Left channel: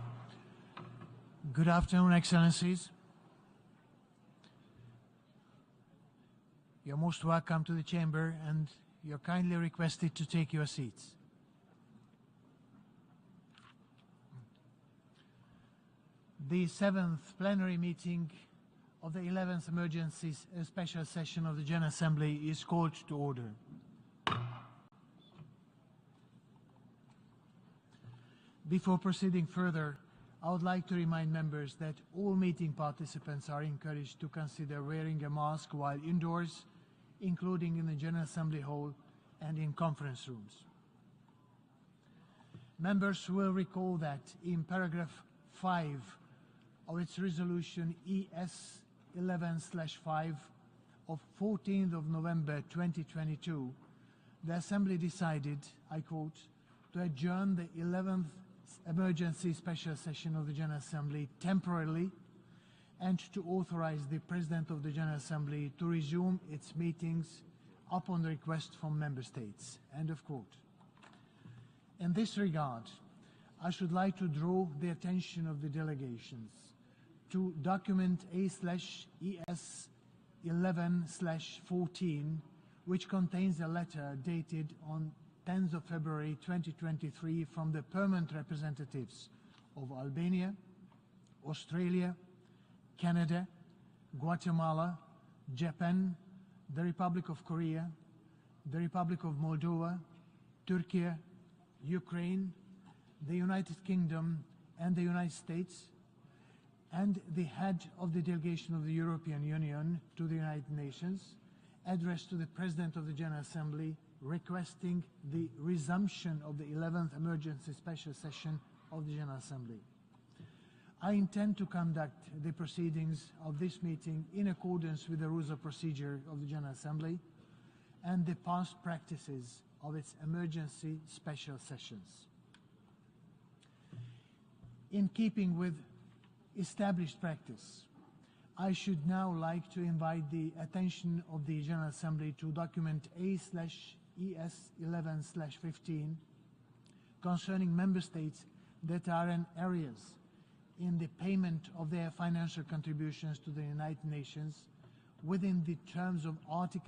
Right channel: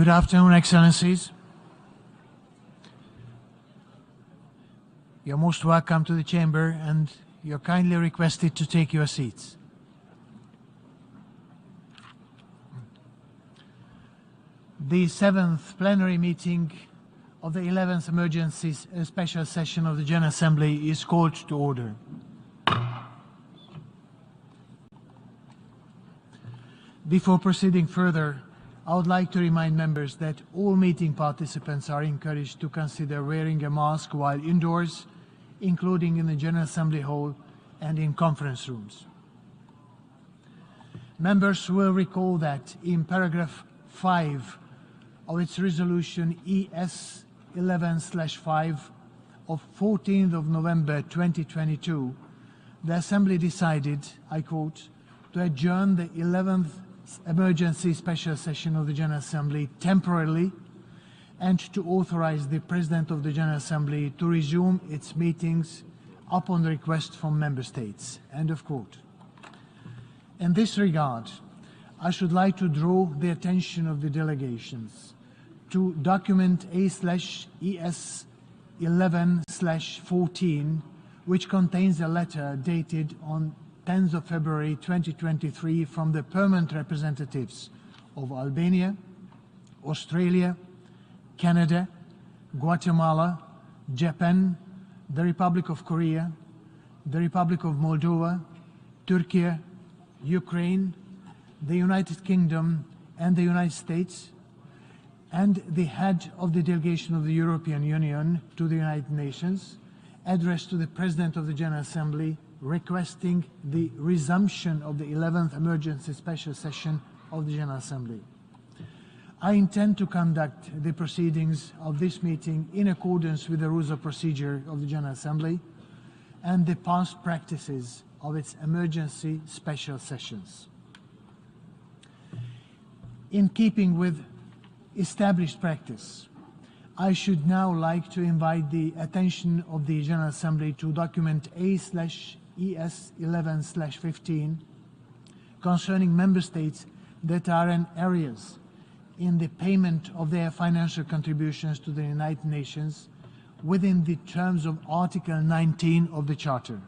Good afternoon, Excellencies. Good afternoon, Excellencies. You're most welcome to the chamber, and you're kindly requested to take your seats. The 7th plenary meeting of the 11th emergency special session of the General Assembly is called to order. Before proceeding further, I would like to remind members that all meeting participants are encouraged to consider wearing a mask while indoors, including in the General Assembly Hall and in conference rooms. Members will recall that in paragraph 5 of its resolution ES 11/5 of 14th of November 2022, the Assembly decided, I quote, to adjourn the 11th emergency special session of the General Assembly temporarily and to authorize the President of the General Assembly to resume its meetings upon request from Member States. End of quote. In this regard, I should like to draw the attention of the delegations to document A/ES 11/14, which contains a letter dated on 10th of February 2023 from the permanent representatives of Albania, Australia, Canada, Guatemala, Japan, the Republic of Korea, the Republic of Moldova, Turkey, Ukraine, the United Kingdom and the United States, and the head of the delegation of the European Union to the United Nations, addressed to the President of the General Assembly requesting the resumption of the 11th emergency special session of the General Assembly. I intend to conduct the proceedings of this meeting in accordance with the rules of procedure of the General Assembly and the past practices of its emergency special sessions. In keeping with established practice, I should now like to invite the attention of the General Assembly to document A/ES 11/15 concerning Member States that are in areas in the payment of their financial contributions to the United Nations within the terms of Article 19 of the Charter.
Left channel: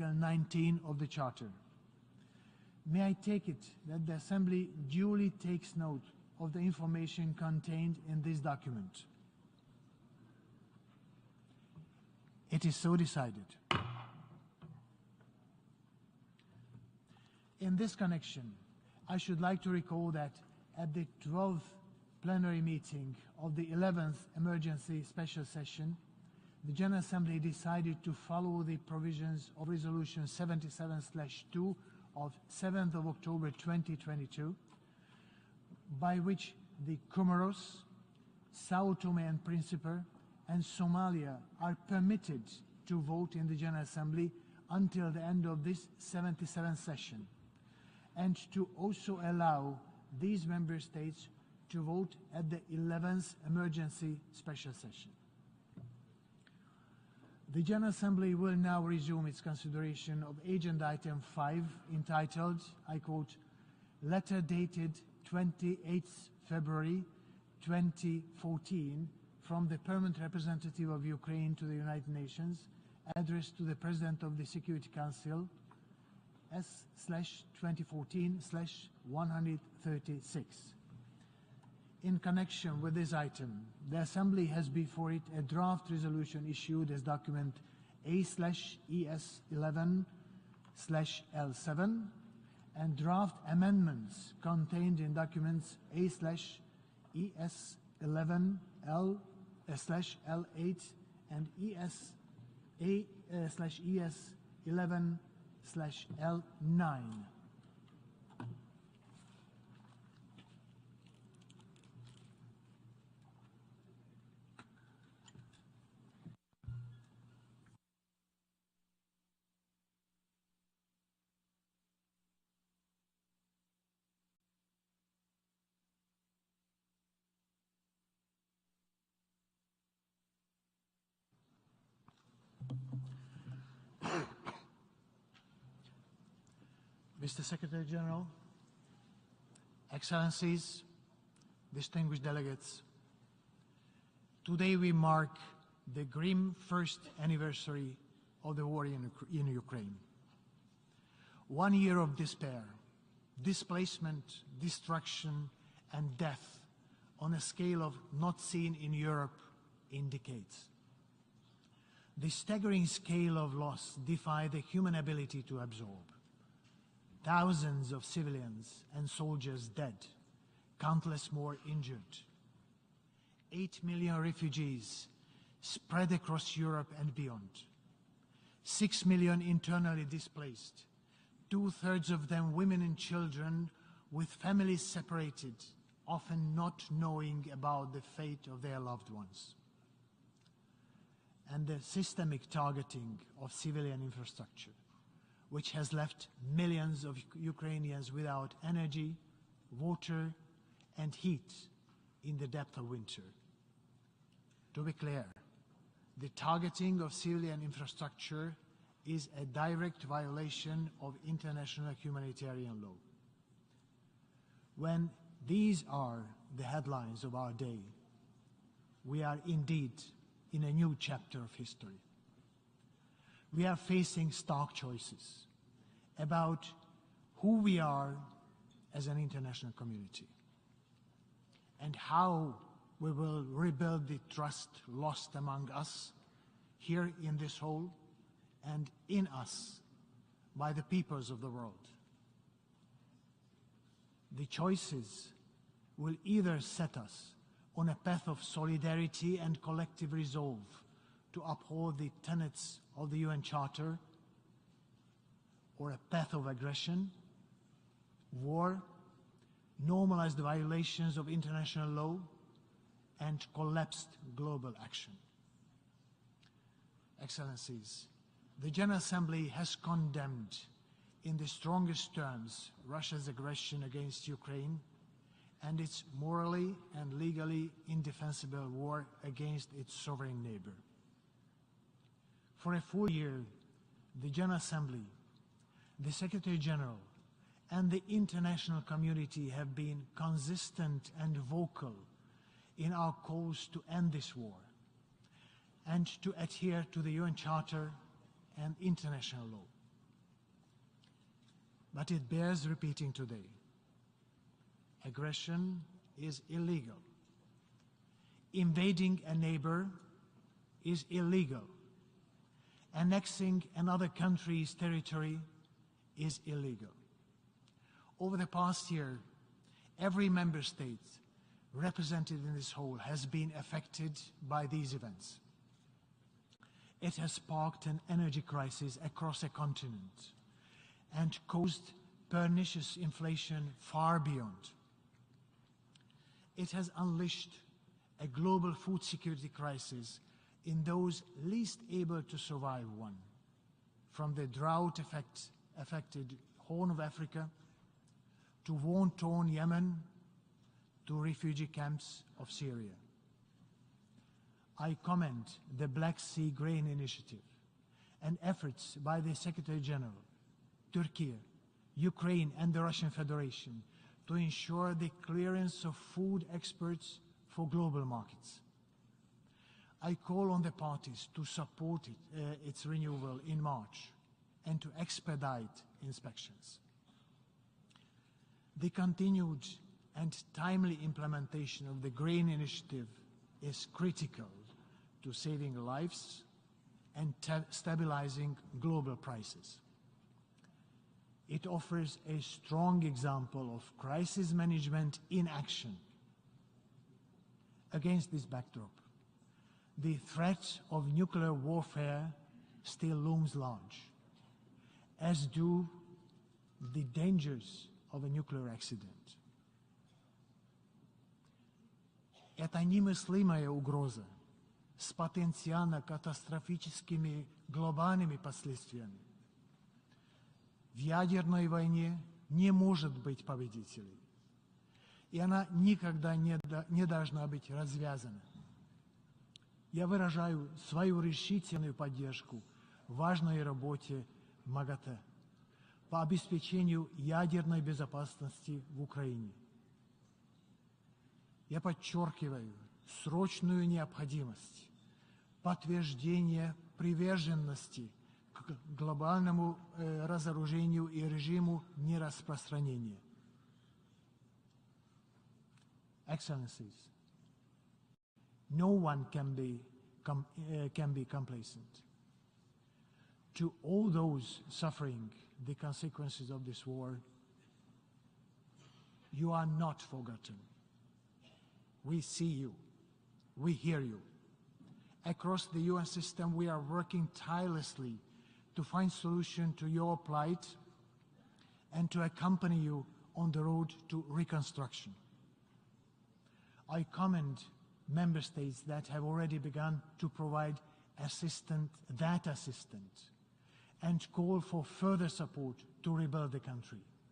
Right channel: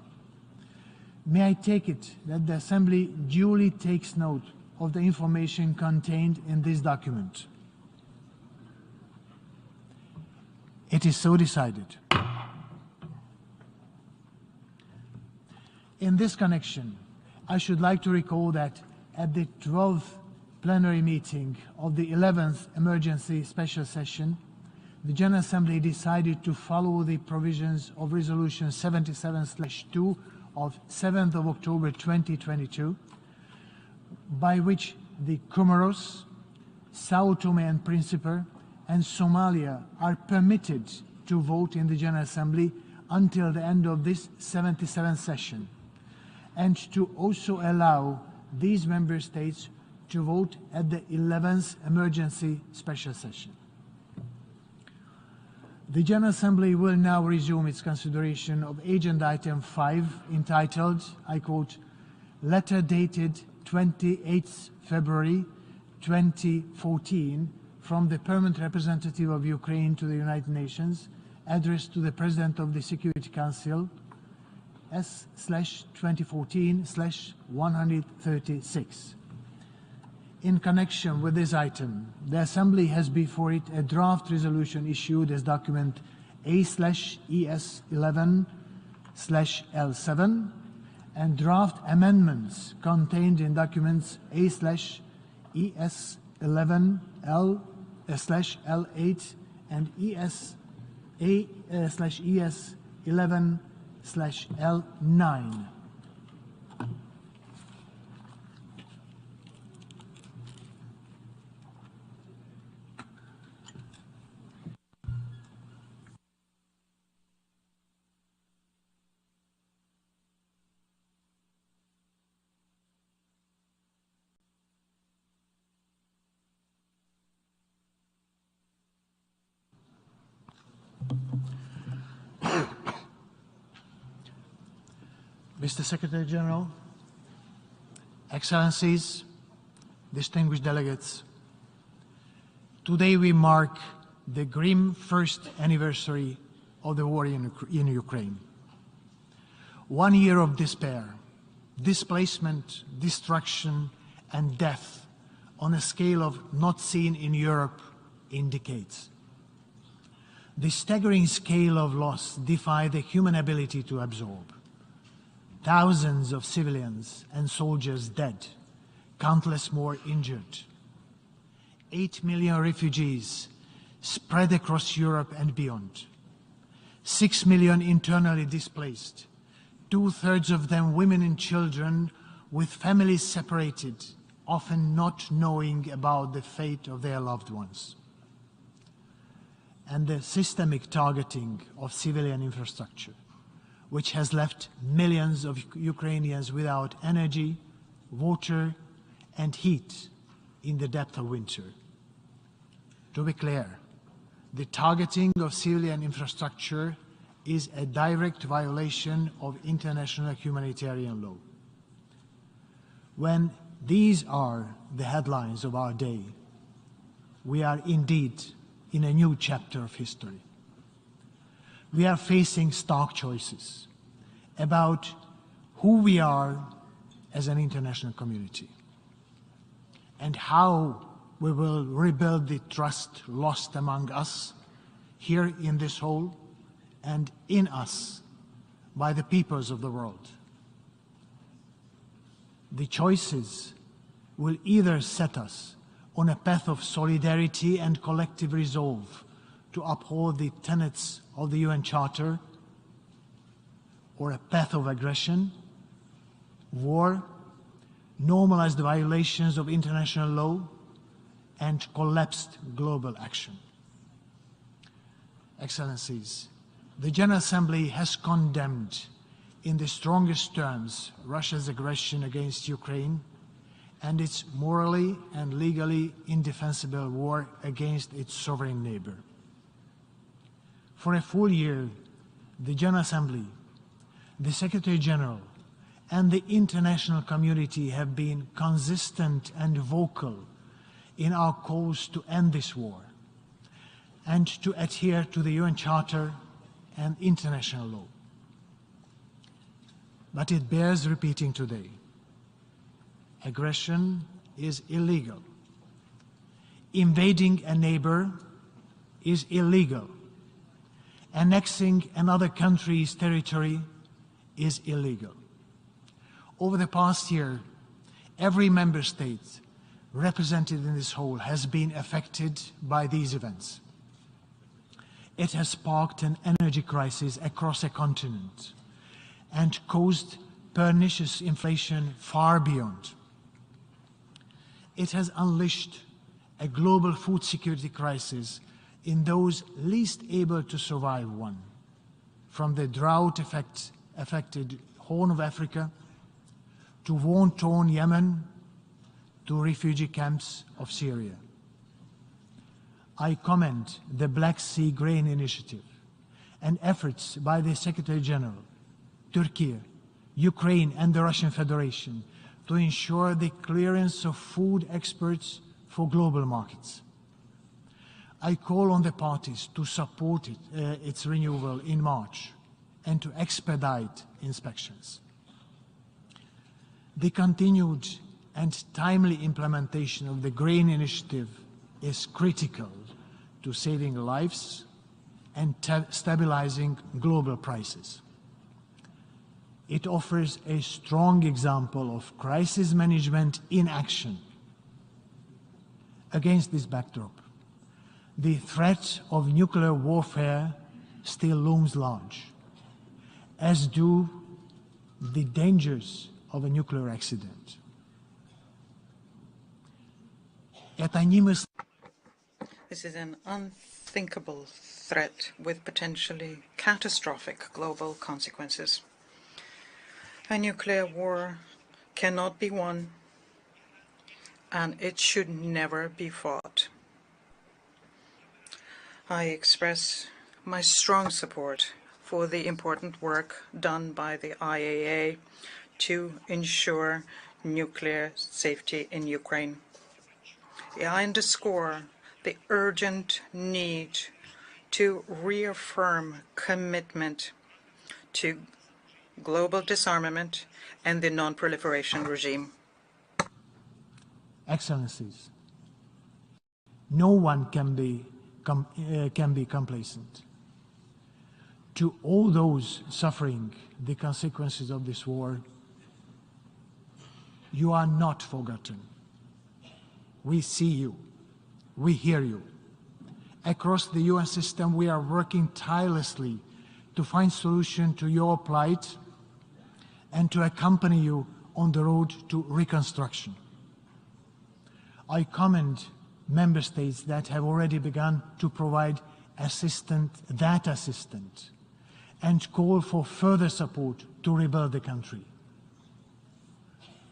May I take it that the Assembly duly takes note of the information contained in this document? It is so decided. In this connection, I should like to recall that at the 12th plenary meeting of the 11th emergency special session, the General Assembly decided to follow the provisions of Resolution 77/2 of 7th of October 2022, by which the Comoros, Sao Tome and Principe, and Somalia are permitted to vote in the General Assembly until the end of this 77th session, and to also allow these member states to vote at the 11th emergency special session. The General Assembly will now resume its consideration of Agenda Item 5, entitled, I quote, Letter dated 28th February 2014 from the Permanent Representative of Ukraine to the United Nations, addressed to the President of the Security Council, S/2014/136. In connection with this item, the Assembly has before it a draft resolution issued as document A/ES 11/L7 and draft amendments contained in documents A/ES 11/L/L8 and ES 11/L9. Mr. Secretary General, Excellencies, distinguished delegates, distinguished delegates, today we mark the grim first anniversary of the war in Ukraine. 1 year of despair, displacement, destruction, and death on a scale of not seen in Europe in decades. The staggering scale of loss defies the human ability to absorb. Thousands of civilians and soldiers dead, countless more injured, 8 million refugees spread across Europe and beyond, 6 million internally displaced, 2/3 of them women and children with families separated, often not knowing about the fate of their loved ones, and the systemic targeting of civilian infrastructure, which has left millions of Ukrainians without energy, water, and heat in the depth of winter. To be clear, the targeting of civilian infrastructure is a direct violation of international humanitarian law. When these are the headlines of our day, we are indeed in a new chapter of history. We are facing stark choices about who we are as an international community and how we will rebuild the trust lost among us here in this hall and in us by the peoples of the world. The choices will either set us on a path of solidarity and collective resolve to uphold the tenets of the UN Charter, or a path of aggression, war, normalized violations of international law, and collapsed global action. Excellencies, the General Assembly has condemned in the strongest terms Russia's aggression against Ukraine and its morally and legally indefensible war against its sovereign neighbor. For a full year, the General Assembly, the Secretary General, and the international community have been consistent and vocal in our calls to end this war and to adhere to the UN Charter and international law. But it bears repeating today. Aggression is illegal. Invading a neighbor is illegal. Annexing another country's territory is illegal. Over the past year, every member state represented in this hall has been affected by these events. It has sparked an energy crisis across a continent and caused pernicious inflation far beyond. It has unleashed a global food security crisis in those least able to survive one, from the drought-affected Horn of Africa to war-torn Yemen to refugee camps of Syria. I commend the Black Sea Grain Initiative and efforts by the Secretary General, Turkey, Ukraine and the Russian Federation to ensure the clearance of food exports for global markets. I call on the parties to support its renewal in March and to expedite inspections. The continued and timely implementation of the Grain Initiative is critical to saving lives and stabilizing global prices. It offers a strong example of crisis management in action. Against this backdrop, the threat of nuclear warfare still looms large, as do the dangers of a nuclear accident. This is an unthinkable threat with potentially catastrophic global consequences. A nuclear war cannot be won, and it should never be fought. I express my strong support for the important work done by the IAEA to ensure nuclear safety in Ukraine. I underscore the urgent need to reaffirm commitment to global disarmament and the non-proliferation regime. Excellencies, no one can be complacent. To all those suffering the consequences of this war, you are not forgotten. We see you. We hear you. Across the UN system, we are working tirelessly to find solution to your plight and to accompany you on the road to reconstruction. I commend member states that have already begun to provide that assistance, and call for further support to rebuild the country.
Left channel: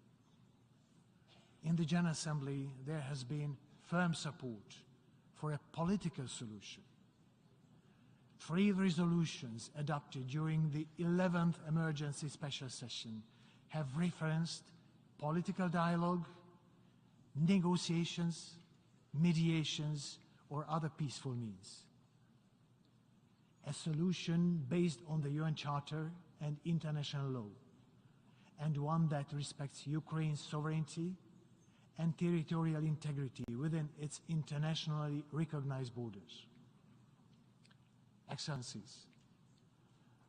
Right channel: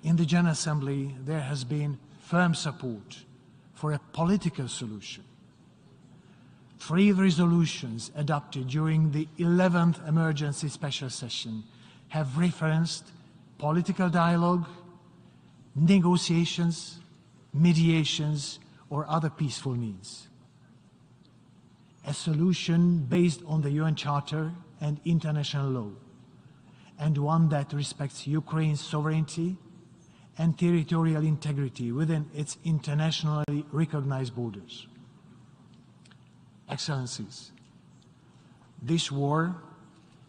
In the General Assembly, there has been firm support for a political solution. 3 resolutions adopted during the 11th emergency special session have referenced political dialogue, negotiations, mediations, or other peaceful means. A solution based on the UN Charter and international law, and one that respects Ukraine's sovereignty and territorial integrity within its internationally recognized borders. Excellencies, this war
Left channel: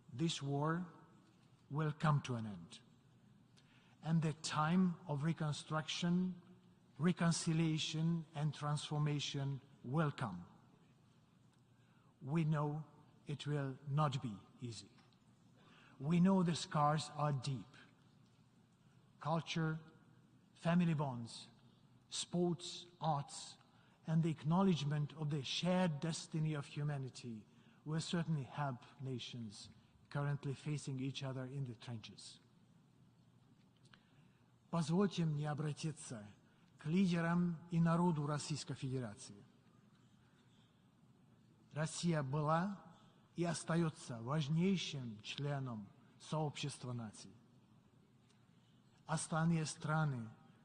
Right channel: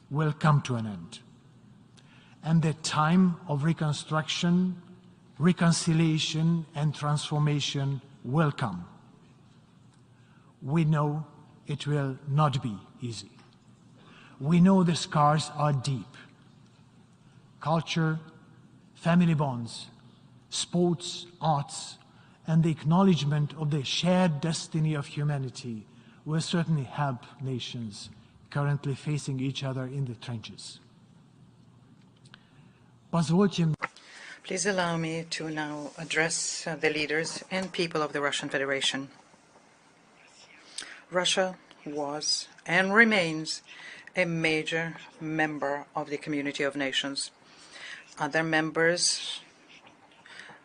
will come to an end, and the time of reconstruction, reconciliation, and transformation will come. We know it will not be easy. We know the scars are deep. Culture, family bonds, sports, arts, and the acknowledgement of the shared destiny of humanity will certainly help nations currently facing each other in the trenches. Please allow me to now address the leaders and people of the Russian Federation. Russia was and remains a major member of the community of nations. Other members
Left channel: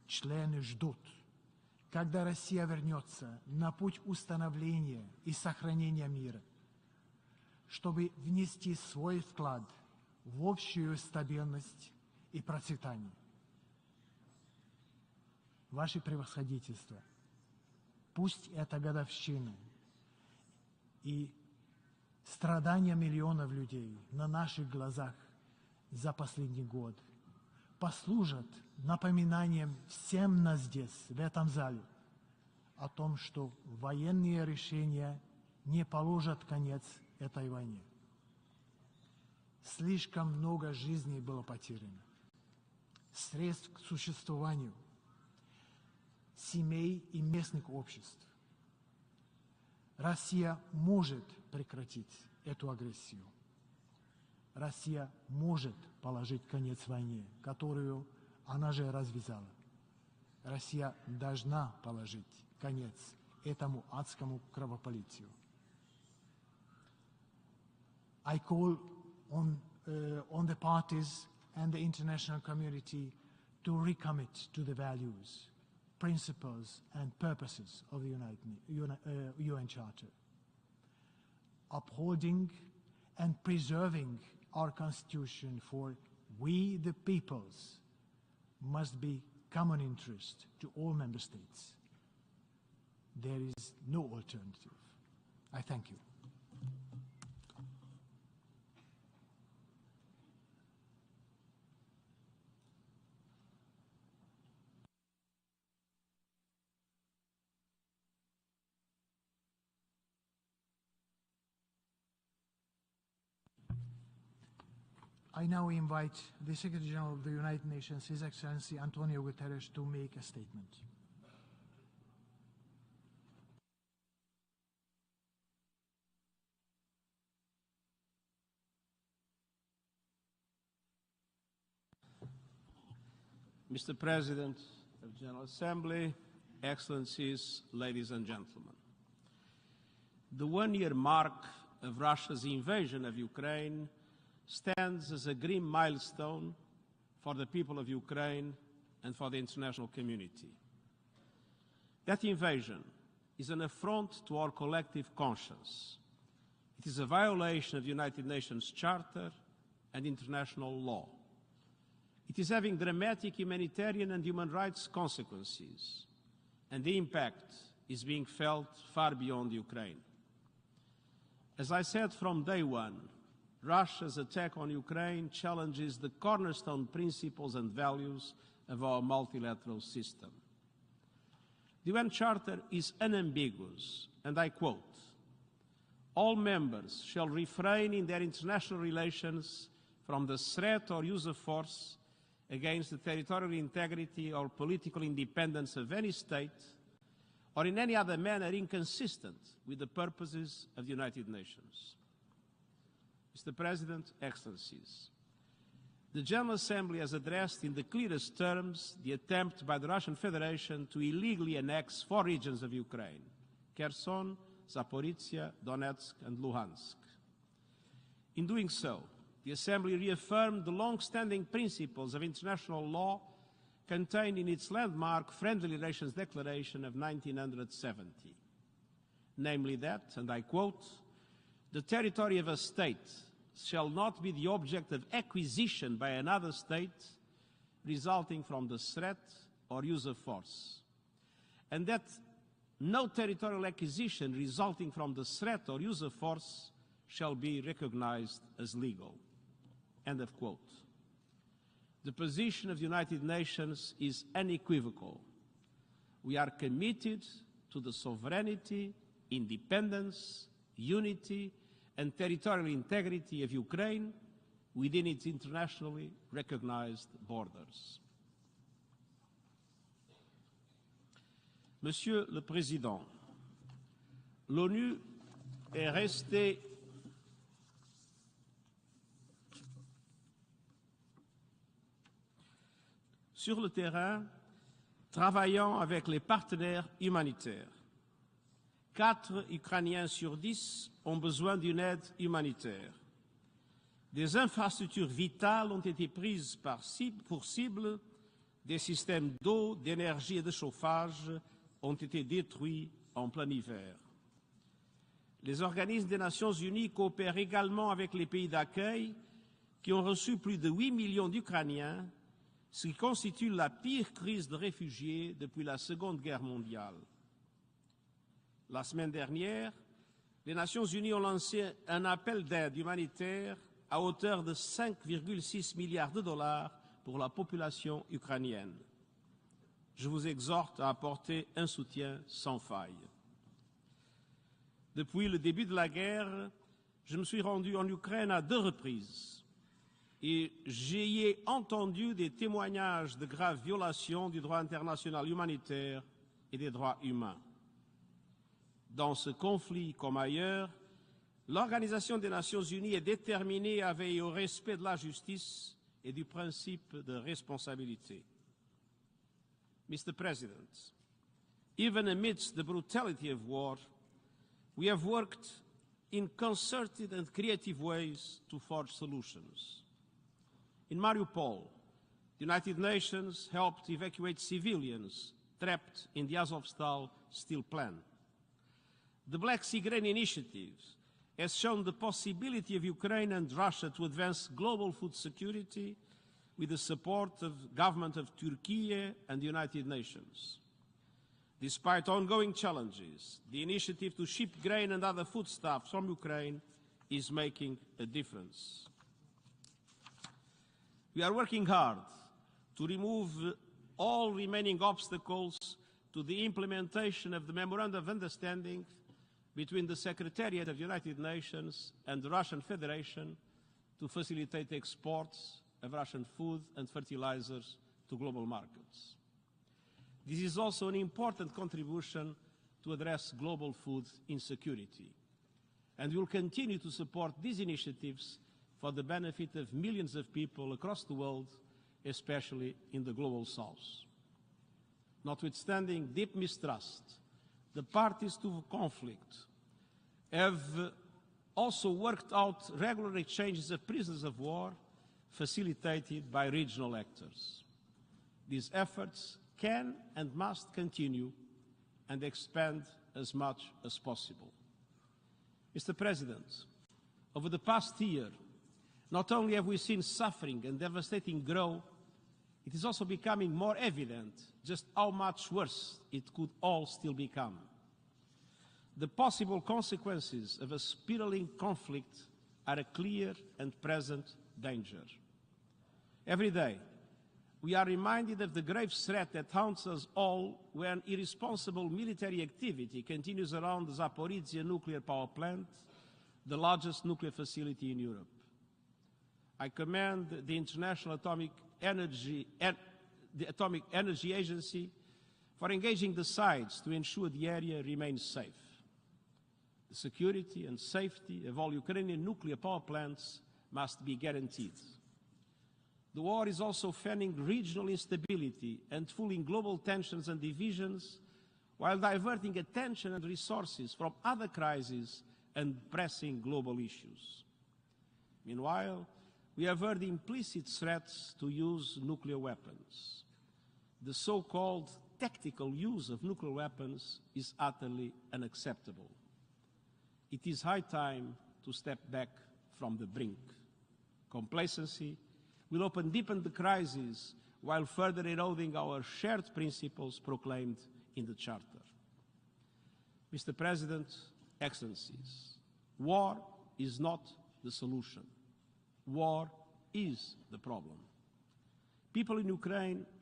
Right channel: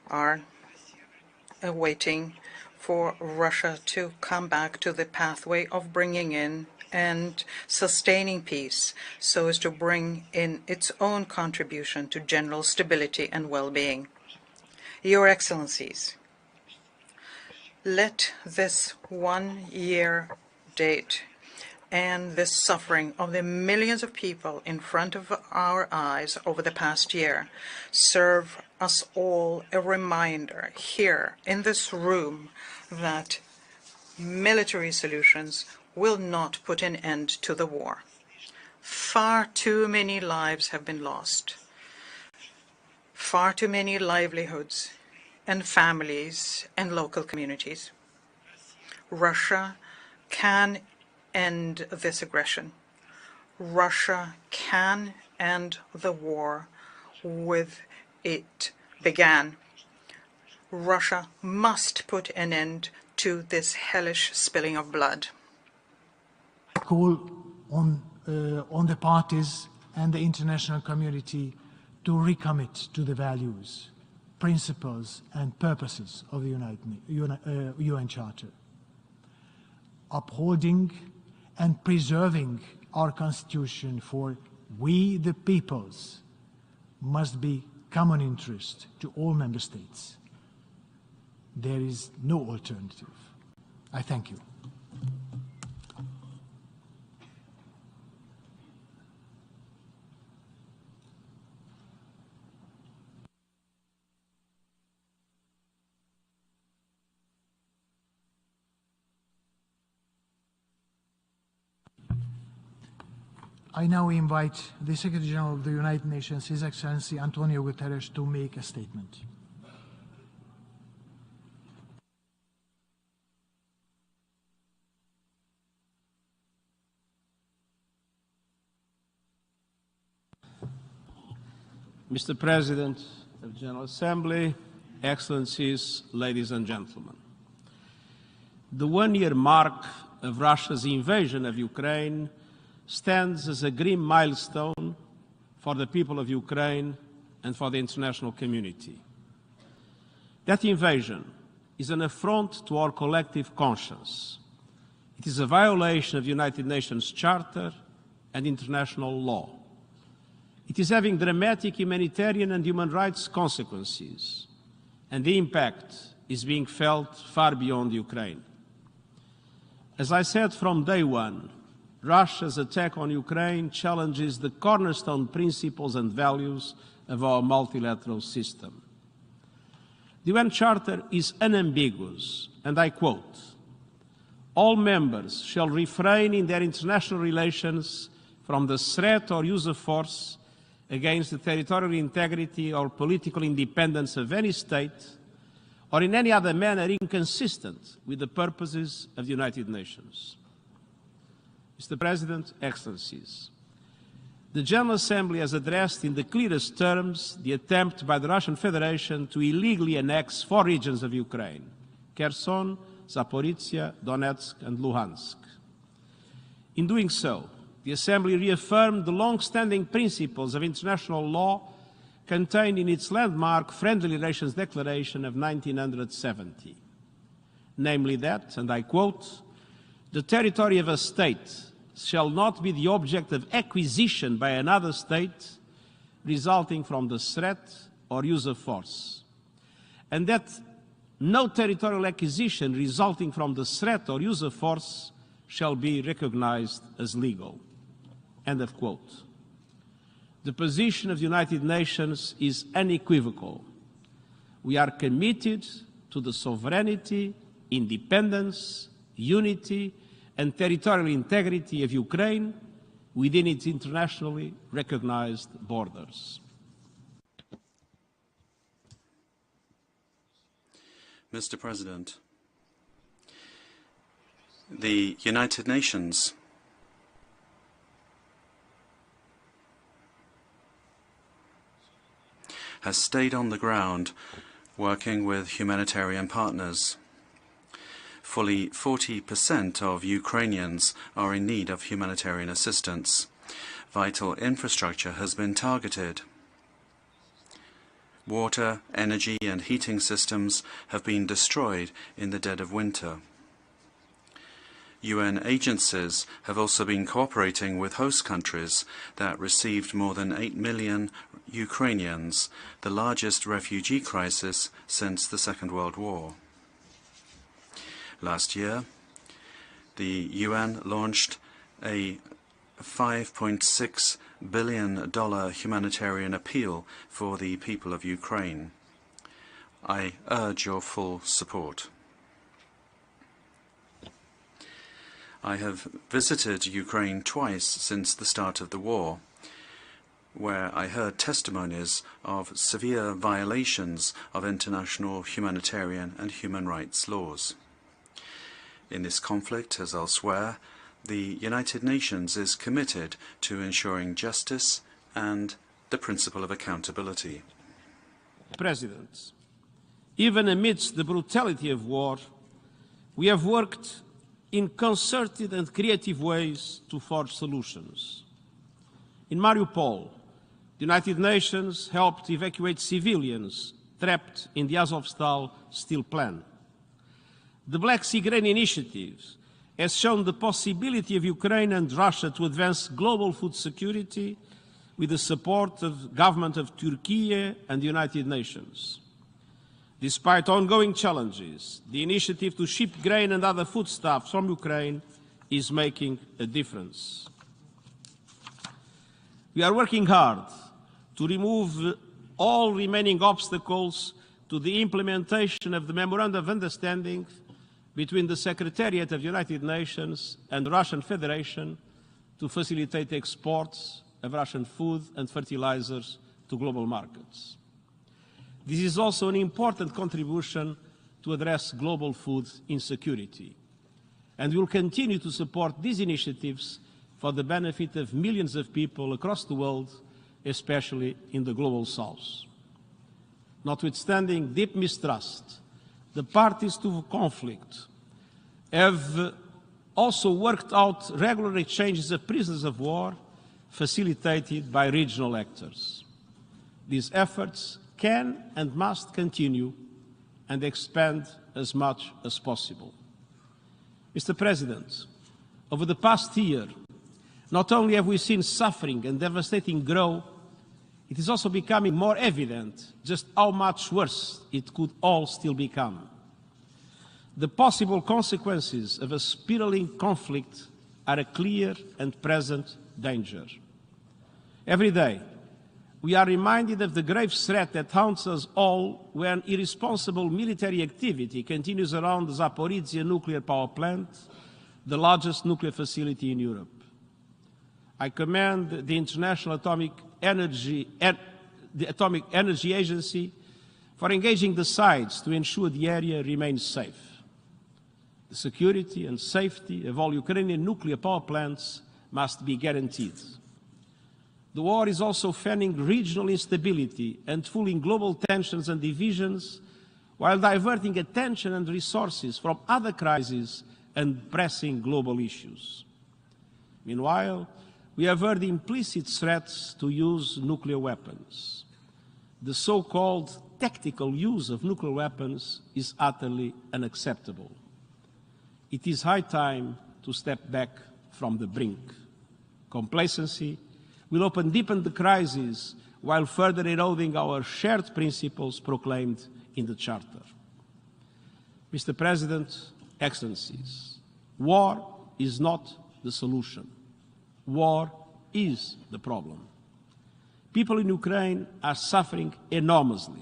are waiting for Russia to come back to the pathway of bringing in and sustaining peace so as to bring in its own contribution to general stability and well-being. Your Excellencies, let this one-year date and the suffering of the millions of people in front of our eyes over the past year serve us all a reminder here in this room that military solutions will not put an end to the war. Far too many lives have been lost. Far too many livelihoods and families and local communities. Russia can end this aggression. Russia can end the war with it began. Russia must put an end to this hellish spilling of blood. Call on the parties and the international community to recommit to the values, principles and purposes of the UN Charter, upholding and preserving our Constitution for we the peoples must be common interest to all member states. There is no alternative. I thank you. I now invite the Secretary General of the United Nations, His Excellency Antonio Guterres, to make a statement. Mr. President of the General Assembly, Excellencies, ladies and gentlemen. The one-year mark of Russia's invasion of Ukraine stands as a grim milestone for the people of Ukraine and for the international community. That invasion is an affront to our collective conscience. It is a violation of the United Nations Charter and international law. It is having dramatic humanitarian and human rights consequences, and the impact is being felt far beyond Ukraine. As I said from day one, Russia's attack on Ukraine challenges the cornerstone principles and values of our multilateral system. The UN Charter is unambiguous, and I quote, "All members shall refrain in their international relations from the threat or use of force against the territorial integrity or political independence of any state or in any other manner inconsistent with the purposes of the United Nations." Mr. President, Excellencies, the General Assembly has addressed in the clearest terms the attempt by the Russian Federation to illegally annex 4 regions of Ukraine: Kherson, Zaporozhye, Donetsk and Lugansk. In doing so, the Assembly reaffirmed the long-standing principles of international law contained in its landmark Friendly Relations Declaration of 1970, namely that, and I quote, "The territory of a state shall not be the object of acquisition by another state resulting from the threat or use of force, and that no territorial acquisition resulting from the threat or use of force shall be recognized as legal." End of quote. The position of the United Nations is unequivocal. We are committed to the sovereignty, independence, unity and territorial integrity of Ukraine within its internationally recognized borders. Mr. President, the United Nations has stayed on the ground working with humanitarian partners. Fully 40% of Ukrainians are in need of humanitarian assistance. Vital infrastructure has been targeted. Water, energy and heating systems have been destroyed in the dead of winter. UN agencies have also been cooperating with host countries that received more than 8 million Ukrainians, the largest refugee crisis since the Second World War. Last year, the UN launched a $5.6 billion humanitarian appeal for the people of Ukraine. I urge your full support. I have visited Ukraine twice since the start of the war, where I heard testimonies of severe violations of international humanitarian and human rights laws. In this conflict, as elsewhere, the United Nations is committed to ensuring justice and the principle of accountability. President, even amidst the brutality of war, we have worked in concerted and creative ways to forge solutions. In Mariupol, the United Nations helped evacuate civilians trapped in the Azovstal steel plant. The Black Sea Grain Initiative has shown the possibility of Ukraine and Russia to advance global food security with the support of the government of Turkey and the United Nations. Despite ongoing challenges, the initiative to ship grain and other foodstuffs from Ukraine is making a difference. We are working hard to remove all remaining obstacles to the implementation of the Memorandum of Understanding between the Secretariat of the United Nations and the Russian Federation to facilitate exports of Russian food and fertilizers to global markets. This is also an important contribution to address global food insecurity, and we will continue to support these initiatives for the benefit of millions of people across the world, especially in the global south. Notwithstanding deep mistrust, the parties to the conflict have also worked out regular exchanges of prisoners of war facilitated by regional actors. These efforts can and must continue and expand as much as possible. Mr. President, over the past year, not only have we seen suffering and devastating grow, it is also becoming more evident just how much worse it could all still become. The possible consequences of a spiraling conflict are a clear and present danger. Every day, we are reminded of the grave threat that haunts us all when irresponsible military activity continues around the Zaporozhye nuclear power plant, the largest nuclear facility in Europe. I commend the International Atomic Energy Agency for engaging the sides to ensure the area remains safe. The security and safety of all Ukrainian nuclear power plants must be guaranteed. The war is also fanning regional instability and fueling global tensions and divisions, while diverting attention and resources from other crises and pressing global issues. Meanwhile, we have heard implicit threats to use nuclear weapons. The so-called tactical use of nuclear weapons is utterly unacceptable. It is high time to step back from the brink. Complacency will deepen the crisis while further eroding our shared principles proclaimed in the Charter. Mr. President, Excellencies, war is not the solution. War is the problem. People in Ukraine are suffering enormously.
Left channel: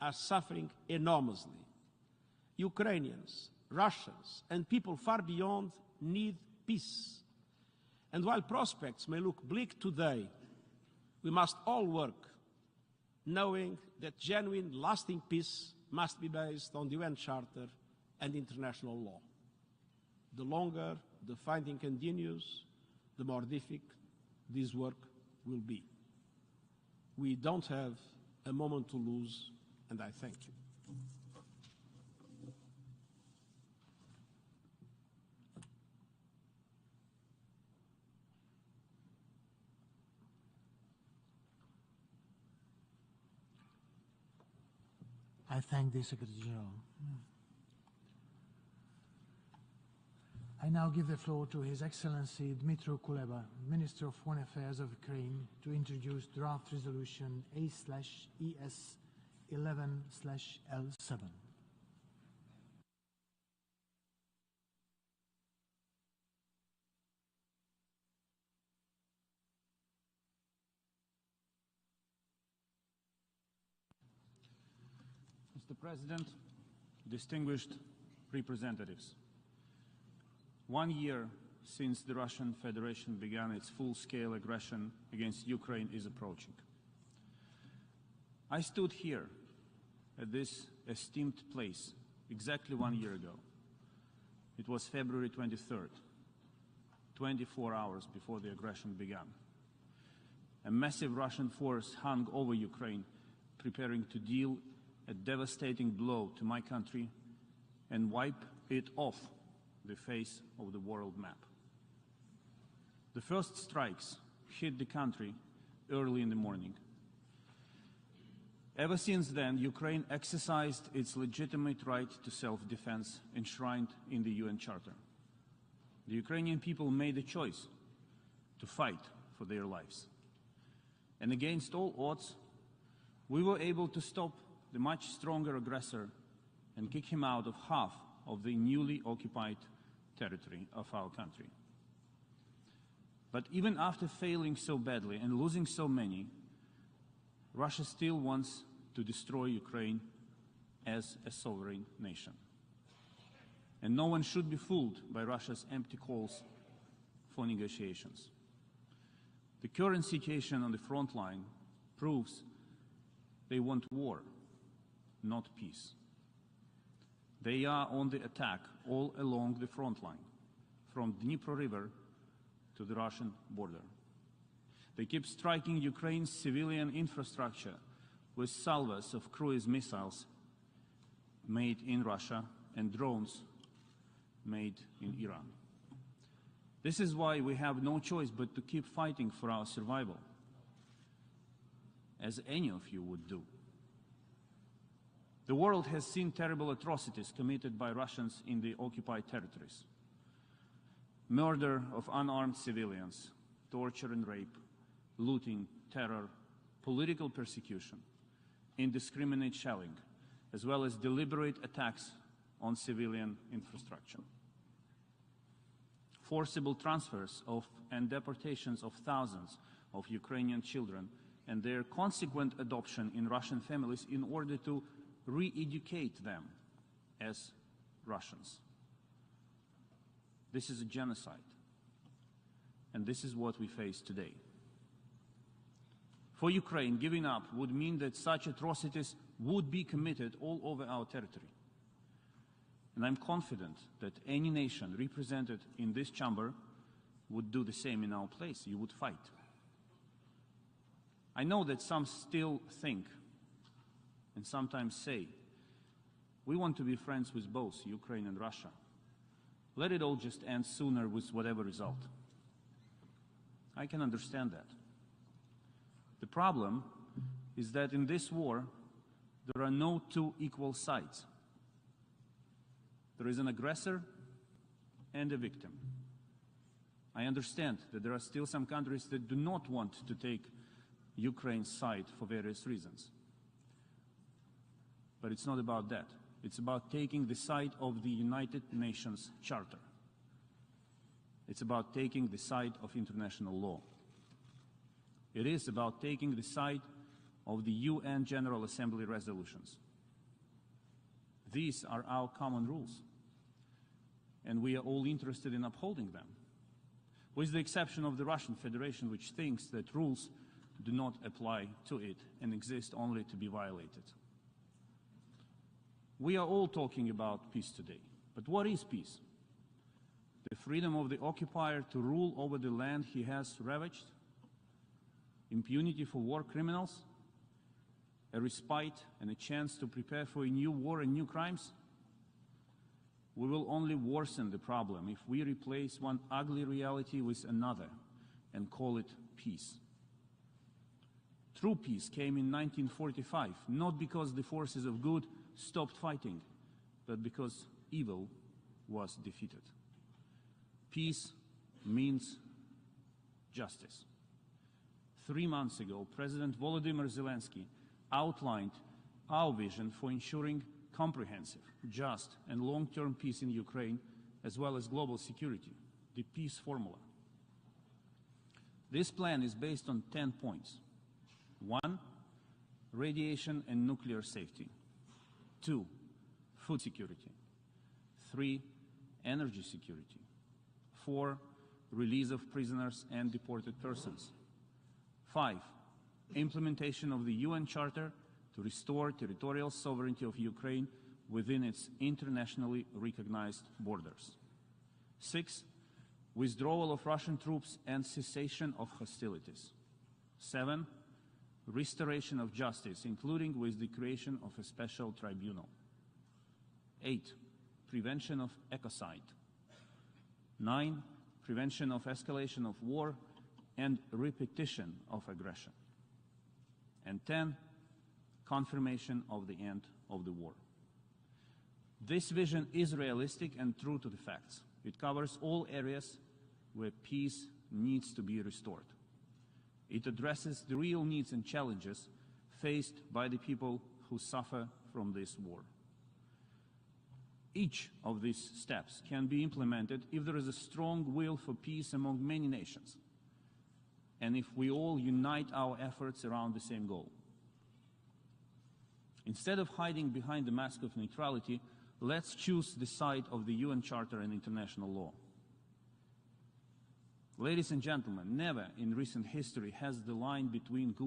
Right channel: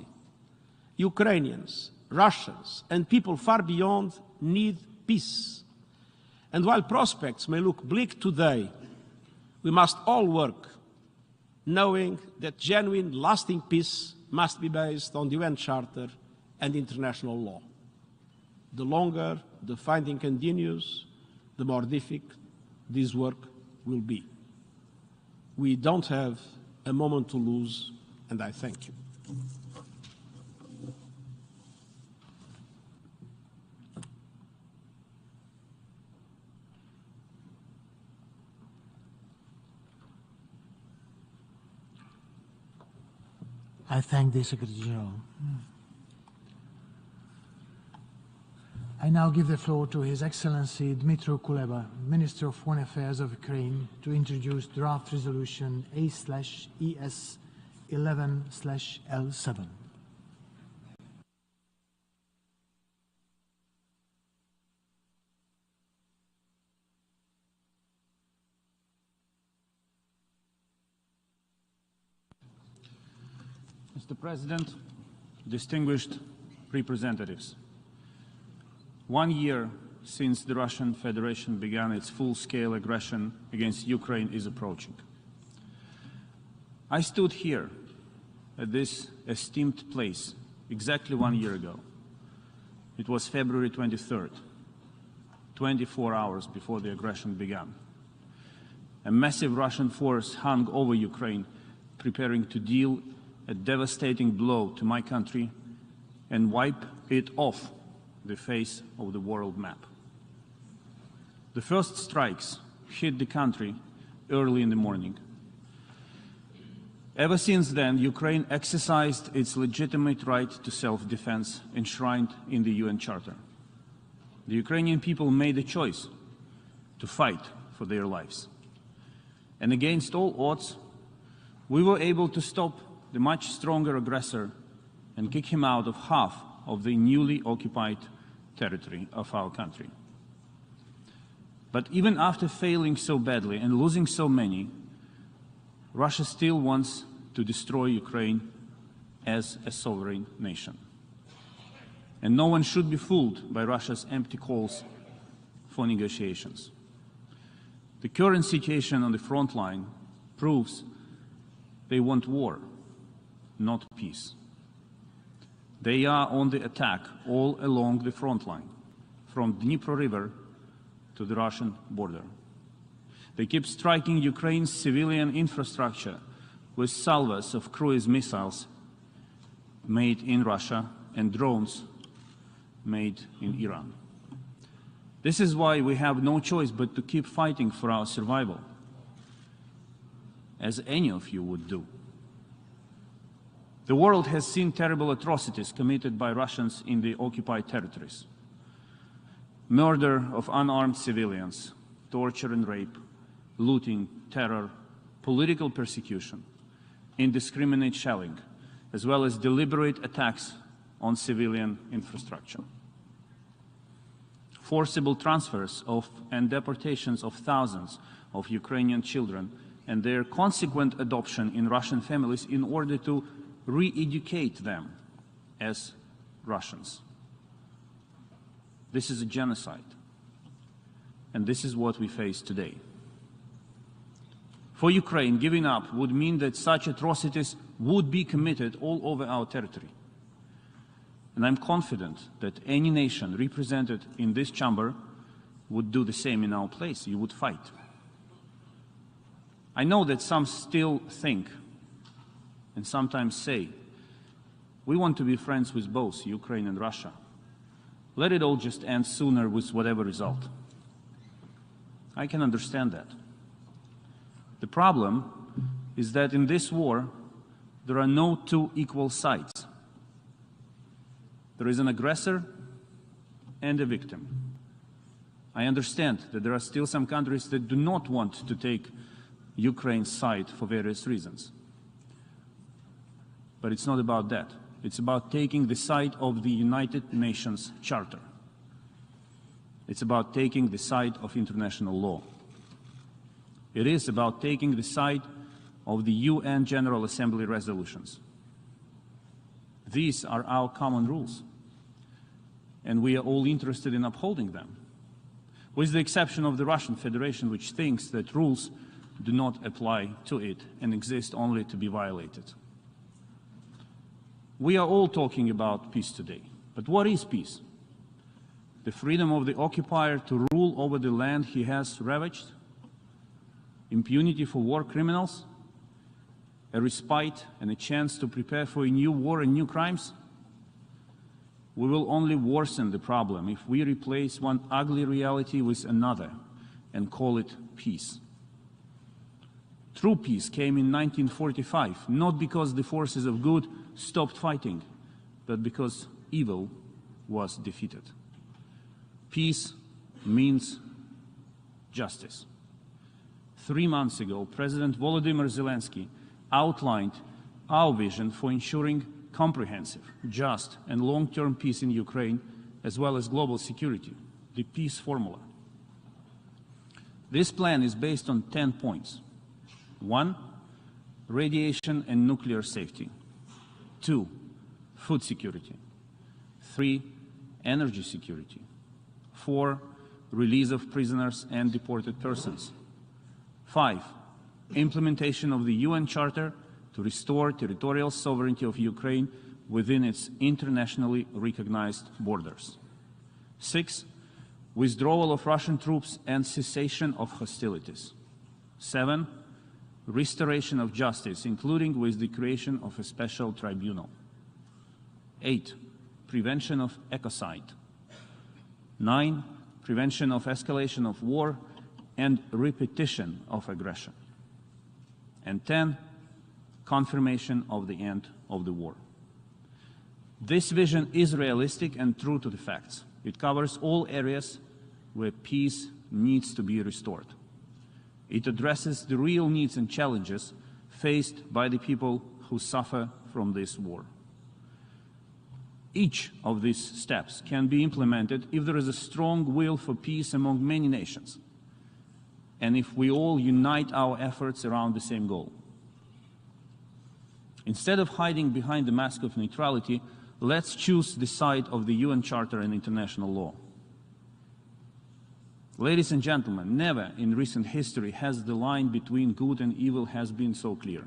Ukrainians, Russians, and people far beyond need peace. And while prospects may look bleak today, we must all work, knowing that genuine, lasting peace must be based on the UN Charter and international law. The longer the fighting continues, the more difficult this work will be. We don't have a moment to lose, and I thank you. I thank the Secretary General. I now give the floor to His Excellency Dmytro Kuleba, Minister of Foreign Affairs of Ukraine, to introduce draft resolution A/ES11/L7. Mr. President, distinguished representatives, 1 year since the Russian Federation began its full-scale aggression against Ukraine is approaching. I stood here at this esteemed place exactly 1 year ago. It was February 23rd, 24 hours before the aggression began. A massive Russian force hung over Ukraine, preparing to deal a devastating blow to my country and wipe it off the face of the world map. The first strikes hit the country early in the morning. Ever since then, Ukraine exercised its legitimate right to self-defense enshrined in the UN Charter. The Ukrainian people made a choice to fight for their lives. And against all odds, we were able to stop the much stronger aggressor and kick him out of half of the newly occupied territory of our country. But even after failing so badly and losing so many, Russia still wants to destroy Ukraine as a sovereign nation. And no one should be fooled by Russia's empty calls for negotiations. The current situation on the front line proves they want war, not peace. They are on the attack all along the front line, from Dnipro River to the Russian border. They keep striking Ukraine's civilian infrastructure with salvos of cruise missiles made in Russia and drones made in Iran. This is why we have no choice but to keep fighting for our survival, as any of you would do. The world has seen terrible atrocities committed by Russians in the occupied territories. Murder of unarmed civilians, torture and rape, looting, terror, political persecution, indiscriminate shelling, as well as deliberate attacks on civilian infrastructure. Forcible transfers of and deportations of thousands of Ukrainian children and their consequent adoption in Russian families in order to re-educate them as Russians. This is a genocide. And this is what we face today. For Ukraine, giving up would mean that such atrocities would be committed all over our territory. And I'm confident that any nation represented in this chamber would do the same in our place. You would fight. I know that some still think and sometimes say, we want to be friends with both Ukraine and Russia. Let it all just end sooner with whatever result. I can understand that. The problem is that in this war, there are no two equal sides. There is an aggressor and a victim. I understand that there are still some countries that do not want to take Ukraine's side for various reasons. But it's not about that. It's about taking the side of the United Nations Charter. It's about taking the side of international law. It is about taking the side of the UN General Assembly resolutions. These are our common rules. And we are all interested in upholding them. With the exception of the Russian Federation, which thinks that rules do not apply to it and exist only to be violated. We are all talking about peace today. But what is peace? The freedom of the occupier to rule over the land he has ravaged, impunity for war criminals, a respite and a chance to prepare for a new war and new crimes. We will only worsen the problem if we replace one ugly reality with another and call it peace. True peace came in 1945, not because the forces of good stopped fighting, but because evil was defeated. Peace means justice. 3 months ago, President Vladimir Zelensky outlined our vision for ensuring comprehensive, just and long-term peace in Ukraine, as well as global security, the peace formula. This plan is based on 10 points. 1. Radiation and nuclear safety. 2. Food security. 3. Energy security. 4. Release of prisoners and deported persons. 5. Implementation of the UN Charter to restore territorial sovereignty of Ukraine within its internationally recognized borders. 6. Withdrawal of Russian troops and cessation of hostilities. 7. Restoration of justice, including with the creation of a special tribunal. 8. Prevention of ecocide. 9. Prevention of escalation of war and repetition of aggression. And 10. Confirmation of the end of the war. This vision is realistic and true to the facts. It covers all areas where peace needs to be restored. It addresses the real needs and challenges faced by the people who suffer from this war. Each of these steps can be implemented if there is a strong will for peace among many nations, and if we all unite our efforts around the same goal. Instead of hiding behind the mask of neutrality, let's choose the side of the UN Charter and international law. Ladies and gentlemen, never in recent history has the line between good and evil has been so clear.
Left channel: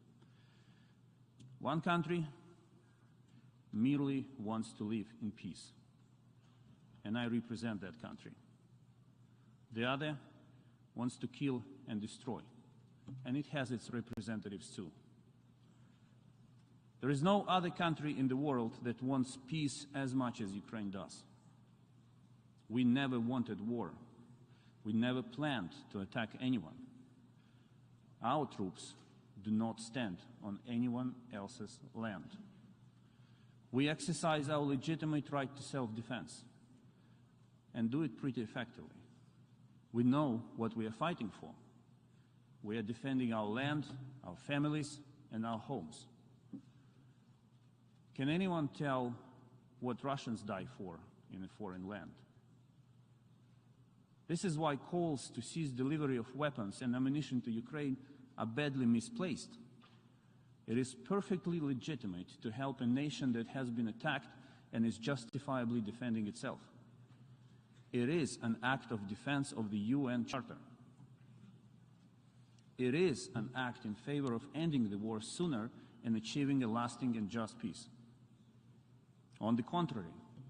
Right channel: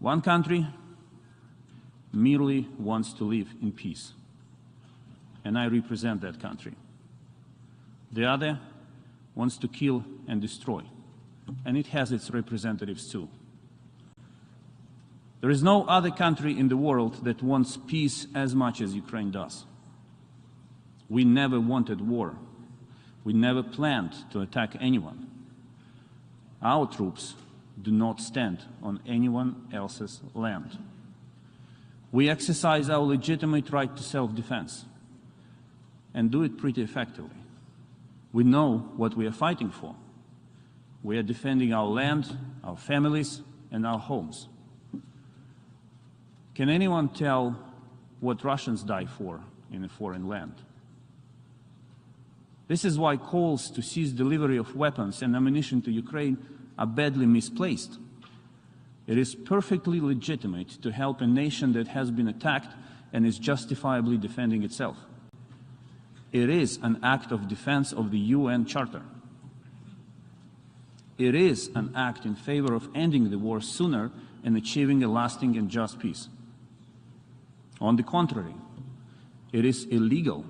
One country merely wants to live in peace, and I represent that country. The other wants to kill and destroy, and it has its representatives too. There is no other country in the world that wants peace as much as Ukraine does. We never wanted war. We never planned to attack anyone. Our troops do not stand on anyone else's land. We exercise our legitimate right to self-defense and do it pretty effectively. We know what we are fighting for. We are defending our land, our families, and our homes. Can anyone tell what Russians die for in a foreign land? This is why calls to cease delivery of weapons and ammunition to Ukraine are badly misplaced. It is perfectly legitimate to help a nation that has been attacked and is justifiably defending itself. It is an act of defense of the UN Charter. It is an act in favor of ending the war sooner and achieving a lasting and just peace. On the contrary, it is illegal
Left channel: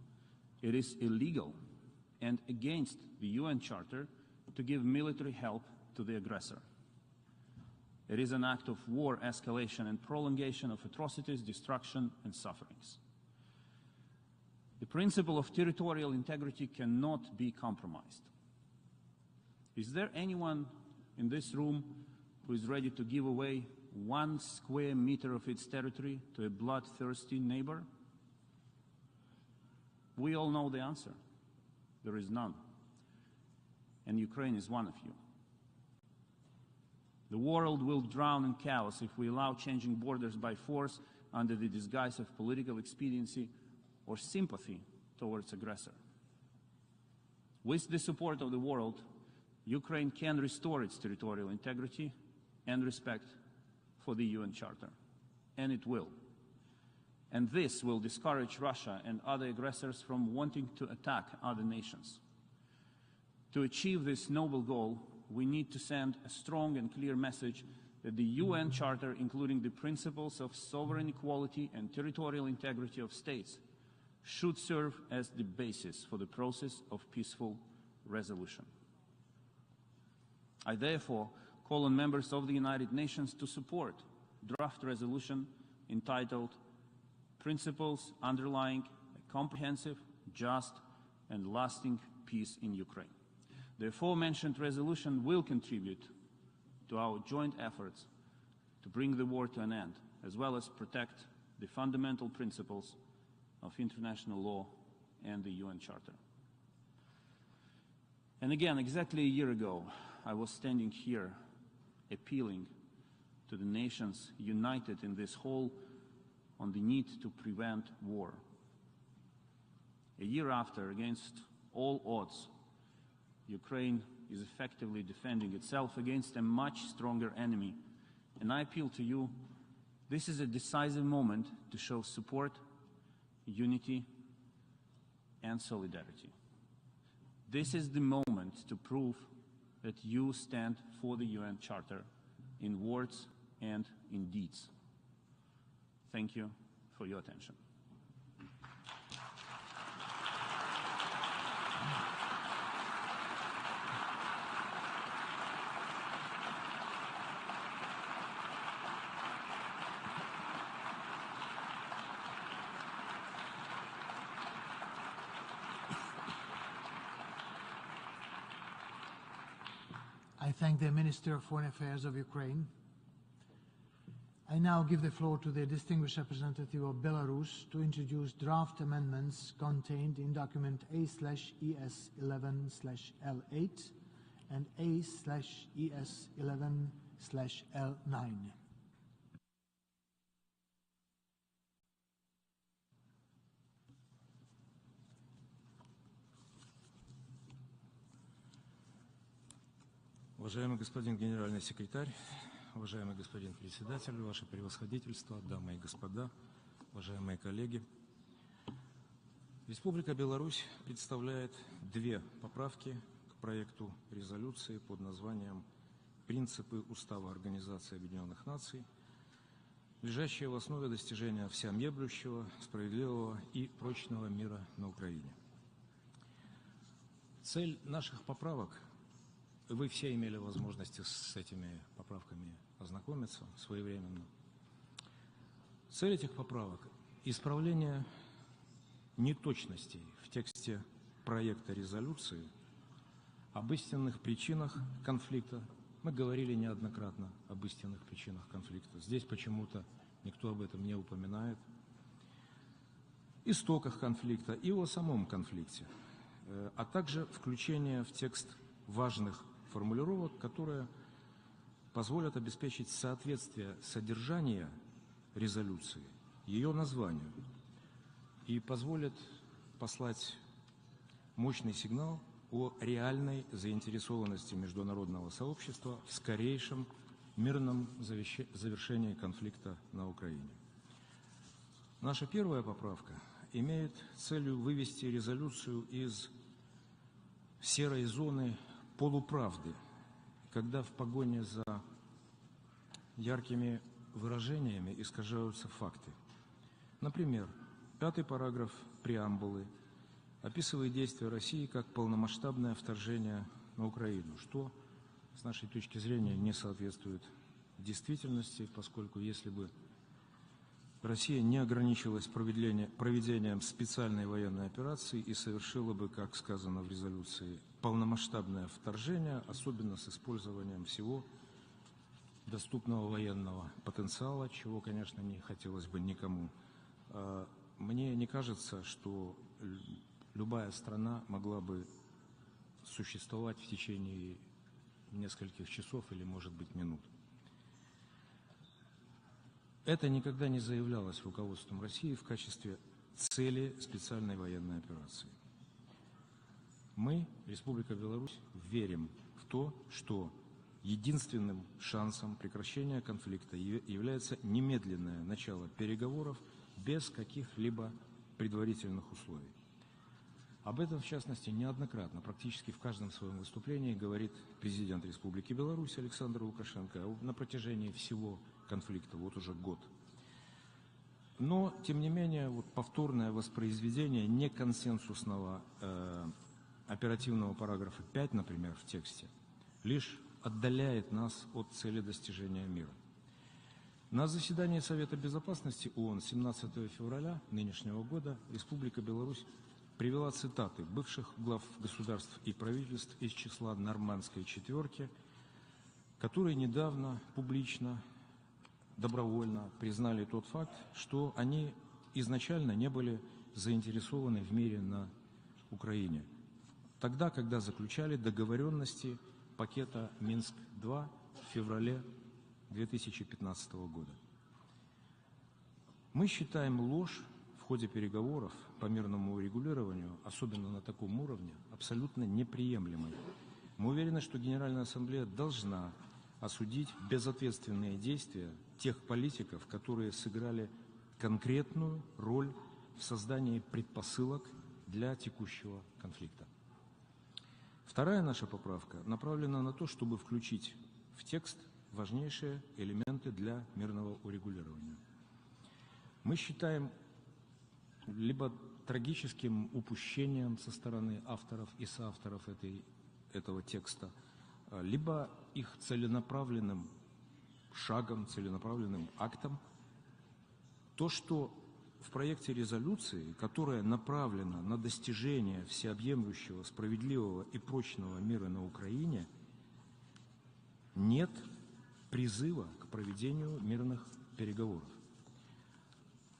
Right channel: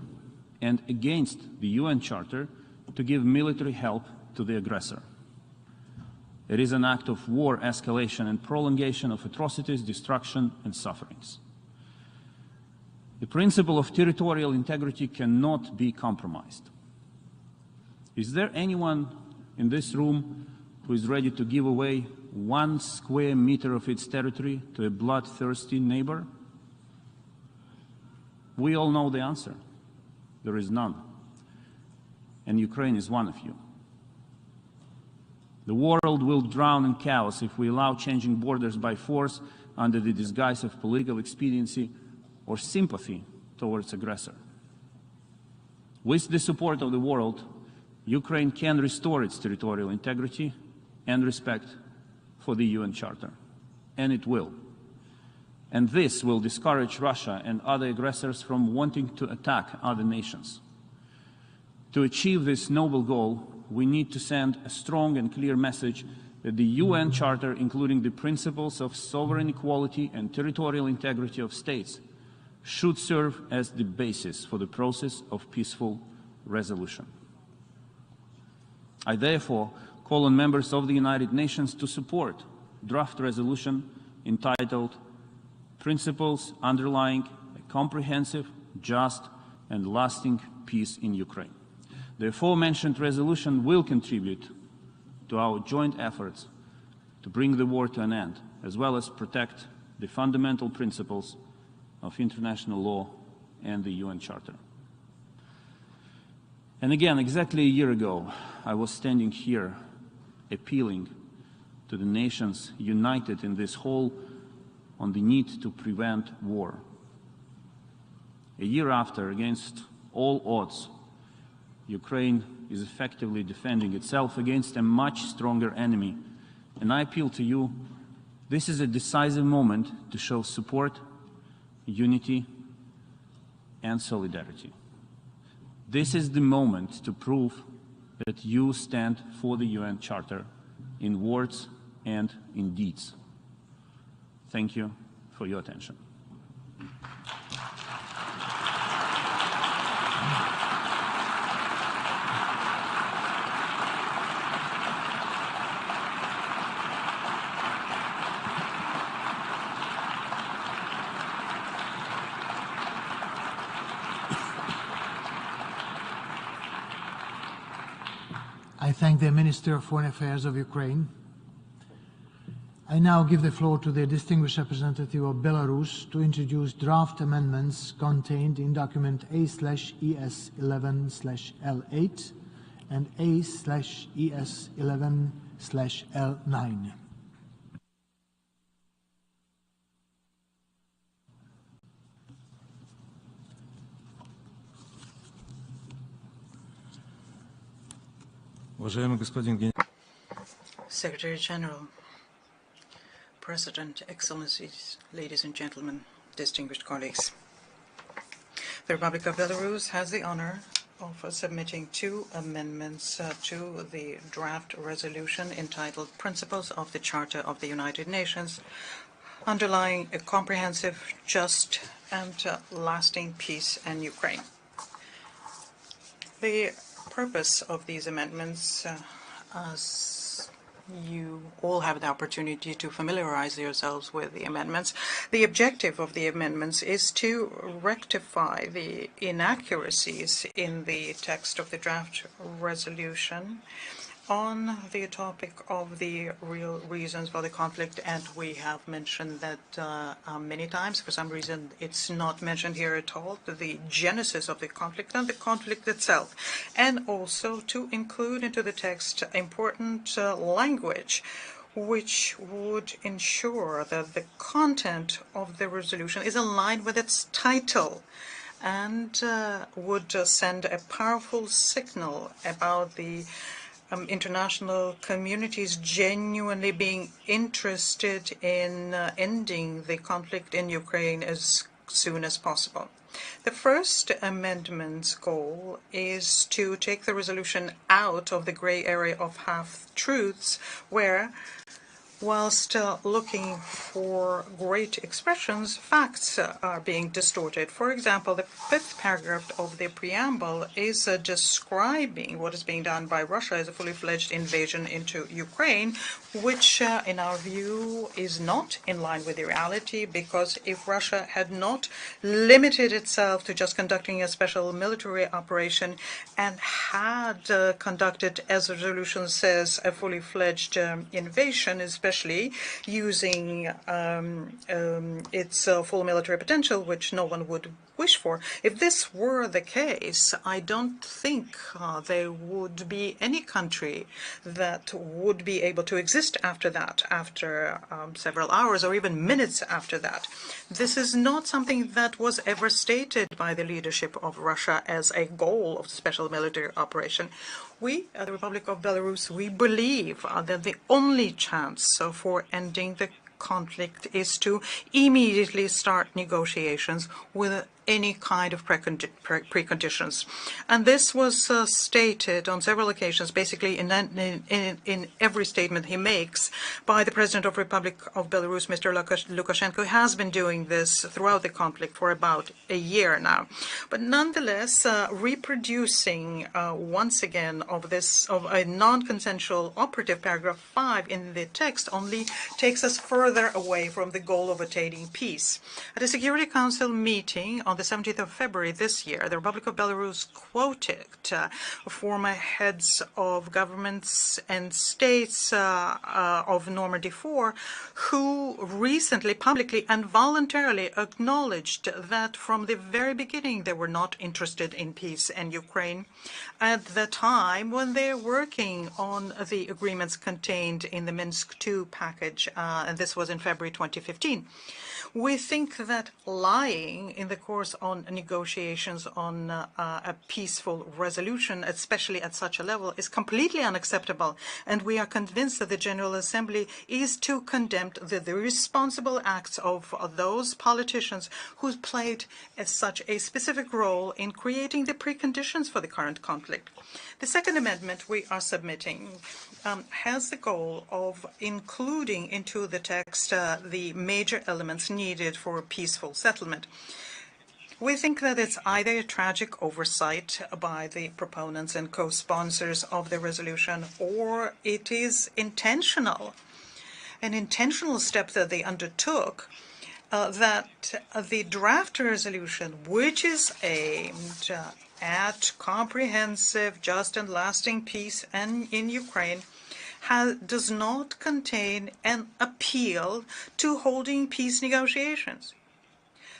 and against the UN Charter to give military help to the aggressor. It is an act of war escalation and prolongation of atrocities, destruction, and sufferings. The principle of territorial integrity cannot be compromised. Is there anyone in this room who is ready to give away 1 square meter of its territory to a bloodthirsty neighbor? We all know the answer. There is none. And Ukraine is one of you. The world will drown in chaos if we allow changing borders by force under the disguise of political expediency or sympathy towards aggressor. With the support of the world, Ukraine can restore its territorial integrity and respect for the UN Charter. And it will. And this will discourage Russia and other aggressors from wanting to attack other nations. To achieve this noble goal, we need to send a strong and clear message that the UN Charter, including the principles of sovereign equality and territorial integrity of states, should serve as the basis for the process of peaceful resolution. I therefore call on members of the United Nations to support a draft resolution entitled Principles Underlying a Comprehensive, Just and Lasting Peace in Ukraine. The aforementioned resolution will contribute to our joint efforts to bring the war to an end, as well as protect the fundamental principles of international law and the UN Charter. And again, exactly a year ago, I was standing here appealing to the nations united in this hall on the need to prevent war. A year after, against all odds, Ukraine is effectively defending itself against a much stronger enemy. And I appeal to you, this is a decisive moment to show support, unity, and solidarity. This is the moment to prove that you stand for the UN Charter in words and in deeds. Thank you for your attention. I thank the Minister of Foreign Affairs of Ukraine. I now give the floor to the distinguished representative of Belarus to introduce draft amendments contained in document A/ES11/L8 and A/ES11/L9. Secretary General, President, Excellencies, ladies and gentlemen, distinguished colleagues. The Republic of Belarus has the honor of submitting 2 amendments to the draft resolution entitled Principles of the Charter of the United Nations, underlying a comprehensive, just, and lasting peace in Ukraine. The purpose of these amendments as you all have the opportunity to familiarize yourselves with the amendments, the objective of the amendments is to rectify the inaccuracies in the text of the draft resolution on the topic of the real reasons for the conflict, and we have mentioned that many times. For some reason, it's not mentioned here at all, the genesis of the conflict and the conflict itself, and also to include into the text important language which would ensure that the content of the resolution is aligned with its title and would send a powerful signal about the international community's genuinely being interested in ending the conflict in Ukraine as soon as possible. The first amendment's goal is to take the resolution out of the gray area of half-truths, where, whilst looking for great expressions, facts are being distorted. For example, the fifth paragraph of the preamble is describing what is being done by Russia as a fully-fledged invasion into Ukraine, which, in our view, is not in line with the reality, because if Russia had not limited itself to just conducting a special military operation and had conducted, as the resolution says, a fully-fledged invasion, especially using its full military potential, which no one would wish for. If this were the case, I don't think there would be any country that would be able to exist after that, after several hours or even minutes after that. This is not something that was ever stated by the leadership of Russia as a goal of the special military operation. We, at the Republic of Belarus, we believe that the only chance for ending the conflict is to immediately start negotiations with any kind of preconditions. And this was stated on several occasions, basically in every statement he makes, by the President of the Republic of Belarus, Mr. Lukashenko, who has been doing this throughout the conflict for about a year now. But nonetheless, reproducing once again of a non-consensual operative paragraph 5 in the text only takes us further away from the goal of attaining peace. At a Security Council meeting on the 17th of February this year, the Republic of Belarus quoted former heads of governments and states of Normandy 4, who recently, publicly and voluntarily acknowledged that from the very beginning they were not interested in peace in Ukraine at the time when they're working on the agreements contained in the Minsk II package, and this was in February 2015. We think that lying in the course on negotiations on a peaceful resolution, especially at such a level, is completely unacceptable, and we are convinced that the General Assembly is to condemn the irresponsible acts of those politicians who played as such a specific role in creating the preconditions for the current conflict. The second amendment we are submitting has the goal of including into the text the major elements needed for a peaceful settlement. We think that it's either a tragic oversight by the proponents and co-sponsors of the resolution, or it is intentional, an intentional step that they undertook, that the draft resolution, which is aimed at comprehensive, just and lasting peace in Ukraine, does not contain an appeal to holding peace negotiations.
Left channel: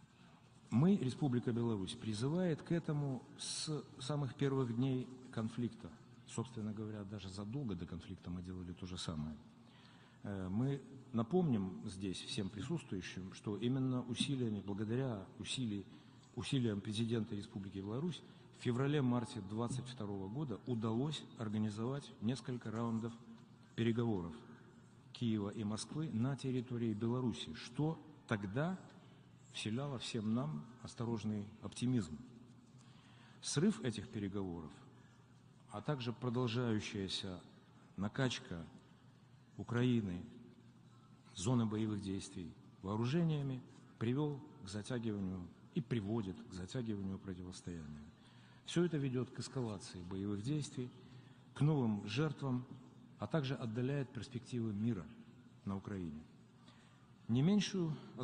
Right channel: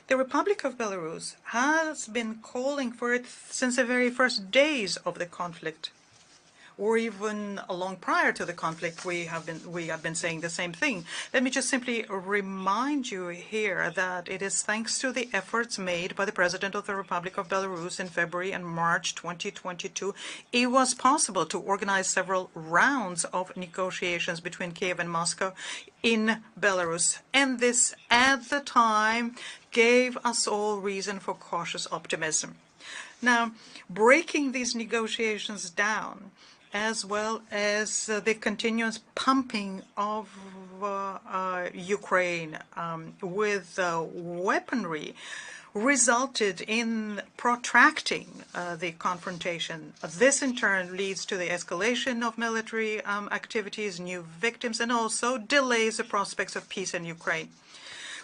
The Republic of Belarus has been calling for it since the very first days of the conflict, or even long prior to the conflict. We have been saying the same thing. Let me just simply remind you here that it is thanks to the efforts made by the President of the Republic of Belarus in February and March 2022, it was possible to organize several rounds of negotiations between Kiev and Moscow in Belarus. And this, at the time, gave us all reason for cautious optimism. Now, breaking these negotiations down, as well as the continuous pumping of Ukraine with weaponry, resulted in protracting the confrontation. This in turn leads to the escalation of military activities, new victims, and also delays the prospects of peace in Ukraine.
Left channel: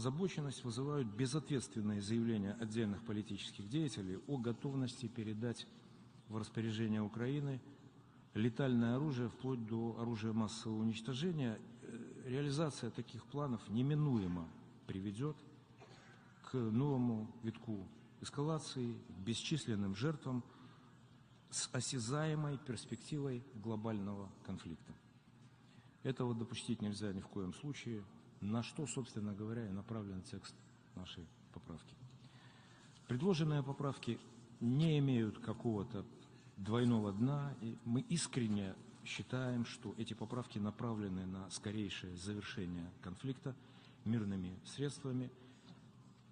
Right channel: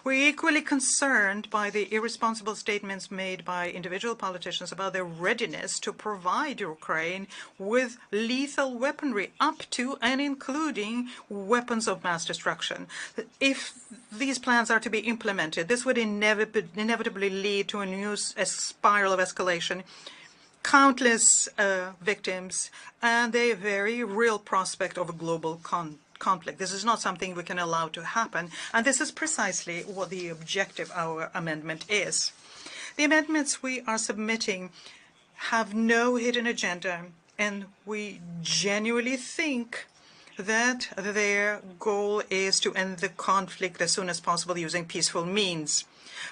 We're equally concerned by the irresponsible statements made by individual politicians about their readiness to provide Ukraine with lethal weaponry up to and including weapons of mass destruction. If these plans are to be implemented, this would inevitably lead to a spiral of escalation, countless victims, and a very real prospect of a global conflict. This is not something we can allow to happen, and this is precisely what the objective of our amendment is. The amendments we are submitting have no hidden agenda, and we genuinely think that their goal is to end the conflict as soon as possible using peaceful means.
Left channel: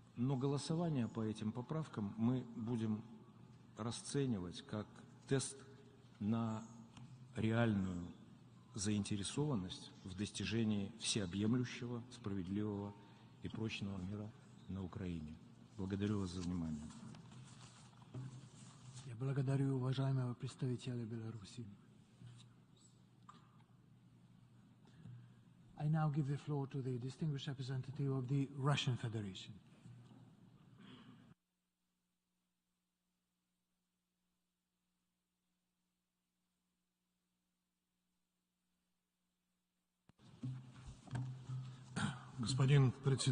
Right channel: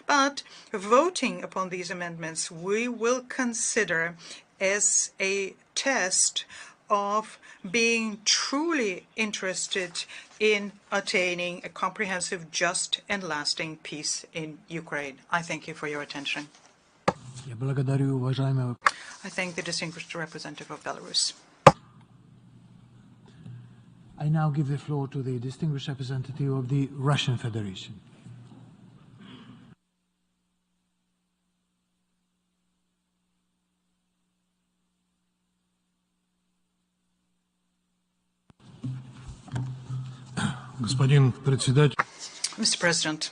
But voting upon these amendments, we will consider as a test of being truly interested in attaining a comprehensive, just, and lasting peace in Ukraine. I thank you for your attention. I thank the distinguished representative of Belarus. I now give the floor to the distinguished representative of the Russian Federation. Mr. President,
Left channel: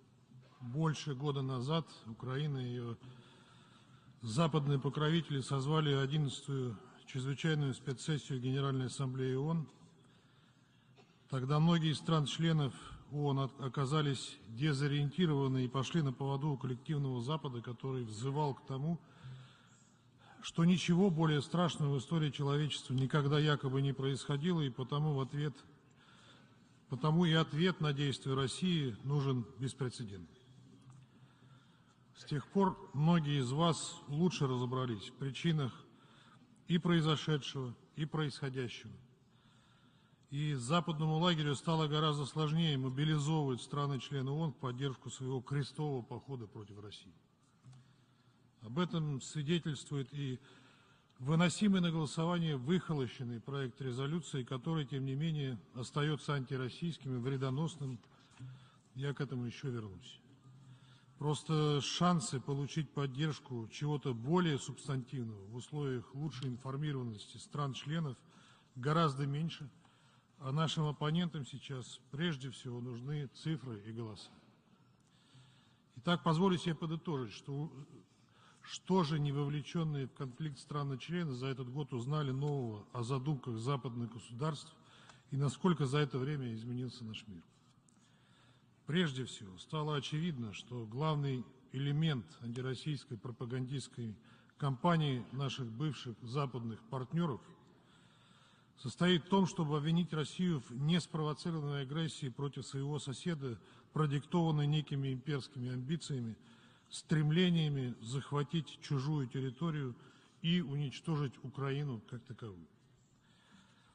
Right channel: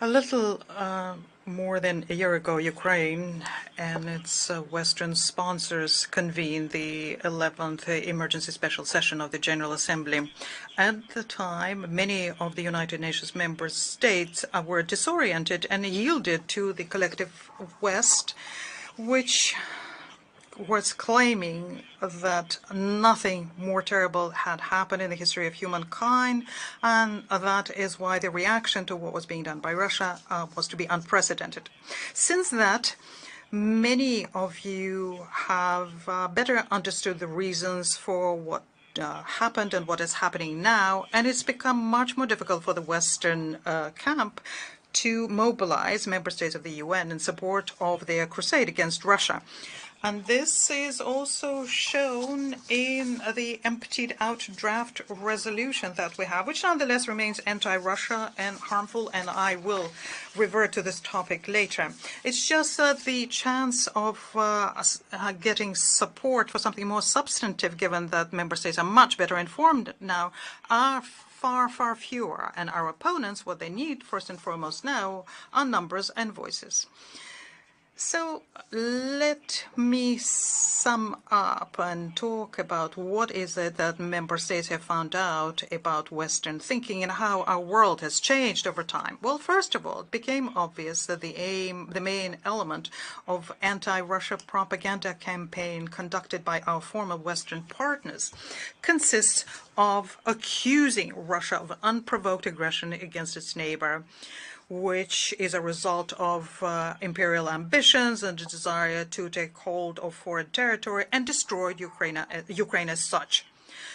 a little more than a year ago, Ukraine and its Western sponsors convened the 11th Emergency Special Session of the General Assembly. At the time, many of the United Nations member states were disoriented and yielded to the collective West, which was claiming that nothing more terrible had happened in the history of humankind, and that is why the reaction to what was being done by Russia was to be unprecedented. Since that, many of you have better understood the reasons for what happened and what is happening now, and it's become much more difficult for the Western camp to mobilize member states of the UN in support of their crusade against Russia. And this is also shown in the emptied-out draft resolution that we have, which nonetheless remains anti-Russia and harmful, and I will revert to this topic later. It's just that the chance of getting support for something more substantive, given that member states are much better informed now, are far, far fewer. And our opponents, what they need first and foremost now, are numbers and voices. So let me sum up and talk about what is it that member states have found out about Western thinking and how our world has changed over time. Well, first of all, it became obvious that the main element of anti-Russia propaganda campaign conducted by our former Western partners consists of accusing Russia of unprovoked aggression against its neighbor, which is a result of imperial ambitions and a desire to take hold of foreign territory and destroy Ukraine as such.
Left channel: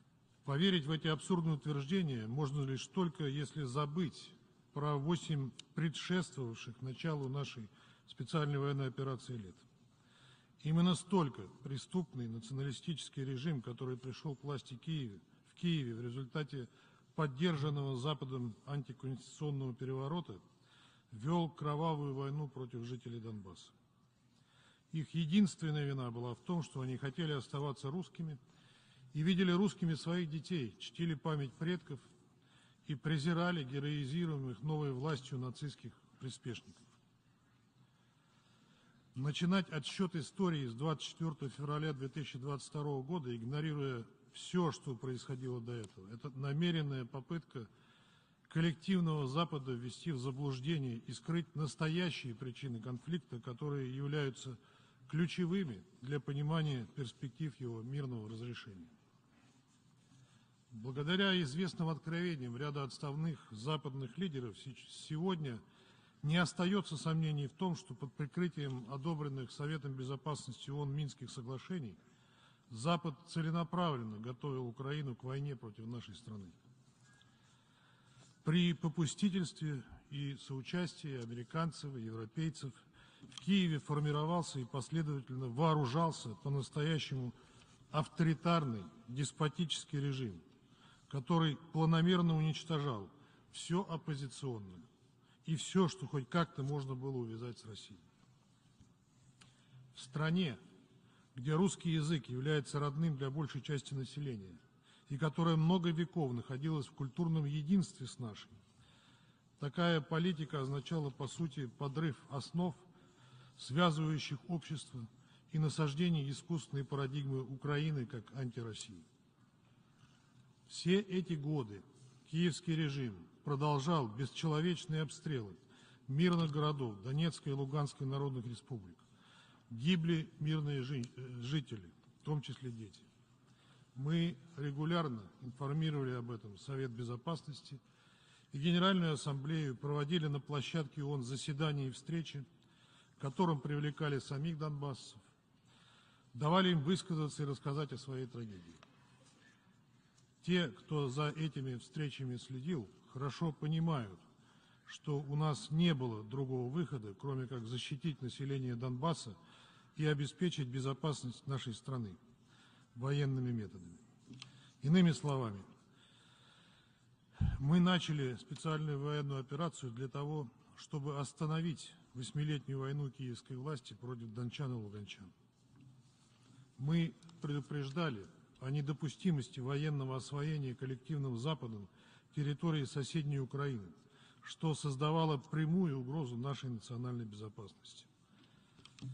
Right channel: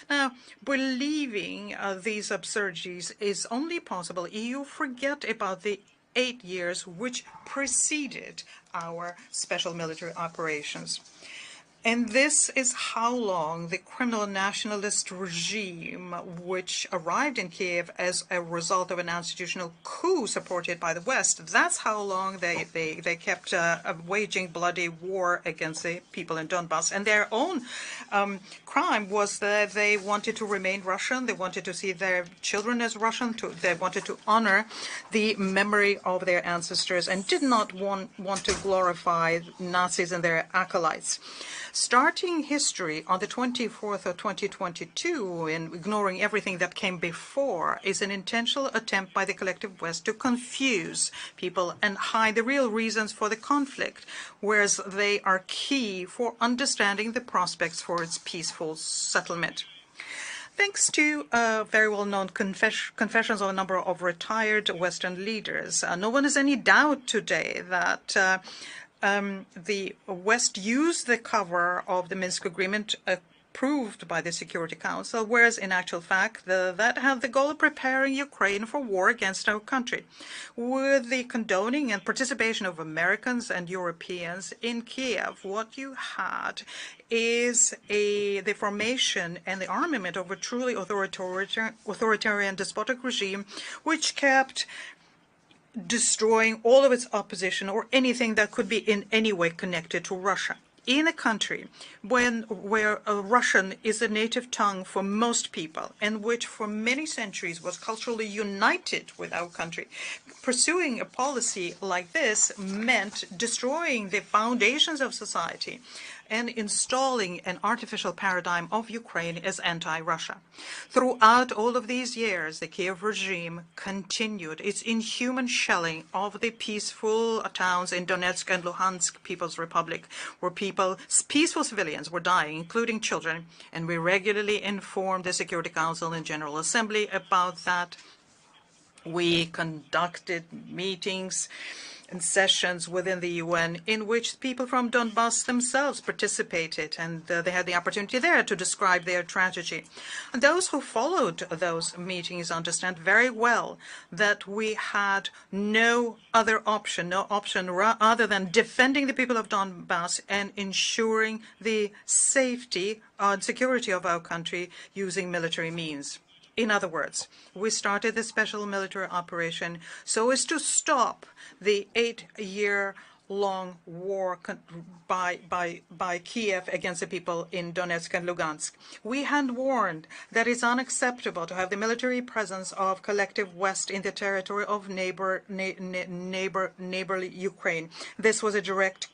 Now, believing these absurdities is only possible if you forget about the 8 years which preceded our special military operations. And this is how long the criminal nationalist regime, which arrived in Kiev as a result of an institutional coup supported by the West, that's how long they kept waging bloody war against the people in Donbass. And their own crime was that they wanted to remain Russian, they wanted to see their children as Russian, they wanted to honor the memory of their ancestors and did not want to glorify Nazis and their acolytes. Starting history on the 24th of 2022 and ignoring everything that came before is an intentional attempt by the collective West to confuse people and hide the real reasons for the conflict, whereas they are key for understanding the prospects for its peaceful settlement. Thanks to very well-known confessions of a number of retired Western leaders, no one has any doubt today that the West used the cover of the Minsk agreement approved by the Security Council, whereas in actual fact that had the goal of preparing Ukraine for war against our country. With the condoning and participation of Americans and Europeans in Kiev, what you had is the formation and the armament of a truly authoritarian despotic regime which kept destroying all of its opposition or anything that could be in any way connected to Russia. In a country where Russian is a native tongue for most people, and which for many centuries was culturally united with our country, pursuing a policy like this meant destroying the foundations of society and installing an artificial paradigm of Ukraine as anti-Russia. Throughout all of these years, the Kiev regime continued its inhuman shelling of the peaceful towns in Donetsk and Lugansk People's Republic, where peaceful civilians were dying, including children, and we regularly informed the Security Council and General Assembly about that. We conducted meetings and sessions within the UN in which people from Donbass themselves participated, and they had the opportunity there to describe their tragedy. And those who followed those meetings understand very well that we had no option other than defending the people of Donbass and ensuring the safety and security of our country using military means. In other words, we started this special military operation so as to stop the 8-year-long war by Kiev against the people in Donetsk and Lugansk. We had warned that it's unacceptable to have the military presence of collective West in the territory of neighborly Ukraine. This was a direct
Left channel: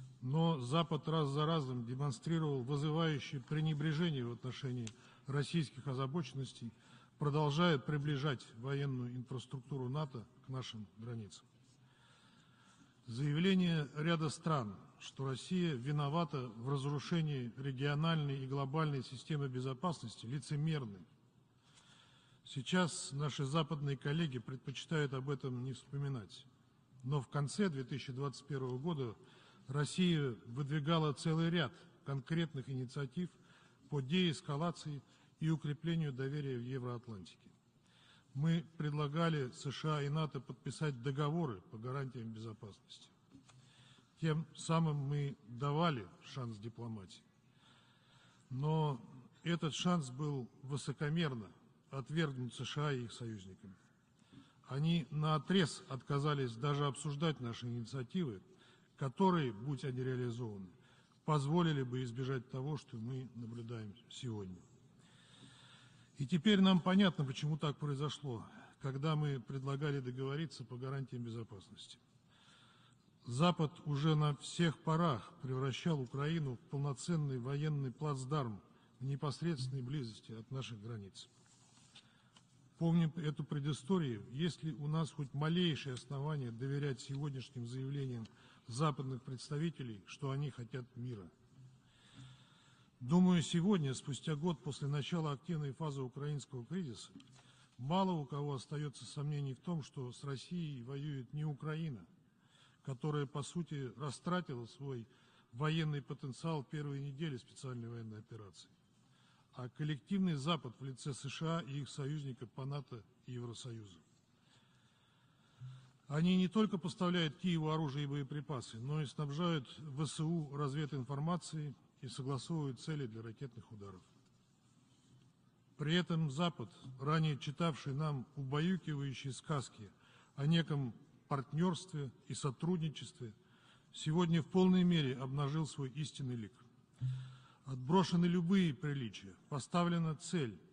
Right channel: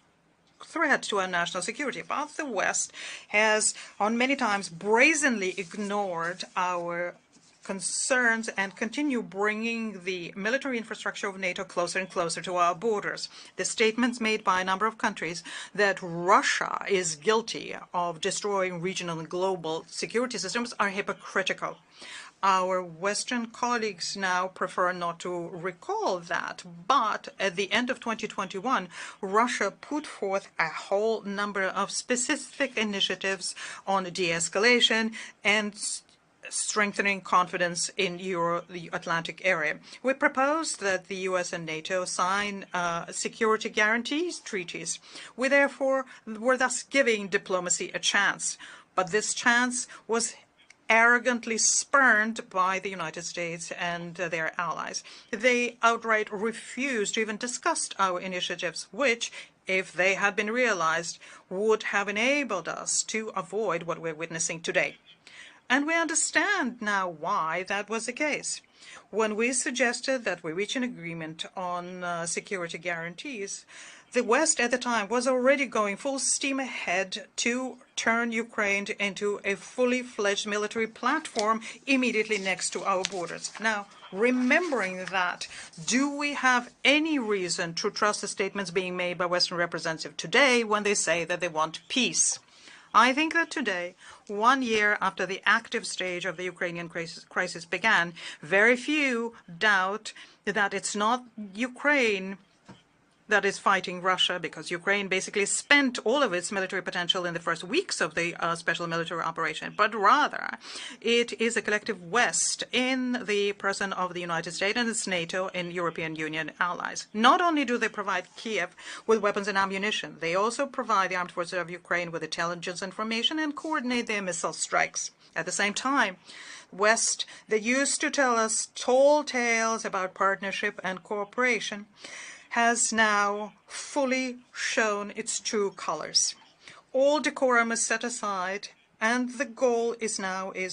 threat to our national security, but the West has on many times brazenly ignored our concerns and continue bringing the military infrastructure of NATO closer and closer to our borders. The statements made by a number of countries that Russia is guilty of destroying regional and global security systems are hypocritical. Our Western colleagues now prefer not to recall that, but at the end of 2021, Russia put forth a whole number of specific initiatives on de-escalation and strengthening confidence in the Euro-Atlantic area. We proposed that the US and NATO sign security guarantees treaties. We therefore were thus giving diplomacy a chance, but this chance was arrogantly spurned by the United States and their allies. They outright refused to even discuss our initiatives, which, if they had been realized, would have enabled us to avoid what we're witnessing today. And we understand now why that was the case. When we suggested that we reach an agreement on security guarantees, the West at the time was already going full steam ahead to turn Ukraine into a fully fledged military platform immediately next to our borders. Now, remembering that, do we have any reason to trust the statements being made by Western representatives today when they say that they want peace? I think that today, 1 year after the active stage of the Ukrainian crisis began, very few doubt that it's not Ukraine that is fighting Russia, because Ukraine basically spent all of its military potential in the first weeks of the special military operation, but rather it is a collective West in the person of the United States and its NATO and European Union allies. Not only do they provide Kiev with weapons and ammunition, they also provide the armed forces of Ukraine with intelligence information and coordinate their missile strikes. At the same time, West, they used to tell us tall tales about partnership and cooperation, has now fully shown its true colors. All decorum is set aside, and the goal is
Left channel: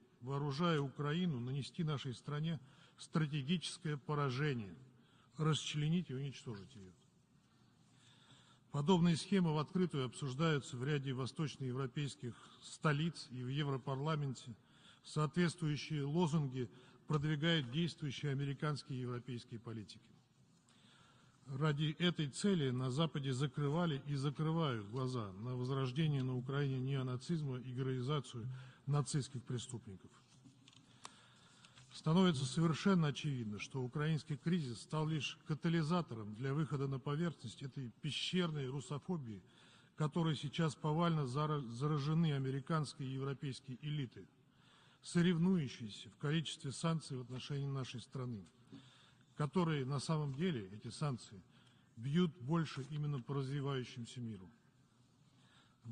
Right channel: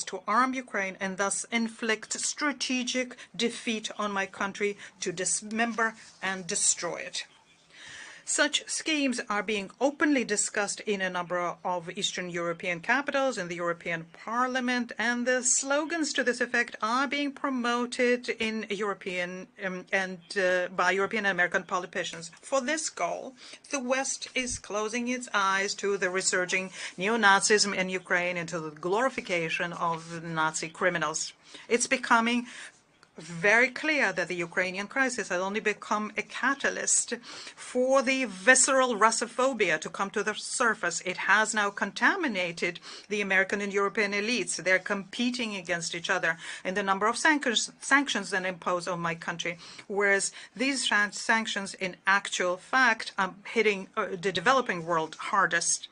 to arm Ukraine and thus inflict strategic defeat on my country, to dismember and destroy it. Such schemes are being openly discussed in a number of Eastern European capitals, in the European Parliament, and the slogans to this effect are being promoted in European by European and American politicians. For this goal, the West is closing its eyes to the resurging neo-Nazism in Ukraine and to the glorification of Nazi criminals. It's becoming very clear that the Ukrainian crisis has only become a catalyst for the visceral Russophobia to come to the surface. It has now contaminated the American and European elites. They're competing against each other in the number of sanctions that impose on my country, whereas these sanctions in actual fact are hitting the developing world hardest.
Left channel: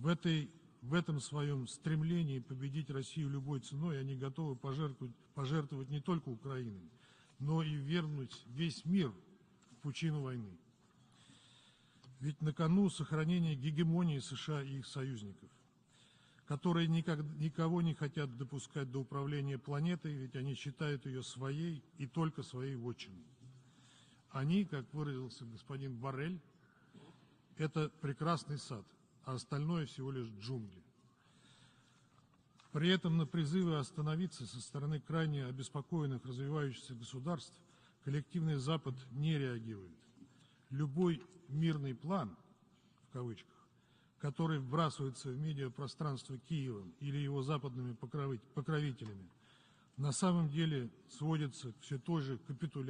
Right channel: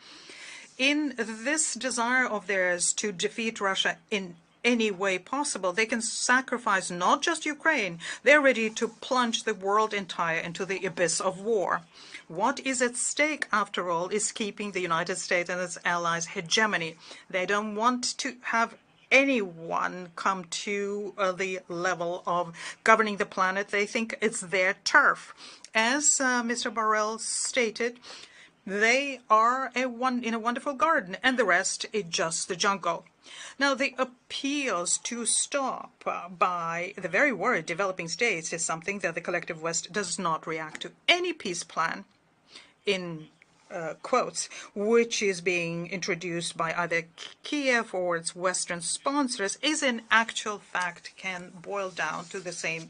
In this desire of theirs to defeat Russia in any way possible, they can sacrifice not just Ukraine, they're ready to plunge the world entire into the abyss of war. What is at stake, after all, is keeping the United States and its allies' hegemony. They don't want to have anyone come to the level of governing the planet. They think it's their turf. As Mr. Borrell stated, they are in a wonderful garden, and the rest is just the jungle. Now, the appeals to stop by the very worried developing states is something that the collective West does not react to. Any peace plan, in quotes, which is being introduced by either Kiev or its Western sponsors, is in actual fact can boil down to the same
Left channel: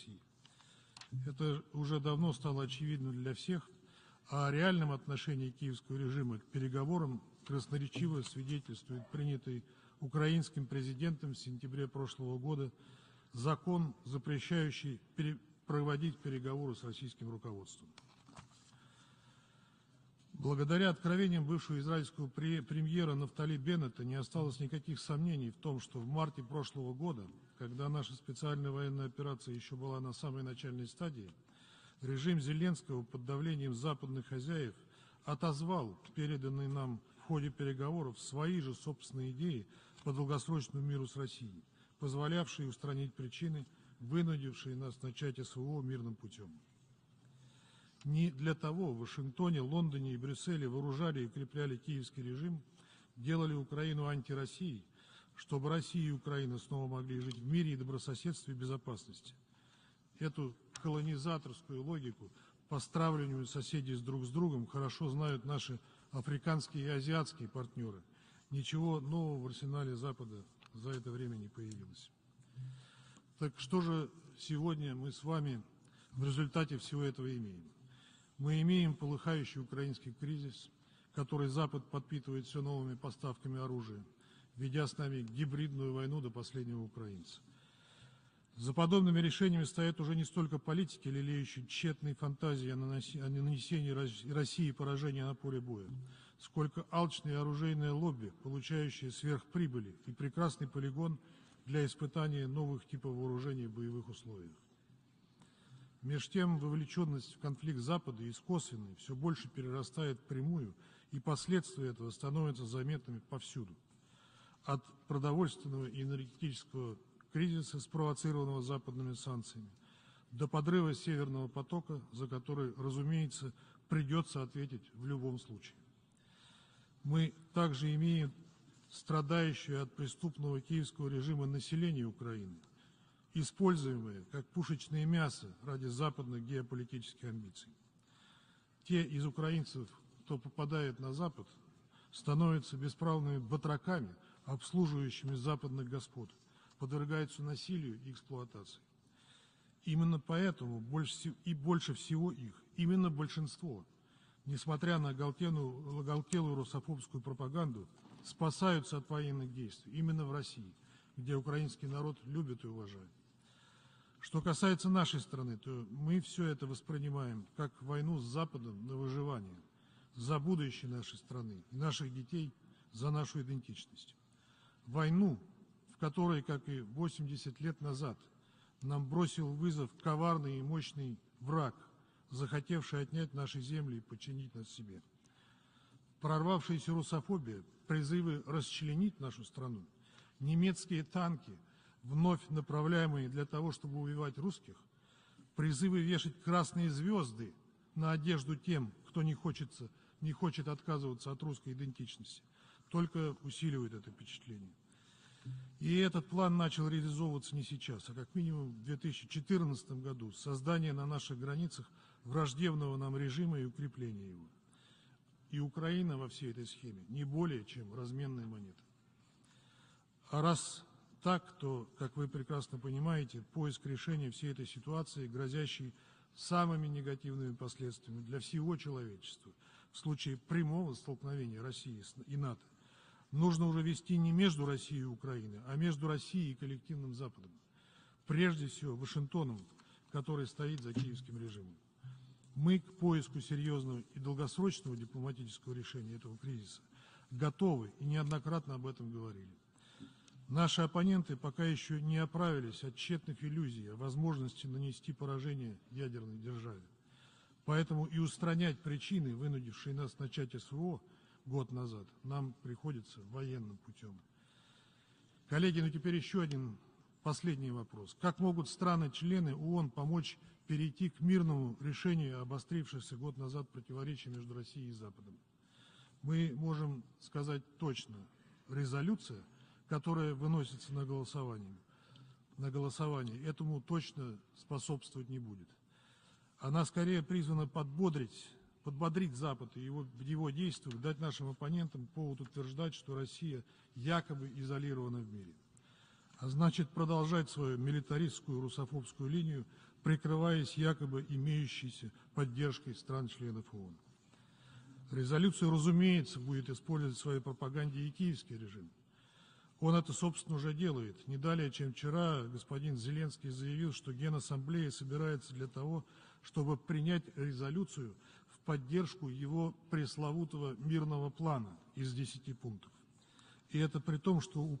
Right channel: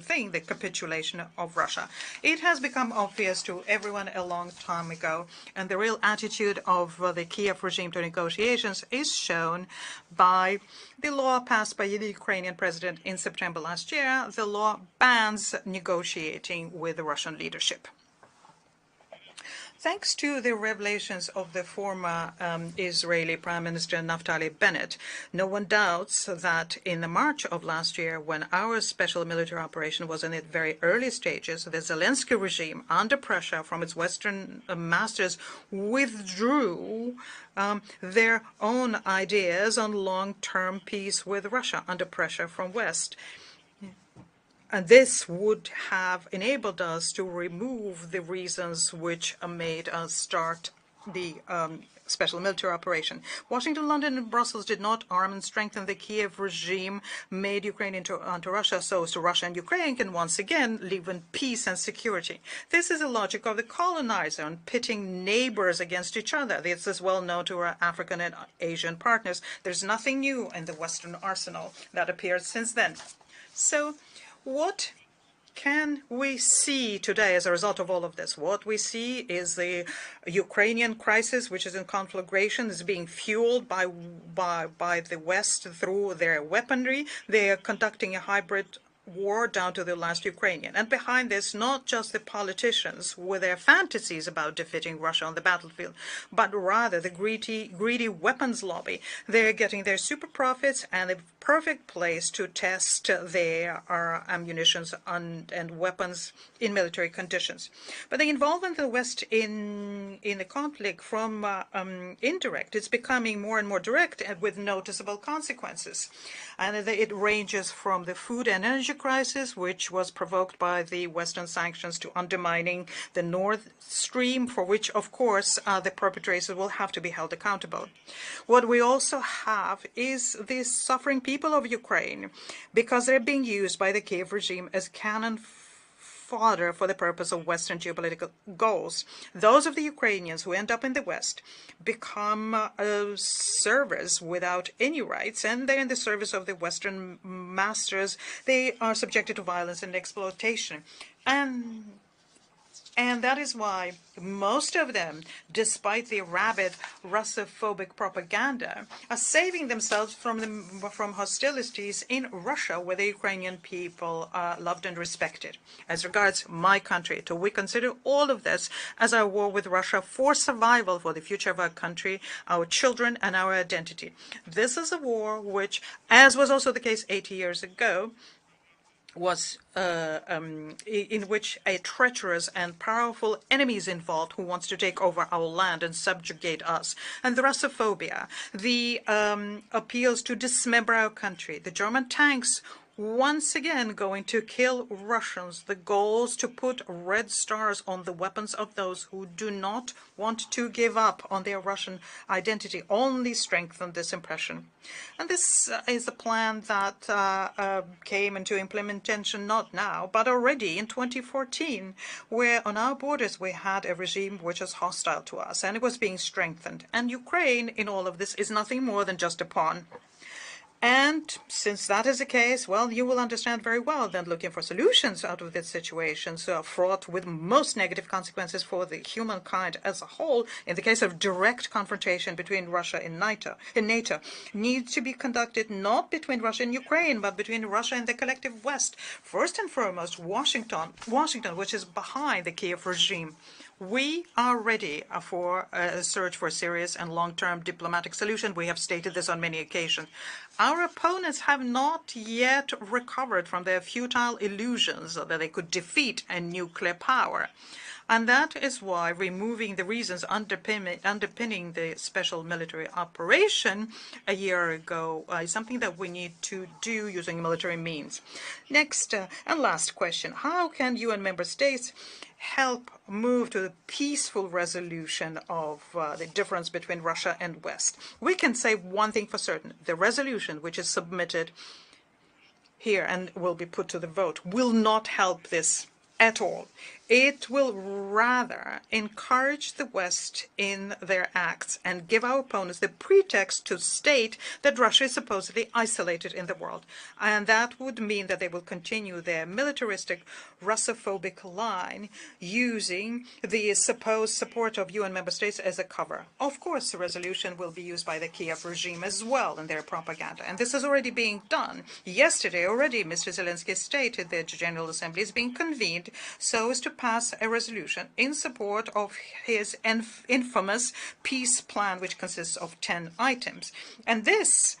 thing, the capitulation of Russia. It has become obvious to everyone a long time ago, and the real attitude of the Kiev regime to negotiations is shown by the law passed by the Ukrainian president in September last year. The law bans negotiating with the Russian leadership. Thanks to the revelations of the former Israeli Prime Minister Naftali Bennett, no one doubts that in the March of last year, when our special military operation was in its very early stages, the Zelensky regime, under pressure from its Western masters, withdrew their own ideas on long-term peace with Russia under pressure from West. And this would have enabled us to remove the reasons which made us start the special military operation. Washington, London, and Brussels did not arm and strengthen the Kiev regime, made Ukraine into Russia, so Russia and Ukraine can once again live in peace and security. This is the logic of the colonizer, on pitting neighbors against each other. This is well known to our African and Asian partners. There's nothing new in the Western arsenal that appeared since then. So, what can we see today as a result of all of this? What we see is the Ukrainian crisis, which is in conflagration, is being fueled by the West through their weaponry. They are conducting a hybrid war down to the last Ukrainian. And behind this, not just the politicians with their fantasies about defeating Russia on the battlefield, but rather the greedy weapons lobby. They're getting their super profits and the perfect place to test their ammunitions and weapons in military conditions. But the involvement of the West in the conflict from indirect is becoming more and more direct and with noticeable consequences. And it ranges from the food and energy crisis, which was provoked by the Western sanctions, to undermining the Nord Stream, for which, of course, the perpetrators will have to be held accountable. What we also have is the suffering people of Ukraine, because they're being used by the Kiev regime as cannon fodder for the purpose of Western geopolitical goals. Those of the Ukrainians who end up in the West become servers without any rights, and they're in the service of the Western masters. They are subjected to violence and exploitation. And that is why most of them, despite the rabid Russophobic propaganda, are saving themselves from hostilities in Russia, where the Ukrainian people are loved and respected. As regards my country, we consider all of this as our war with Russia for survival, for the future of our country, our children, and our identity. This is a war which, as was also the case 80 years ago, was in which a treacherous and powerful enemy is involved who wants to take over our land and subjugate us. And the Russophobia, the appeals to dismember our country, the German tanks once again going to kill Russians, the goals to put red stars on the weapons of those who do not want to give up on their Russian identity only strengthen this impression. And this is a plan that came into implementation not now, but already in 2014, where on our borders we had a regime which was hostile to us, and it was being strengthened. And Ukraine, in all of this, is nothing more than just a pawn. And since that is the case, well, you will understand very well that looking for solutions out of this situation, so fraught with most negative consequences for the humankind as a whole, in the case of direct confrontation between Russia and NATO, needs to be conducted not between Russia and Ukraine, but between Russia and the collective West. First and foremost, Washington, which is behind the Kiev regime. We are ready for a search for a serious and long-term diplomatic solution. We have stated this on many occasions. Our opponents have not yet recovered from their futile illusions that they could defeat a nuclear power. And that is why removing the reasons underpinning the special military operation a year ago is something that we need to do using military means. Next and last question. How can UN member states help move to the peaceful resolution of the difference between Russia and West? We can say one thing for certain. The resolution which is submitted here and will be put to the vote will not help this at all. It will rather encourage the West in their acts and give our opponents the pretext to state that Russia is supposedly isolated in the world. And that would mean that they will continue their militaristic, Russophobic line using the supposed support of UN member states as a cover. Of course, the resolution will be used by the Kiev regime as well in their propaganda. And this is already being done. Yesterday already, Mr. Zelensky stated that the General Assembly is being convened so as to pass a resolution in support of his infamous peace plan, which consists of 10 items. And this,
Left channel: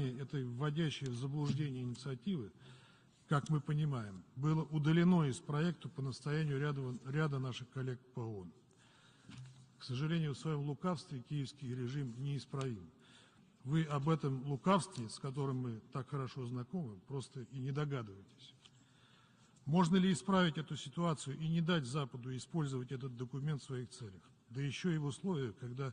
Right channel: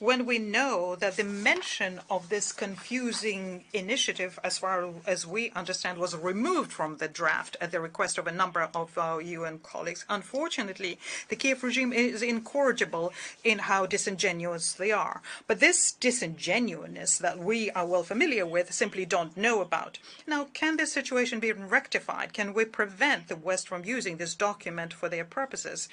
when we know that the mention of this confusing initiative, as far as we understand, was removed from the draft at the request of a number of our UN colleagues. Unfortunately, the Kiev regime is incorrigible in how disingenuous they are. But this disingenuousness that we are well familiar with simply don't know about. Now, can this situation be rectified? Can we prevent the West from using this document for their purposes,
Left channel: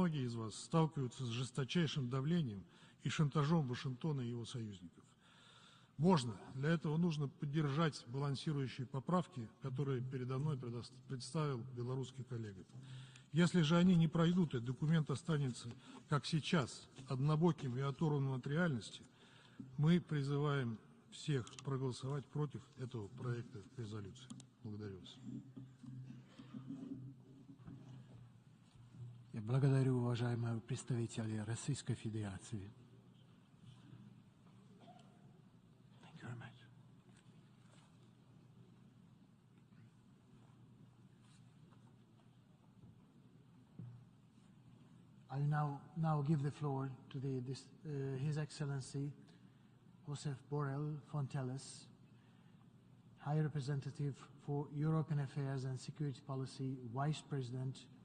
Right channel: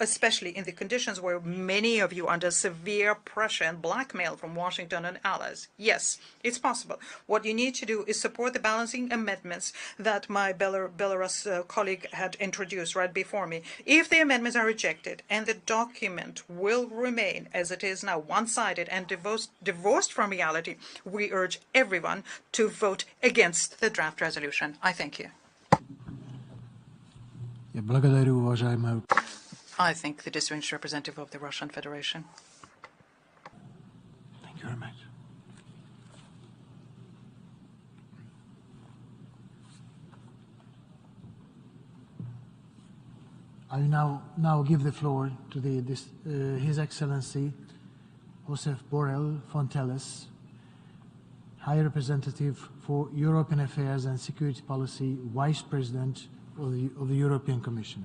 especially in the conditions where many of you are under severe pressure and blackmail from Washington and allies? Yes, it's possible. What you need to do is support the balancing amendments that my Belarus colleague had introduced right before me. If the amendments are rejected and the document will remain as it is now, one-sided and divorced from reality, we urge everyone to vote against the draft resolution. I thank you. I thank the distinguished representative of the Russian Federation. Thank you very much. I now give the floor to His Excellency Joseph Borrell Fontelles, High Representative for European Affairs and Security Policy, Vice President of the European Commission.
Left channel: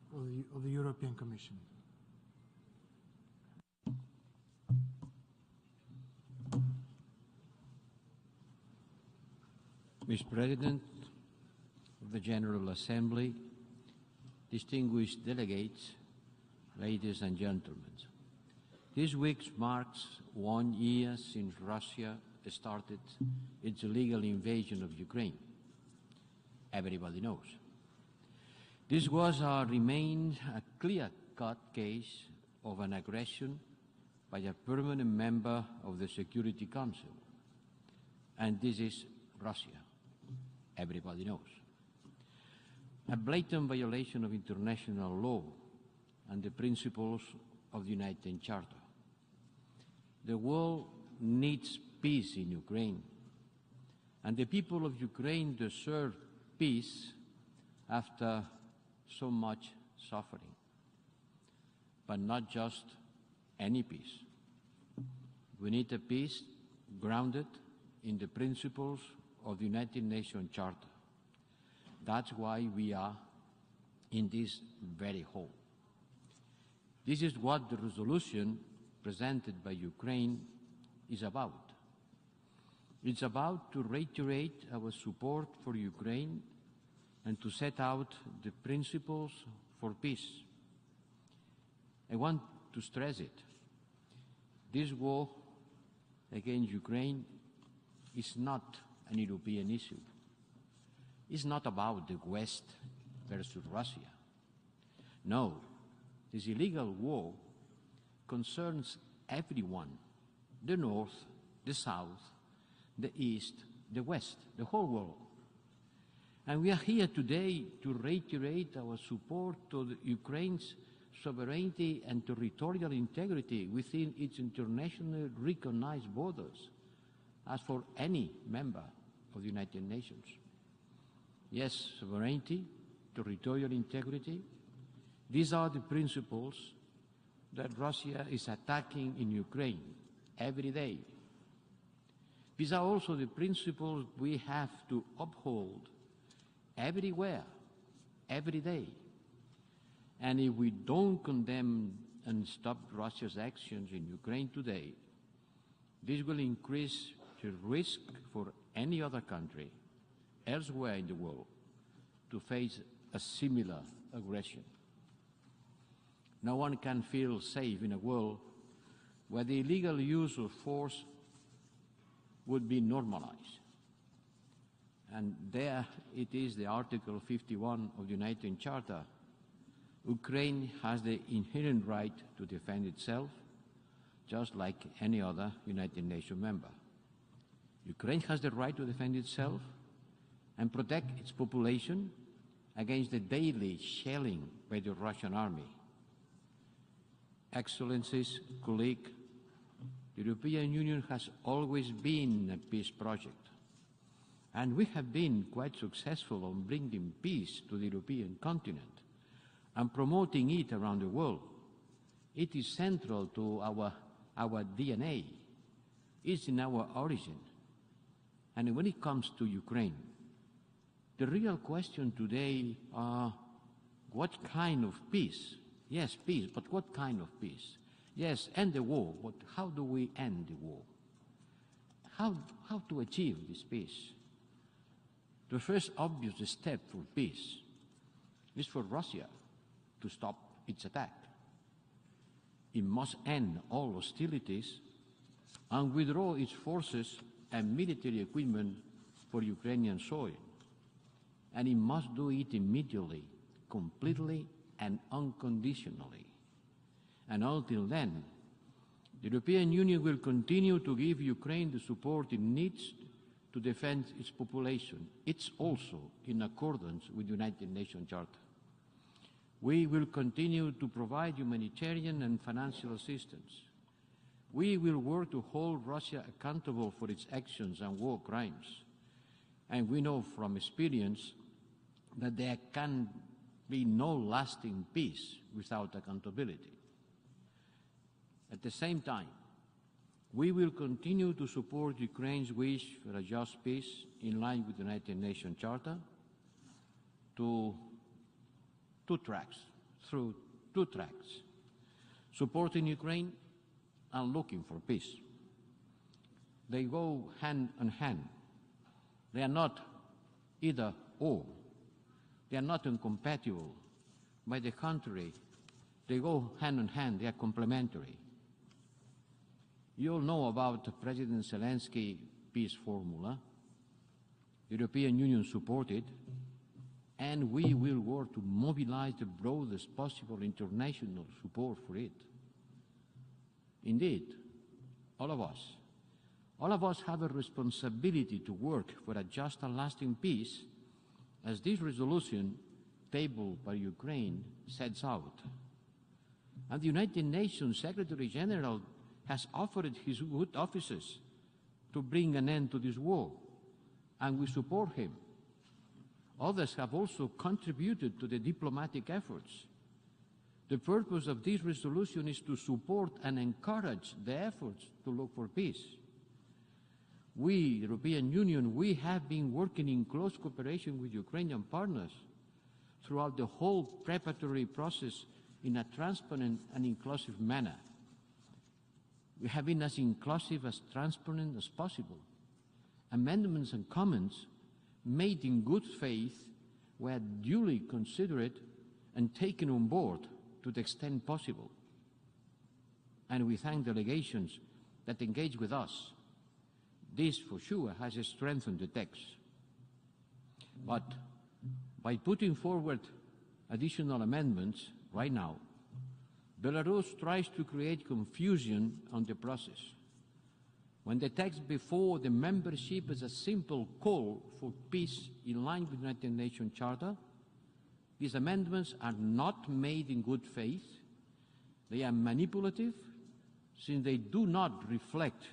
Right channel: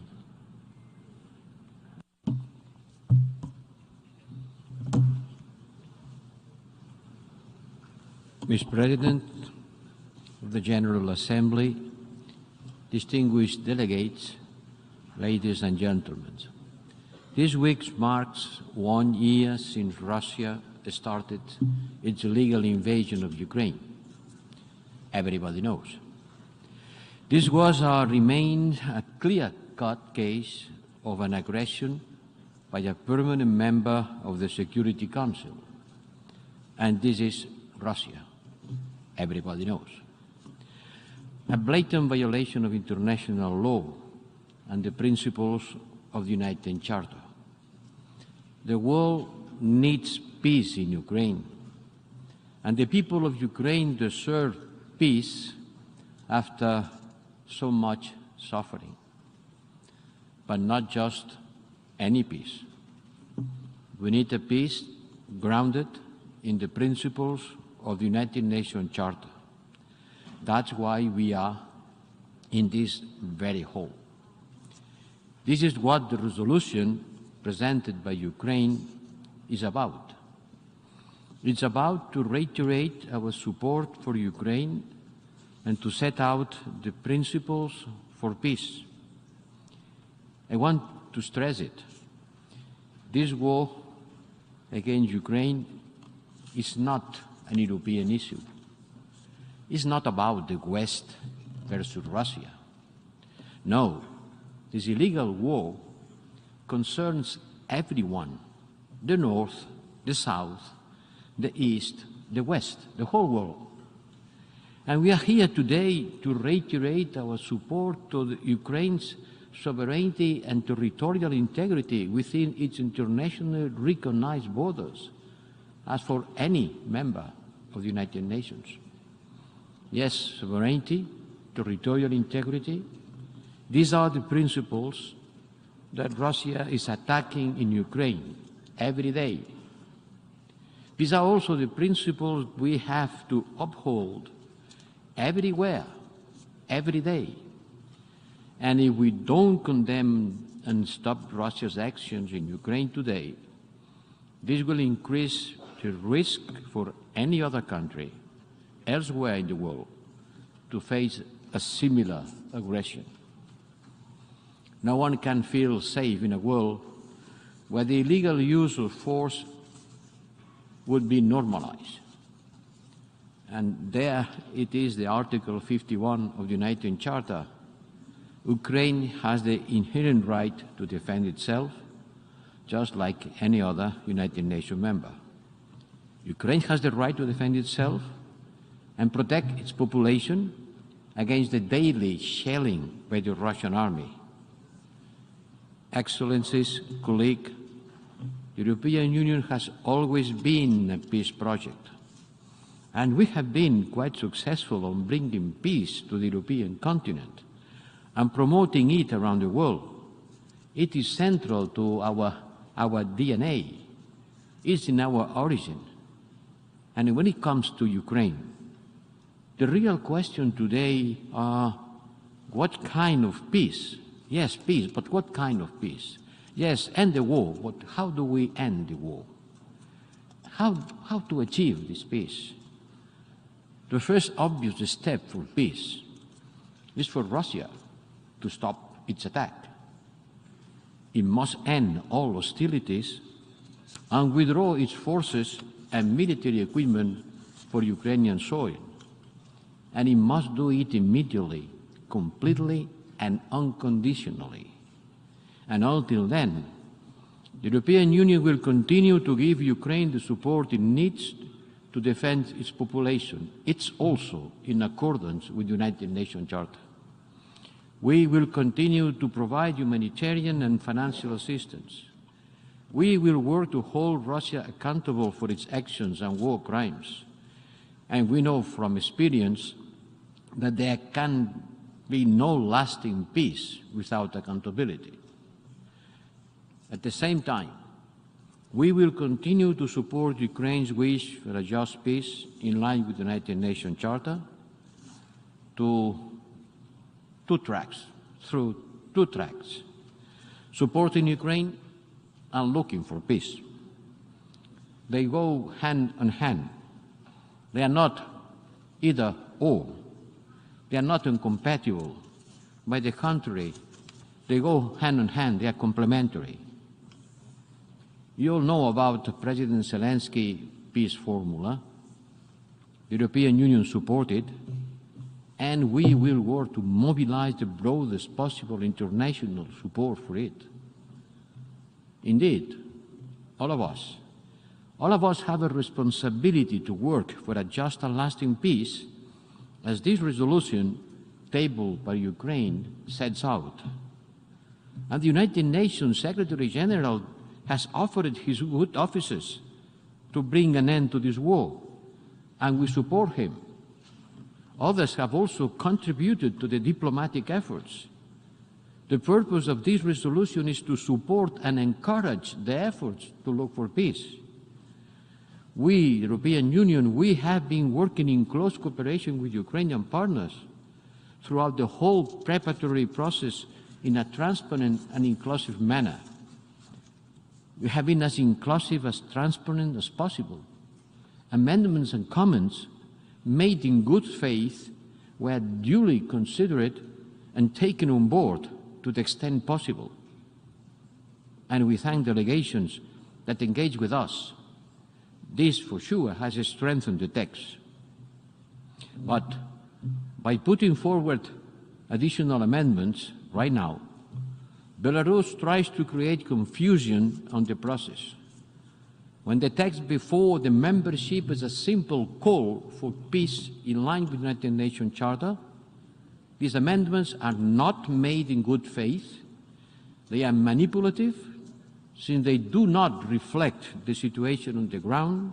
Mr. President, the General Assembly, distinguished delegates, ladies and gentlemen. This week marks 1 year since Russia started its illegal invasion of Ukraine. Everybody knows. This was or remained a clear-cut case of an aggression by a permanent member of the Security Council. And this is Russia. Everybody knows. A blatant violation of international law and the principles of the United Charter. The world needs peace in Ukraine, and the people of Ukraine deserve peace after so much suffering. But not just any peace. We need a peace grounded in the principles of the United Nations Charter. That's why we are in this very hall. This is what the resolution presented by Ukraine is about. It's about to reiterate our support for Ukraine and to set out the principles for peace. I want to stress it. This war against Ukraine is not an European issue. It's not about the West versus Russia. No, this illegal war concerns everyone, the North, the South, the East, the West, the whole world. And we are here today to reiterate our support to Ukraine's sovereignty and territorial integrity within its internationally recognized borders, as for any member of the United Nations. Yes, sovereignty, territorial integrity, these are the principles that Russia is attacking in Ukraine every day. These are also the principles we have to uphold everywhere, every day. And if we don't condemn and stop Russia's actions in Ukraine today, this will increase the risk for any other country elsewhere in the world to face a similar aggression. No one can feel safe in a world where the illegal use of force would be normalized. And there it is, the Article 51 of the United Charter. Ukraine has the inherent right to defend itself, just like any other United Nations member. Ukraine has the right to defend itself and protect its population against the daily shelling by the Russian army. Excellencies, colleagues, the European Union has always been a peace project, and we have been quite successful in bringing peace to the European continent and promoting it around the world. It is central to our DNA. It's in our origin. And when it comes to Ukraine, the real question today is what kind of peace? Yes, peace, but what kind of peace? Yes, end the war, but how do we end the war? How to achieve this peace? The first obvious step for peace is for Russia to stop its attack. It must end all hostilities and withdraw its forces and military equipment for Ukrainian soil. And it must do it immediately, completely and unconditionally. And until then, the European Union will continue to give Ukraine the support it needs to defend its population. It's also in accordance with the United Nations Charter. We will continue to provide humanitarian and financial assistance. We will work to hold Russia accountable for its actions and war crimes. And we know from experience that there can be no lasting peace without accountability. At the same time, we will continue to support Ukraine's wish for a just peace in line with the United Nations Charter through two tracks, supporting Ukraine and looking for peace. They go hand in hand. They are not either or. They are not incompatible. By the contrary, they go hand in hand. They are complementary. You all know about President Zelensky's peace formula. The European Union supported, and we will work to mobilize the broadest possible international support for it. Indeed, all of us have a responsibility to work for a just and lasting peace, as this resolution tabled by Ukraine sets out. And the United Nations Secretary General has offered his good offices to bring an end to this war, and we support him. Others have also contributed to the diplomatic efforts. The purpose of this resolution is to support and encourage the efforts to look for peace. We, European Union, we have been working in close cooperation with Ukrainian partners throughout the whole preparatory process in a transparent and inclusive manner. We have been as inclusive, as transparent as possible. Amendments and comments made in good faith were duly considered and taken on board to the extent possible. And we thank delegations that engage with us. This, for sure, has strengthened the text. But by putting forward additional amendments right now, Belarus tries to create confusion on the process. When the text before the membership is a simple call for peace in line with the United Nations Charter, these amendments are not made in good faith. They are manipulative, since they do not reflect the situation on the ground,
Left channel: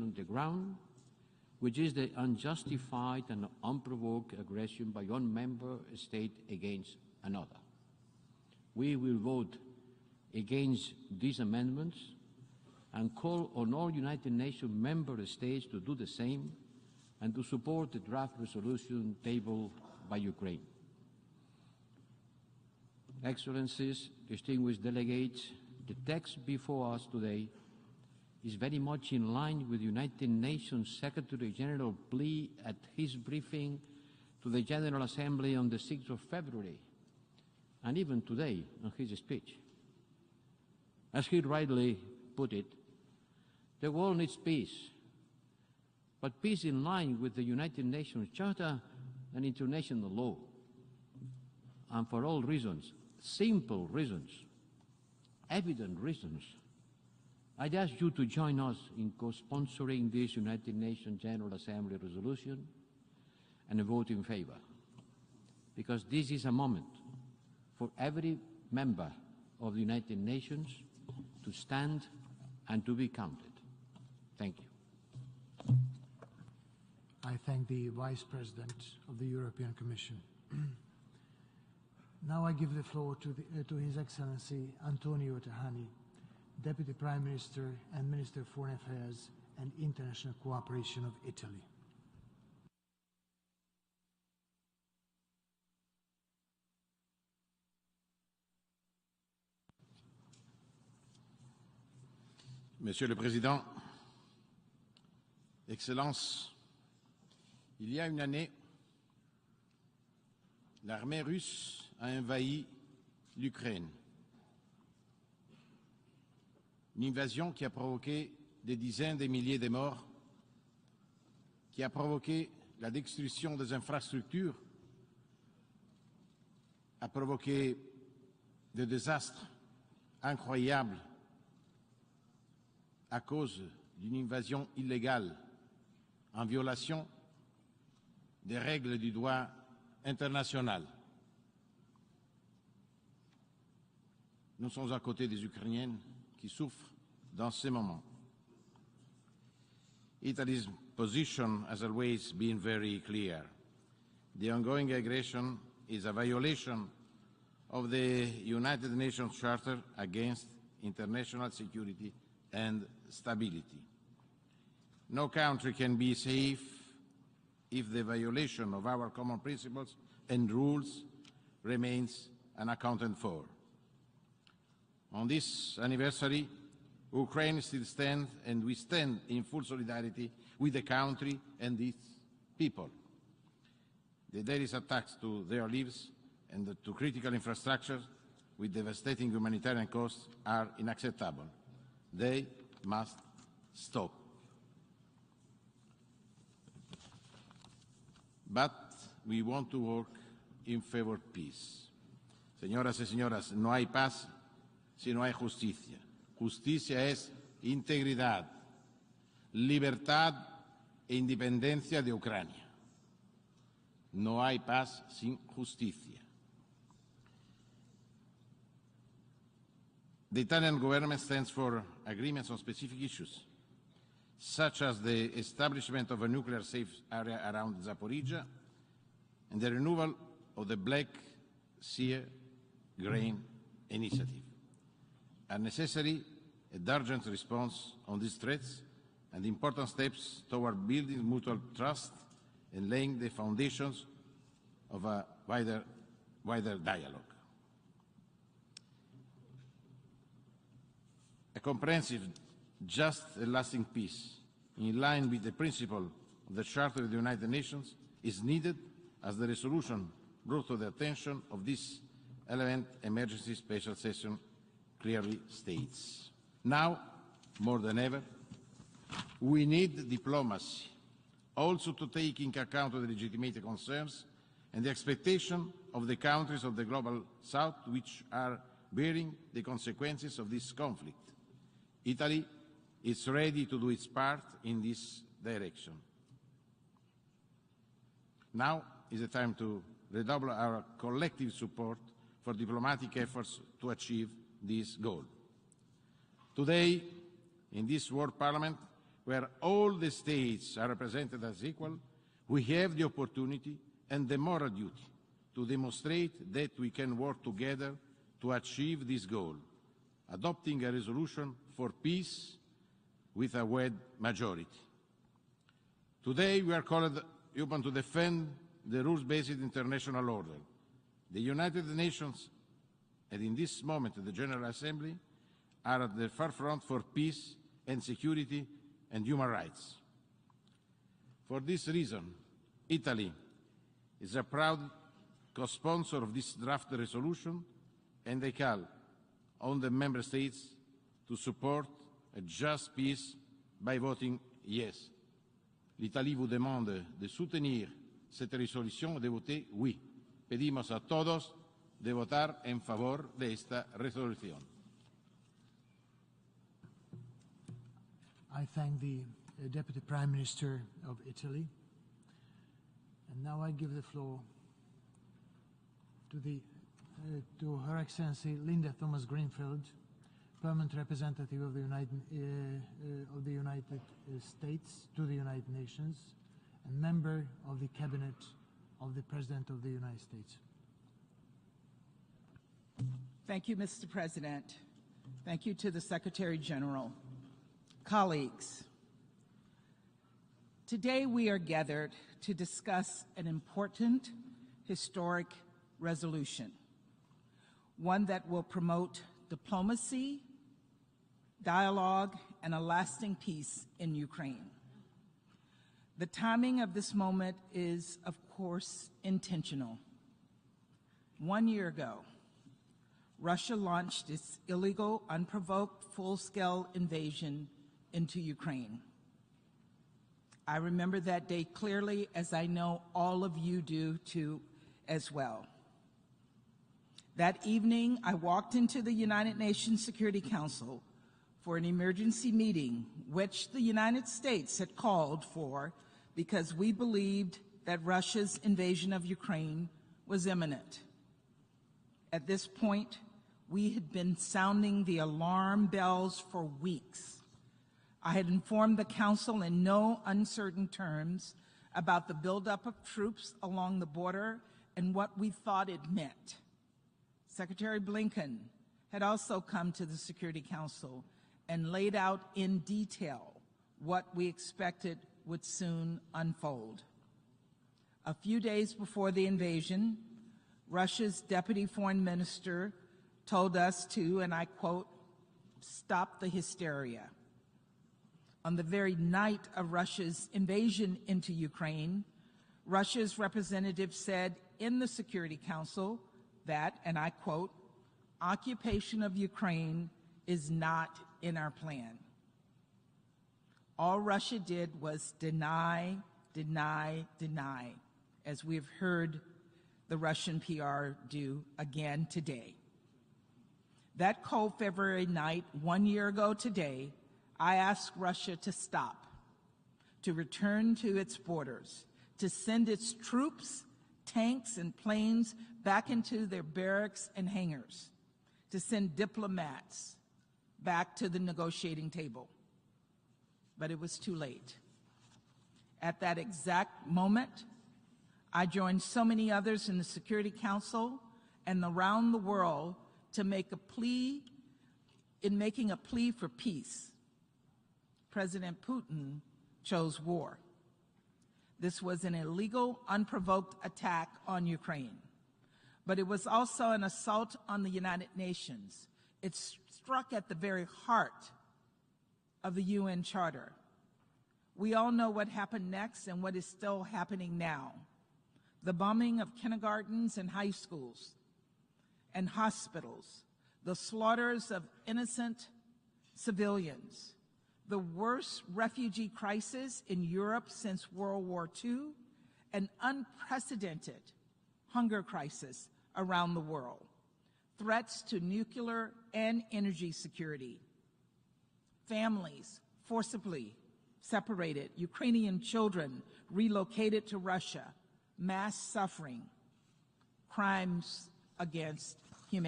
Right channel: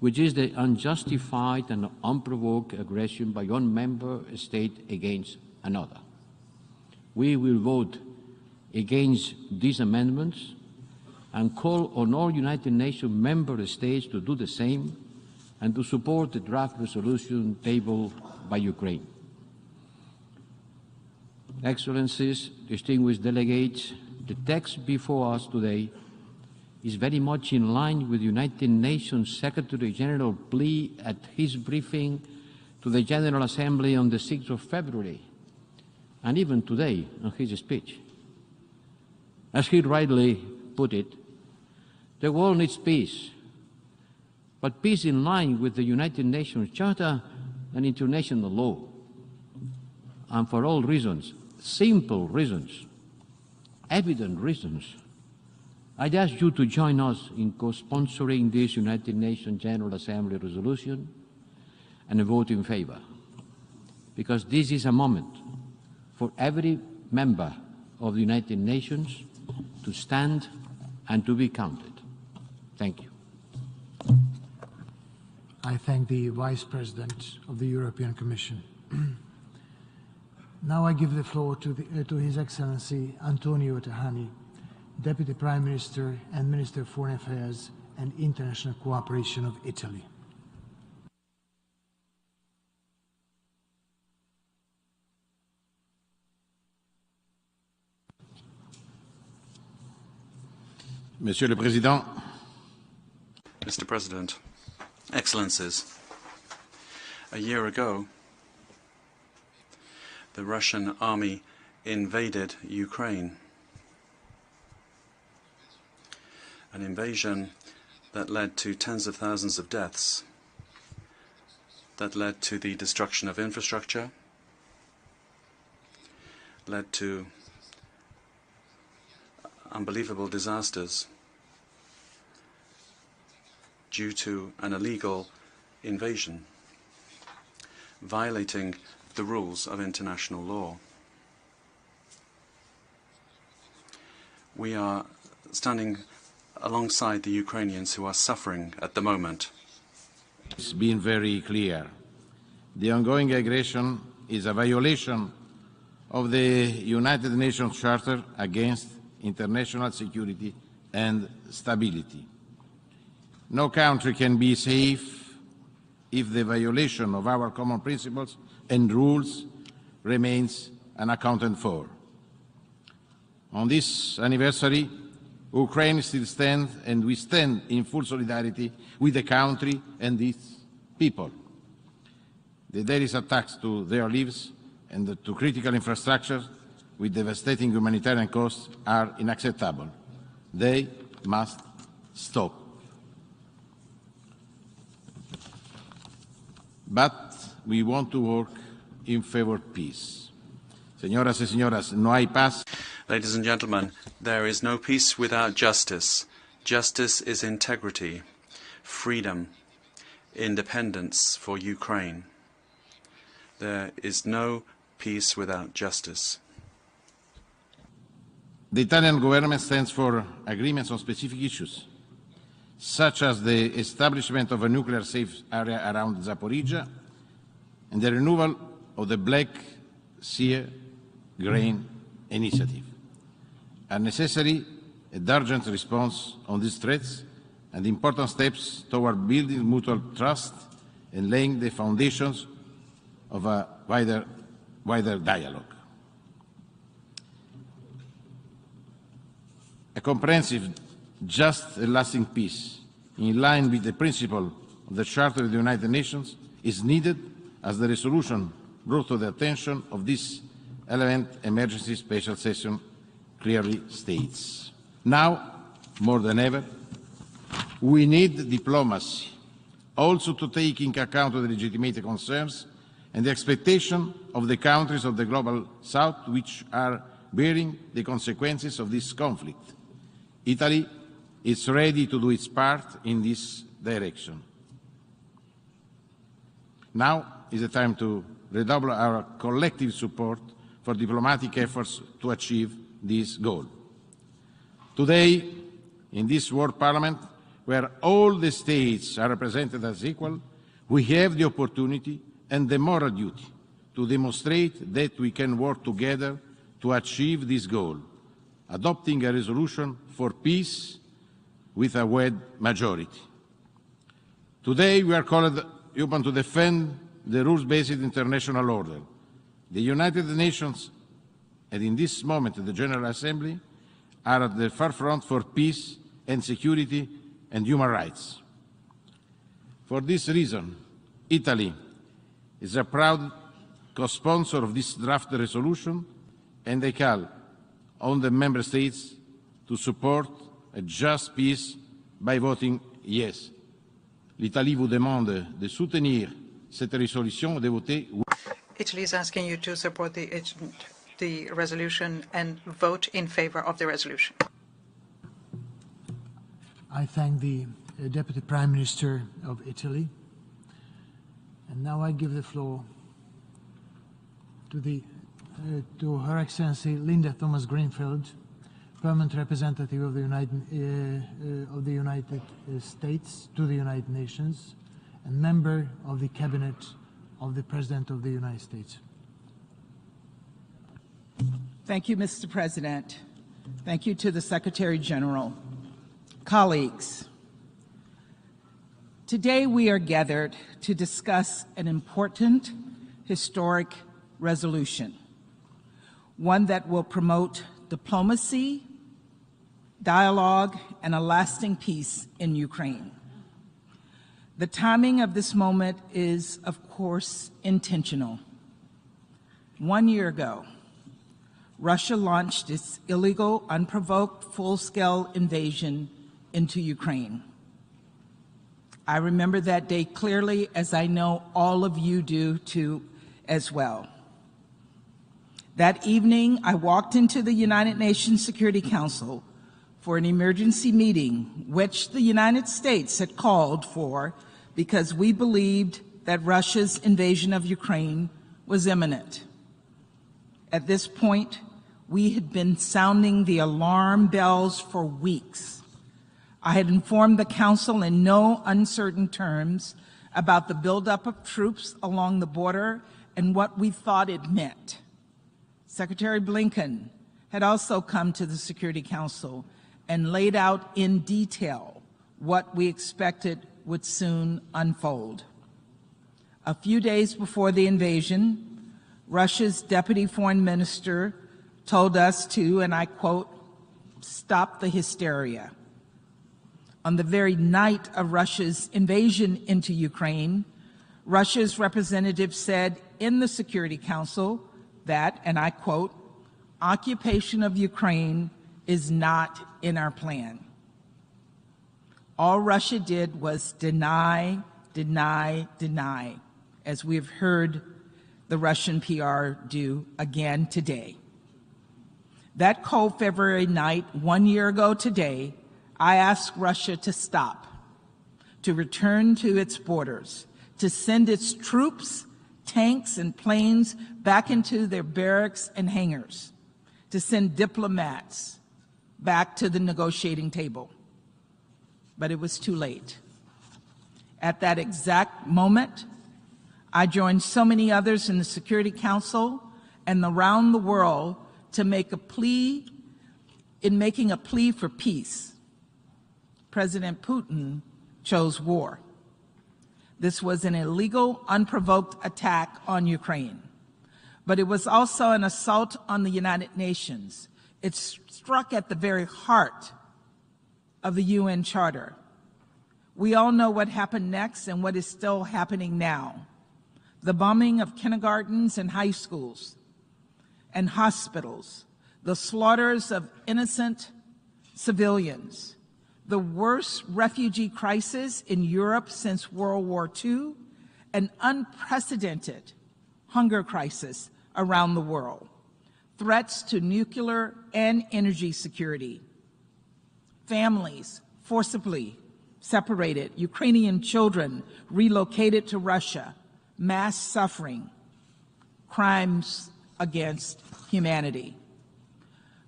which is the unjustified and unprovoked aggression by one member state against another. We will vote against these amendments and call on all United Nations member states to do the same and to support the draft resolution tabled by Ukraine. Excellencies, distinguished delegates, the text before us today is very much in line with the United Nations Secretary-General plea at his briefing to the General Assembly on the 6th of February, and even today on his speech. As he rightly put it, the world needs peace, but peace in line with the United Nations Charter and international law. And for all reasons, simple reasons, evident reasons, I'd ask you to join us in co-sponsoring this United Nations General Assembly resolution and vote in favor. Because this is a moment for every member of the United Nations to stand and to be counted. Thank you. I thank the Vice President of the European Commission. Now I give the floor to His Excellency Antonio Tajani, Deputy Prime Minister and Minister of Foreign Affairs and International Cooperation of Italy. Monsieur le Président, Mr. President, Excellencies, a year ago, the Russian army invaded Ukraine, an invasion that led to tens of thousands of deaths, that led to the destruction of infrastructure, led to unbelievable disasters due to an illegal invasion, violating the rules of international law. We are standing alongside the Ukrainians who are suffering at the moment. it's been very clear. The ongoing aggression is a violation of the United Nations Charter against international security and stability. No country can be safe if the violation of our common principles and rules remains unaccounted for. On this anniversary, Ukraine still stands, and we stand in full solidarity with the country and its people. The daily attacks to their lives and to critical infrastructure with devastating humanitarian costs are unacceptable. They must stop. But we want to work in favor of peace. Señoras y señores, no hay paz. Ladies and gentlemen, there is no peace without justice. Justice is integrity, freedom, independence for Ukraine. There is no peace without justice. The Italian government stands for agreements on specific issues, such as the establishment of a nuclear-safe area around Zaporozhye and the renewal of the Black Sea Grain Initiative, are necessary and urgent response on these threats and important steps toward building mutual trust and laying the foundations of a wider dialogue. A comprehensive, just and lasting peace, in line with the principle of the Charter of the United Nations, is needed, as the resolution brought to the attention of this 11th Emergency Special Session clearly states. Now, more than ever, we need diplomacy, also to take into account the legitimate concerns and the expectations of the countries of the Global South, which are bearing the consequences of this conflict. Italy is ready to do its part in this direction. Now is the time to redouble our collective support for diplomatic efforts to achieve this goal. Today, in this World Parliament, where all the states are represented as equal, we have the opportunity and the moral duty to demonstrate that we can work together to achieve this goal, adopting a resolution for peace with a wide majority. Today we are called upon to defend the rules-based international order. The United Nations, and in this moment the General Assembly, are at the forefront for peace and security and human rights. For this reason, Italy is a proud co-sponsor of this draft resolution, and I call on the Member States to support a just peace by voting yes. L'Italie vous demande de soutenir cette résolution et de voter oui. Italy is asking you to support the resolution and vote in favor of the resolution. I thank the Deputy Prime Minister of Italy. And now I give the floor to Her Excellency Linda Thomas-Greenfield, Permanent Representative of the United States to the United Nations, and member of the Cabinet of the President of the United States. Thank you, Mr. President. Thank you to the Secretary General. Colleagues, today we are gathered to discuss an important historic resolution, one that will promote diplomacy, dialogue, and a lasting peace in Ukraine. The timing of this moment is, of course, intentional. 1 year ago, Russia launched its illegal, unprovoked, full-scale invasion into Ukraine. I remember that day clearly, as I know all of you do too as well. That evening, I walked into the United Nations Security Council for an emergency meeting, which the United States had called for because we believed that Russia's invasion of Ukraine was imminent. At this point, we had been sounding the alarm bells for weeks. I had informed the Council in no uncertain terms about the buildup of troops along the border and what we thought it meant. Secretary Blinken had also come to the Security Council and laid out in detail what we expected would soon unfold. A few days before the invasion, Russia's Deputy Foreign Minister told us to, and I quote, "stop the hysteria." On the very night of Russia's invasion into Ukraine, Russia's representative said in the Security Council that, and I quote, "occupation of Ukraine is not in our plan." All Russia did was deny, as we've heard the Russian PR do again today. That cold February night, 1 year ago today, I asked Russia to stop, to return to its borders, to send its troops, tanks, and planes back into their barracks and hangars, to send diplomats back to the negotiating table. But it was too late. At that exact moment, I joined so many others in the Security Council and around the world to make a plea In making a plea for peace, President Putin chose war. This was an illegal, unprovoked attack on Ukraine. But it was also an assault on the United Nations. It struck at the very heart of the UN Charter. We all know what happened next and what is still happening now. The bombing of kindergartens and high schools and hospitals, the slaughters of innocent civilians, the worst refugee crisis in Europe since World War II, an unprecedented hunger crisis around the world, threats to nuclear and energy security, families forcibly separated, Ukrainian children relocated to Russia, mass suffering, crimes against humanity.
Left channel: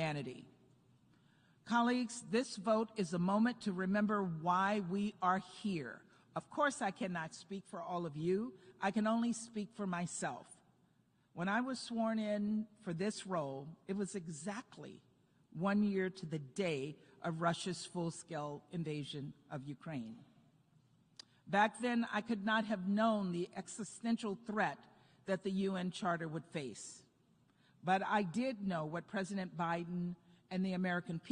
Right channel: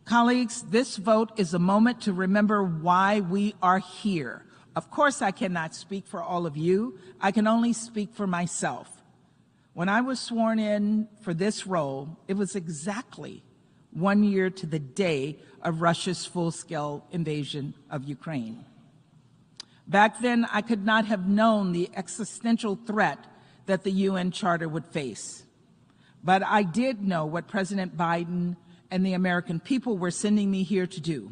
Colleagues, this vote is a moment to remember why we are here. Of course, I cannot speak for all of you. I can only speak for myself. When I was sworn in for this role, it was exactly 1 year to the day of Russia's full-scale invasion of Ukraine. Back then, I could not have known the existential threat that the UN Charter would face. But I did know what President Biden and the American people were sending me here to do.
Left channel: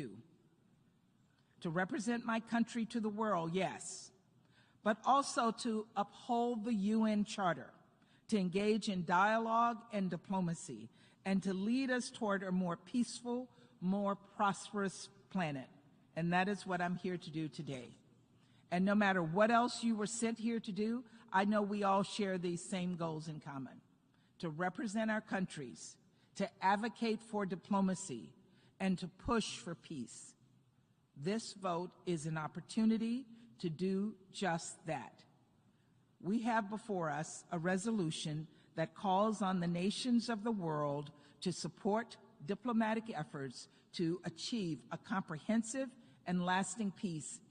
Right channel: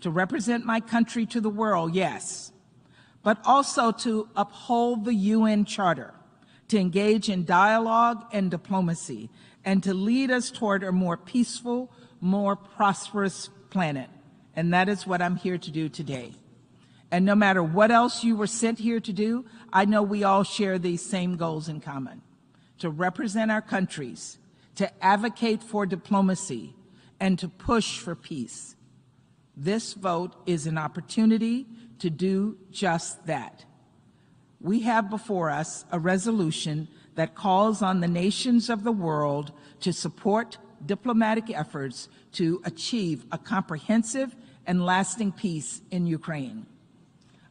To represent my country to the world, yes, but also to uphold the UN Charter, to engage in dialogue and diplomacy, and to lead us toward a more peaceful, more prosperous planet. And that is what I'm here to do today. And no matter what else you were sent here to do, I know we all share these same goals in common. To represent our countries, to advocate for diplomacy, and to push for peace. This vote is an opportunity to do just that. We have before us a resolution that calls on the nations of the world to support diplomatic efforts to achieve a comprehensive and lasting peace in Ukraine.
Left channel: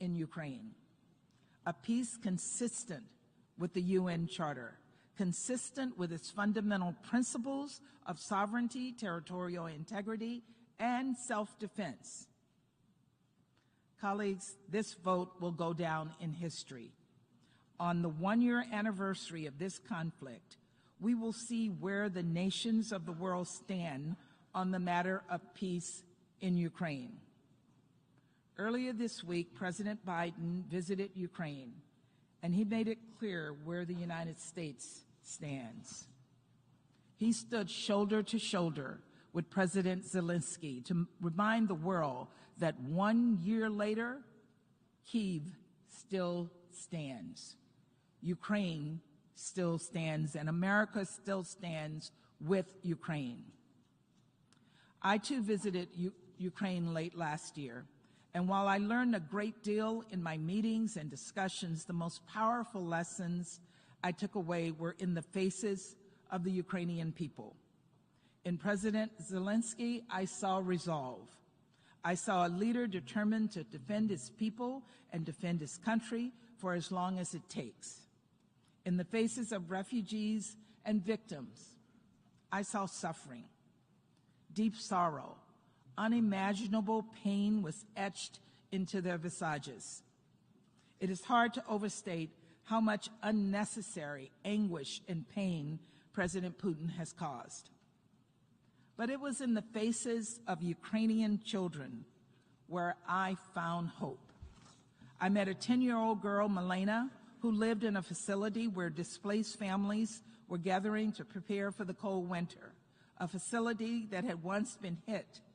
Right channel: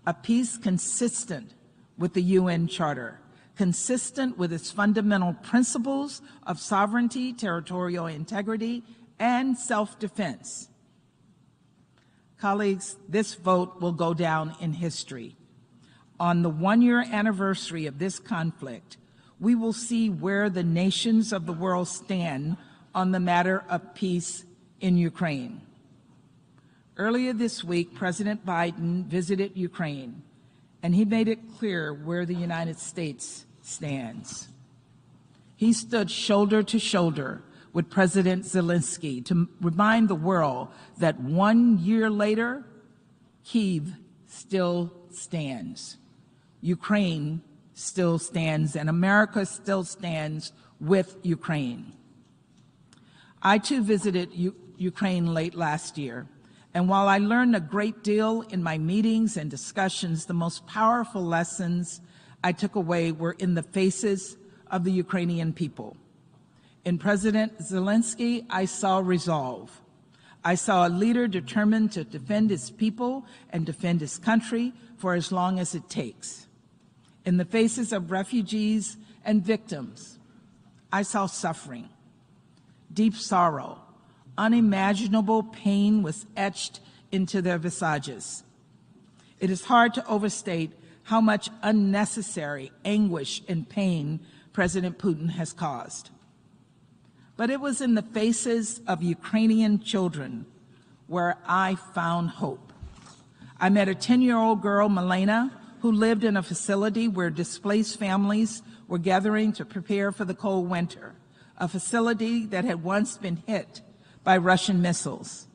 A peace consistent with the UN Charter, consistent with its fundamental principles of sovereignty, territorial integrity, and self-defense. Colleagues, this vote will go down in history. On the 1-year anniversary of this conflict, we will see where the nations of the world stand on the matter of peace in Ukraine. Earlier this week, President Biden visited Ukraine, and he made it clear where the United States stands. He stood shoulder to shoulder with President Zelensky to remind the world that 1 year later, Kiev still stands. Ukraine still stands, and America still stands with Ukraine. I too visited Ukraine late last year, and while I learned a great deal in my meetings and discussions, the most powerful lessons I took away were in the faces of the Ukrainian people. In President Zelensky, I saw resolve. I saw a leader determined to defend his people and defend his country for as long as it takes. In the faces of refugees and victims, I saw suffering, deep sorrow. Unimaginable pain was etched into their visages. It is hard to overstate how much unnecessary anguish and pain President Putin has caused. But it was in the faces of Ukrainian children where I found hope. I met a 10-year-old girl, Milena, who lived in a facility where displaced families were gathering to prepare for the cold winter, a facility that had once been hit by Russian missiles.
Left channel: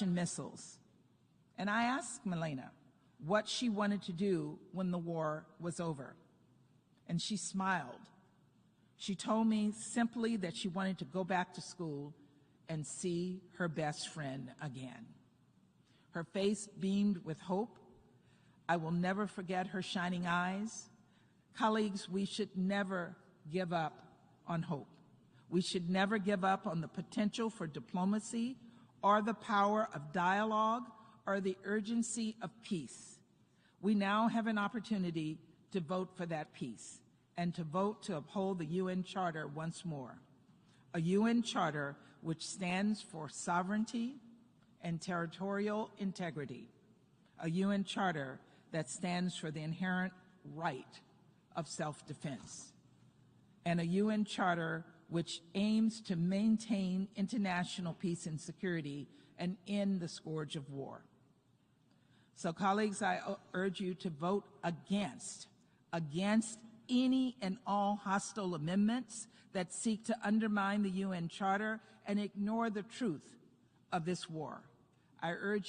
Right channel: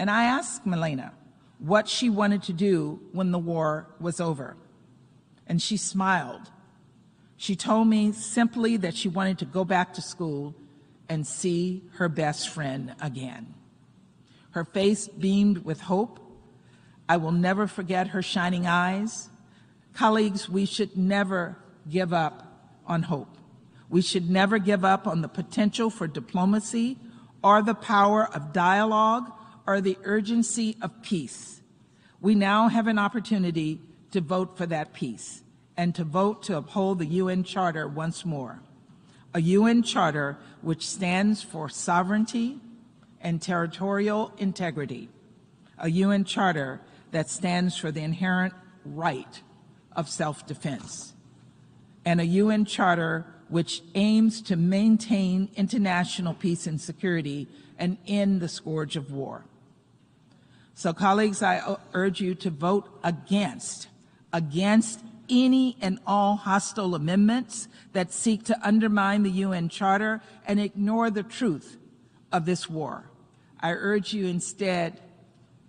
And I asked Milena what she wanted to do when the war was over. And she smiled. She told me simply that she wanted to go back to school and see her best friend again. Her face beamed with hope. I will never forget her shining eyes. Colleagues, we should never give up on hope. We should never give up on the potential for diplomacy or the power of dialogue or the urgency of peace. We now have an opportunity to vote for that peace. and to vote to uphold the UN Charter once more. A UN Charter which stands for sovereignty and territorial integrity. A UN Charter that stands for the inherent right of self-defense. And a UN Charter which aims to maintain international peace and security and end the scourge of war. So, colleagues, I urge you to vote against any and all hostile amendments that seek to undermine the UN Charter and ignore the truth of this war. I urge you instead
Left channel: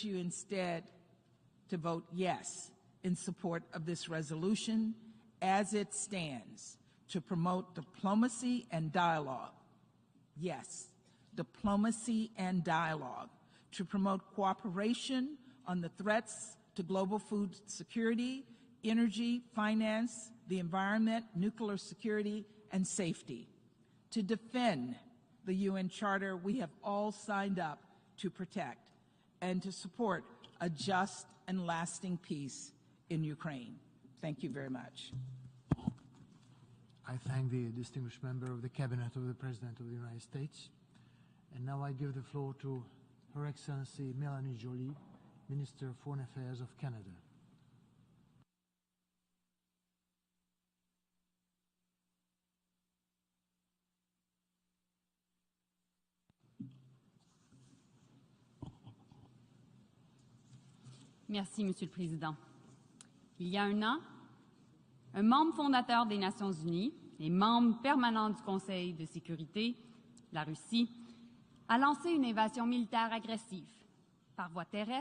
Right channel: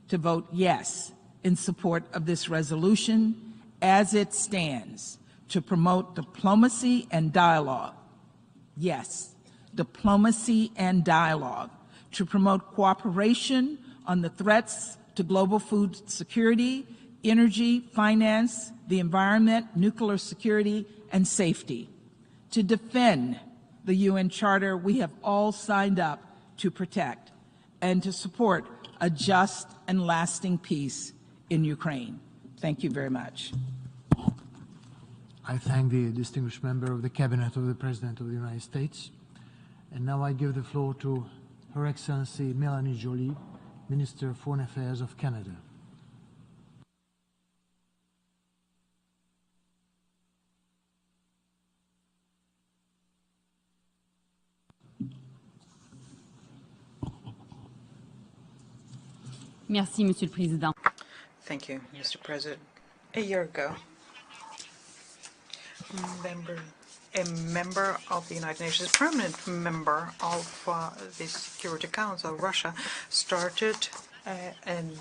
to vote yes in support of this resolution as it stands, to promote diplomacy and dialogue. Yes, diplomacy and dialogue. To promote cooperation on the threats to global food security, energy, finance, the environment, nuclear security, and safety. To defend the UN Charter we have all signed up to protect, and to support a just and lasting peace in Ukraine. Thank you very much. Thank you very much. I thank the distinguished member of the Cabinet of the President of the United States. And now I give the floor to Her Excellency Mélanie Joly, Minister of Foreign Affairs of Canada. Merci, Monsieur le Président. Thank you, Mr. President. A year ago, un membre fondateur des Nations Unies, a member of the United Nations, permanent member of the Security Council, Russia, started an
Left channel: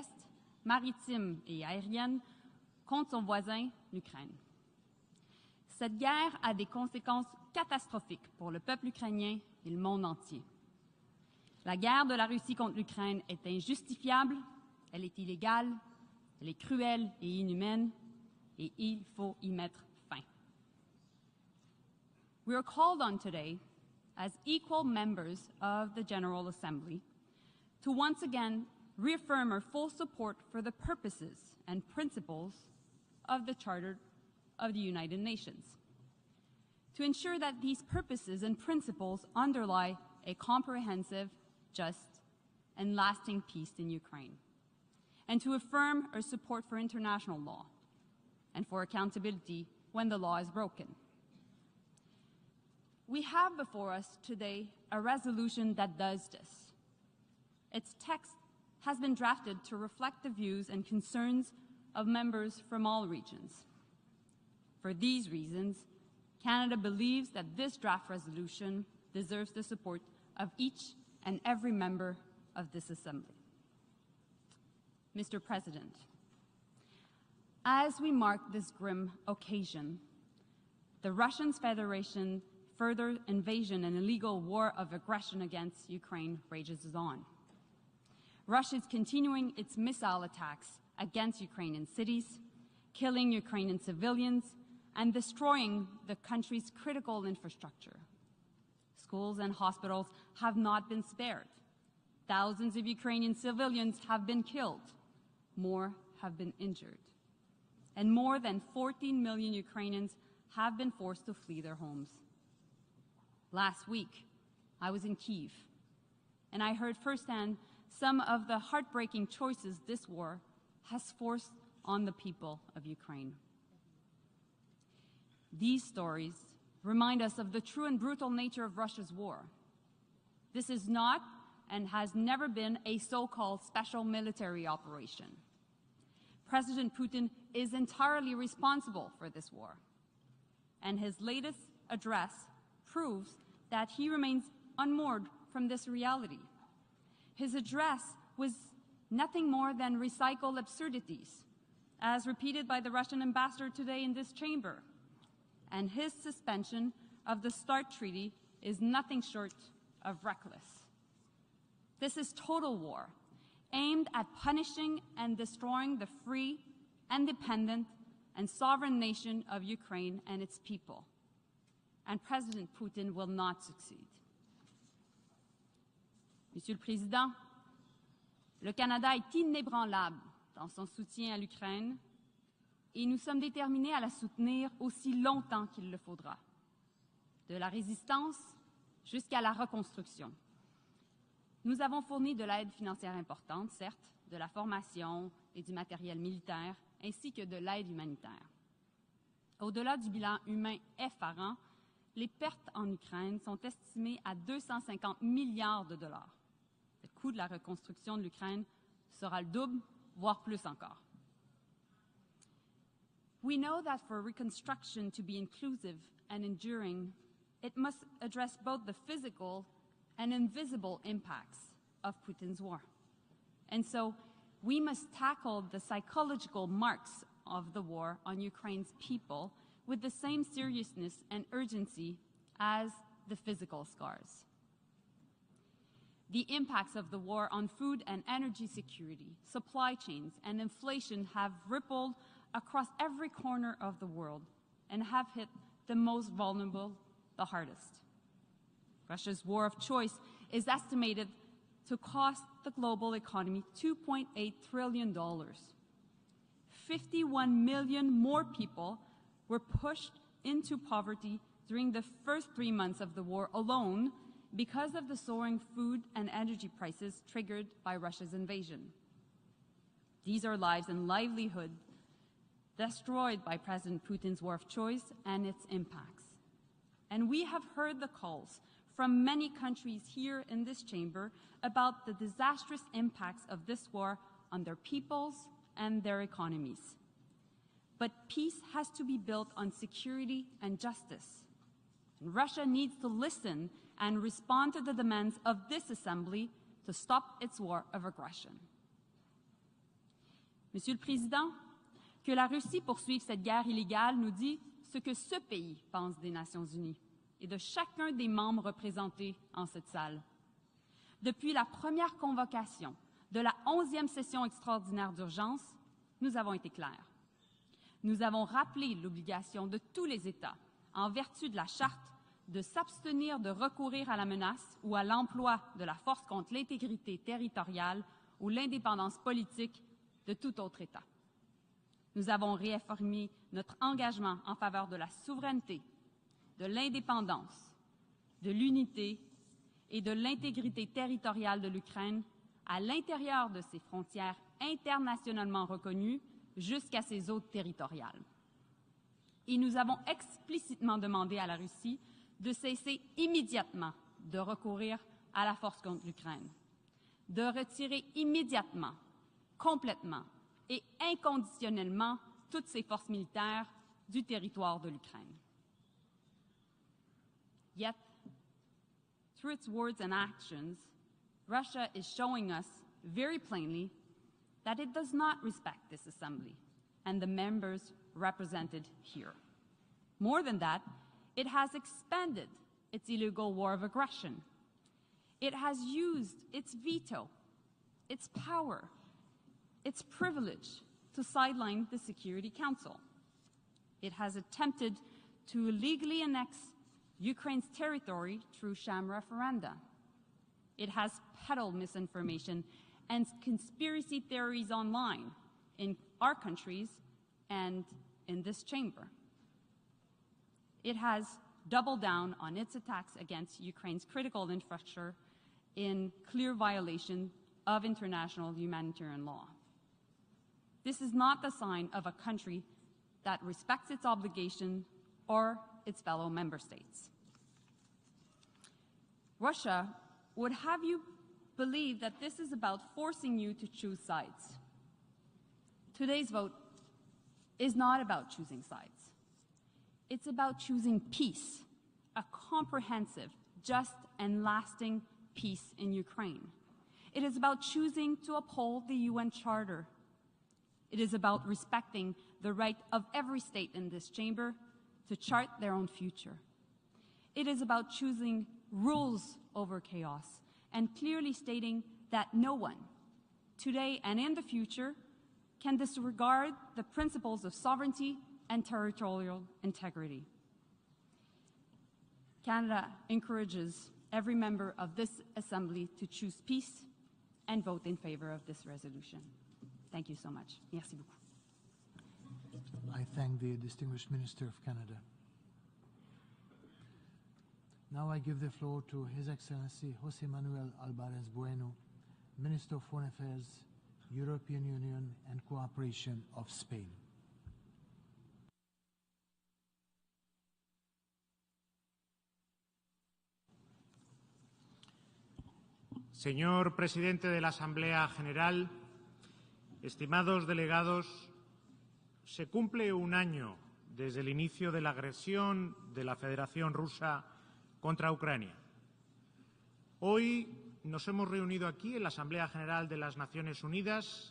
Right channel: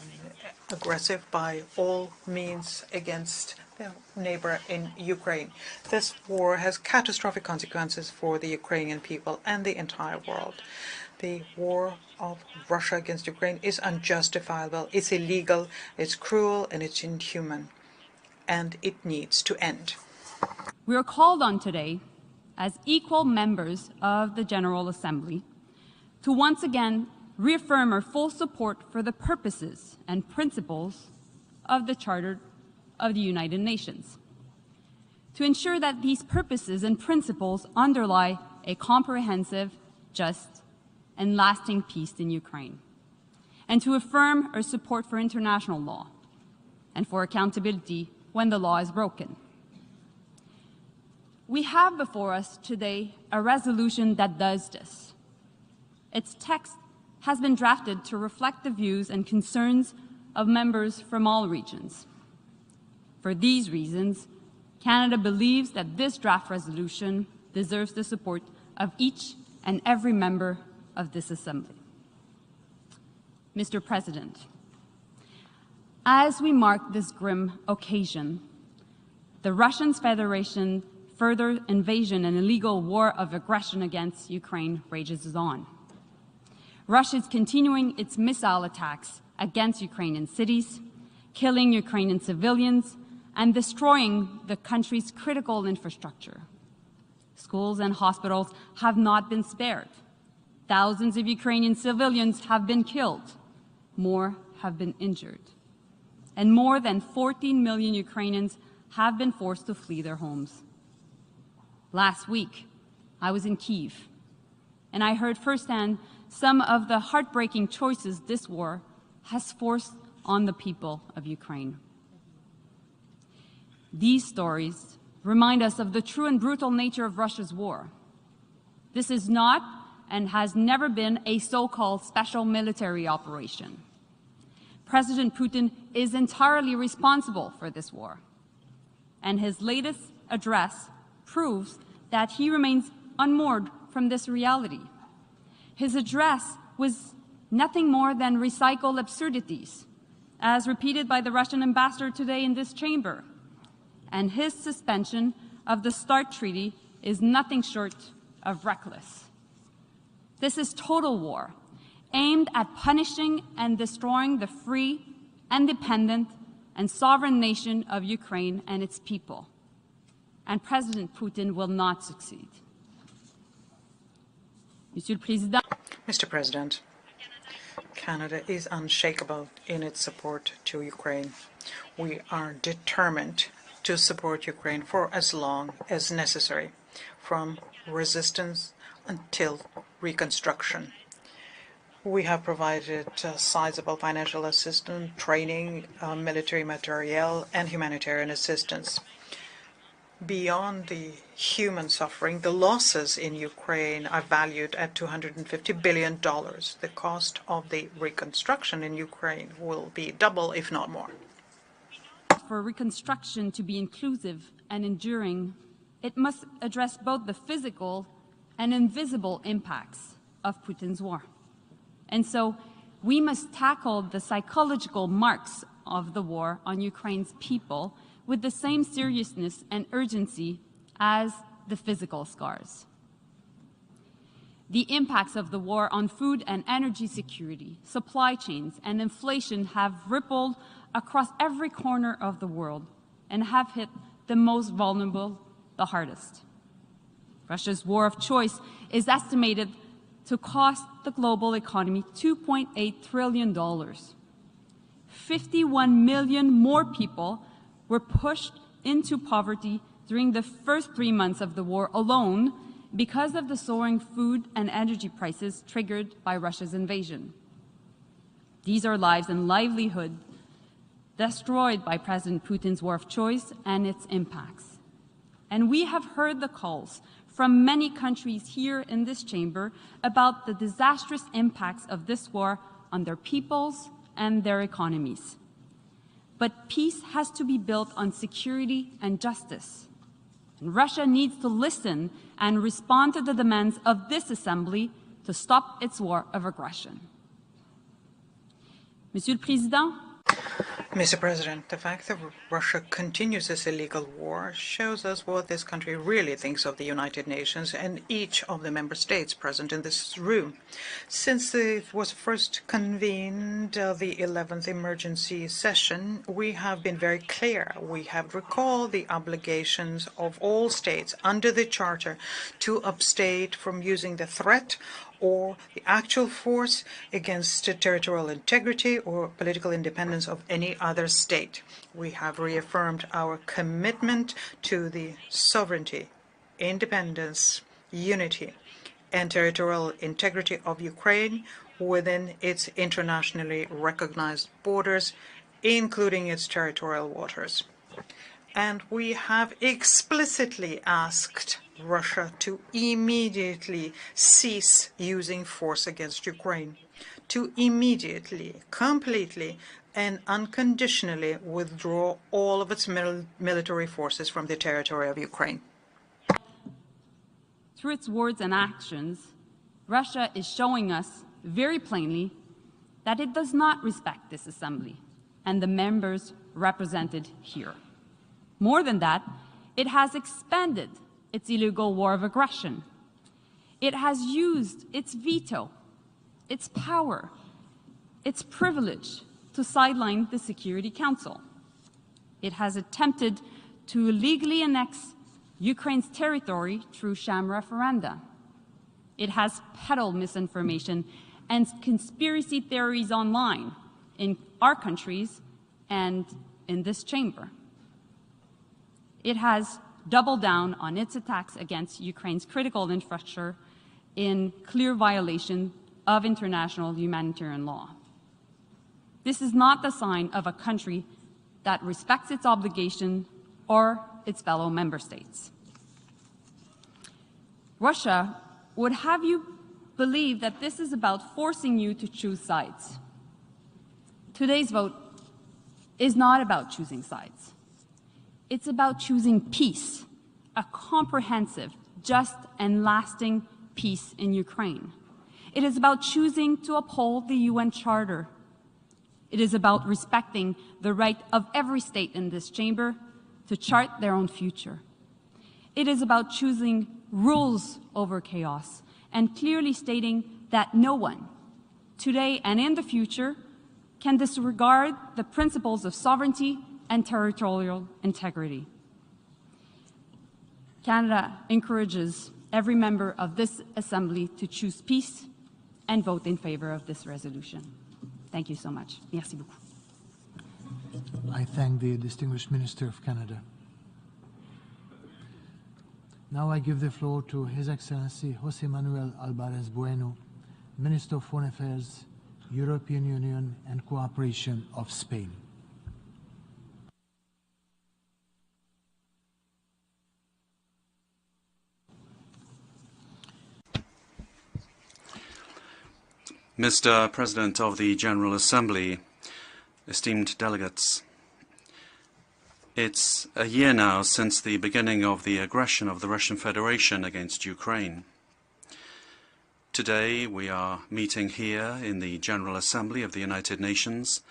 aggressive by all means against their neighbor in Ukraine. This war has catastrophic consequences for the Ukrainian people and the entire world. The war of Russia against Ukraine is unjustifiable, it's illegal, it's cruel, and it's inhuman, and it needs to end. We are called on today, as equal members of the General Assembly, to once again reaffirm our full support for the purposes and principles of the Charter of the United Nations, to ensure that these purposes and principles underlie a comprehensive, just, and lasting peace in Ukraine, and to affirm our support for international law and for accountability when the law is broken. We have before us today a resolution that does this. Its text has been drafted to reflect the views and concerns of members from all regions. For these reasons, Canada believes that this draft resolution deserves the support of each and every member of this Assembly. Mr. President, as we mark this grim occasion, the Russian Federation further invasion and illegal war of aggression against Ukraine rages on. Russia is continuing its missile attacks against Ukrainian cities, killing Ukrainian civilians, and destroying the country's critical infrastructure. Schools and hospitals have not been spared. Thousands of Ukrainian civilians have been killed. More have been injured. And more than 14 million Ukrainians have been forced to flee their homes. Last week, I was in Kiev, and I heard firsthand some of the heartbreaking choices this war has forced on the people of Ukraine. These stories remind us of the true and brutal nature of Russia's war. This is not and has never been a so-called special military operation. President Putin is entirely responsible for this war, and his latest address proves that he remains unmoored from this reality. His address was nothing more than recycled absurdities, as repeated by the Russian ambassador today in this chamber, and his suspension of the START treaty is nothing short of reckless. This is total war, aimed at punishing and destroying the free, independent, and sovereign nation of Ukraine and its people. And President Putin will not succeed. Mr. President, Canada is unshakable in its support to Ukraine. We are determined to support Ukraine for as long as necessary, from resistance until reconstruction. We have provided sizable financial assistance, training, military materiel, and humanitarian assistance. Beyond the human suffering, the losses in Ukraine are valued at $250 billion. The cost of the reconstruction in Ukraine will be double, if not more. For reconstruction to be inclusive and enduring, it must address both the physical and invisible impacts of Putin's war. And so, we must tackle the psychological marks of the war on Ukraine's people with the same seriousness and urgency as the physical scars. The impacts of the war on food and energy security, supply chains, and inflation have rippled across every corner of the world and have hit the most vulnerable the hardest. Russia's war of choice is estimated to cost the global economy $2.8 trillion. 51 million more people were pushed into poverty during the first 3 months of the war alone because of the soaring food and energy prices triggered by Russia's invasion. These are lives and livelihoods destroyed by President Putin's war of choice and its impacts. And we have heard the calls from many countries here in this chamber about the disastrous impacts of this war on their peoples and their economies. But peace has to be built on security and justice. Russia needs to listen and respond to the demands of this Assembly to stop its war of aggression. Monsieur le Président, Mr. President, the fact that Russia continues this illegal war shows us what this country really thinks of the United Nations and each of the member states present in this room. Since it was first convened, the 11th emergency session, we have been very clear. We have recalled the obligations of all states under the Charter to abstain from using the threat or the actual force against territorial integrity or political independence of any other state. We have reaffirmed our commitment to the sovereignty, independence, unity, and territorial integrity of Ukraine within its internationally recognized borders, including its territorial waters. And we have explicitly asked Russia to immediately cease using force against Ukraine, to immediately, completely, and unconditionally withdraw all of its military forces from the territory of Ukraine. Through its words and actions, Russia is showing us very plainly that it does not respect this Assembly and the members represented here. More than that, it has expanded its illegal war of aggression. It has used its veto, its power, its privilege to sideline the Security Council. It has attempted to illegally annex Ukraine's territory through sham referenda. It has peddled misinformation and conspiracy theories online in our countries and in this chamber. It has doubled down on its attacks against Ukraine's critical infrastructure in clear violation of international humanitarian law. This is not the sign of a country that respects its obligation or its fellow member states. Russia would have you believe that this is about forcing you to choose sides. Today's vote is not about choosing sides. It's about choosing peace, a comprehensive, just, and lasting peace in Ukraine. It is about choosing to uphold the UN Charter. It is about respecting the right of every state in this chamber to chart their own future. It is about choosing rules over chaos and clearly stating that no one, today and in the future, can disregard the principles of sovereignty and territorial integrity. Canada encourages every member of this Assembly to choose peace and vote in favor of this resolution. Thank you so much. Merci beaucoup. Thank you so much. Merci. I thank the distinguished Minister of Canada. Now I give the floor to His Excellency José Manuel Álvarez Bueno, Minister of Foreign Affairs, European Union and Cooperation of Spain. Mr. President of the General Assembly, esteemed delegates, it's a year now since the beginning of the aggression of the Russian Federation against Ukraine. Today we are meeting here in the General Assembly of the United Nations,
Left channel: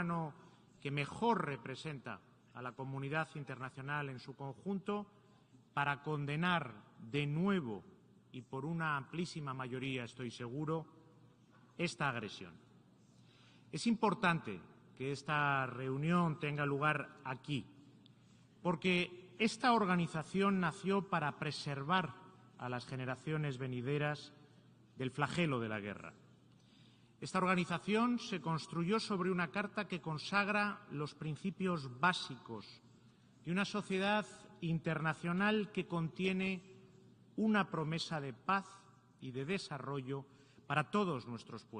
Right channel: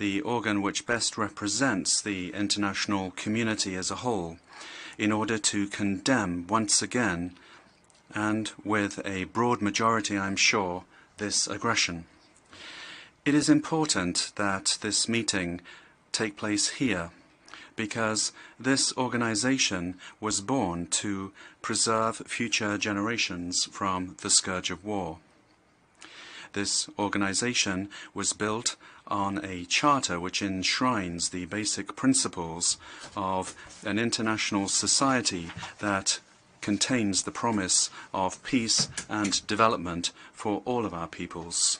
the organ which best represents the international community as a whole, in order to condemn once again, and with a broad majority, I'm sure, this aggression. It is important that this meeting take place here, because this organization was born to preserve future generations from the scourge of war. This organization was built on a charter which enshrines the basic principles of an international society that contains the promise of peace and development for all of our peoples.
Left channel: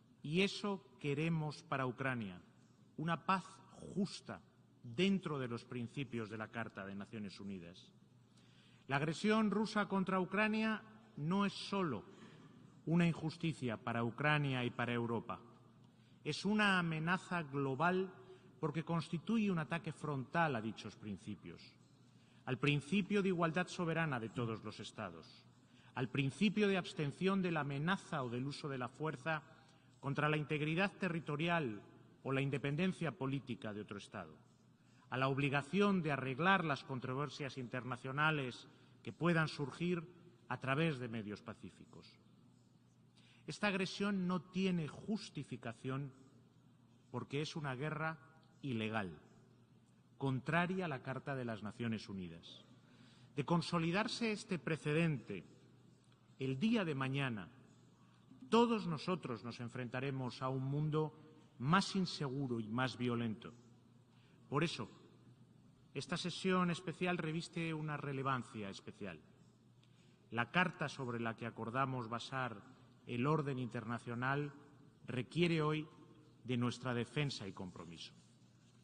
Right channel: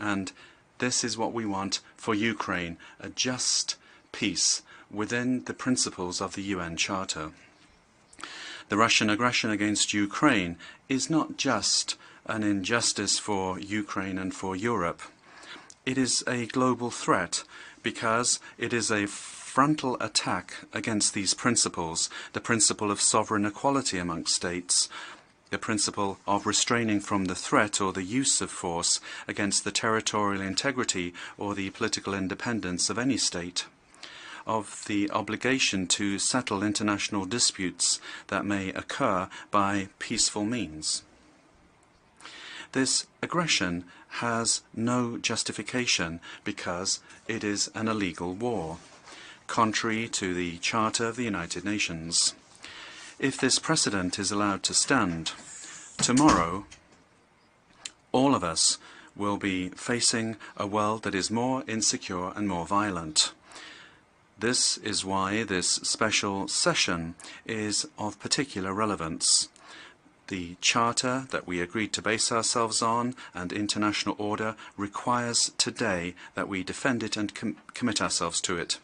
And this is what we want for Ukraine, a just peace within the principles of the UN Charter. The Russian aggression against Ukraine is not just an injustice for Ukraine and for Europe. It is a global threat because it is a frontal attack against these principles, the principle of sovereign equality amongst states, the principle of restraining from the threat or the use of force against the territorial integrity or the political independence of any state, of the obligation to settle international disputes that may occur by peaceful means. This aggression has no justification because it is an illegal war, contrary to the Charter of the United Nations. If this precedent is allowed to stand, tomorrow all of us will be facing a world that is more insecure and more violent. This is why this special session is of particular relevance. The Charter that we agreed to base ourselves on and international order requires today that we defend it and commit ourselves to it.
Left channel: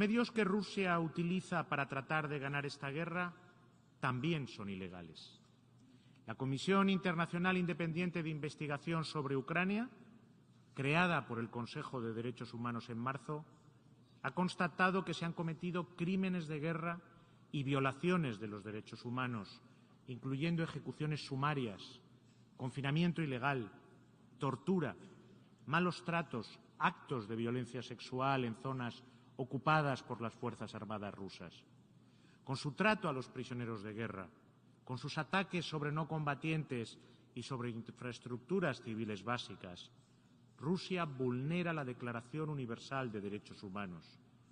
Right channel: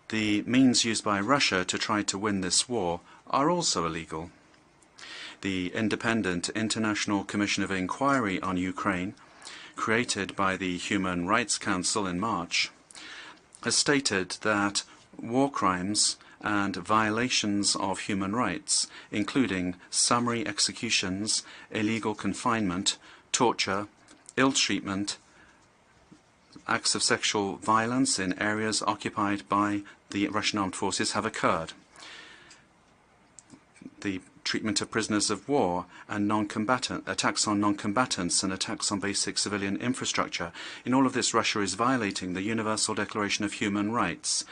The means used by Russia to try to win this war are also illegal. The Independent International Commission of Inquiry on Ukraine, created by the Human Rights Council in March, has stated that war crimes and violations of human rights, including summary executions, illegal confinement, torture, ill-treatment, acts of sexual violence in areas occupied by the Russian armed forces have occurred. The treatment of prisoners of war and attacks on non-combatants and attacks on basic civilian infrastructure. In all of this, Russia is violating the Universal Declaration of Human Rights,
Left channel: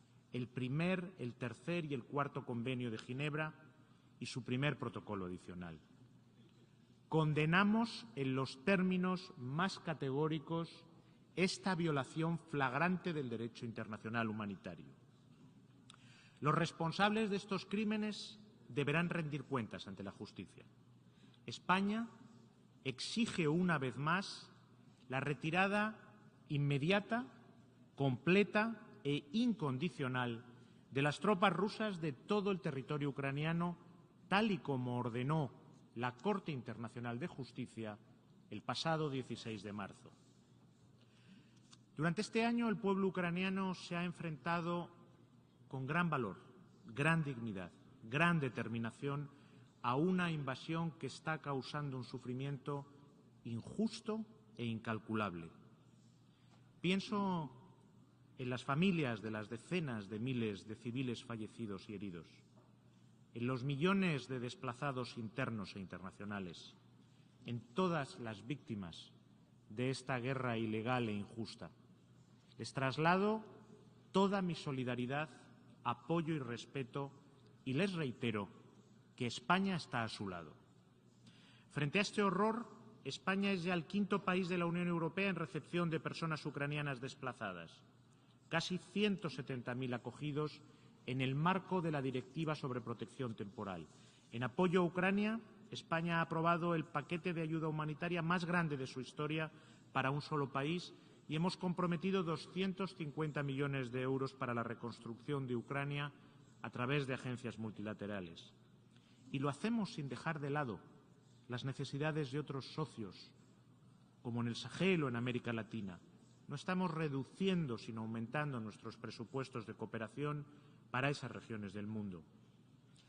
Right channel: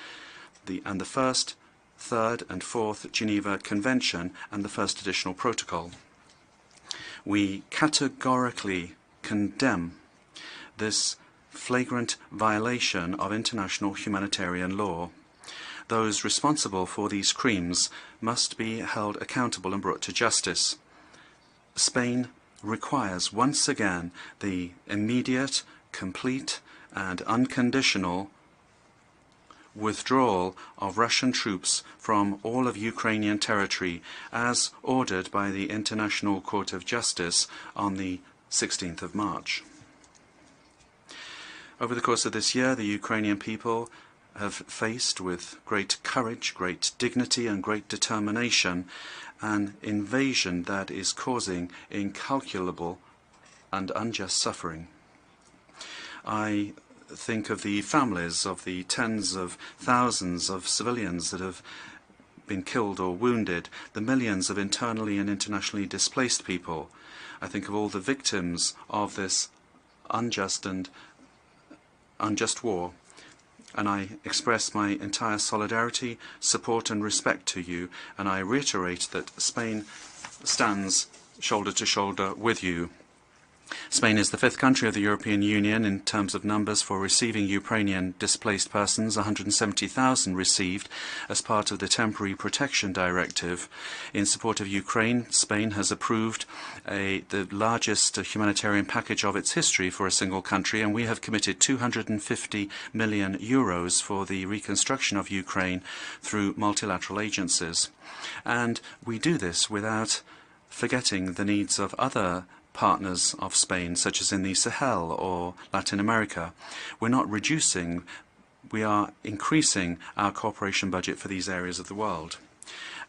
and the First, Third and Fourth Geneva Convention and the First Additional Protocol. We categorically condemn this flagrant violation of international humanitarian law. Those responsible for these crimes must be held accountable and brought to justice. Spain requires once again the immediate, complete and unconditional withdrawal of Russian troops from all of Ukrainian territory as ordered by the International Court of Justice on the 16th of March. Over the course of this year, the Ukrainian people have faced with great courage, great dignity and great determination an invasion that is causing incalculable and unjust suffering. I think of the families of the tens of thousands of civilians that have been killed or wounded, the millions of internally and internationally displaced people. I think of all the victims of this unjust war. and I express my entire solidarity, support and respect to you, and I reiterate that Spain stands shoulder to shoulder with you. Spain is the 5th country of the European Union in terms of numbers for receiving Ukrainian displaced persons. 170,000 received as part of the Temporary Protection Directive. In support of Ukraine, Spain has approved the largest humanitarian package of its history for a single country, and we have committed 250 million euros for the reconstruction of Ukraine through multilateral agencies. And we do this without forgetting the needs of other partners of Spain, such as in the Sahel or Latin America. We're not reducing, we are increasing our cooperation budget for these areas of the world.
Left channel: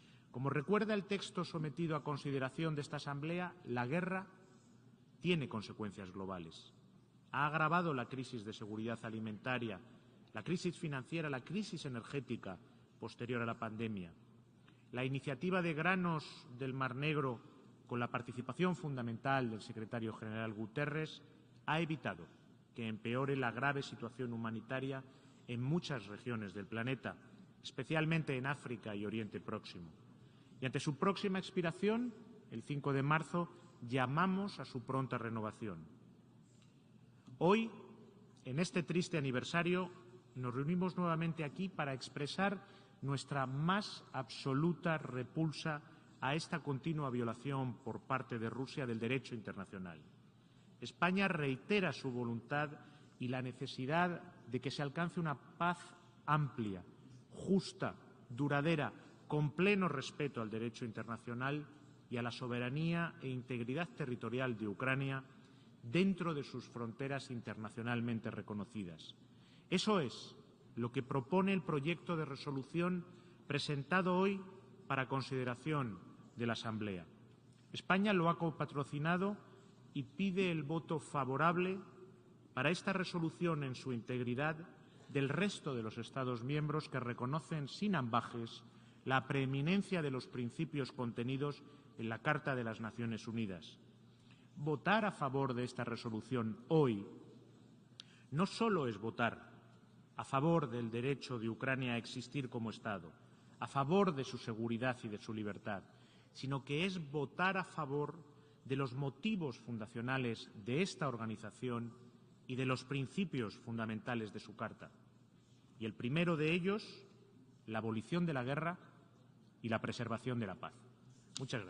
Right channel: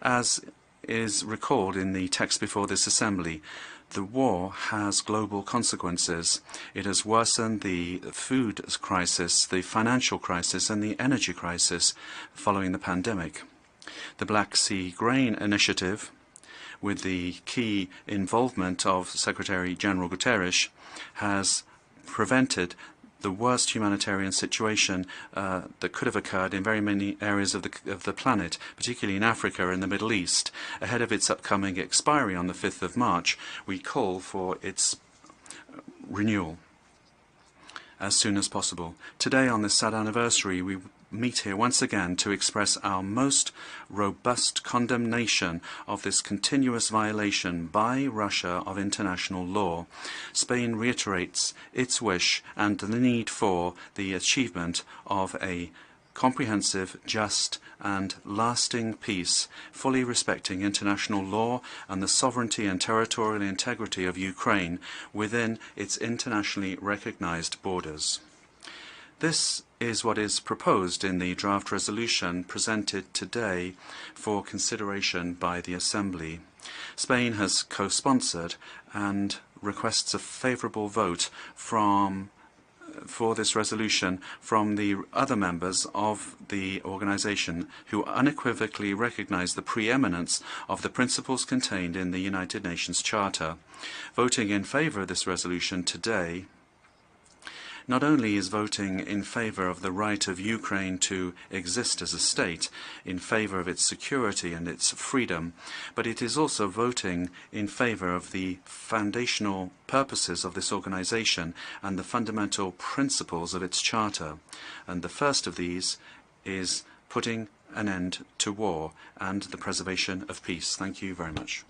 As is recalled in the text before this Assembly, the war has global consequences. It has worsened the food crisis, the financial crisis and the energy crisis following the pandemic. The Black Sea Grain Initiative, with the key involvement of Secretary-General Guterres, has prevented the worst humanitarian situation that could have occurred in very many areas of the planet, particularly in Africa and the Middle East. Ahead of its upcoming expiry on the 5th of March, we call for its renewal as soon as possible. Today, on this sad anniversary, we meet here once again to express our most robust condemnation of this continuous violation by Russia of international law. Spain reiterates its wish and the need for the achievement of a comprehensive, just and lasting peace, fully respecting international law and the sovereignty and territorial integrity of Ukraine within its internationally recognized borders. This is what is proposed in the draft resolution presented today for consideration by the Assembly. Spain has co-sponsored and requests a favourable vote for this resolution from the other members of the organization, who unequivocally recognize the preeminence of the principles contained in the United Nations Charter. Voting in favor of this resolution today not only is voting in favor of the right of Ukraine to exist as a state, in favor of its security and its freedom, but it is also voting in favor of the foundational purposes of this organization and the fundamental principles of its charter. And the first of these is putting an end to war and the preservation of peace. Thank you very much.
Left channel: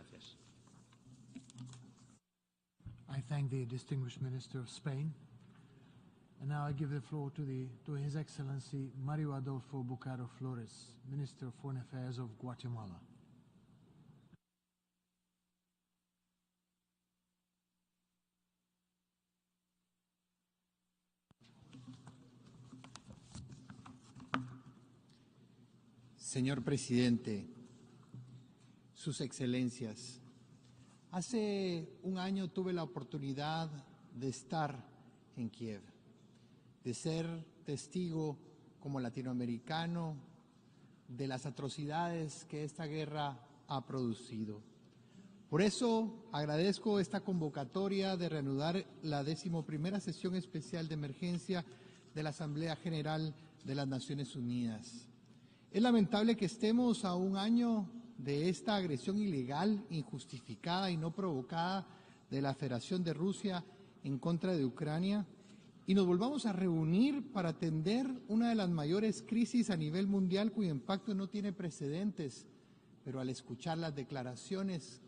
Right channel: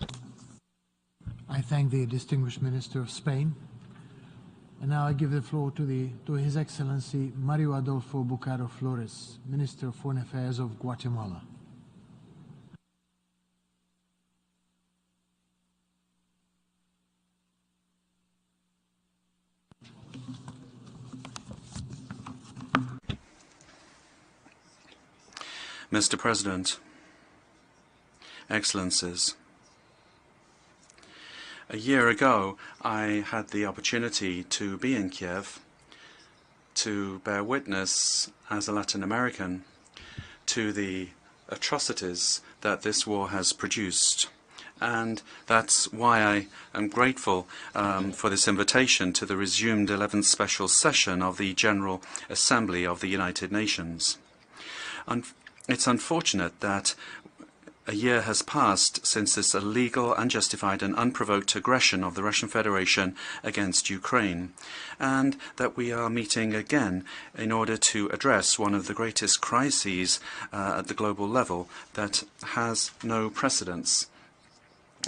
I thank the distinguished Minister of Spain. And now I give the floor to His Excellency Mario Adolfo Bucaro Flores, Minister of Foreign Affairs of Guatemala. Mr. President, Excellencies, a year ago, I had the opportunity to be in Kiev to bear witness, as a Latin American, to the atrocities that this war has produced. And that's why I am grateful for this invitation to the resumed 11th Special Session of the General Assembly of the United Nations. It's unfortunate that a year has passed since this illegal, unjustified and unprovoked aggression of the Russian Federation against Ukraine, and that we are meeting again in order to address one of the greatest crises at the global level that has no precedents.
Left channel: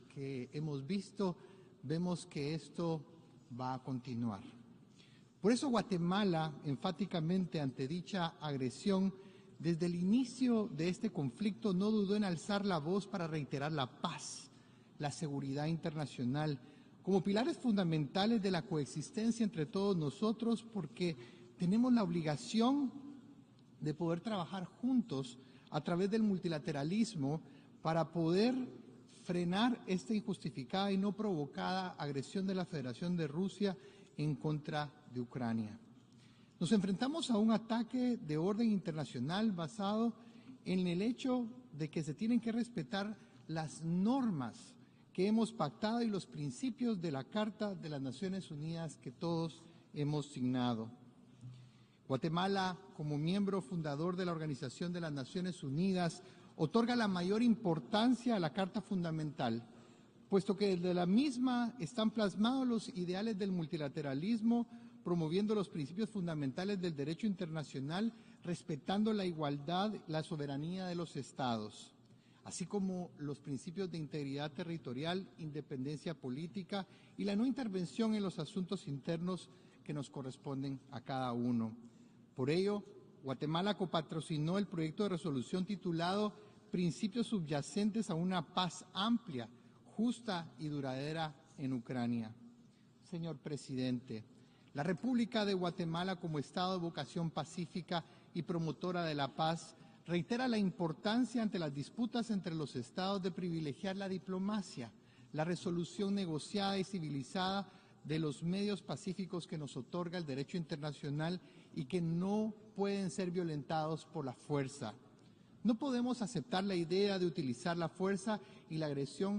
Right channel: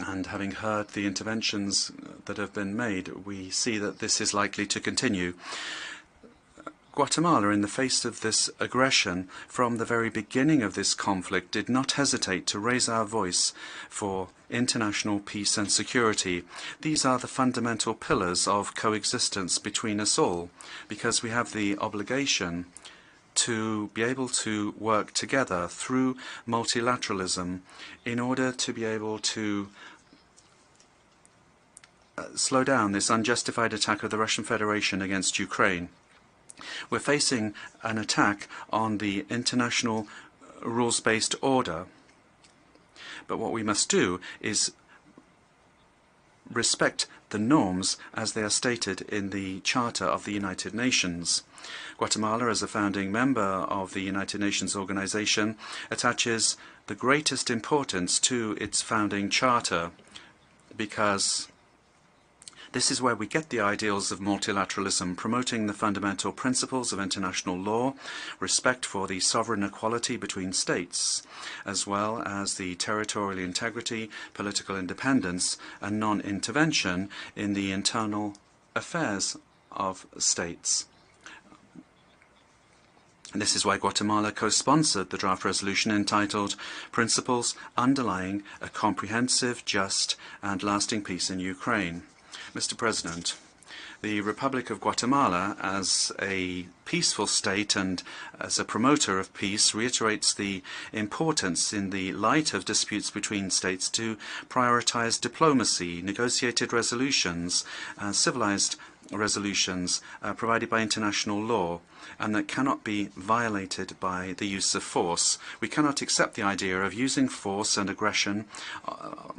And having heard the interventions that have been made, we see that this is likely to continue. Guatemala, in the face of this aggression, from the very beginning of this conflict, did not hesitate to raise our voice for international peace and security. These are the fundamental pillars of coexistence between us all, because we have the obligation to be able to work together through multilateralism in order to be able to slow down this unjustified attack of the Russian Federation against Ukraine. We're facing an attack on the international rules-based order, but what we must do is respect the norms as they are stated in the Charter of the United Nations. Guatemala, as a founding member of the United Nations organization, attaches the greatest importance to its founding charter, because this is where we get the ideals of multilateralism, promoting the fundamental principles of international law, respect for the sovereign equality between states, as well as the territorial integrity, political independence, and non-intervention in the internal affairs of states. And this is why Guatemala co-sponsored the draft resolution entitled Principles Underlying a Comprehensive, Just and Lasting Peace in Ukraine. Mr. President, the Republic of Guatemala, as a peaceful state and as a promoter of peace, reiterates the importance in the light of disputes between states to prioritize diplomacy, negotiated resolutions, civilized resolutions provided by international law, and that cannot be violated by the use of force. We cannot accept the idea of using force and aggression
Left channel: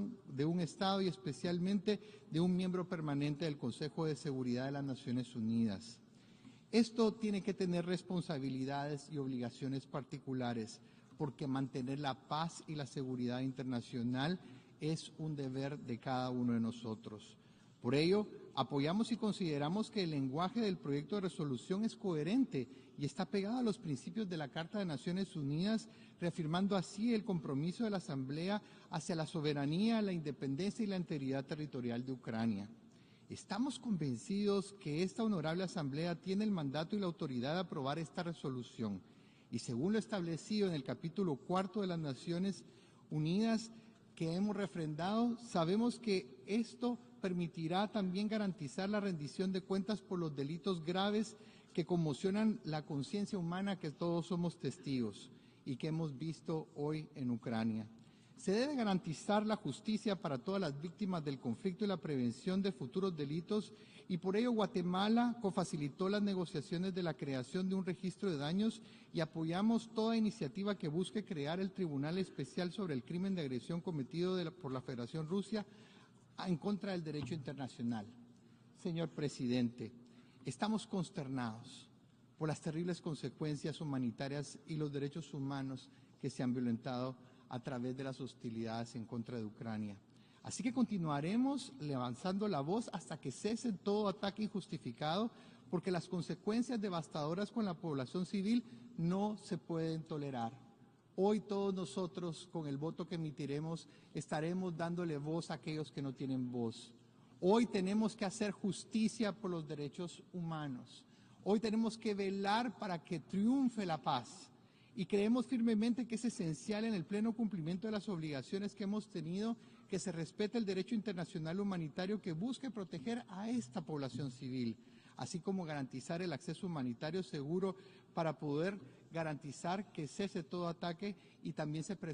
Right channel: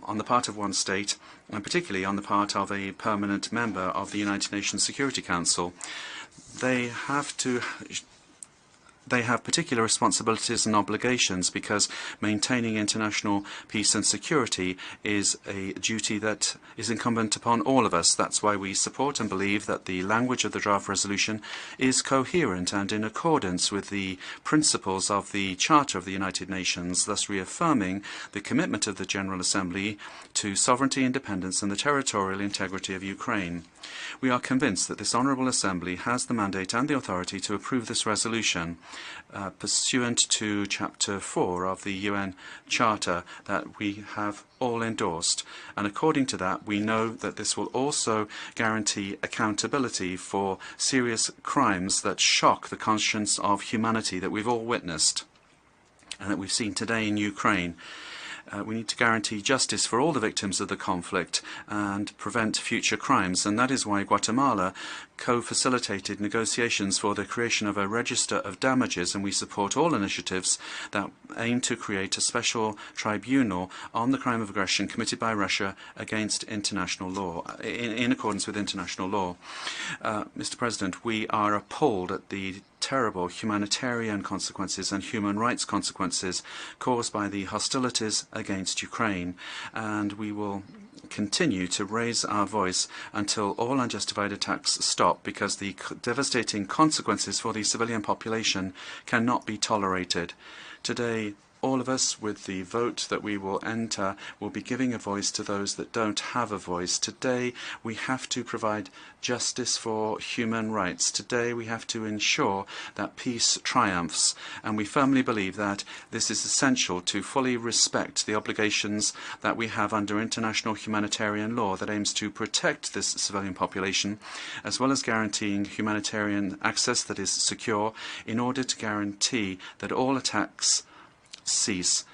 on the part of one state, and particularly on the part of a permanent member of the United Nations Security Council. They have particular responsibilities and obligations because maintaining international peace and security is a duty that is incumbent upon all of us. That's why we support and believe that the language of the draft resolution is coherent and in accordance with the principles of the Charter of the United Nations, thus reaffirming the commitment of the General Assembly to sovereignty, independence and the territorial integrity of Ukraine. We are convinced that this Honourable Assembly has the mandate and the authority to approve this resolution pursuant to Chapter 4 of the UN Charter that we have all endorsed. And according to that, we know that this will also guarantee accountability for serious crimes that shock the conscience of humanity that we've all witnessed and that we've seen today in Ukraine. We need to guarantee justice for all the victims of the conflict and prevent future crimes, and that is why Guatemala co-facilitated negotiations for the creation of a register of damages, and we support all initiatives that aim to create a special tribunal on the crime of aggression committed by Russia against international law, in accordance with international law. Mr. President, we are appalled at the terrible humanitarian consequences and human rights consequences caused by the hostilities against Ukraine, and we will continue to raise our voice until all unjustified attacks stop, because the devastating consequences for the civilian population cannot be tolerated. Today, all of us, with the vote that we will enter, will be giving a voice to those that don't have a voice. Today, we have to provide justice for human rights. Today, we have to ensure that peace triumphs. And we firmly believe that this is essential to fully respect the obligations that we have under international humanitarian law that aims to protect this civilian population, as well as guaranteeing humanitarian access that is secure in order to guarantee that all attacks cease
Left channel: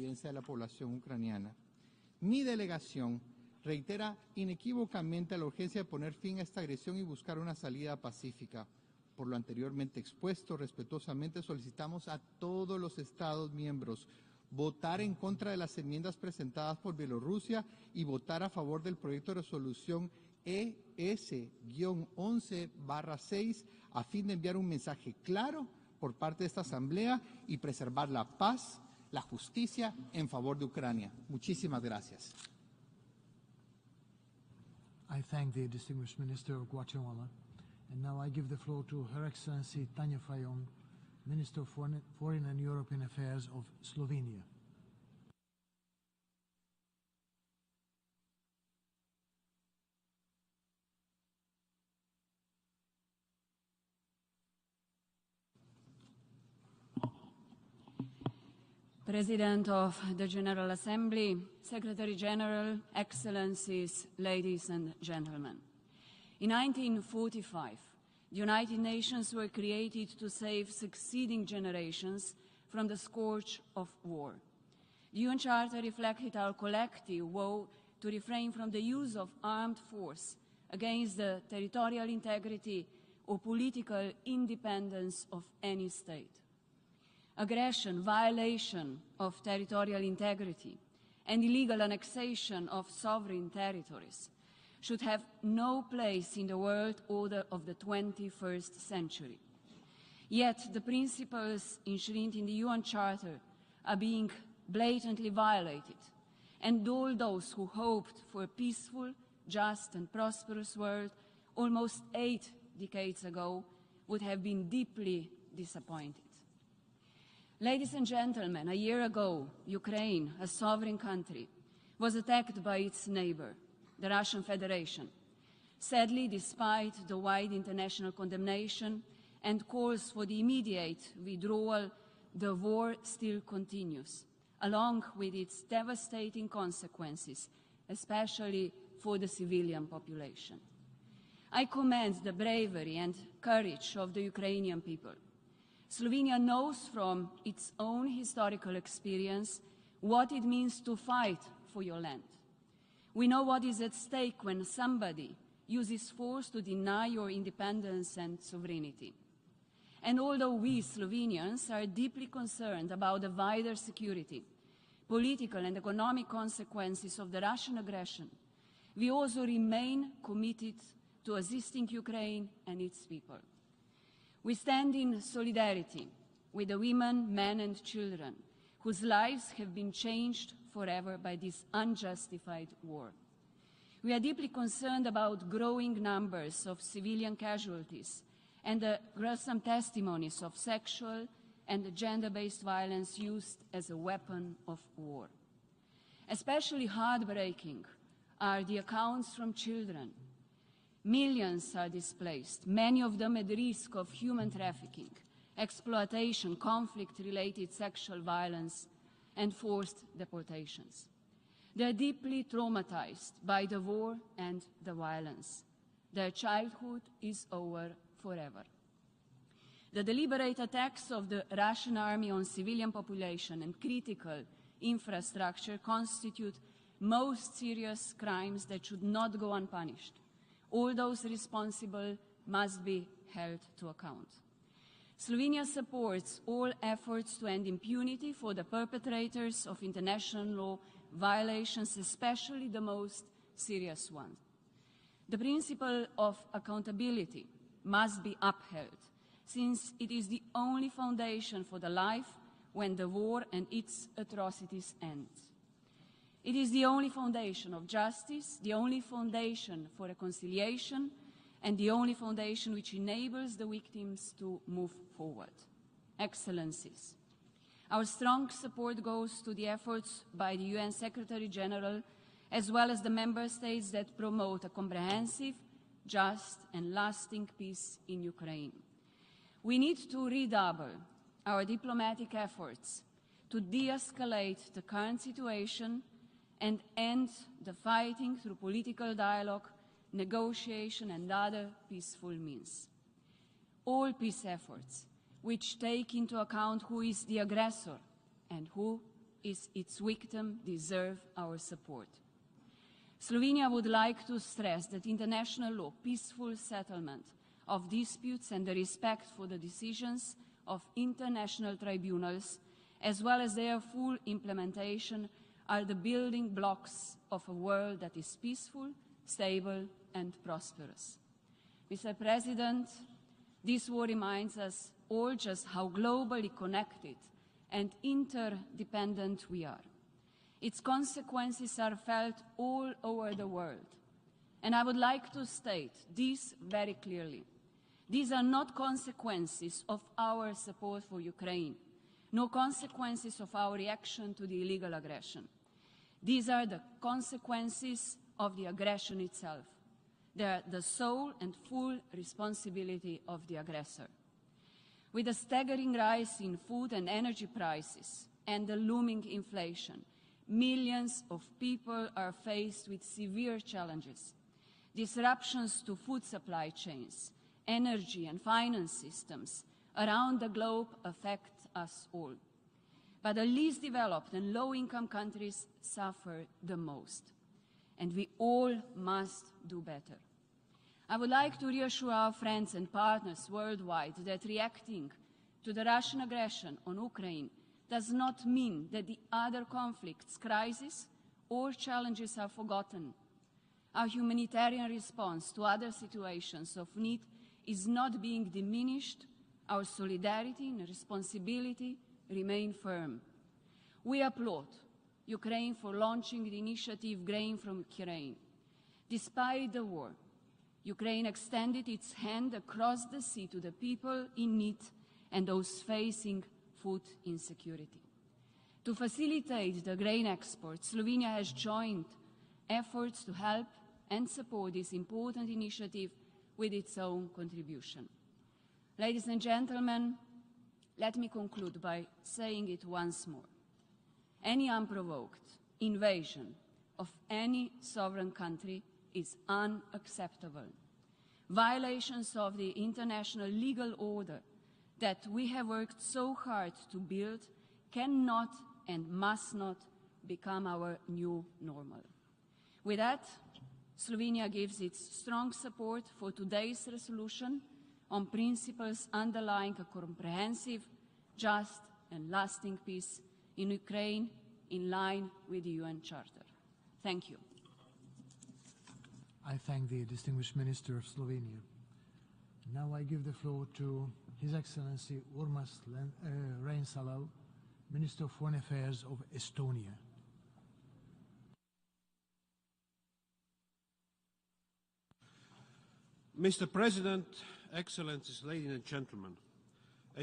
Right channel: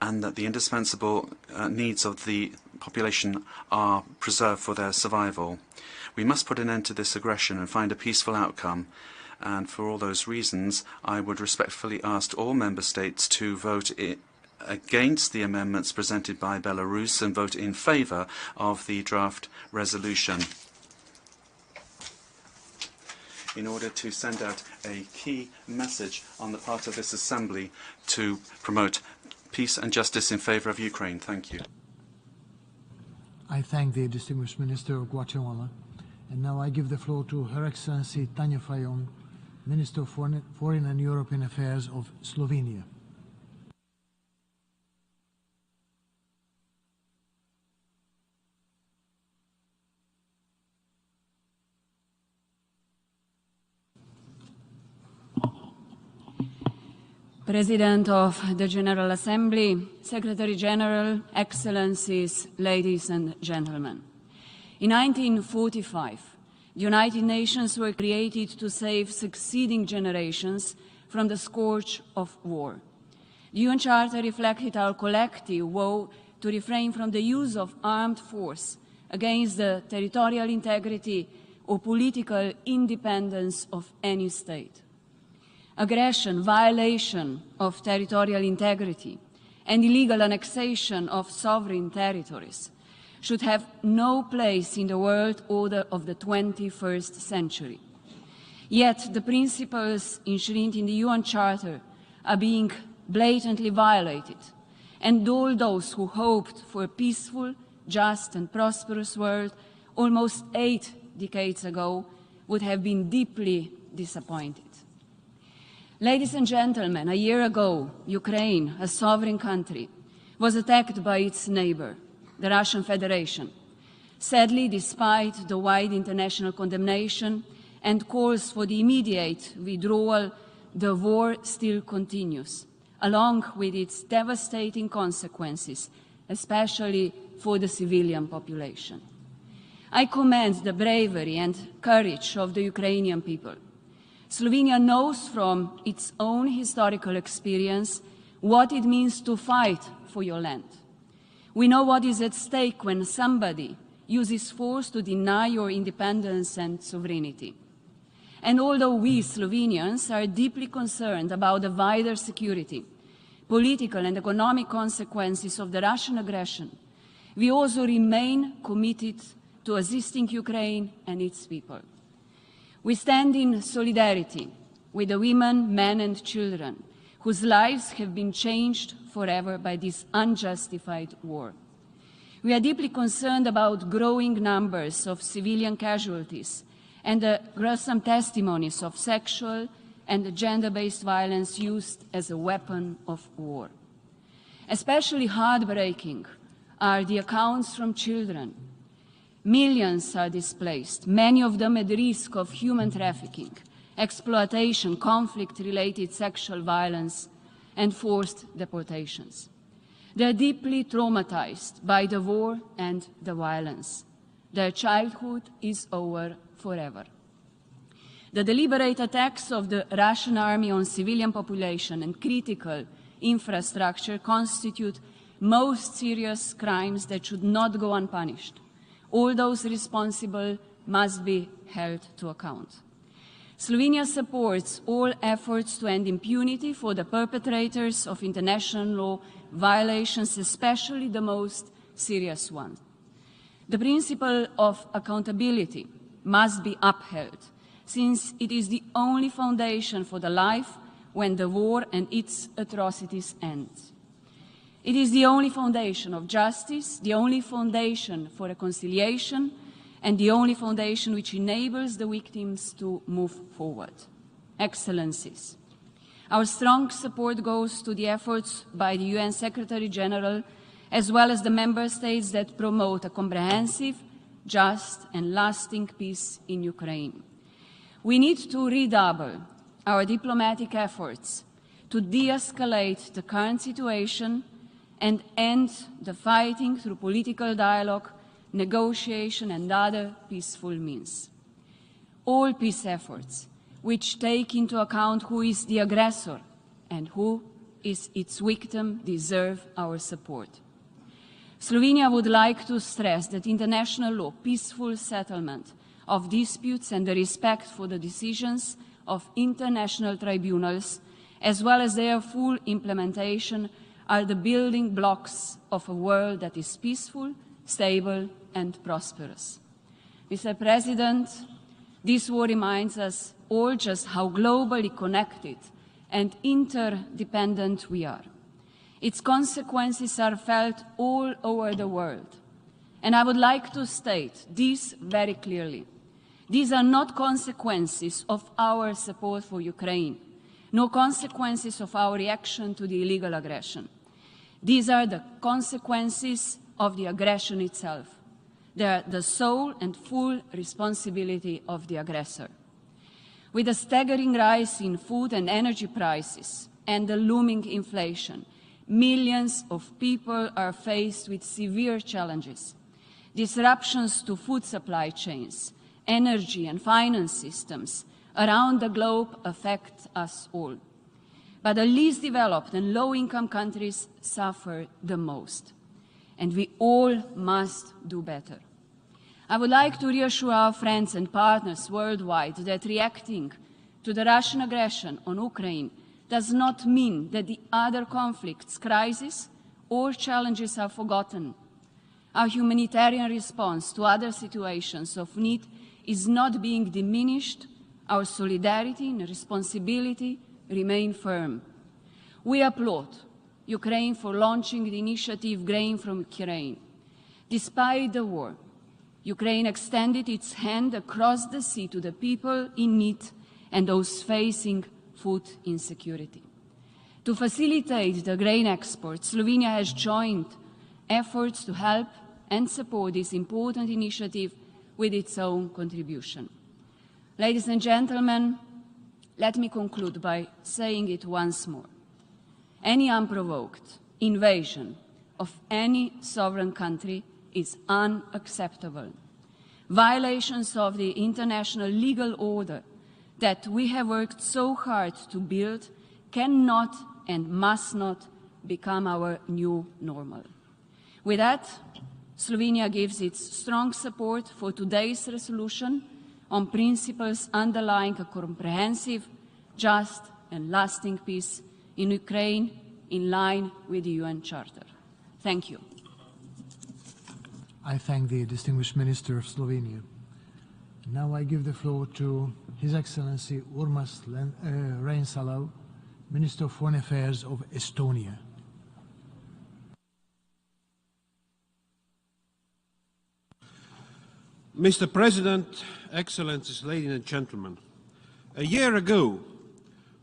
and that the indispensable needs of the population are preserved for their survival. We must put an end to this aggression and find a peaceful outcome. And for all those reasons, I would respectfully ask all member states to vote against the amendments presented by Belarus and vote in favour of the draft resolution, in order to send out a key message on the part of this Assembly to promote peace and justice in favour of Ukraine. Thank you. I thank the distinguished Minister of Guatemala. And now I give the floor to Her Excellency Tanja Fajon, Minister of Foreign and European Affairs of Slovenia. President of the General Assembly, Secretary General, Excellencies, ladies and gentlemen. In 1945, United Nations were created to save succeeding generations from the scourge of war. The UN Charter reflected our collective vow to refrain from the use of armed force against the territorial integrity or political independence of any state. Aggression, violation of territorial integrity, and illegal annexation of sovereign territories should have no place in the world order of the 21st century. Yet the principles enshrined in the UN Charter are being blatantly violated, and all those who hoped for a peaceful, just and prosperous world almost 8 decades ago would have been deeply disappointed. Ladies and gentlemen, a year ago, Ukraine, a sovereign country, was attacked by its neighbor, the Russian Federation. Sadly, despite the wide international condemnation and calls for the immediate withdrawal, the war still continues, along with its devastating consequences, especially for the civilian population. I commend the bravery and courage of the Ukrainian people. Slovenia knows from its own historical experience what it means to fight for your land. We know what is at stake when somebody uses force to deny your independence and sovereignty. And although we Slovenians are deeply concerned about the wider security, political and economic consequences of the Russian aggression, we also remain committed to assisting Ukraine and its people. We stand in solidarity with the women, men and children whose lives have been changed forever by this unjustified war. We are deeply concerned about growing numbers of civilian casualties and the gruesome testimonies of sexual and gender-based violence used as a weapon of war. Especially heartbreaking are the accounts from children. Millions are displaced, many of them at risk of human trafficking, exploitation, conflict-related sexual violence, and forced deportations. They are deeply traumatized by the war and the violence. Their childhood is over forever. The deliberate attacks of the Russian army on civilian population and critical infrastructure constitute most serious crimes that should not go unpunished. All those responsible must be held to account. Slovenia supports all efforts to end impunity for the perpetrators of international law violations, especially the most serious one. The principle of accountability must be upheld, since it is the only foundation for the life when the war and its atrocities end. It is the only foundation of justice, the only foundation for reconciliation, and the only foundation which enables the victims to move forward. Excellencies, our strong support goes to the efforts by the UN Secretary-General, as well as the member states that promote a comprehensive, just and lasting peace in Ukraine. We need to redouble our diplomatic efforts to de-escalate the current situation and end the fighting through political dialogue, negotiation and other peaceful means. All peace efforts which take into account who is the aggressor and who is its victim deserve our support. Slovenia would like to stress that international law, peaceful settlement of disputes and the respect for the decisions of international tribunals, as well as their full implementation, are the building blocks of a world that is peaceful, stable and prosperous. Mr. President, this war reminds us all just how globally connected and interdependent we are. Its consequences are felt all over the world. And I would like to state this very clearly. These are not consequences of our support for Ukraine, no consequences of our reaction to the illegal aggression. These are the consequences of the aggression itself. They are the sole and full responsibility of the aggressor. With a staggering rise in food and energy prices and the looming inflation, millions of people are faced with severe challenges. Disruptions to food supply chains, energy and finance systems around the globe affect us all. but the least developed and low-income countries suffer the most. And we all must do better. I would like to reassure our friends and partners worldwide that reacting to the Russian aggression on Ukraine does not mean that the other conflicts, crises, or challenges are forgotten. Our humanitarian response to other situations of need is not being diminished. Our solidarity and responsibility remain firm. We applaud Ukraine for launching the initiative Grain from Ukraine. Despite the war, Ukraine extended its hand across the sea to the people in need and those facing food insecurity. To facilitate the grain export, Slovenia has joined efforts to help and support this important initiative with its own contribution. Ladies and gentlemen, let me conclude by saying it once more. Any unprovoked invasion of any sovereign country is unacceptable. Violations of the international legal order that we have worked so hard to build cannot and must not become our new normal. With that, Slovenia gives its strong support for today's resolution on principles underlying a comprehensive, just and lasting peace in Ukraine, in line with the UN Charter. Thank you. I thank the distinguished Minister of Slovenia. Now I give the floor to His Excellency Urmas Reinsalu, Minister of Foreign Affairs of Estonia. Mr. President, Excellencies, ladies and gentlemen, a year ago,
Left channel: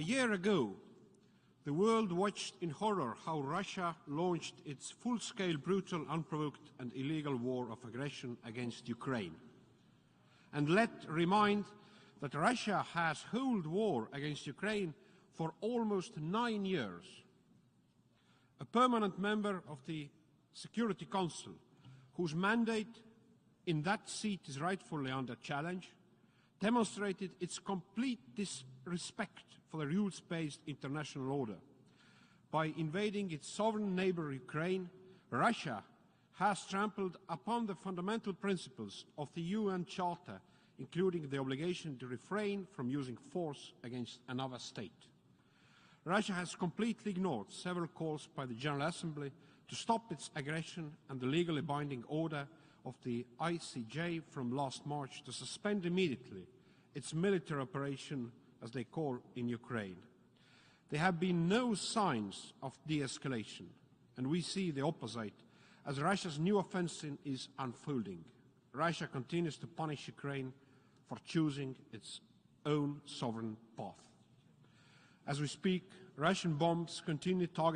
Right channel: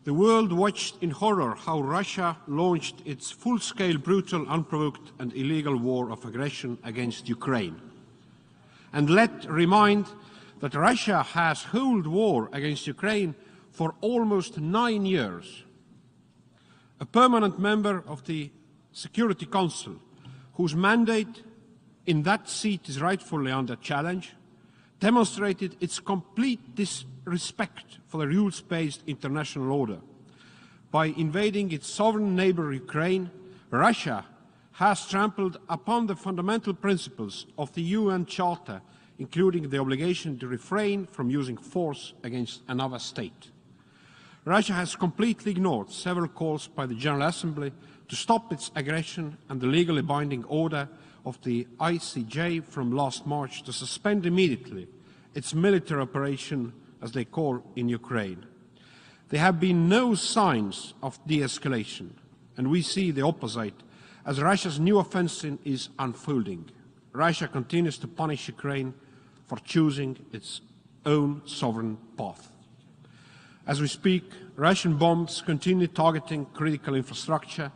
the world watched in horror how Russia launched its full-scale, brutal, unprovoked and illegal war of aggression against Ukraine. And let remind that Russia has held war against Ukraine for almost 9 years. A permanent member of the Security Council, whose mandate in that seat is rightfully under challenge, demonstrated its complete disrespect for the rules-based international order. By invading its sovereign neighbor Ukraine, Russia has trampled upon the fundamental principles of the UN Charter, including the obligation to refrain from using force against another state. Russia has completely ignored several calls by the General Assembly to stop its aggression and the legally binding order of the ICJ from last March to suspend immediately its military operation, as they call in Ukraine. There have been no signs of de-escalation, and we see the opposite, as Russia's new offensive is unfolding. Russia continues to punish Ukraine for choosing its own sovereign path. As we speak, Russian bombs continue targeting critical infrastructure,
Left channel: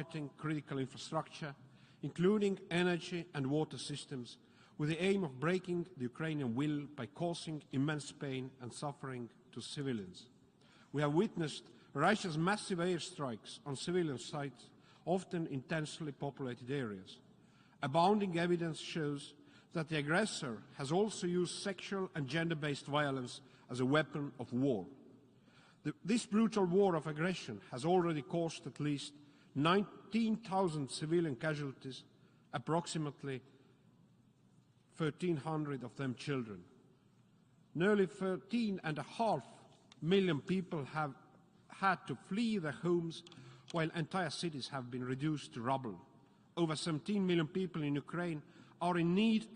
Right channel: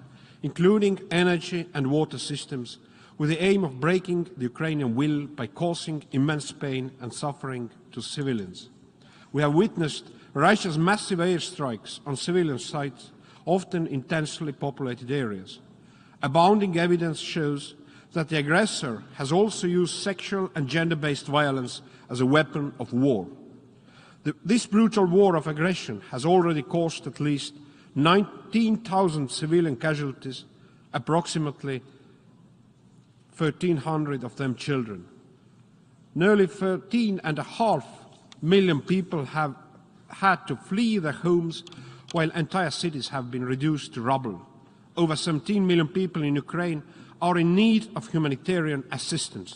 including energy and water systems, with the aim of breaking the Ukrainian will by causing immense pain and suffering to civilians. We have witnessed Russia's massive airstrikes on civilian sites, often in densely populated areas. Abounding evidence shows that the aggressor has also used sexual and gender-based violence as a weapon of war. This brutal war of aggression has already caused at least 19,000 civilian casualties, approximately 1,300 of them children. Nearly 13.5 million people have had to flee their homes, while entire cities have been reduced to rubble. Over 17 million people in Ukraine are in need of humanitarian assistance.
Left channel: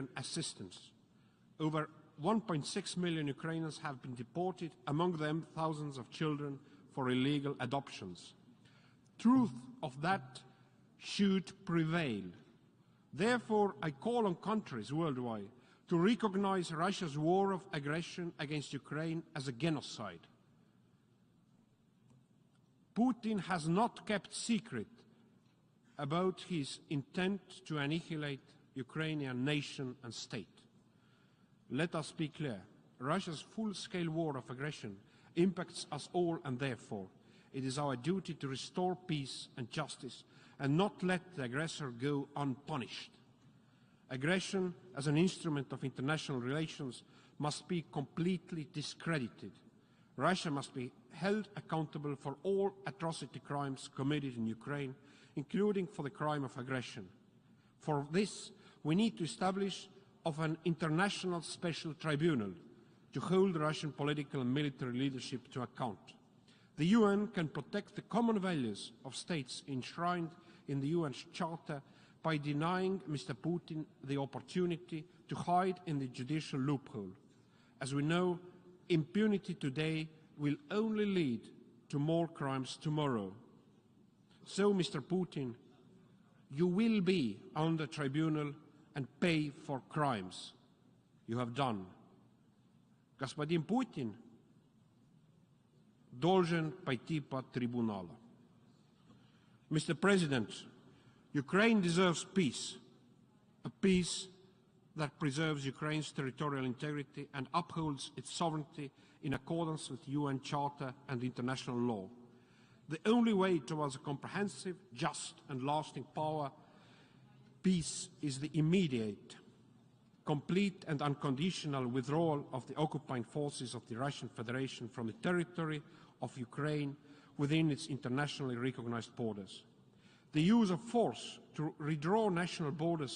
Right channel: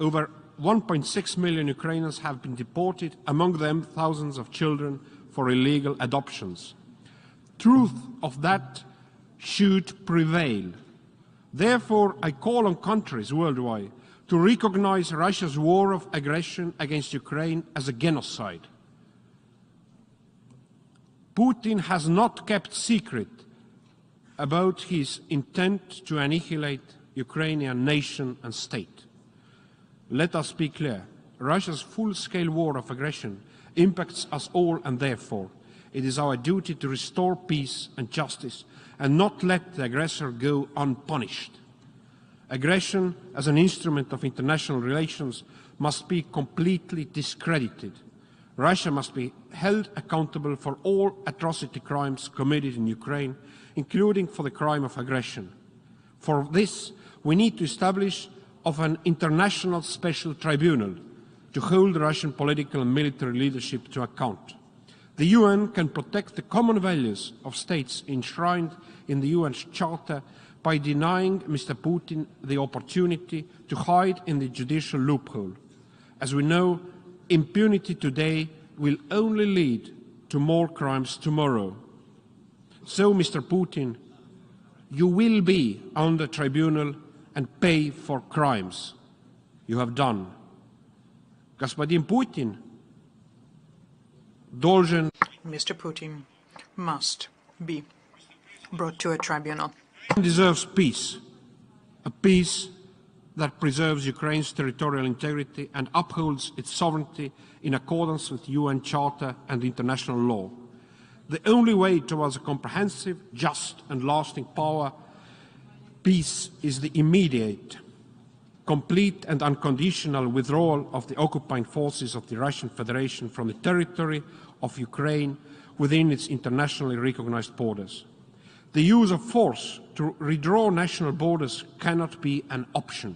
Over 1.6 million Ukrainians have been deported, among them thousands of children for illegal adoptions. Truth of that should prevail. Therefore, I call on countries worldwide to recognize Russia's war of aggression against Ukraine as a genocide. Putin has not kept secret about his intent to annihilate the Ukrainian nation and state. Let us be clear. Russia's full-scale war of aggression impacts us all, and therefore it is our duty to restore peace and justice and not let the aggressor go unpunished. Aggression as an instrument of international relations must be completely discredited. Russia must be held accountable for all atrocity crimes committed in Ukraine, including for the crime of aggression. For this, we need to establish an international special tribunal to hold Russian political and military leadership to account. The UN can protect the common values of states enshrined in the UN's Charter by denying Mr. Putin the opportunity to hide in the judicial loophole. As we know, impunity today will only lead to more crimes tomorrow. So, Mr. Putin, you will be on the tribunal and pay for crimes you have done. Господин Putin должен Mr. Putin must be brought to a tribunal. Mr. President deserves peace. Ukraine deserves peace that preserves Ukraine's territorial integrity and upholds its sovereignty in accordance with UN Charter and international law. The only way towards a comprehensive, just and lasting peace is the immediate, complete and unconditional withdrawal of the occupying forces of the Russian Federation from the territory of Ukraine within its internationally recognized borders. The use of force to redraw national borders cannot be an option.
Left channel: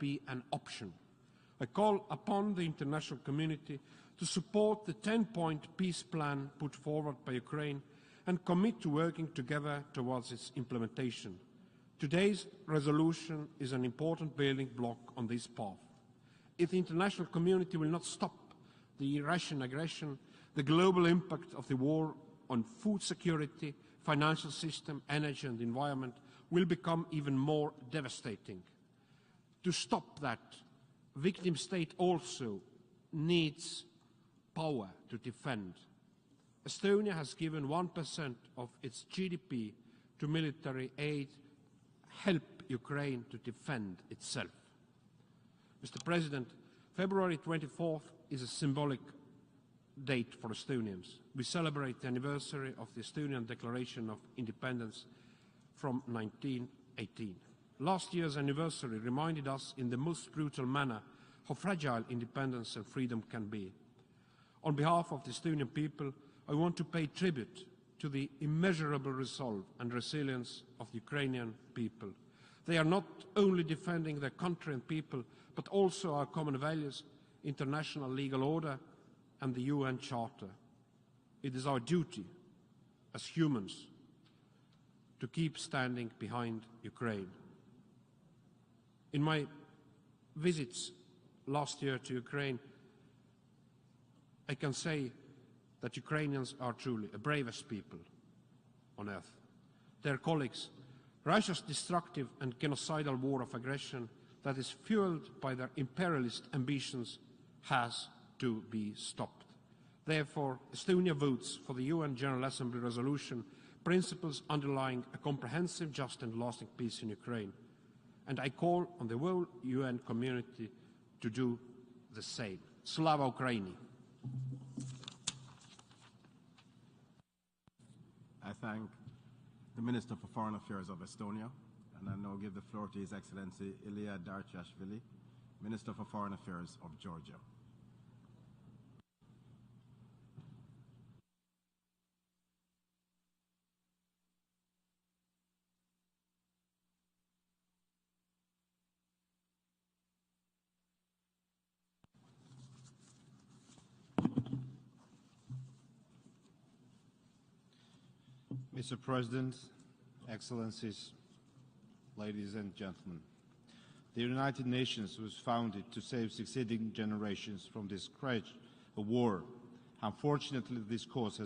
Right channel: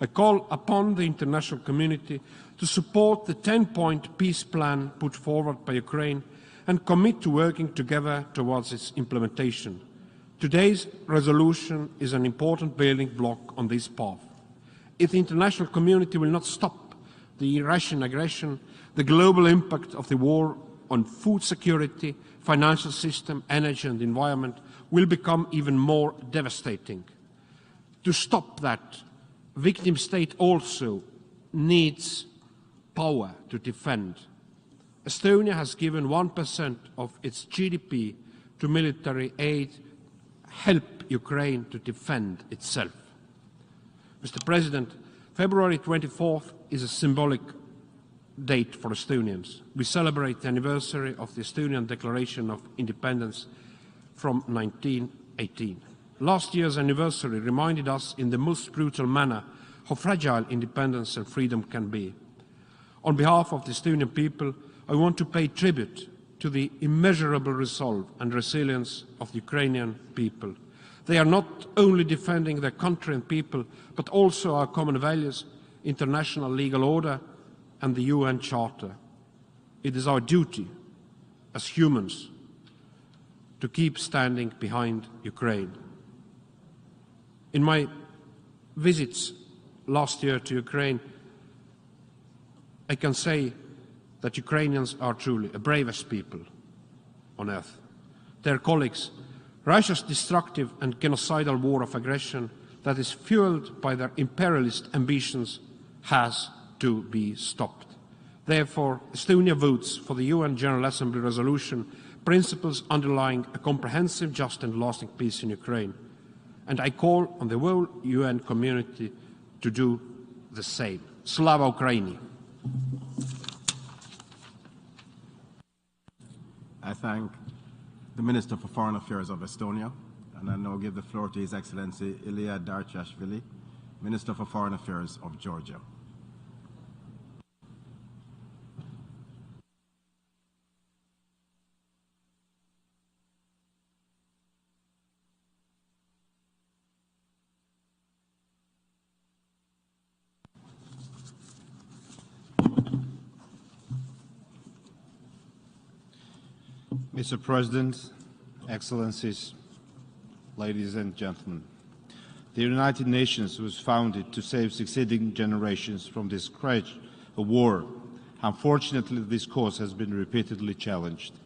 I call upon the international community to support the 10-point peace plan put forward by Ukraine and commit to working together towards its implementation. Today's resolution is an important building block on this path. If the international community will not stop the Russian aggression, the global impact of the war on food security, financial system, energy and environment will become even more devastating. To stop that, victim state also needs power to defend. Estonia has given 1% of its GDP to military aid to help Ukraine to defend itself. Mr. President, February 24th is a symbolic date for Estonians. We celebrate the anniversary of the Estonian Declaration of Independence from 1918. Last year's anniversary reminded us in the most brutal manner how fragile independence and freedom can be. On behalf of the Estonian people, I want to pay tribute to the immeasurable resolve and resilience of the Ukrainian people. They are not only defending their country and people, but also our common values, international legal order, and the UN Charter. It is our duty as humans to keep standing behind Ukraine. In my visits last year to Ukraine, I can say that Ukrainians are truly the bravest people on earth. Their colleagues, Russia's destructive and genocidal war of aggression that is fueled by their imperialist ambitions has to be stopped. Therefore, Estonia votes for the UN General Assembly resolution, principles underlying a comprehensive, just and lasting peace in Ukraine. And I call on the whole UN community to do the same. Slava Ukraini! I thank the Minister for Foreign Affairs of Estonia, and I now give the floor to His Excellency Ilya Darchashvili, Minister for Foreign Affairs of Georgia. Mr. President, Excellencies, ladies and gentlemen, the United Nations was founded to save succeeding generations from this scourge of war. Unfortunately, this cause has been repeatedly challenged.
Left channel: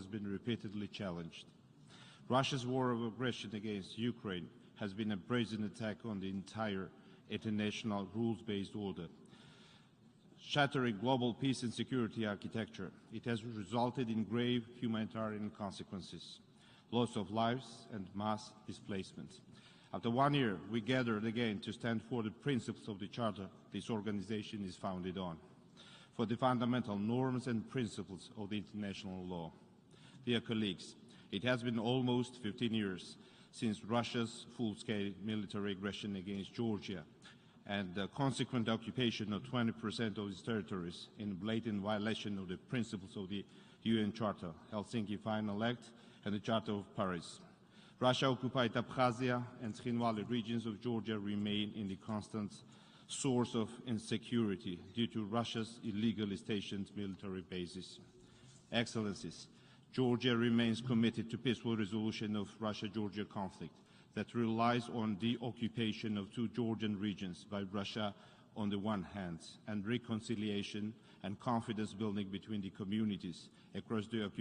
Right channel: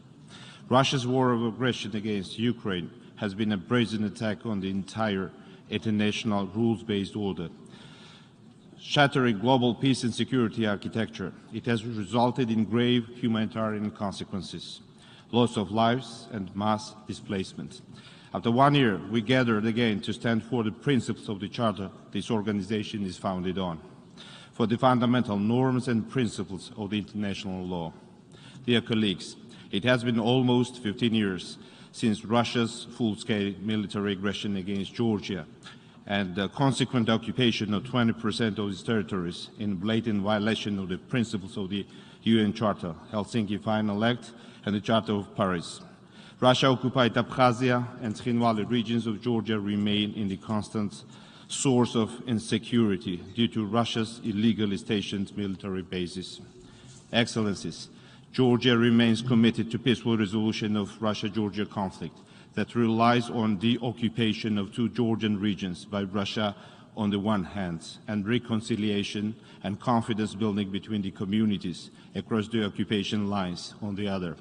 Russia's war of aggression against Ukraine has been a brazen attack on the entire international rules-based order, shattering global peace and security architecture. It has resulted in grave humanitarian consequences, loss of lives and mass displacement. After 1 year, we gathered again to stand for the principles principles of the Charter this organization is founded on, for the fundamental norms and principles of the international law. Dear colleagues, it has been almost 15 years since Russia's full-scale military aggression against Georgia and the consequent occupation of 20% of its territories in blatant violation of the principles of the UN Charter, Helsinki Final Act, and the Charter of Paris. Russia-occupied Abkhazia and Tkhinvali regions of Georgia remain in the constant source of insecurity due to Russia's illegally stationed military bases. Excellencies, Georgia remains committed to peaceful resolution of Russia-Georgia conflict that relies on the occupation of two Georgian regions by Russia on the one hand and reconciliation and confidence building between the communities across the occupation lines on the other.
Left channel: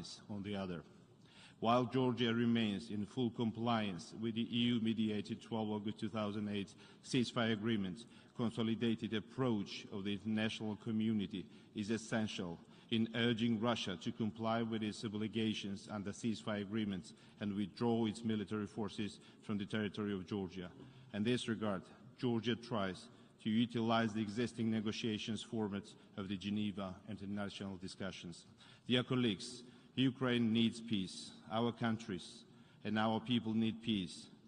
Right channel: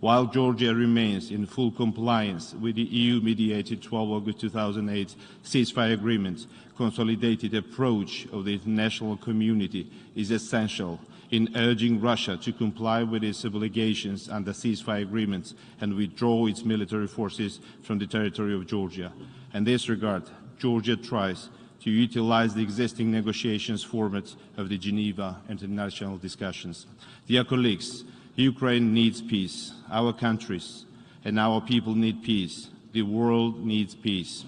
While Georgia remains in full compliance with the EU-mediated 12 August 2008 ceasefire agreement, consolidated approach of the international community is essential in urging Russia to comply with its obligations under ceasefire agreements and withdraw its military forces from the territory of Georgia. In this regard, Georgia tries to utilize the existing negotiations format of the Geneva international discussions. Dear colleagues, Ukraine needs peace. Our countries and our people need peace. The world needs peace.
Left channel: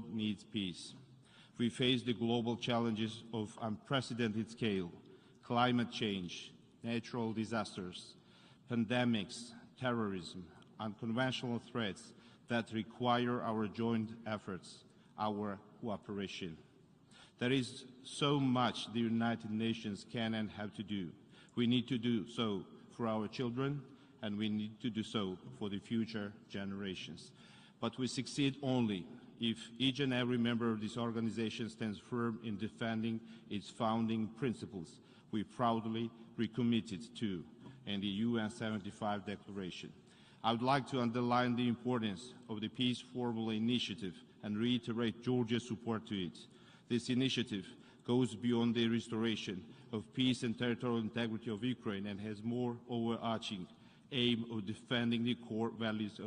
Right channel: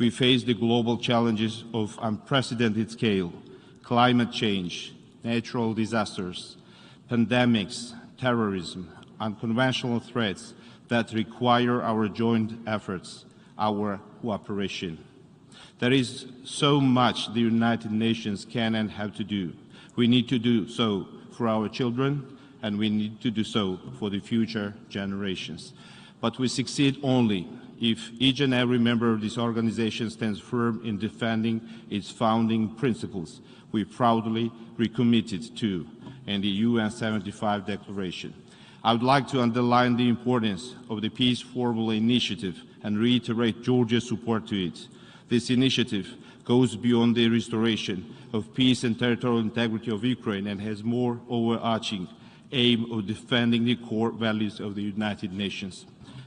We face the global challenges of unprecedented scale, climate change, natural disasters, pandemics, terrorism, unconventional threats that require our joint efforts, our cooperation. There is so much the United Nations can and have to do. We need to do so for our children, and we need to do so for the future generations. But we succeed only if each and every member of this organization stands firm in defending its founding principles we proudly recommitted to in the UN 75 Declaration. I would like to underline the importance of the Peace Formula initiative and reiterate Georgia's support to it. This initiative goes beyond the restoration of peace and territorial integrity of Ukraine and has more overarching aim of defending the core values of the United Nations.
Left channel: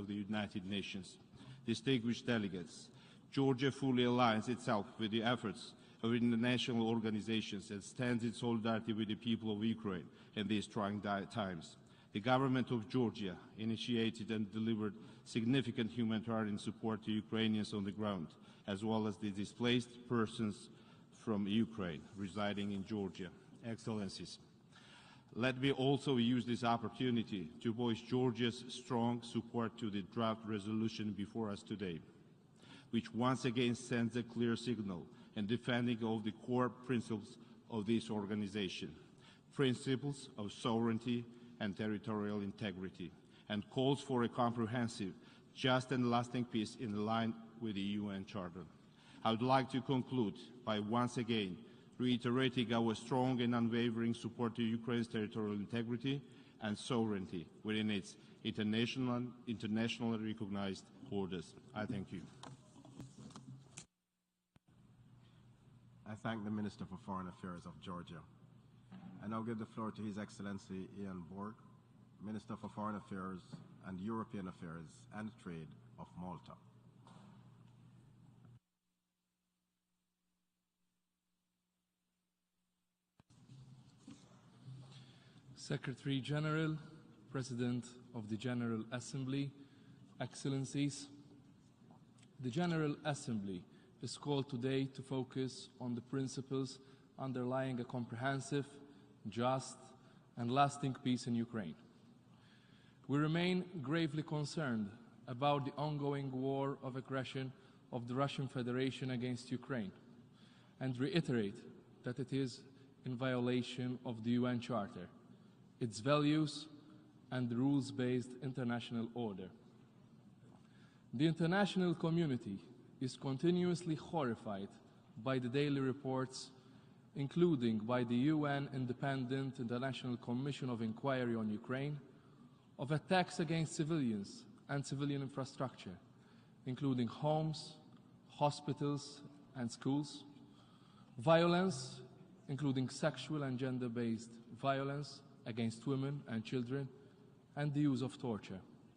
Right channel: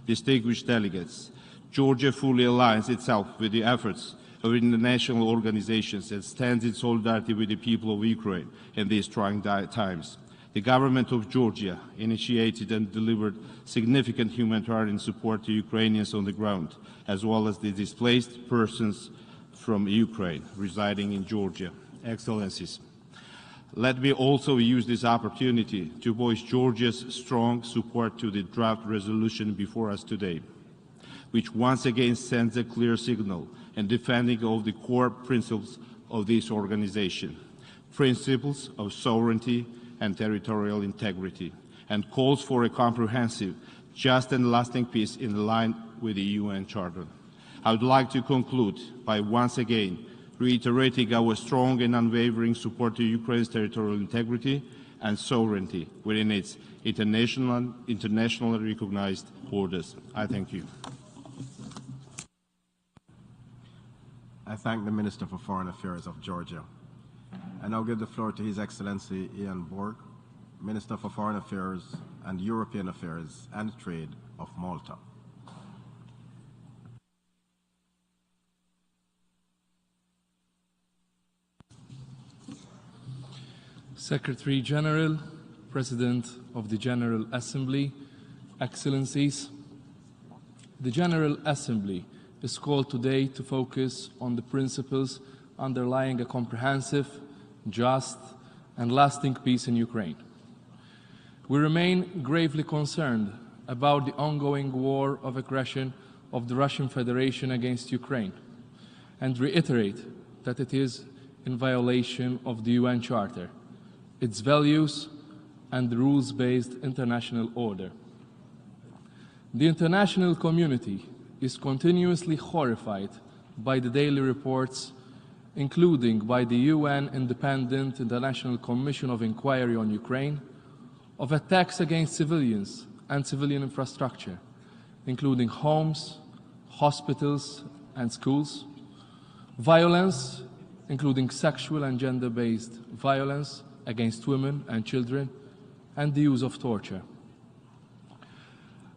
Distinguished delegates, Georgia fully aligns itself with the efforts of international organizations and stands in solidarity with the people of Ukraine in these trying times. The government of Georgia initiated and delivered significant humanitarian support to Ukrainians on the ground, as well as the displaced persons from Ukraine residing in Georgia. Excellencies, let me also use this opportunity to voice Georgia's strong support to the draft resolution before us today, which once again sends a clear signal in defending all the core principles of this organization, principles of sovereignty and territorial integrity, and calls for a comprehensive, just and lasting peace in line with the UN Charter. I would like to conclude by once again reiterating our strong and unwavering support to Ukraine's territorial integrity and sovereignty within its internationally recognized borders. I thank you. I thank the Minister for Foreign Affairs of Georgia. I now give the floor to His Excellency Ian Ward, Minister for Foreign Affairs and European Affairs and Trade of Malta. Secretary General, President of the General Assembly, Excellencies, the General Assembly is called today to focus on the principles underlying a comprehensive, just, and lasting peace in Ukraine. We remain gravely concerned about the ongoing war of aggression of the Russian Federation against Ukraine and reiterate that it is in violation of the UN Charter, its values, and the rules-based international order. The international community is continuously horrified by the daily reports, including by the UN Independent International Commission of Inquiry on Ukraine, of attacks against civilians and civilian infrastructure, including homes, hospitals, and schools, violence, including sexual and gender-based violence against women and children, and the use of torture.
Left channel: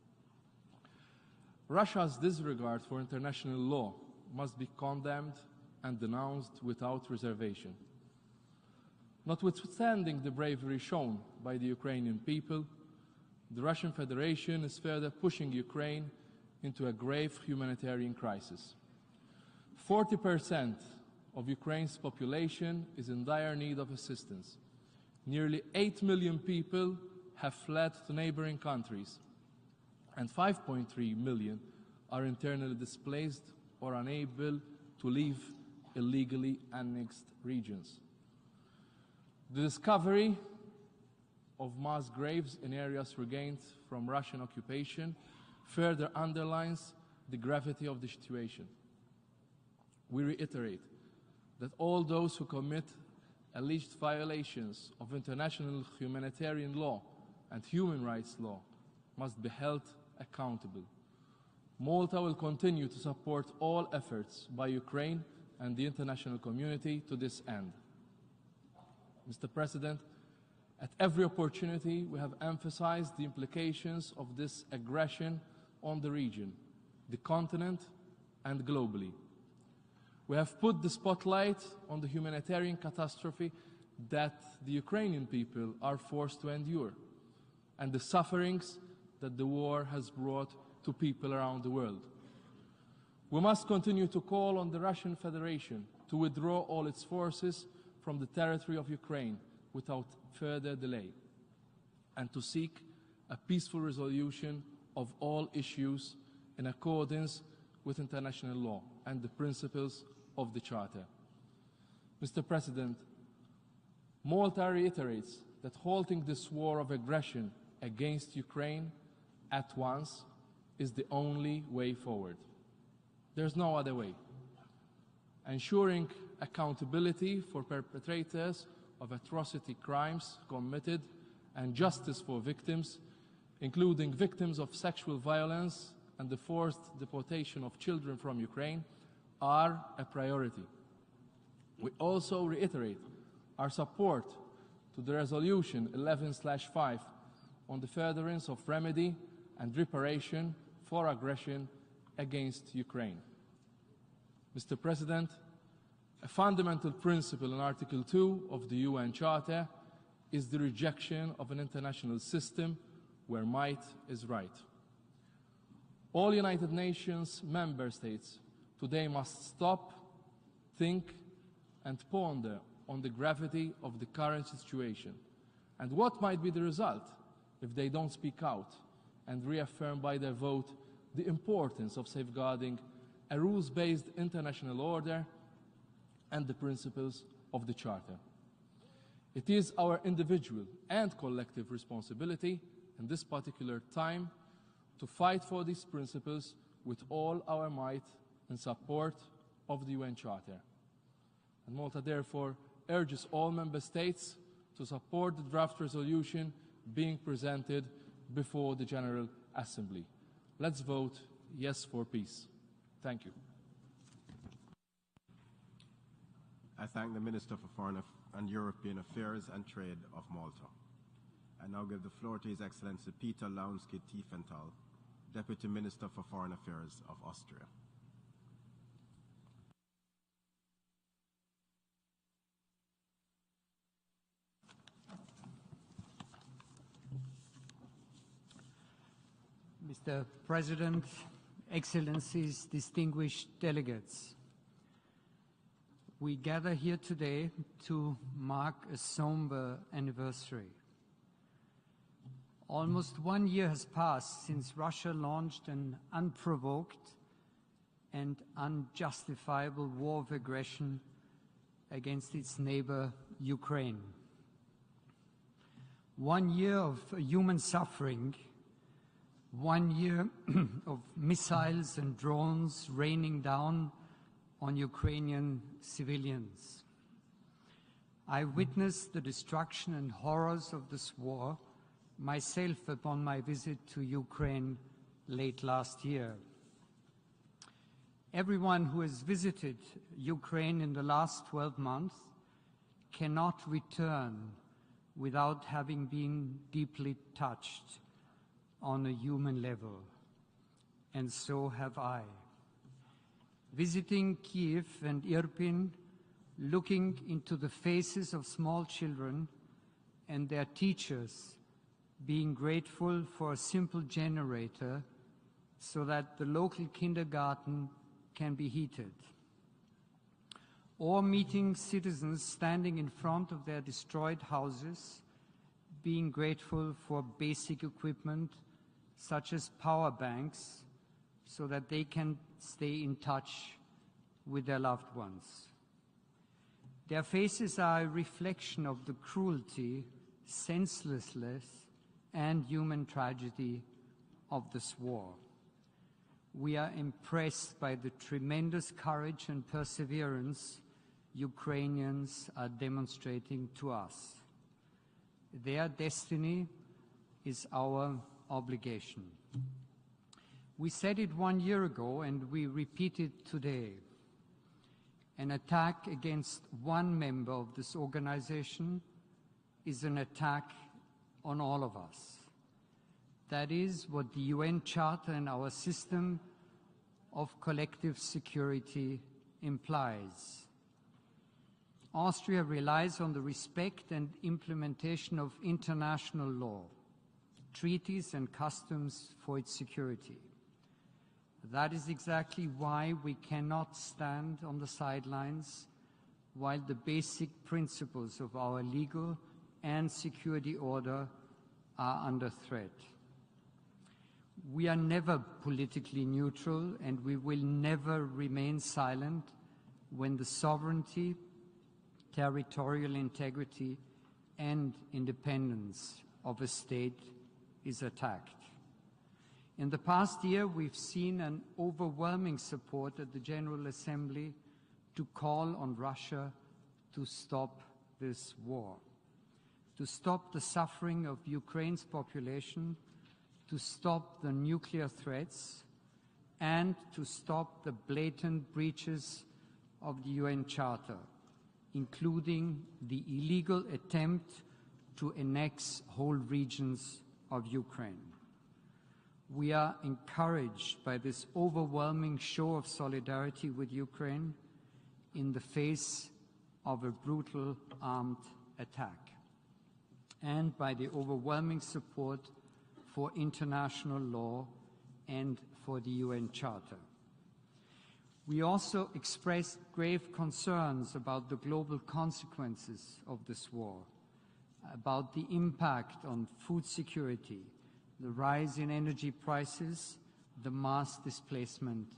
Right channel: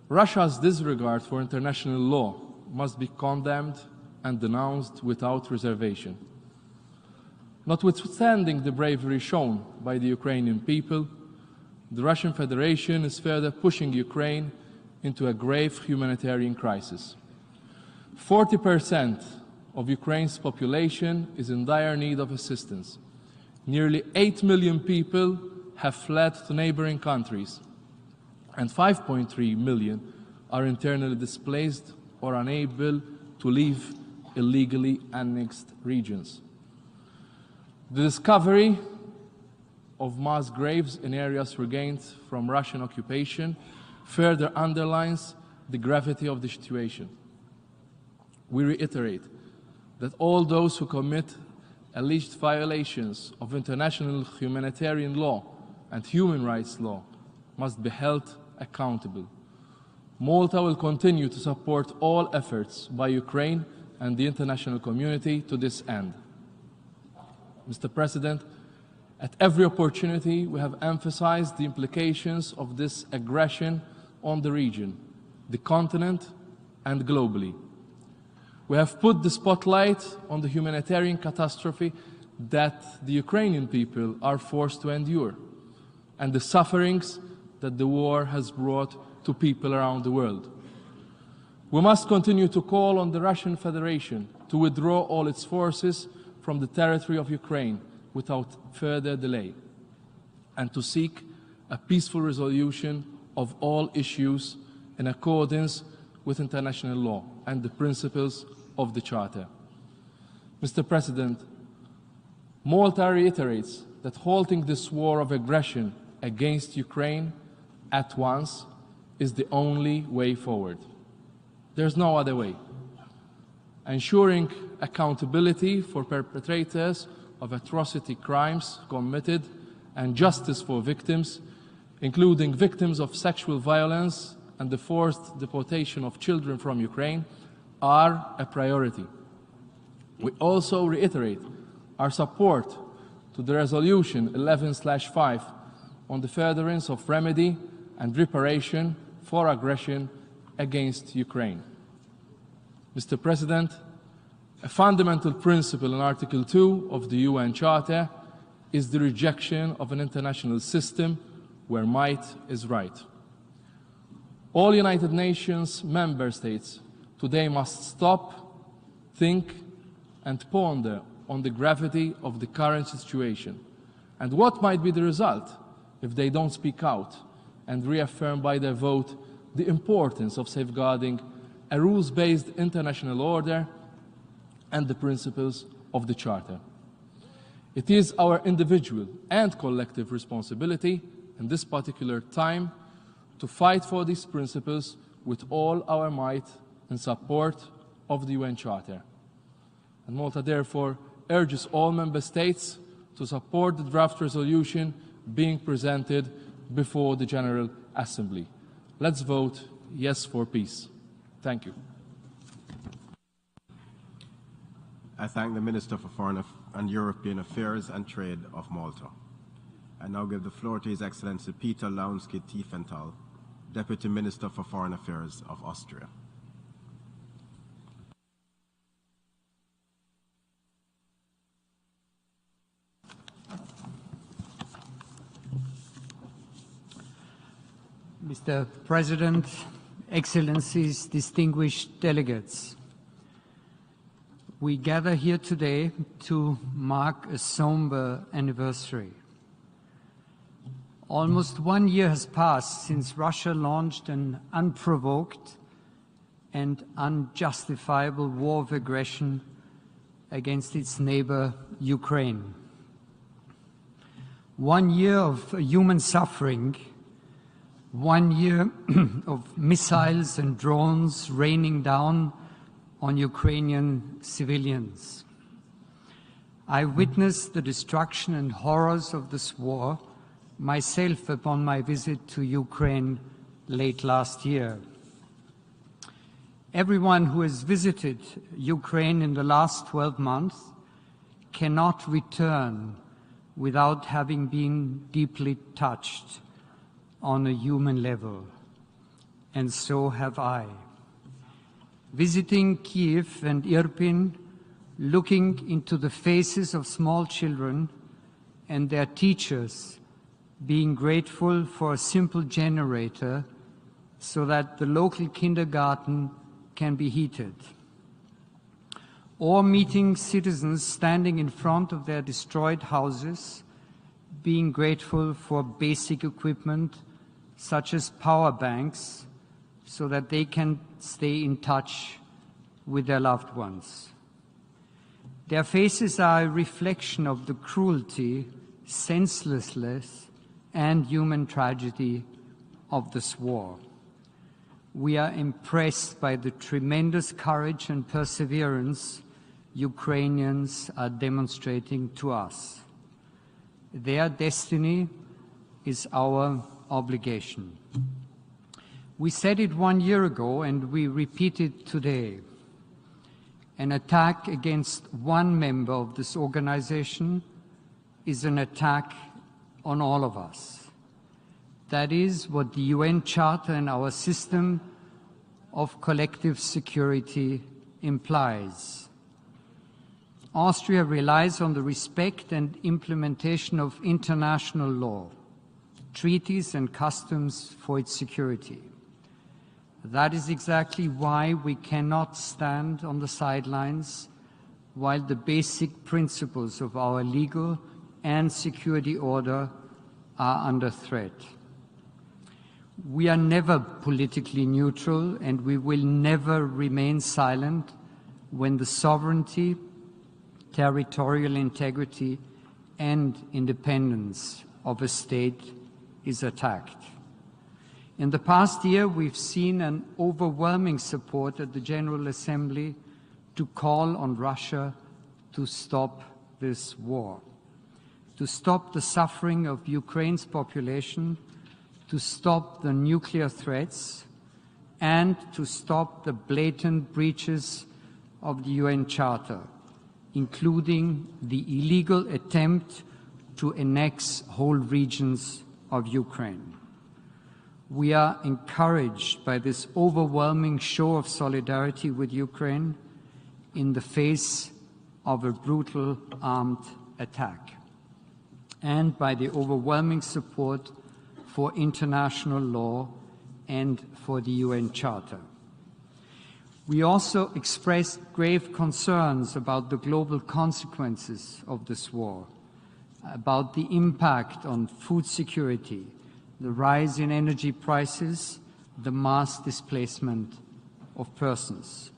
Russia's disregard for international law must be condemned and denounced without reservation. Notwithstanding the bravery shown by the Ukrainian people, the Russian Federation is further pushing Ukraine into a grave humanitarian crisis. 40% of Ukraine's population is in dire need of assistance. Nearly 8 million people have fled to neighboring countries, and 5.3 million are internally displaced or unable to leave illegally annexed regions. The discovery of mass graves in areas regained from Russian occupation further underlines the gravity of the situation. We reiterate that all those who commit alleged violations of international humanitarian law and human rights law must be held accountable. Malta will continue to support all efforts by Ukraine and the international community to this end. Mr. President, at every opportunity, we have emphasized the implications of this aggression on the region, the continent, and globally. We have put the spotlight on the humanitarian catastrophe that the Ukrainian people are forced to endure, and the sufferings that the war has brought to people around the world. We must continue to call on the Russian Federation to withdraw all its forces from the territory of Ukraine without further delay, and to seek a peaceful resolution of all issues in accordance with international law and the principles of the Charter. Mr. President, Malta reiterates that halting this war of aggression against Ukraine at once is the only way forward. There's no other way. Ensuring accountability for perpetrators of atrocity crimes committed and justice for victims, including victims of sexual violence and the forced deportation of children from Ukraine, are a priority. We also reiterate our support to the Resolution 11/5 on the furtherance of remedy and reparation for aggression against Ukraine. Mr. President, a fundamental principle in Article 2 of the UN Charter is the rejection of an international system where might is right. All United Nations member states today must stop, think, and ponder on the gravity of the current situation and what might be the result if they don't speak out and reaffirm by their vote the importance of safeguarding a rules-based international order and the principles of the Charter. It is our individual and collective responsibility in this particular time to fight for these principles with all our might in support of the UN Charter. And Malta therefore urges all member states to support the draft resolution being presented before the General Assembly. Let's vote yes for peace. Thank you. I thank the Minister for Foreign and European Affairs and Trade of Malta. I now give the floor to His Excellency Peter Launsky-Tiefenthal, Deputy Minister for Foreign Affairs of Austria. Mr. President, Excellencies, distinguished delegates, we gather here today to mark a somber anniversary. Almost 1 year has passed since Russia launched an unprovoked and unjustifiable war of aggression against its neighbor, Ukraine. 1 year of human suffering, 1 year of missiles and drones raining down on Ukrainian civilians. I witnessed the destruction and horrors of this war myself upon my visit to Ukraine late last year. Everyone who has visited Ukraine in the last 12 months cannot return without having been deeply touched on a human level. And so have I. Visiting Kiev and Irpin, looking into the faces of small children and their teachers, being grateful for a simple generator so that the local kindergarten can be heated. Or meeting citizens standing in front of their destroyed houses, being grateful for basic equipment such as power banks, so that they can stay in touch with their loved ones. Their faces are a reflection of the cruelty, senselessness, and human tragedy of this war. We are impressed by the tremendous courage and perseverance Ukrainians are demonstrating to us. Their destiny is our obligation. We said it 1 year ago and we repeat it today. An attack against one member of this organization is an attack on all of us. That is what the UN Charter and our system of collective security implies. Austria relies on the respect and implementation of international law, treaties and customs for its security. That is exactly why we cannot stand on the sidelines while the basic principles of our legal and security order are under threat. We are never politically neutral and we will never remain silent when the sovereignty, territorial integrity and independence of a state is attacked. In the past year, we've seen an overwhelming support at the General Assembly to call on Russia to stop this war, to stop the suffering of Ukraine's population, to stop the nuclear threats, and to stop the blatant breaches of the UN Charter, including the illegal attempt to annex whole regions of Ukraine. We are encouraged by this overwhelming show of solidarity with Ukraine in the face of a brutal armed attack, and by the overwhelming support for international law and for the UN Charter. We also expressed grave concerns about the global consequences of this war, about the impact on food security, the rise in energy prices, the mass displacement of persons.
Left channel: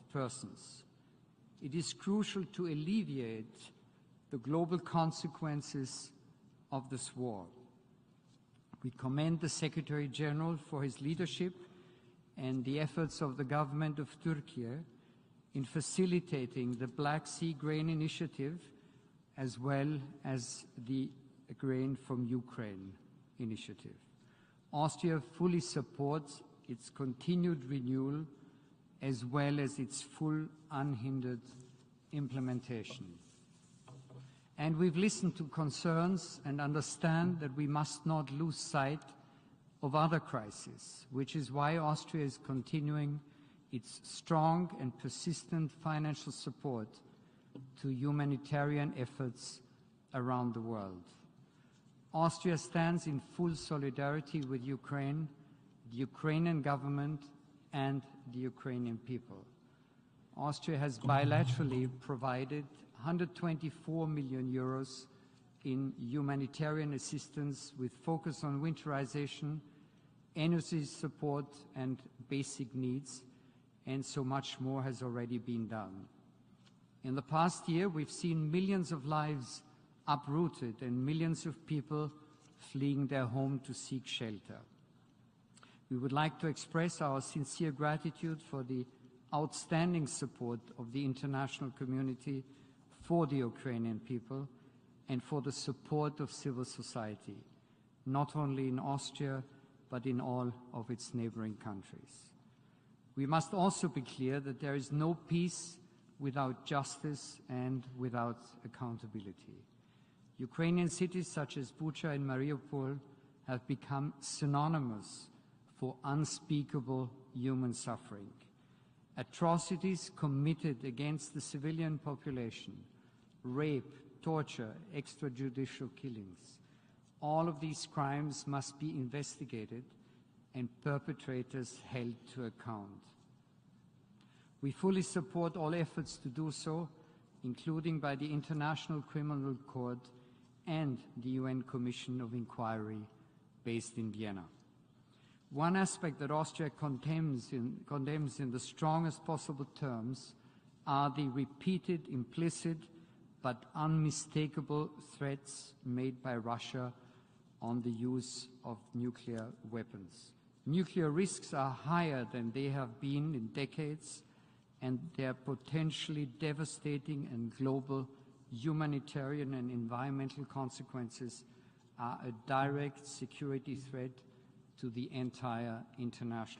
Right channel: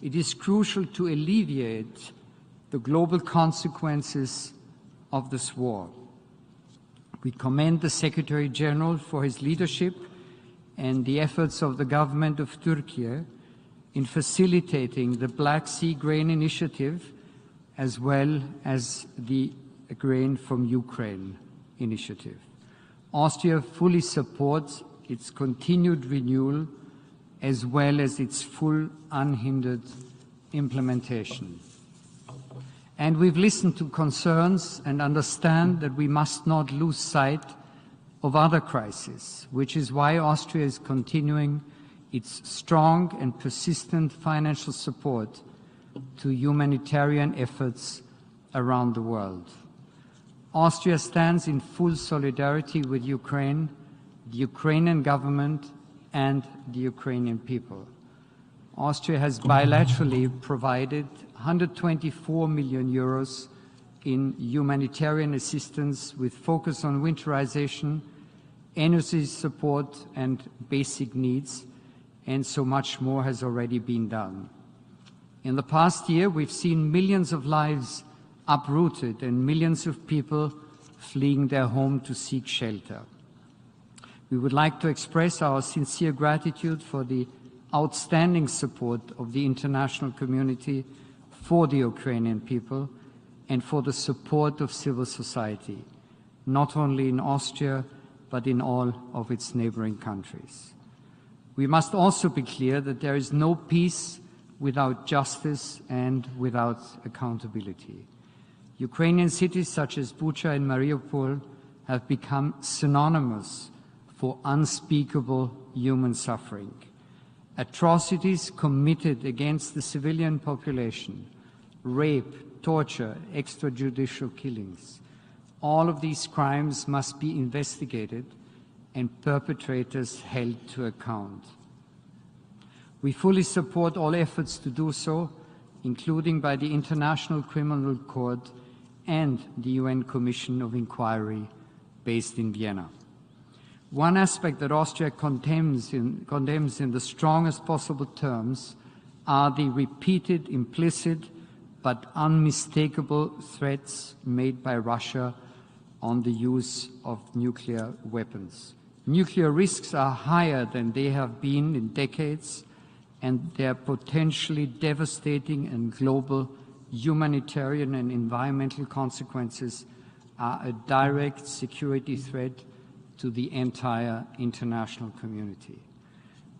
It is crucial to alleviate the global consequences of this war. We commend the Secretary General for his leadership and the efforts of the government of Turkey in facilitating the Black Sea Grain Initiative as well as the Grain from Ukraine initiative. Austria fully supports its continued renewal as well as its full unhindered implementation. And we've listened to concerns and understand that we must not lose sight of other crises, which is why Austria is continuing its strong and persistent financial support to humanitarian efforts around the world. Austria stands in full solidarity with Ukraine, the Ukrainian government, and the Ukrainian people. Austria has bilaterally provided 124 million euros in humanitarian assistance with focus on winterization, energy support and basic needs, and so much more has already been done. In the past year, we've seen millions of lives uprooted and millions of people fleeing their home to seek shelter. We would like to express our sincere gratitude for the outstanding support of the international community for the Ukrainian people and for the support of civil society, not only in Austria, but in all of its neighboring countries. We must also be clear that there is no peace without justice and without accountability. Ukrainian cities such as Bucha and Mariupol have become synonymous for unspeakable human suffering. atrocities committed against the civilian population, rape, torture, extrajudicial killings. All of these crimes must be investigated and perpetrators held to account. We fully support all efforts to do so, including by the International Criminal Court and the UN Commission of Inquiry based in Vienna. One aspect that Austria condemns in the strongest possible terms are the repeated, implicit, but unmistakable threats made by Russia on the use of nuclear weapons. Nuclear risks are higher than they have been in decades, and their potentially devastating and global humanitarian and environmental consequences are a direct security threat to the entire international community.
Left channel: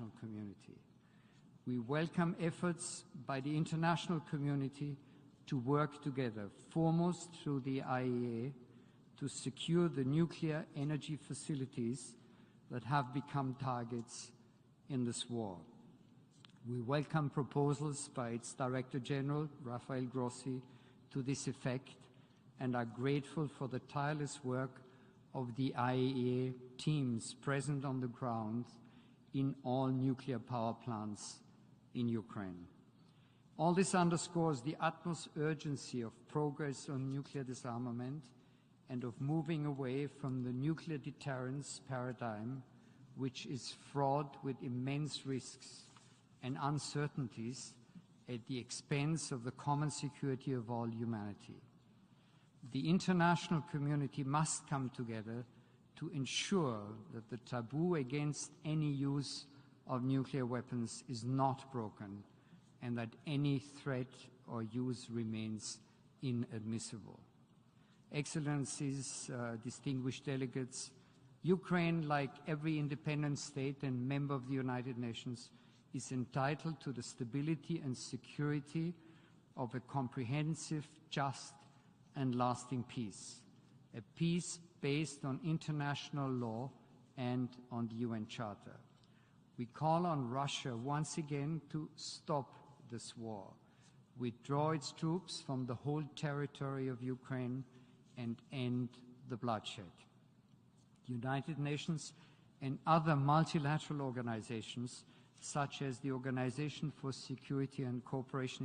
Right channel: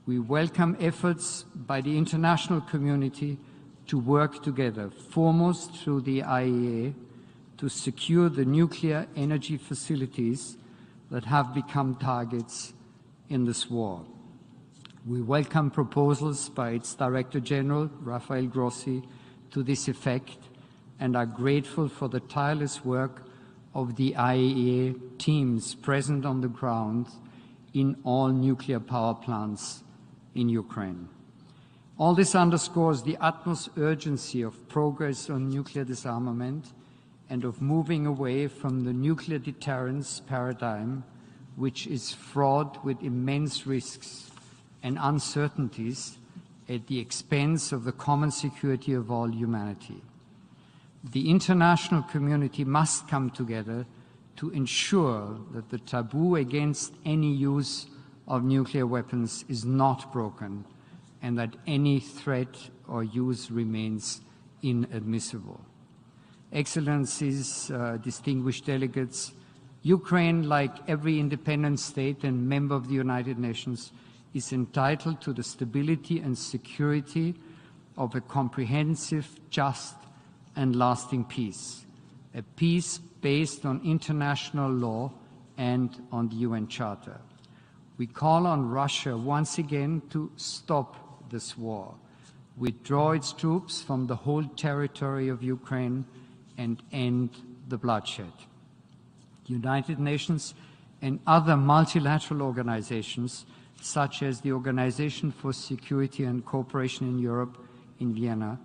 We welcome efforts by the international community to work together, foremost through the IAEA, to secure the nuclear energy facilities that have become targets in this war. We welcome proposals by its Director General, Rafael Grossi, to this effect, and are grateful for the tireless work of the IAEA teams present on the ground in all nuclear power plants in Ukraine. All this underscores the utmost urgency of progress on nuclear disarmament and of moving away from the nuclear deterrence paradigm, which is fraught with immense risks and uncertainties at the expense of the common security of all humanity. The international community must come together to ensure that the taboo against any use of nuclear weapons is not broken and that any threat or use remains inadmissible. Excellencies, distinguished delegates, Ukraine, like every independent state and member of the United Nations, is entitled to the stability and security of a comprehensive, just, and lasting peace. A peace based on international law and on the UN Charter. We call on Russia once again to stop this war, withdraw its troops from the whole territory of Ukraine, and end the bloodshed. The United Nations and other multilateral organizations, such as the Organization for Security and Cooperation in Europe in Vienna,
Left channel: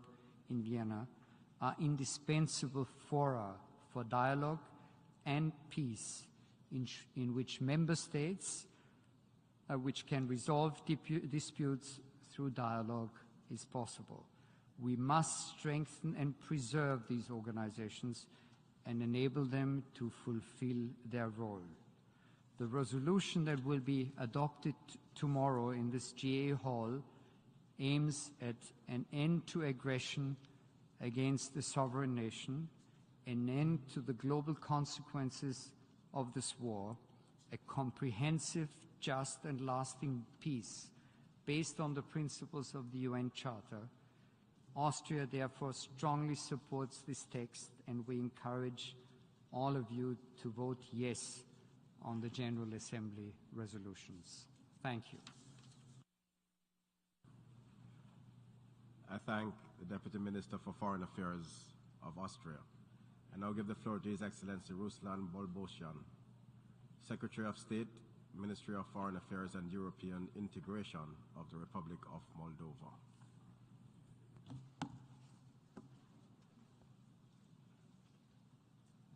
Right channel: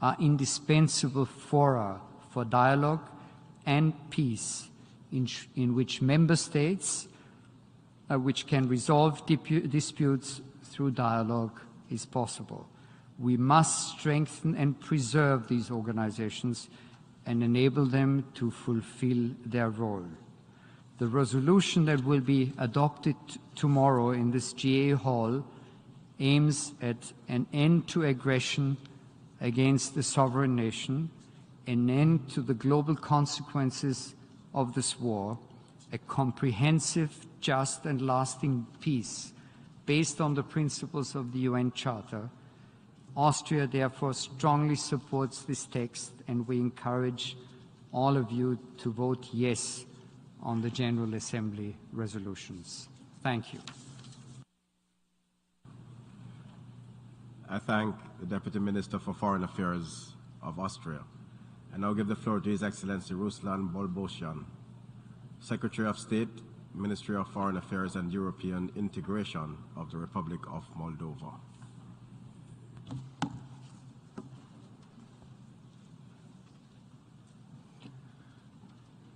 are indispensable fora for dialogue and peace, in which member states which can resolve disputes through dialogue is possible. We must strengthen and preserve these organizations and enable them to fulfill their role. The resolution that will be adopted tomorrow in this GA Hall aims at an end to aggression against the sovereign nation, an end to the global consequences of this war, a comprehensive, just and lasting peace based on the principles of the UN Charter. Austria therefore strongly supports this text, and we encourage all of you to vote yes on the General Assembly resolutions. Thank you. Thank you. I thank the Deputy Minister for Foreign Affairs of Austria. I now give the floor to His Excellency Ruslan Bolbosyan, Secretary of State, Ministry of Foreign Affairs and European Integration of the Republic of Moldova.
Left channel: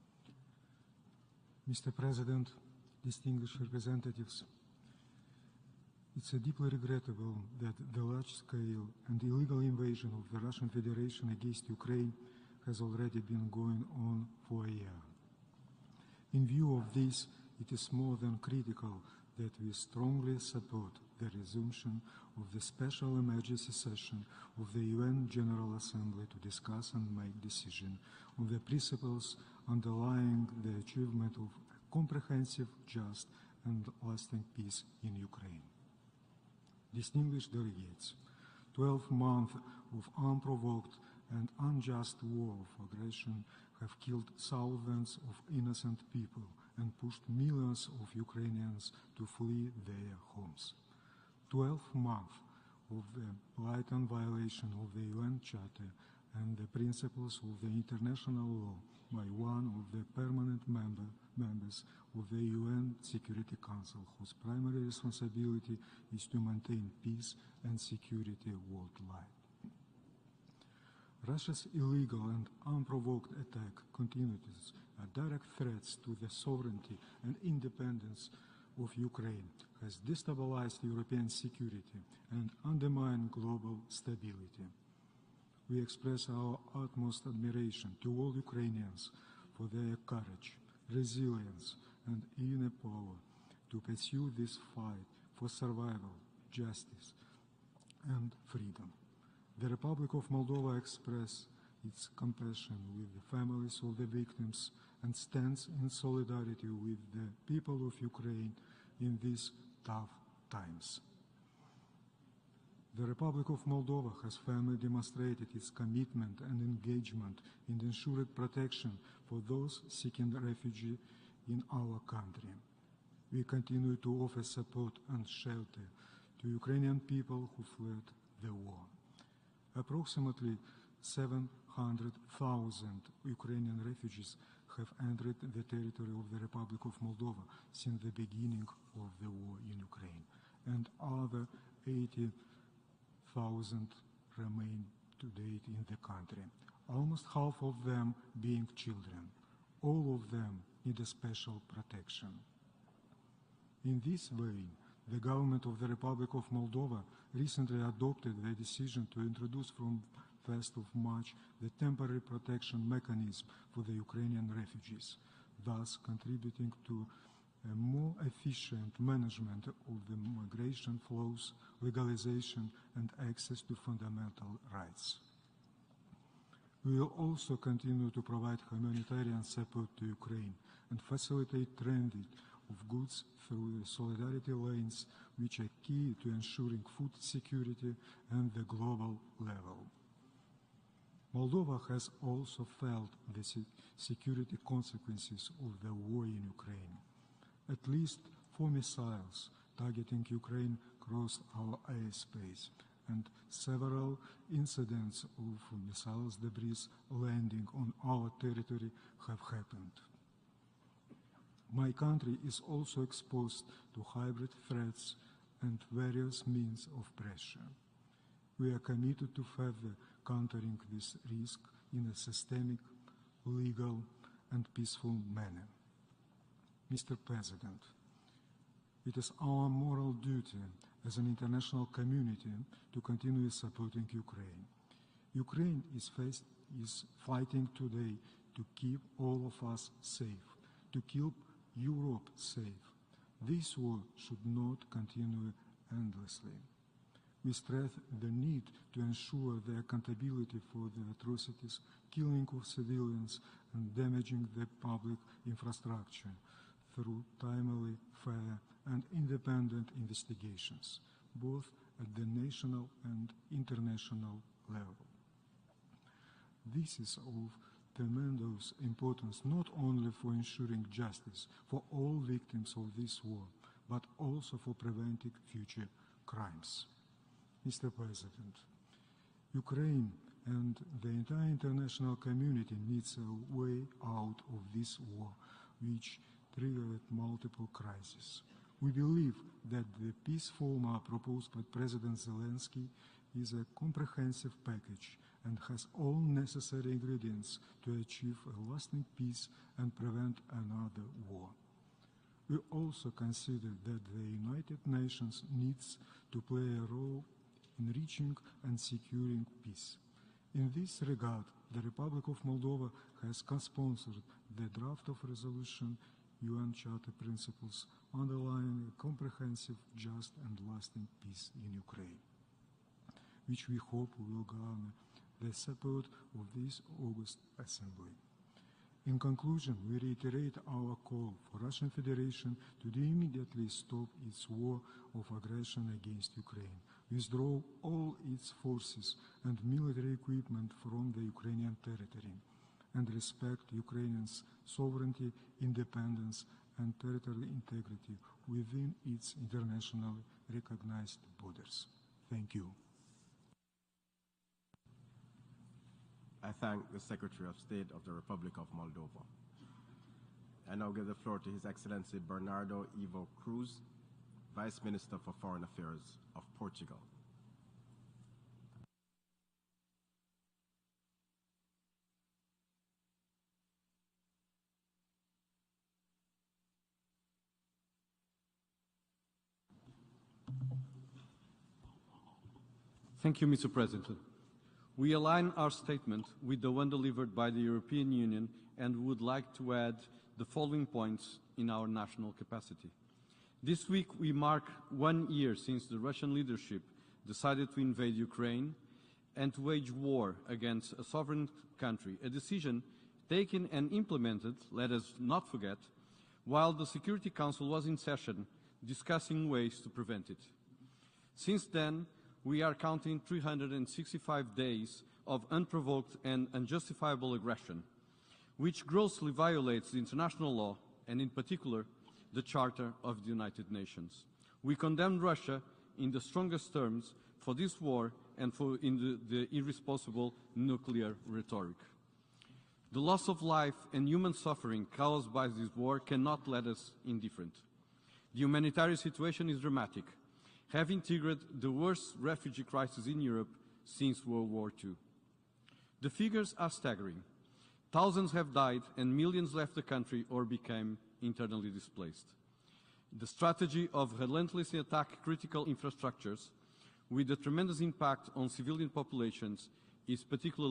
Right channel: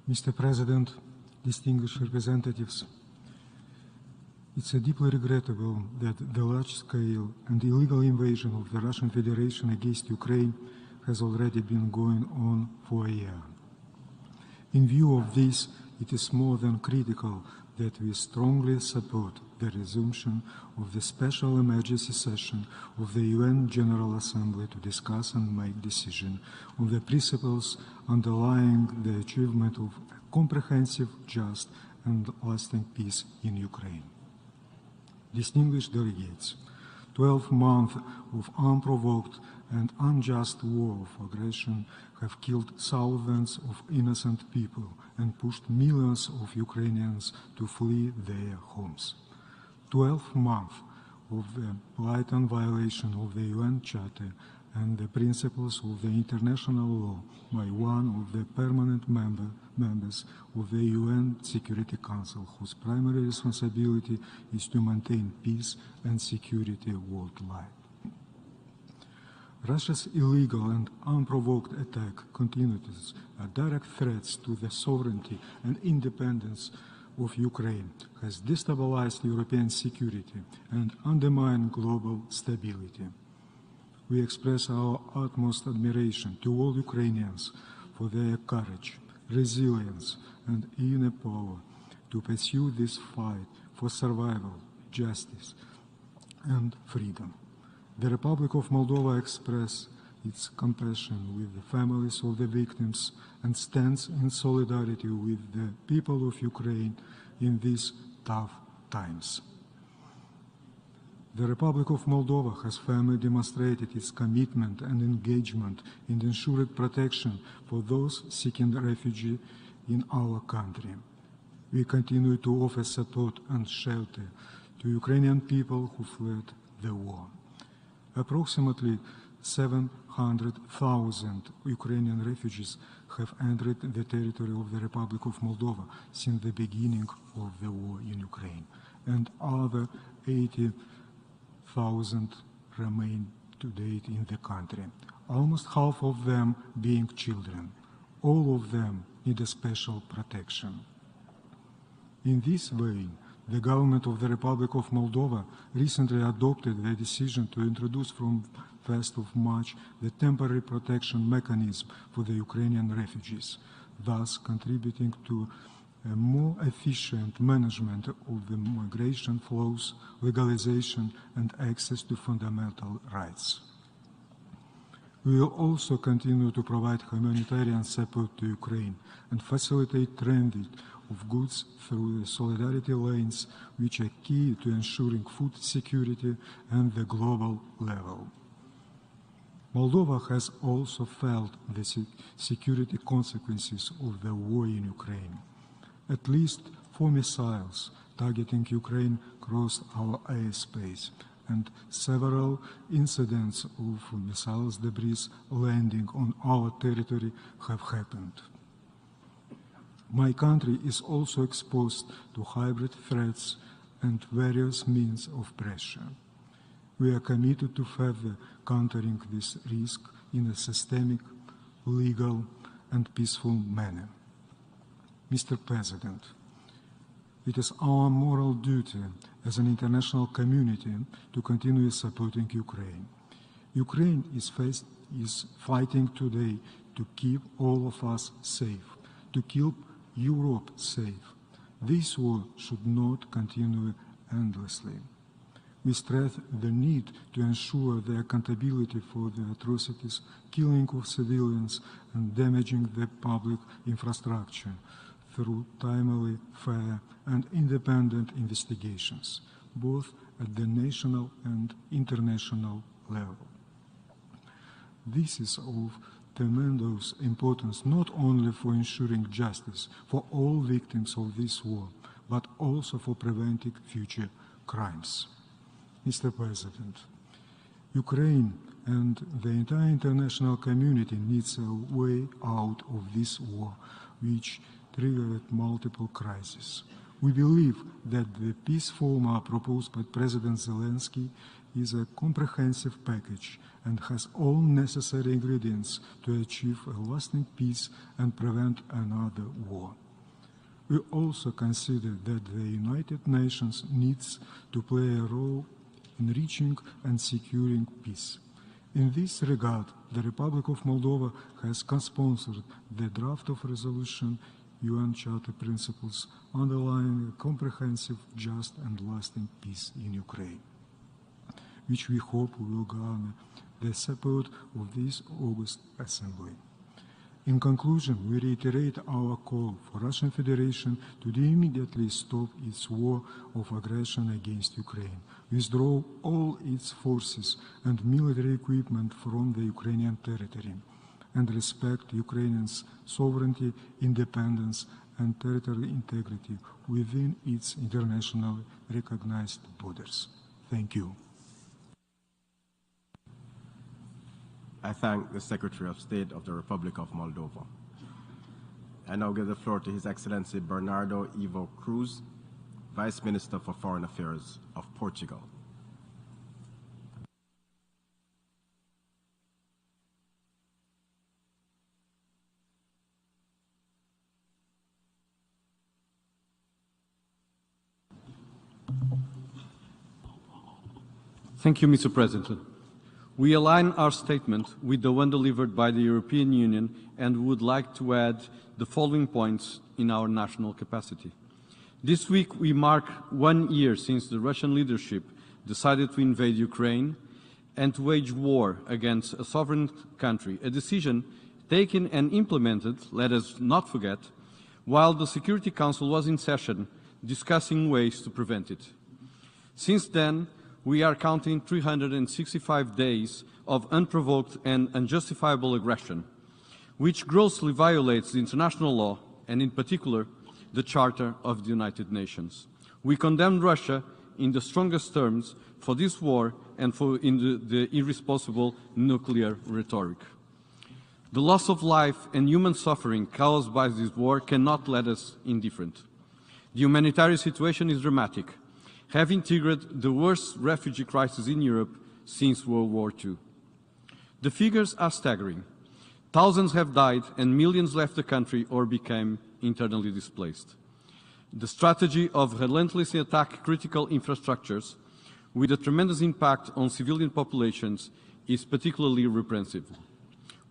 Mr. President, distinguished representatives, it's deeply regrettable that the large-scale and illegal invasion of the Russian Federation against Ukraine has already been going on for a year. In view of this, it is more than critical that we strongly support the resumption of the special emergency session of the UN General Assembly to discuss and make decisions on the principles underlying the achievement of comprehensive, just, and lasting peace in Ukraine. Distinguished delegates, 12 months of unprovoked and unjust war of aggression have killed thousands of innocent people and pushed millions of Ukrainians to flee their homes. 12 months of the blatant violation of the UN Charter and the principles of the international law by one of the permanent members of the UN Security Council, whose primary responsibility is to maintain peace and security worldwide. Russia's illegal and unprovoked attack continues are direct threats to the sovereignty and independence of Ukraine, has destabilized European security and undermined global stability. We express our utmost admiration to all Ukrainians for their courage, resilience, and inner power to pursue this fight for survival, justice, and freedom. The Republic of Moldova expresses its compassion with the families of the victims and stands in solidarity with the people of Ukraine in these tough times. The Republic of Moldova has firmly demonstrated its commitment and engagement in ensuring protection for those seeking refuge in our country. We continue to offer support and shelter to Ukrainian people who fled the war. Approximately 700,000 Ukrainian refugees have entered the territory of the Republic of Moldova since the beginning of the war in Ukraine, and other 80,000 remain to date in the country, almost half of them being children. All of them need a special protection. In this way, the government of the Republic of Moldova recently adopted the decision to introduce from 1st of March the temporary protection mechanism for the Ukrainian refugees, thus contributing to a more efficient management of the migration flows, legalization, and access to fundamental rights. We will also continue to provide humanitarian support to Ukraine and facilitate transit of goods through the solidarity lanes, which are key to ensuring food security and the global level. Moldova has also felt the security consequences of the war in Ukraine. At least 4 missiles targeting Ukraine crossed our airspace, and several incidents of missiles debris landing on our territory have happened. My country is also exposed to hybrid threats and various means of pressure. We are committed to further countering this risk in a systemic, legal, and peaceful manner. Mr. President, it is our moral duty as an international community to continue supporting Ukraine. Ukraine is fighting today to keep all of us safe, to keep Europe safe. This war should not continue endlessly. We stress the need to ensure the accountability for the atrocities, killing of civilians, and damaging the public infrastructure through timely, fair, and independent investigations, both at the national and international level. This is of tremendous importance not only for ensuring justice for all victims of this war, but also for preventing future crimes. Mr. President, Ukraine and the entire international community needs a way out of this war, which triggered multiple crises. We believe that the peace formula proposed by President Zelensky is a comprehensive package and has all necessary ingredients to achieve a lasting peace and prevent another war. We also consider that the United Nations needs to play a role in reaching and securing peace. In this regard, the Republic of Moldova has co-sponsored the draft of resolution UN Charter principles underlying a comprehensive, just and lasting peace in Ukraine. which we hope will garner the support of this August Assembly. In conclusion, we reiterate our call for Russian Federation to immediately stop its war of aggression against Ukraine, withdraw all its forces and military equipment from the Ukrainian territory, and respect Ukraine's sovereignty, independence, and territorial integrity within its internationally recognized borders. Thank you. Thank you. I thank the Secretary of State of the Republic of Moldova. I now give the floor to His Excellency Bernardo Ivo Cruz, Vice Minister for Foreign Affairs of Portugal. Thank you, Mr. President. We align our statement with the one delivered by the European Union and would like to add the following points in our national capacity. This week we mark 1 year since the Russian leadership decided to invade Ukraine and to wage war against a sovereign country, a decision taken and implemented, let us not forget, while the Security Council was in session discussing ways to prevent it. Since then, we are counting 365 days of unprovoked and unjustifiable aggression, which grossly violates the international law and, in particular, the Charter of the United Nations. We condemn Russia in the strongest terms for this war and for the irresponsible nuclear rhetoric. The loss of life and human suffering caused by this war cannot let us indifferent. The humanitarian situation is dramatic, having triggered the worst refugee crisis in Europe since World War II. The figures are staggering. Thousands have died and millions left the country or became internally displaced. The strategy of relentlessly attack critical infrastructures with a tremendous impact on civilian populations is particularly reprehensible.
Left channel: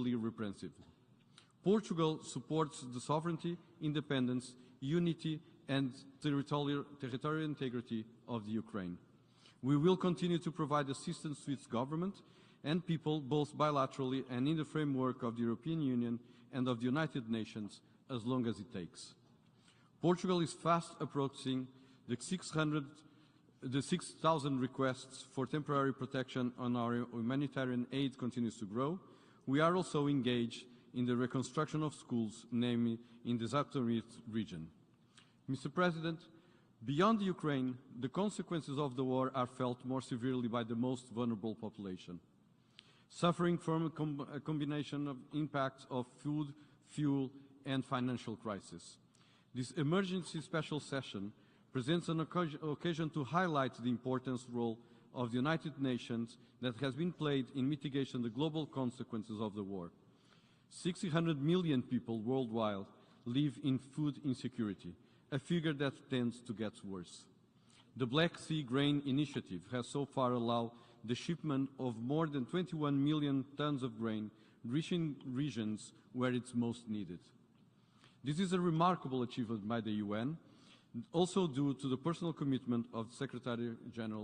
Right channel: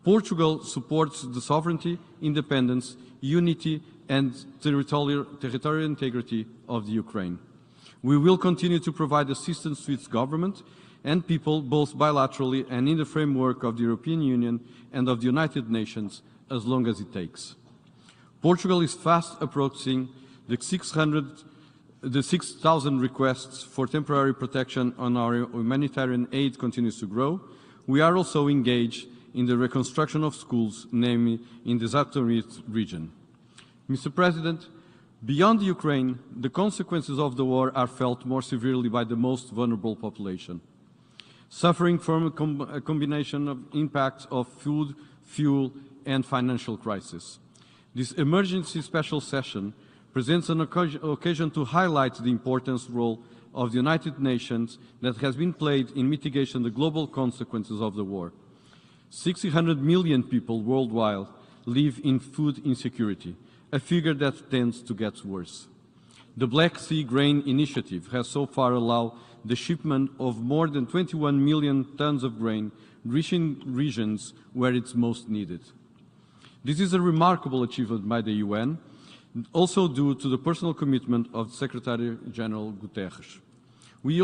Portugal supports the sovereignty, independence, unity and territorial integrity of the Ukraine. We will continue to provide assistance to its government and people both bilaterally and in the framework of the European Union and of the United Nations as long as it takes. Portugal is fast approaching the 6,000 requests for temporary protection on our humanitarian aid continues to grow. We are also engaged in the reconstruction of schools, namely in the Zaporozhye region. Mr. President, beyond Ukraine, the consequences of the war are felt more severely by the most vulnerable population, suffering from a combination of impacts of food, fuel and financial crisis. This emergency special session presents an occasion to highlight the important role of the United Nations that has been played in mitigating the global consequences of the war. 600 million people worldwide live in food insecurity, a figure that tends to get worse. The Black Sea Grain Initiative has so far allowed the shipment of more than 21 million tons of grain, reaching regions where it's most needed. This is a remarkable achievement by the UN, also due to the personal commitment of Secretary-General Guterres. We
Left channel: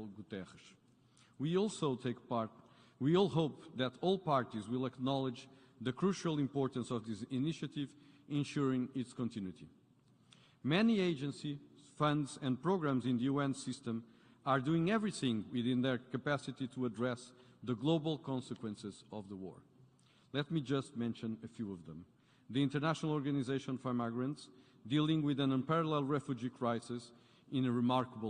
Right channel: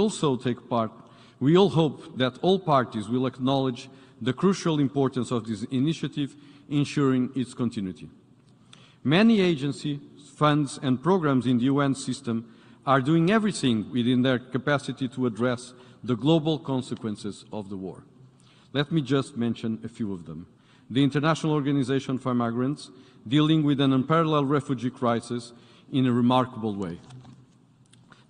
all hope that all parties will acknowledge the crucial importance of this initiative, ensuring its continuity. Many agencies, funds and programs in the UN system are doing everything within their capacity to address the global consequences of the war. Let me just mention a few of them. The International Organization for Migrants, dealing with an unparalleled refugee crisis in a remarkable way.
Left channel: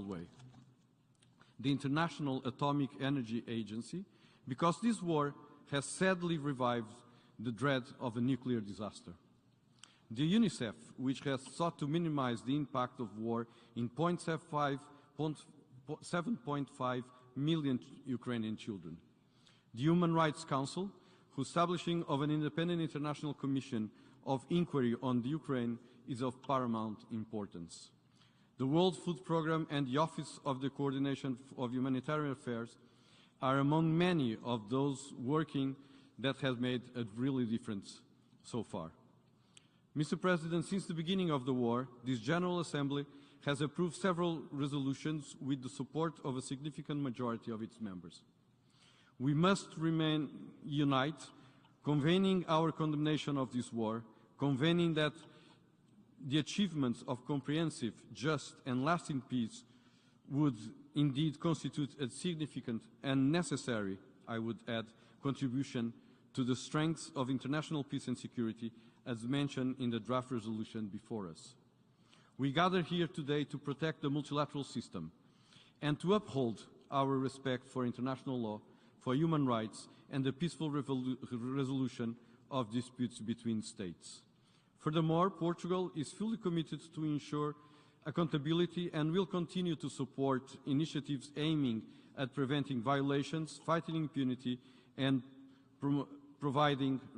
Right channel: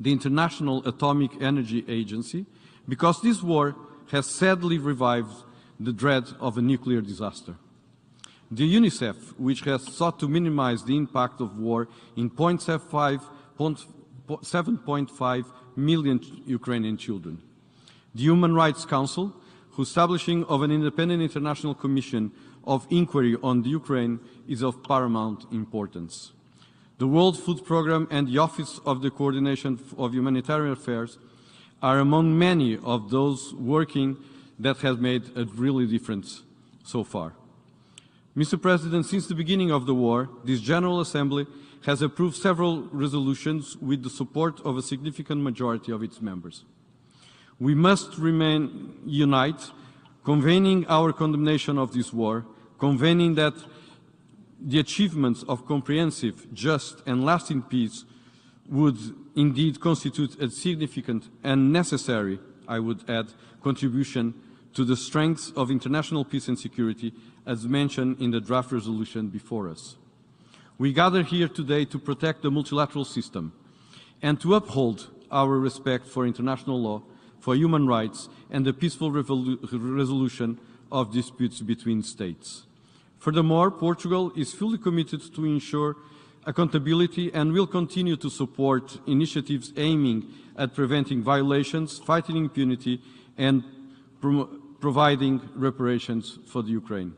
The International Atomic Energy Agency, because this war has sadly revived the dread of a nuclear disaster. The UNICEF, which has sought to minimize the impact of war in 7.5 million Ukrainian children. The Human Rights Council, whose establishing of an independent international commission of inquiry on the Ukraine is of paramount importance. The World Food Programme and the Office of the Coordination of Humanitarian Affairs are among many of those working that have made a really difference so far. Mr. President, since the beginning of the war, this General Assembly has approved several resolutions with the support of a significant majority of its members. We must remain united, convening our condemnation of this war, convening that the achievements of comprehensive, just and lasting peace would indeed constitute a significant and necessary, I would add, contribution to the strength of international peace and security, as mentioned in the draft resolution before us. We gather here today to protect the multilateral system and to uphold our respect for international law, for human rights, and the peaceful resolution of disputes between states. Furthermore, Portugal is fully committed to ensure accountability and will continue to support initiatives aiming at preventing violations, fighting impunity, and providing reparations for the Ukraine.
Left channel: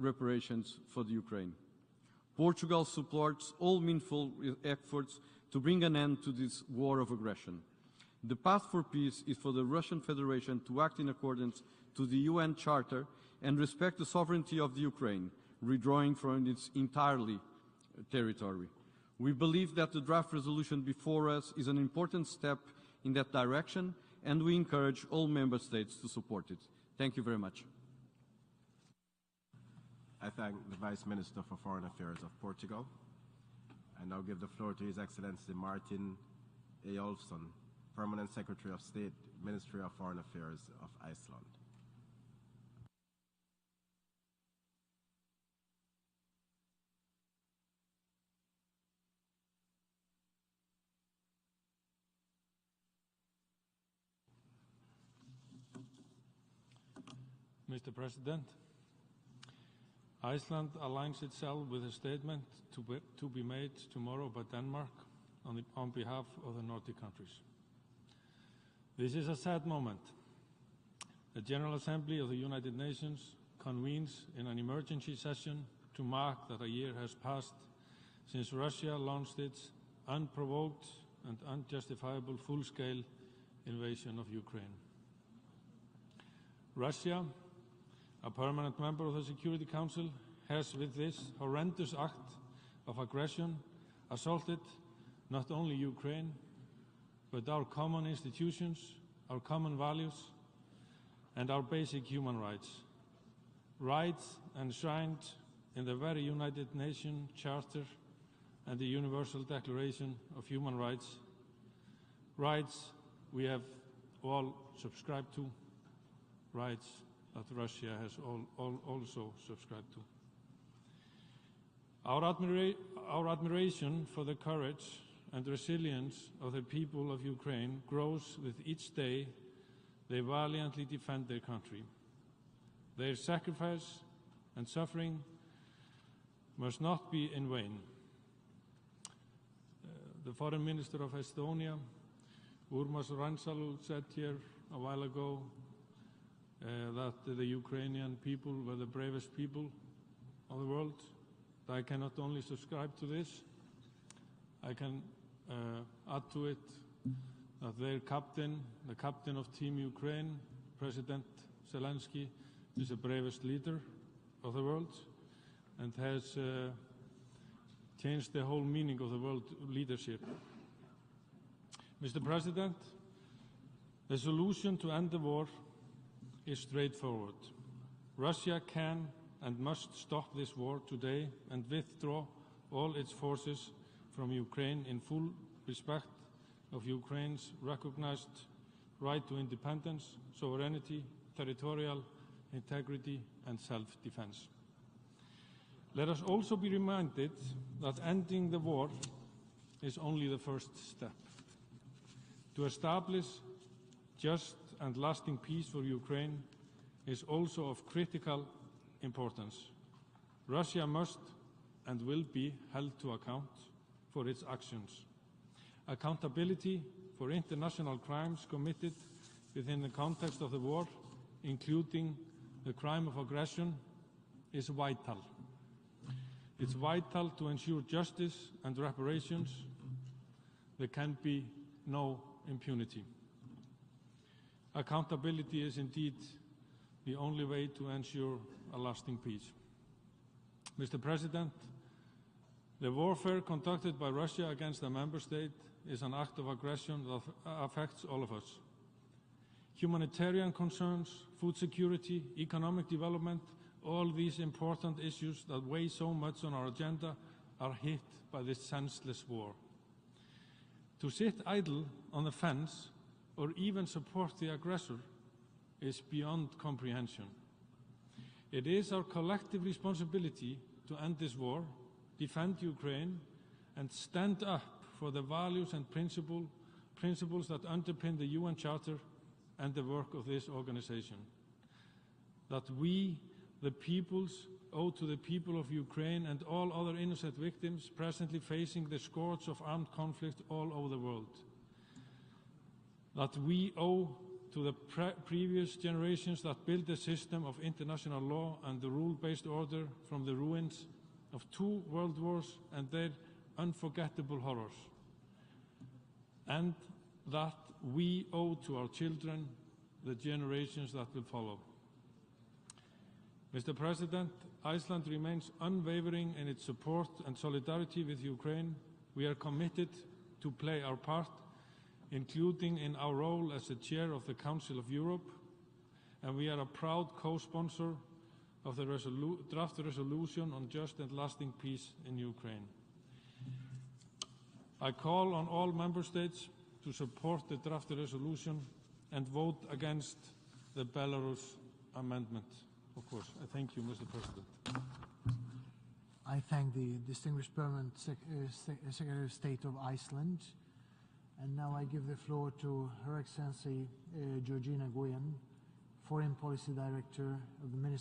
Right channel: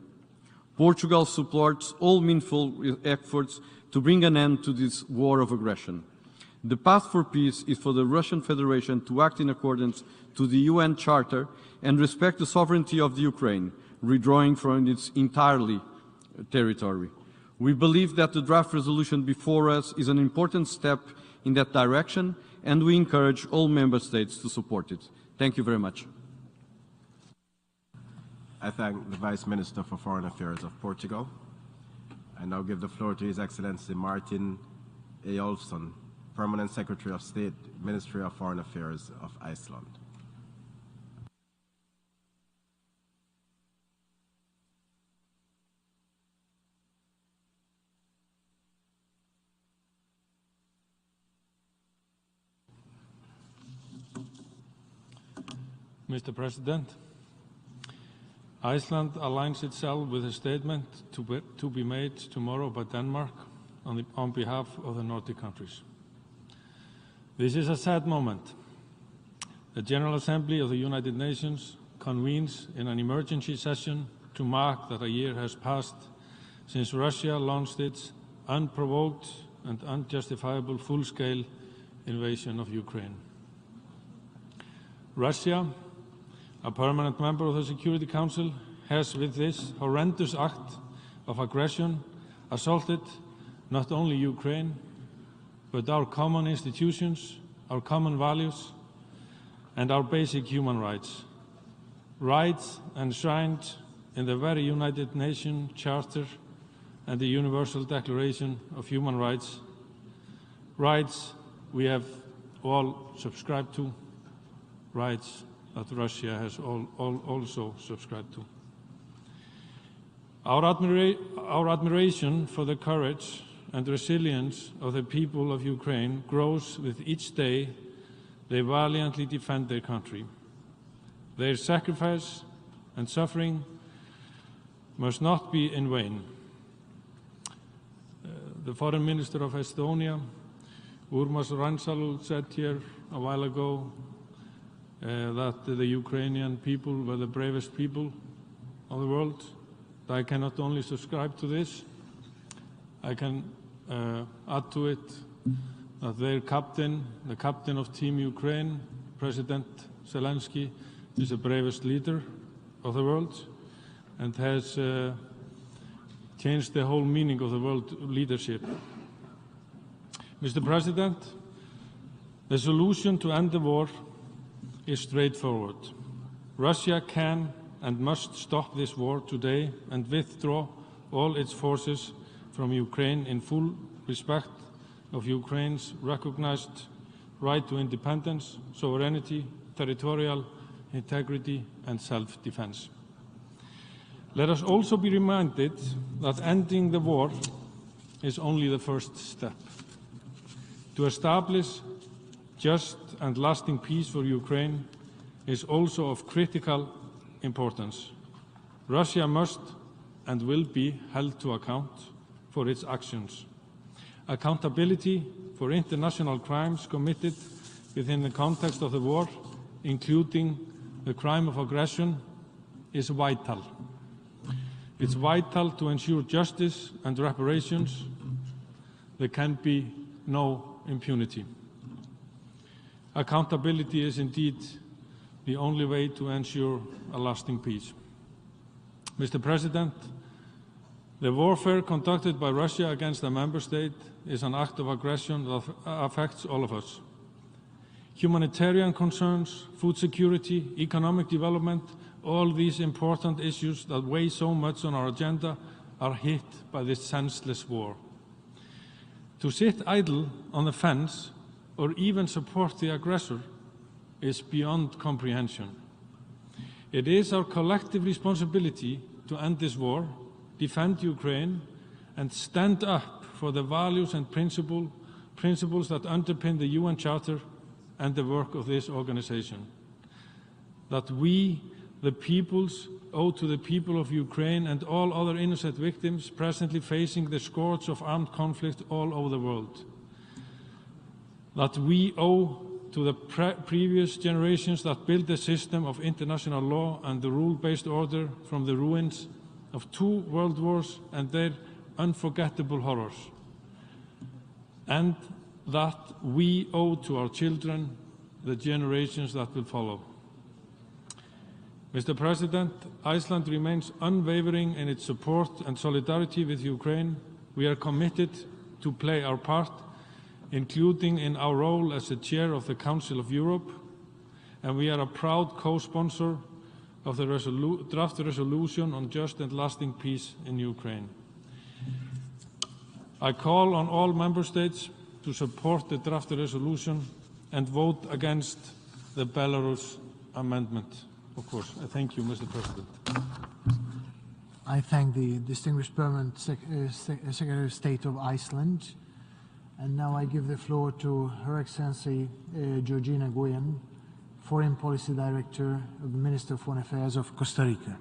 Portugal supports all meaningful efforts to bring an end to this war of aggression. The path for peace is for the Russian Federation to act in accordance to the UN Charter and respect the sovereignty of the Ukraine, withdrawing from its entirely territory. We believe that the draft resolution before us is an important step in that direction, and we encourage all member states to support it. Thank you very much. Thank you very much. I thank the Vice Minister for Foreign Affairs of Portugal. I now give the floor to His Excellency Martin Eyolfsson, Permanent Secretary of State, Ministry of Foreign Affairs of Iceland. Mr. President, Iceland aligns itself with a statement to be made tomorrow by Denmark on behalf of the Nordic countries. This is a sad moment. The General Assembly of the United Nations convenes in an emergency session to mark that a year has passed since Russia launched its unprovoked and unjustifiable full-scale invasion of Ukraine. Russia, a permanent member of the Security Council, has with this horrendous act of aggression assaulted not only Ukraine, but our common institutions, our common values, and our basic human rights. Rights enshrined in the very United Nations Charter and the Universal Declaration of Human Rights. Rights we have all subscribed to, rights that Russia has also subscribed to. Our admiration for the courage and resilience of the people of Ukraine grows with each day they valiantly defend their country. Their sacrifice and suffering must not be in vain. The Foreign Minister of Estonia, Urmas Reinsalu, said here a while ago that the Ukrainian people were the bravest people of the world. I cannot only subscribe to this, I can add to it that their captain, the captain of Team Ukraine, President Zelensky, is the bravest leader of the world and has changed the whole meaning of the world leadership. Mr. President, the solution to end the war is straightforward. Russia can and must stop this war today and withdraw all its forces from Ukraine in full respect of Ukraine's recognized right to independence, sovereignty, territorial integrity, and self-defense. Let us also be reminded that ending the war is only the first step. To establish just and lasting peace for Ukraine is also of critical importance. Russia must and will be held to account for its actions. Accountability for international crimes committed within the context of the war, including the crime of aggression, is vital. It's vital to ensure justice and reparations. There can be no impunity. Accountability is indeed the only way to ensure a lasting peace. Mr. President, The warfare conducted by Russia against a member state is an act of aggression that affects all of us. Humanitarian concerns, food security, economic development, all these important issues that weigh so much on our agenda are hit by this senseless war. To sit idle on the fence or even support the aggressor is beyond comprehension. It is our collective responsibility to end this war, defend Ukraine, and stand up for the values and principles that underpin the UN Charter and the work of this organization. That we, the peoples, owe to the people of Ukraine and all other innocent victims presently facing the scourge of armed conflict all over the world. That we owe to the previous generations that built the system of international law and the rule-based order from the ruins of 2 world wars and their unforgettable horrors. And that we owe to our children, the generations that will follow. Mr. President, Iceland remains unwavering in its support and solidarity with Ukraine. We are committed to play our part, including in our role as the chair of the Council of Europe, and we are a proud co-sponsor of the draft resolution on just and lasting peace in Ukraine. I call on all member states to support the draft resolution and vote against the Belarus amendment. Of course. Thank you, Mr. President. I thank the distinguished permanent Secretary of State of Iceland. And now I give the floor to Her Excellency Georgina Goyen, Foreign Policy Director of the Minister of Foreign Affairs of Costa Rica.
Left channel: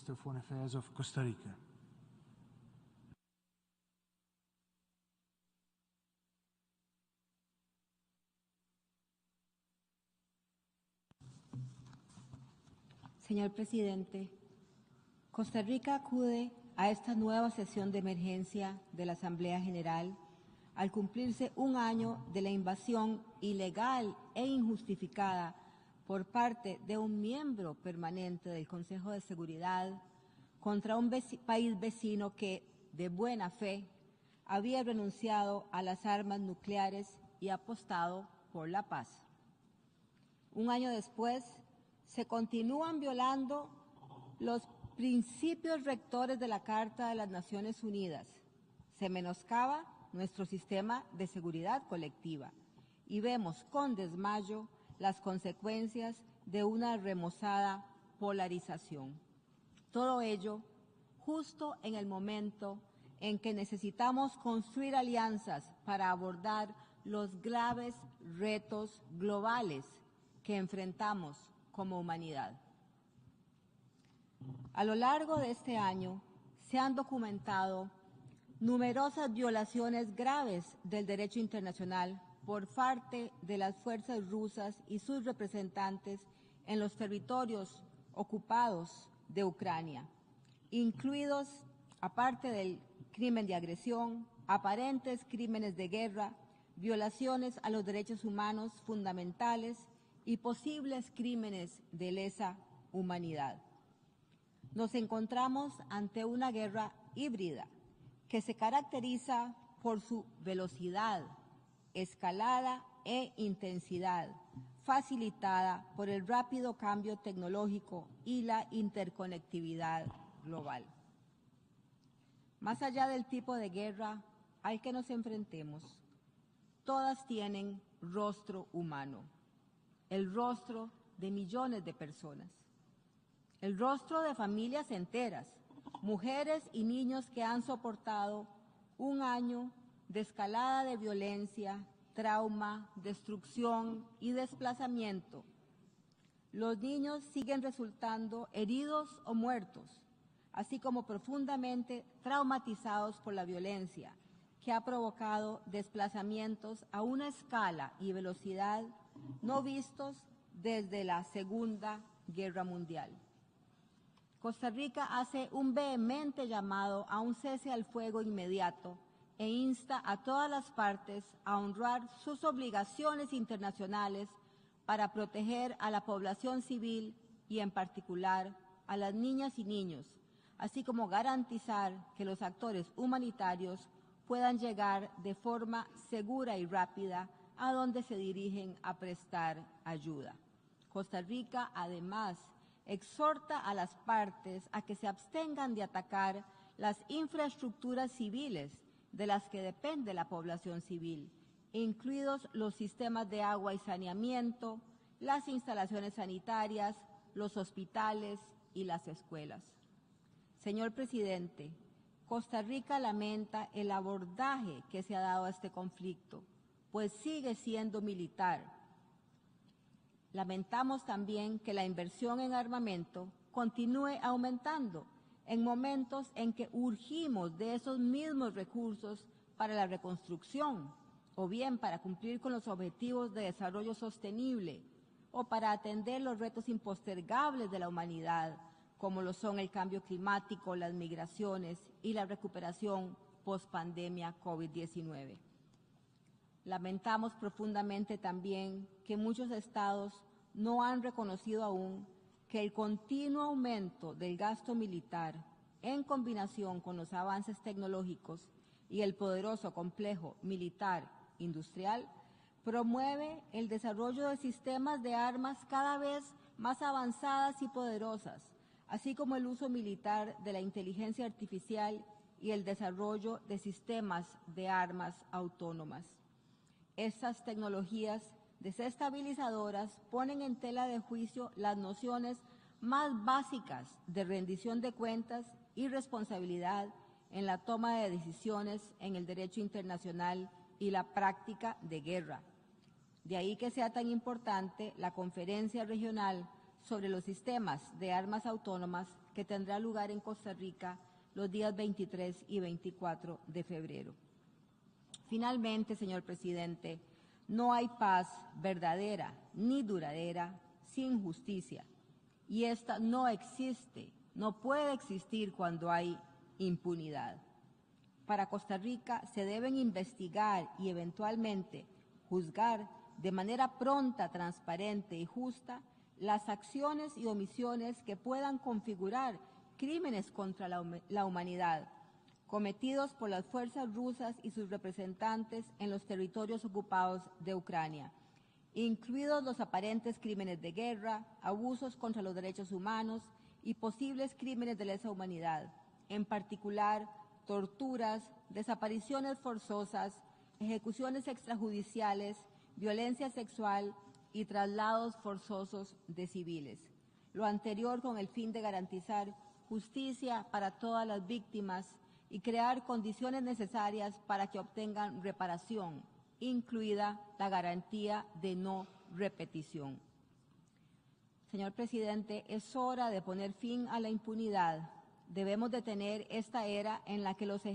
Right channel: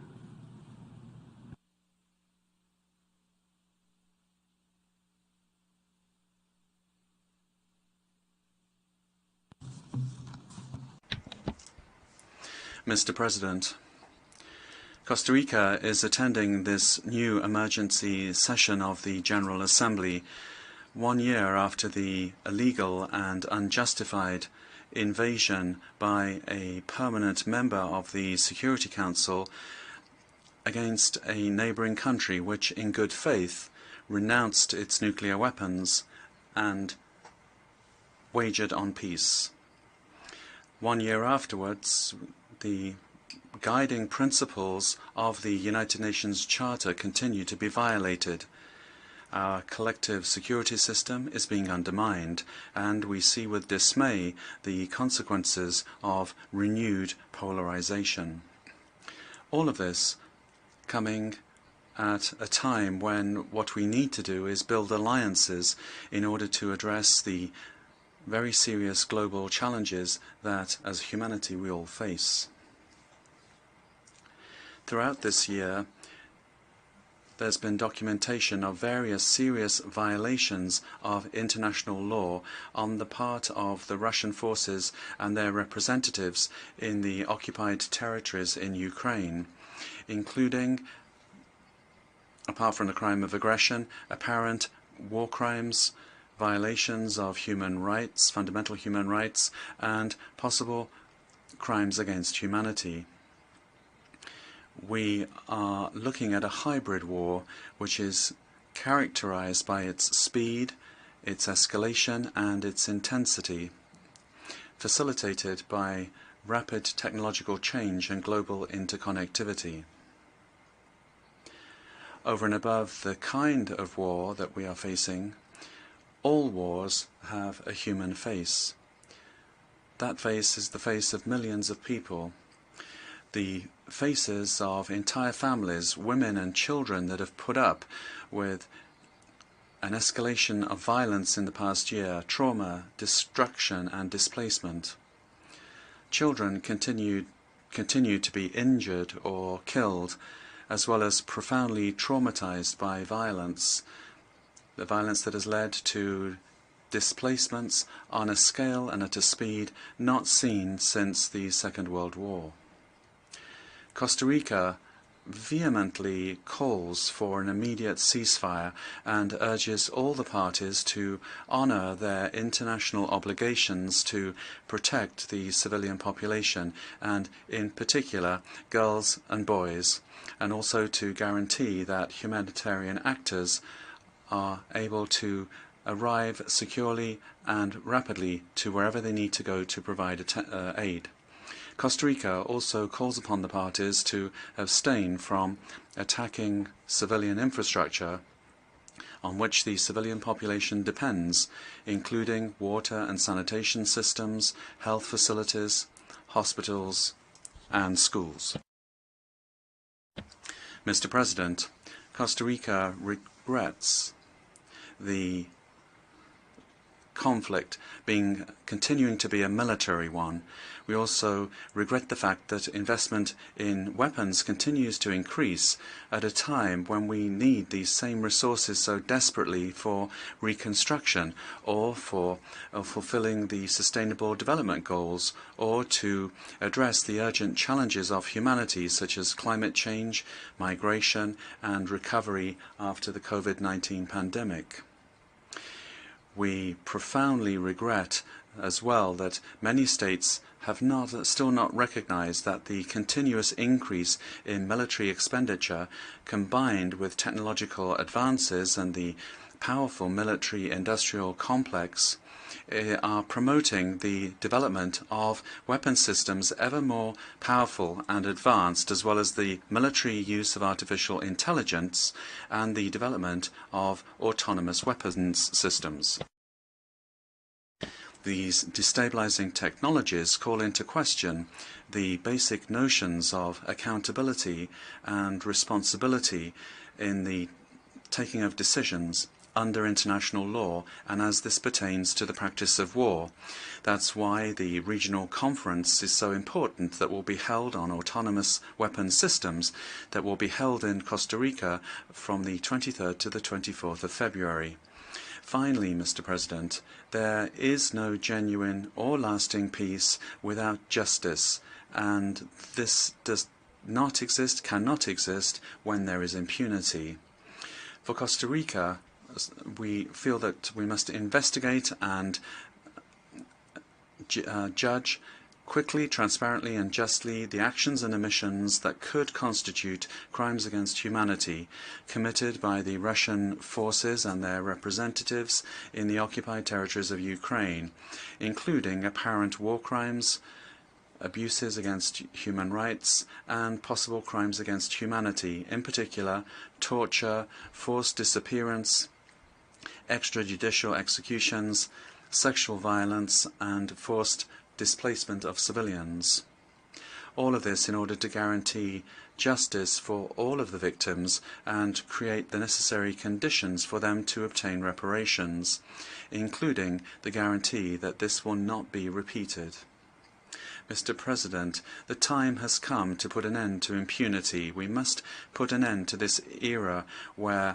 Mr. President, Costa Rica is attending this new emergency session of the General Assembly 1 year after the illegal and unjustified invasion by a permanent member of the Security Council against a neighboring country which, in good faith, renounced its nuclear weapons and wagered on peace. 1 year afterwards, the guiding principles of the United Nations Charter continue to be violated. Our collective security system is being undermined, and we see with dismay the consequences of renewed polarization. All of this coming at a time when what we need to do is build alliances in order to address the very serious global challenges that, as humanity, we all face. Throughout this year, there's been documentation of various serious violations of international law on the part of the Russian forces and their representatives in the occupied territories in Ukraine, including, apart from the crime of aggression, apparent war crimes, violations of human rights, fundamental human rights, and possible crimes against humanity. We are looking at a hybrid war which is characterized by its speed, its escalation, and its intensity, facilitated by rapid technological change and global interconnectivity. Over and above the kind of war that we are facing, all wars have a human face. That face is the face of millions of people. The faces of entire families, women and children that have put up with an escalation of violence in the past year, trauma, destruction and displacement. Children continue to be injured or killed, as well as profoundly traumatized by violence. The violence that has led to displacements on a scale and at a speed not seen since the Second World War. Costa Rica vehemently calls for an immediate ceasefire and urges all the parties to honor their international obligations to protect the civilian population and, in particular, girls and boys, and also to guarantee that humanitarian actors are able to arrive securely and rapidly to wherever they need to go to provide aid. Costa Rica also calls upon the parties to abstain from attacking civilian infrastructure on which the civilian population depends, including water and sanitation systems, health facilities, hospitals, and schools. Mr. President, Costa Rica regrets the conflict continuing to be a military one. We also regret the fact that investment in weapons continues to increase at a time when we need these same resources so desperately for reconstruction or for fulfilling the Sustainable Development Goals or to address the urgent challenges of humanity such as climate change, migration and recovery after the COVID-19 pandemic. We profoundly regret as well that many states have still not recognized that the continuous increase in military expenditure, combined with technological advances and the powerful military-industrial complex, are promoting the development of weapon systems ever more powerful and advanced, as well as the military use of artificial intelligence and the development of autonomous weapons systems. These destabilizing technologies call into question the basic notions of accountability and responsibility in the taking of decisions under international law and as this pertains to the practice of war. That's why the regional conference is so important that will be held on autonomous weapons systems that will be held in Costa Rica from the 23rd to the 24th of February. Finally, Mr. President, there is no genuine or lasting peace without justice, and this does not exist, cannot exist, when there is impunity. For Costa Rica, we feel that we must investigate and judge quickly, transparently and justly the actions and omissions that could constitute crimes against humanity committed by the Russian forces and their representatives in the occupied territories of Ukraine, including apparent war crimes, abuses against human rights, and possible crimes against humanity, in particular torture, forced disappearance, extrajudicial executions, sexual violence, and forced displacement of civilians. All of this in order to guarantee justice for all of the victims and create the necessary conditions for them to obtain reparations, including the guarantee that this will not be repeated. Mr. President, the time has come to put an end to impunity. We must put an end to this era where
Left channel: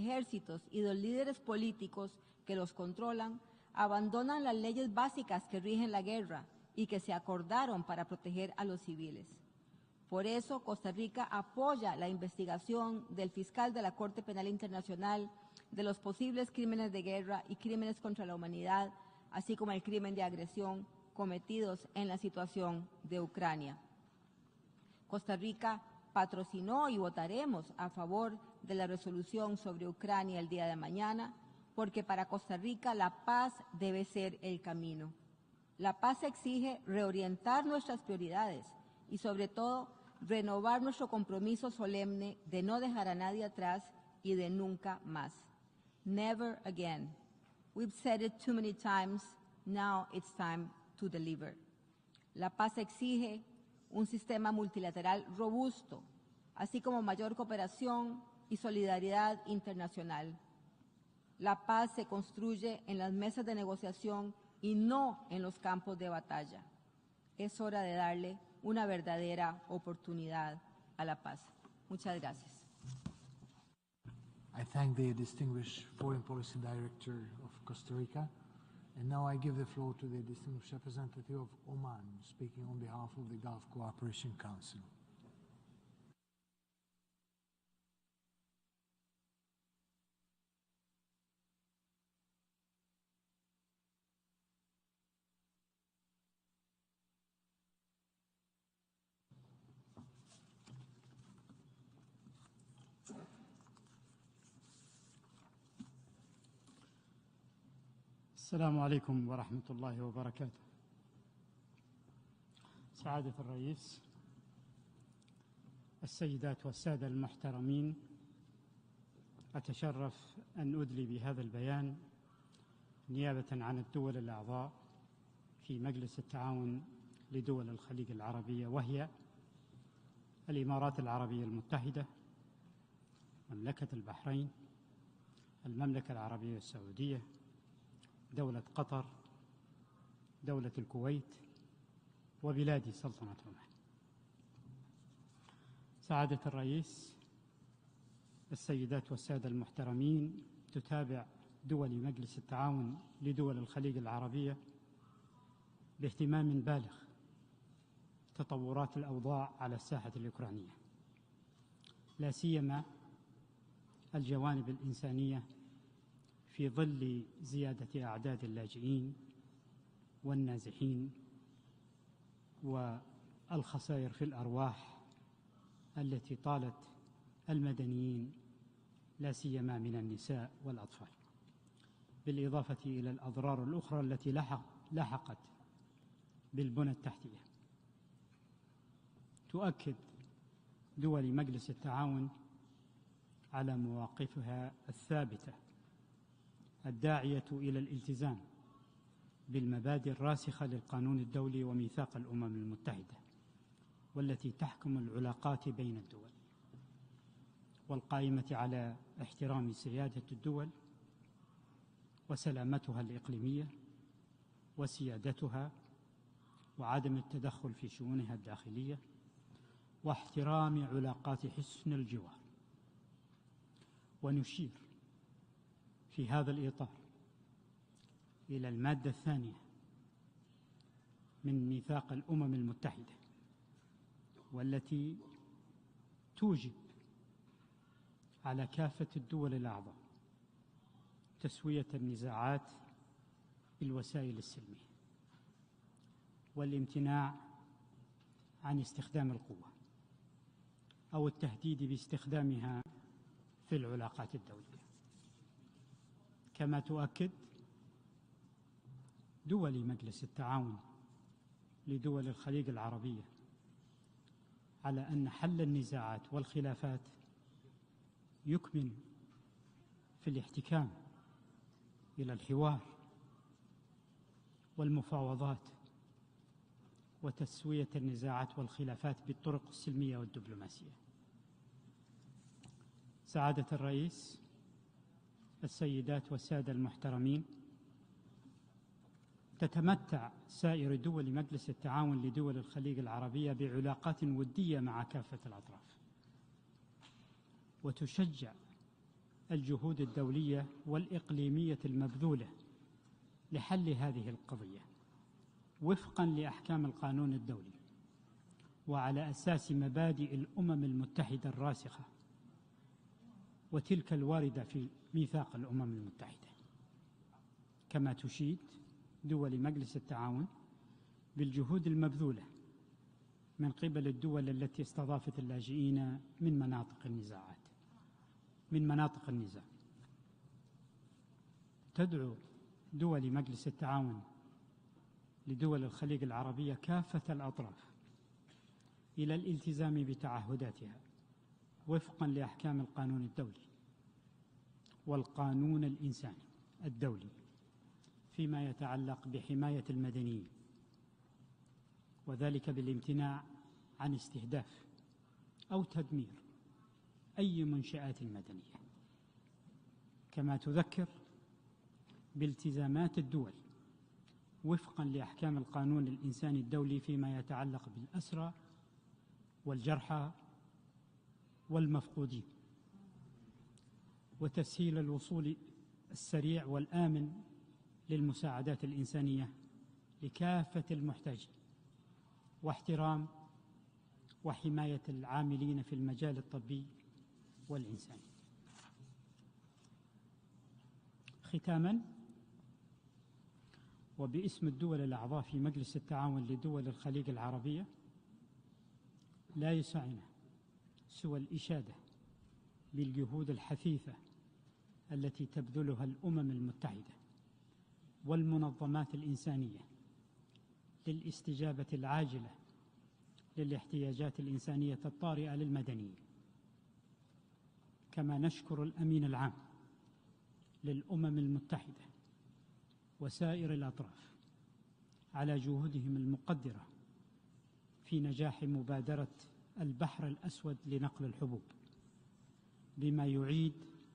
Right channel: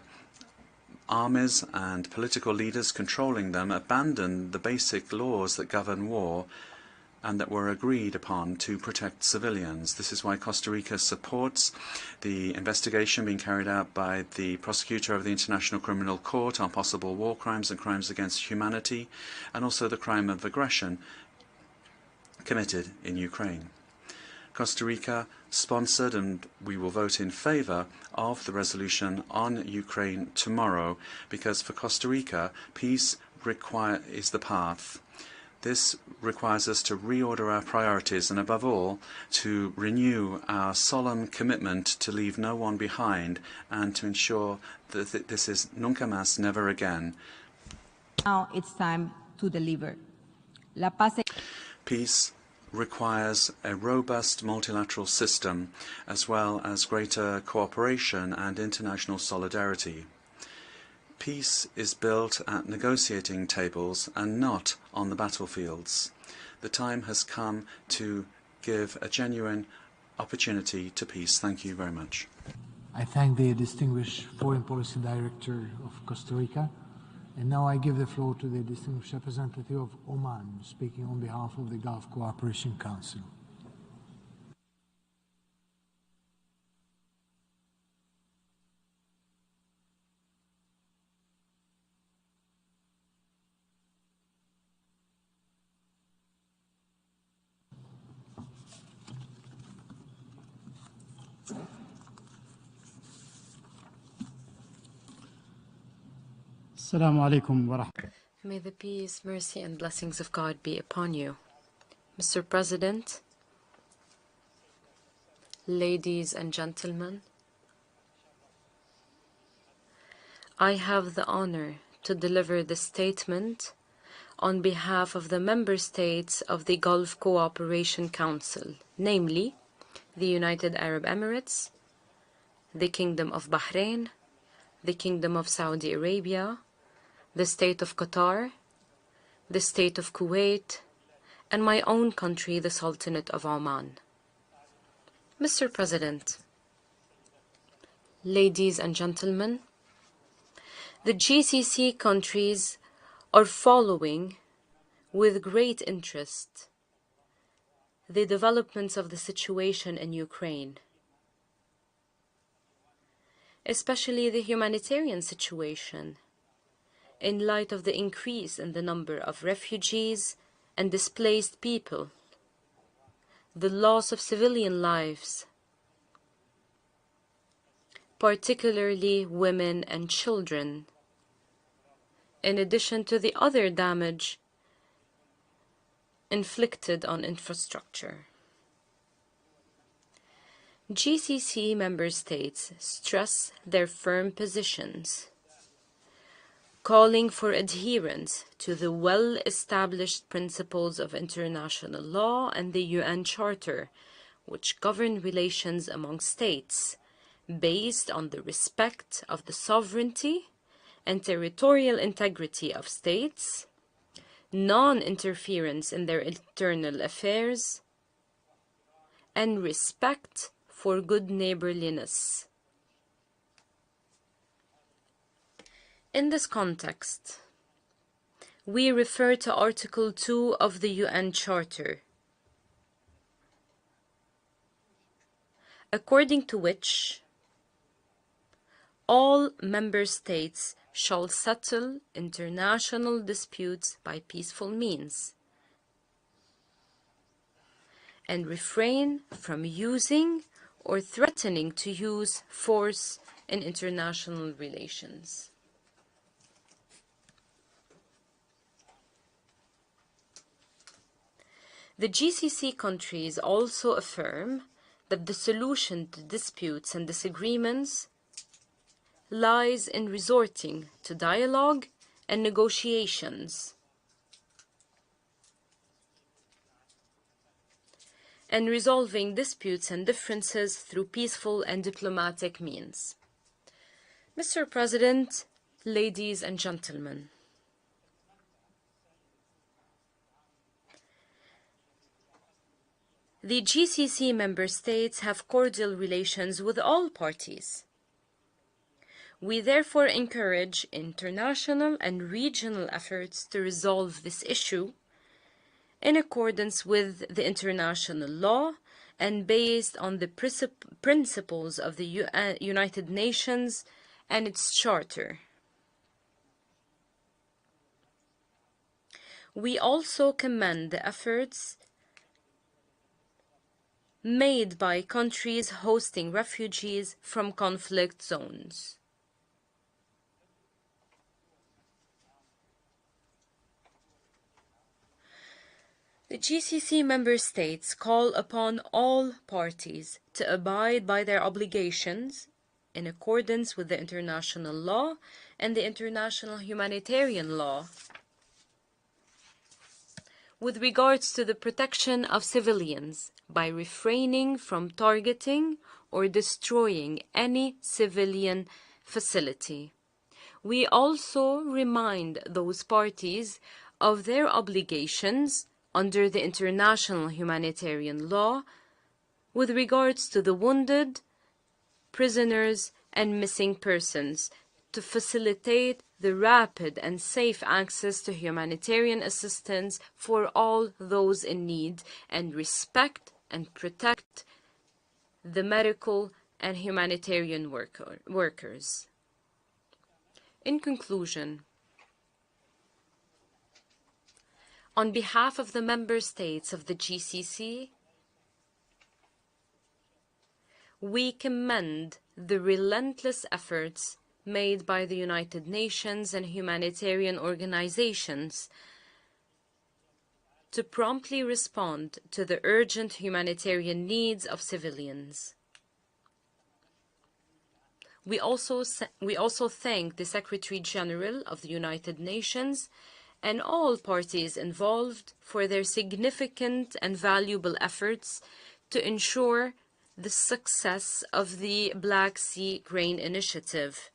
armies and political leaders controlling them abandon the basic laws that govern war and that were agreed upon to protect civilians. This is why Costa Rica supports the investigation being carried out by the prosecutor of the International Criminal Court on possible war crimes and crimes against humanity, and also the crime of aggression committed in Ukraine. Costa Rica sponsored, and we will vote in favor of the resolution on Ukraine tomorrow, because for Costa Rica, peace is the path. This requires us to reorder our priorities and, above all, to renew our solemn commitment to leave no one behind and to ensure that this is nunca más, never again. Now it's time to deliver. Peace requires a robust multilateral system, as well as greater cooperation and international solidarity. Peace is built at negotiating tables and not on the battlefields. The time has come to give a genuine opportunity to peace. Thank you very much. I thank the distinguished foreign policy directors of Costa Rica. And now I give the floor to the distinguished representative of Oman, speaking on behalf of the Gulf Cooperation Council. May the peace, mercy, and blessings of God be upon you. Mr. President, ladies and gentlemen, I have the honor to deliver this statement on behalf of the member states of the Gulf Cooperation Council, namely the United Arab Emirates, the Kingdom of Bahrain, the Kingdom of Saudi Arabia, the State of Qatar, the State of Kuwait, and my own country, the Sultanate of Oman. Mr. President, ladies and gentlemen, the GCC countries are following with great interest the developments of the situation in Ukraine, especially the humanitarian situation, in light of the increase in the number of refugees and displaced people, the loss of civilian lives, particularly women and children, in addition to the other damage inflicted on infrastructure. GCC member states stress their firm positions, calling for adherence to the well-established principles of international law and the UN Charter, which govern relations among states, based on the respect of the sovereignty and territorial integrity of states, non-interference in their internal affairs, and respect for good neighborliness. In this context, we refer to Article 2 of the UN Charter, according to which all member states shall settle international disputes by peaceful means and refrain from using or threatening to use force in international relations. The GCC countries also affirm that the solution to disputes and disagreements lies in resorting to dialogue and negotiations, and resolving disputes and differences through peaceful and diplomatic means. Mr. President, ladies and gentlemen, the GCC member states have cordial relations with all parties. We therefore encourage international and regional efforts to resolve this issue in accordance with the international law and based on the principles of the United Nations and its charter. We also commend the efforts made by countries hosting refugees from conflict zones. The GCC member states call upon all parties to abide by their obligations in accordance with the international law and the international humanitarian law with regards to the protection of civilians by refraining from targeting or destroying any civilian facility. We also remind those parties of their obligations under the international humanitarian law with regards to the wounded, prisoners, and missing persons to facilitate the rapid and safe access to humanitarian assistance for all those in need and respect and protect the medical and humanitarian workers. In conclusion, on behalf of the member states of the GCC, we commend the relentless efforts made by the United Nations and humanitarian organizations to promptly respond to the urgent humanitarian needs of civilians. We also thank the Secretary General of the United Nations and all parties involved for their significant and valuable efforts to ensure the success of the Black Sea Grain Initiative,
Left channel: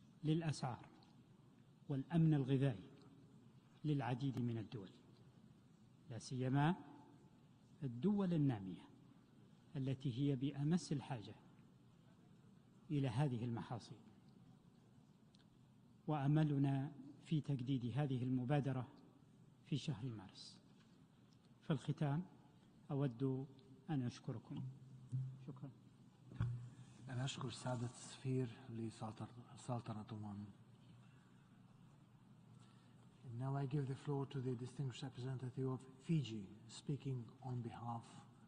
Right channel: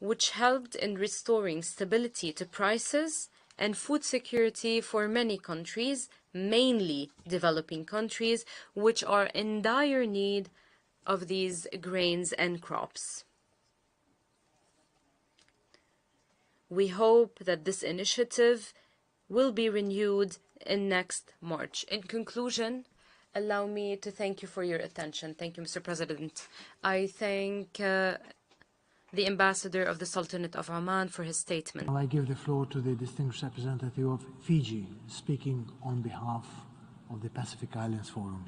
which helped in restoring stability to prices and food security for many countries, mainly developing countries, which are in dire need of these grains and crops. We hope that this initiative will be renewed in next March. In conclusion, allow me to thank you for your attention. Thank you, Mr. President. I thank the Ambassador of the Sultanate of Oman for his statement. I give the floor to the distinguished representative of Fiji, speaking on behalf of the Pacific Islands Forum.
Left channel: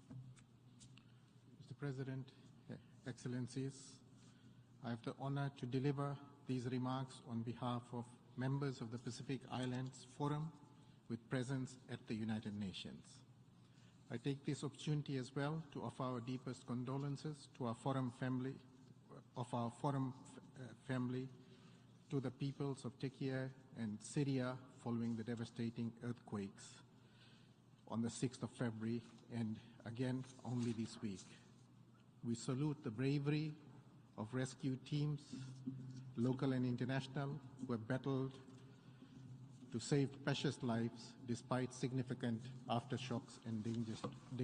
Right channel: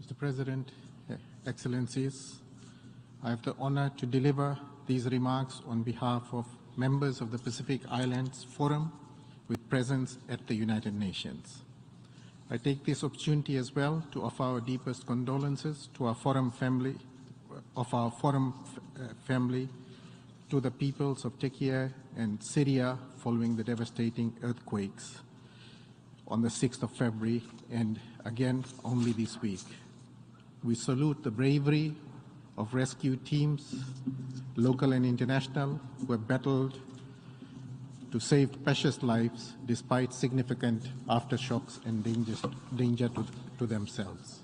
Mr. President, Excellencies, I have the honor to deliver these remarks on behalf of members of the Pacific Islands Forum with presence at the United Nations. I take this opportunity as well to offer our deepest condolences to our Forum family, to the peoples of Turkey and Syria following the devastating earthquakes on the 6th of February and again only this week. We salute the bravery of rescue teams, local and international, who have battled to save precious lives despite significant aftershocks and danger to themselves.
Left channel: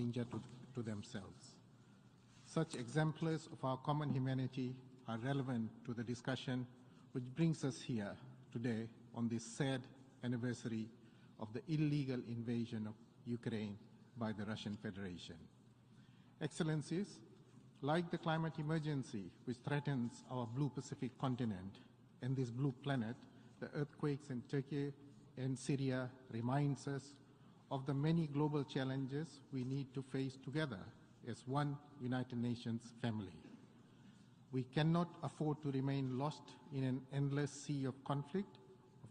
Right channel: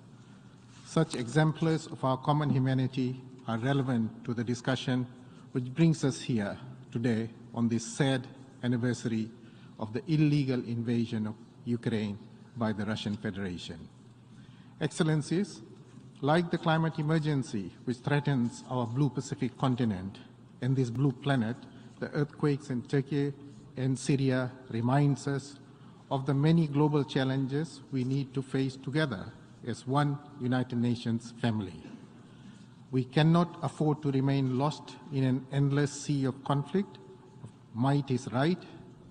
Such exemplars of our common humanity are relevant to the discussion which brings us here today on this sad anniversary of the illegal invasion of Ukraine by the Russian Federation. Excellencies, like the climate emergency which threatens our blue Pacific continent and this blue planet, the earthquakes in Turkey and Syria reminds us of the many global challenges we need to face together as one United Nations family. We cannot afford to remain lost in an endless sea of conflict. Might is right,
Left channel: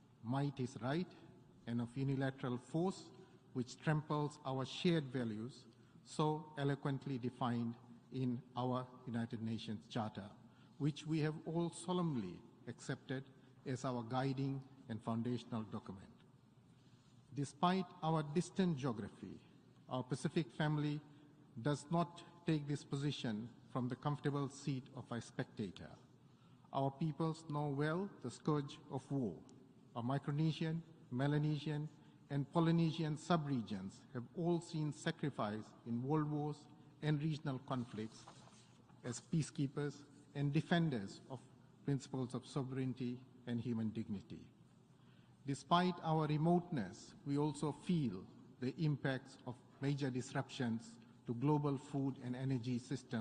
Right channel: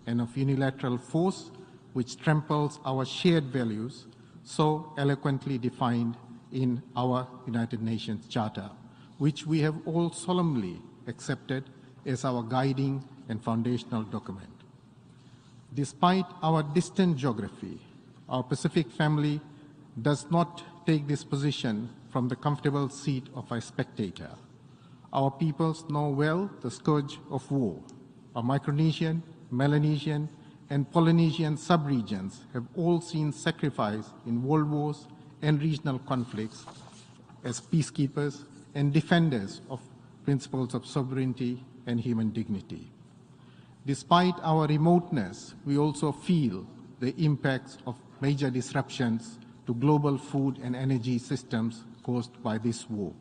and of unilateral force which tramples our shared values so eloquently defined in our United Nations Charter, which we have all solemnly accepted as our guiding and foundational document. Despite our distant geography, our Pacific family does not take this position from the comfortable seat of a spectator. Our peoples know well the scourge of war. Our Micronesian, Melanesian, and Polynesian subregions have all seen sacrifice in world wars and regional conflicts as peacekeepers and defenders of principles of sovereignty and human dignity. Despite our remoteness, we also feel the impacts of major disruptions to global food and energy systems caused by this war.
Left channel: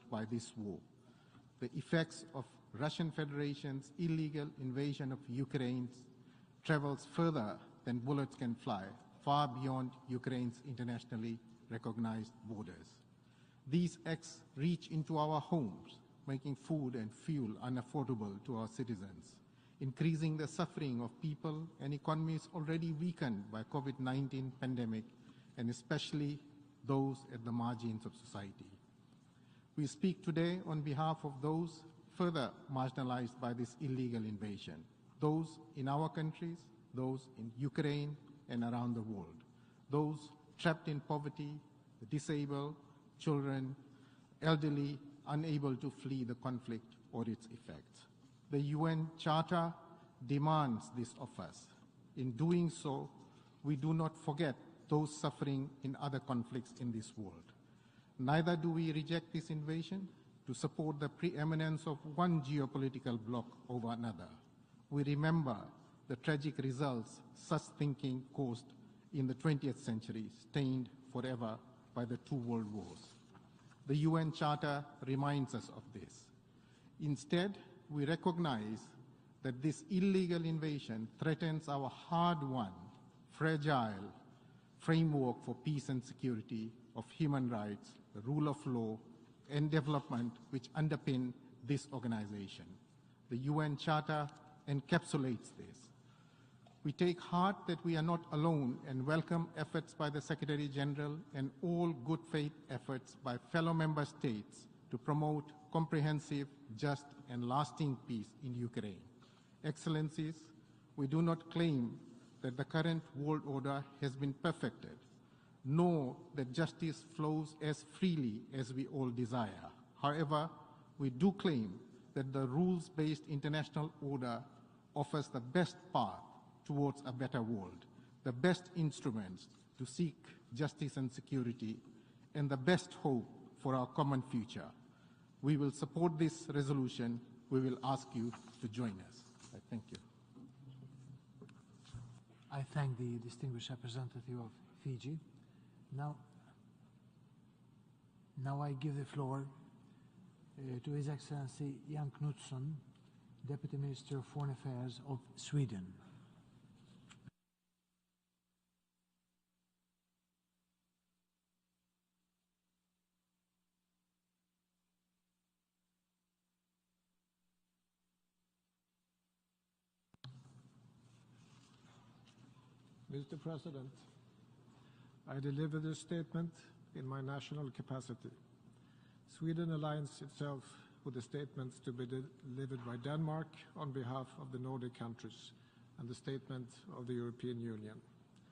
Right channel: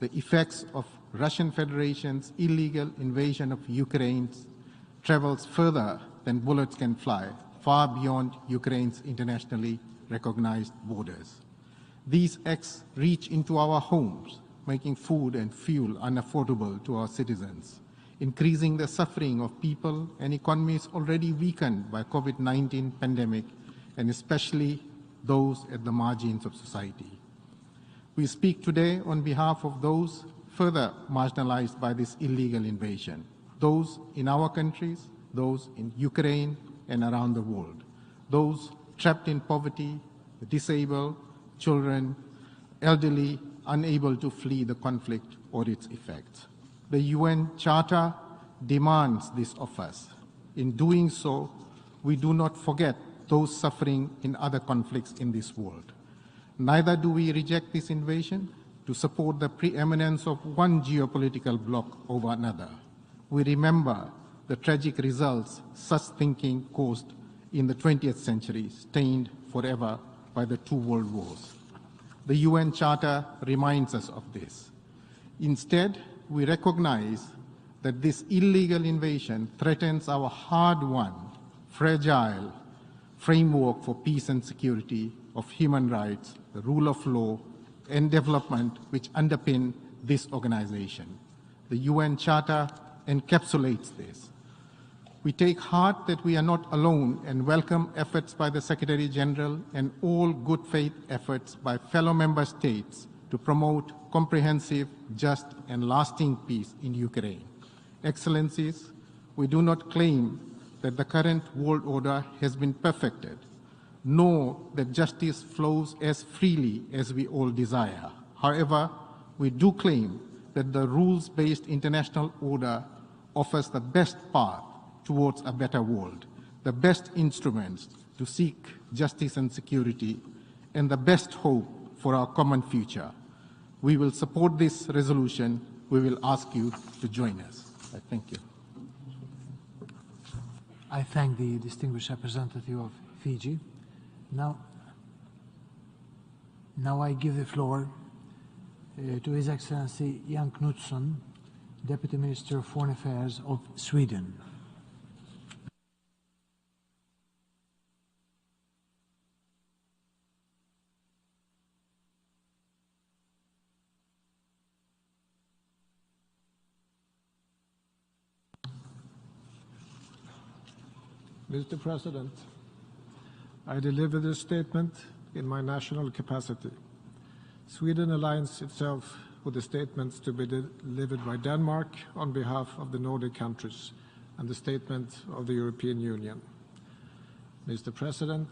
The effects of Russian Federation's illegal invasion of Ukraine travels further than bullets can fly, far beyond Ukraine's internationally recognized borders. These acts reach into our homes, making food and fuel unaffordable to our citizens, increasing the suffering of people and economies already weakened by COVID-19 pandemic, and especially those at the margins of society. We speak today on behalf of those further marginalized by this illegal invasion, those in our countries, those in Ukraine and around the world, those trapped in poverty, disabled, children, elderly, unable to flee the conflict or its effects. The UN Charter demands this of us. In doing so, we do not forget those suffering in other conflicts in this world. Neither do we reject this invasion to support the preeminence of one geopolitical bloc over another. We remember the tragic results such thinking caused in the 20th century, stained forever by the two world wars. The UN Charter reminds us of this. Instead, we recognize that this illegal invasion threatens our hard-won, fragile framework for peace and security of human rights, the rule of law, and development which underpin this organization. The UN Charter encapsulates this. We take heart that we are not alone and welcome efforts by the Secretary General and all good faith efforts by fellow member states to promote comprehensive, just and lasting peace in Ukraine. Excellencies, we do not claim that the current world order has been perfected, nor that justice flows as freely as we all desire. However, we do claim that the rules-based international order offers the best path towards a better world, the best instruments to seek justice and security, and the best hope for our common future. We will support this resolution. We will ask you to join us. Thank you. I thank the distinguished representative of Fiji. Now I give the floor to His Excellency Jan Knutsson, Deputy Minister of Foreign Affairs of Sweden. Mr. President, I deliver this statement in my national capacity. Sweden aligns itself with the statements to be delivered by Denmark on behalf of the Nordic countries and the statement of the European Union. Mr. President,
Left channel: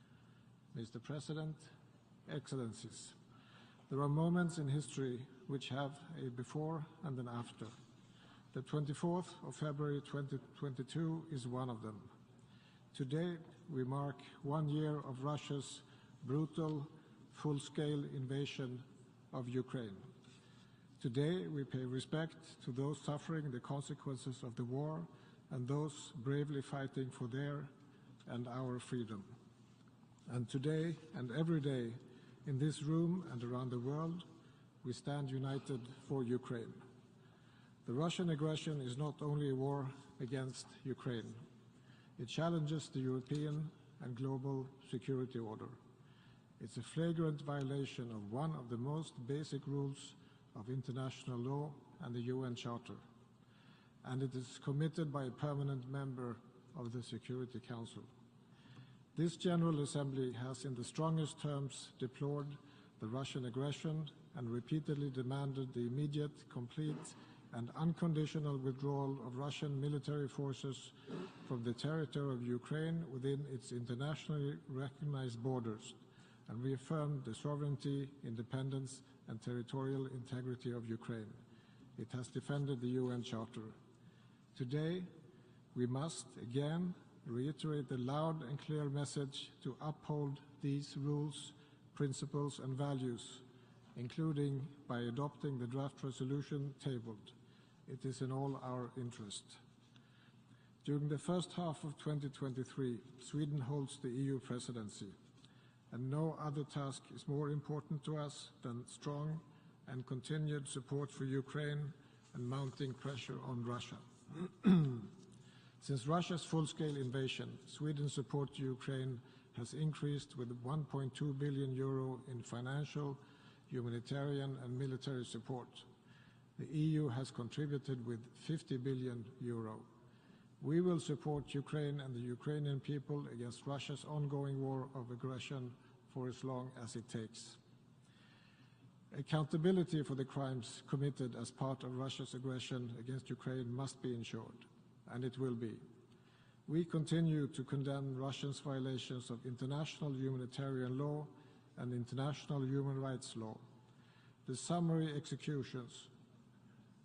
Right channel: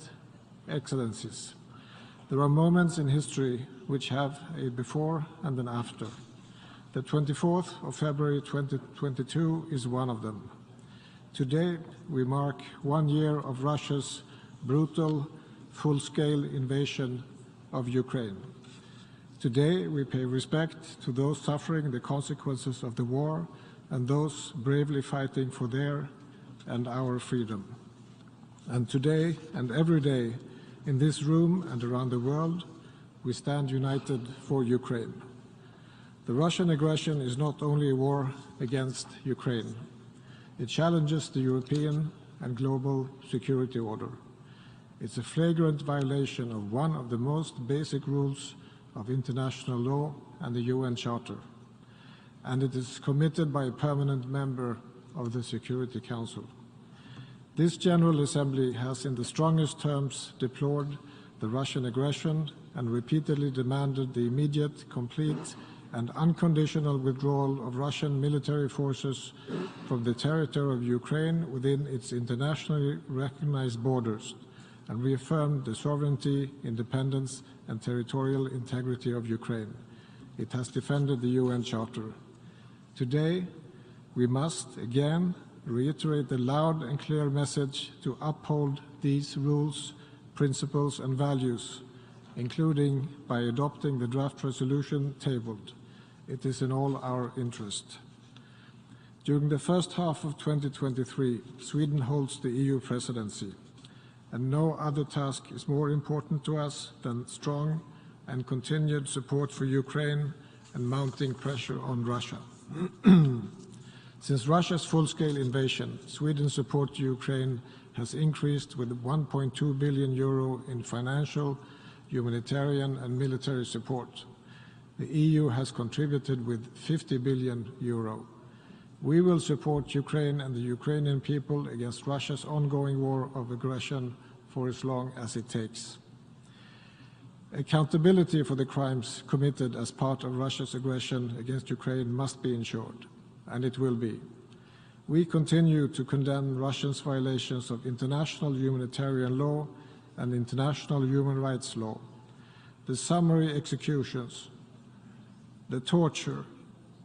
Excellencies, there are moments in history which have a before and an after. The 24th of February 2022 is one of them. Today, we mark 1 year of Russia's brutal, full-scale invasion of Ukraine. Today, we pay respect to those suffering the consequences of the war and those bravely fighting for their and our freedom. And today and every day, in this room and around the world, we stand united for Ukraine. The Russian aggression is not only a war against Ukraine. It challenges the European and global security order. It's a flagrant violation of one of the most basic rules of international law and the UN Charter. And it is committed by a permanent member of the Security Council. This General Assembly has in the strongest terms deplored the Russian aggression and repeatedly demanded the immediate, complete and unconditional withdrawal of Russian military forces from the territory of Ukraine within its internationally recognized borders and reaffirmed the sovereignty, independence and territorial integrity of Ukraine. It has defended the UN Charter. Today, we must again reiterate the loud and clear message to uphold these rules, principles and values, including by adopting the draft resolution tabled. It is in all our interest. During the first half of 2023, Sweden holds the EU presidency, and no other task is more important to us than strong and continued support for Ukraine and mounting pressure on Russia. Since Russia's full-scale invasion, Sweden's support to Ukraine has increased with 1.2 billion euro in financial, humanitarian and military support. The EU has contributed with 50 billion euro. We will support Ukraine and the Ukrainian people against Russia's ongoing war of aggression for as long as it takes. Accountability for the crimes committed as part of Russia's aggression against Ukraine must be ensured, and it will be. We continue to condemn Russia's violations of international humanitarian law and international human rights law, the summary executions, the torture,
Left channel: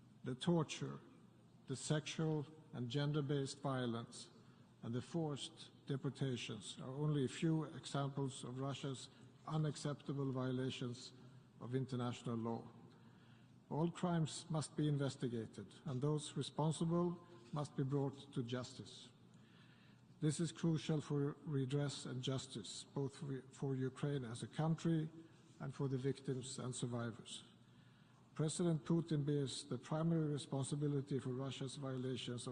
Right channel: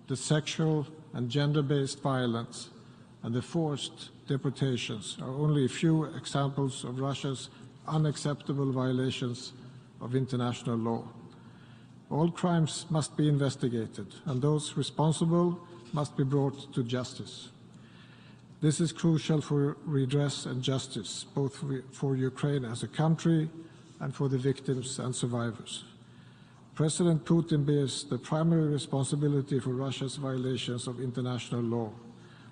the sexual and gender-based violence, and the forced deportations are only a few examples of Russia's unacceptable violations of international law. All crimes must be investigated, and those responsible must be brought to justice. This is crucial for redress and justice, both for Ukraine as a country and for the victims and survivors. President Putin bears the primary responsibility for Russia's violations of international law.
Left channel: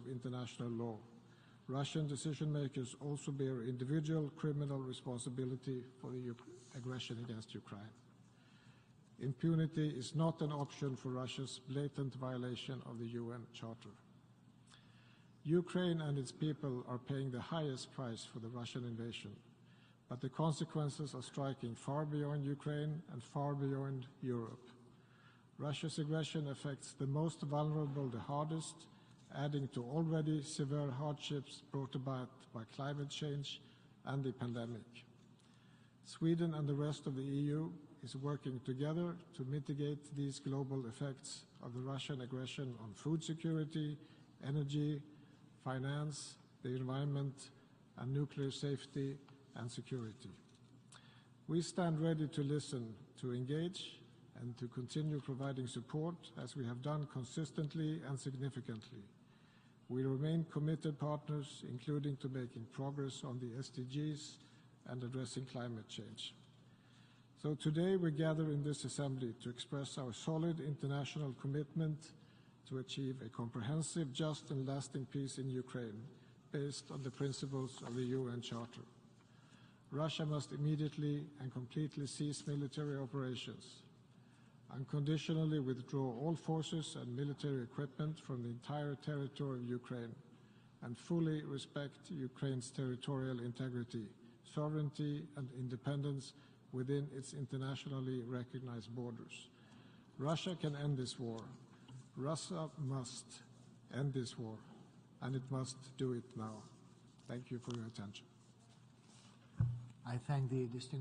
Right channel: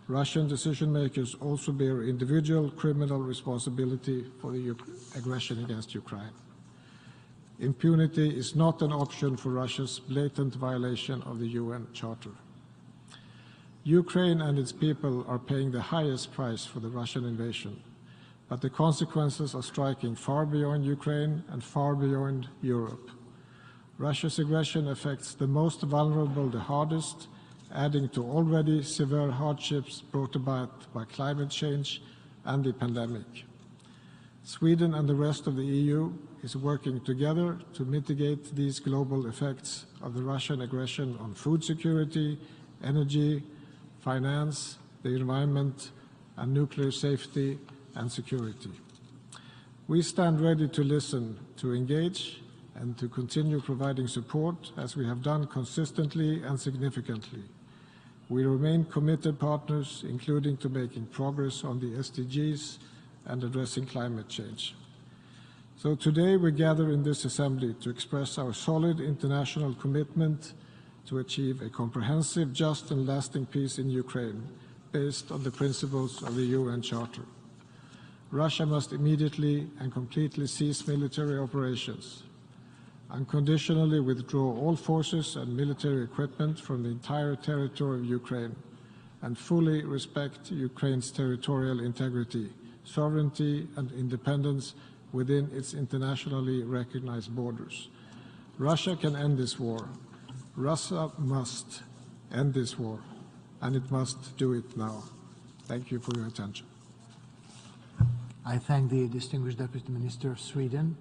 Russian decision-makers also bear individual criminal responsibility for the aggression against Ukraine. Impunity is not an option for Russia's blatant violation of the UN Charter. Ukraine and its people are paying the highest price for the Russian invasion, but the consequences are striking far beyond Ukraine and far beyond Europe. Russia's aggression affects the most vulnerable the hardest, adding to already severe hardships brought about by climate change and the pandemic. Sweden and the rest of the EU is working together to mitigate these global effects of the Russian aggression on food security, energy, finance, the environment, and nuclear safety and security. We stand ready to listen, to engage, and to continue providing support as we have done consistently and significantly. We remain committed partners, including to making progress on the SDGs and addressing climate change. So today we gather in this assembly to express our solid international commitment to achieve a comprehensive, just and lasting peace in Ukraine, based on the principles of the UN Charter. Russia must immediately and completely cease military operations, unconditionally withdraw all forces and military equipment from the entire territory of Ukraine, and fully respect Ukraine's territorial integrity, sovereignty and independence within its internationally recognized borders. Russia can end this war. Russia must end this war, and it must do it now. Thank you for your attention. I thank the distinguished Deputy Minister of Sweden.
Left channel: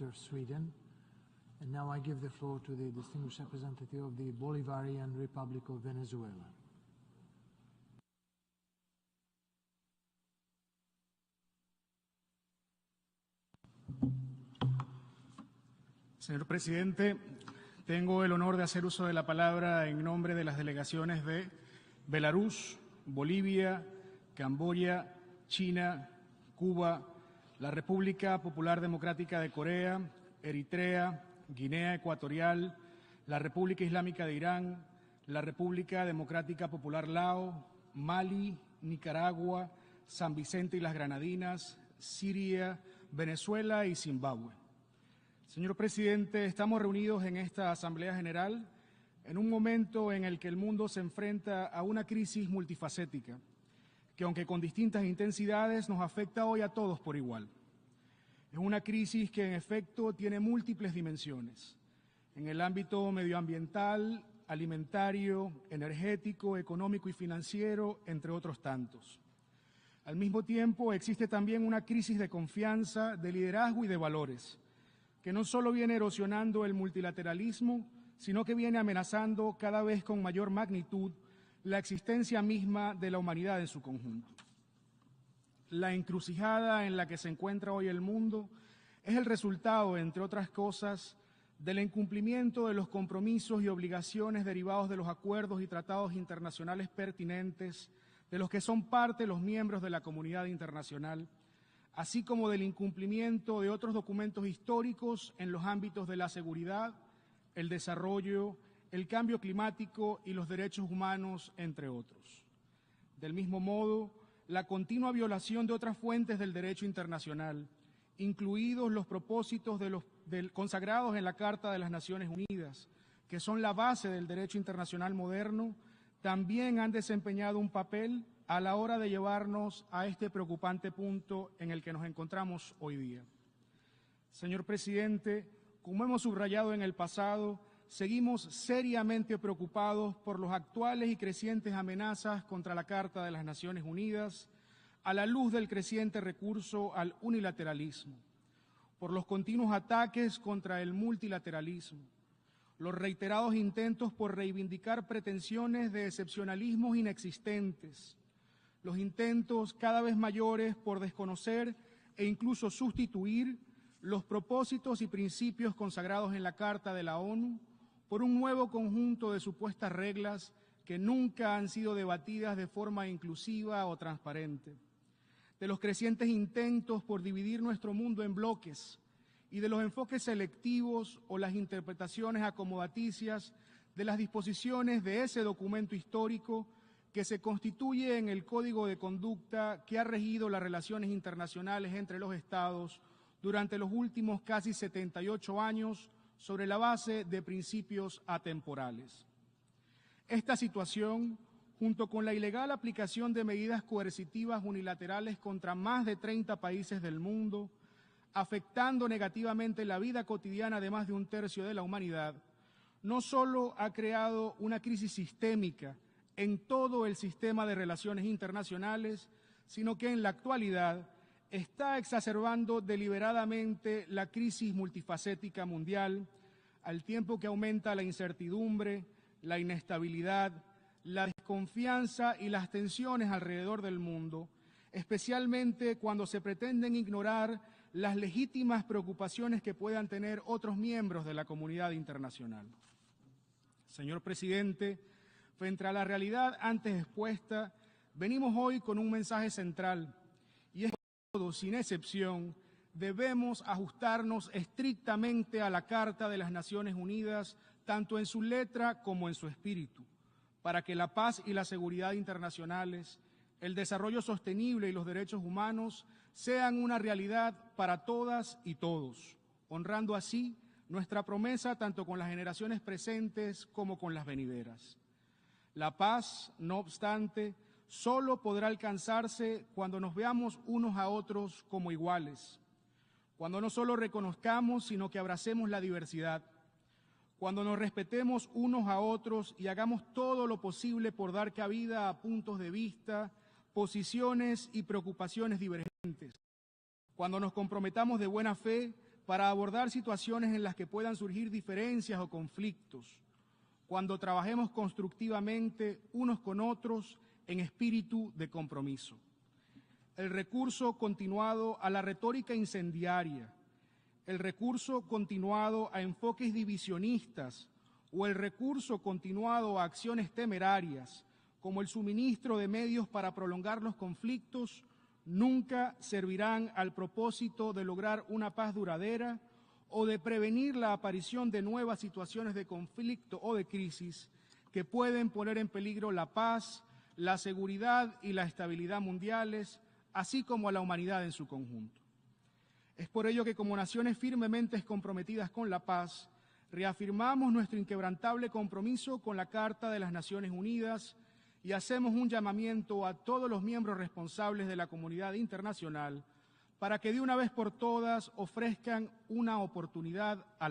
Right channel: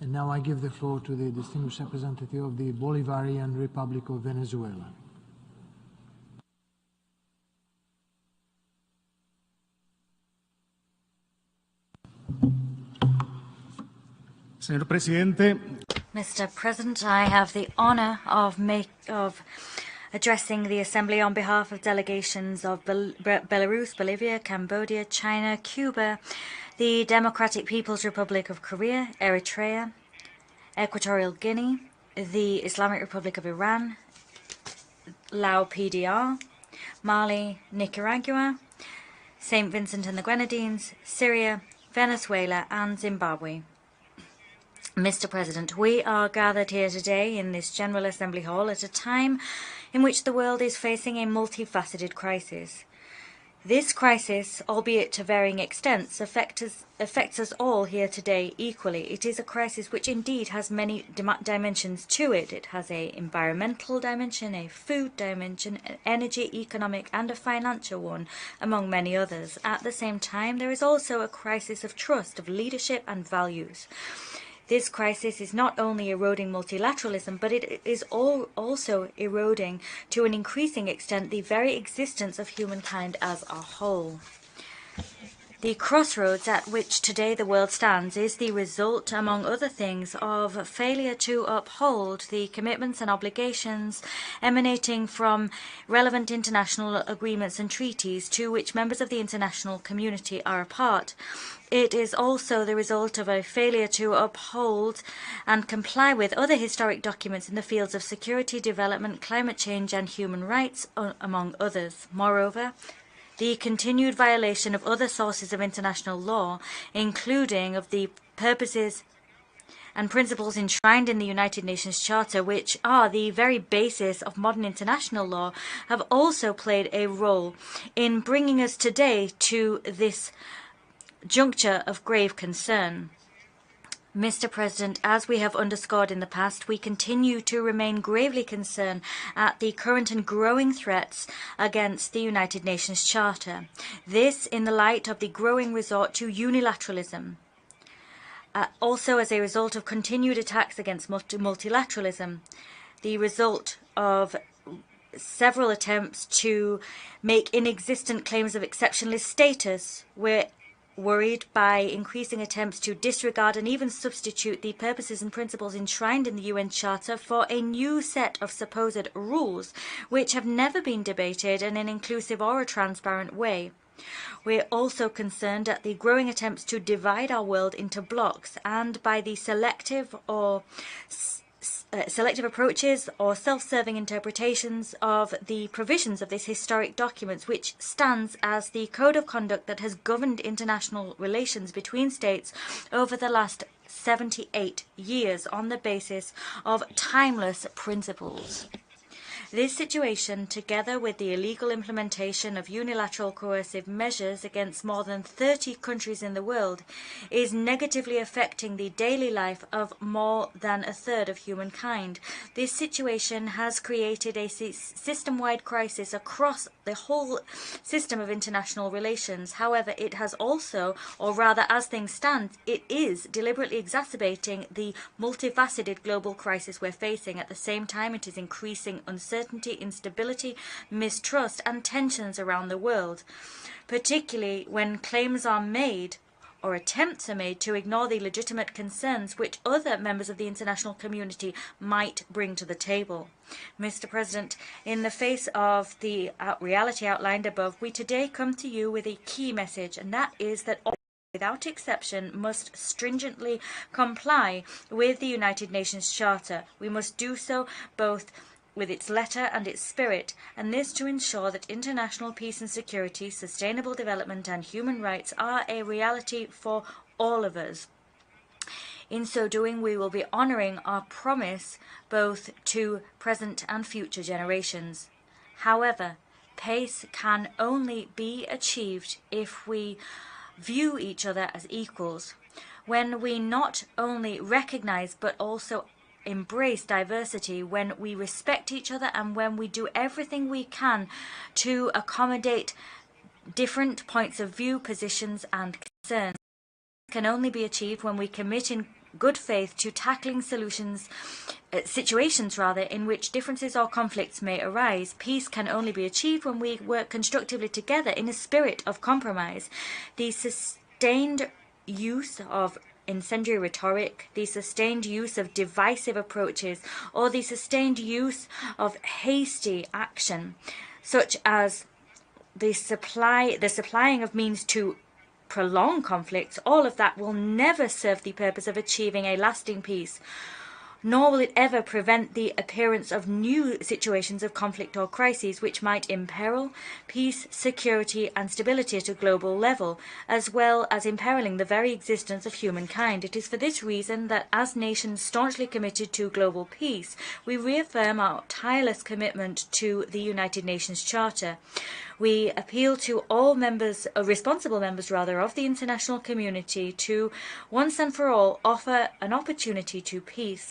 And now I give the floor to the distinguished representative of the Bolivarian Republic of Venezuela. Señor Presidente, Mr. President, I have the honor of addressing the Assembly on behalf of delegations of Belarus, Bolivia, Cambodia, China, Cuba, the Democratic People's Republic of Korea, Eritrea, Equatorial Guinea, the Islamic Republic of Iran, Lao PDR, Mali, Nicaragua, St. Vincent and the Grenadines, Syria, Venezuela and Zimbabwe. Mr. President, we are gathered here today in this General Assembly Hall at a time in which the world is facing a multifaceted crisis. This crisis, albeit to varying extents, affects us all here today equally. It is a crisis which indeed has many dimensions to it. It has an environmental dimension, a food dimension, an energy, economic and a financial one, among many others. At the same time, there is also a crisis of trust, of leadership and values. This crisis is not only eroding multilateralism, but it is also eroding, to an increasing extent, the very existence of humankind as a whole. The crossroads at which today the world stands is the result, among other things, of a failure to uphold the commitments and obligations emanating from relevant international agreements and treaties to which members of the international community are a part. It is also the result of a failure to uphold and comply with other historic documents in the fields of security, development, climate change and human rights, among others. Moreover, the continued violation of other sources of international law, including of the purposes and principles enshrined in the United Nations Charter, which are the very basis of modern international law, have also played a role in bringing us today to this juncture of grave concern. Mr. President, as we have underscored in the past, we continue to remain gravely concerned at the current and growing threats against the United Nations Charter. This in the light of the growing resort to unilateralism. also as a result of continued attacks against multilateralism, the result of several attempts to make inexistent claims of exceptionalist status. We're worried by increasing attempts to disregard and even substitute the purposes and principles enshrined in the UN Charter for a new set of supposed rules, which have never been debated in an inclusive or a transparent way. We're also concerned at the growing attempts to divide our world into blocks and by the selective approaches or self-serving interpretations of the provisions of this historic document, which stands as the code of conduct that has governed international relations between states over the last 78 years on the basis of timeless principles. This situation, together with the illegal implementation of unilateral coercive measures against more than 30 countries in the world, is negatively affecting the daily life of more than a third of humankind. This situation has created a system-wide crisis across the whole system of international relations. However, it has also, or rather as things stand, it is deliberately exacerbating the multifaceted global crisis we're facing. At the same time, it is increasing uncertainty, instability, mistrust and tensions around the world, particularly when claims are made or attempts are made to ignore the legitimate concerns which other members of the international community might bring to the table. Mr. President, in the face of the reality outlined above, we today come to you with a key message, and that is that all, without exception, must stringently comply with the United Nations Charter. We must do so both with its letter and its spirit, and this to ensure that international peace and security, sustainable development and human rights are a reality for all of us. In so doing, we will be honouring our promise both to present and future generations. However, peace can only be achieved if we view each other as equals, when we not only recognize but also embrace diversity, when we respect each other and when we do everything we can to accommodate different points of view, positions and concerns. Can only be achieved when we commit in good faith to tackling situations in which differences or conflicts may arise. Peace can only be achieved when we work constructively together in a spirit of compromise. The sustained use of incendiary rhetoric, the sustained use of divisive approaches, or the sustained use of hasty action, such as the supplying of means to prolonged conflicts, all of that will never serve the purpose of achieving a lasting peace, nor will it ever prevent the appearance of new situations of conflict or crises which might imperil peace, security and stability at a global level, as well as imperiling the very existence of humankind. It is for this reason that, as nations staunchly committed to global peace, we reaffirm our tireless commitment to the United Nations Charter. We appeal to all responsible members of the international community to, once and for all, offer an opportunity to peace.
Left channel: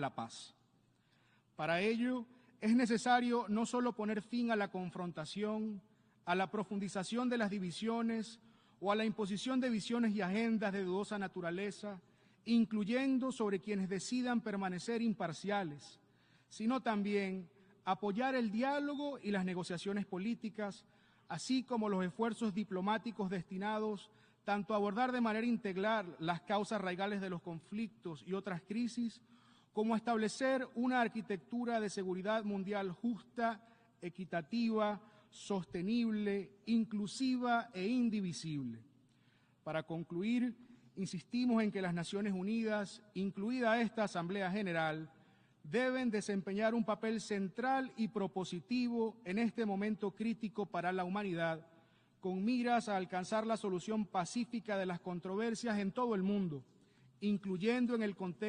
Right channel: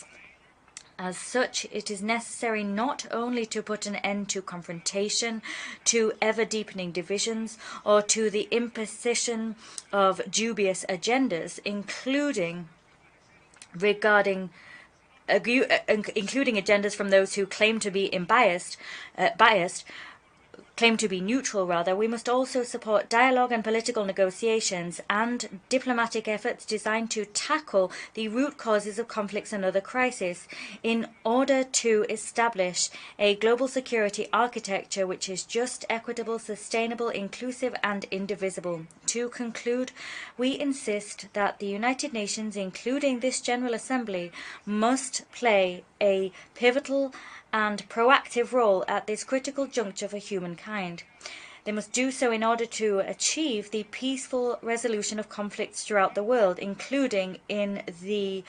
As such, it is necessary not only to put an end to confrontation, to ever-deepening divisions, or to the imposition of dubious agendas, including agendas from those who claim to be claim to be neutral rather. We must also support dialogue and political negotiations and diplomatic efforts designed to tackle the root causes of conflicts and other crises, in order to establish a global security architecture which is just, equitable, sustainable, inclusive and indivisible. To conclude, we insist that the United Nations, including this General Assembly, must play a pivotal and proactive role at this critical juncture for humankind. They must do so in order to achieve the peaceful resolution of conflicts throughout the world, including in the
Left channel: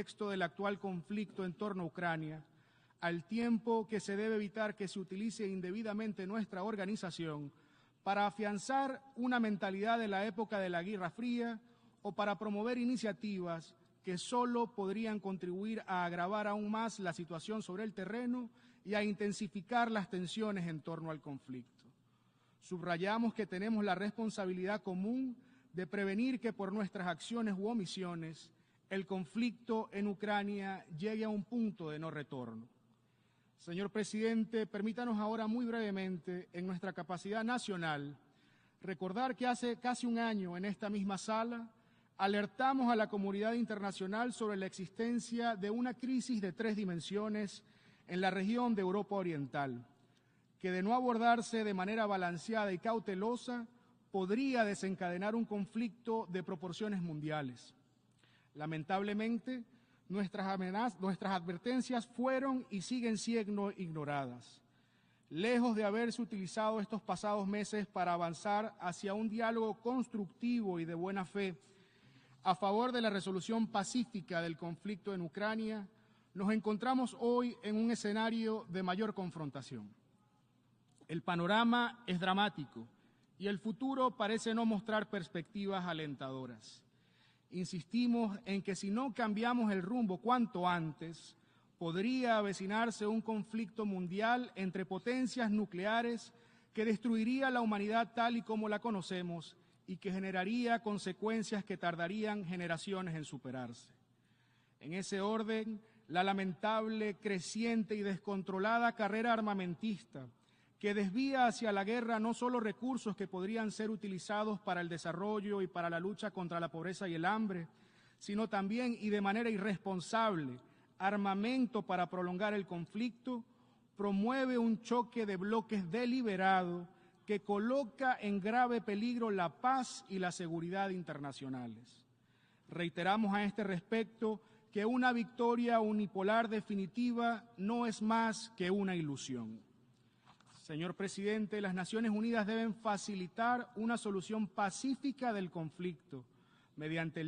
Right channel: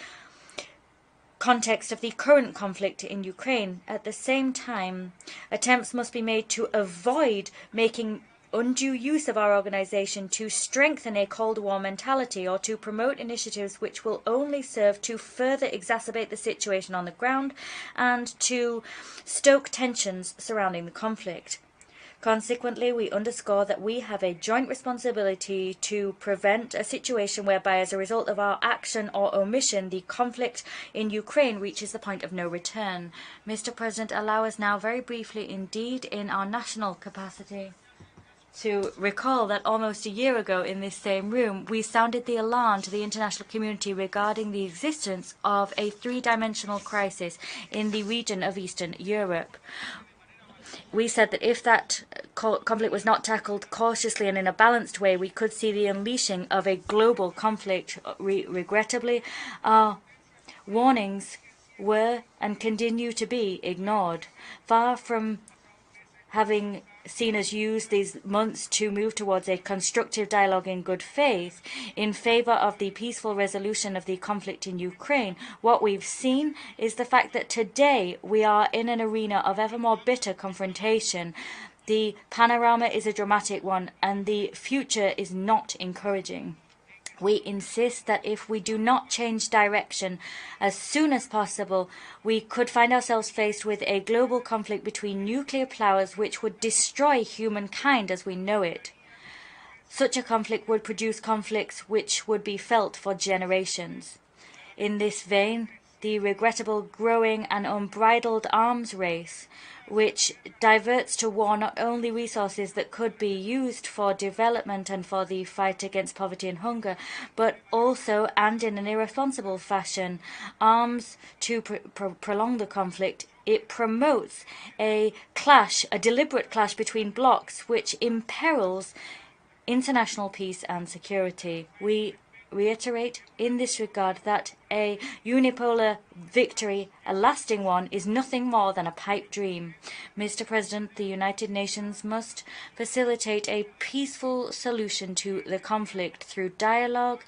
context of the current conflict in Ukraine. At the same time, attempts must be made to avoid making undue use of our organization to strengthen a Cold War mentality or to promote initiatives which will only serve to further exacerbate the situation on the ground and to stoke tensions surrounding the conflict. Consequently, we underscore that we have a joint responsibility to prevent a situation whereby, as a result of our action or omission, the conflict in Ukraine reaches the point of no return. Mr. President, allow us now very briefly indeed in our national capacity to recall that almost a year ago in this same room, we sounded the alarm to the international community regarding the existence of a three-dimensional crisis in the region of Eastern Europe. We said that if that conflict was not tackled cautiously and in a balanced way, we could see the unleashing of a global conflict. Regrettably, our warnings were and continue to be ignored. Far from having seen us use these months to move towards a constructive dialogue in good faith in favor of the peaceful resolution of the conflict in Ukraine, what we've seen is the fact that today we are in an arena of ever more bitter confrontation. The panorama is a dramatic one, and the future is not encouraging. We insist that if we do not change direction as soon as possible, we could find ourselves faced with a global conflict between nuclear powers which would destroy humankind as we know it. Such a conflict would produce conflicts which would be felt for generations. In this vein, the regrettable growing and unbridled arms race, which diverts to war not only resources that could be used for development and for the fight against poverty and hunger, but also, and in an irresponsible fashion, arms to prolong the conflict. It promotes a clash, a deliberate clash between blocs, which imperils international peace and security. We reiterate in this regard that a unipolar victory, a lasting one, is nothing more than a pipe dream. Mr. President, the United Nations must facilitate a peaceful solution to the conflict through dialogue,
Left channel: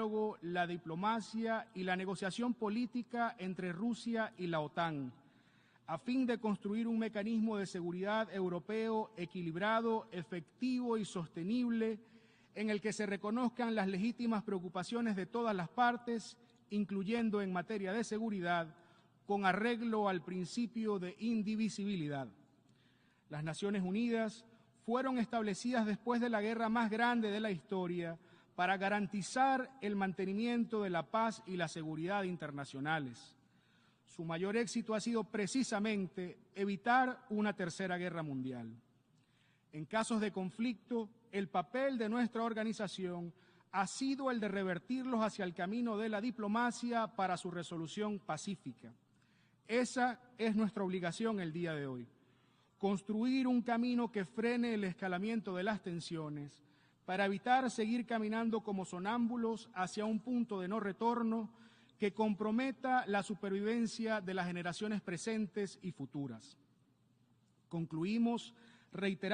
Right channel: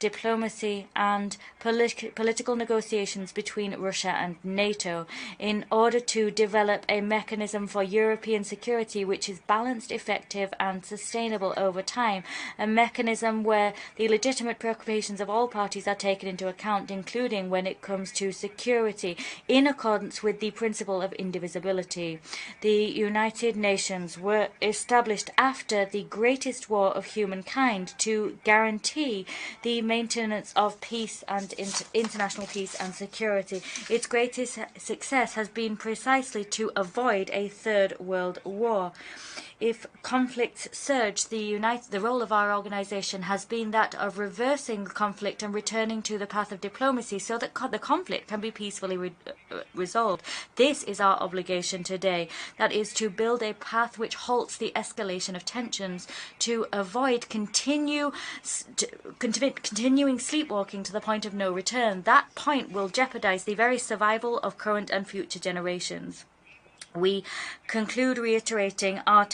diplomacy, and political negotiations between Russia and NATO in order to develop a mechanism for European security which is balanced, effective, and sustainable over time, a mechanism where the legitimate preoccupations of all parties are taken into account, including when it comes to security, in accordance with the principle of indivisibility. The United Nations were established after the greatest war of humankind to guarantee the maintenance of peace and international peace and security. Its greatest success has been precisely to avoid a third world war. If conflicts surge, the role of our organization has been that of reversing conflict and returning to the path of diplomacy so that the conflict can be peacefully resolved. This is our obligation today. That is to build a path which halts the escalation of tensions, to avoid continuing sleepwalking to the point of no return. That point will jeopardize the very survival of current and future generations. We conclude reiterating our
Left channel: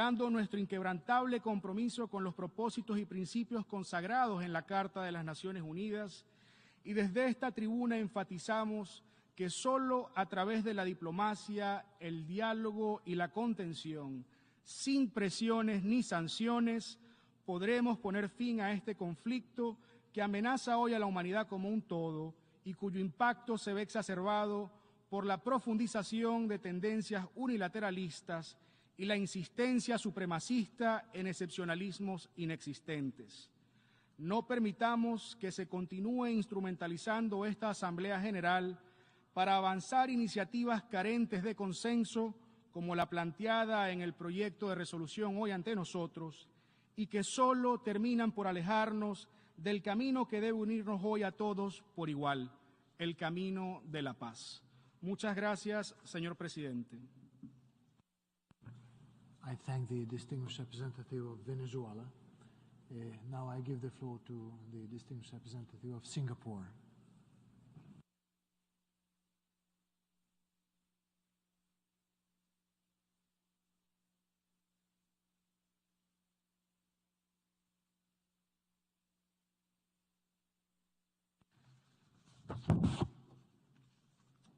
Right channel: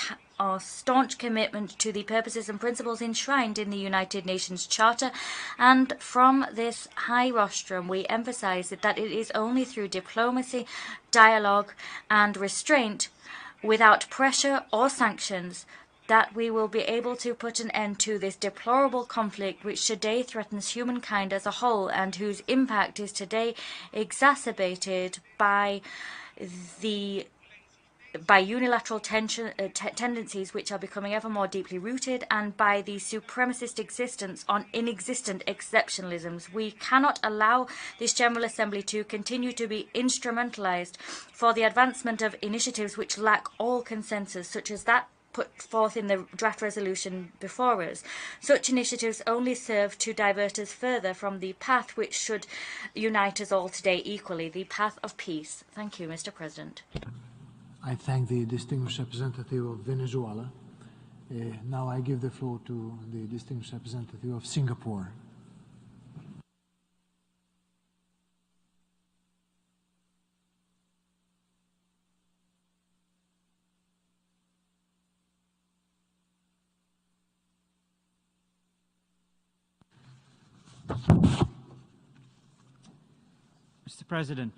staunch commitment to the purposes and principles enshrined in the United Nations Charter, and from this high rostrum we emphasize that it is only through diplomacy, dialogue, and restraint, without pressure or sanctions, that we will be able to put an end to this deplorable conflict which today threatens humankind as a whole and whose impact is today exacerbated by unilateral tendencies which are becoming ever more deeply rooted, and by the supremacist existence on inexistent exceptionalisms. We cannot allow this General Assembly to continue to be instrumentalized for the advancement of initiatives which lack all consensus, such as that put forth in the draft resolution before us. Such initiatives only serve to divert us further from the path which should unite us all today equally, the path of peace. Thank you, Mr. President. I thank the distinguished representative of Venezuela. Now I give the floor to the distinguished representative of Singapore. Mr. President,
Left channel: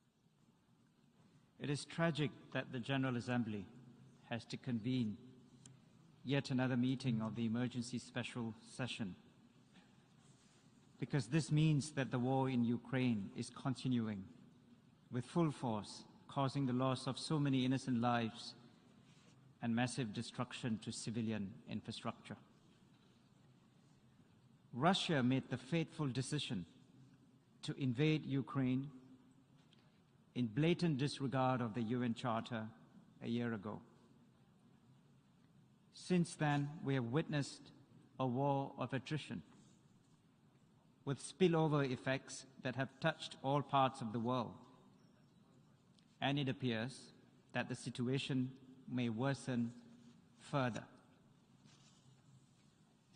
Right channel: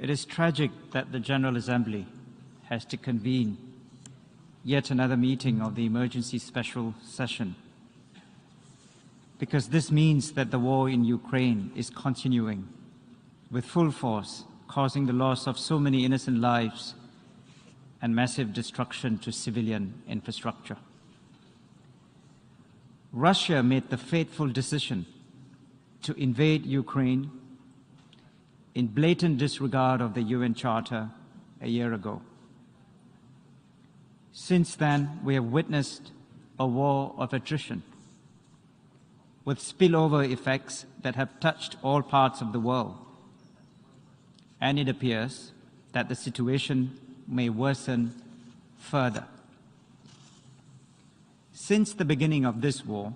it is tragic that the General Assembly has to convene yet another meeting of the emergency special session, because this means that the war in Ukraine is continuing with full force, causing the loss of so many innocent lives and massive destruction to civilian infrastructure. Russia made the fateful decision to invade Ukraine in blatant disregard of the UN Charter a year ago. Since then, we have witnessed a war of attrition with spillover effects that have touched all parts of the world. And it appears that the situation may worsen further. Since the beginning of this war,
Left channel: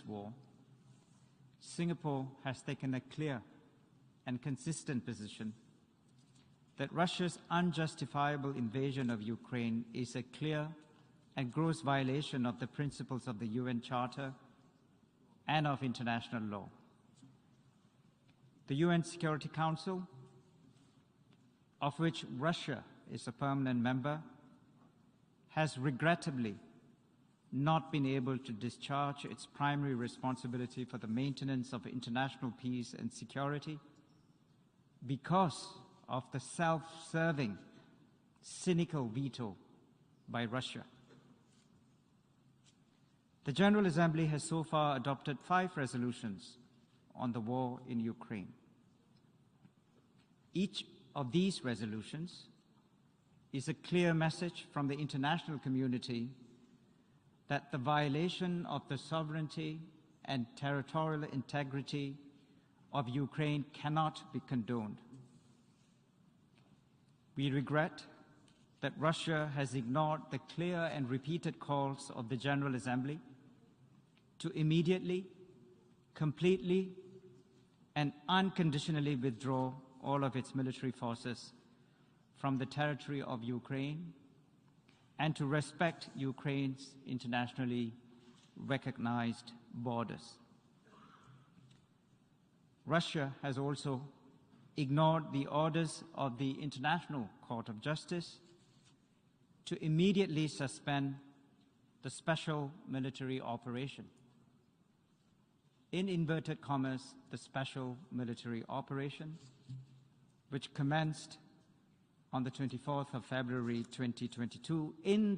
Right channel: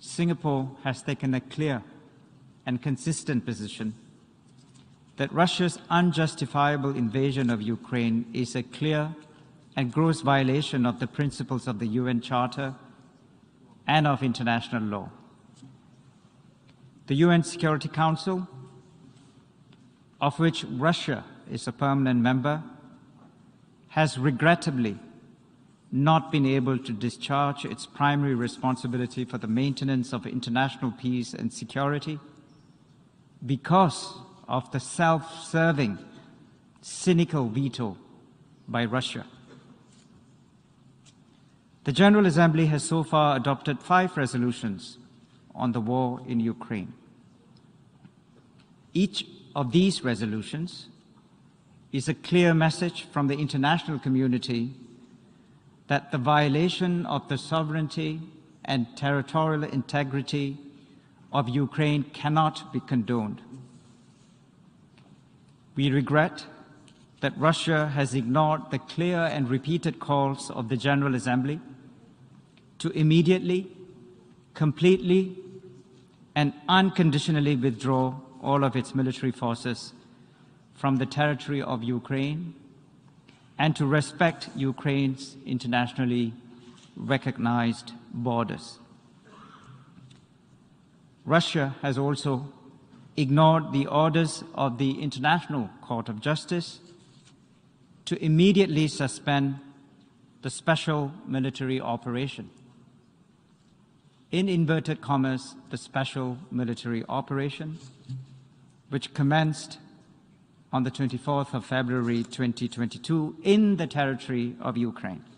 Singapore has taken a clear and consistent position that Russia's unjustifiable invasion of Ukraine is a clear and gross violation of the principles of the UN Charter and of international law. The UN Security Council, of which Russia is a permanent member, has regrettably not been able to discharge its primary responsibility for the maintenance of international peace and security because of the self-serving, cynical veto by Russia. The General Assembly has so far adopted 5 resolutions on the war in Ukraine. Each of these resolutions is a clear message from the international community that the violation of the sovereignty and territorial integrity of Ukraine cannot be condoned. We regret that Russia has ignored the clear and repeated calls of the General Assembly to immediately, completely, and unconditionally withdraw all of its military forces from the territory of Ukraine and to respect Ukraine's internationally recognized borders. Russia has also ignored the orders of the International Court of Justice to immediately suspend the special military operation. In inverted commas, the special military operation, which commenced on the 24th of February 2022 in the territory of Ukraine.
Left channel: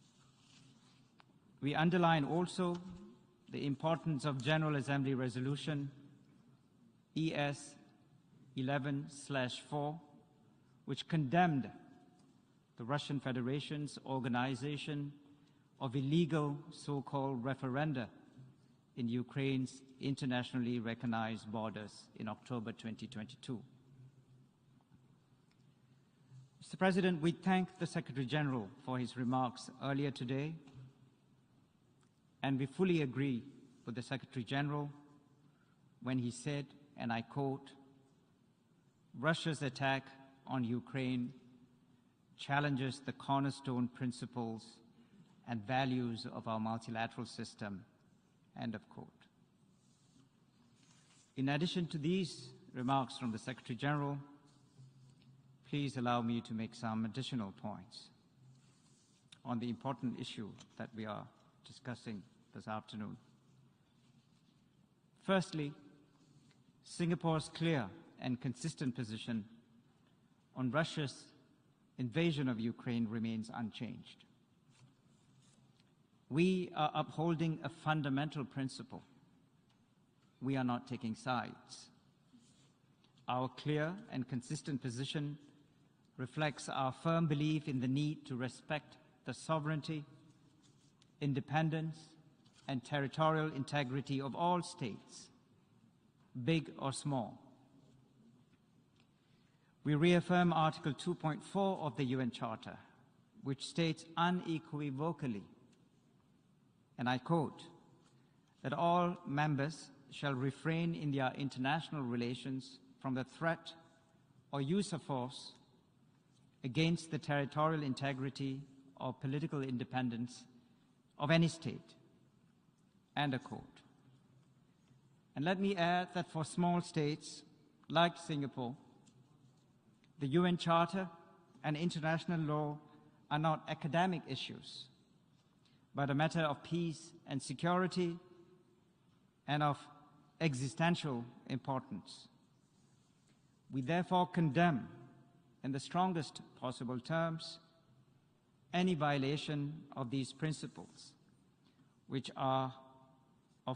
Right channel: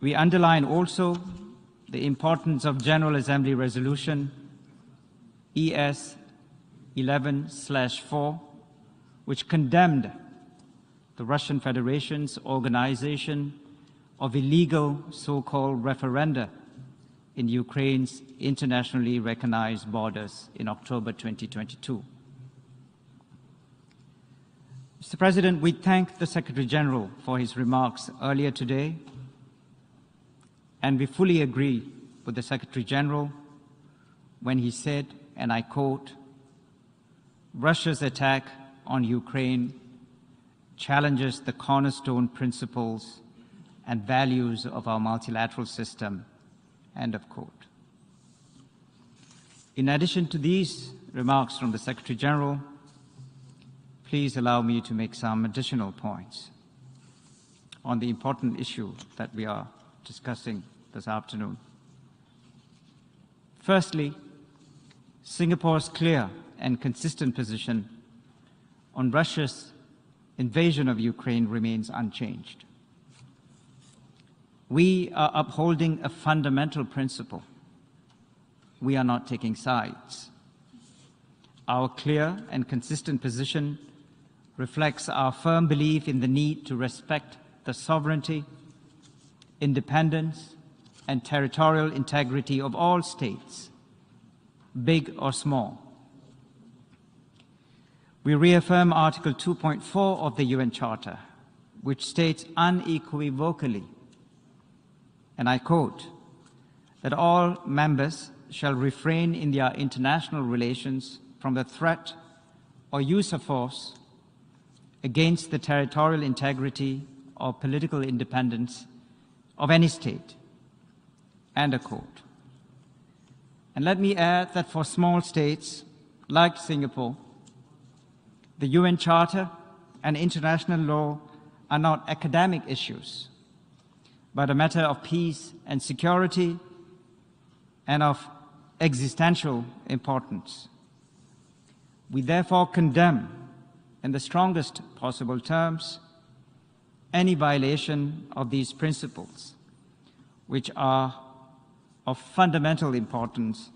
We underline also the importance of General Assembly Resolution ES 11/4, which condemned the Russian Federation's organization of illegal so-called referenda in Ukraine's internationally recognized borders in October 2022. Mr. President, we thank the Secretary General for his remarks earlier today, and we fully agree with the Secretary General when he said, and I quote, Russia's attack on Ukraine challenges the cornerstone principles and values of our multilateral system, end of quote. In addition to these remarks from the Secretary General, please allow me to make some additional points on the important issue that we are discussing this afternoon. Firstly, Singapore's clear and consistent position on Russia's invasion of Ukraine remains unchanged. We are upholding a fundamental principle. We are not taking sides. Our clear and consistent position reflects our firm belief in the need to respect the sovereignty, independence, and territorial integrity of all states, big or small. We reaffirm Article 2.4 of the UN Charter, which states unequivocally, and I quote, that all members shall refrain in their international relations from the threat or use of force against the territorial integrity or political independence of any state, end of quote. And let me add that for small states like Singapore, the UN Charter and international law are not academic issues, but a matter of peace and security and of existential importance. We therefore condemn, in the strongest possible terms, any violation of these principles, which are of fundamental importance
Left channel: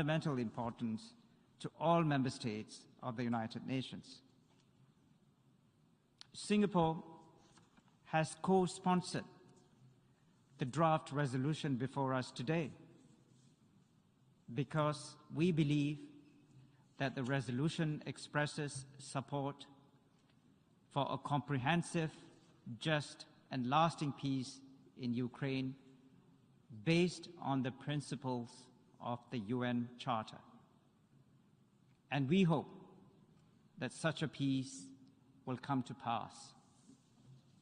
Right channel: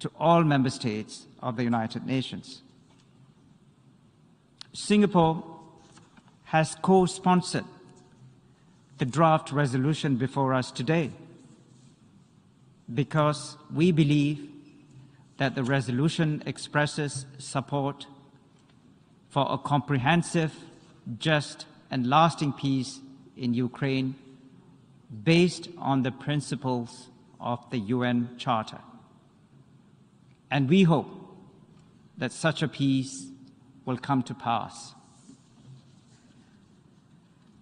to all member states of the United Nations. Singapore has co-sponsored the draft resolution before us today because we believe that the resolution expresses support for a comprehensive, just and lasting peace in Ukraine based on the principles of the UN Charter. And we hope that such a peace will come to pass.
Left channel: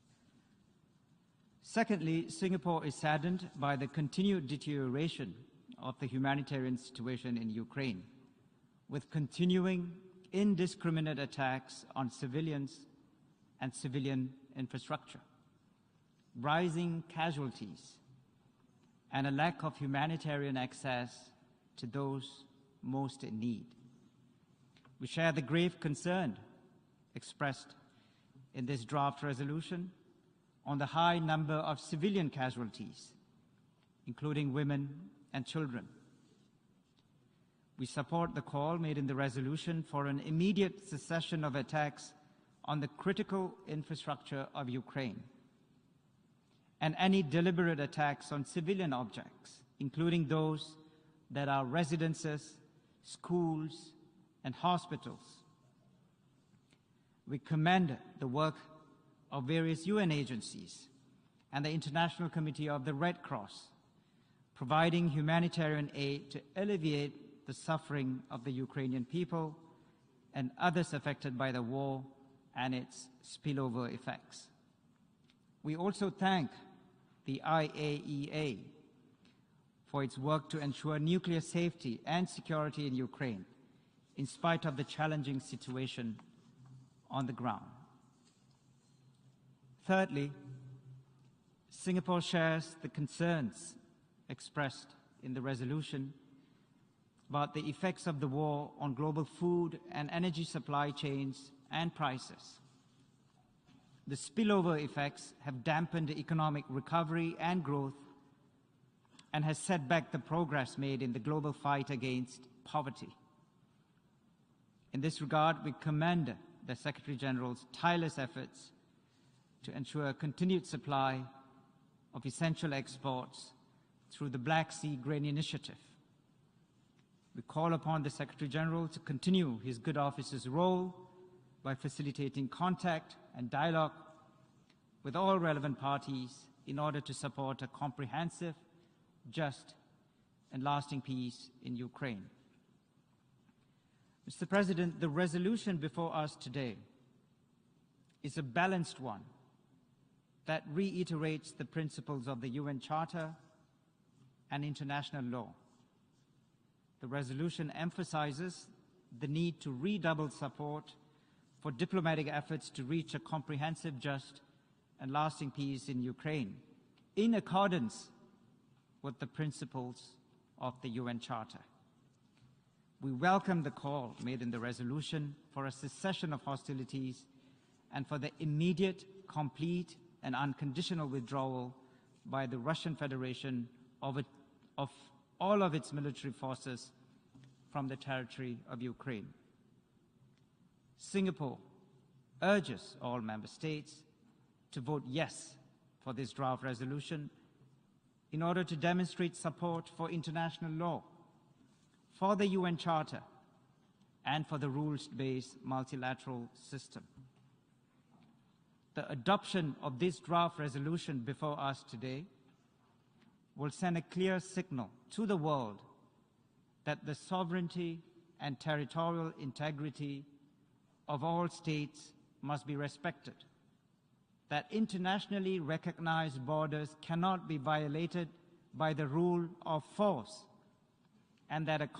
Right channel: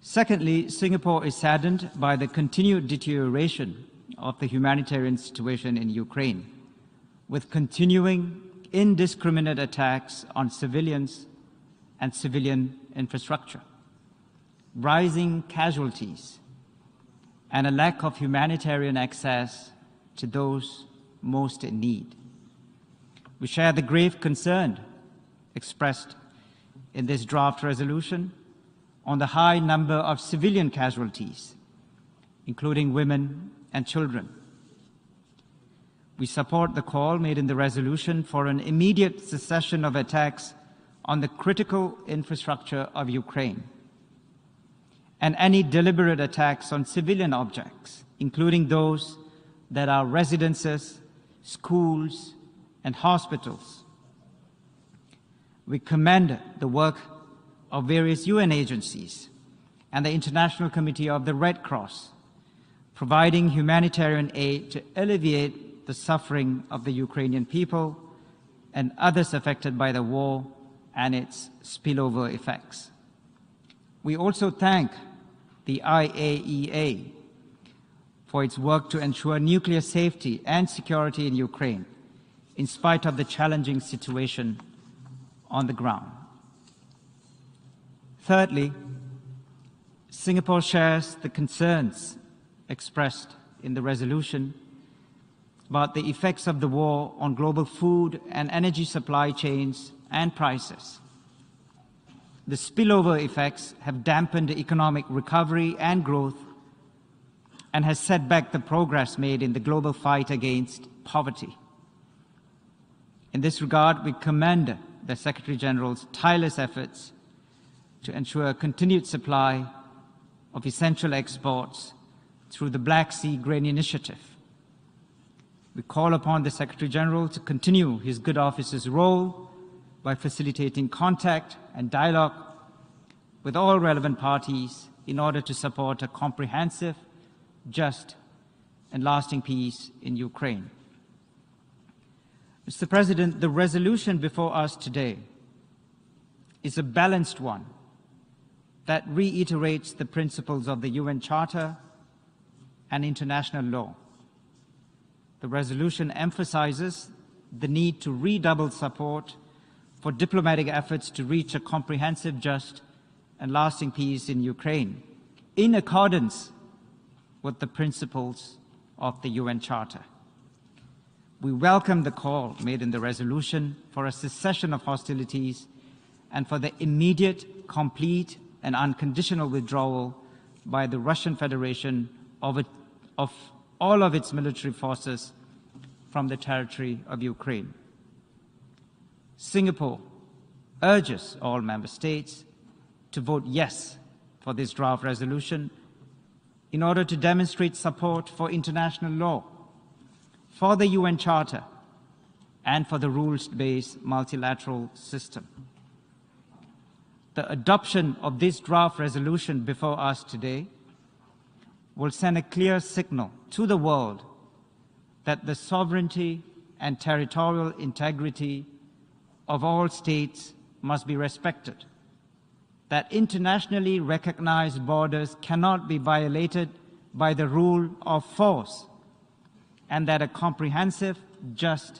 Secondly, Singapore is saddened by the continued deterioration of the humanitarian situation in Ukraine, with continuing indiscriminate attacks on civilians and civilian infrastructure, rising casualties, and a lack of humanitarian access to those most in need. We share the grave concern expressed in this draft resolution on the high number of civilian casualties, including women and children. We support the call made in the resolution for an immediate cessation of attacks on the critical infrastructure of Ukraine and any deliberate attacks on civilian objects, including those that are residences, schools, and hospitals. We commend the work of various UN agencies and the International Committee of the Red Cross, providing humanitarian aid to alleviate the suffering of the Ukrainian people and others affected by the war and its spillover effects. We also thank the IAEA for its work to ensure nuclear safety and security in Ukraine, in spite of the challenging situation on the ground. Thirdly, Singapore shares the concerns expressed in the resolution about the effects of the war on global food and energy supply chains and prices. The spillover effects have dampened economic recovery and growth and has set back the progress made in the global fight against poverty. In this regard, we commend the Secretary-General's tireless efforts to ensure a continued supply of essential exports through the Black Sea Grain Initiative. We call upon the Secretary-General to continue his good office's role by facilitating contact and dialogue with all relevant parties in order to support a comprehensive, just, and lasting peace in Ukraine. Mr. President, the resolution before us today is a balanced one that reiterates the principles of the UN Charter and international law. The resolution emphasizes the need to redouble support for diplomatic efforts to reach a comprehensive, just, and lasting peace in Ukraine, in accordance with the principles of the UN Charter. We welcome the call made in the resolution for a cessation of hostilities and for the immediate, complete, and unconditional withdrawal by the Russian Federation of all of its military forces from the territory of Ukraine. Singapore urges all member states to vote yes for this draft resolution in order to demonstrate support for international law, for the UN Charter, and for the rules-based multilateral system. The adoption of this draft resolution before us today will send a clear signal to the world that the sovereignty and territorial integrity of all states must be respected, that internationally recognized borders cannot be violated by the rule of force, and that a comprehensive, just,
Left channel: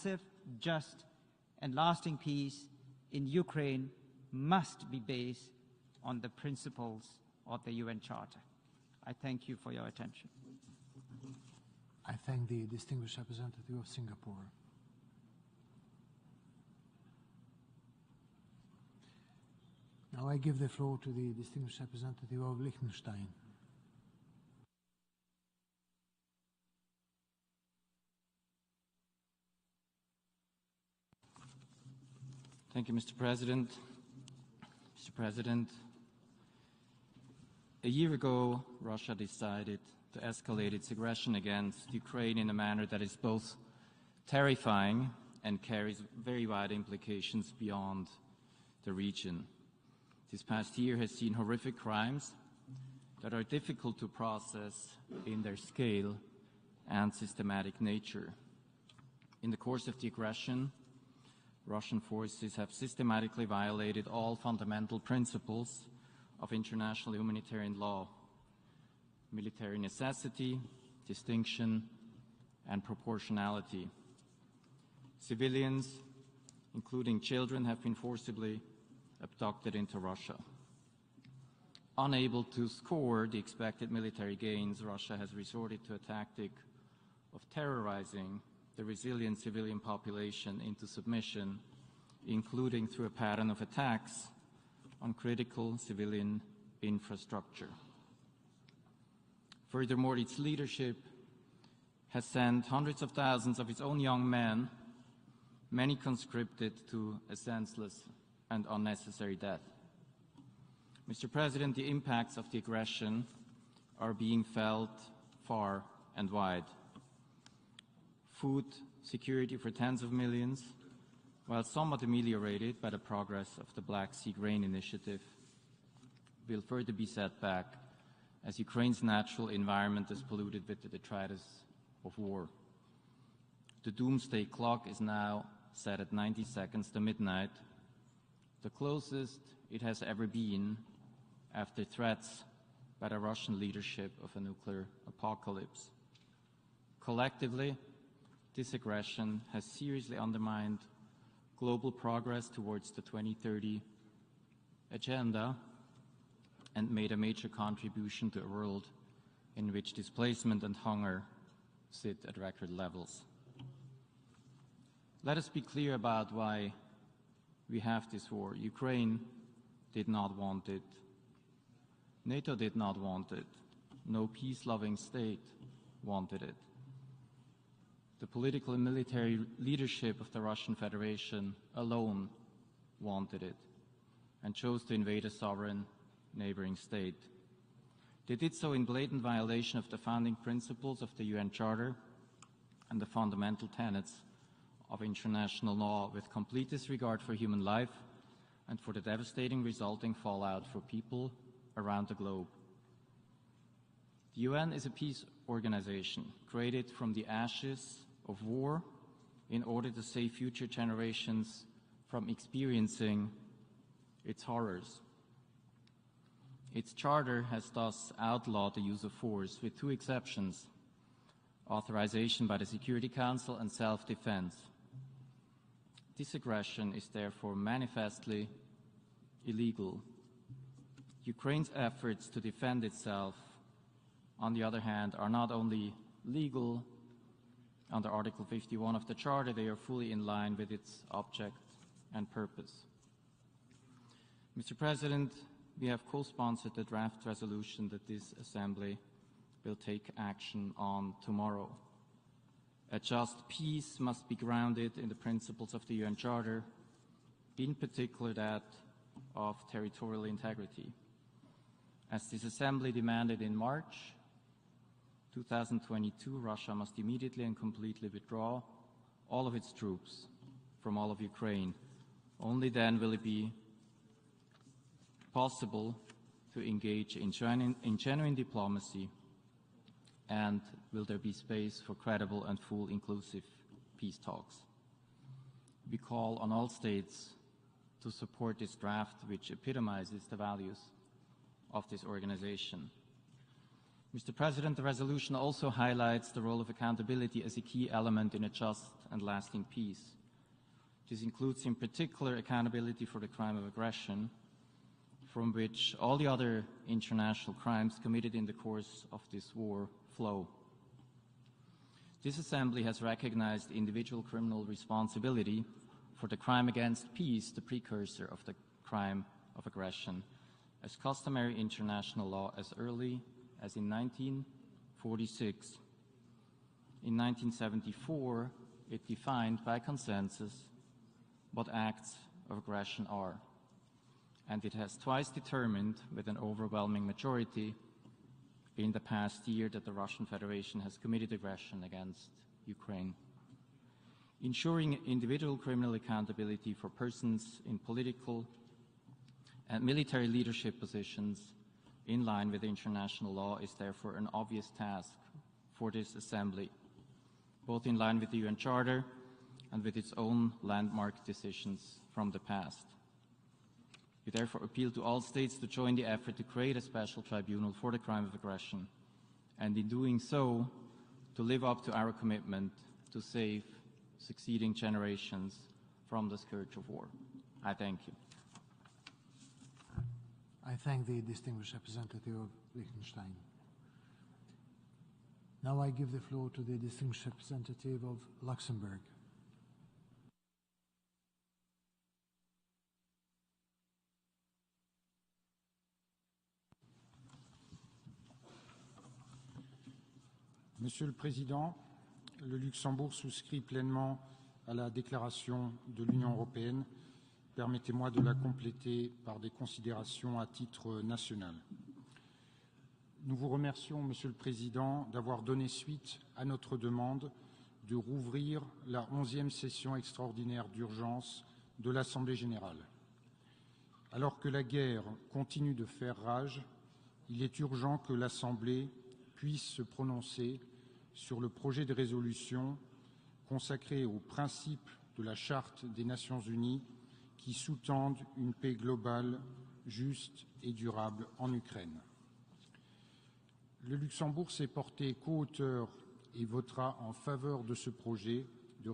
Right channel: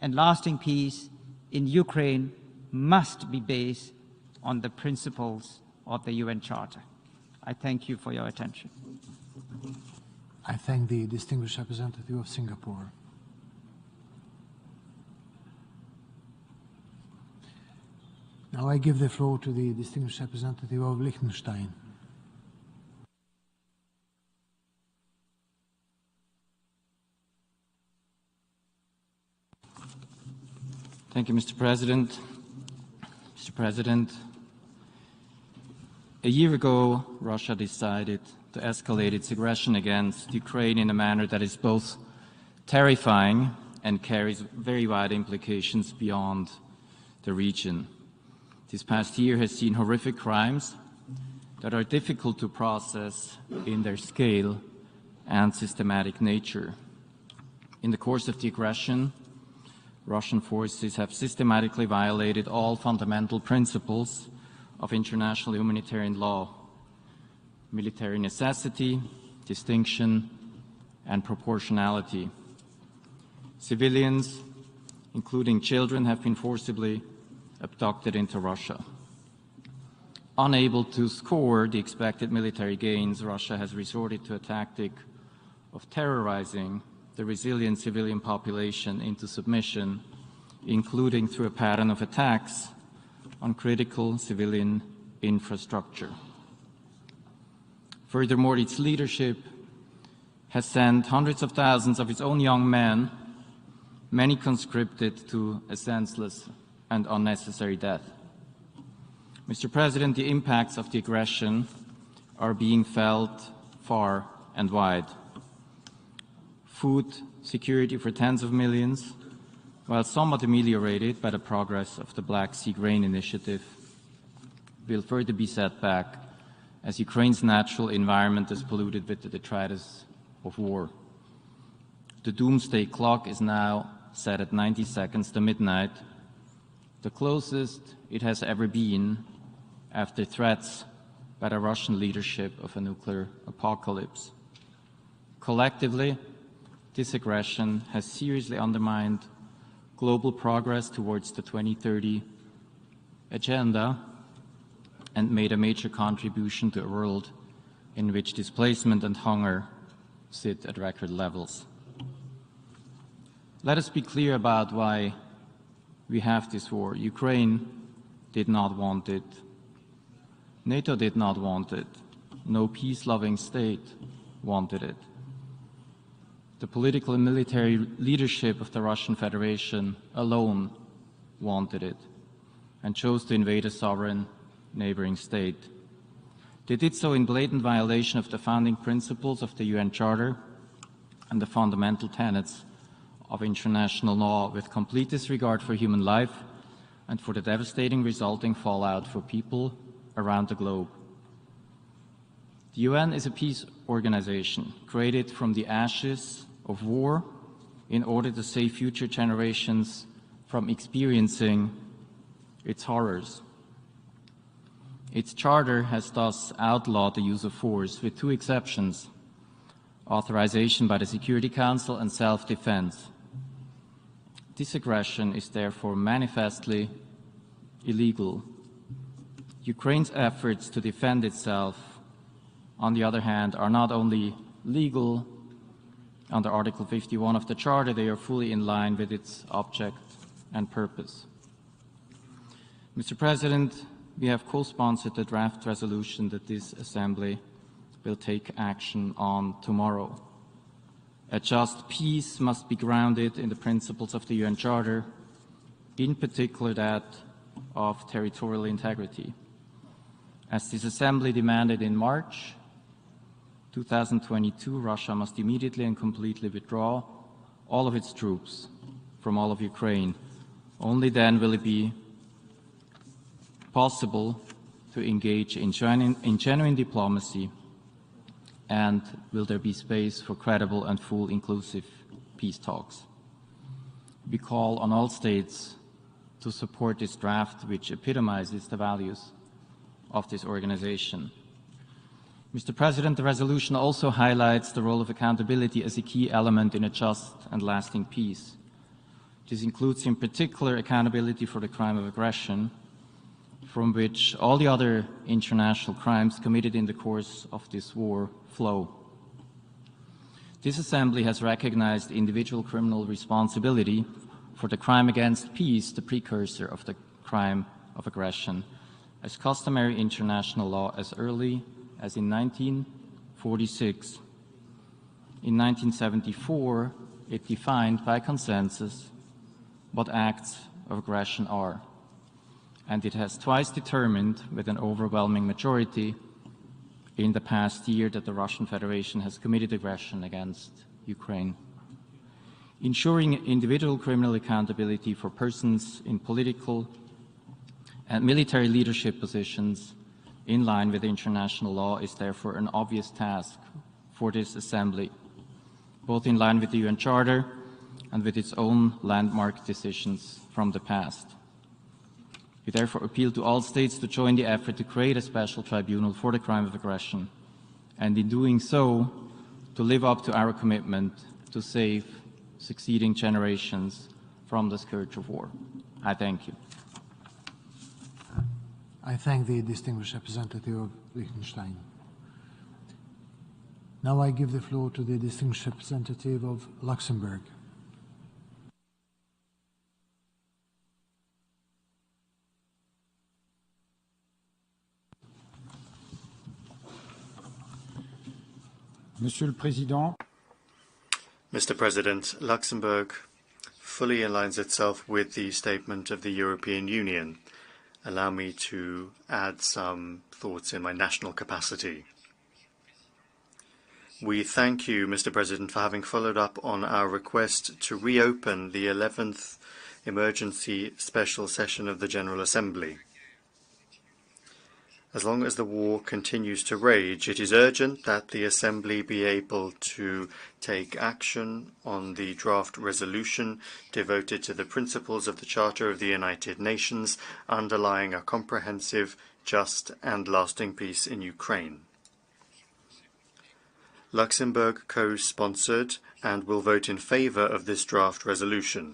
and lasting peace in Ukraine must be based on the principles of the UN Charter. I thank you for your attention. I thank the distinguished representative of Singapore. Now I give the floor to the distinguished representative of Liechtenstein. Thank you, Mr. President. Mr. President. A year ago, Russia decided to escalate its aggression against Ukraine in a manner that is both terrifying and carries very wide implications beyond the region. This past year has seen horrific crimes that are difficult to process in their scale and systematic nature. In the course of the aggression, Russian forces have systematically violated all fundamental principles of international humanitarian law, military necessity, distinction, and proportionality. Civilians, including children, have been forcibly abducted into Russia. Unable to score the expected military gains, Russia has resorted to a tactic of terrorizing the resilient civilian population into submission, including through a pattern of attacks on critical civilian infrastructure. Furthermore, its leadership has sent hundreds of thousands of its own young men, many conscripted, to a senseless and unnecessary death. Mr. President, the impacts of the aggression are being felt far and wide. Food security for tens of millions, while somewhat ameliorated by the progress of the Black Sea Grain Initiative, will further be set back as Ukraine's natural environment is polluted with the detritus of war. The doomsday clock is now set at 90 seconds to midnight, the closest it has ever been after threats by the Russian leadership of a nuclear apocalypse. Collectively, this aggression has seriously undermined global progress towards the 2030 agenda and made a major contribution to a world in which displacement and hunger sit at record levels. Let us be clear about why we have this war. Ukraine did not want it. NATO did not want it. No peace-loving state wanted it. The political and military leadership of the Russian Federation alone wanted it and chose to invade a sovereign neighboring state. They did so in blatant violation of the founding principles of the UN Charter and the fundamental tenets of international law, with complete disregard for human life and for the devastating resulting fallout for people around the globe. The UN is a peace organization created from the ashes of war in order to save future generations from experiencing its horrors. Its charter has thus outlawed the use of force, with two exceptions: authorization by the Security Council and self-defense. This aggression is therefore manifestly illegal. Ukraine's efforts to defend itself, on the other hand, are not only legal under Article 51 of the Charter, they are fully in line with its object and purpose. Mr. President, we have co-sponsored the draft resolution that this Assembly will take action on tomorrow. A just peace must be grounded in the principles of the UN Charter, in particular that of territorial integrity. As this Assembly demanded in March 2022, Russia must immediately and completely withdraw all of its troops from all of Ukraine. Only then will it be possible to engage in genuine diplomacy, and will there be space for credible and full inclusive peace talks. We call on all states to support this draft, which epitomizes the values of this organization. Mr. President, the resolution also highlights the role of accountability as a key element in a just and lasting peace. This includes in particular accountability for the crime of aggression, from which all the other international crimes committed in the course of this war flow. This Assembly has recognized individual criminal responsibility for the crime against peace, the precursor of the crime of aggression, as customary international law as early as in 1946. In 1974, it defined by consensus what acts of aggression are, and it has twice determined with an overwhelming majority in the past year that the Russian Federation has committed aggression against Ukraine. Ensuring individual criminal accountability for persons in political and military leadership positions in line with international law is therefore an obvious task for this Assembly, both in line with the UN Charter and with its own landmark decisions from the past. We therefore appeal to all states to join the effort to create a special tribunal for the crime of aggression, and in doing so, to live up to our commitment to save succeeding generations from the spiritual war. I thank you. I thank the distinguished representative of Liechtenstein. Now I give the floor to the distinguished representative of Luxembourg. Mr. President, Luxembourg fully aligns itself with the statement of the European Union. Allow me to add some thoughts in my national capacity. We thank you, Mr. President, for having followed up on our request to reopen the 11th emergency special session of the General Assembly. As long as the war continues to rage, it is urgent that the Assembly be able to take action on the draft resolution devoted to the principles of the Charter of the United Nations, underlying a comprehensive, just and lasting peace in Ukraine. Luxembourg co-sponsored and will vote in favor of this draft resolution,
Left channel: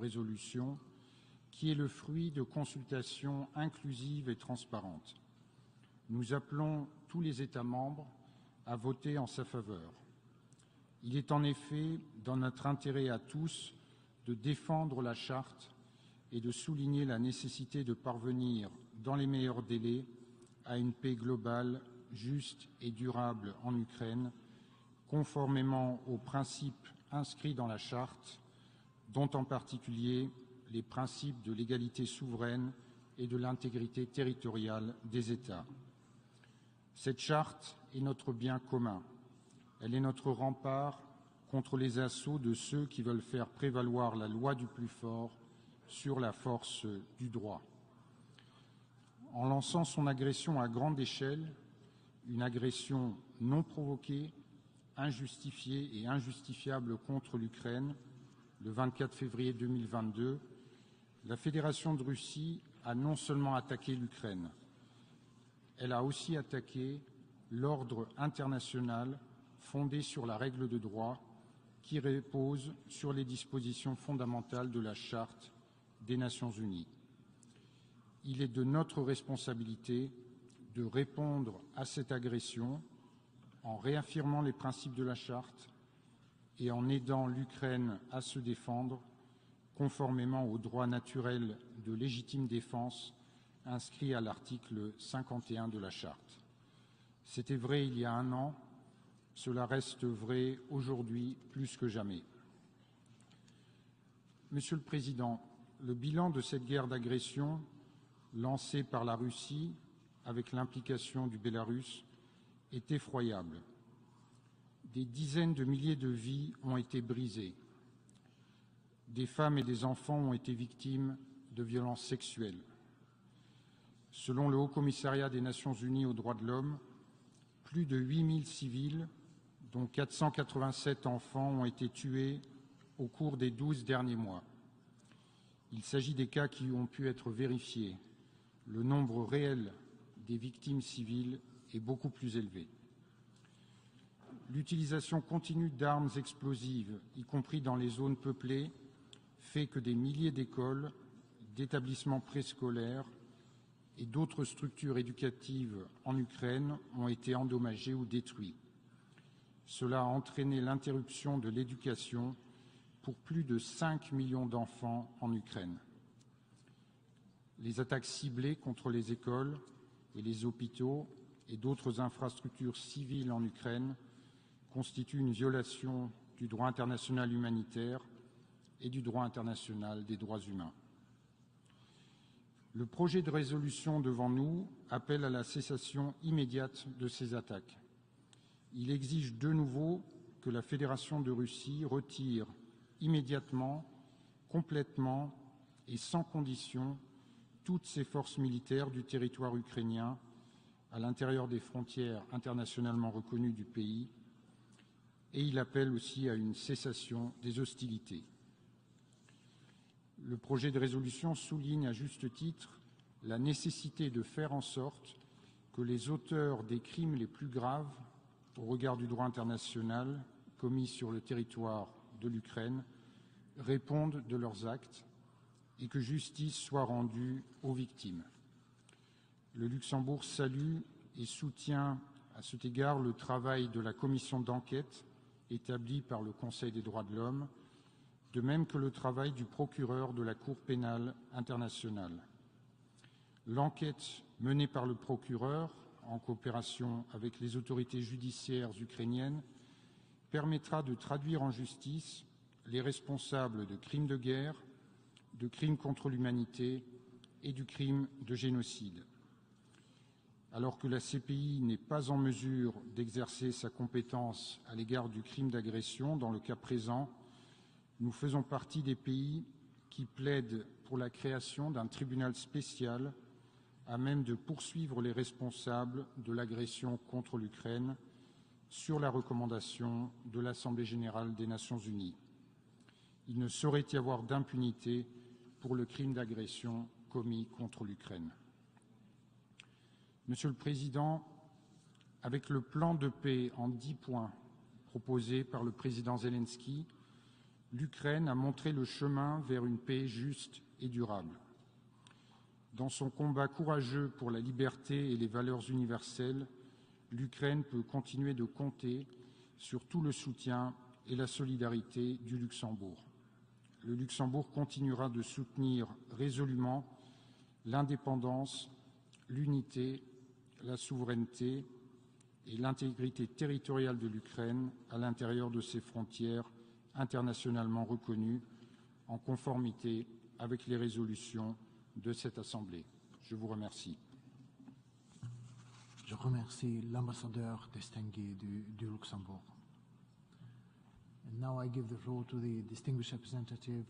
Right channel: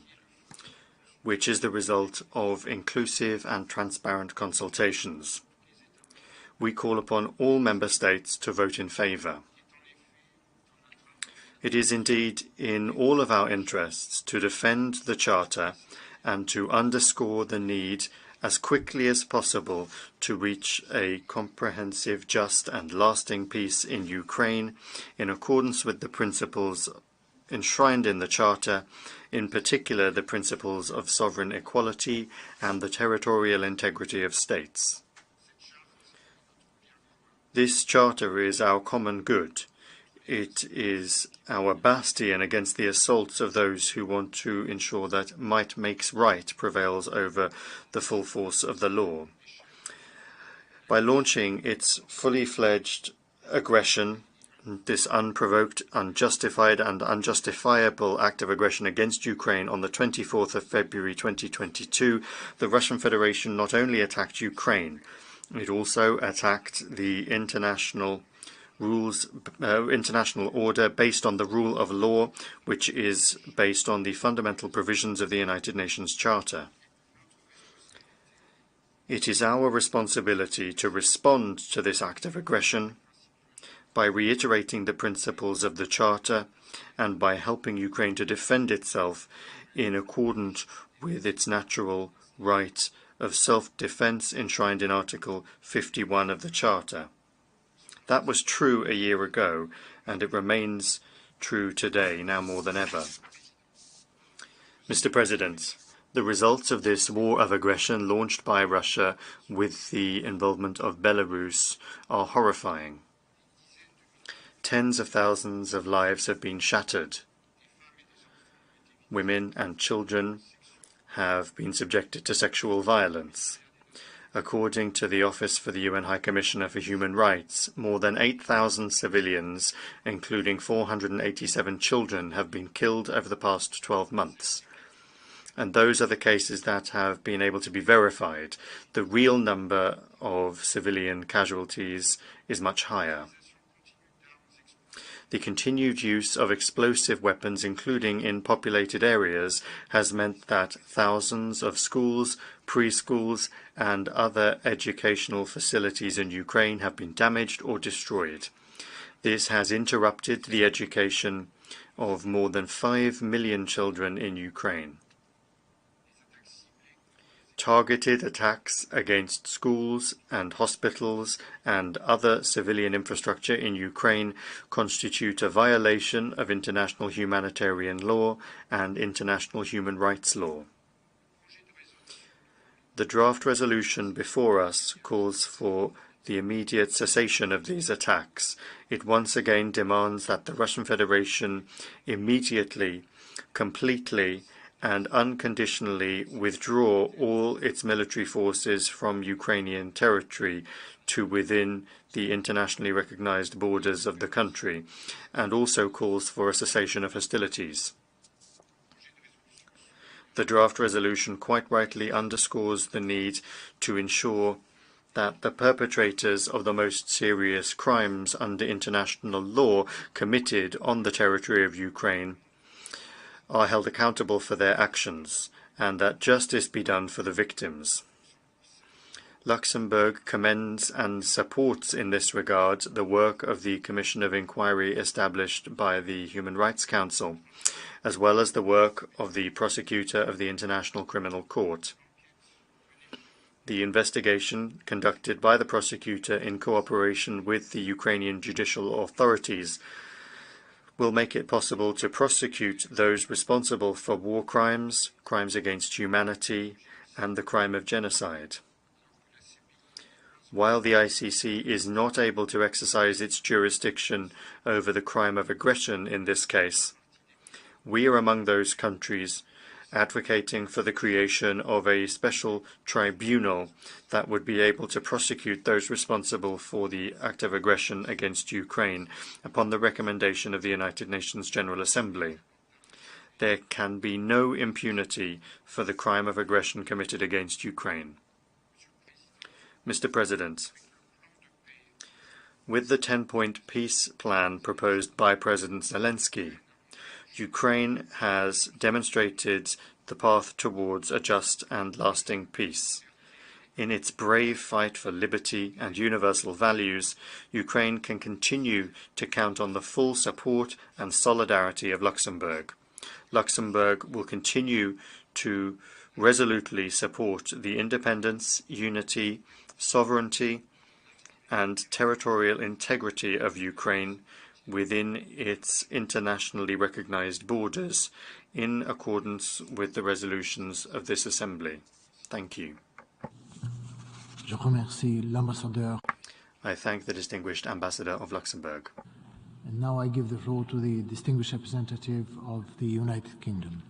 which is the result of inclusive and transparent consultations. We call upon all member states to vote in favor. It is indeed in all of our interests to defend the Charter and to underscore the need as quickly as possible to reach a comprehensive, just and lasting peace in Ukraine in accordance with the principles enshrined in the Charter, in particular the principles of sovereign equality and the territorial integrity of states. This Charter is our common good. It is our bastion against the assaults of those who want to ensure that might makes right prevails over the full force of the law. By launching its fully fledged aggression, this unprovoked, unjustified and unjustifiable act of aggression against Ukraine on the 24th of February 2022, the Russian Federation not only attacked Ukraine, it also attacked the international order based on the rule of law, which is based on the fundamental provisions of the United Nations Charter. It is our responsibility to respond to this act of aggression by reiterating the principles of the Charter and by helping Ukraine to defend itself in accordance with its natural right of self-defense enshrined in Article 51 of the Charter. That was true a year ago, and it remains true today, now more than ever. Mr. President, the results of this war of aggression launched by Russia with the involvement of Belarus are horrifying. Tens of thousands of lives have been shattered. Women and children have been subjected to sexual violence. According to the Office for the UN High Commissioner for Human Rights, more than 8,000 civilians, including 487 children, have been killed over the past 12 months. And those are the cases that have been able to be verified. The real number of civilian casualties is much higher. The continued use of explosive weapons, including in populated areas, has meant that thousands of schools, preschools, and other educational facilities in Ukraine have been damaged or destroyed. This has interrupted the education of more than 5 million children in Ukraine. Targeted attacks against schools and hospitals and other civilian infrastructure in Ukraine constitute a violation of international humanitarian law and international human rights law. The draft resolution before us calls for the immediate cessation of these attacks. It once again demands that the Russian Federation immediately, completely and unconditionally withdraw all its military forces from Ukrainian territory to within the internationally recognized borders of the country, and also calls for a cessation of hostilities. The draft resolution quite rightly underscores the need to ensure that the perpetrators of the most serious crimes under international law committed on the territory of Ukraine are held accountable for their actions, and that justice be done for the victims. Luxembourg commends and supports in this regard the work of the Commission of Inquiry established by the Human Rights Council, as well as the work of the prosecutor of the International Criminal Court. The investigation, conducted by the prosecutor in cooperation with the Ukrainian judicial authorities, will make it possible to prosecute those responsible for war crimes, crimes against humanity, and the crime of genocide. While the ICC is not able to exercise its jurisdiction over the crime of aggression in this case, we are among those countries advocating for the creation of a special tribunal that would be able to prosecute those responsible for the act of aggression against Ukraine upon the recommendation of the United Nations General Assembly. There can be no impunity for the crime of aggression committed against Ukraine. Mr. President, with the 10-point peace plan proposed by President Zelensky, Ukraine has demonstrated the path towards a just and lasting peace. In its brave fight for liberty and universal values, Ukraine can continue to count on the full support and solidarity of Luxembourg. Luxembourg will continue to resolutely support the independence, unity, sovereignty, and territorial integrity of Ukraine within its internationally recognized borders, in accordance with the resolutions of this Assembly. Thank you. I thank the distinguished Ambassador of Luxembourg. And now I give the floor to the distinguished representative of the United Kingdom.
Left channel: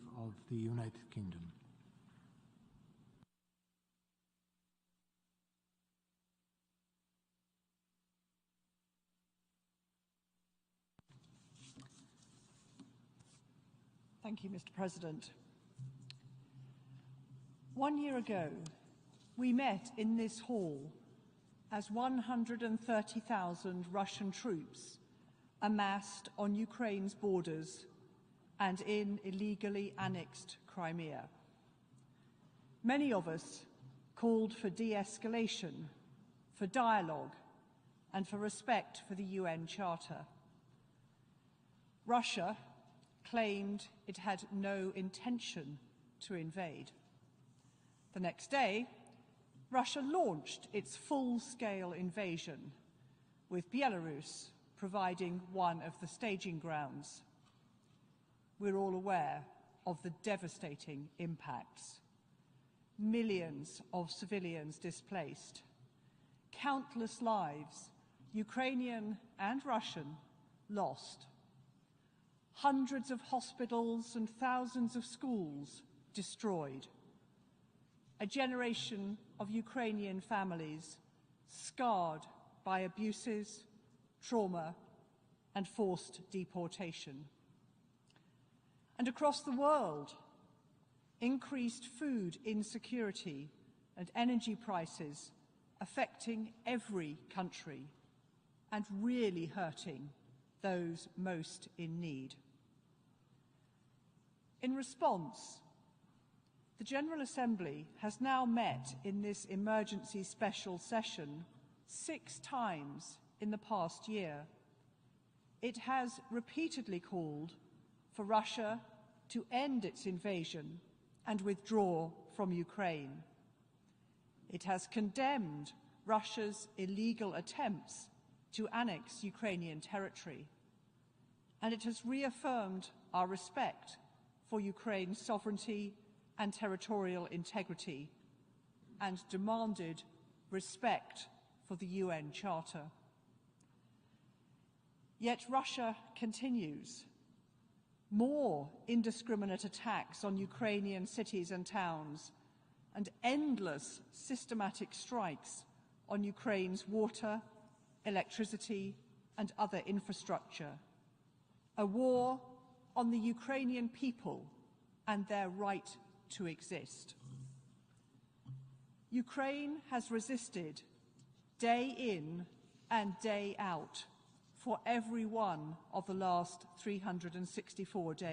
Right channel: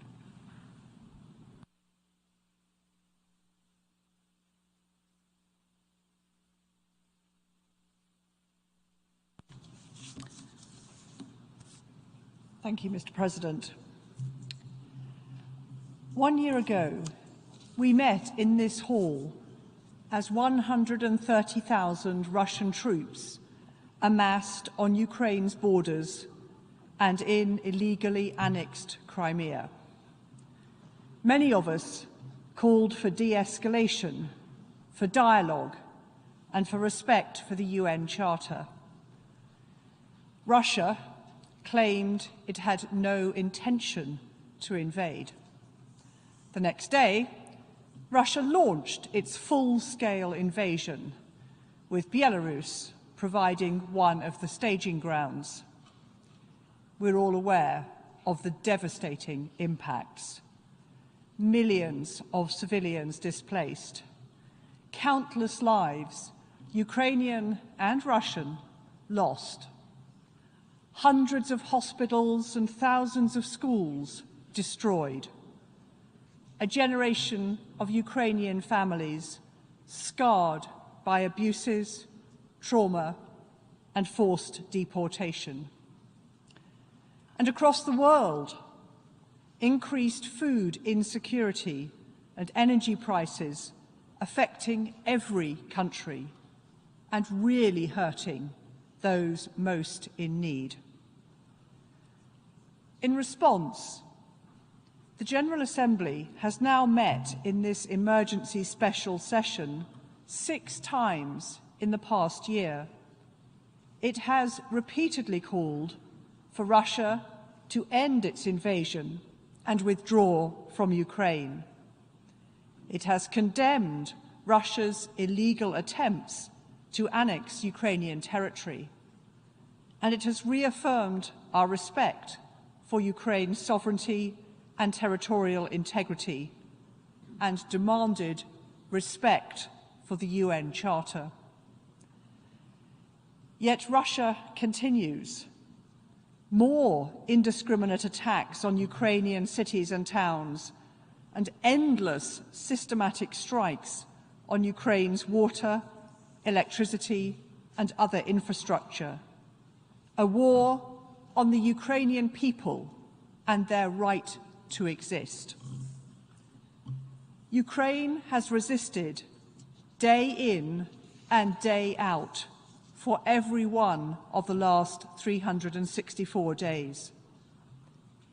Thank you, Mr. President. 1 year ago, we met in this hall as 130,000 Russian troops amassed on Ukraine's borders and in illegally annexed Crimea. Many of us called for de-escalation, for dialogue, and for respect for the UN Charter. Russia claimed it had no intention to invade. The next day, Russia launched its full-scale invasion, with Belarus providing one of the staging grounds. We're all aware of the devastating impacts. Millions of civilians displaced, countless lives, Ukrainian and Russian, lost. Hundreds of hospitals and thousands of schools destroyed. A generation of Ukrainian families scarred by abuses, trauma, and forced deportation. And across the world, increased food insecurity and energy prices affecting every country and really hurting those most in need. In response, the General Assembly has now met in this emergency special session 6 times in the past year, It has repeatedly called for Russia to end its invasion and withdraw from Ukraine. It has condemned Russia's illegal attempts to annex Ukrainian territory, and it has reaffirmed our respect for Ukraine's sovereignty and territorial integrity, and demanded respect for the UN Charter. Yet Russia continues. More indiscriminate attacks on Ukrainian cities and towns, and endless systematic strikes on Ukraine's water, electricity, and other infrastructure. A war on the Ukrainian people and their right to exist. Ukraine has resisted day in and day out for every one of the last 364 days,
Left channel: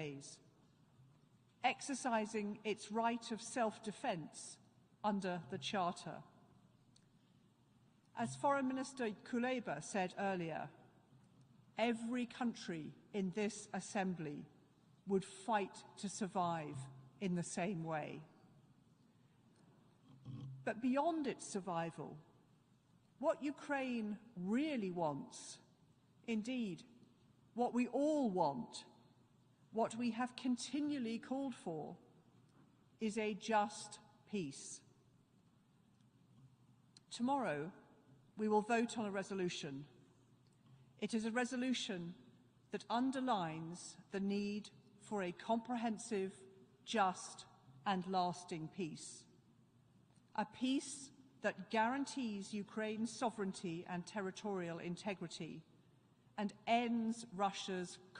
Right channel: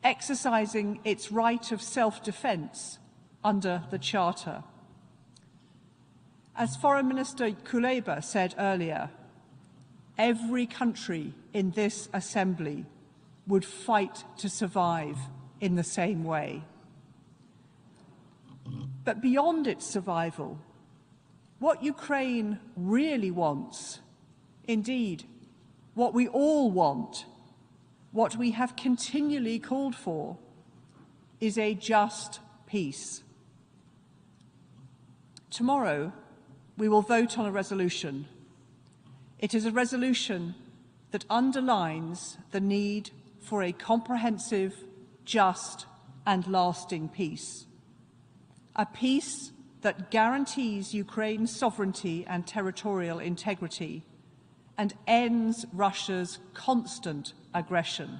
exercising its right of self-defense under the Charter. As Foreign Minister Kuleba said earlier, every country in this assembly would fight to survive in the same way. But beyond its survival, what Ukraine really wants, indeed, what we all want, what we have continually called for, is a just peace. Tomorrow, we will vote on a resolution. It is a resolution that underlines the need for a comprehensive, just, and lasting peace. A peace that guarantees Ukraine's sovereignty and territorial integrity and ends Russia's constant aggression.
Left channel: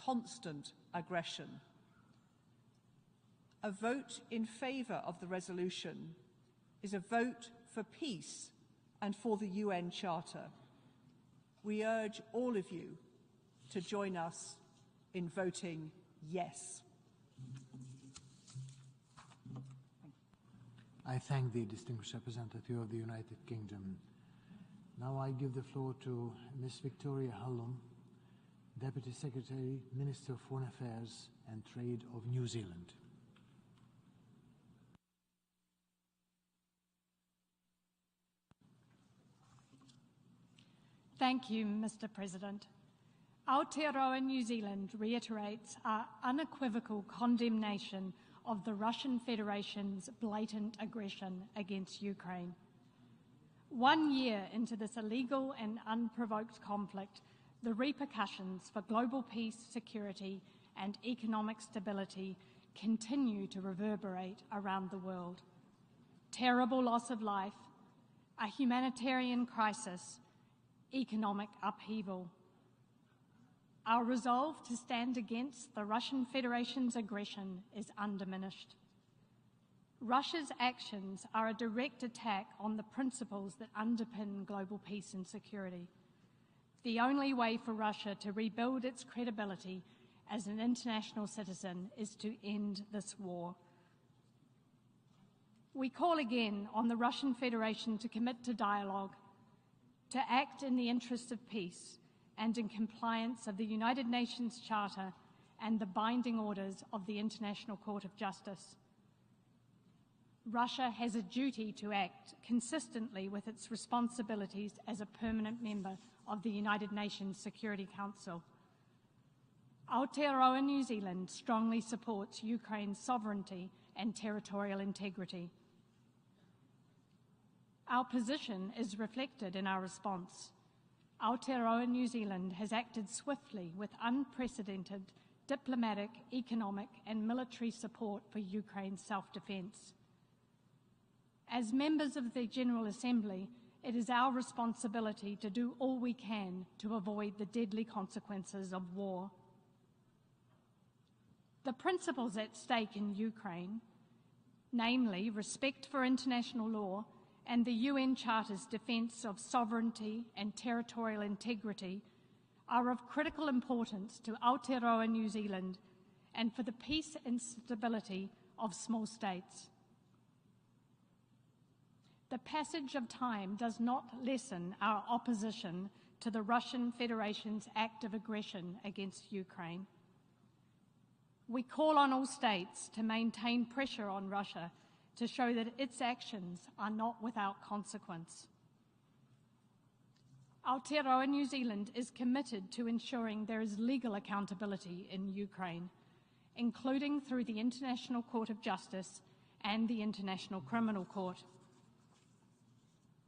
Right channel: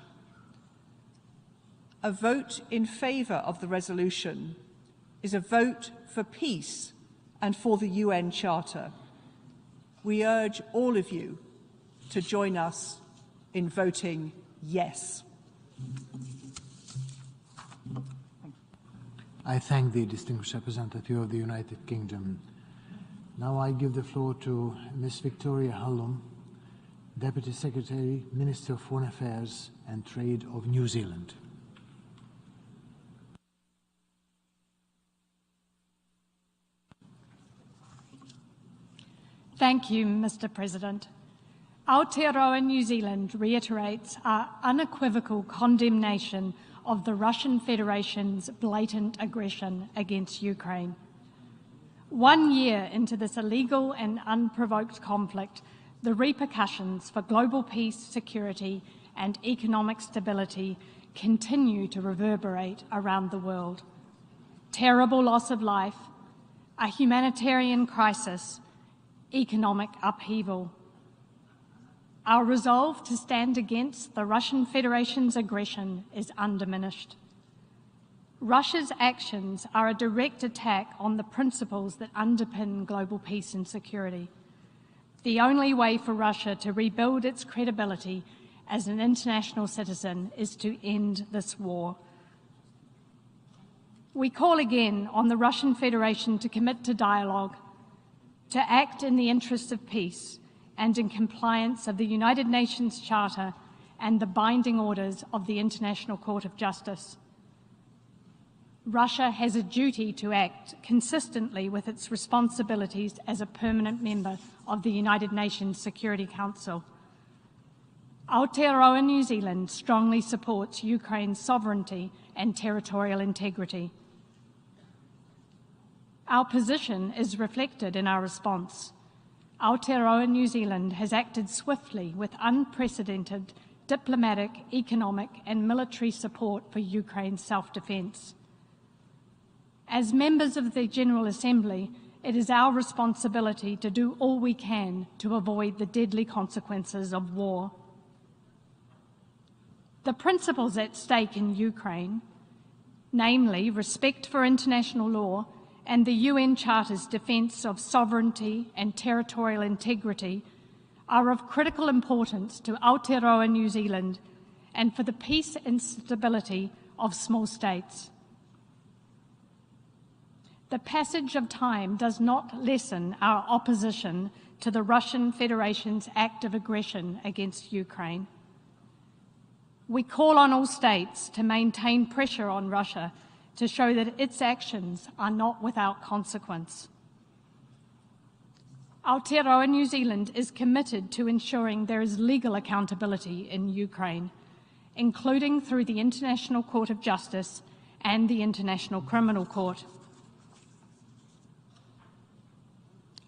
A vote in favour of the resolution is a vote for peace and for the UN Charter. We urge all of you to join us in voting yes. I thank the distinguished representative of the United Kingdom. Now I give the floor to Ms. Victoria Hallum, Deputy Secretary, Minister of Foreign Affairs and Trade of New Zealand. Thank you, Mr. President. Aotearoa New Zealand reiterates our unequivocal condemnation of the Russian Federation's blatant aggression against Ukraine. 1 year into this illegal and unprovoked conflict, the repercussions for global peace, security, and economic stability continue to reverberate around the world. Terrible loss of life, a humanitarian crisis, economic upheaval. Our resolve to stand against the Russian Federation's aggression is undiminished. Russia's actions are a direct attack on the principles that underpin global peace and security. The only way for Russia to rebuild its credibility as an international citizen is to end this war. We call again on the Russian Federation to commit to dialogue, to act in the interests of peace and in compliance of the United Nations Charter and the binding orders of the International Court of Justice. Russia has a duty to act consistently with its responsibilities as a permanent member of the United Nations Security Council. Aotearoa New Zealand strongly supports Ukraine's sovereignty and territorial integrity. Our position is reflected in our response. Aotearoa New Zealand has acted swiftly with unprecedented diplomatic, economic and military support for Ukraine's self-defence. As members of the General Assembly, it is our responsibility to do all we can to avoid the deadly consequences of war. The principles at stake in Ukraine, namely respect for international law and the UN Charter's defence of sovereignty and territorial integrity, are of critical importance to Aotearoa New Zealand and for the peace and stability of small states. The passage of time does not lessen our opposition to the Russian Federation's act of aggression against Ukraine. We call on all states to maintain pressure on Russia to show that its actions are not without consequence. Aotearoa New Zealand is committed to ensuring there is legal accountability in Ukraine, including through the International Court of Justice and the International Criminal Court.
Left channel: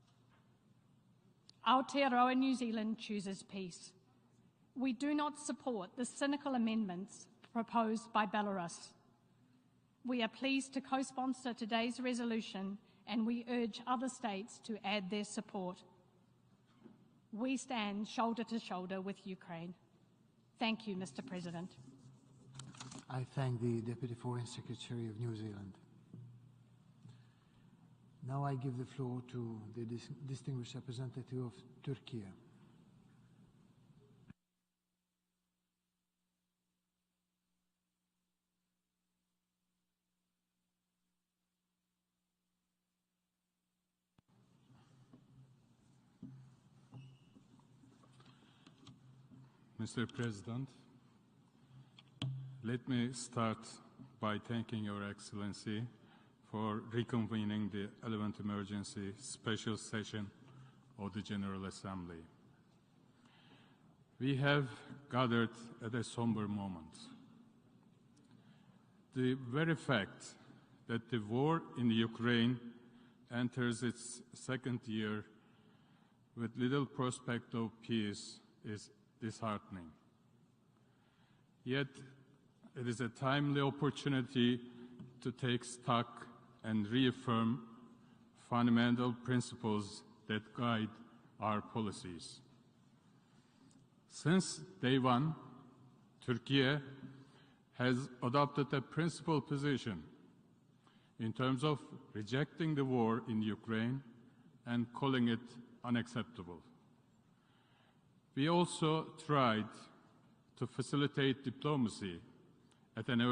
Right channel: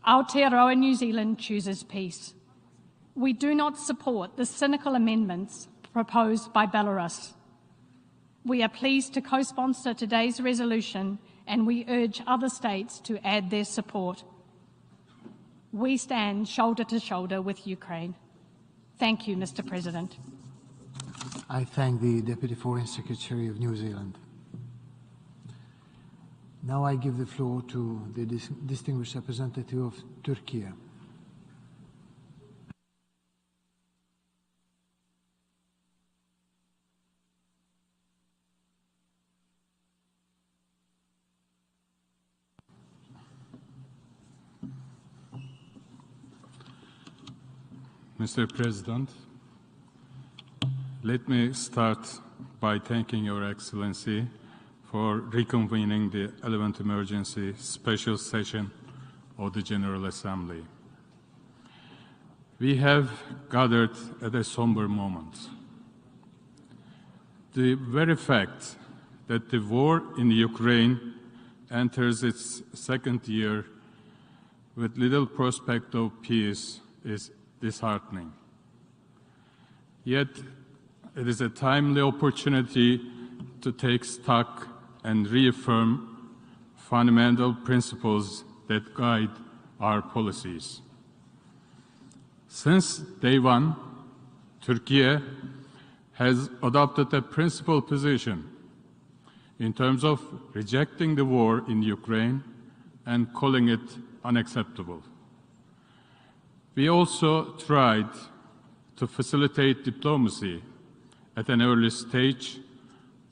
Aotearoa New Zealand chooses peace. We do not support the cynical amendments proposed by Belarus. We are pleased to co-sponsor today's resolution, and we urge other states to add their support. We stand shoulder to shoulder with Ukraine. Thank you, Mr. President. I thank the Deputy Foreign Secretary of New Zealand. Now I give the floor to the distinguished representative of Turkey. Mr. President, let me start by thanking Your Excellency for reconvening the 11th Emergency Special Session of the General Assembly. We have gathered at a somber moment. The very fact that the war in Ukraine enters its second year with little prospect of peace is disheartening. Yet, it is a timely opportunity to take stock and reaffirm fundamental principles that guide our policies. Since day one, Turkey has adopted a principled position in terms of rejecting the war in Ukraine and calling it unacceptable. We also tried to facilitate diplomacy at an early stage,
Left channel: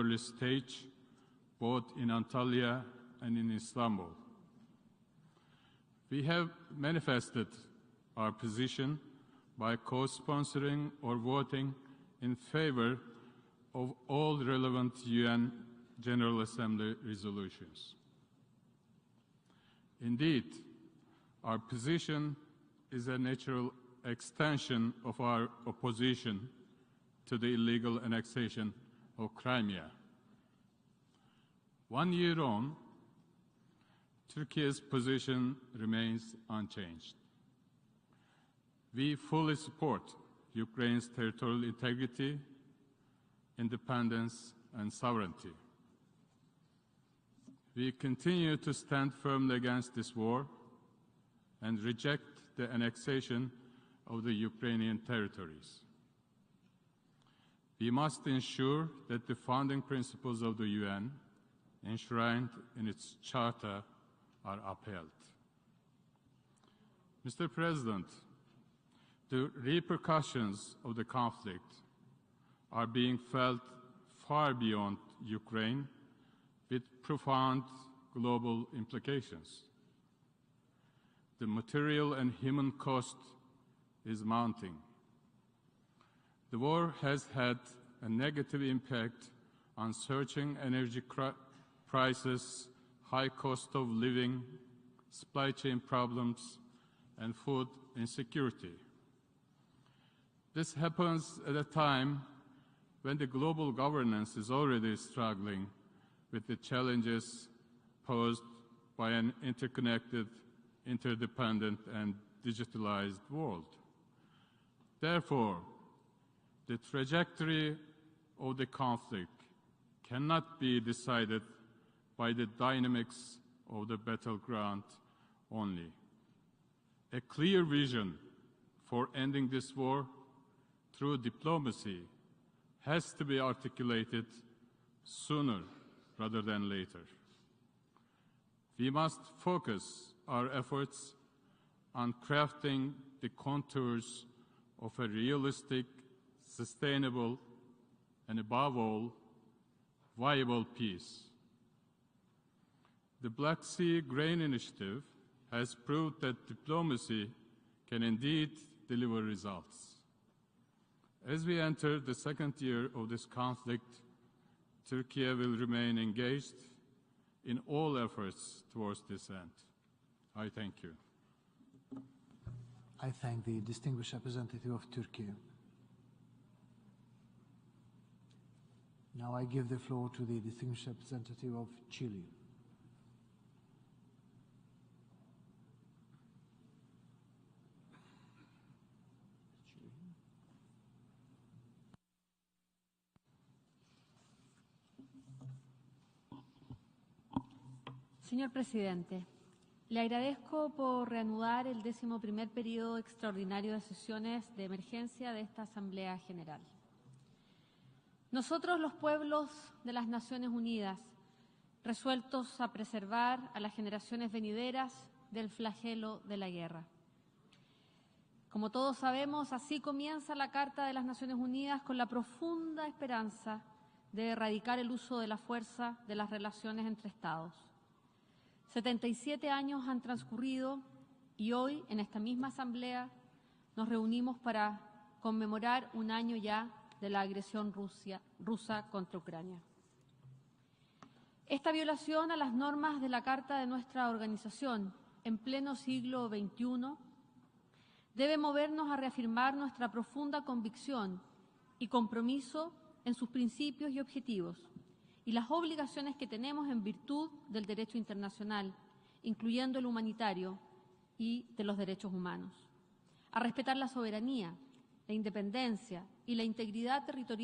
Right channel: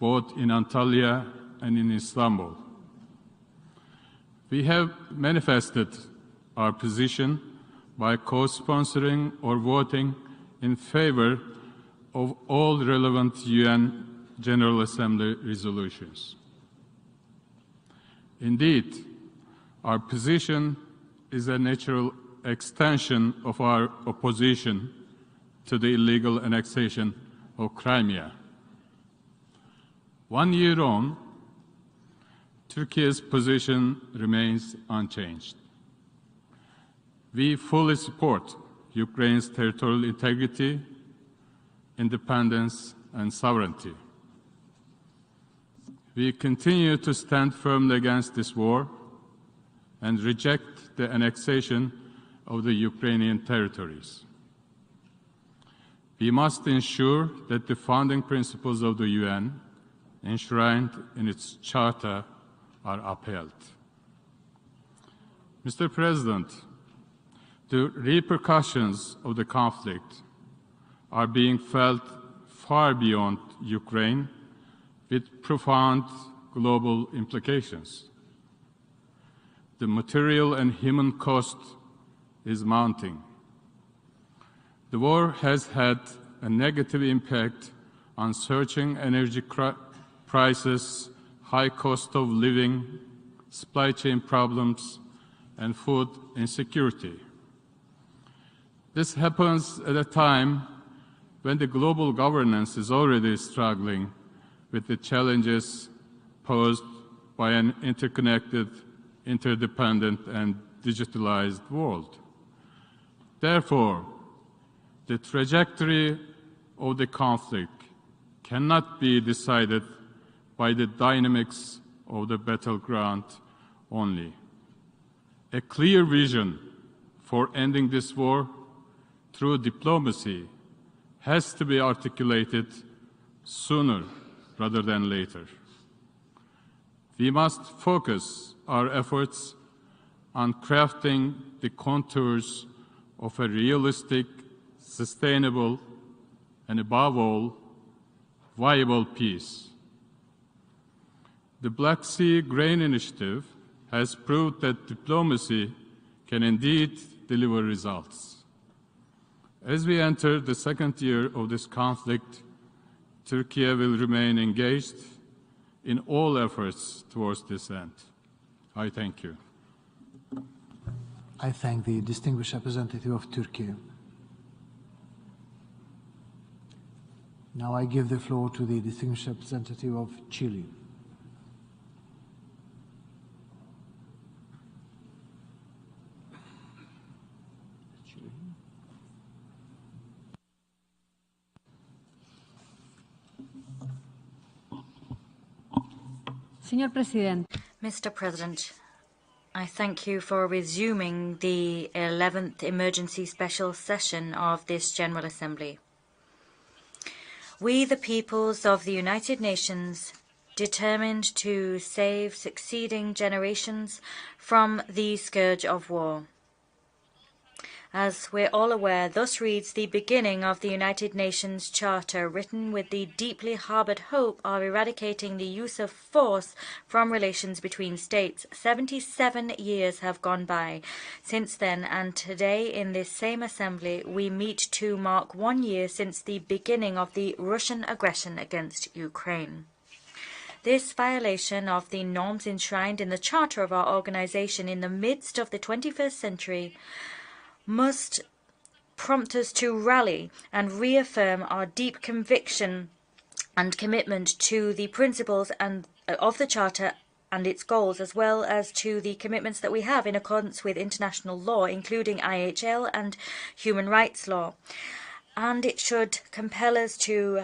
both in Antalya and in Istanbul. We have manifested our position by co-sponsoring or voting in favor of all relevant UN General Assembly resolutions. Indeed, our position is a natural extension of our opposition to the illegal annexation of Crimea. 1 year on, Turkey's position remains unchanged. We fully support Ukraine's territorial integrity, independence, and sovereignty. We continue to stand firmly against this war and reject the annexation of the Ukrainian territories. We must ensure that the founding principles of the UN, enshrined in its charter, are upheld. Mr. President, the repercussions of the conflict are being felt far beyond Ukraine, with profound global implications. The material and human cost is mounting. The war has had a negative impact on surging energy prices, high cost of living, supply chain problems, and food insecurity. This happens at a time when the global governance is already struggling with the challenges posed by an interconnected, interdependent, and digitalized world. Therefore, the trajectory of the conflict cannot be decided by the dynamics of the battleground only. A clear vision for ending this war through diplomacy has to be articulated sooner rather than later. We must focus our efforts on crafting the contours of a realistic, sustainable, and above all, viable peace. The Black Sea Grain Initiative has proved that diplomacy can indeed deliver results. As we enter the second year of this conflict, Turkey will remain engaged in all efforts towards this end. I thank you. I thank the distinguished representative of Turkey. Now I give the floor to the distinguished representative of Chile. Mr. President, I thank you for resuming the 11th emergency special session of this General Assembly. We, the peoples of the United Nations, determined to save succeeding generations from the scourge of war. As we're all aware, thus reads the beginning of the United Nations Charter, written with the deeply harbored hope of eradicating the use of force from relations between states. 77 years have gone by since then, and today in this same assembly we meet to mark 1 year since the beginning of the Russian aggression against Ukraine. This violation of the norms enshrined in the charter of our organization in the midst of the 21st century must prompt us to rally and reaffirm our deep conviction and commitment to the principles of the Charter and its goals, as well as to the commitments that we have in accordance with international law, including IHL and human rights law. And it should compel us to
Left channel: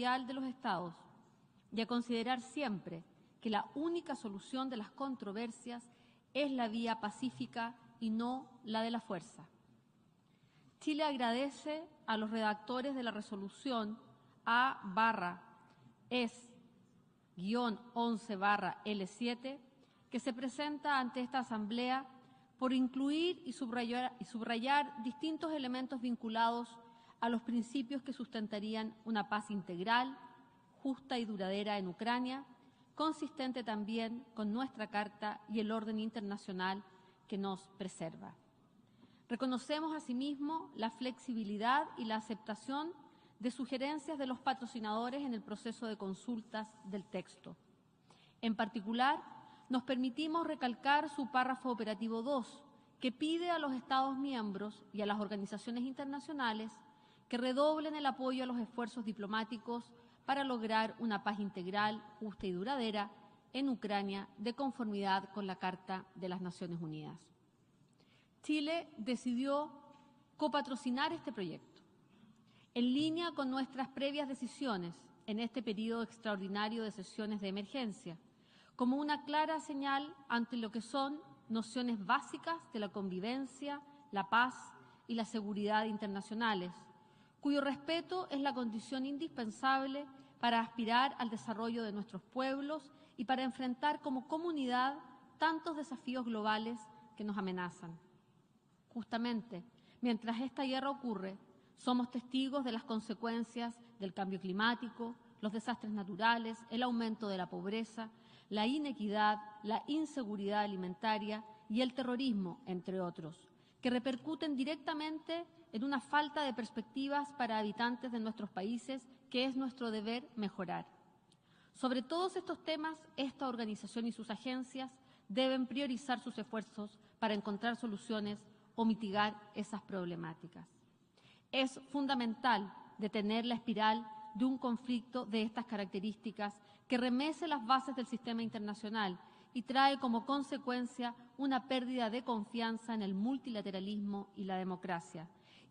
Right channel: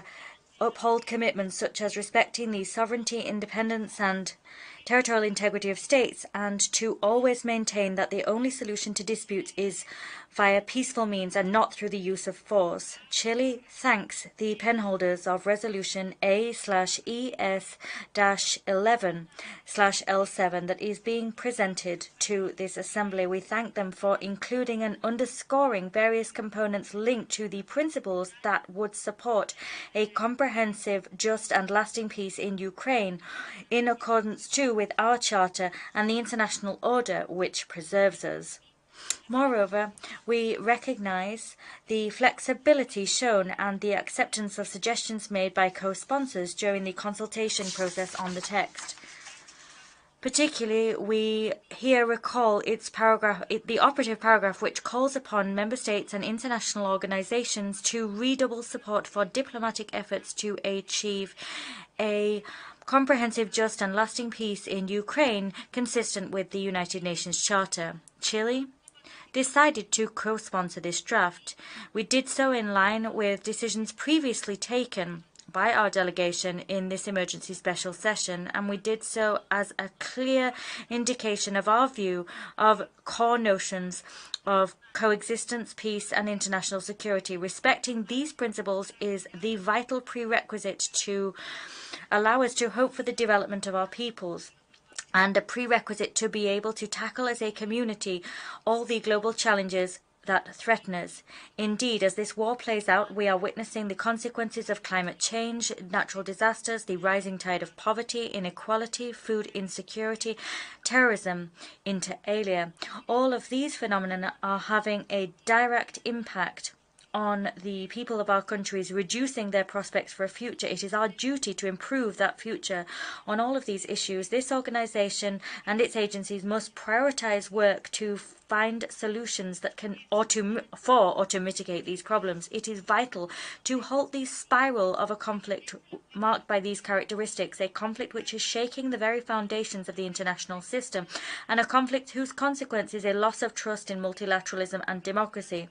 uphold commitments such as respecting the sovereignty, independence and territorial integrity of states, and to always maintain that the only solution to disputes is via peaceful means and not through the use of force. Chile thanks the penholders of Resolution A/ES-11/L7 that is being presented to this Assembly. We thank them for including and underscoring various components linked to the principles that would support a comprehensive, just and lasting peace in Ukraine, in accordance too with our Charter and the international order which preserves us. Moreover, we recognize the flexibility shown and the acceptance of suggestions made by co-sponsors during the consultation process on the text. Particularly, we here recall the operative paragraph which calls upon member states and international organizations to redouble support for diplomatic efforts to achieve a comprehensive, just and lasting peace in Ukraine consistent with the United Nations Charter. Chile decided to co-sponsor this draft. We did so in line with decisions previously taken by our delegation in this emergency special session, and we did so as a clear indication of our view of core notions of coexistence, peace and international security. Respecting these principles is the vital prerequisite to allow us to hope for the development of our peoples, and a prerequisite to be able to tackle as a community all the global challenges that threaten us. Indeed, as this war plays out, we are witnessing the consequences of climate change, natural disasters, the rising tide of poverty, inequality, food insecurity, terrorism, inter alia. All of these phenomena are having a direct impact on the people of our countries, reducing their prospects for a future. It is our duty to improve that future. On all of these issues, this organization and its agencies must prioritize work to find solutions that can, or to mitigate these problems. It is vital to halt the spiral of a conflict marked by these characteristics, a conflict which is shaking the very foundations of the international system, and a conflict whose consequence is a loss of trust in multilateralism and democracy.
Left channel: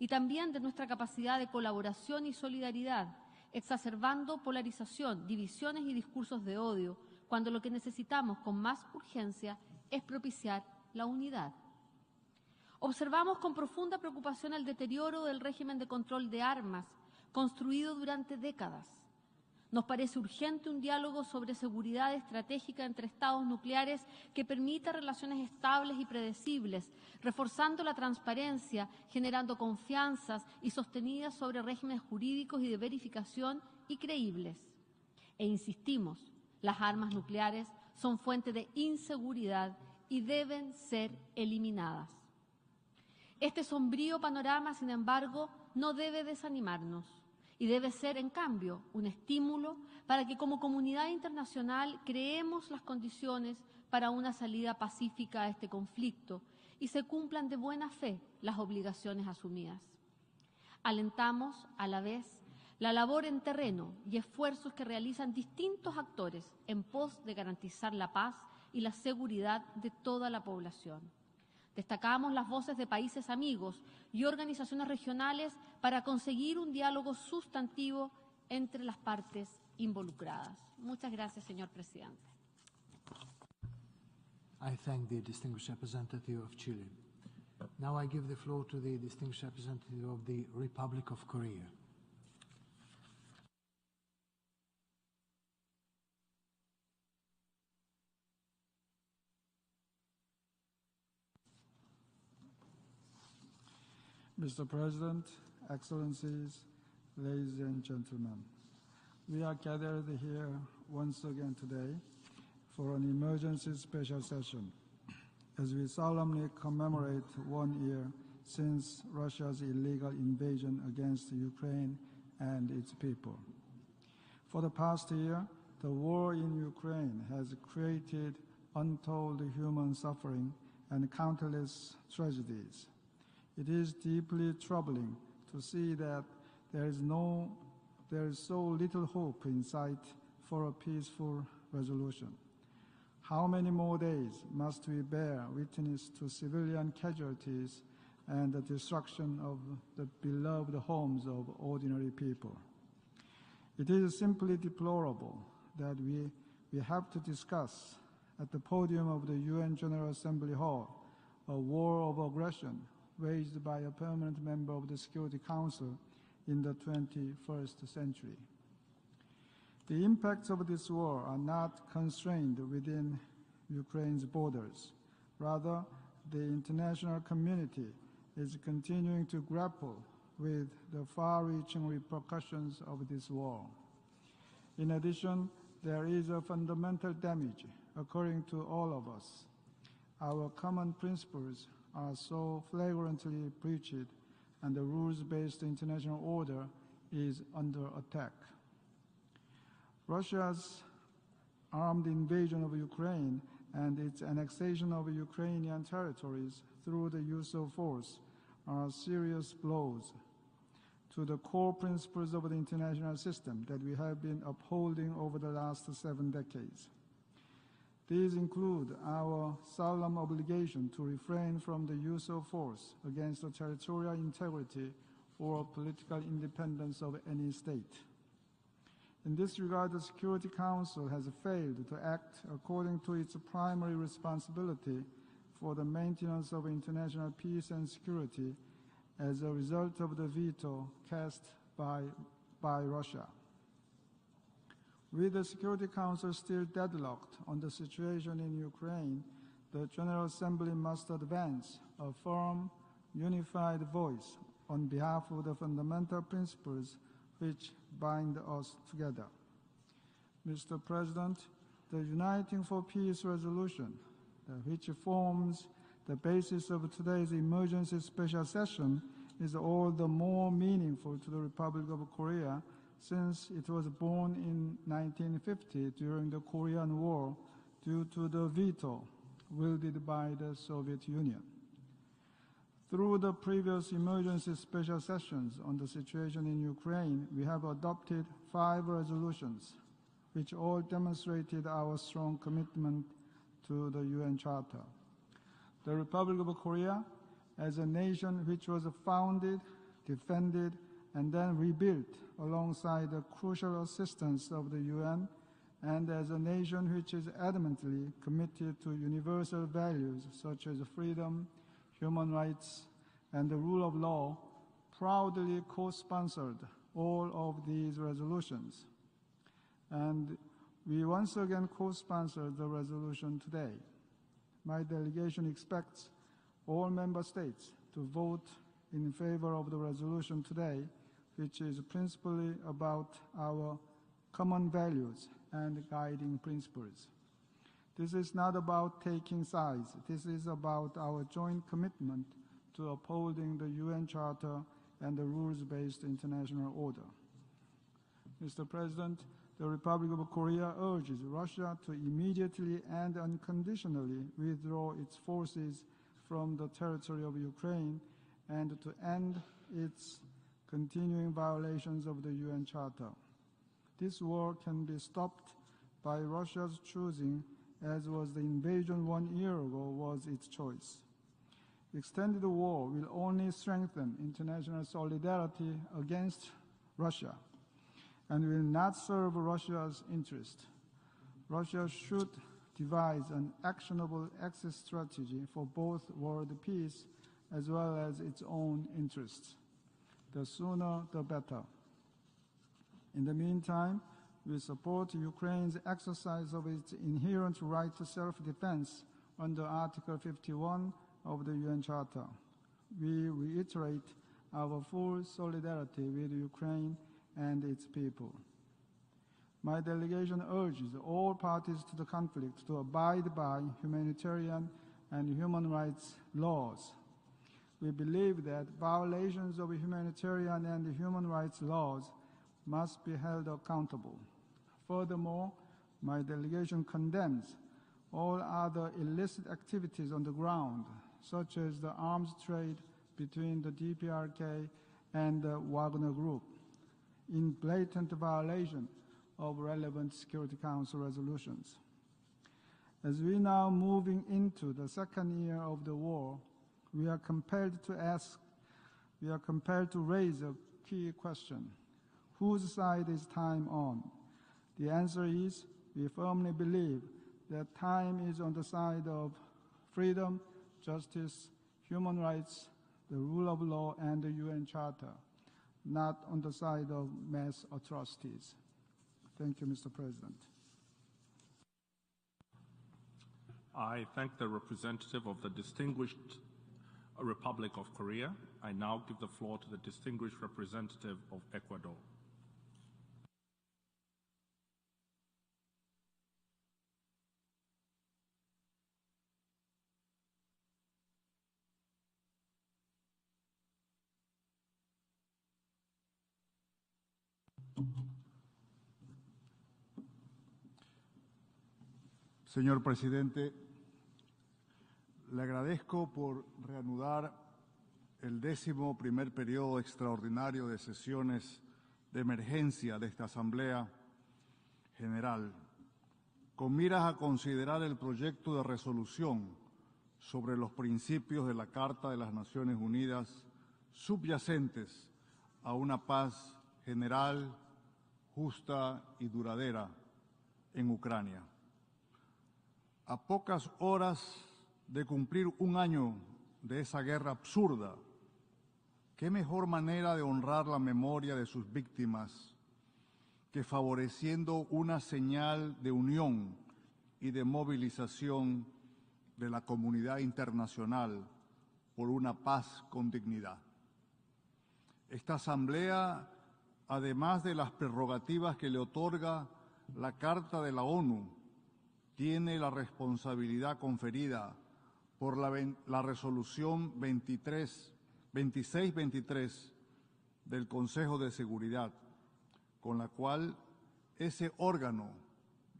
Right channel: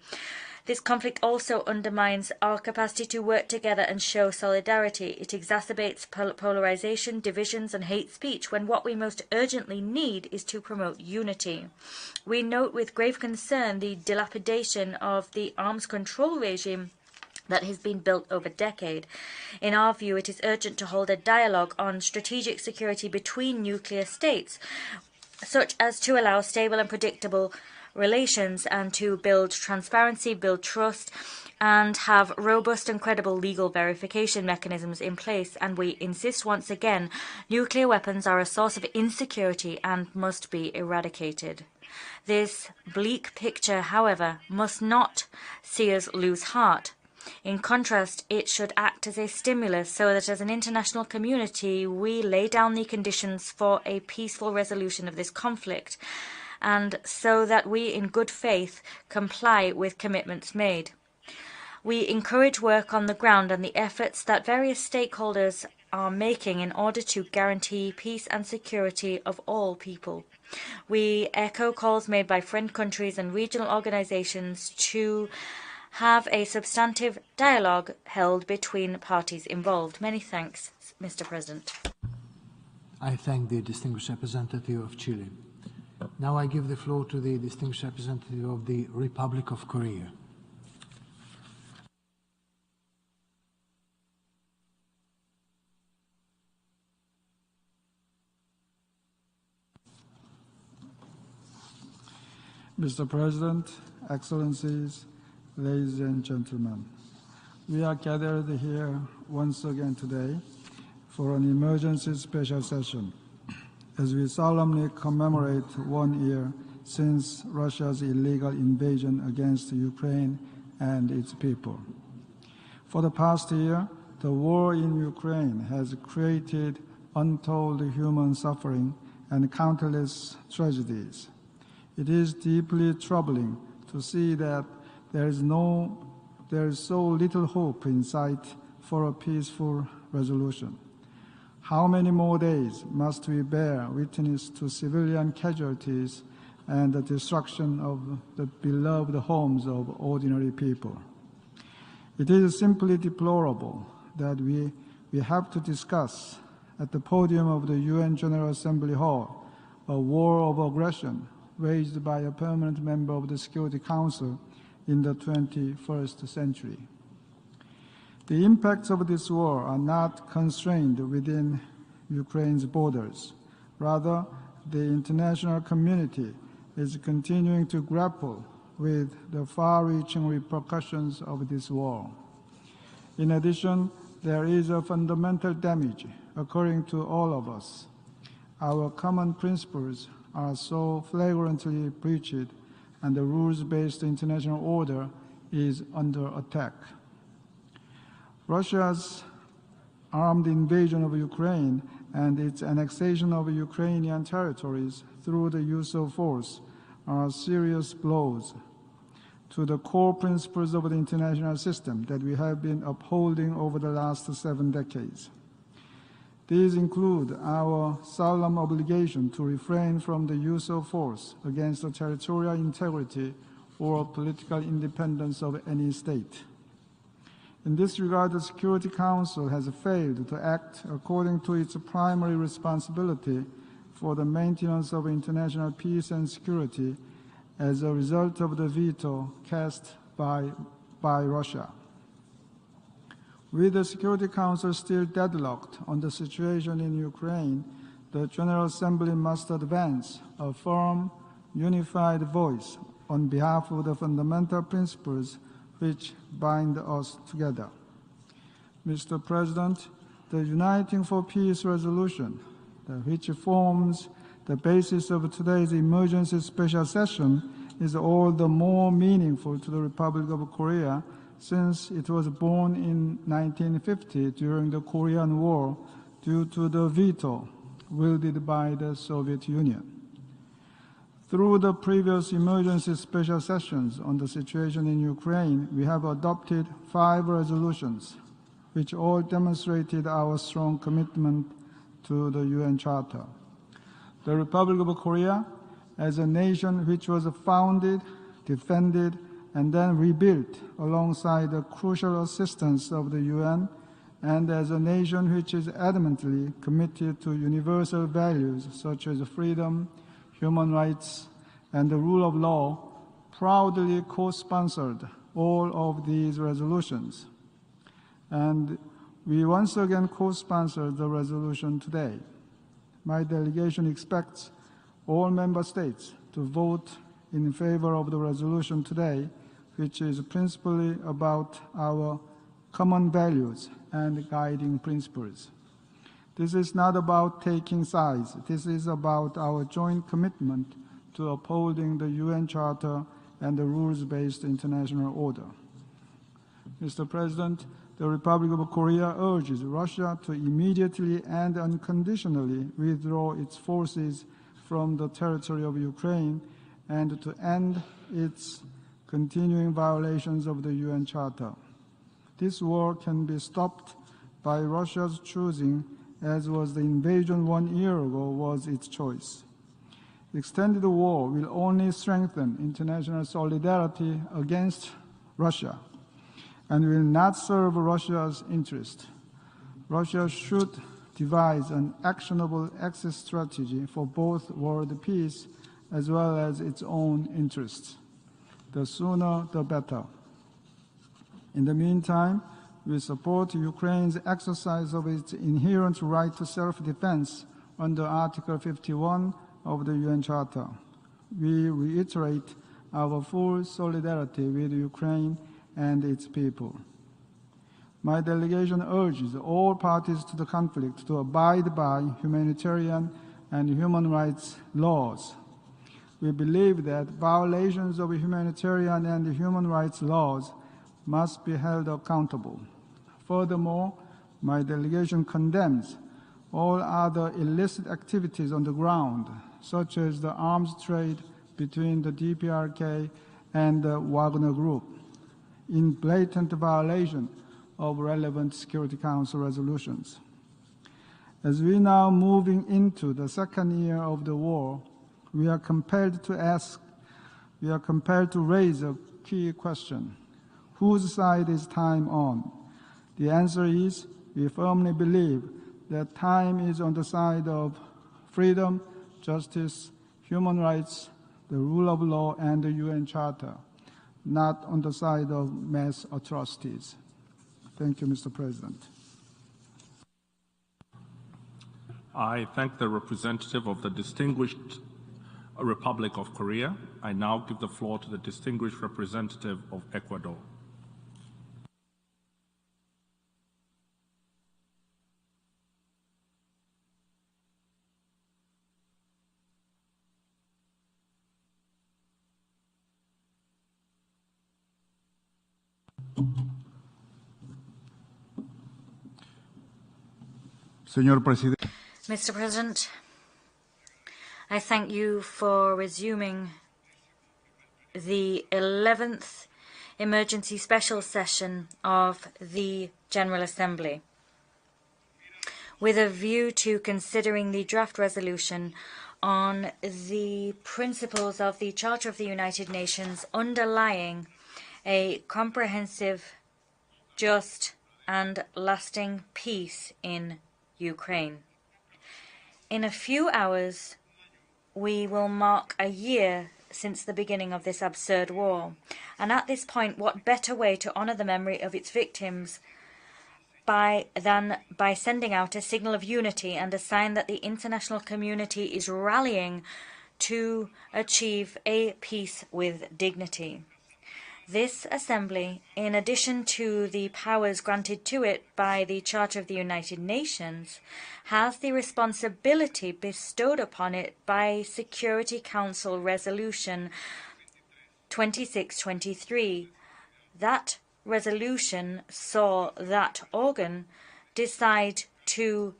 This conflict also undermines our capacity to work together and show solidarity. It exacerbates polarization, divisions and hate speech, when what we most urgently need is to promote unity. We note with grave concern the dilapidation of the arms control regime that has been built over decades. In our view, it is urgent to hold a dialogue on strategic security between nuclear states, such as to allow stable and predictable relations and to build transparency, build trust, and have robust and credible legal verification mechanisms in place. And we insist once again, nuclear weapons are a source of insecurity and must be eradicated. This bleak picture, however, must not see us lose heart. In contrast, it should act as a stimulus so that as an international community we lay down the conditions for a peaceful resolution of this conflict, and so that we in good faith comply with commitments made. We encourage work on the ground and the efforts that various stakeholders are making in order to guarantee peace and security of all people. We echo calls made by friend countries and regional organizations to have a substantive dialogue held between parties involved. Many thanks, Mr. President. I thank the distinguished representative of Chile. Now I give the floor to the distinguished representative of the Republic of Korea. Mr. President, Excellencies, ladies and gentlemen, we are gathered here once again today for an emergency special session as we solemnly commemorate 1 year since Russia's illegal invasion against Ukraine and its people. For the past year, the war in Ukraine has created untold human suffering and countless tragedies. It is deeply troubling to see that there is so little hope in sight for a peaceful resolution. How many more days must we bear witness to civilian casualties and the destruction of the beloved homes of ordinary people? It is simply deplorable that we have to discuss at the podium of the UN General Assembly Hall a war of aggression waged by a permanent member of the Security Council in the 21st century. The impacts of this war are not constrained within Ukraine's borders. Rather, the international community is continuing to grapple with the far-reaching repercussions of this war. In addition, there is a fundamental damage occurring to all of us. Our common principles are so flagrantly breached, and the rules-based international order is under attack. Russia's armed invasion of Ukraine and its annexation of Ukrainian territories through the use of force are serious blows to the core principles of the international system that we have been upholding over the last 7 decades. These include our solemn obligation to refrain from the use of force against the territorial integrity or political independence of any state. In this regard, the Security Council has failed to act according to its primary responsibility for the maintenance of international peace and security as a result of the veto cast by Russia. With the Security Council still deadlocked on the situation in Ukraine, the General Assembly must advance a firm, unified voice on behalf of the fundamental principles which bind us together. Mr. President, the Uniting for Peace resolution, which forms the basis of today's emergency special session, is all the more meaningful to the Republic of Korea since it was born in 1950 during the Korean War due to the veto wielded by the Soviet Union. Through the previous emergency special sessions on the situation in Ukraine, we have adopted 5 resolutions, which all demonstrated our strong commitment to the UN Charter. The Republic of Korea, as a nation which was founded, defended, and then rebuilt alongside the crucial assistance of the UN, and as a nation which is adamantly committed to universal values such as freedom, human rights, and the rule of law, proudly co-sponsored all of these resolutions. And we once again co-sponsored the resolution today. My delegation expects all member states to vote in favor of the resolution today, which is principally about our common values and guiding principles. This is not about taking sides. This is about our joint commitment to upholding the UN Charter and the rules-based international order. Mr. President, the Republic of Korea urges Russia to immediately and unconditionally withdraw its forces from the territory of Ukraine and to end its continuing violations of the UN Charter. This war can be stopped by Russia's choosing, as was the invasion 1 year ago was its choice. Extended war will only strengthen international solidarity against Russia and will not serve Russia's interests. Russia should devise an actionable exit strategy for both world peace as well as its own interests. The sooner, the better. In the meantime, we support Ukraine's exercise of its inherent right to self-defense under Article 51 of the UN Charter. We reiterate our full solidarity with Ukraine and its people. My delegation urges all parties to the conflict to abide by humanitarian and human rights laws. We believe that violations of humanitarian and human rights laws must be held accountable. Furthermore, my delegation condemns all other illicit activities on the ground, such as the arms trade between the DPRK and the Wagner Group, in blatant violation of relevant Security Council resolutions. As we are now moving into the second year of the war, we are compelled to raise a key question. Whose side is time on? The answer is, we firmly believe that time is on the side of freedom, justice, human rights, the rule of law, and the UN Charter, not on the side of mass atrocities. Thank you, Mr. President. I thank the representative of the distinguished Republic of Korea. I now give the floor to the distinguished representative of Ecuador. Mr. President, I thank you for resuming the 11th emergency special session of the General Assembly with a view to considering the draft resolution on the principles of the Charter of the United Nations underlying a comprehensive, just, and lasting peace in Ukraine. In a few hours, we will mark a year since the beginning of this absurd war. And at this point, what better way to honor the memory of its victims than by sending out a signal of unity and a sign that the international community is rallying to achieve a peace with dignity. This Assembly, in addition to the powers granted to it by the Charter of the United Nations, has the responsibility bestowed upon it by Security Council Resolution 2623. That resolution saw that organ decide to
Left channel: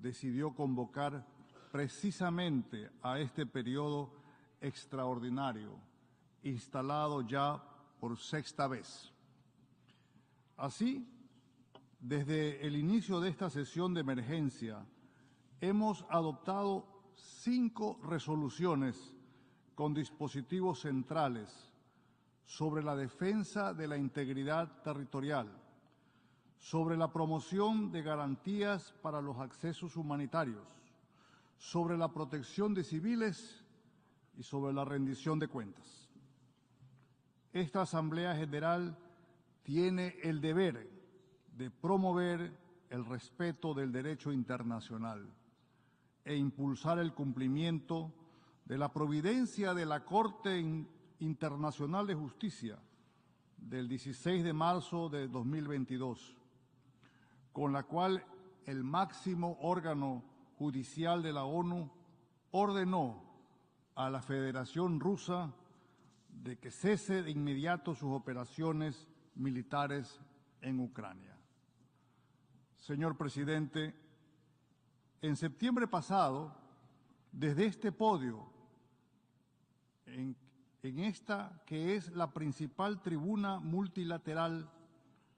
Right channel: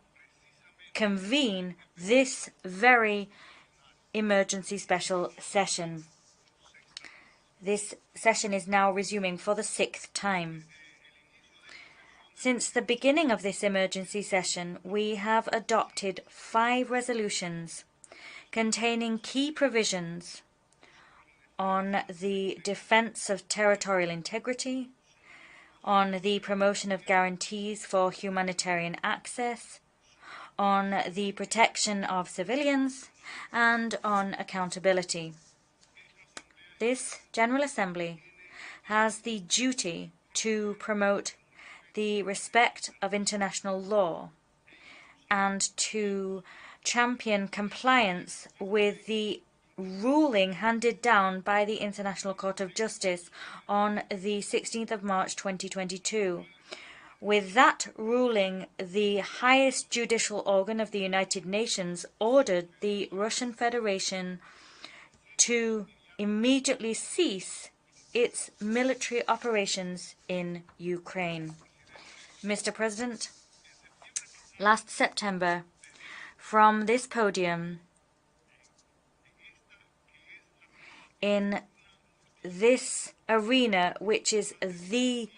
convene this very emergency special session. This session is now resuming for the 6th time. Since the beginning of this emergency session, we have adopted 5 resolutions containing key provisions on the defense of territorial integrity, on the promotion of guarantees for humanitarian access, on the protection of civilians, and on accountability. This General Assembly has the duty to promote the respect of international law and to champion compliance with the ruling handed down by the International Court of Justice on the 16th of March 2022. With that ruling, the highest judicial organ of the United Nations ordered the Russian Federation to immediately cease its military operations in Ukraine. Mr. President, last September, from this podium, in this arena, which is the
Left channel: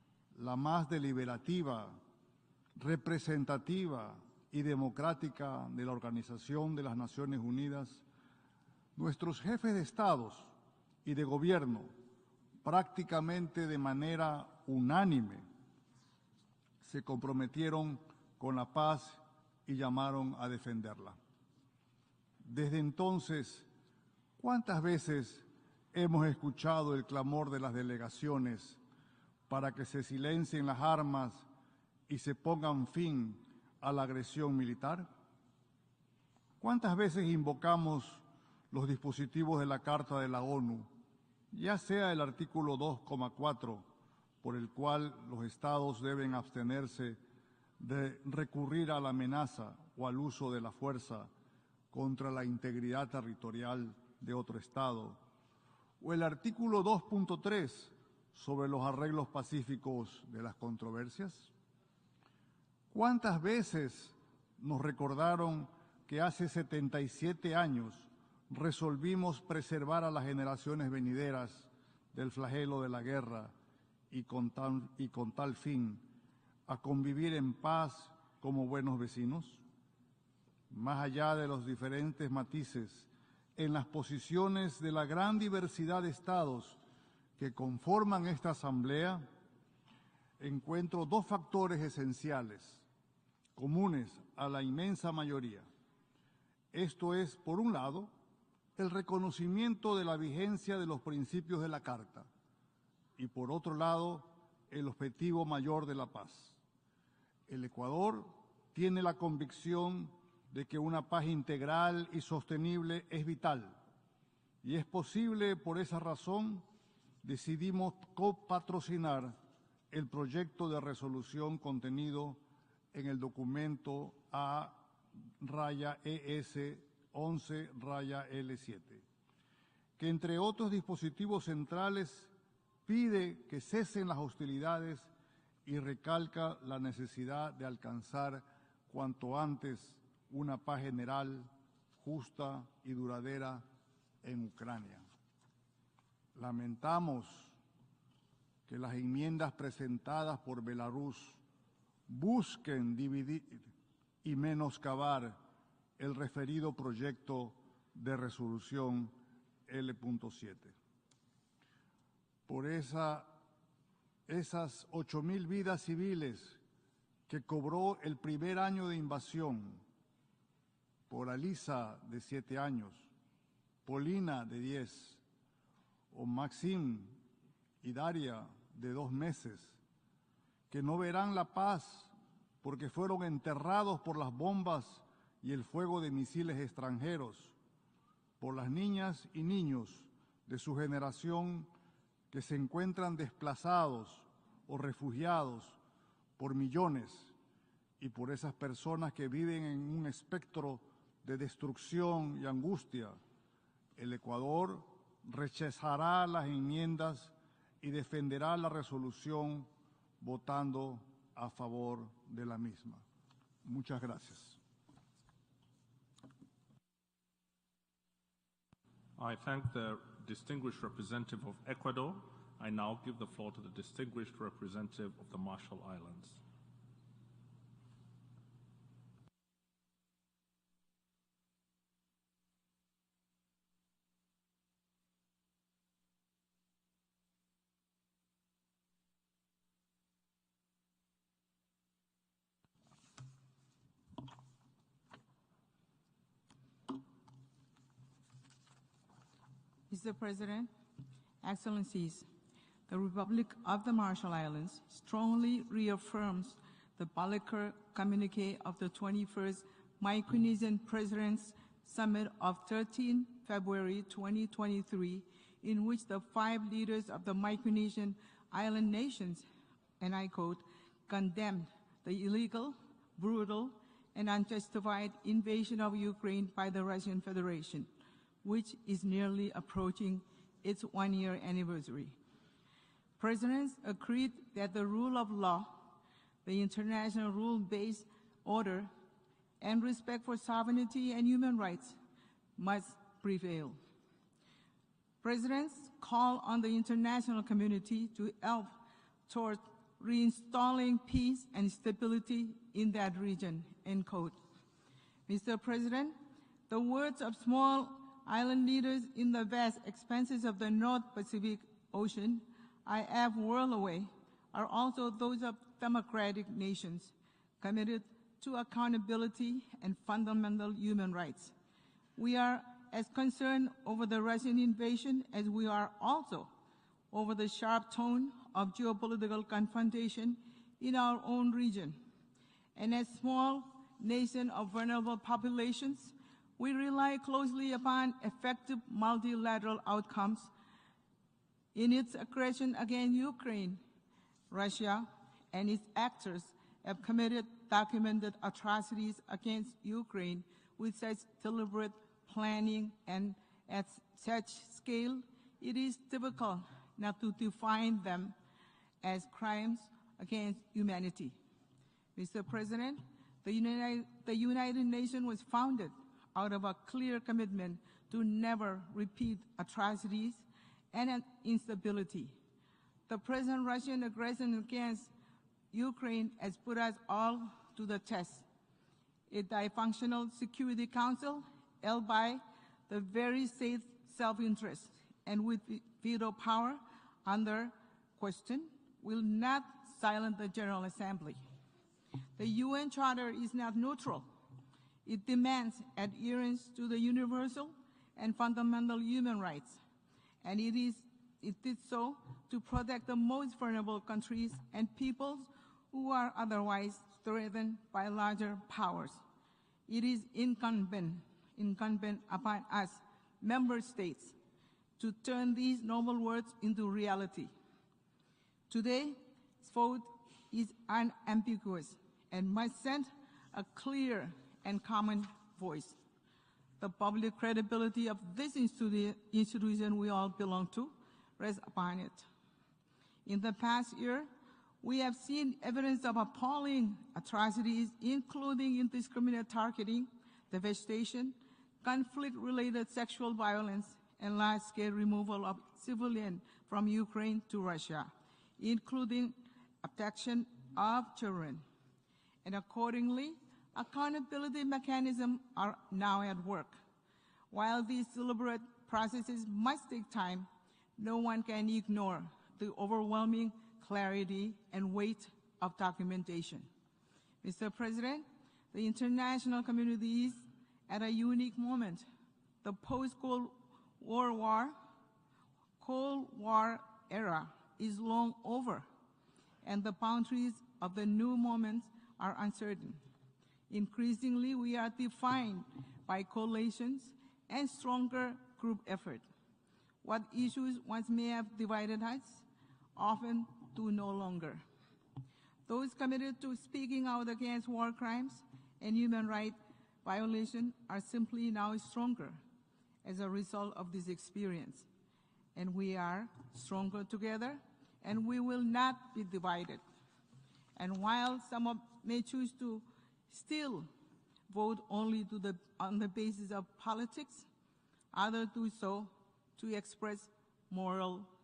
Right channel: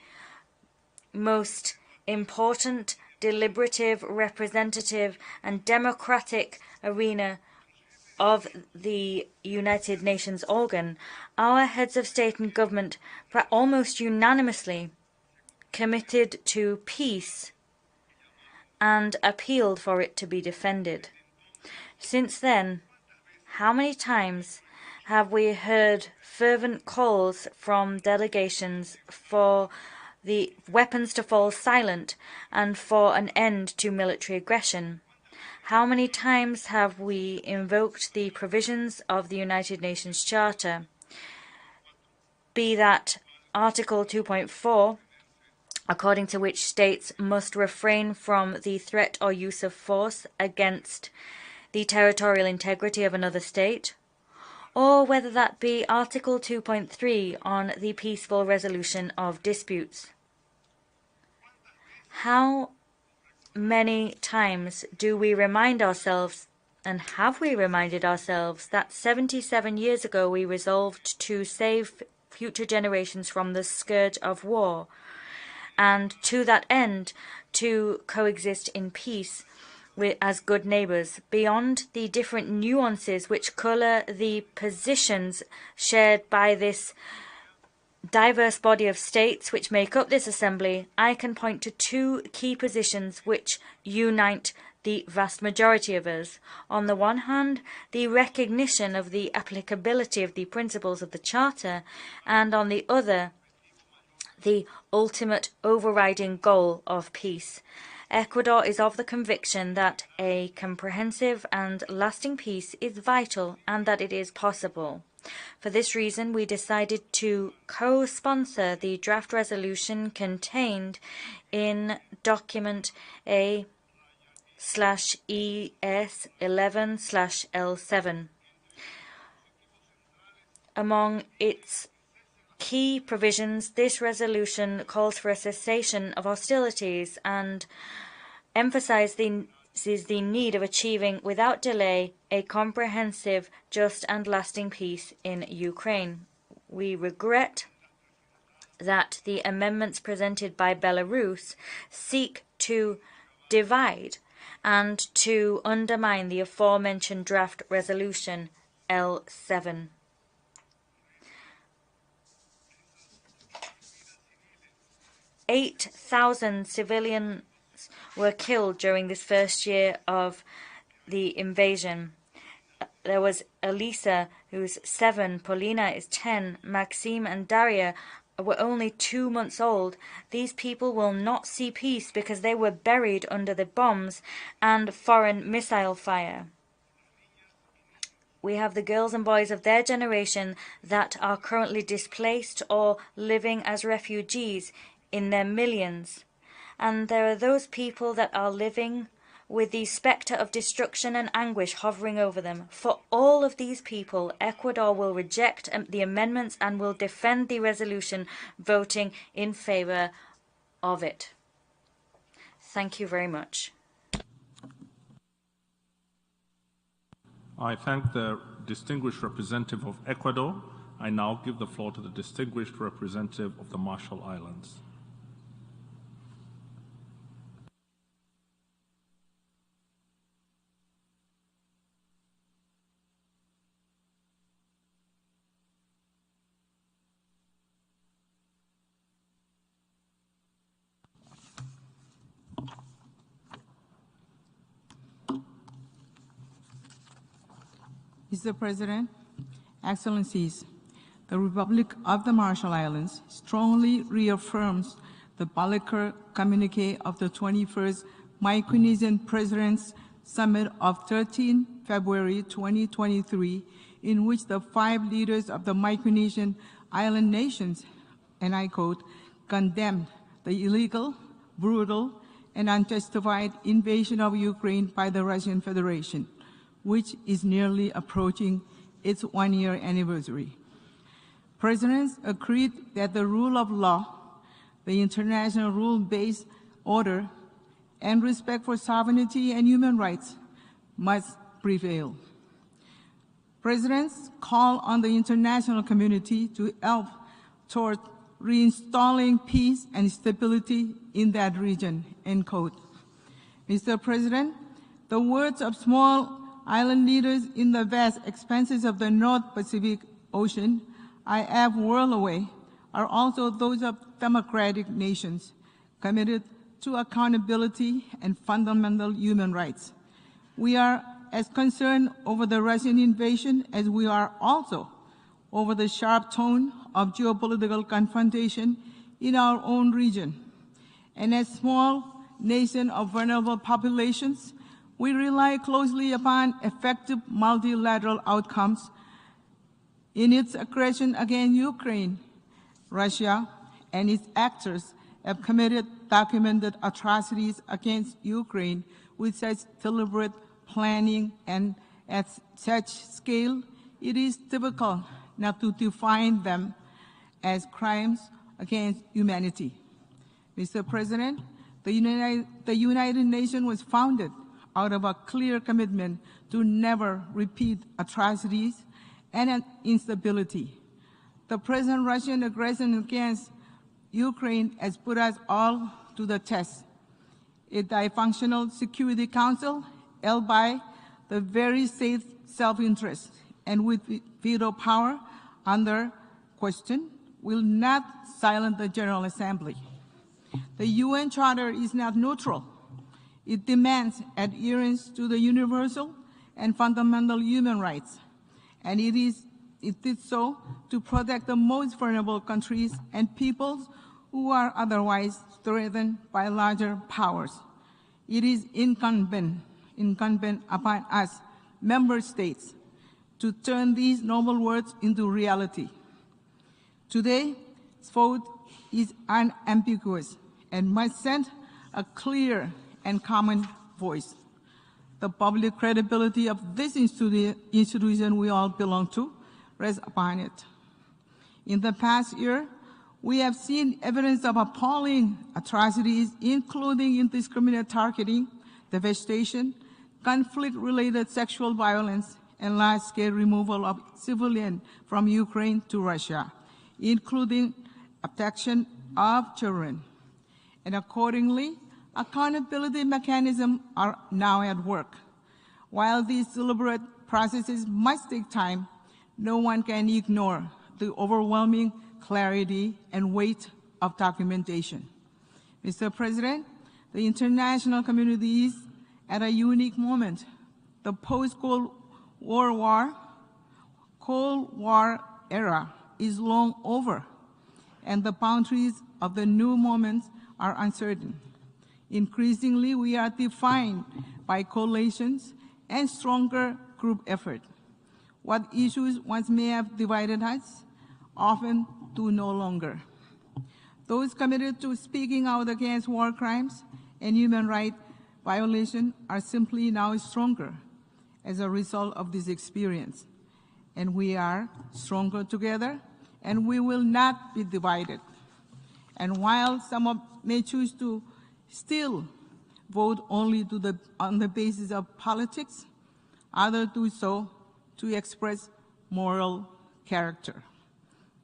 most important, deliberative, representative, and democratic arena of the United Nations organ, our heads of state and government almost unanimously committed to peace and appealed for it to be defended. Since then, how many times have we heard fervent calls from delegations for the weapons to fall silent and for an end to military aggression? How many times have we invoked the provisions of the United Nations Charter, be that Article 2.4, according to which states must refrain from the threat or use of force against the territorial integrity of another state, or whether that be Article 2.3 on the peaceful resolution of disputes. How many times do we remind ourselves, and have we reminded ourselves, that 77 years ago we resolved to save future generations from the scourge of war, and to that end to coexist in peace as good neighbours, beyond the different nuances which colour the positions shared by this diverse body of states which make up this assembly. I can point to two key positions which unite the vast majority of us. On the one hand, the recognition of the applicability of the principles of the Charter, and on the other, the ultimate overriding goal of peace. Ecuador is of the conviction that a comprehensive and lasting peace is vital and that it is possible. For this reason, we decided to co-sponsor the draft resolution contained in document A/ES11/L7. Among its key provisions, this resolution calls for a cessation of hostilities and emphasizes the need of achieving without delay a comprehensive, just and lasting peace in Ukraine. We regret that the amendments presented by Belarus seek to divide and to undermine the aforementioned draft resolution L7. 8,000 civilians were killed during this first year of the invasion. There was Elisa, who's 7, Polina is 10, Maxime and Daria were only 2 months old. These people will not see peace because they were buried under the bombs and foreign missile fire. We have the girls and boys of their generation that are currently displaced or living as refugees in their millions. And there are those people that are living with the spectre of destruction and anguish hovering over them. For all of these people, Ecuador will reject the amendments and will defend the resolution, voting in favor of it. Thank you very much. I thank the distinguished representative of Ecuador. I now give the floor to the distinguished representative of the Marshall Islands. Mr. President, Excellencies, The Republic of the Marshall Islands strongly reaffirms the Balakir communique of the 21st Micronesian Presidents Summit of 13 February 2023, in which the 5 leaders of the Micronesian island nations, and I quote, condemn the illegal, brutal, and unjustified invasion of Ukraine by the Russian Federation, which is nearly approaching its one-year anniversary. Presidents agreed that the rule of law, the international rule-based order, and respect for sovereignty and human rights must prevail. Presidents call on the international community to help toward reinstalling peace and stability in that region, end quote. Mr. President, the words of small island leaders in the vast expanses of the North Pacific Ocean, I have whirled away, are also those of democratic nations committed to accountability and fundamental human rights. We are as concerned over the Russian invasion as we are also over the sharp tone of geopolitical confrontation in our own region. And as small nation of vulnerable populations, we rely closely upon effective multilateral outcomes in its aggression against Ukraine. Russia and its actors have committed documented atrocities against Ukraine with such deliberate planning and at such scale, it is difficult not to define them as crimes against humanity. Mr. President, the United Nations was founded out of a clear commitment to never repeat atrocities and instability. The present Russian aggression against Ukraine has put us all to the test. A dysfunctional Security Council held by the very state's self-interest and with veto power under question will not silence the General Assembly. The UN Charter is not neutral. It demands adherence to the universal and fundamental human rights, and it did so to protect the most vulnerable countries and peoples who are otherwise threatened by larger powers. It is incumbent upon us, member states, to turn these noble words into reality. Today's vote is unambiguous and must send a clear and common voice. The public credibility of this institution we all belong to rests upon it. In the past year, we have seen evidence of appalling atrocities, including indiscriminate targeting, devastation, conflict-related sexual violence, and large-scale removal of civilians from Ukraine to Russia, including abduction of children. And accordingly, accountability mechanisms are now at work. While these deliberate processes must take time, no one can ignore the overwhelming clarity and weight of documentation. Mr. President, the international community is at a unique moment. The post-Cold War era is long over, and the boundaries of the new moment are uncertain. Increasingly, we are defined by coalitions and stronger group efforts. What issues once may have divided us often do no longer. Those committed to speaking out against war crimes and human rights violations are simply now stronger as a result of this experience. And we are stronger together, and we will not be divided. And while some may choose to still vote only on the basis of politics, others do so to express moral character.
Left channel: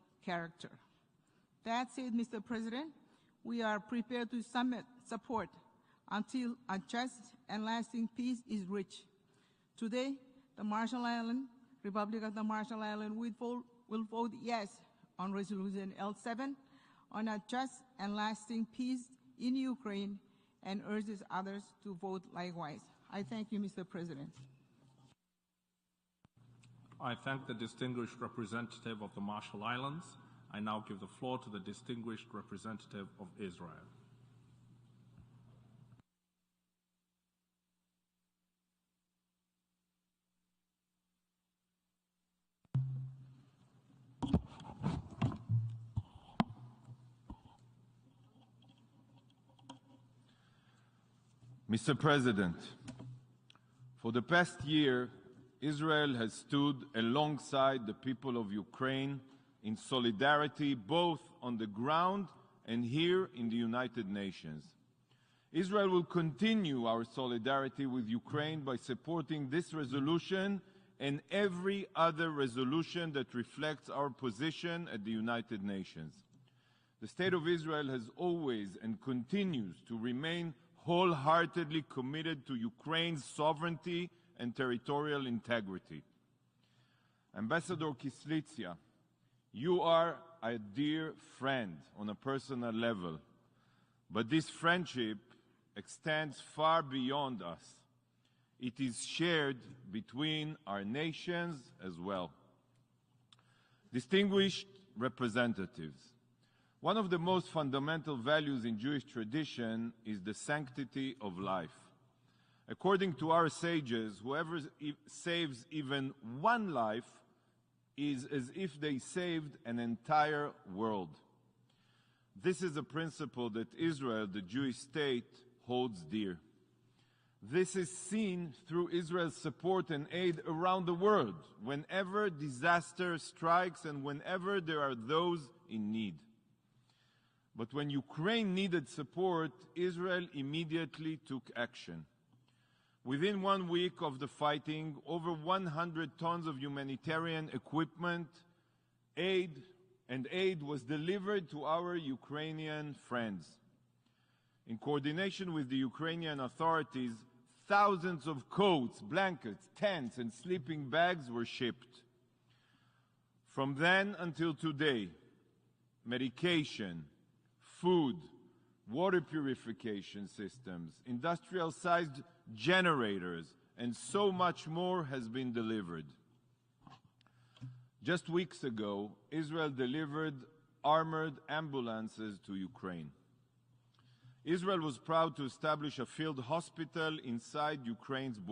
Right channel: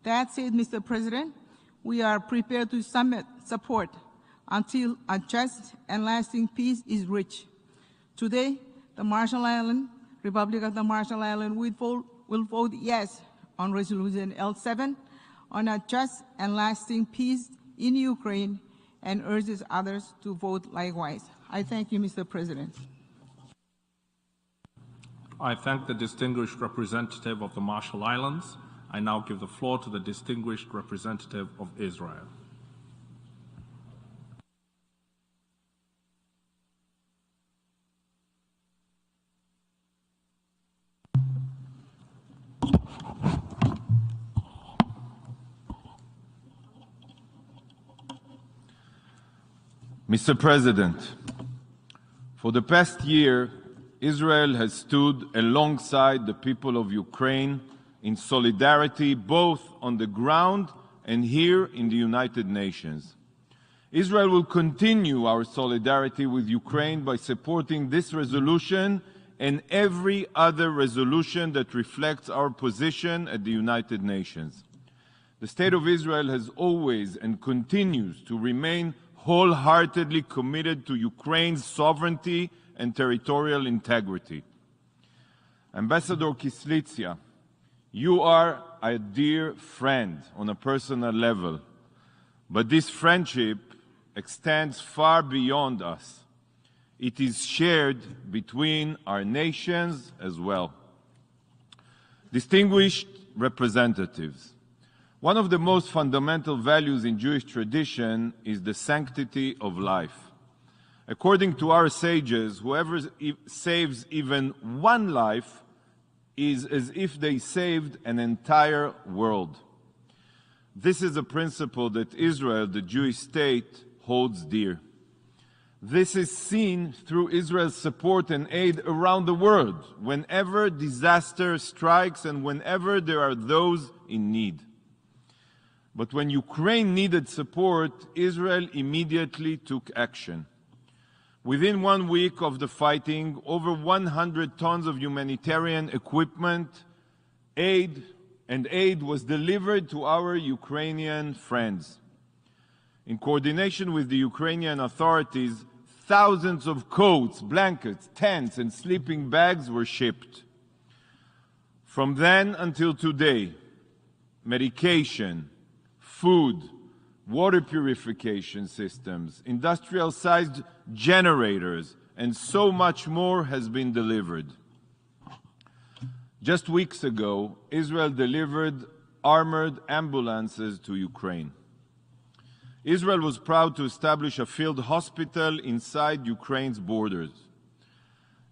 That said, Mr. President, we are prepared to support until a just and lasting peace is reached. Today, the Marshall Islands, Republic of the Marshall Islands will vote yes on Resolution L7 on a just and lasting peace in Ukraine and urges others to vote likewise. I thank you, Mr. President. I thank the distinguished representative of the Marshall Islands. I now give the floor to the distinguished representative of Israel. Mr. President, for the past year, Israel has stood alongside the people of Ukraine in solidarity both on the ground and here in the United Nations. Israel will continue our solidarity with Ukraine by supporting this resolution and every other resolution that reflects our position at the United Nations. The State of Israel has always and continues to remain wholeheartedly committed to Ukraine's sovereignty and territorial integrity. Ambassador Kislitsia, you are a dear friend on a personal level, but this friendship extends far beyond us. It is shared between our nations as well. Distinguished representatives, one of the most fundamental values in Jewish tradition is the sanctity of life. According to our sages, whoever saves even one life is as if they saved an entire world. This is a principle that Israel, the Jewish state, holds dear. This is seen through Israel's support and aid around the world, whenever disaster strikes and whenever there are those in need. But when Ukraine needed support, Israel immediately took action. Within 1 week of the fighting, over 100 tons of humanitarian equipment, aid was delivered to our Ukrainian friends. In coordination with the Ukrainian authorities, thousands of coats, blankets, tents, and sleeping bags were shipped. From then until today, medication, food, water purification systems, industrial-sized generators, and so much more has been delivered. Just weeks ago, Israel delivered armored ambulances to Ukraine. Israel was proud to establish a field hospital inside Ukraine's borders.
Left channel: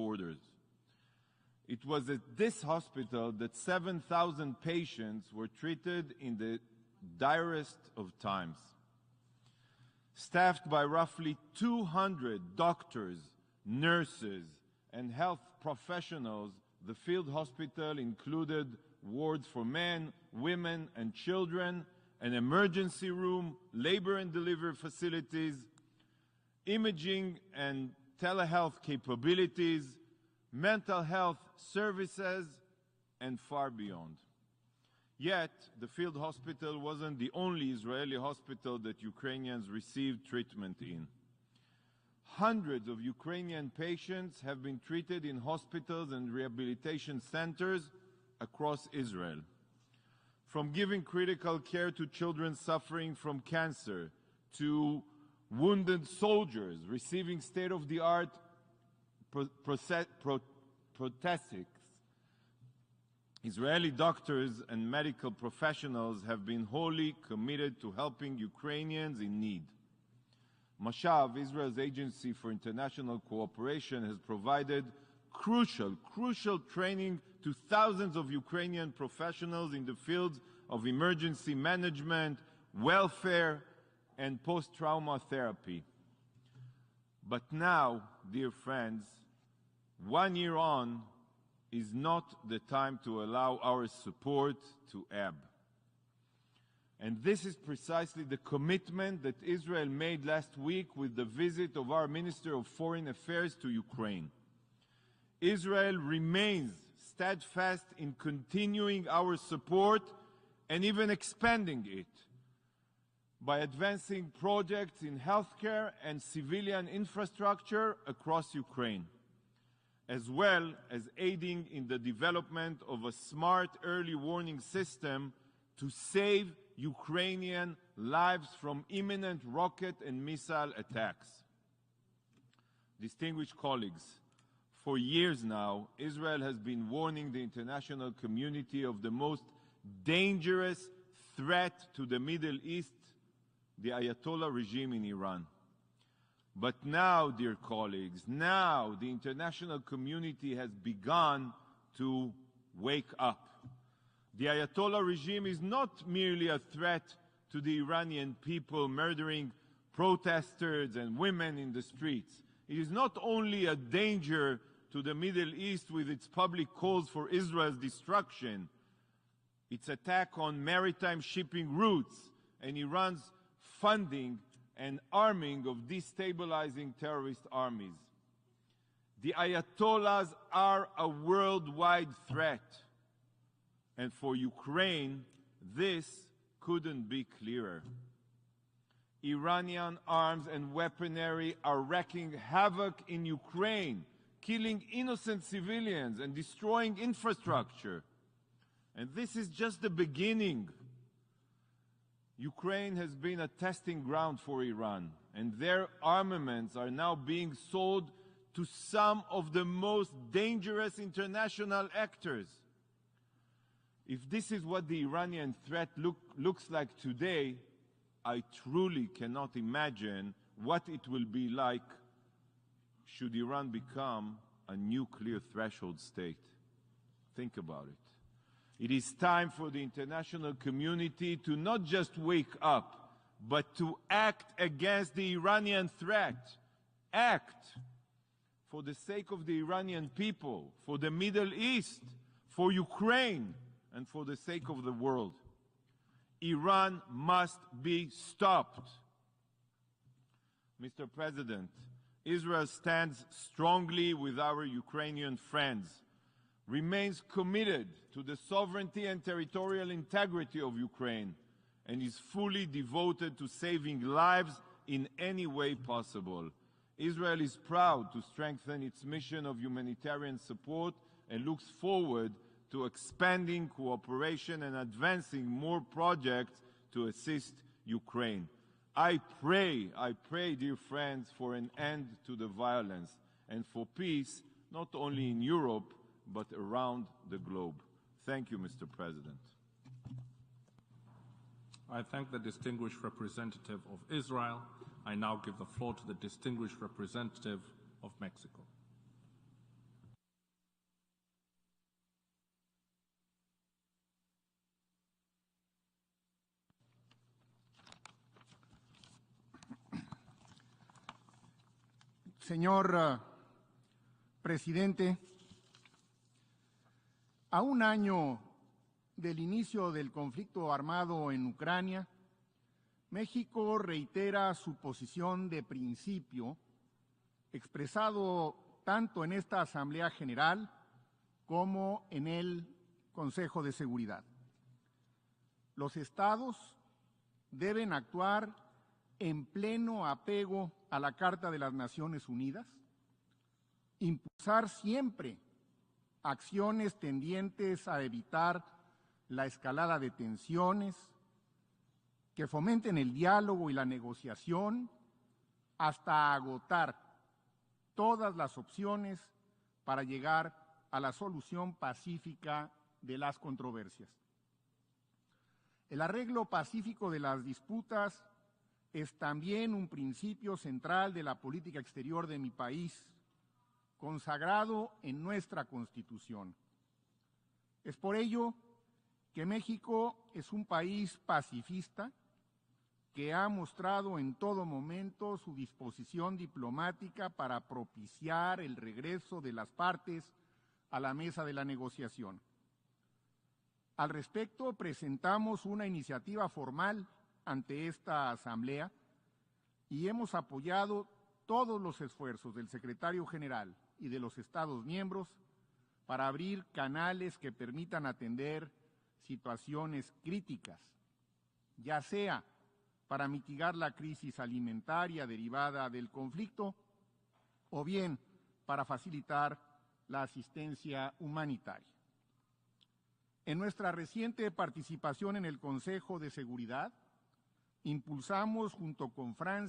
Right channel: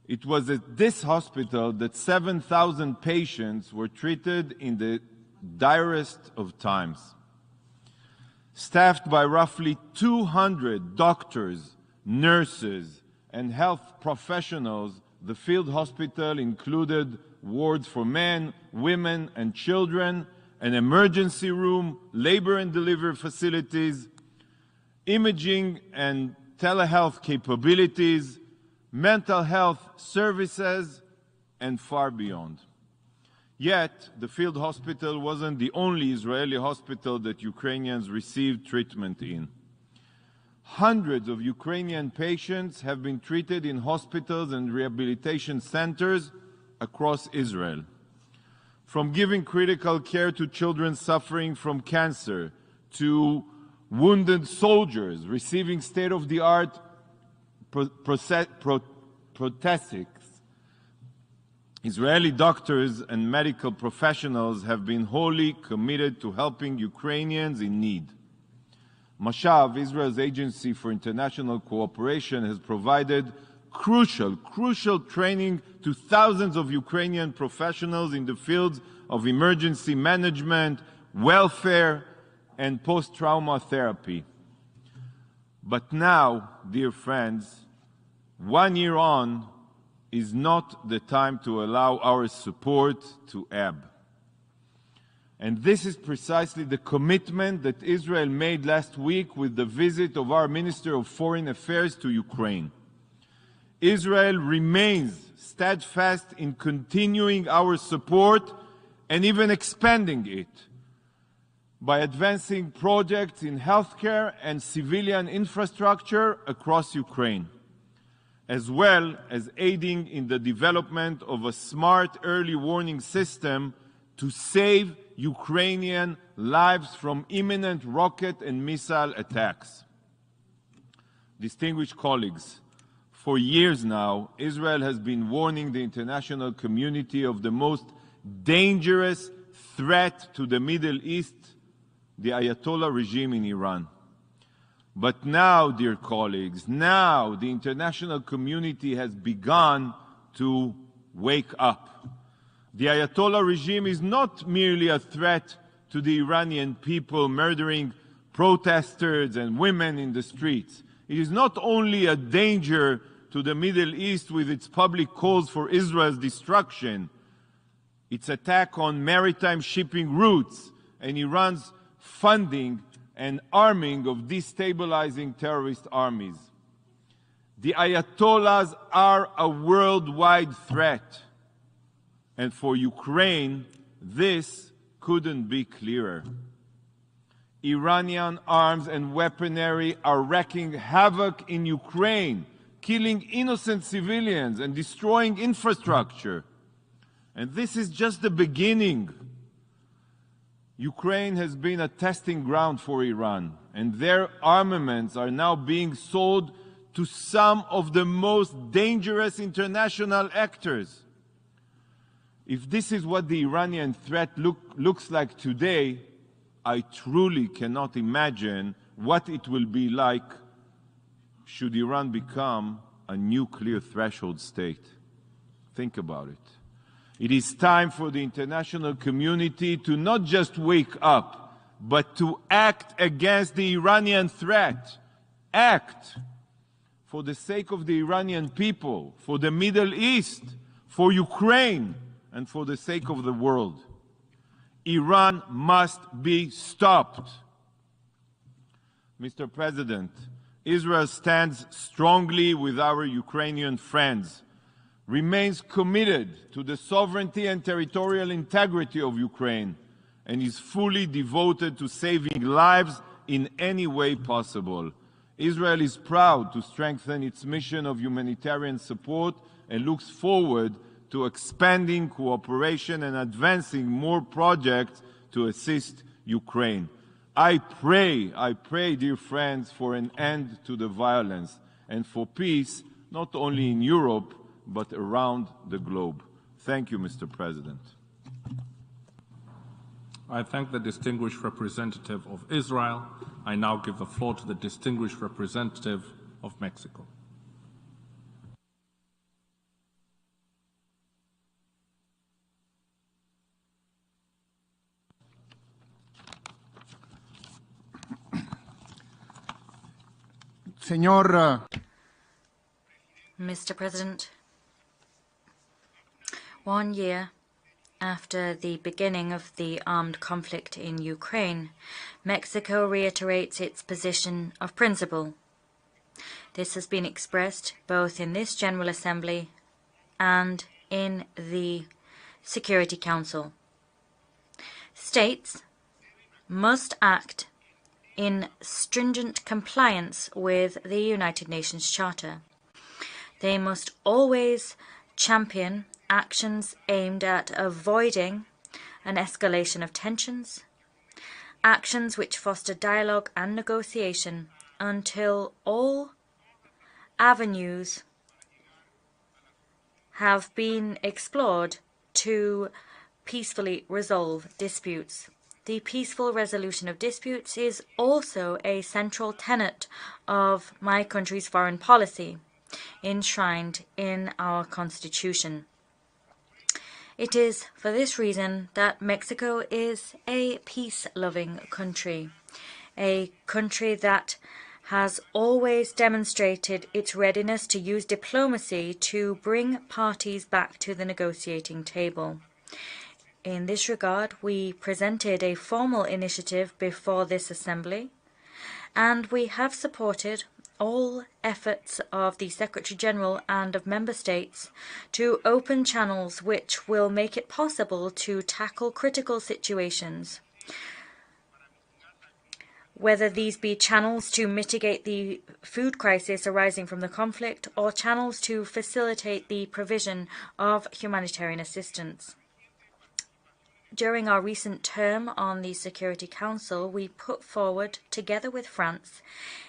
It was at this hospital that 7,000 patients were treated in the direst of times. Staffed by roughly 200 doctors, nurses, and health professionals, the field hospital included wards for men, women, and children, an emergency room, labor and delivery facilities, imaging and telehealth capabilities, mental health services, and far beyond. Yet, the field hospital wasn't the only Israeli hospital that Ukrainians received treatment in. Hundreds of Ukrainian patients have been treated in hospitals and rehabilitation centers across Israel. From giving critical care to children suffering from cancer, to wounded soldiers receiving state-of-the-art prosthetics. Israeli doctors and medical professionals have been wholly committed to helping Ukrainians in need. Mashav, Israel's agency for international cooperation, has provided crucial training to thousands of Ukrainian professionals in the fields of emergency management, welfare, and post-trauma therapy. But now, dear friends, 1 year on, is not the time to allow our support to ebb. And this is precisely the commitment that Israel made last week with the visit of our Minister of Foreign Affairs to Ukraine. Israel remains steadfast in continuing our support and even expanding it by advancing projects in healthcare and civilian infrastructure across Ukraine, as well as aiding in the development of a smart early warning system to save Ukrainian lives from imminent rocket and missile attacks. Distinguished colleagues, For years now, Israel has been warning the international community of the most dangerous threat to the Middle East, the Ayatollah regime in Iran. But now, dear colleagues, now the international community has begun to wake up. The Ayatollah regime is not merely a threat to the Iranian people, murdering protesters and women in the streets. It is not only a danger to the Middle East with its public calls for Israel's destruction. Its attack on maritime shipping routes and Iran's funding and arming of destabilizing terrorist armies. The Ayatollahs are a worldwide threat. And for Ukraine, this couldn't be clearer. Iranian arms and weaponry are wreaking havoc in Ukraine, killing innocent civilians and destroying infrastructure. And this is just the beginning. Ukraine has been a testing ground for Iran, and their armaments are now being sold to some of the most dangerous international actors. If this is what the Iranian threat looks like today, I truly cannot imagine what it will be like should Iran become a nuclear threshold state. Think about it. It is time for the international community to not just wake up, but to act against the Iranian threat. Act for the sake of the Iranian people, for the Middle East, for Ukraine, and for the sake of the world. Iran must be stopped. Mr. President, Israel stands strongly with our Ukrainian friends, remains committed to the sovereignty and territorial integrity of Ukraine, and is fully devoted to saving lives in any way possible. Israel is proud to strengthen its mission of humanitarian support and looks forward to expanding cooperation and advancing more projects to assist Ukraine. I pray, dear friends, for an end to the violence and for peace, not only in Europe, but around the globe. Thank you, Mr. President. I thank the distinguished representative of Israel. I now give the floor to the distinguished representative of Mexico. Mr. President, 1 year after the beginning of the armed conflict in Ukraine, Mexico reiterates its position of principle. This has been expressed both in this General Assembly and in the Security Council. States must act in stringent compliance with the United Nations Charter. They must always champion actions aimed at avoiding an escalation of tensions, actions which foster dialogue and negotiation until all avenues have been explored to peacefully resolve disputes. The peaceful resolution of disputes is also a central tenet of my country's foreign policy, enshrined in our Constitution. It is for this reason that Mexico is a peace-loving country, a country that has always demonstrated its readiness to use diplomacy to bring parties back to the negotiating table. In this regard, we presented a formal initiative before this Assembly, and we have supported all efforts of the Secretary-General and of Member States to open channels which will make it possible to tackle critical situations, whether these be channels to mitigate the food crisis arising from the conflict or channels to facilitate the provision of humanitarian assistance. During our recent term on the Security Council, we put forward, together with France,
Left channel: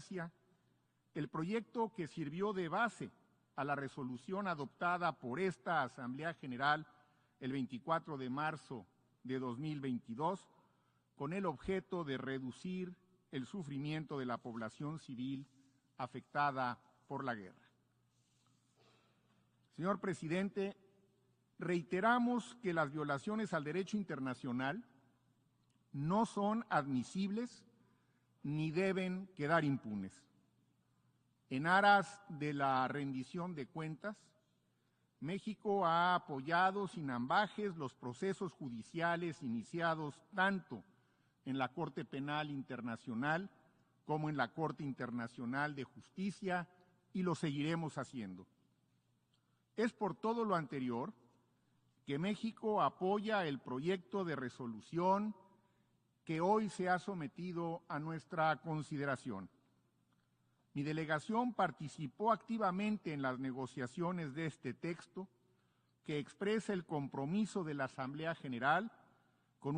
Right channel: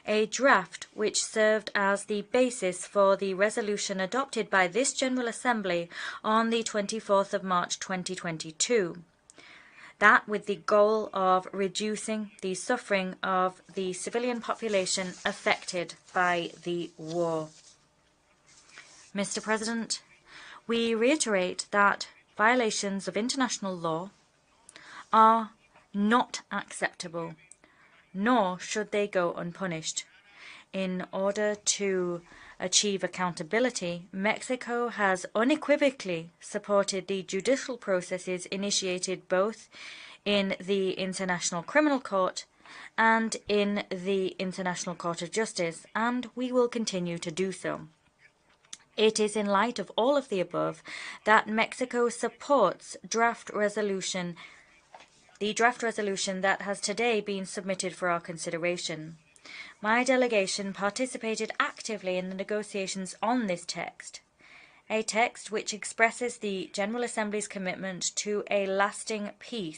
a draft which served as the basis for the resolution adopted by this General Assembly on the 24th of March 2022. That with the goal of reducing the suffering of the civilian population affected by the war. Mr. President, we reiterate that violations of international law are not acceptable, nor should they go unpunished. In order to achieve accountability, Mexico has unequivocally supported the judicial processes initiated both in the International Criminal Court and in the International Court of Justice, and we will continue to do so. It is in light of all of the above that Mexico supports the draft resolution that has today been submitted for our consideration. My delegation participated actively in the negotiations on this text, a text which expresses the General Assembly's commitment to a lasting peace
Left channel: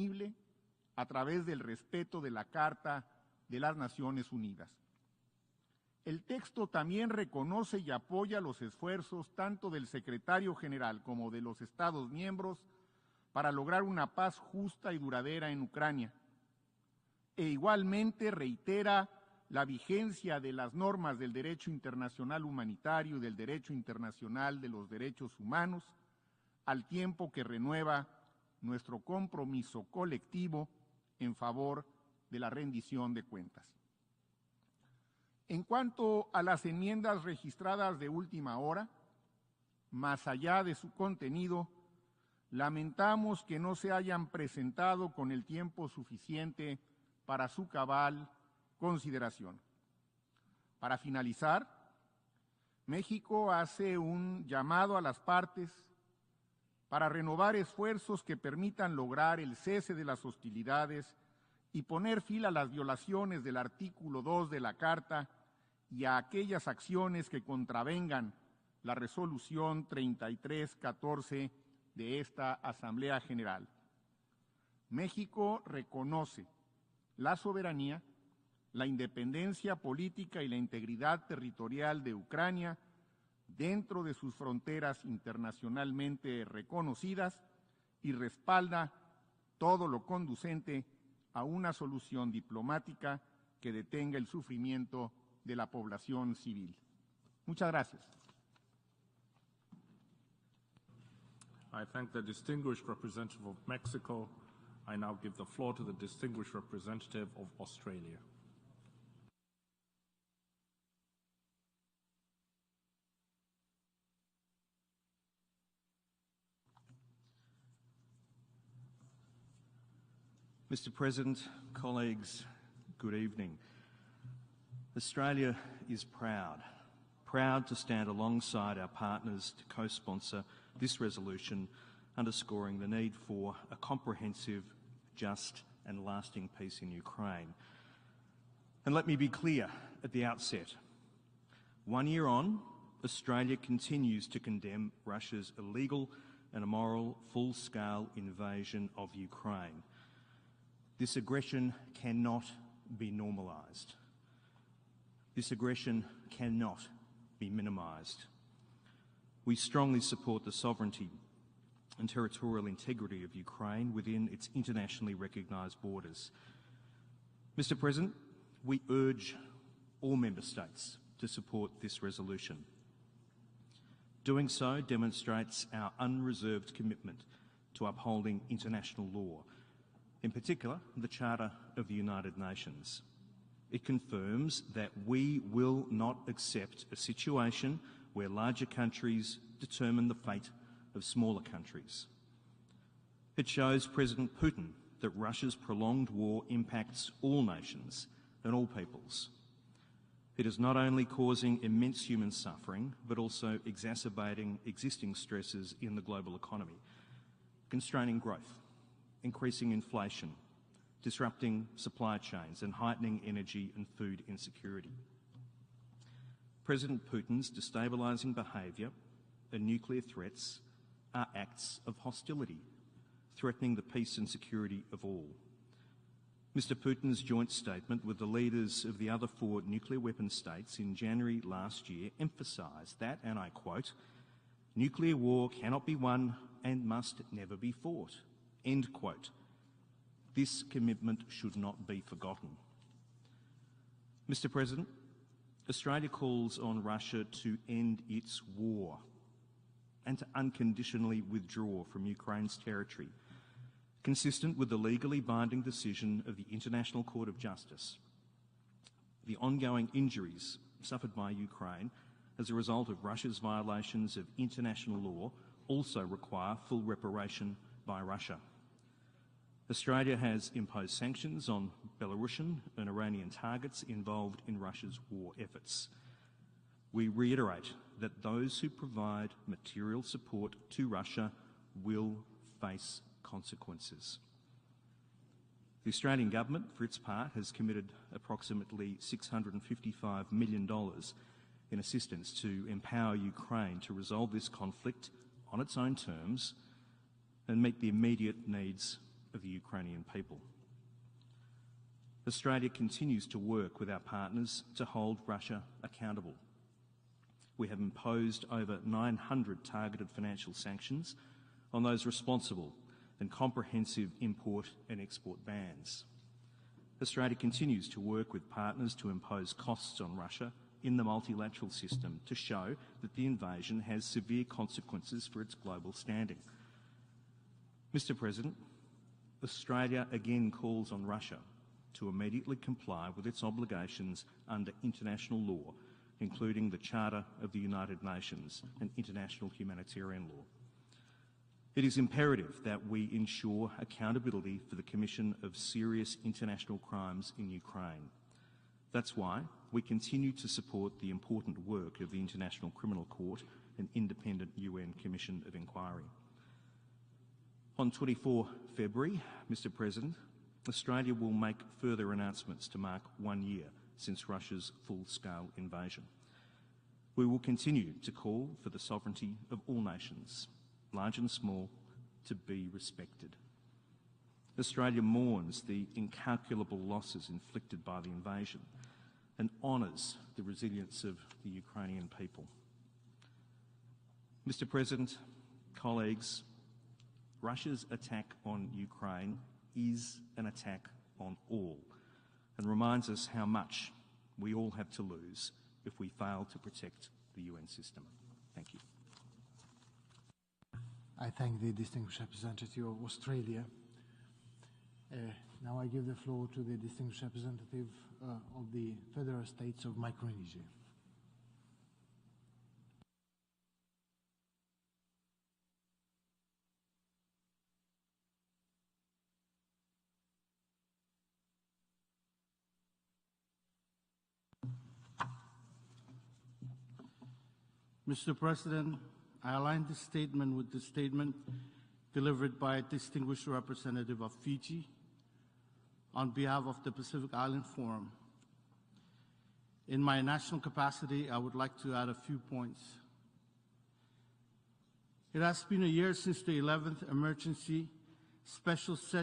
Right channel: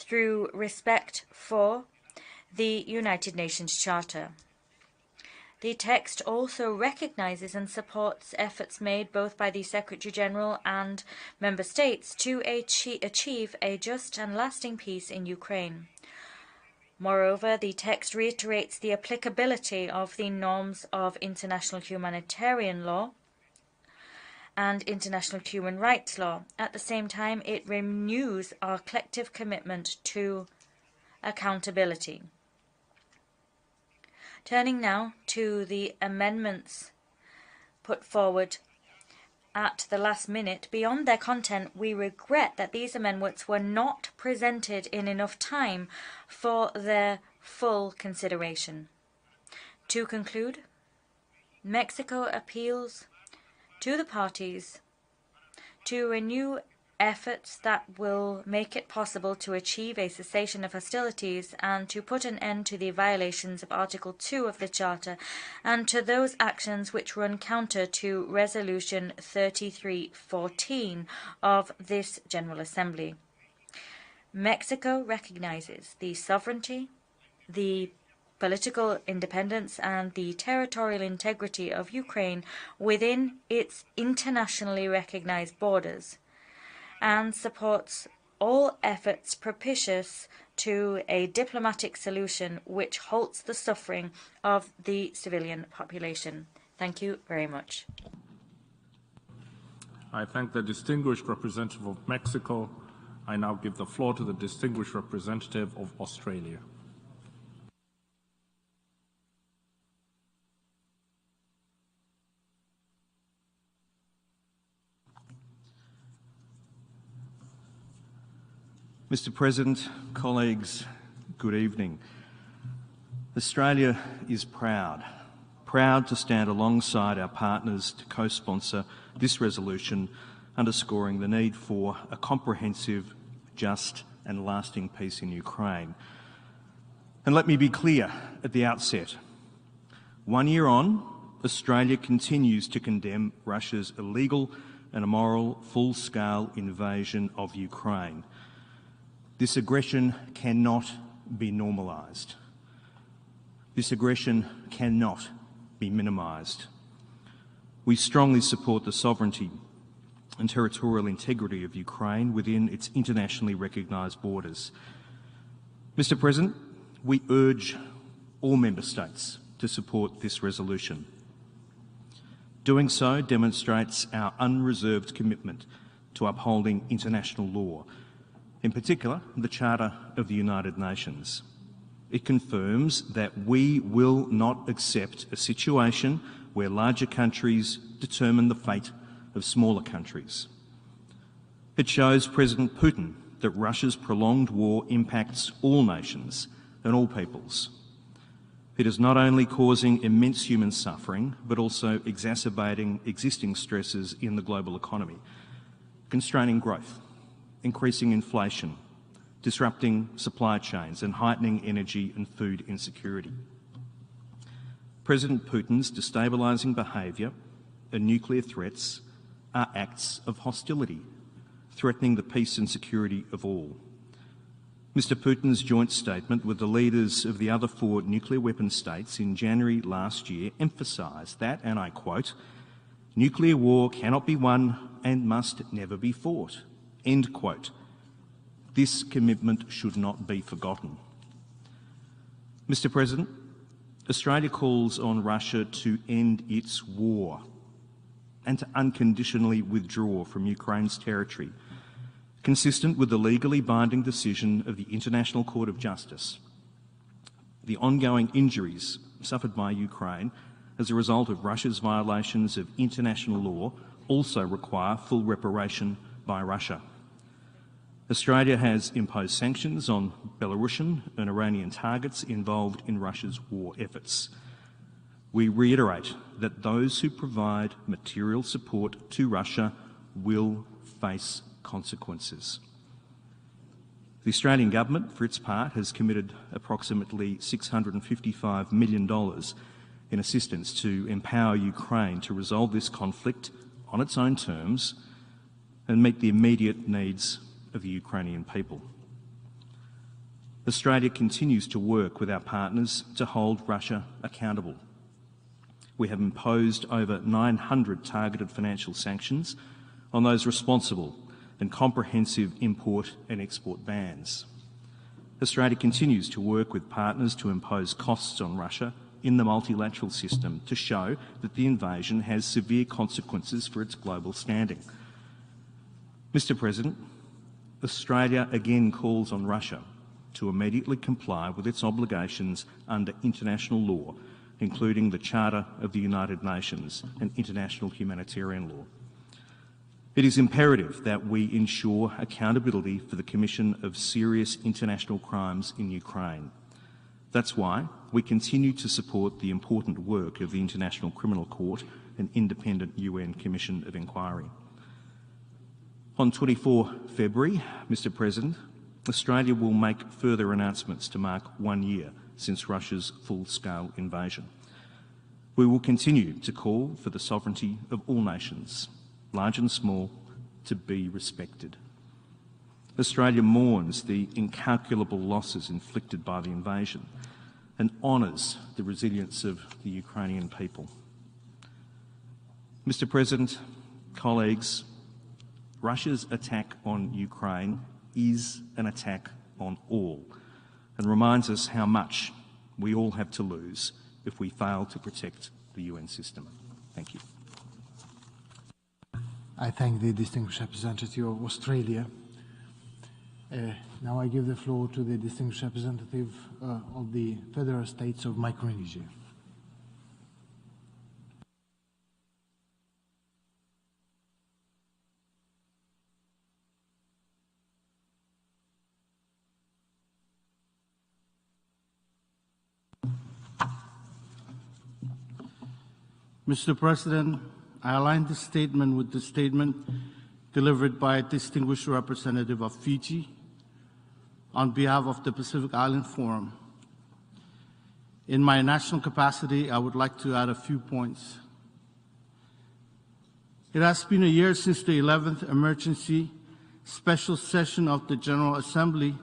through respect for the United Nations Charter. The text also recognizes and supports efforts made both by the Secretary-General and Member States to achieve a just and lasting peace in Ukraine. Moreover, the text reiterates the applicability of the norms of international humanitarian law and international human rights law. At the same time, it renews our collective commitment to accountability. Turning now to the amendments put forward at the last minute, beyond their content, we regret that these amendments were not presented in enough time for their full consideration. To conclude, Mexico appeals to the parties to renew efforts that will make it possible to achieve a cessation of hostilities and to put an end to the violations of Article 2 of the Charter and to those actions which run counter to Resolution 3314 of this General Assembly. Mexico recognizes the sovereignty, the political independence and the territorial integrity of Ukraine within its internationally recognized borders and supports all efforts propitious to a diplomatic solution which halts the suffering of the civilian population. Thank you very much. I thank the distinguished representative of Mexico. I now give the floor to the distinguished representative of Australia. Mr. President, colleagues, good evening. Australia is proud to stand alongside our partners to co-sponsor this resolution, underscoring the need for a comprehensive, just and lasting peace in Ukraine. And let me be clear at the outset, 1 year on, Australia continues to condemn Russia's illegal and immoral full-scale invasion of Ukraine. This aggression cannot be normalised. This aggression cannot be minimised. We strongly support the sovereignty and territorial integrity of Ukraine within its internationally recognised borders. Mr. President, we urge all Member States to support this resolution. Doing so demonstrates our unreserved commitment to upholding international law, in particular the Charter of the United Nations. It confirms that we will not accept a situation where larger countries determine the fate of smaller countries. It shows President Putin that Russia's prolonged war impacts all nations and all peoples. It is not only causing immense human suffering, but also exacerbating existing stresses in the global economy, constraining growth, increasing inflation, disrupting supply chains and heightening energy and food insecurity. President Putin's destabilising behaviour and nuclear threats are acts of hostility, threatening the peace and security of all. Mr. Putin's joint statement with the leaders of the other 4 nuclear weapon states in January last year emphasised that, and I quote, "Nuclear war cannot be won and must never be fought." End quote. This commitment should not be forgotten. Mr. President, Australia calls on Russia to end its war and to unconditionally withdraw from Ukraine's territory, consistent with the legally binding decision of the International Court of Justice. The ongoing injuries suffered by Ukraine as a result of Russia's violations of international law also require full reparation by Russia. Australia has imposed sanctions on Belarusian and Iranian targets involved in Russia's war efforts. We reiterate that those who provide material support to Russia will face consequences. The Australian government, for its part, has committed approximately $655 million in assistance to empower Ukraine to resolve this conflict on its own terms and meet the immediate needs of the Ukrainian people. Australia continues to work with our partners to hold Russia accountable. We have imposed over 900 targeted financial sanctions on those responsible and comprehensive import and export bans. Australia continues to work with partners to impose costs on Russia in the multilateral system to show that the invasion has severe consequences for its global standing. Mr. President, Australia again calls on Russia to immediately comply with its obligations under international law, including the Charter of the United Nations and international humanitarian law. It is imperative that we ensure accountability for the commission of serious international crimes in Ukraine. That's why we continue to support the important work of the International Criminal Court and independent UN Commission of Inquiry. On 24 February, Mr. President, Australia will make further announcements to mark 1 year since Russia's full-scale invasion. We will continue to call for the sovereignty of all nations, large and small, to be respected. Australia mourns the incalculable losses inflicted by the invasion and honours the resilience of the Ukrainian people. Mr. President, colleagues, Russia's attack on Ukraine is an attack on all and reminds us how much we all have to lose if we fail to protect the UN system. Thank you. I thank the distinguished representative of Australia. Now I give the floor to the distinguished representative of the Federal States of Micronesia. Mr. President, I align the statement with the statement delivered by a distinguished representative of Fiji on behalf of the Pacific Island Forum. In my national capacity, I would like to add a few points. It has been a year since the 11th emergency special session of the General Assembly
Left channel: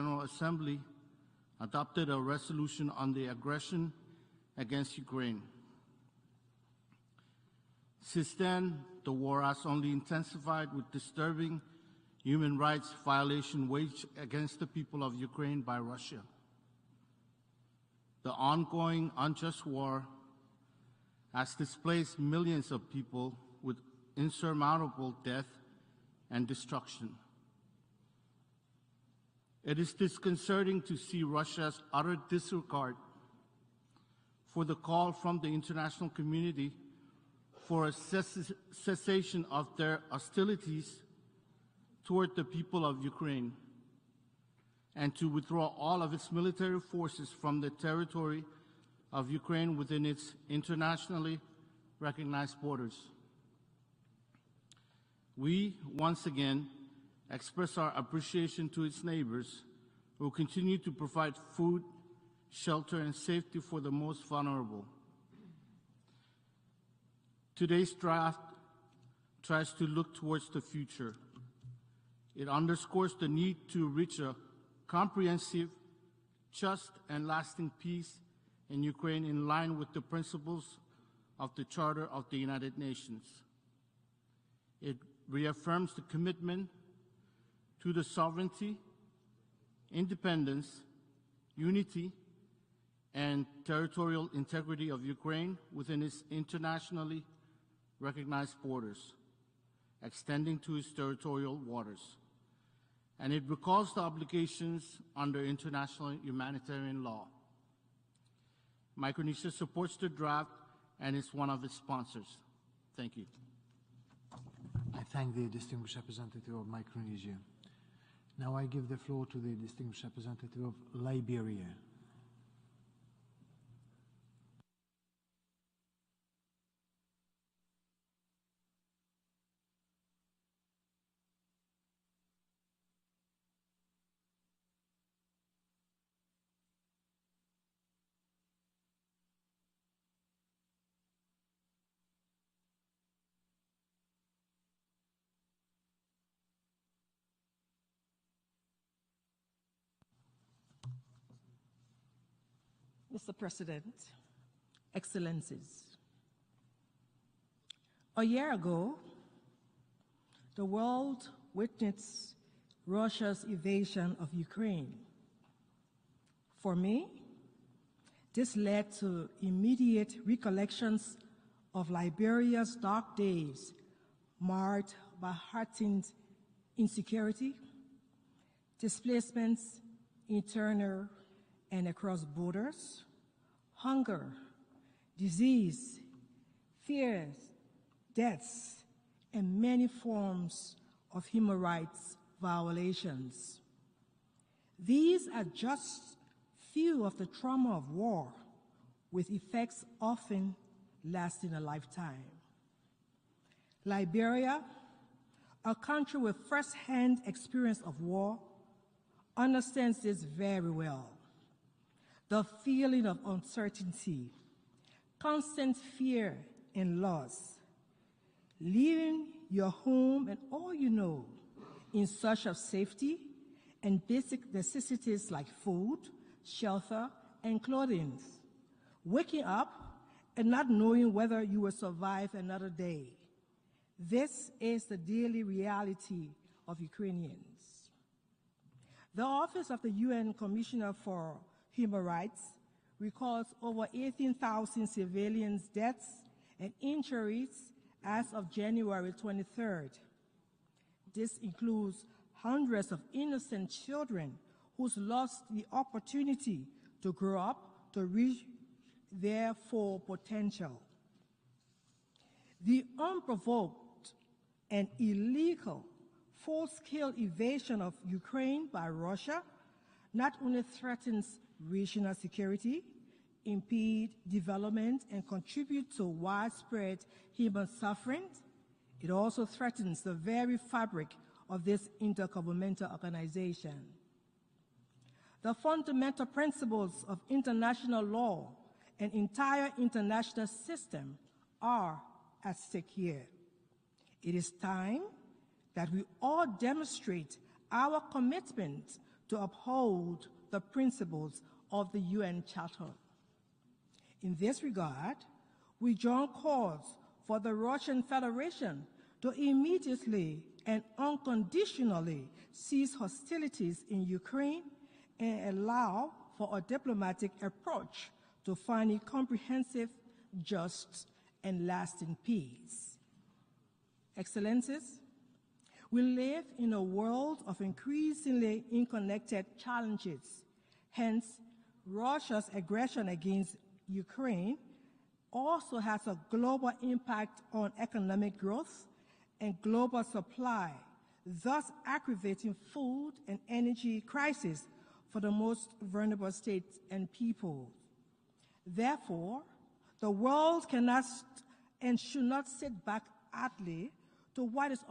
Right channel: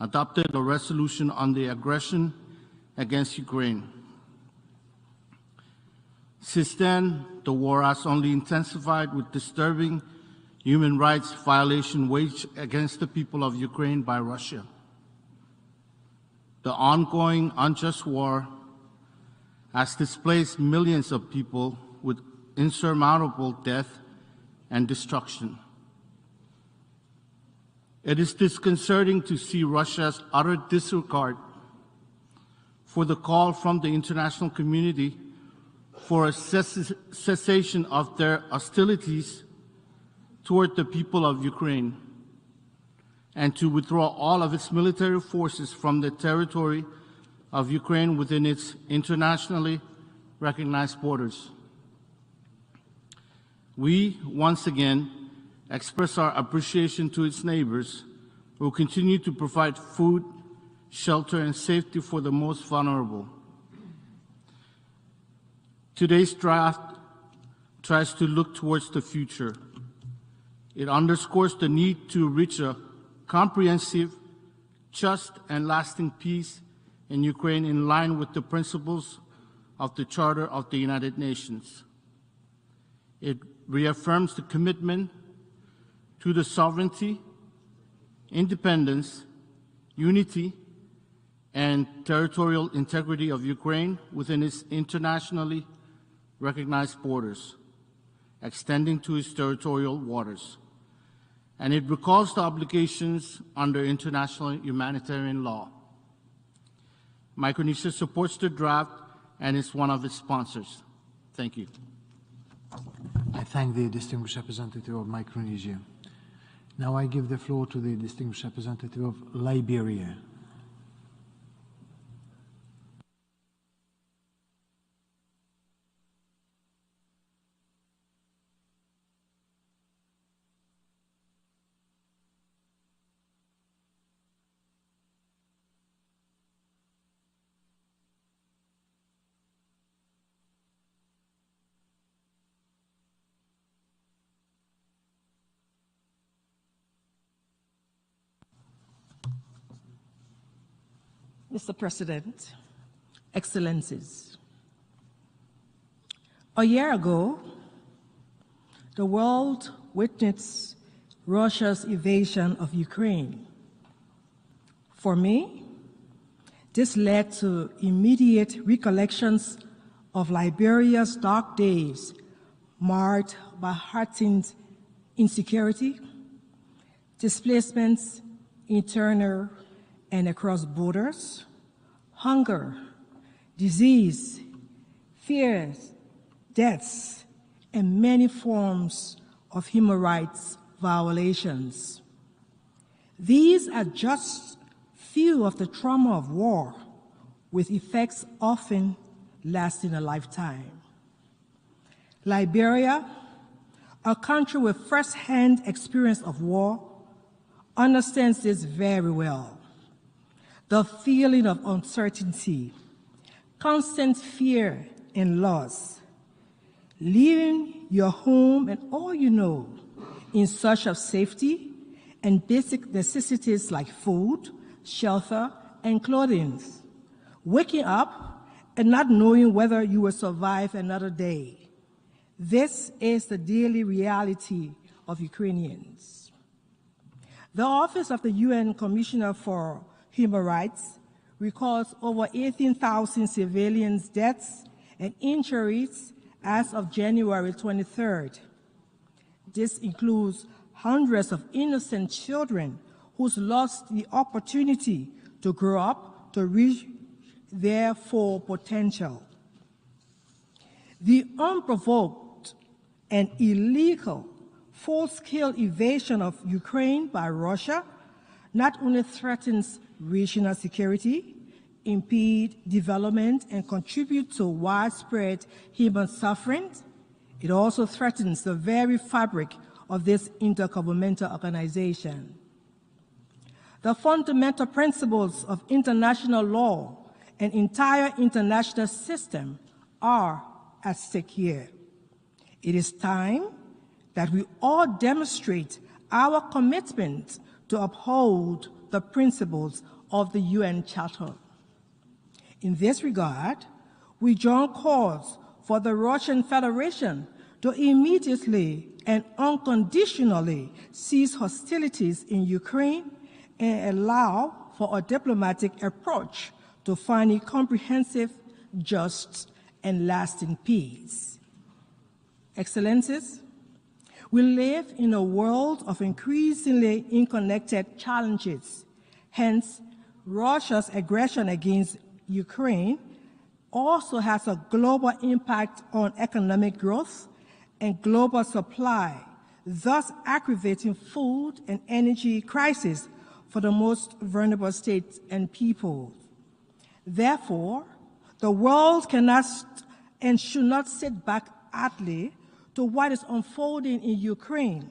adopted a resolution on the aggression against Ukraine. Since then, the war has only intensified with disturbing human rights violations waged against the people of Ukraine by Russia. The ongoing unjust war has displaced millions of people with insurmountable death and destruction. It is disconcerting to see Russia's utter disregard for the call from the international community for a cessation of their hostilities toward the people of Ukraine and to withdraw all of its military forces from the territory of Ukraine within its internationally recognized borders. We, once again, express our appreciation to its neighbors who continue to provide food, shelter, and safety for the most vulnerable. Today's draft tries to look towards the future. It underscores the need to reach a comprehensive, just and lasting peace in Ukraine in line with the principles of the Charter of the United Nations. It reaffirms the commitment to the sovereignty, independence, unity, and territorial integrity of Ukraine within its internationally recognized borders, extending to its territorial waters. And it recalls the obligations under international humanitarian law. Micronesia supports the draft and is one of its sponsors. Thank you. I thank the distinguished representative of Micronesia. Now I give the floor to the distinguished representative of Liberia. Mr. President, Excellencies, a year ago, the world witnessed Russia's invasion of Ukraine. For me, this led to immediate recollections of Liberia's dark days, marred by heightened insecurity, displacements, internal and across borders, hunger, disease, fears, deaths, and many forms of human rights violations. These are just few of the trauma of war, with effects often lasting a lifetime. Liberia, a country with first-hand experience of war, understands this very well. The feeling of uncertainty, constant fear and loss, leaving your home and all you know in search of safety and basic necessities like food, shelter, and clothing, waking up and not knowing whether you will survive another day. This is the daily reality of Ukrainians. The Office of the UN Commissioner for Human Rights records over 18,000 civilians' deaths and injuries as of January 23rd. This includes hundreds of innocent children who lost the opportunity to grow up to reach their full potential. The unprovoked and illegal full-scale invasion of Ukraine by Russia not only threatens regional security, impede development, and contribute to widespread human suffering, it also threatens the very fabric of this intergovernmental organization. The fundamental principles of international law and entire international system are at stake here. It is time that we all demonstrate our commitment to uphold the principles of the UN Charter. In this regard, we join calls for the Russian Federation to immediately and unconditionally cease hostilities in Ukraine and allow for a diplomatic approach to finding comprehensive, just, and lasting peace. Excellencies, we live in a world of increasingly interconnected challenges. Hence, Russia's aggression against Ukraine also has a global impact on economic growth and global supply, thus aggravating food and energy crisis for the most vulnerable states and people. Therefore, the world cannot and should not sit back idly to what is unfolding in Ukraine.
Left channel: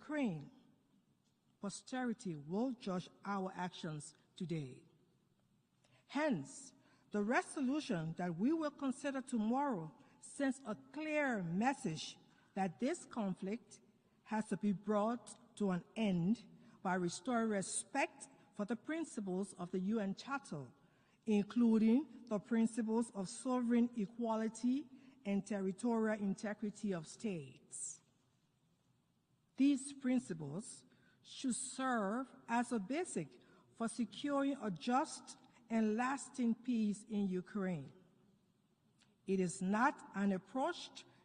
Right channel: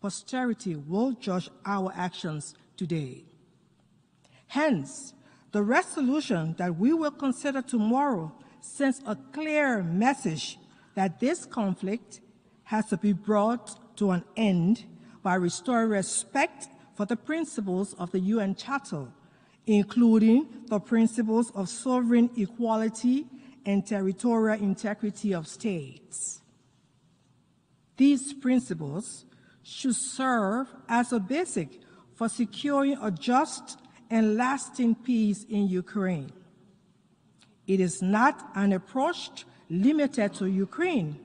Posterity will judge our actions today. Hence, The resolution that we will consider tomorrow sends a clear message that this conflict has to be brought to an end by restoring respect for the principles of the UN Charter, including the principles of sovereign equality and territorial integrity of states. These principles should serve as a basic for securing a just and lasting peace in Ukraine. It is not an approach limited to Ukraine.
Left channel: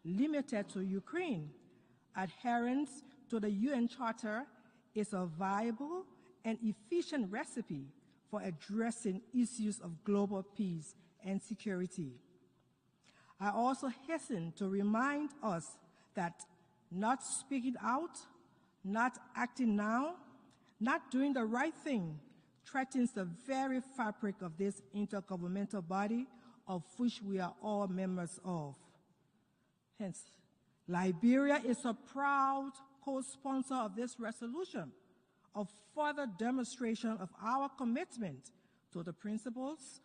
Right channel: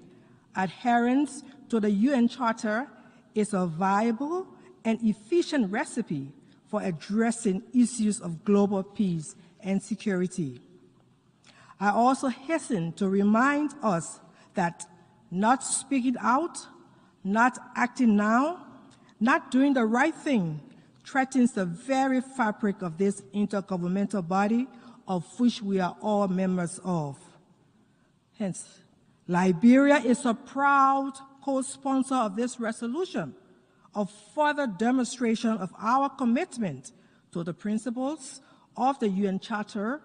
Adherence to the UN Charter is a viable and efficient recipe for addressing issues of global peace and security. I also hasten to remind us that not speaking out, not acting now, not doing the right thing, threatens the very fabric of this intergovernmental body of which we are all members of. Hence, Liberia is a proud co-sponsor of this resolution, a further demonstration of our commitment to the principles of the UN Charter,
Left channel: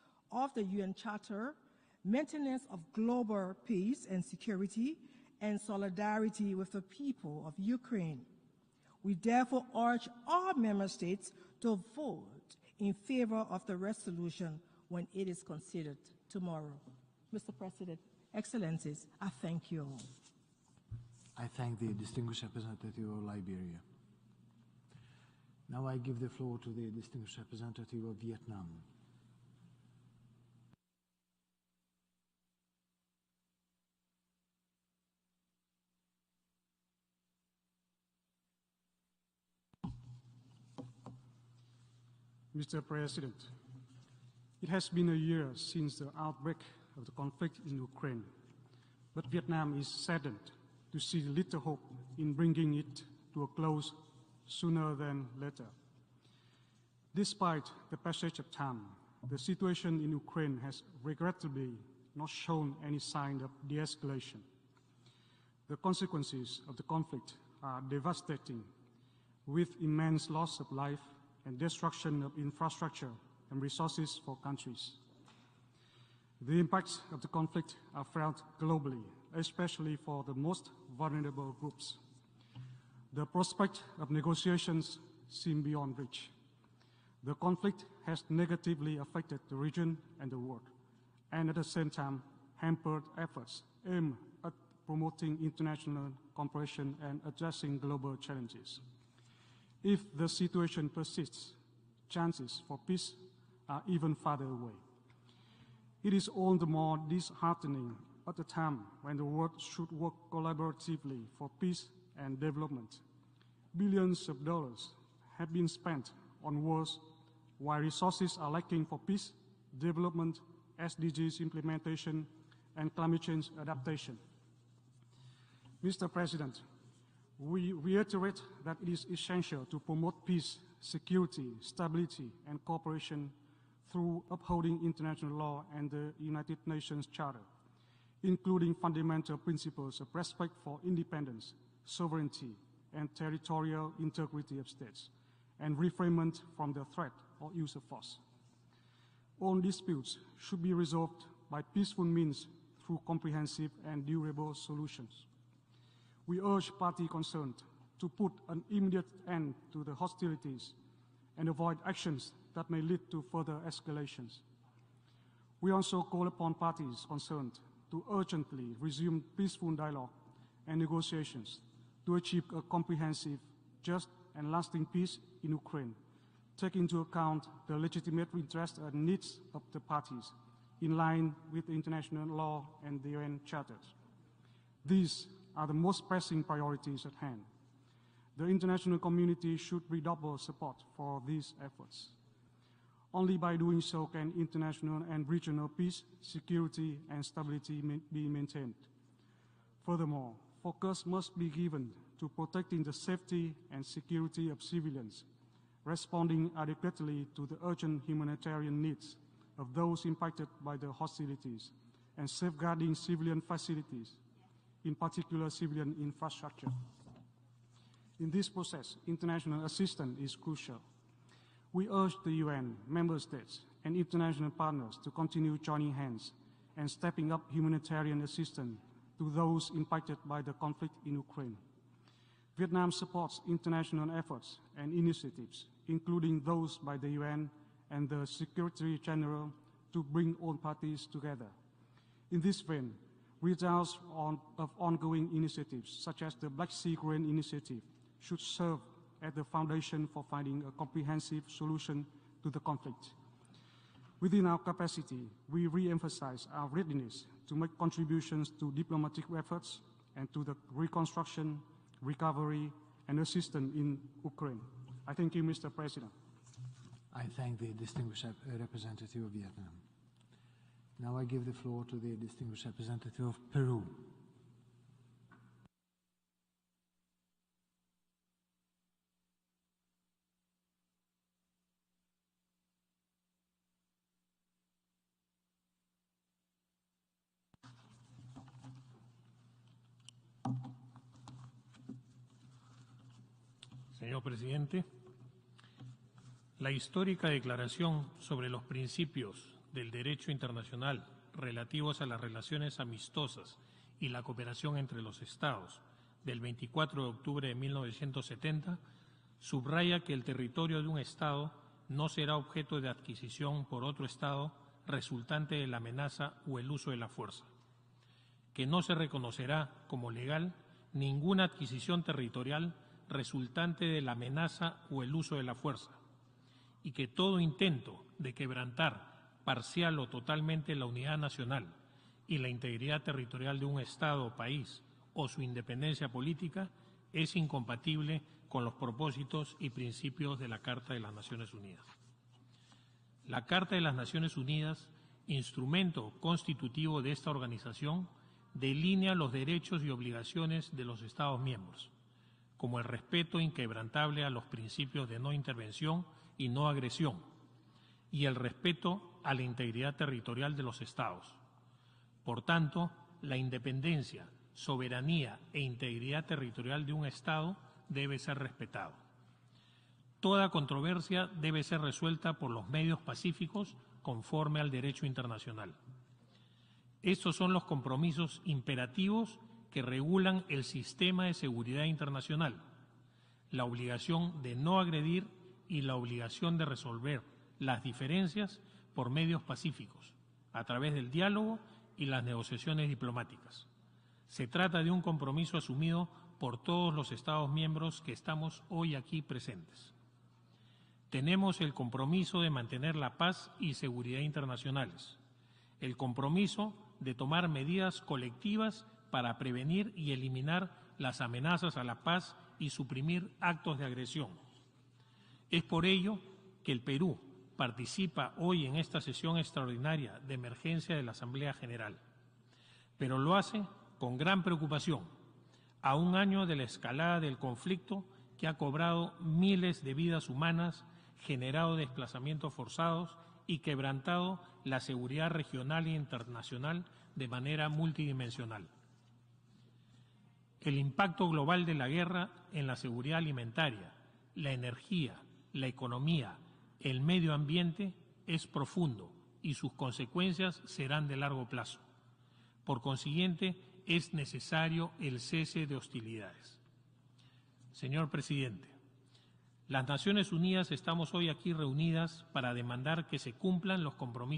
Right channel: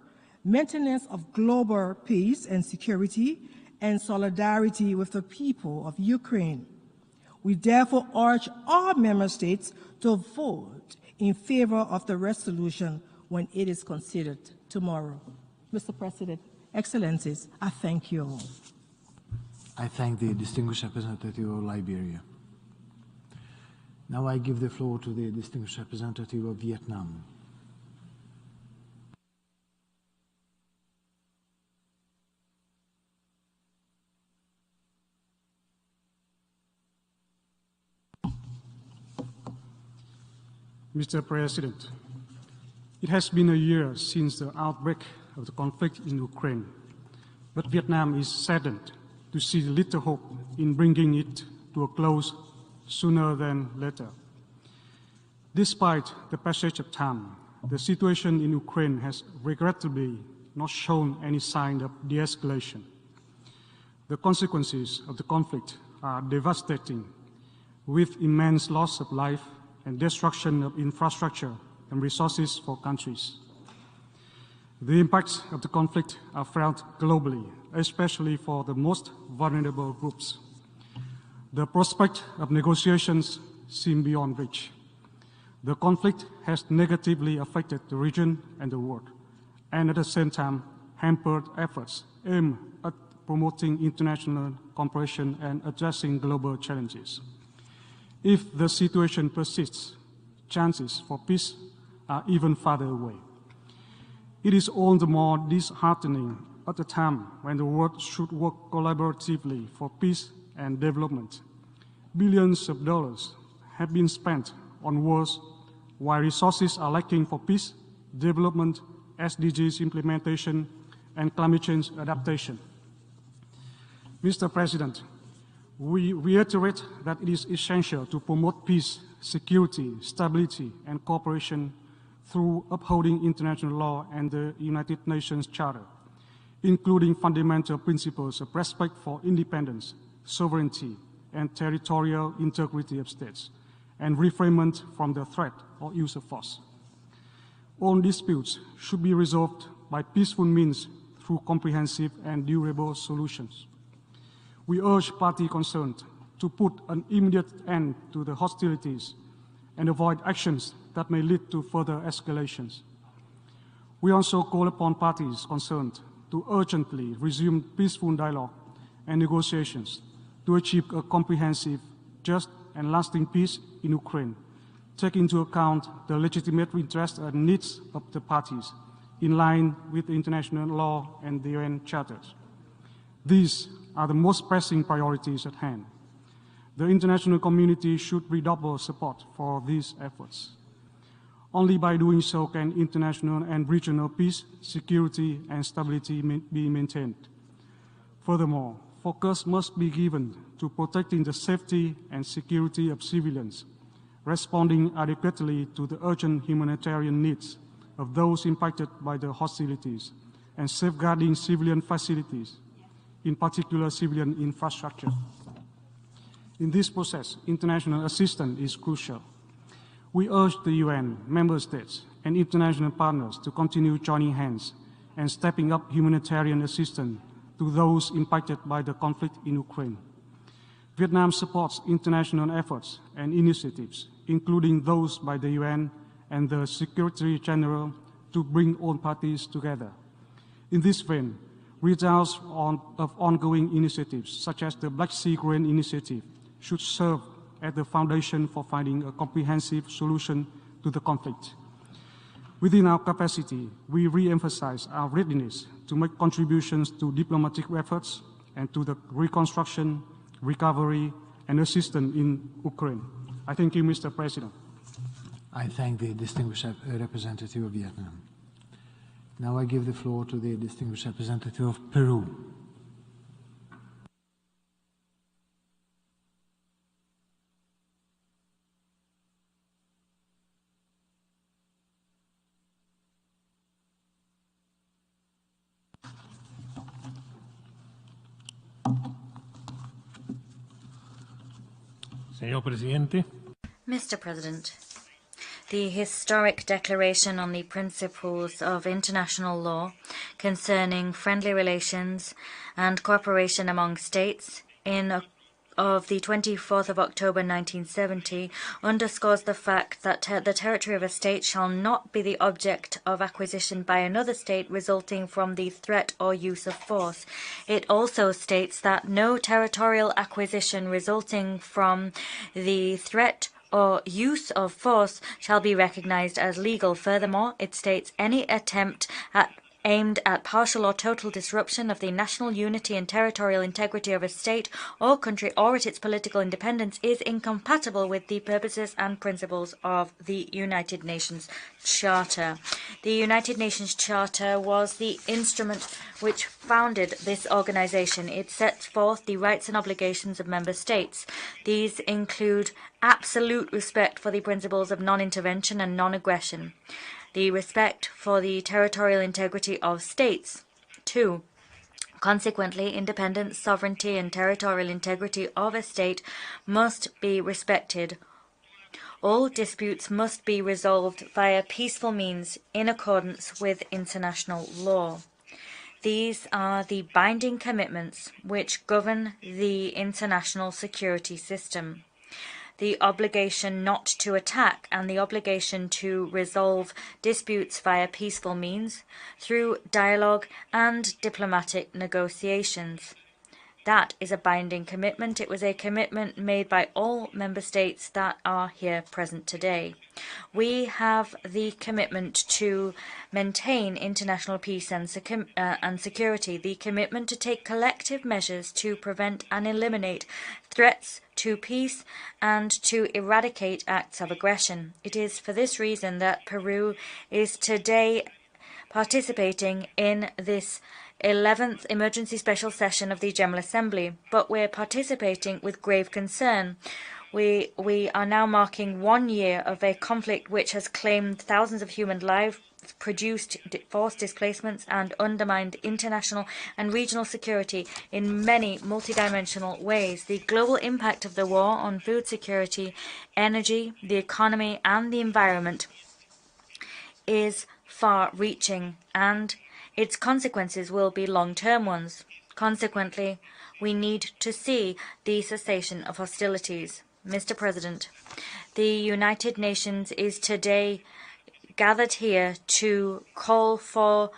maintenance of global peace and security, and solidarity with the people of Ukraine. We therefore urge all member states to vote in favor of the resolution when it is considered tomorrow. Mr. President, Excellencies, I thank you all. I thank the distinguished representative of Liberia. Now I give the floor to the distinguished representative of Vietnam. Mr. President, it has been a year since the outbreak of the conflict in Ukraine, but Vietnam is saddened to see little hope in bringing it to a close sooner than later. Despite the passage of time, the situation in Ukraine has regrettably not shown any sign of de-escalation. The consequences of the conflict are devastating, with immense loss of life and destruction of infrastructure and resources for countries. The impacts of the conflict are felt globally, especially for the most vulnerable groups. The prospect of negotiations seem beyond reach. The conflict has negatively affected the region and the world, and at the same time hampered efforts aimed at promoting international cooperation and addressing global challenges. If the situation persists, chances for peace are even farther away. It is all the more disheartening at the time when the world should work collaboratively for peace and development. Billions of dollars have been spent on wars, while resources are lacking for peace, development, SDGs implementation, and climate change adaptation. Mr. President, we reiterate that it is essential to promote peace, security, stability, and cooperation through upholding international law and the United Nations Charter, including fundamental principles of respect for independence, sovereignty, and territorial integrity of states, and refrainment from the threat or use of force. All disputes should be resolved by peaceful means through comprehensive and durable solutions. We urge parties concerned to put an immediate end to the hostilities and avoid actions that may lead to further escalations. We also call upon parties concerned to urgently resume peaceful dialogue and negotiations to achieve a comprehensive, just and lasting peace in Ukraine, take into account the legitimate interests and needs of the parties in line with the international law and the UN Charter. These are the most pressing priorities at hand. The international community should redouble support for these efforts. Only by doing so can international and regional peace, security, and stability be maintained. Furthermore, focus must be given to protecting the safety and security of civilians, responding adequately to the urgent humanitarian needs of those impacted by the hostilities, and safeguarding civilian facilities, in particular civilian infrastructure. In this process, international assistance is crucial. We urge the UN, member states, and international partners to continue joining hands and stepping up humanitarian assistance to those impacted by the conflict in Ukraine. Vietnam supports international efforts and initiatives, including those by the UN and the Secretary General, to bring all parties together. In this vein, results of ongoing initiatives, such as the Black Sea Grain Initiative, should serve as the foundation for finding a comprehensive solution to the conflict. Within our capacity, we re-emphasize our readiness to make contributions to diplomatic efforts and to the reconstruction, recovery, and assistance in Ukraine. I thank you, Mr. President. I thank the distinguished representative of Vietnam. Now I give the floor to the distinguished representative of Peru. Mr. President, the historic declaration on the principles of international law concerning friendly relations and cooperation among states of the 24th of October 1970 underscores the fact that the territory of a state shall not be the object of acquisition by another state resulting from the threat or use of force. It also states that no territorial acquisition resulting from the threat or use of force shall be recognized as legal. Furthermore, it states any attempt aimed at partial or total disruption of the national unity and territorial integrity of a state or country or its political independence is incompatible with the purposes and principles of the United Nations Charter. The United Nations Charter was the instrument which founded this organization. It sets forth the rights and obligations of member states. These include absolute respect for the principles of non-intervention and non-aggression, the respect for the territorial integrity of states. 2. Consequently, independence, sovereignty, and territorial integrity of a state must be respected. All disputes must be resolved via peaceful means in accordance with international law. These are the binding commitments which govern the international security system. The obligation not to attack and the obligation to resolve disputes via peaceful means through dialogue and diplomatic negotiations. That is a binding commitment. It was a commitment made by all member states that are here present today. We have the commitment to maintain international peace and security, the commitment to take collective measures to prevent and eliminate threats to peace and to eradicate acts of aggression. It is for this reason that Peru is today participating in this 11th emergency special session of the General Assembly, but we're participating with grave concern. We are now marking 1 year of a conflict which has claimed thousands of human lives, produced forced displacements, and undermined international and regional security in many multidimensional ways. The global impact of the war on food security, energy, the economy, and the environment is far-reaching, and its consequences will be long-term ones. Consequently, we need to see the cessation of hostilities. Mr. President, the United Nations is today gathered here to call for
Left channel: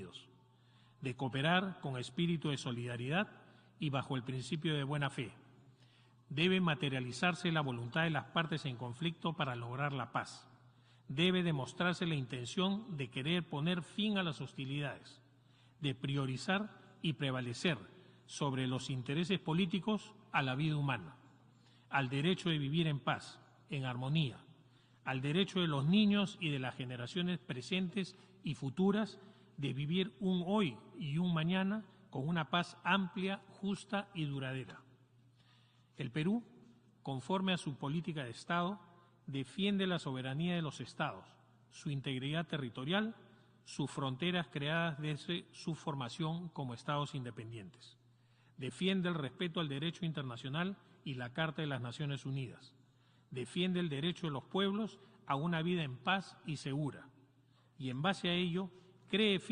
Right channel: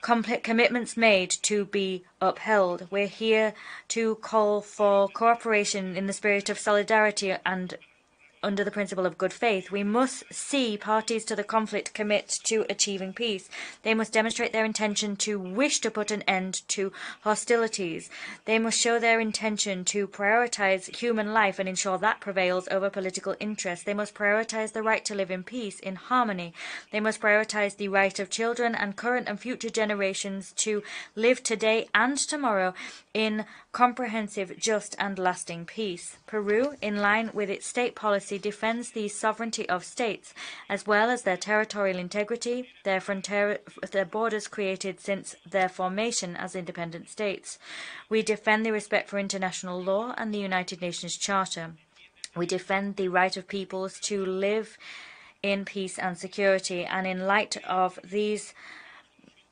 commitments made to be upheld. We're here to call for cooperation in the spirit of solidarity and under the principle of good faith. We must see parties to the conflict commit to achieving peace. They must demonstrate their intention to wish to put an end to hostilities. They must show their intention to prioritize human life and ensure that prevails over political interest. They must prioritize the right to live in peace, in harmony. They must prioritize the right of children and current and future generations to live today and tomorrow in comprehensive, just and lasting peace. Peru, in line with its state policy, defends the sovereignty of states, as well as their territorial integrity, their borders created since their formation as independent states. We defend the respect for international law and the United Nations Charter. We defend the right of peoples to live in peace and security, and in light of these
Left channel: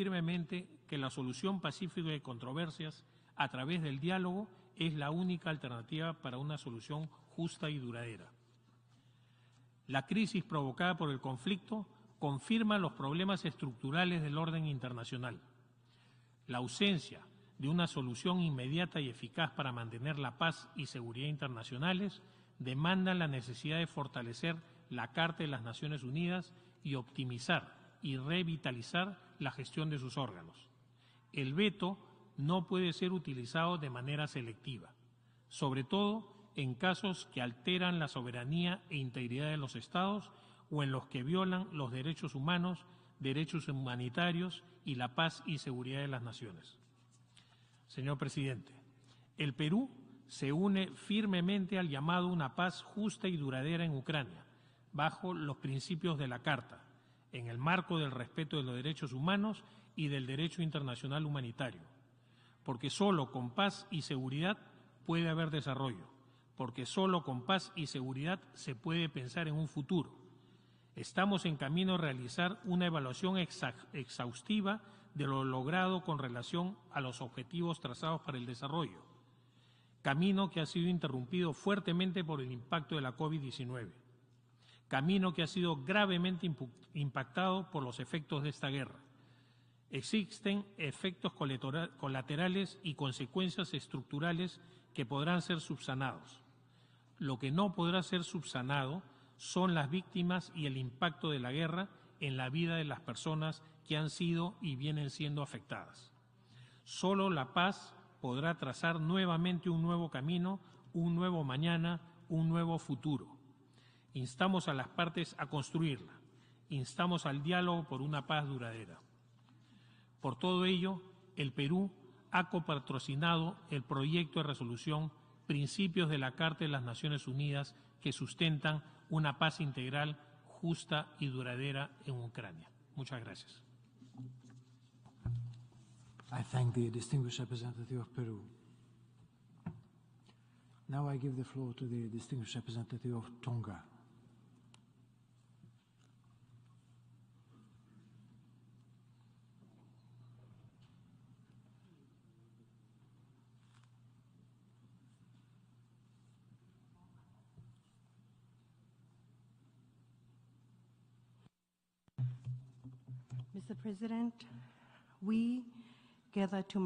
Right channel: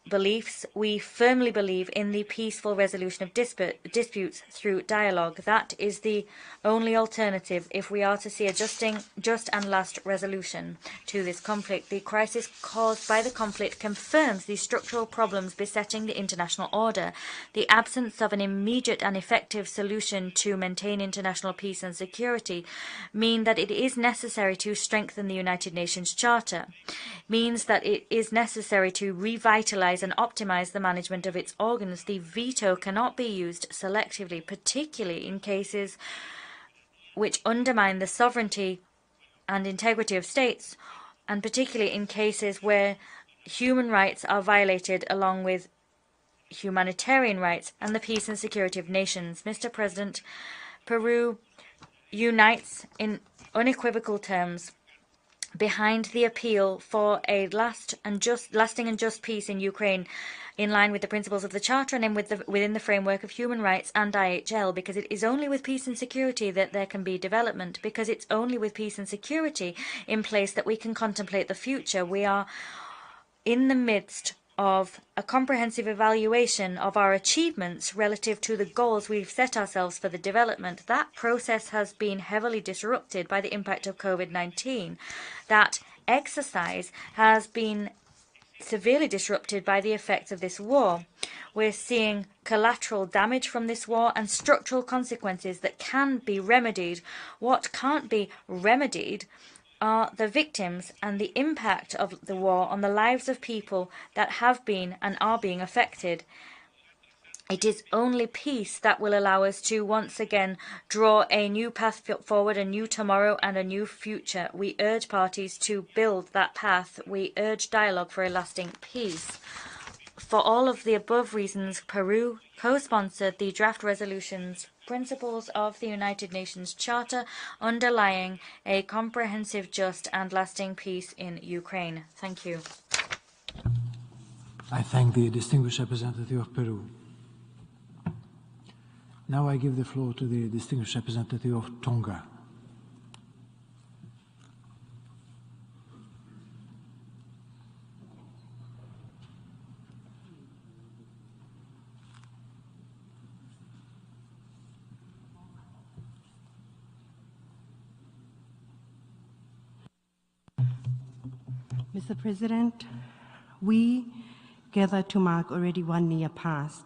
beliefs, we firmly believe in the peaceful resolution of disputes through dialogue. That is the only alternative if we are to see a just and last resolution to this conflict. The crisis caused by the conflict confirms the structural problems besetting the international order. The absence of an immediate and effective solution to maintain international peace and security mean that it is necessary to strengthen the United Nations Charter, means that it is necessary to revitalize and optimize the management of its organs. The veto cannot be used selectively, particularly in cases which undermine the sovereignty and integrity of states, and particularly in cases where human rights are violated along with humanitarian rights and the peace and security of nations. Mr. President, Peru unites in unequivocal terms behind the appeal for a lasting and just peace in Ukraine, in line with the principles of the Charter and within the framework of human rights and IHL, because it is only with peace and security that there can be development, because it's only with peace and security in place that we can contemplate the future. We are in the midst of a comprehensive evaluation of our achievements relative to the goals we've set ourselves for the development. That process has been heavily disrupted by the impact of COVID-19. That exercise has been severely disrupted by the effects of this war. We're seeing collateral damage from this war and structural consequences that can be remedied. What can't be remedied are the victims and the impact of the war on the lives of people that have been and are being affected. It is only peace that will allow us to once again draw a new path forward, a new tomorrow and a new future. We urge parties to build that path. We urge dialogue for a lasting peace. For all of the above reasons, Peru co-sponsored the draft resolution's principles of the United Nations Charter underlying a comprehensive, just and lasting peace in Ukraine. Thank you. I thank the distinguished representative of Peru. Now I give the floor to the distinguished representative of Tonga. Mr. President, we gather to mark already 1 year past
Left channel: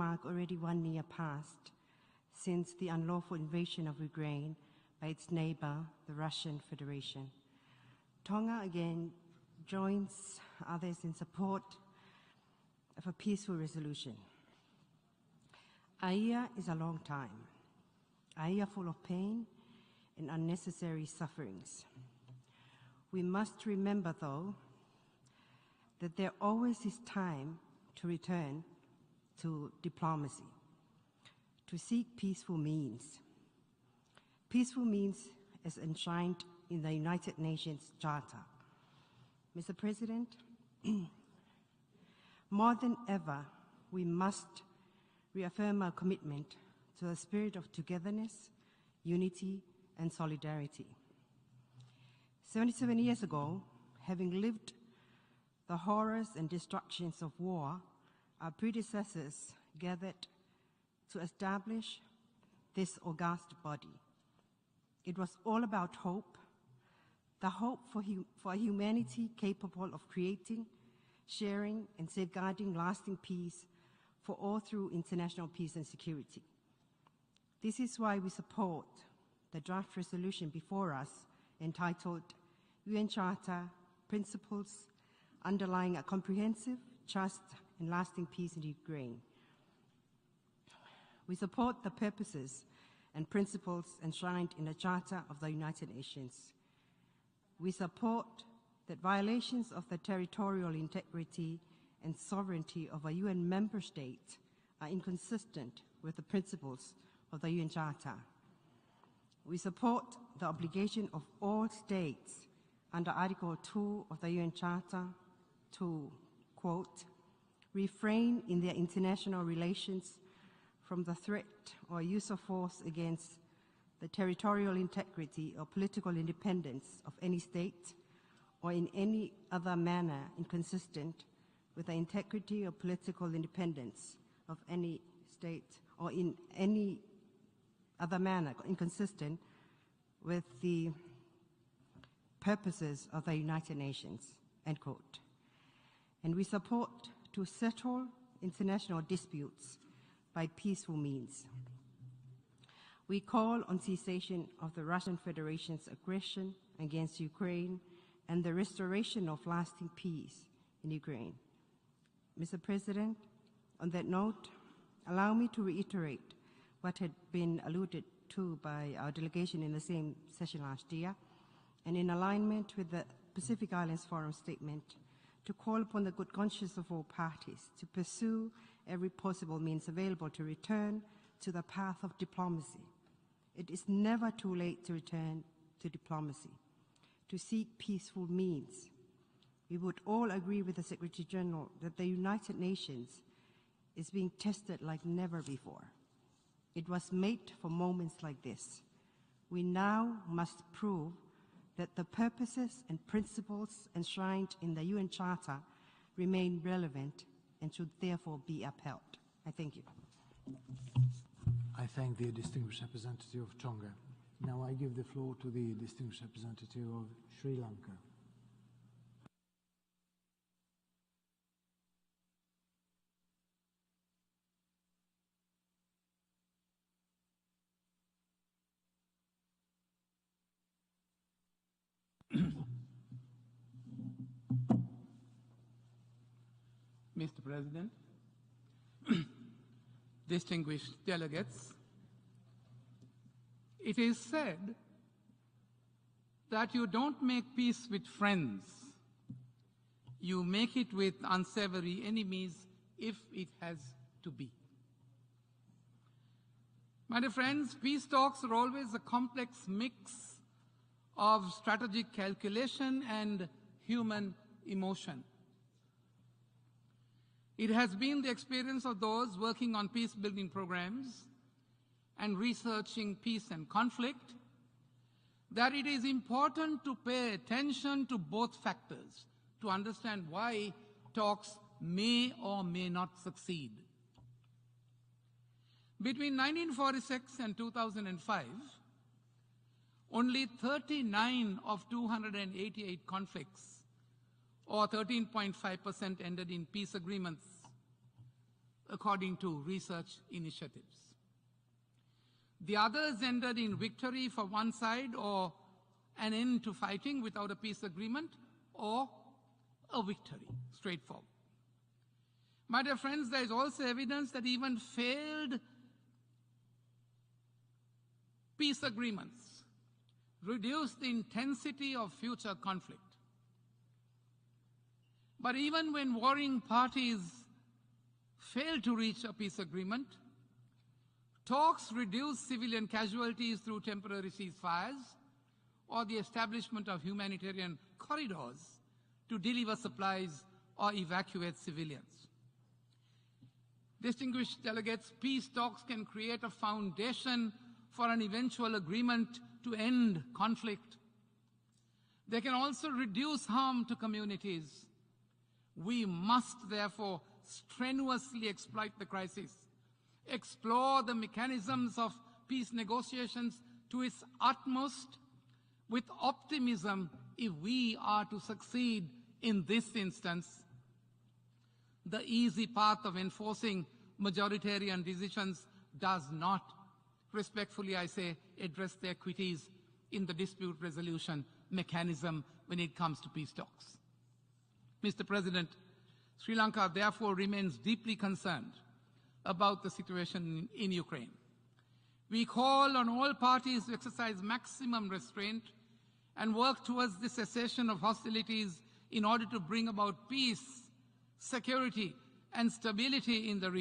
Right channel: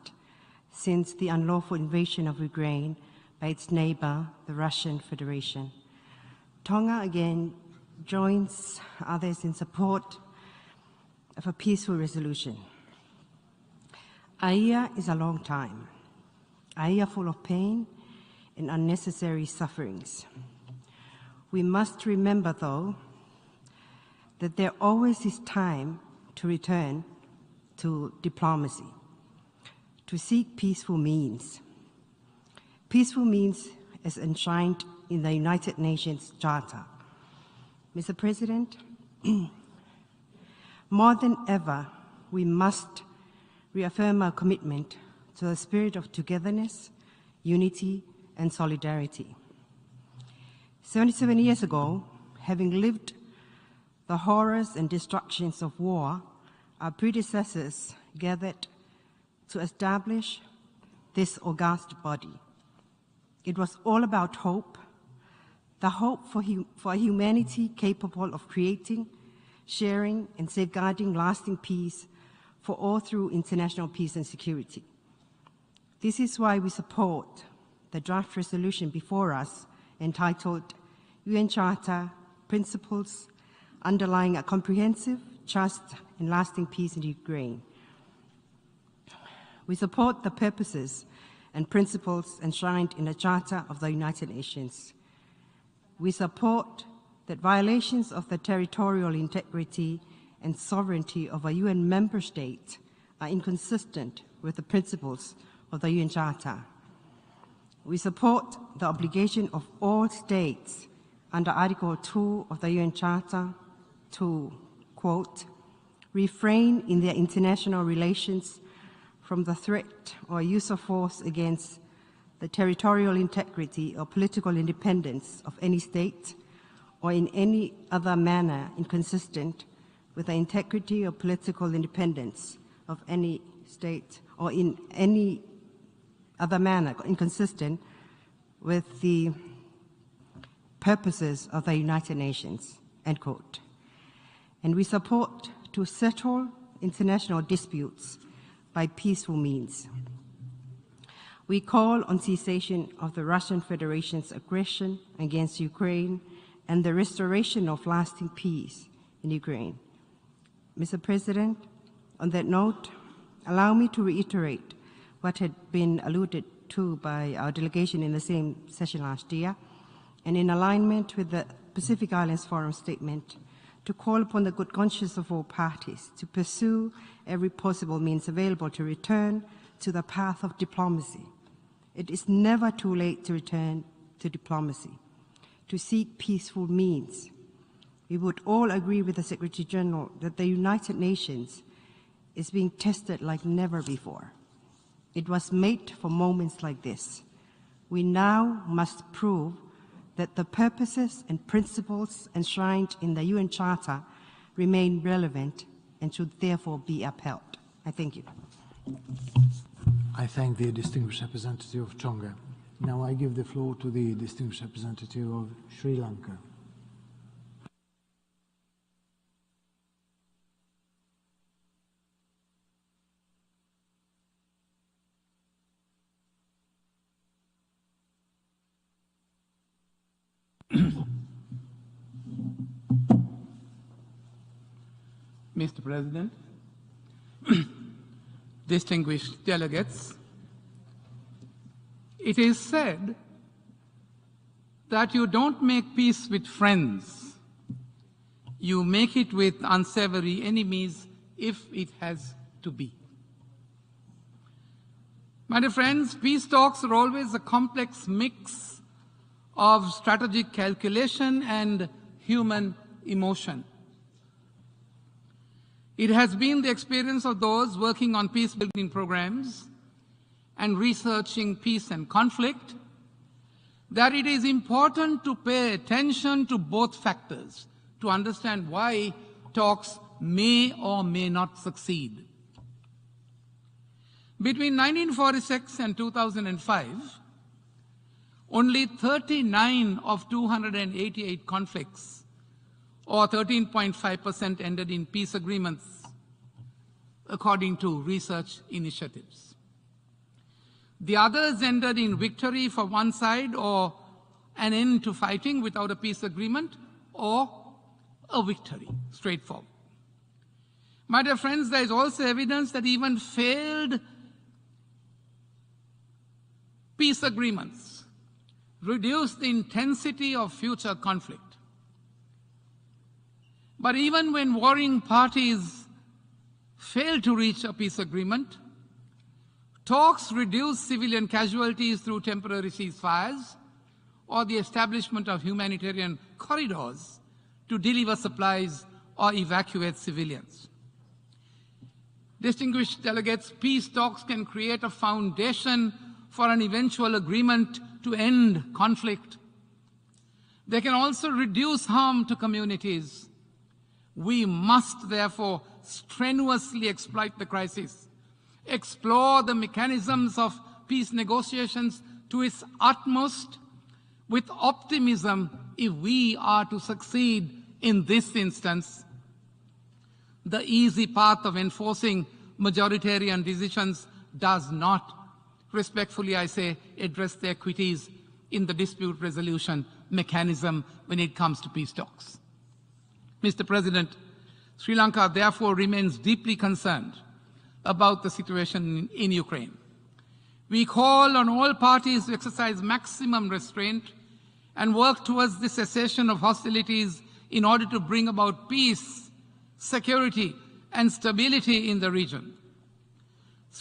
since the unlawful invasion of Ukraine by its neighbor, the Russian Federation. Tonga again joins others in support of a peaceful resolution. A year is a long time, a year full of pain and unnecessary sufferings. We must remember, though, that there always is time to return to diplomacy, to seek peaceful means. Peaceful means as enshrined in the United Nations Charter. Mr. President, more than ever, we must reaffirm our commitment to a spirit of togetherness, unity, and solidarity. 77 years ago, having lived the horrors and destructions of war, our predecessors gathered to establish this august body. It was all about hope, the hope for a humanity capable of creating, sharing, and safeguarding lasting peace for all through international peace and security. This is why we support the draft resolution before us entitled UN Charter Principles Underlying a Comprehensive, Just, and Lasting Peace in Ukraine. We support the purposes and principles enshrined in the Charter of the United Nations. We support that violations of the territorial integrity and sovereignty of a UN member state are inconsistent with the principles of the UN Charter. We support the obligation of all states under Article 2 of the UN Charter to, quote, refrain in their international relations from the threat or use of force against the territorial integrity or political independence of any state or in any other manner inconsistent with the integrity or political independence of any state or in any other manner inconsistent with the purposes of the United Nations, end quote. And we support to settle international disputes by peaceful means. We call on cessation of the Russian Federation's aggression against Ukraine and the restoration of lasting peace in Ukraine. Mr. President, on that note, allow me to reiterate what had been alluded to by our delegation in the same session last year, and in alignment with the Pacific Islands Forum statement, to call upon the good conscience of all parties to pursue every possible means available to return to the path of diplomacy. It is never too late to return to diplomacy, to seek peaceful means. We would all agree with the Secretary General that the United Nations is being tested like never before. It was made for moments like this. We now must prove that the purposes and principles enshrined in the UN Charter remain relevant and should therefore be upheld. I thank you. I thank the distinguished representative of Tonga. Now I give the floor to the distinguished representative of Sri Lanka. Mr. President, distinguished delegates, it is said that you don't make peace with friends. You make it with unsavory enemies if it has to be. My dear friends, peace talks are always a complex mix of strategic calculation and human emotion. It has been the experience of those working on peace-building programs and researching peace and conflict that it is important to pay attention to both factors to understand why talks may or may not succeed. Between 1946 and 2005, only 39 of 288 conflicts, or 13.5%, ended in peace agreements, according to research initiatives. The others ended in victory for one side, or an end to fighting without a peace agreement, or a victory, straightforward. My dear friends, there is also evidence that even failed peace agreements reduce the intensity of future conflict. But even when warring parties fail to reach a peace agreement, talks reduce civilian casualties through temporary ceasefires or the establishment of humanitarian corridors to deliver supplies or evacuate civilians. Distinguished delegates, peace talks can create a foundation for an eventual agreement to end conflict. They can also reduce harm to communities. We must therefore strenuously exploit the crisis, explore the mechanisms of peace negotiations to its utmost with optimism if we are to succeed in this instance. The easy path of enforcing majoritarian decisions does not, respectfully I say, address the equities in the dispute resolution mechanism when it comes to peace talks. Mr. President, Sri Lanka, therefore, remains deeply concerned about the situation in Ukraine. We call on all parties to exercise maximum restraint and work towards the cessation of hostilities in order to bring about peace, security, and stability in the region.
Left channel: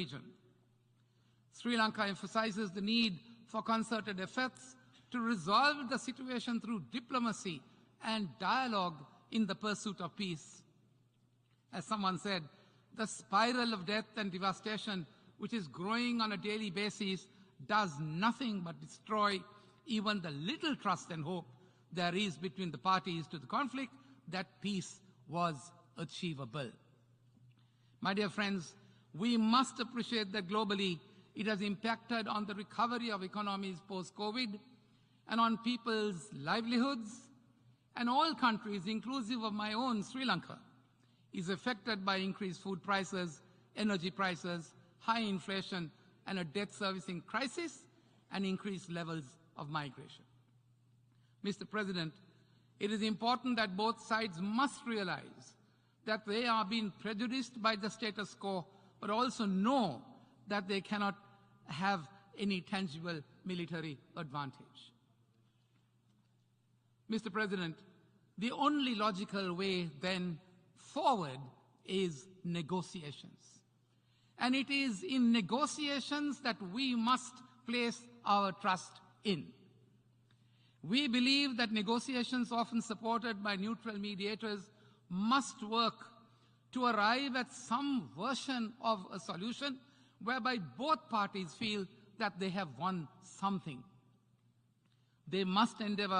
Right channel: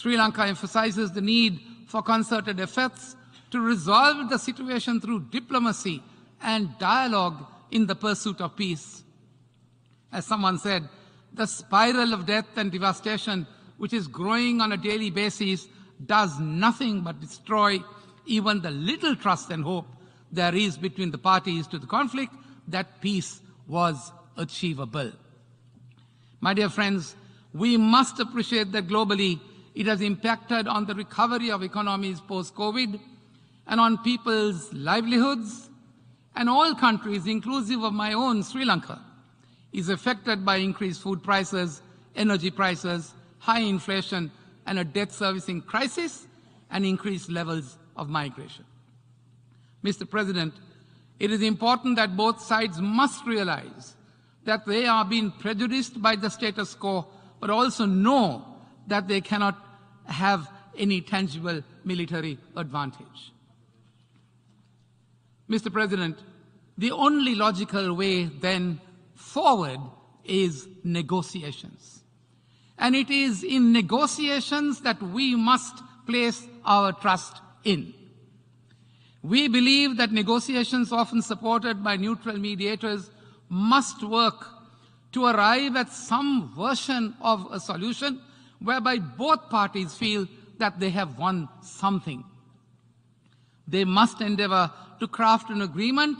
Sri Lanka emphasizes the need for concerted efforts to resolve the situation through diplomacy and dialogue in the pursuit of peace. As someone said, the spiral of death and devastation, which is growing on a daily basis, does nothing but destroy even the little trust and hope there is between the parties to the conflict that peace was achievable. My dear friends, we must appreciate that globally it has impacted on the recovery of economies post-COVID and on people's livelihoods, and all countries, inclusive of my own Sri Lanka, is affected by increased food prices, energy prices, high inflation, and a debt servicing crisis, and increased levels of migration. Mr. President, it is important that both sides must realize that they are being prejudiced by the status quo, but also know that they cannot have any tangible military advantage. Mr. President, the only logical way then forward is negotiations. And it is in negotiations that we must place our trust in. We believe that negotiations often supported by neutral mediators must work to arrive at some version of a solution whereby both parties feel that they have won something. They must endeavor to craft an agreement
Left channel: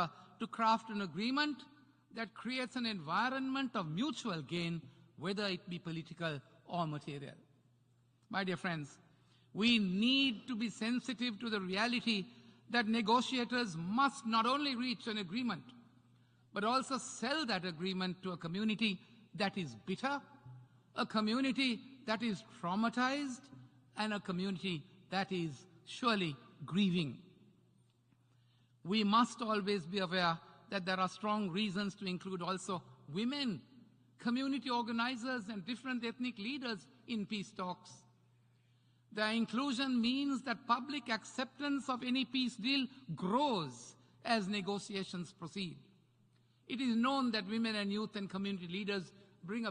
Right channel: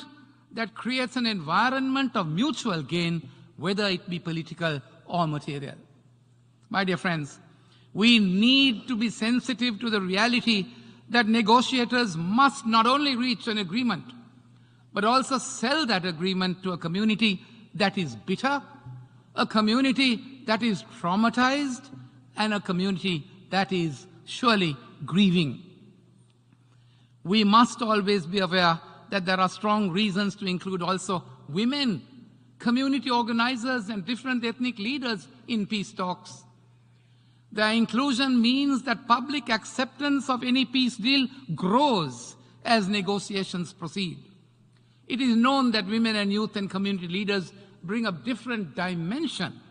that creates an environment of mutual gain, whether it be political or material. My dear friends, we need to be sensitive to the reality that negotiators must not only reach an agreement, but also sell that agreement to a community that is bitter, a community that is traumatized, and a community that is surely grieving. We must always be aware that there are strong reasons to include also women, community organizers, and different ethnic leaders in peace talks. The inclusion means that public acceptance of any peace deal grows as negotiations proceed. It is known that women and youth and community leaders bring a different dimension,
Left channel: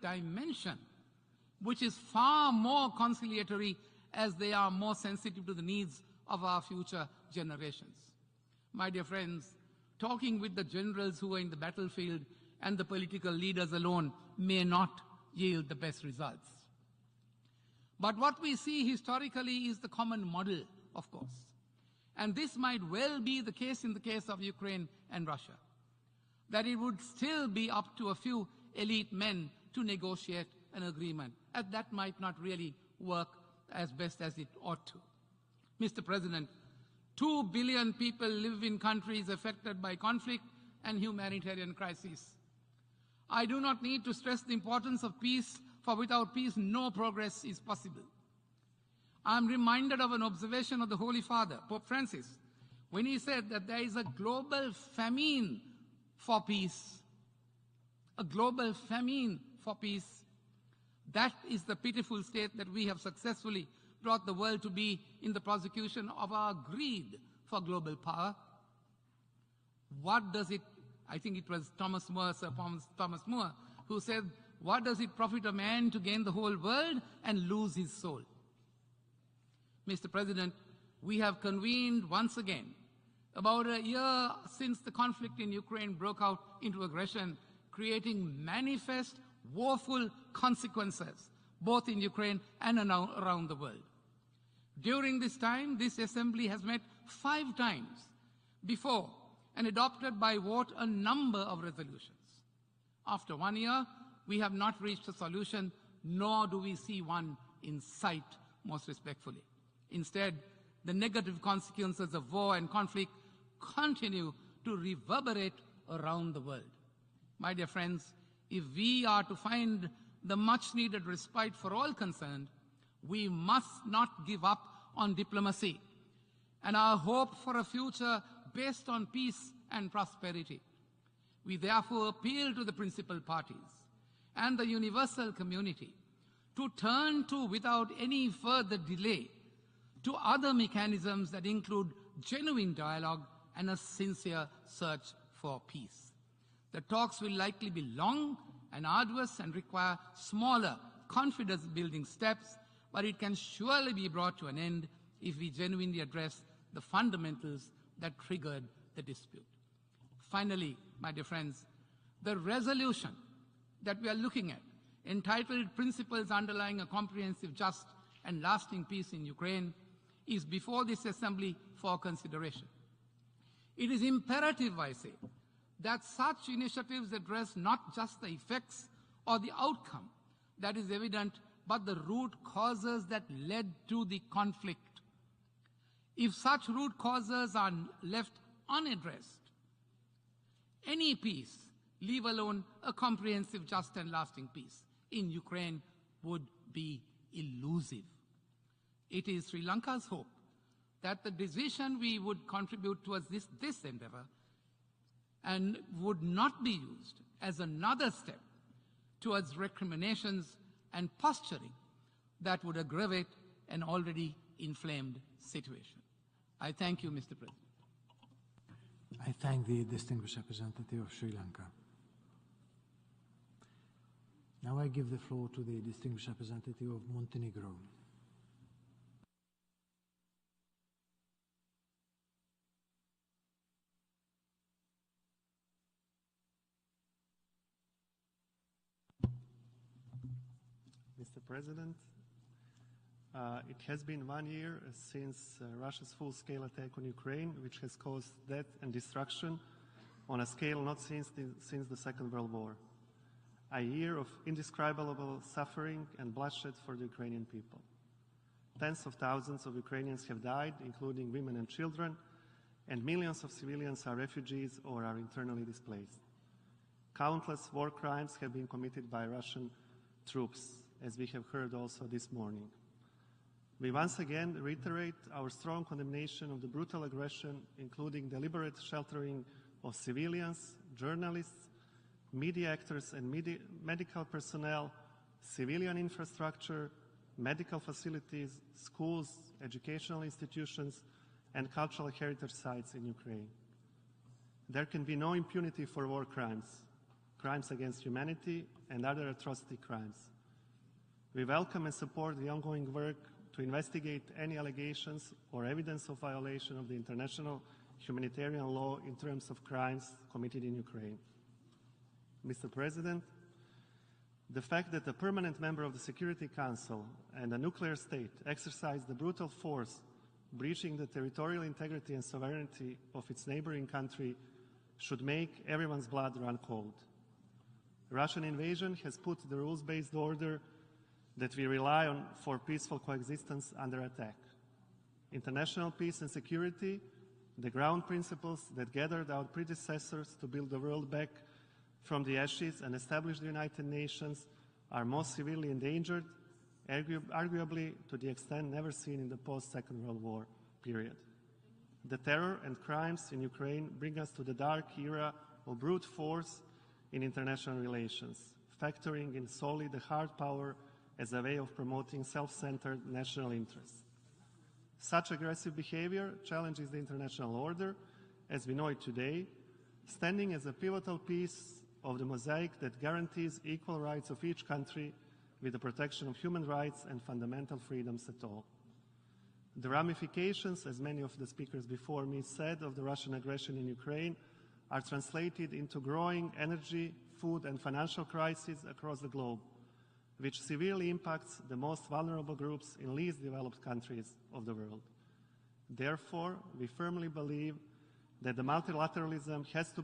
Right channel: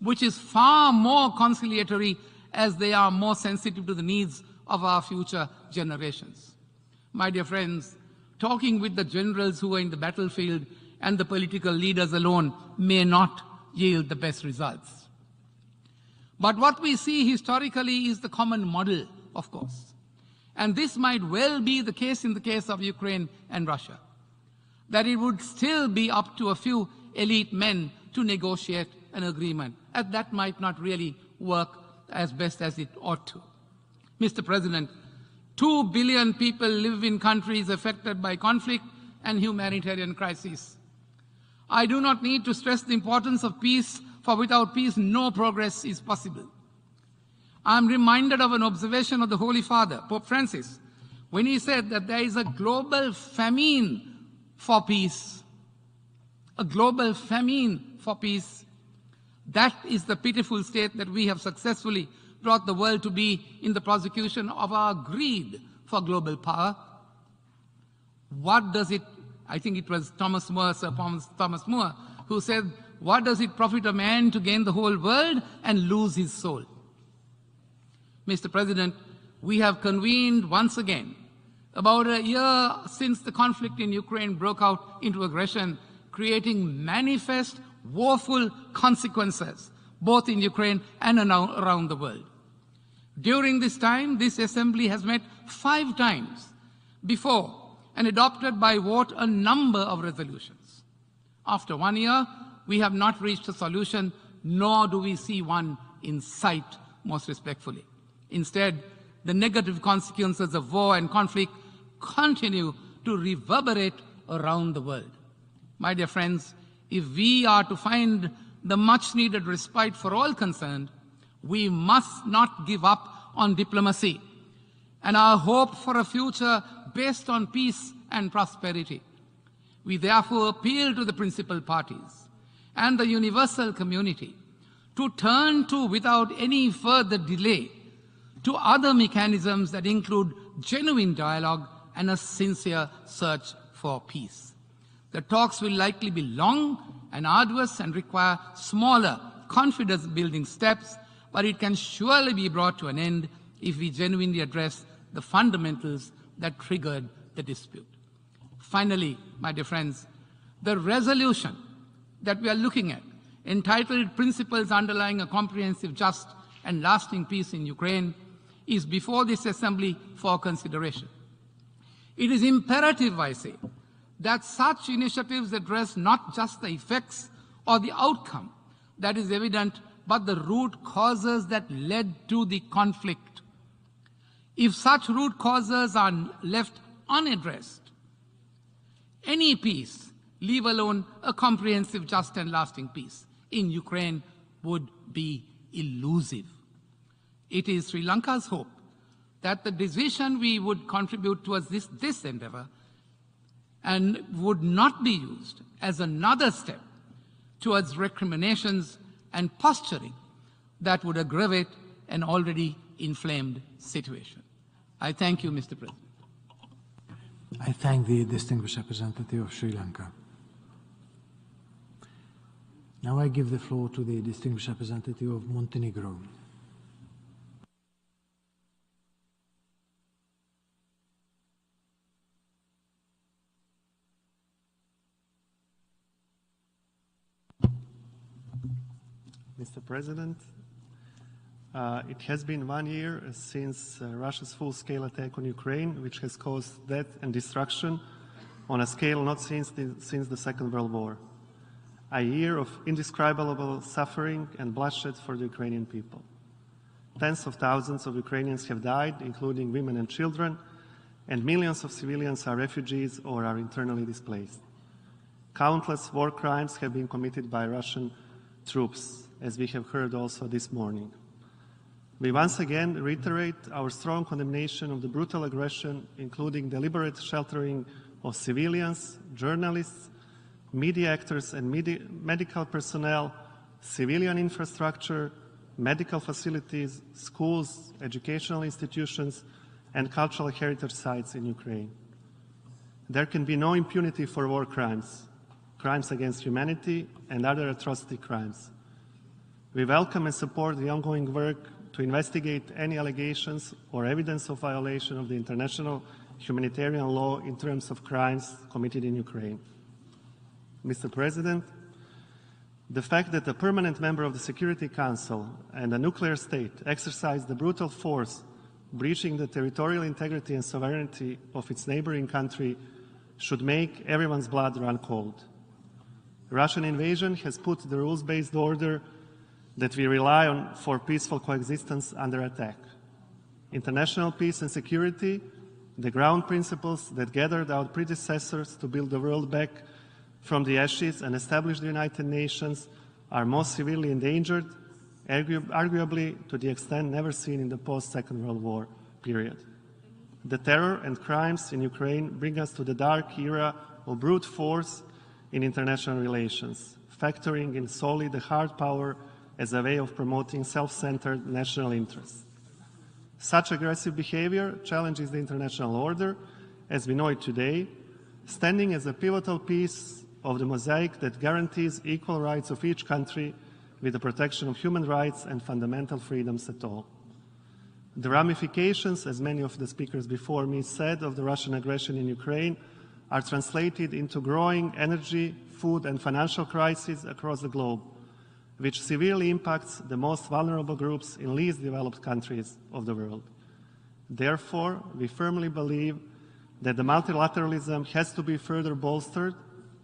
which is far more conciliatory as they are more sensitive to the needs of our future generations. My dear friends, talking with the generals who are in the battlefield and the political leaders alone may not yield the best results. But what we see historically is the common model, of course. And this might well be the case in the case of Ukraine and Russia, that it would still be up to a few elite men to negotiate an agreement, and that might not really work as best as it ought to. Mr. President, 2 billion people live in countries affected by conflict and humanitarian crisis. I do not need to stress the importance of peace, for without peace no progress is possible. I am reminded of an observation of the Holy Father, Pope Francis, when he said that there is a global famine for peace. A global famine for peace. That is the pitiful state that we have successfully brought the world to be in the prosecution of our greed for global power. What does it, I think it was Thomas More, who said, what does it profit a man to gain the whole world and lose his soul? Mr. President, we have convened once again, about a year since the conflict in Ukraine broke out into aggression, creating manifest, woeful consequences, both in Ukraine and around the world. During this time, this Assembly has met 5 times before and adopted by vote a number of resolutions. After 1 year, we have not reached a solution, nor do we see one in sight, most respectfully. Instead, the negative consequences of war and conflict continue to reverberate around the world. My dear friends, if we are to find the much-needed respite for all concerned, we must not give up on diplomacy and our hope for a future based on peace and prosperity. We therefore appeal to the principal parties and the universal community to turn to, without any further delay, to other mechanisms that include genuine dialogue and a sincere search for peace. The talks will likely be long and arduous and require smaller, confidence-building steps, but it can surely be brought to an end if we genuinely address the fundamentals that triggered the dispute. Finally, my dear friends, the resolution that we are looking at, entitled Principles Underlying a Comprehensive, Just and Lasting Peace in Ukraine, is before this Assembly for consideration. It is imperative, I say, that such initiatives address not just the effects or the outcome that is evident, but the root causes that led to the conflict. If such root causes are left unaddressed, any peace, leave alone a comprehensive, just and lasting peace, in Ukraine would be elusive. It is Sri Lanka's hope that the decision we would contribute towards this endeavor and would not be used as another step towards recriminations and posturing that would aggravate an already inflamed situation. I thank you, Mr. President. I thank the distinguished representative of Sri Lanka. Now I give the floor to the distinguished representative of Montenegro. Mr. President, it has been 1 year since Russia's full-scale attack on Ukraine, which has caused death and destruction on a scale not since the Second World War. A year of indescribable suffering and bloodshed for the Ukrainian people. Tens of thousands of Ukrainians have died, including women and children, and millions of civilians are refugees or are internally displaced. Countless war crimes have been committed by Russian troops, as we have heard also this morning. We once again reiterate our strong condemnation of the brutal aggression, including deliberate sheltering of civilians, journalists, media actors and medical personnel, civilian infrastructure, medical facilities, schools, educational institutions, and cultural heritage sites in Ukraine. There can be no impunity for war crimes, crimes against humanity, and other atrocity crimes. We welcome and support the ongoing work to investigate any allegations or evidence of violation of the international humanitarian law in terms of crimes committed in Ukraine. Mr. President, the fact that a permanent member of the Security Council and a nuclear state exercised the brutal force, breaching the territorial integrity and sovereignty of its neighboring country, should make everyone's blood run cold. Russian invasion has put the rules-based order that we rely on for peaceful coexistence under attack. International peace and security, the ground principles that gathered our predecessors to build the world back from the ashes and establish the United Nations, are most severely endangered, arguably to the extent never seen in the post-Second World War period. The terror and crimes in Ukraine bring us to the dark era of brute force in international relations, factoring in solely the hard power as a way of promoting self-centered national interests. Such aggressive behavior challenges the international order as we know it today, standing as a pivotal piece of the mosaic that guarantees equal rights of each country with the protection of human rights and fundamental freedoms at all. The ramifications, as many of the speakers before me said, of the Russian aggression in Ukraine are translated into growing energy, food and financial crises across the globe, which severely impacts the most vulnerable groups in least developed countries of the world. Therefore, we firmly believe that the multilateralism has to be further bolstered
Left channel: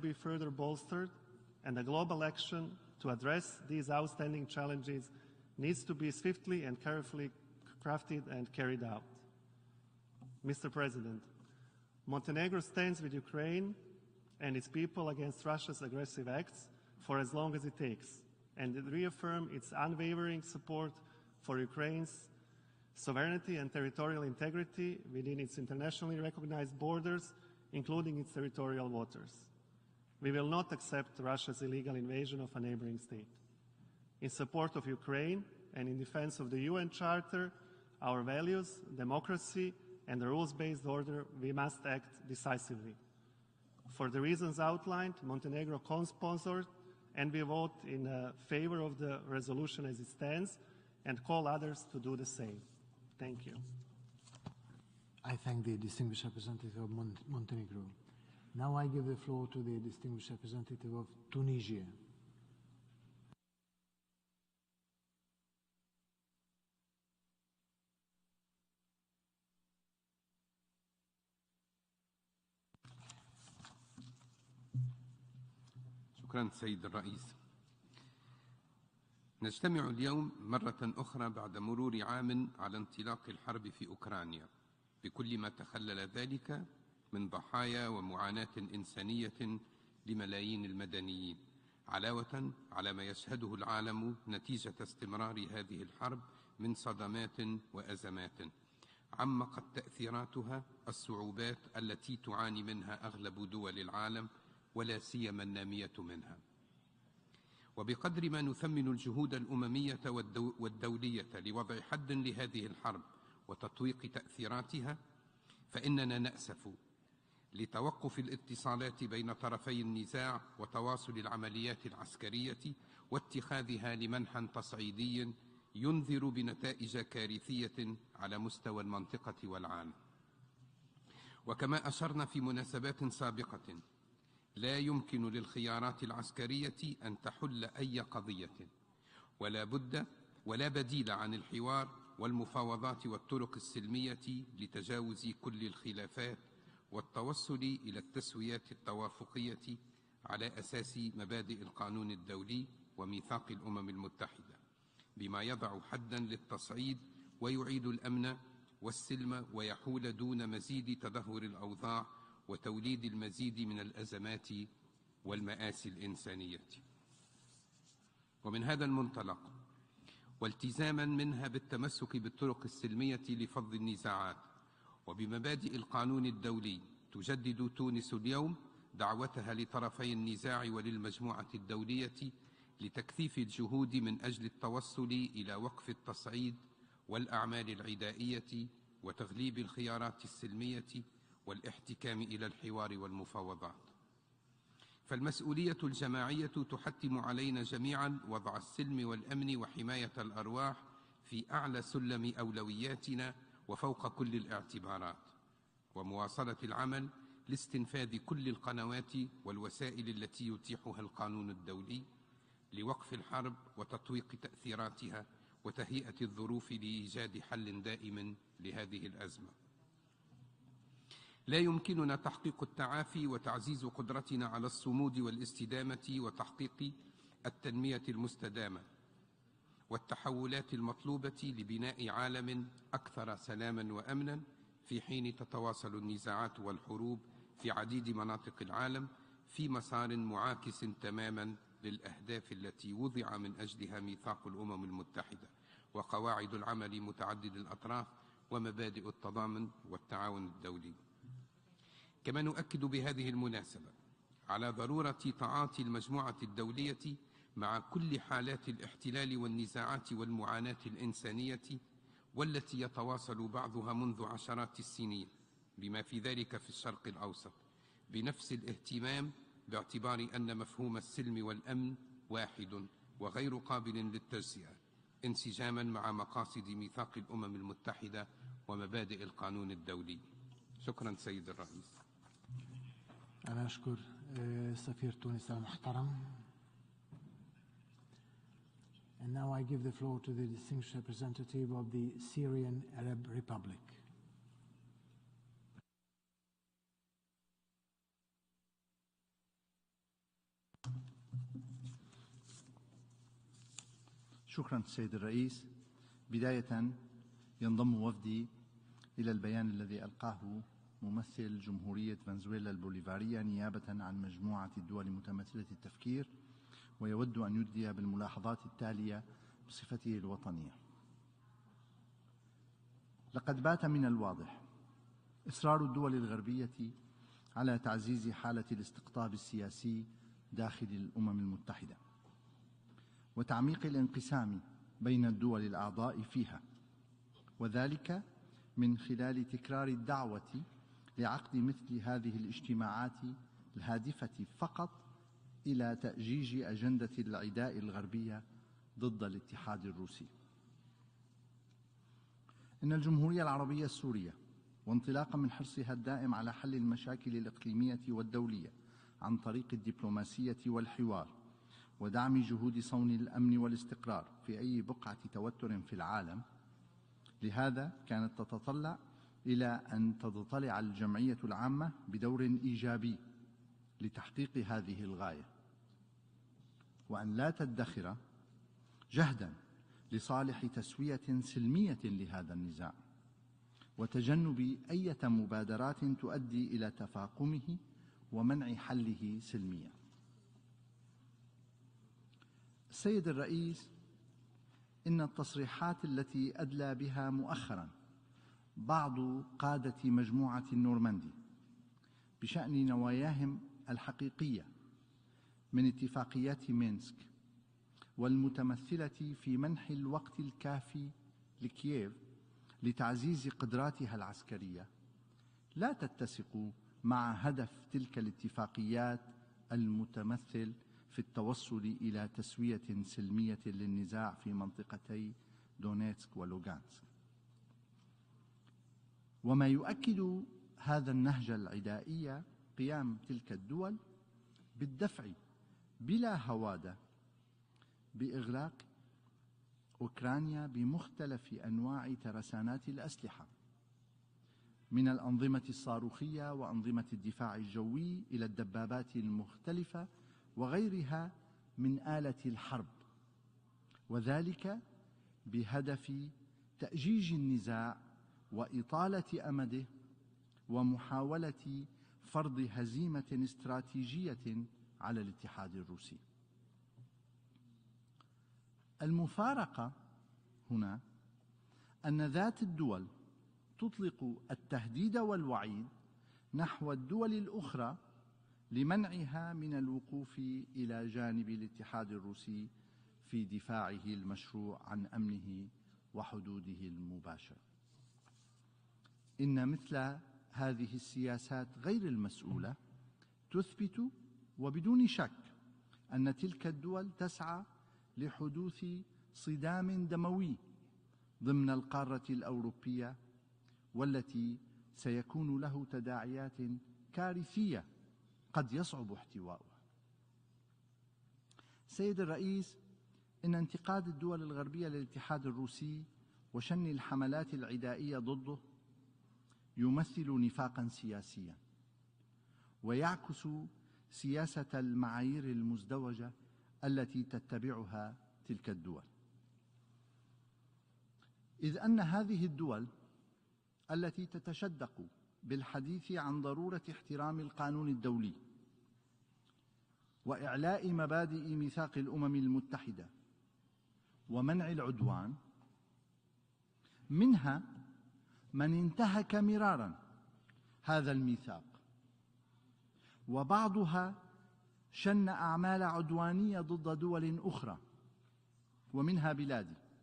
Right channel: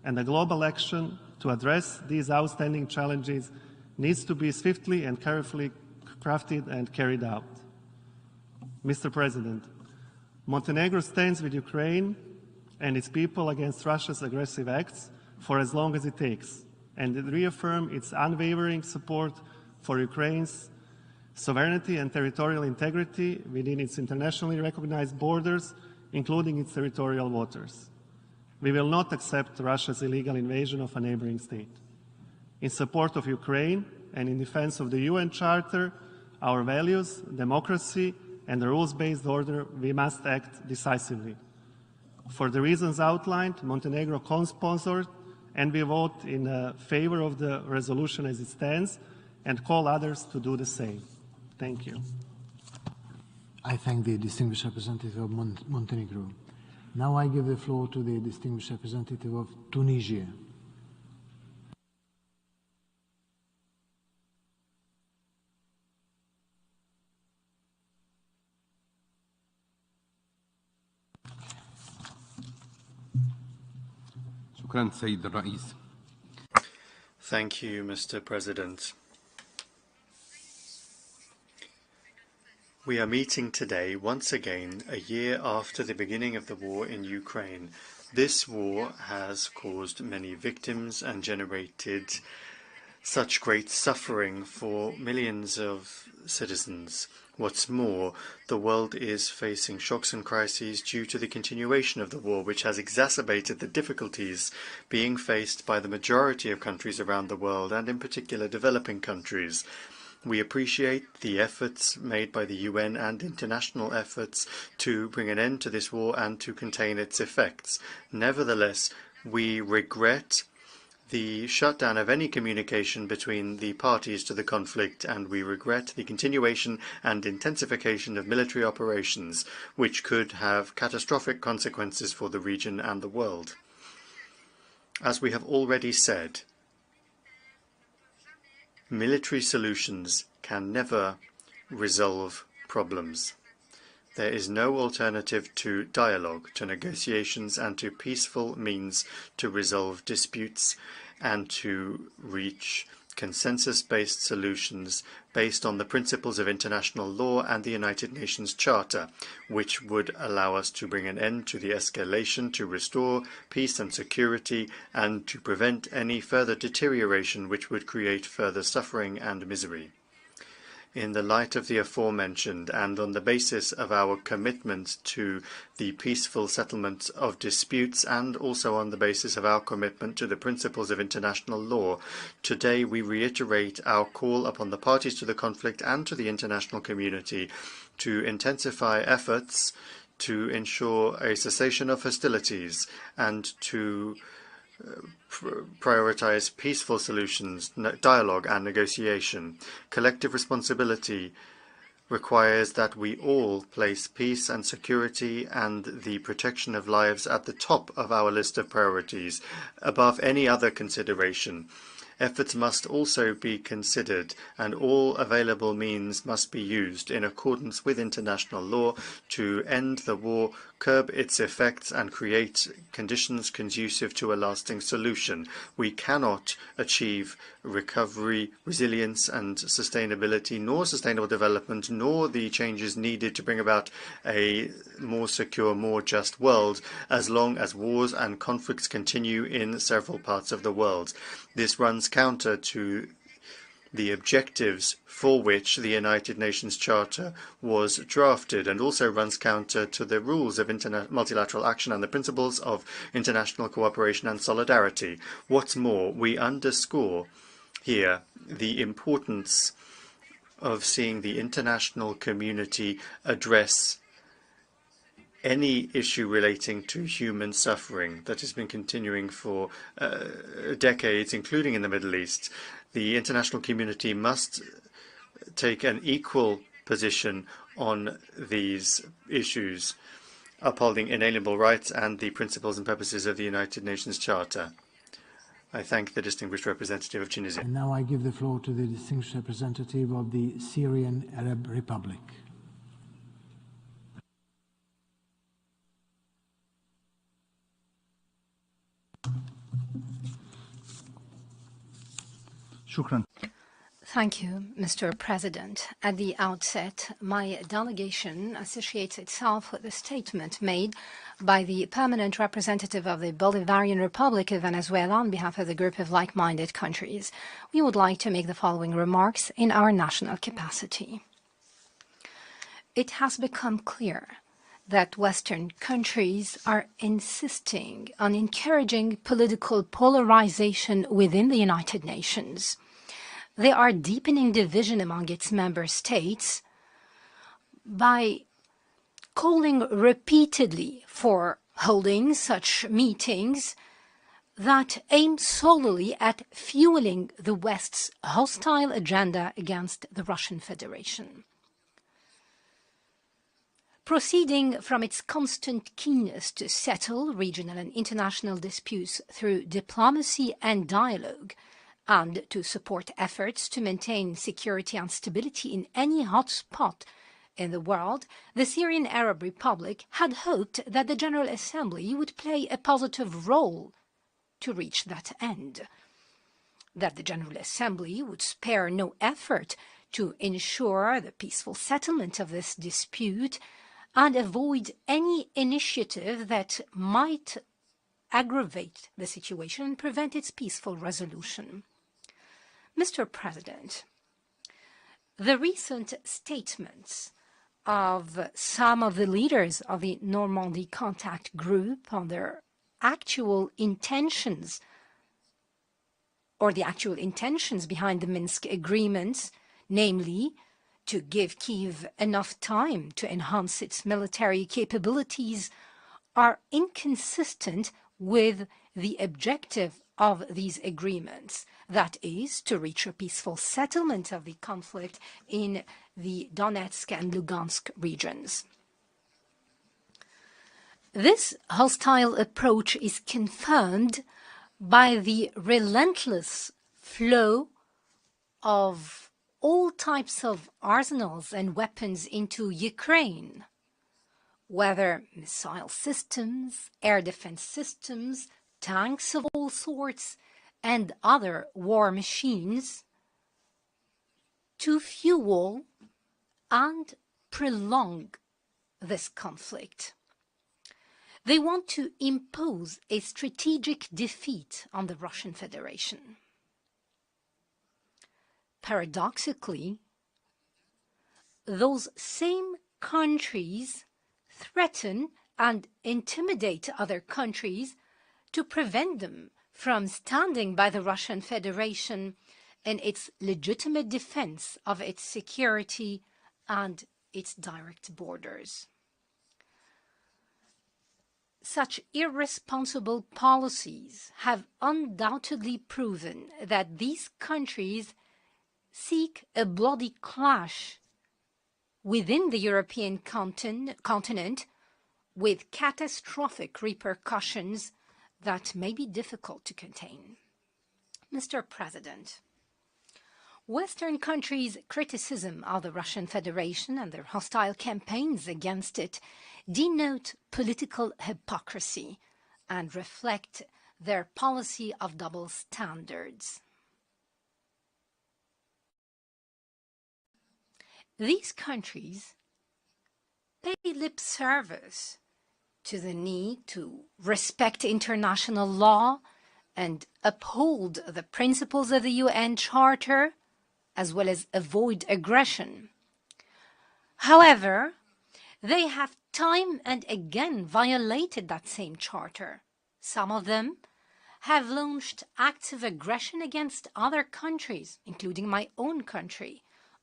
and the global action to address these outstanding challenges needs to be swiftly and carefully crafted and carried out. Mr. President, Montenegro stands with Ukraine and its people against Russia's aggressive acts for as long as it takes, and reaffirm its unwavering support for Ukraine's sovereignty and territorial integrity within its internationally recognized borders, including its territorial waters. We will not accept Russia's illegal invasion of a neighboring state. In support of Ukraine and in defense of the UN Charter, our values, democracy, and the rules-based order, we must act decisively. For the reasons outlined, Montenegro co-sponsored, and we vote in favor of the resolution as it stands, and call others to do the same. Thank you. I thank the distinguished representative of Montenegro. Now I give the floor to the distinguished representative of Tunisia. Thank you, Mr. President. We are meeting today once again a year after the beginning of the war in Ukraine. This war has caused many victims and generated such great suffering for millions of citizens. What's more, the world is facing shocks and crises due to the continuation of the war, which has exacerbated the difficulties being faced by the majority of countries around the world, and in particular developing countries. We appreciate the efforts made by the UN and international efforts to bring an end to this war and to contain its effects. Nevertheless, we regret the shutdown of any communication between the parties to the conflict, and we regret the continuation and intensification of military operations, which could have catastrophic consequences for the region and the world. As we have already said, military solutions can never resolve problems. There is no alternative to dialogue, to negotiations, and to peaceful means to resolve disputes and to reach consensus-based solutions based on the principles of international law and the United Nations Charter, which would allow us to bring an end to the escalation, to restore peace and security, and to prevent any further deterioration which would create further suffering and misery. In the light of the aforementioned, and on the basis of our commitment to the peaceful settlement of disputes, and also on the basis of our commitment to the principles of international law, today we reiterate our call upon the parties to the conflict and to the international community to intensify efforts to ensure a cessation of hostilities and to prioritize peaceful solutions, dialogue and negotiation. Collective responsibility requires that we all place peace and security and the protection of lives at the top of our list of priorities, above any other consideration. Efforts must also be considered, and all available means must be used in accordance with international law to end the war, curb its effects, and create conditions conducive to a lasting solution. We cannot achieve recovery, resilience, and sustainability, nor sustainable development, nor the changes needed to bring about a more secure, more just world, as long as wars and conflicts continue in several parts of the world. This runs counter to the objectives for which the United Nations Charter was drafted, and also runs counter to the rules of multilateral action and the principles of international cooperation and solidarity. What's more, we underscore here the importance of seeing the international community address any issue relating to human suffering that has been continuing for decades, including in the Middle East. The international community must take an equal position on these issues, upholding inalienable rights and the principles and purposes of the United Nations Charter. I thank the distinguished representative of Tunisia. And now I give the floor to the distinguished representative of the Syrian Arab Republic. Thank you, Mr. President. At the outset, my delegation associates itself with the statement made by the permanent representative of the Bolivarian Republic of Venezuela on behalf of the group of like-minded countries. We would like to make the following remarks in our national capacity. It has become clear that Western countries are insisting on encouraging political polarization within the United Nations. They are deepening division among its member states by calling repeatedly for holding such meetings that aim solely at fueling the West's hostile agenda against the Russian Federation. Proceeding from its constant keenness to settle regional and international disputes through diplomacy and dialogue, and to support efforts to maintain security and stability in any hot spot in the world, the Syrian Arab Republic had hoped that the General Assembly would play a positive role to reach that end, that the General Assembly would spare no effort to ensure the peaceful settlement of this dispute and avoid any initiative that might aggravate the situation and prevent its peaceful resolution. Mr. President, the recent statements of some of the leaders of the Normandy Contact Group on their actual intentions or the actual intentions behind the Minsk agreements, namely to give Kiev enough time to enhance its military capabilities, are inconsistent with the objective of these agreements, that is, to reach a peaceful settlement of the conflict in the Donetsk and Lugansk regions. This hostile approach is confirmed by the relentless flow of all types of arsenals and weapons into Ukraine, whether missile systems, air defense systems, tanks of all sorts, and other war machines, to fuel and prolong this conflict. They want to impose a strategic defeat on the Russian Federation. Paradoxically, those same countries threaten and intimidate other countries to prevent them from standing by the Russian Federation in its legitimate defense of its security and its direct borders. Such irresponsible policies have undoubtedly proven that these countries seek a bloody clash within the European continent with catastrophic repercussions that may be difficult to contain. Mr. President, Western countries' criticism of the Russian Federation and their hostile campaigns against it denote political hypocrisy and reflect their policy of double standards. These countries pay lip service to the need to respect international law and uphold the principles of the UN Charter, as well as avoid aggression. However, they have time and again violated that same charter. Some of them have launched acts of aggression against other countries, including my own country,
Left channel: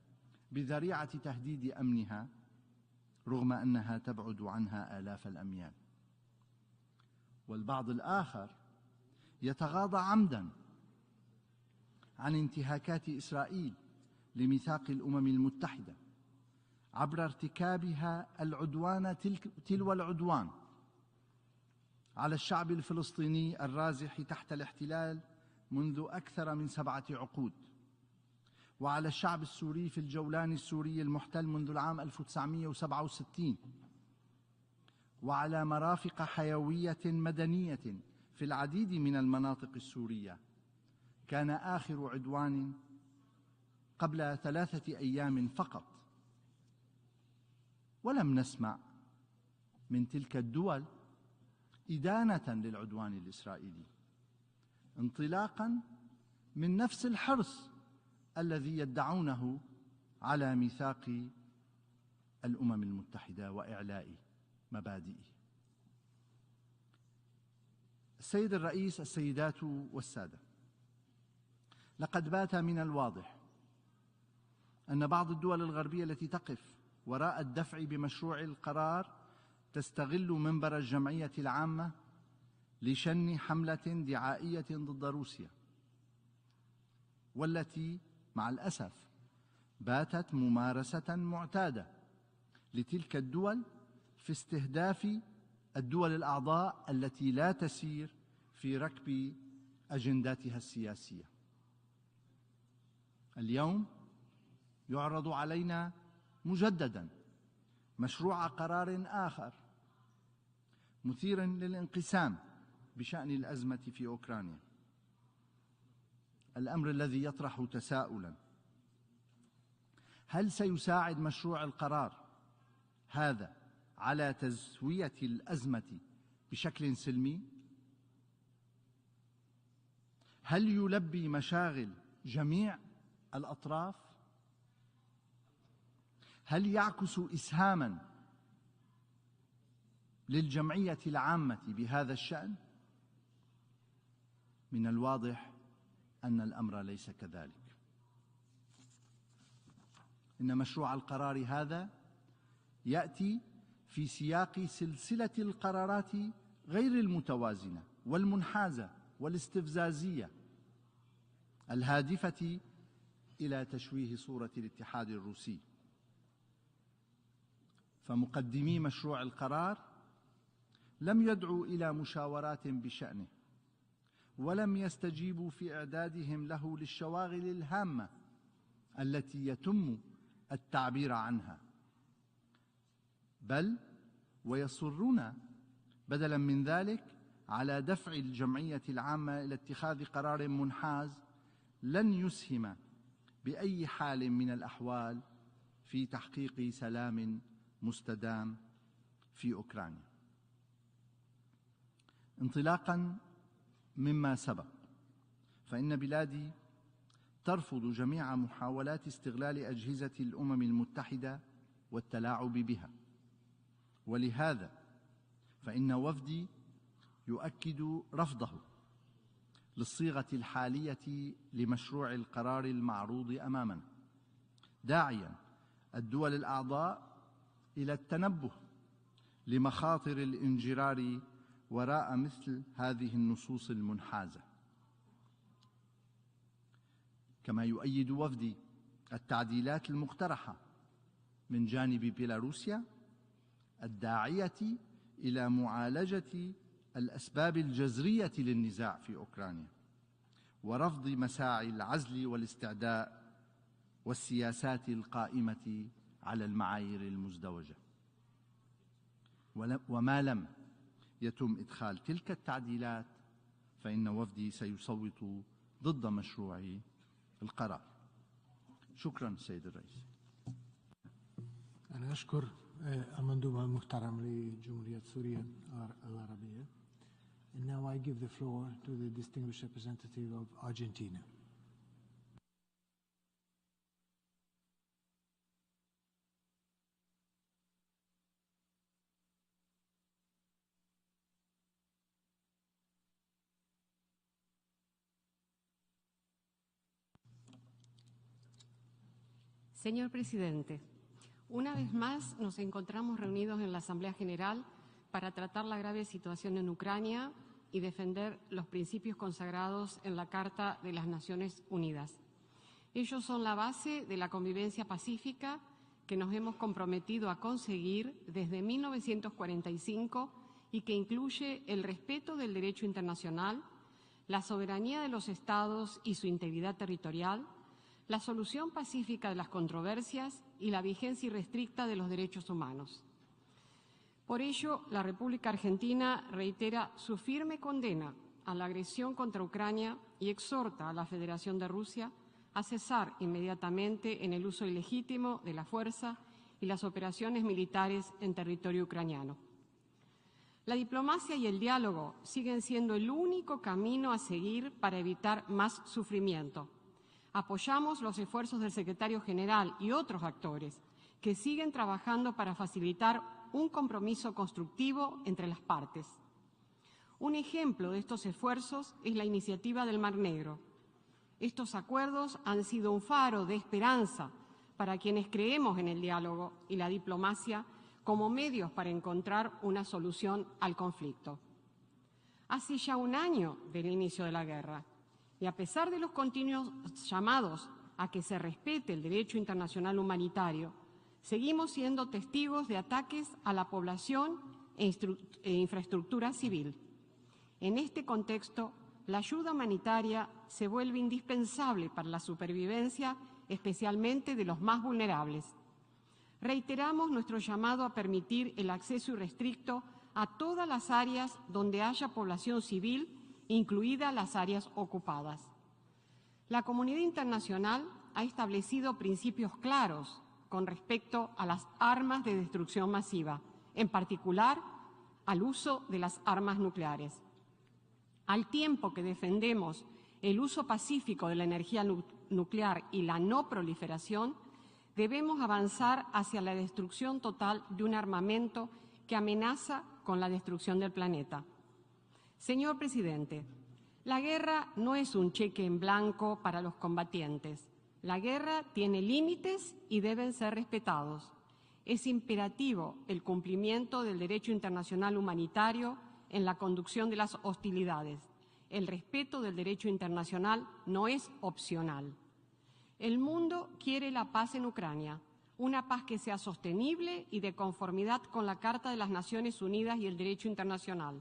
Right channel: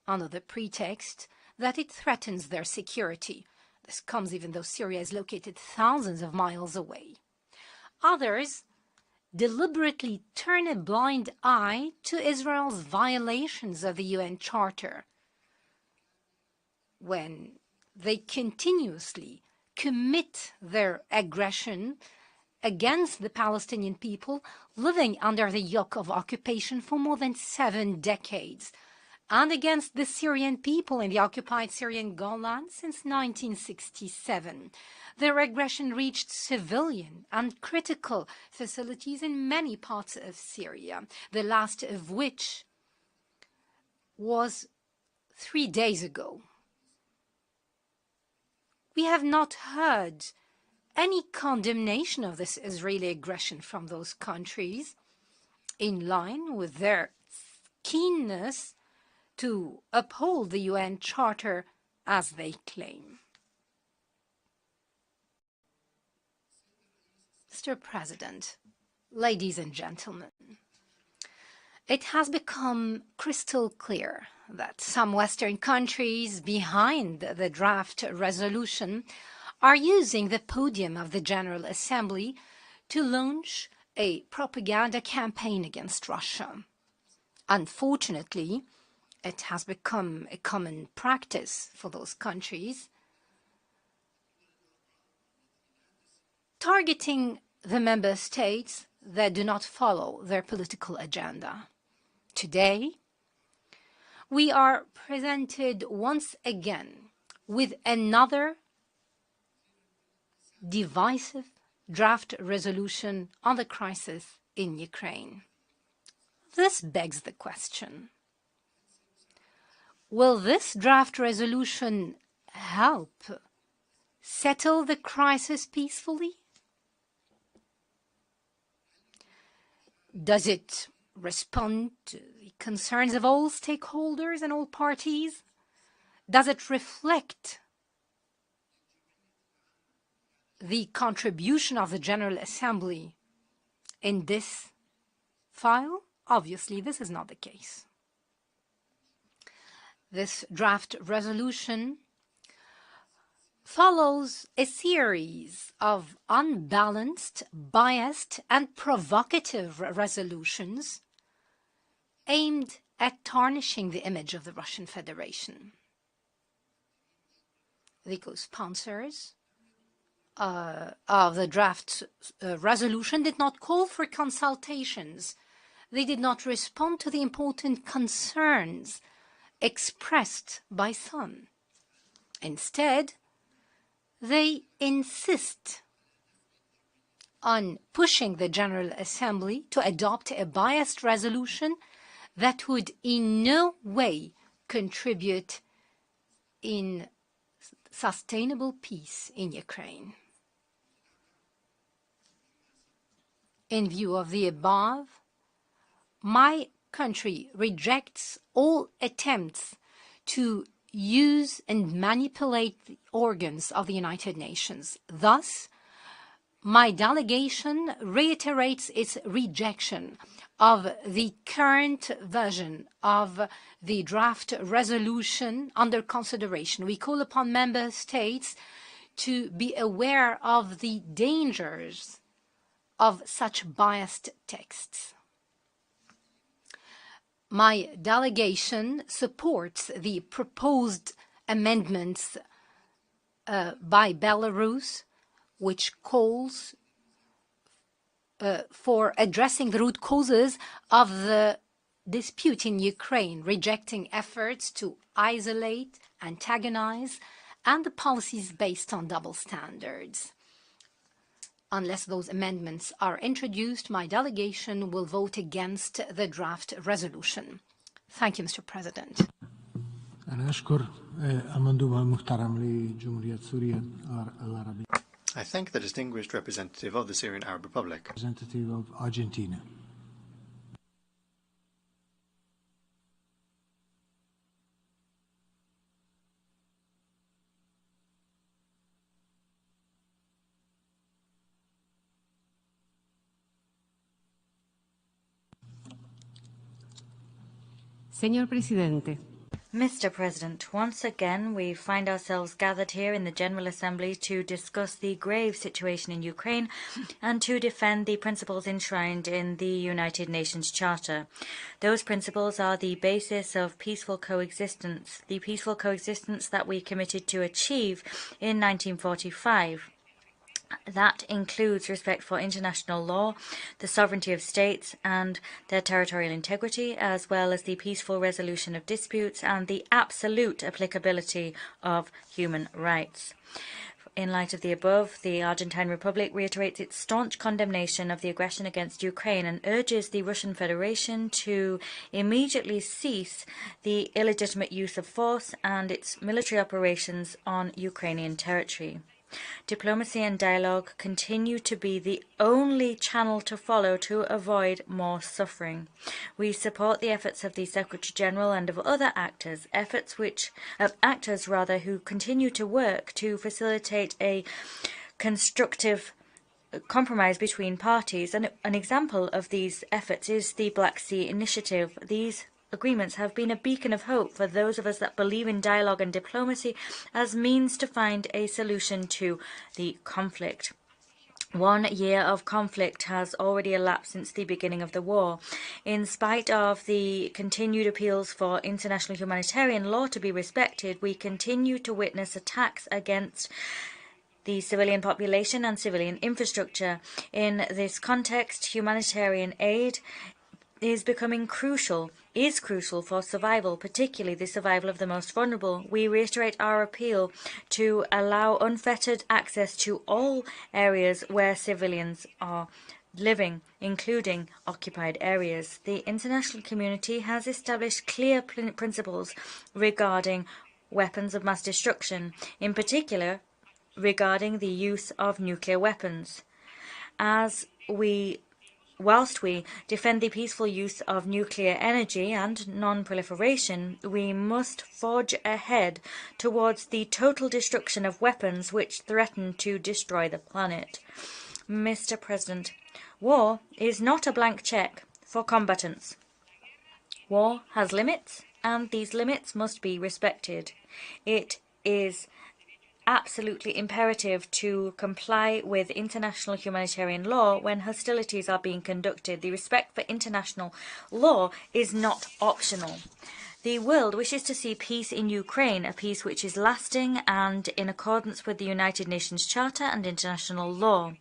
under the pretext that it threatens their security. This comes even though Syria is located thousands of miles away. Others deliberately turn a blind eye to Israel's violations of the UN Charter, when they continuously commit their aggression against the Palestinian people living under the yoke of occupation for more than 7 decades, and against the Syrian people in the occupied Syrian Golan since 1967. Their aggression reached civilian and critical facilities in many parts of Syria, the last of which was 3 days ago. We have not heard any condemnation of this Israeli aggression from those countries, in line with their keenness to uphold the UN Charter as they claim. Mr. President, ladies and gentlemen, it has become crystal clear that some Western countries behind the draft resolution are using the podium of the General Assembly to launch a propaganda campaign against Russia. Unfortunately, it has become a common practice for those countries, targeting the member states that do not follow their political agenda. Today, we are presented once again with another divisive draft resolution on the crisis in Ukraine. This begs the question: will this draft resolution help settle the crisis peacefully? Does it respond to concerns of all stakeholders and all parties? Does it reflect the contribution of the General Assembly in this file? Obviously, this is not the case. This draft resolution follows a series of unbalanced, biased, and provocative resolutions aimed at tarnishing the image of the Russian Federation. The co-sponsors of the draft resolution did not call for consultations. They did not respond to the important concerns expressed by some. Instead, they insist on pushing the General Assembly to adopt a biased resolution that would in no way contribute in sustainable peace in Ukraine. In view of the above, my country rejects all attempts to use and manipulate the organs of the United Nations. Thus, my delegation reiterates its rejection of the current version of the draft resolution under consideration. We call upon member states to be aware of the dangers of such biased texts. My delegation supports the proposed amendments by Belarus, which calls for addressing the root causes of the dispute in Ukraine, rejecting efforts to isolate, antagonize, and the policies based on double standards. Unless those amendments are introduced, my delegation will vote against the draft resolution. Thank you, Mr. President. I thank the distinguished representative of the Syrian Arab Republic. Representative of Argentina. Señor Presidente. Mr. President, once again we find ourselves gathered here in the General Assembly to discuss the grave situation in Ukraine and to defend the principles enshrined in the United Nations Charter. Those principles are the basis of peaceful coexistence, the peaceful coexistence that we committed to achieve in 1945. That includes respect for international law, the sovereignty of states and their territorial integrity, as well as the peaceful resolution of disputes and the absolute applicability of human rights. In light of the above, the Argentine Republic reiterates its staunch condemnation of the aggression against Ukraine and urges the Russian Federation to immediately cease the illegitimate use of force and its military operations on Ukrainian territory. Diplomacy and dialogue continue to be the only channel to follow to avoid more suffering. We support the efforts of the Secretary General and of other actors who continue to work to facilitate a constructive compromise between parties. And an example of these efforts is the Black Sea Initiative. These agreements have been a beacon of hope for those of us that believe in dialogue and diplomacy as means to find a solution to the conflict. 1 year of conflict has already elapsed since the beginning of the war. In spite of the continued appeals for international humanitarian law to be respected, we continue to witness attacks against the civilian population and civilian infrastructure. In this context, humanitarian aid is crucial for survival, particularly the survival of the most vulnerable. We reiterate our appeal to allow unfettered access to all areas where civilians are living, including occupied areas. The international community has established clear principles regarding weapons of mass destruction, in particular regarding the use of nuclear weapons. Whilst we defend the peaceful use of nuclear energy and non-proliferation, we must forge ahead towards the total destruction of weapons which threaten to destroy the planet. Mr. President, war is not a blank check for combatants. War has limits, and these limits must be respected. It is absolutely imperative to comply with international humanitarian law when hostilities are being conducted. The respect for international law is not optional. The world wishes to see peace in Ukraine, a peace which is lasting and in accordance with the United Nations Charter and international law.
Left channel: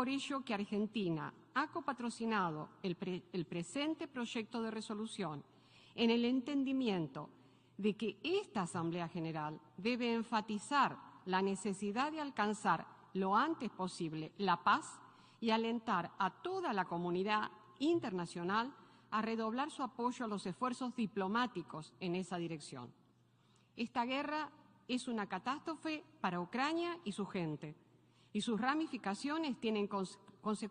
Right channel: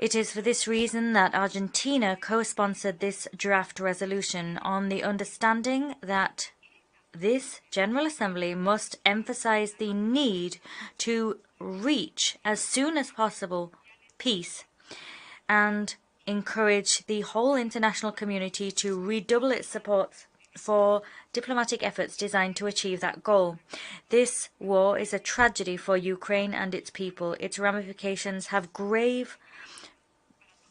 It is for this reason that Argentina co-sponsored this draft resolution on the understanding that this General Assembly must emphasize the need to reach, as soon as possible, peace and encourage the whole international community to redouble its support for diplomatic efforts designed to achieve that goal. This war is a tragedy for Ukraine and its people. Its ramifications have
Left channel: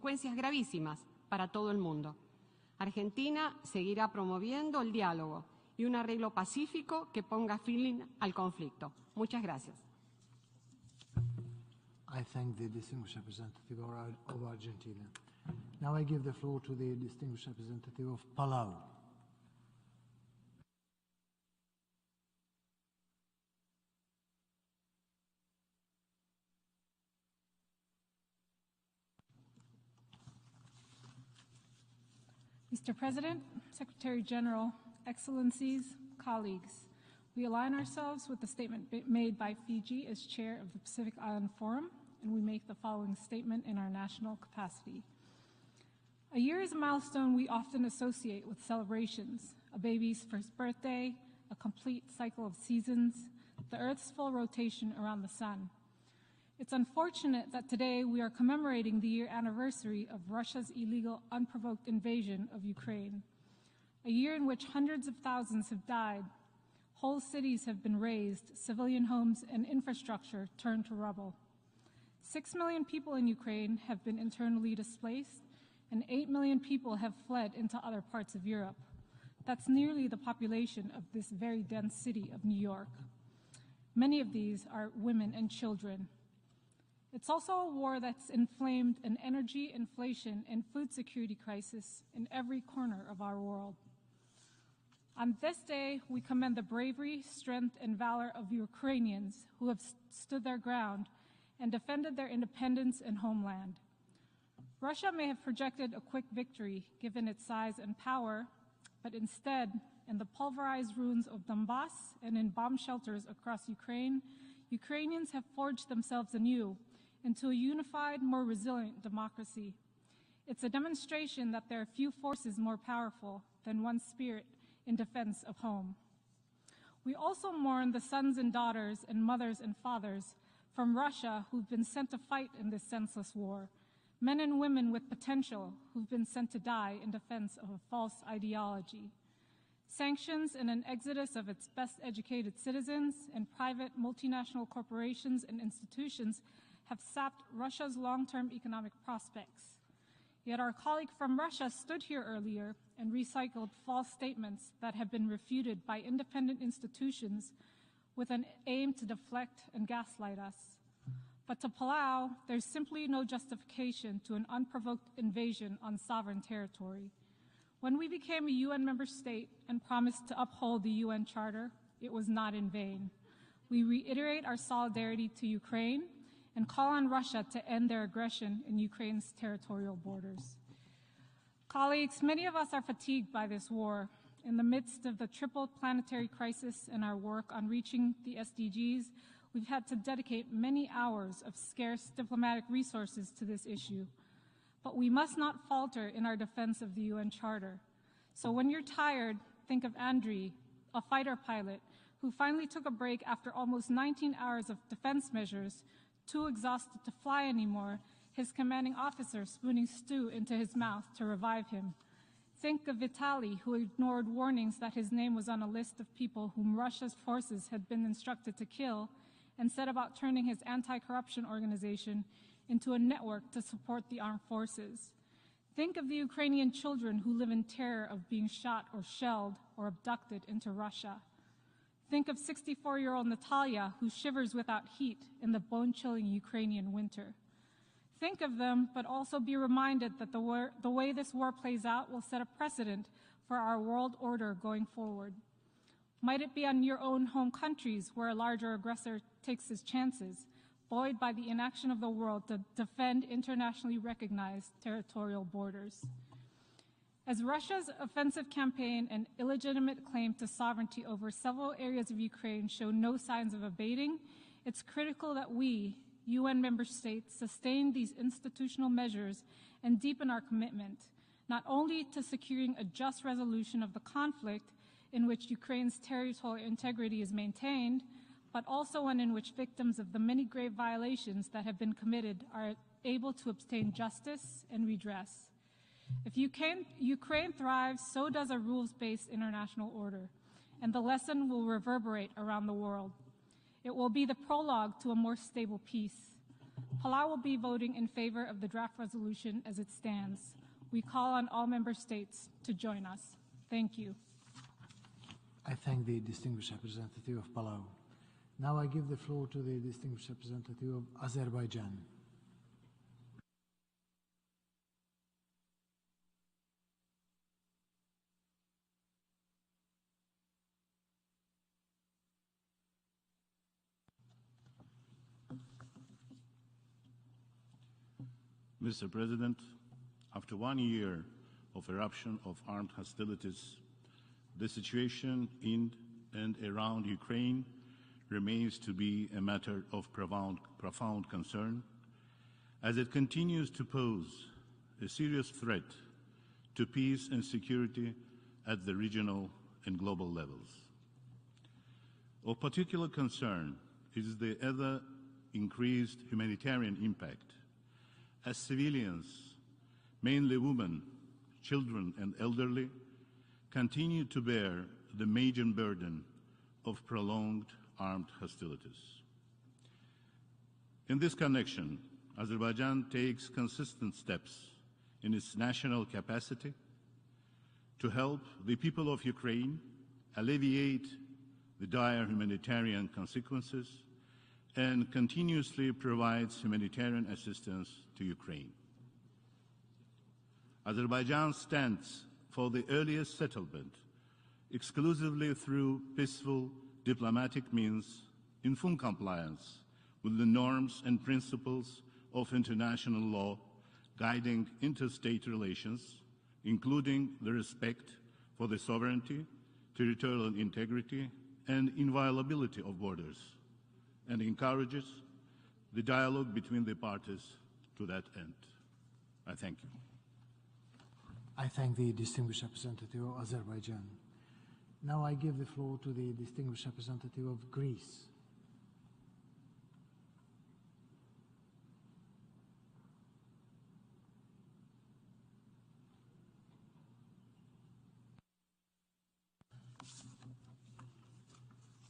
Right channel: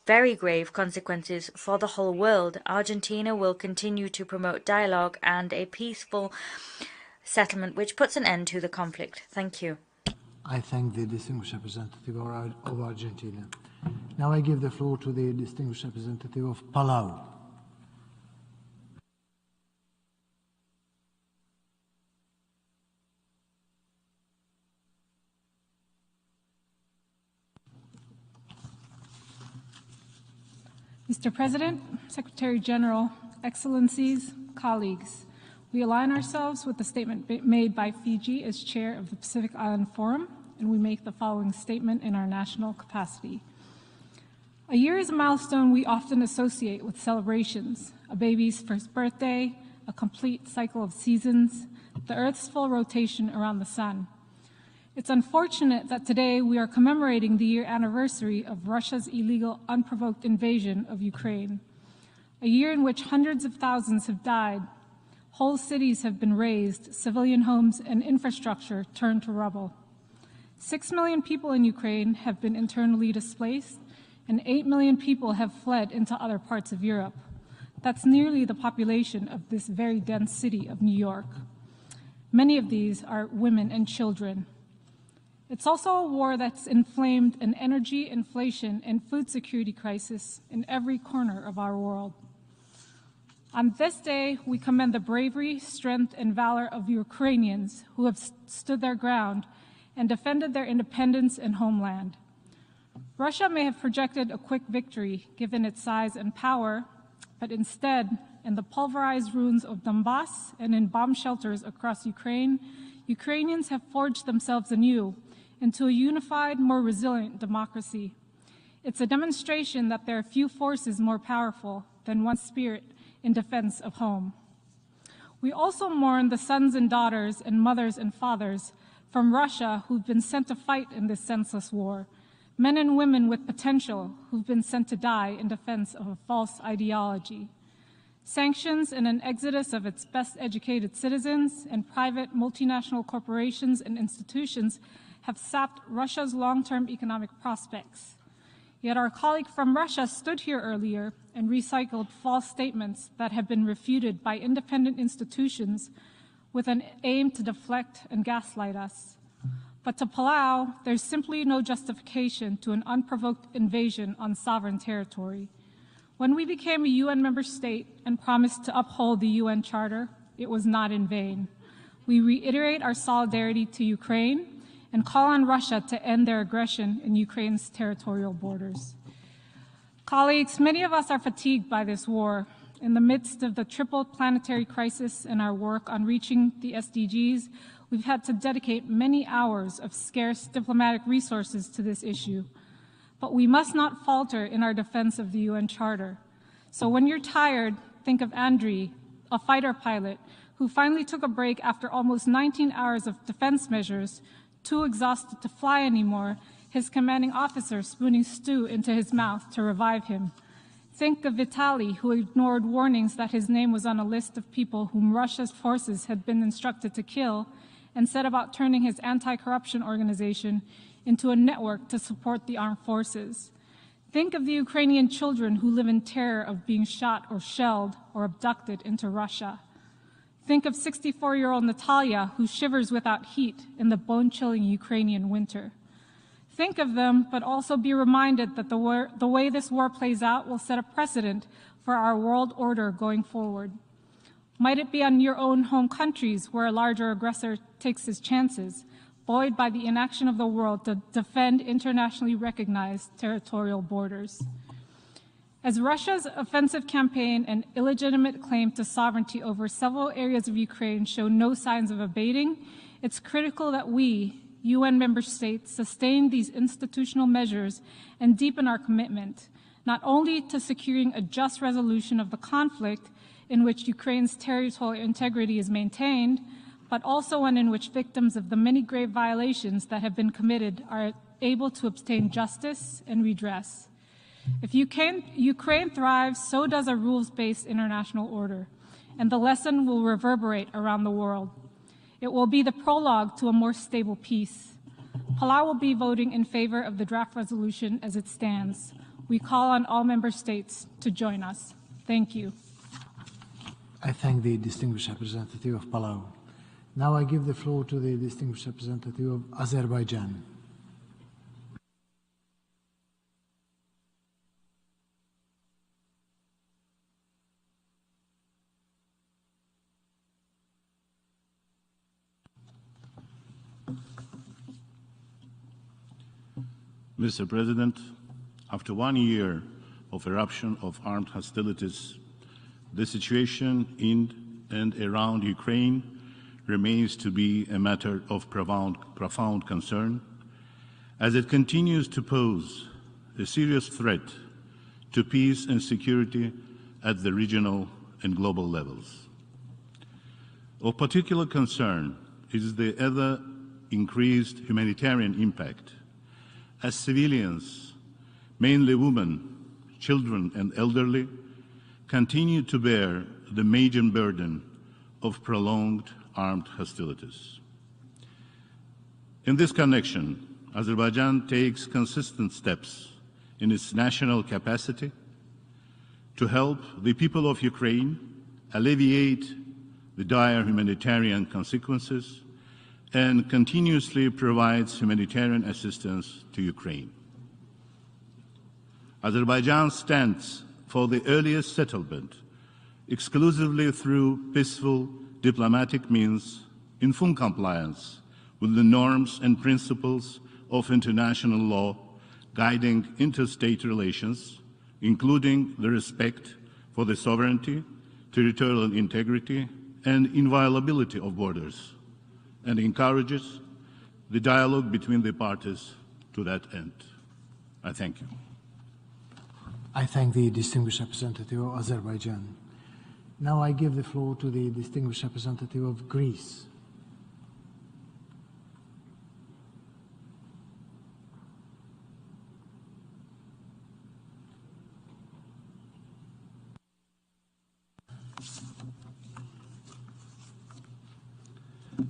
very grave consequences for the whole world. Argentina will continue to promote dialogue and a peaceful settlement which puts an end to the conflict. Thank you. I thank the distinguished representative of Argentina. Now I give the floor to the distinguished representative of Palau. Mr. President, Secretary General, Excellencies, colleagues, we align ourselves with the statement made by Fiji as chair of the Pacific Island Forum, and we make the following statement in our national capacity. A year is a milestone we often associate with celebrations, a baby's first birthday, a complete cycle of seasons, the Earth's full rotation around the sun. It's unfortunate that today we are commemorating the year anniversary of Russia's illegal, unprovoked invasion of Ukraine. A year in which hundreds of thousands have died, whole cities have been razed, civilian homes and infrastructure turned to rubble. 6 million people in Ukraine have been internally displaced, and 8 million people have fled into other parts of Europe. That's nearly the population of this very dense city of New York. Many of these are women and children. It's also a war that's inflamed an energy, inflation, and food security crisis in every corner of our world. On this day, we commend the bravery, strength, and valor of Ukrainians who have stood their ground and defended their independence and homeland. Russia may have projected a quick victory given its size and power, but instead, in the pulverized ruins of Donbass and in bomb shelters across Ukraine, Ukrainians have forged themselves anew into a unified, more resilient democracy. It's a demonstration that there are few forces more powerful than one spirit in defense of home. We also mourn the sons and daughters and mothers and fathers from Russia who've been sent to fight in this senseless war, men and women with potential who've been sent to die in defense of a false ideology. Sanctions and an exodus of its best-educated citizens and private multinational corporations and institutions have sapped Russia's long-term economic prospects. Yet our colleague from Russia stood here earlier and recycled false statements that have been refuted by independent institutions with an aim to deflect and gaslight us. But to Palau, there's simply no justification to an unprovoked invasion on sovereign territory. When we became a UN member state and promised to uphold the UN Charter, it was not in vain. We reiterate our solidarity to Ukraine and call on Russia to end their aggression in Ukraine's territorial borders. Colleagues, many of us are fatigued by this war. In the midst of the triple planetary crisis and our work on reaching the SDGs, we've had to dedicate many hours of scarce diplomatic resources to this issue. But we must not falter in our defense of the UN Charter. So when you're tired, think of Andriy, a fighter pilot who finally took a break after almost 19 hours of defense measures, too exhausted to fly anymore, his commanding officer spooning stew into his mouth to revive him. Think of Vitaly, who ignored warnings that his name was on a list of people whom Russia's forces had been instructed to kill, and set about turning his anti-corruption organization into a network to support the armed forces. Think of the Ukrainian children who live in terror of being shot or shelled or abducted into Russia. Think of 64-year-old Natalia, who shivers without heat in the bone-chilling Ukrainian winter. Think of them, but also be reminded that the way this war plays out will set a precedent for our world order going forward. Might it be on your own home countries where a larger aggressor takes his chances, buoyed by the inaction of the world to defend internationally recognized territorial borders. As Russia's offensive campaign and illegitimate claim to sovereignty over several areas of Ukraine show no signs of abating, it's critical that we, UN member states, sustain these institutional measures and deepen our commitment, not only to securing a just resolution of the conflict in which Ukraine's territorial integrity is maintained, but also one in which victims of the many grave violations that have been committed are able to obtain justice and redress. If Ukraine thrives, so does a rules-based international order, and the lesson will reverberate around the world. It will be the prologue to a more stable peace. Palau will be voting in favor of the draft resolution as it stands. We call on all member states to join us. Thank you. I thank the distinguished representative of Palau. Now I give the floor to the distinguished representative of Azerbaijan. Mr. President, after 1 year of eruption of armed hostilities, the situation in and around Ukraine remains to be a matter of profound concern, as it continues to pose a serious threat to peace and security at the regional and global levels. Of particular concern is the ever increased humanitarian impact, as civilians, mainly women, children and elderly, continue to bear the major burden of prolonged armed hostilities. In this connection, Azerbaijan takes consistent steps in its national capacity to help the people of Ukraine alleviate the dire humanitarian consequences and continuously provides humanitarian assistance to Ukraine. Azerbaijan stands for the earliest settlement, exclusively through peaceful diplomatic means, in full compliance with the norms and principles of international law guiding interstate relations, including the respect for the sovereignty, territorial integrity, and inviolability of borders, and encourages the dialogue between the parties to that end. I thank you. I thank the distinguished representative of Azerbaijan. Now I give the floor to the distinguished representative of Greece.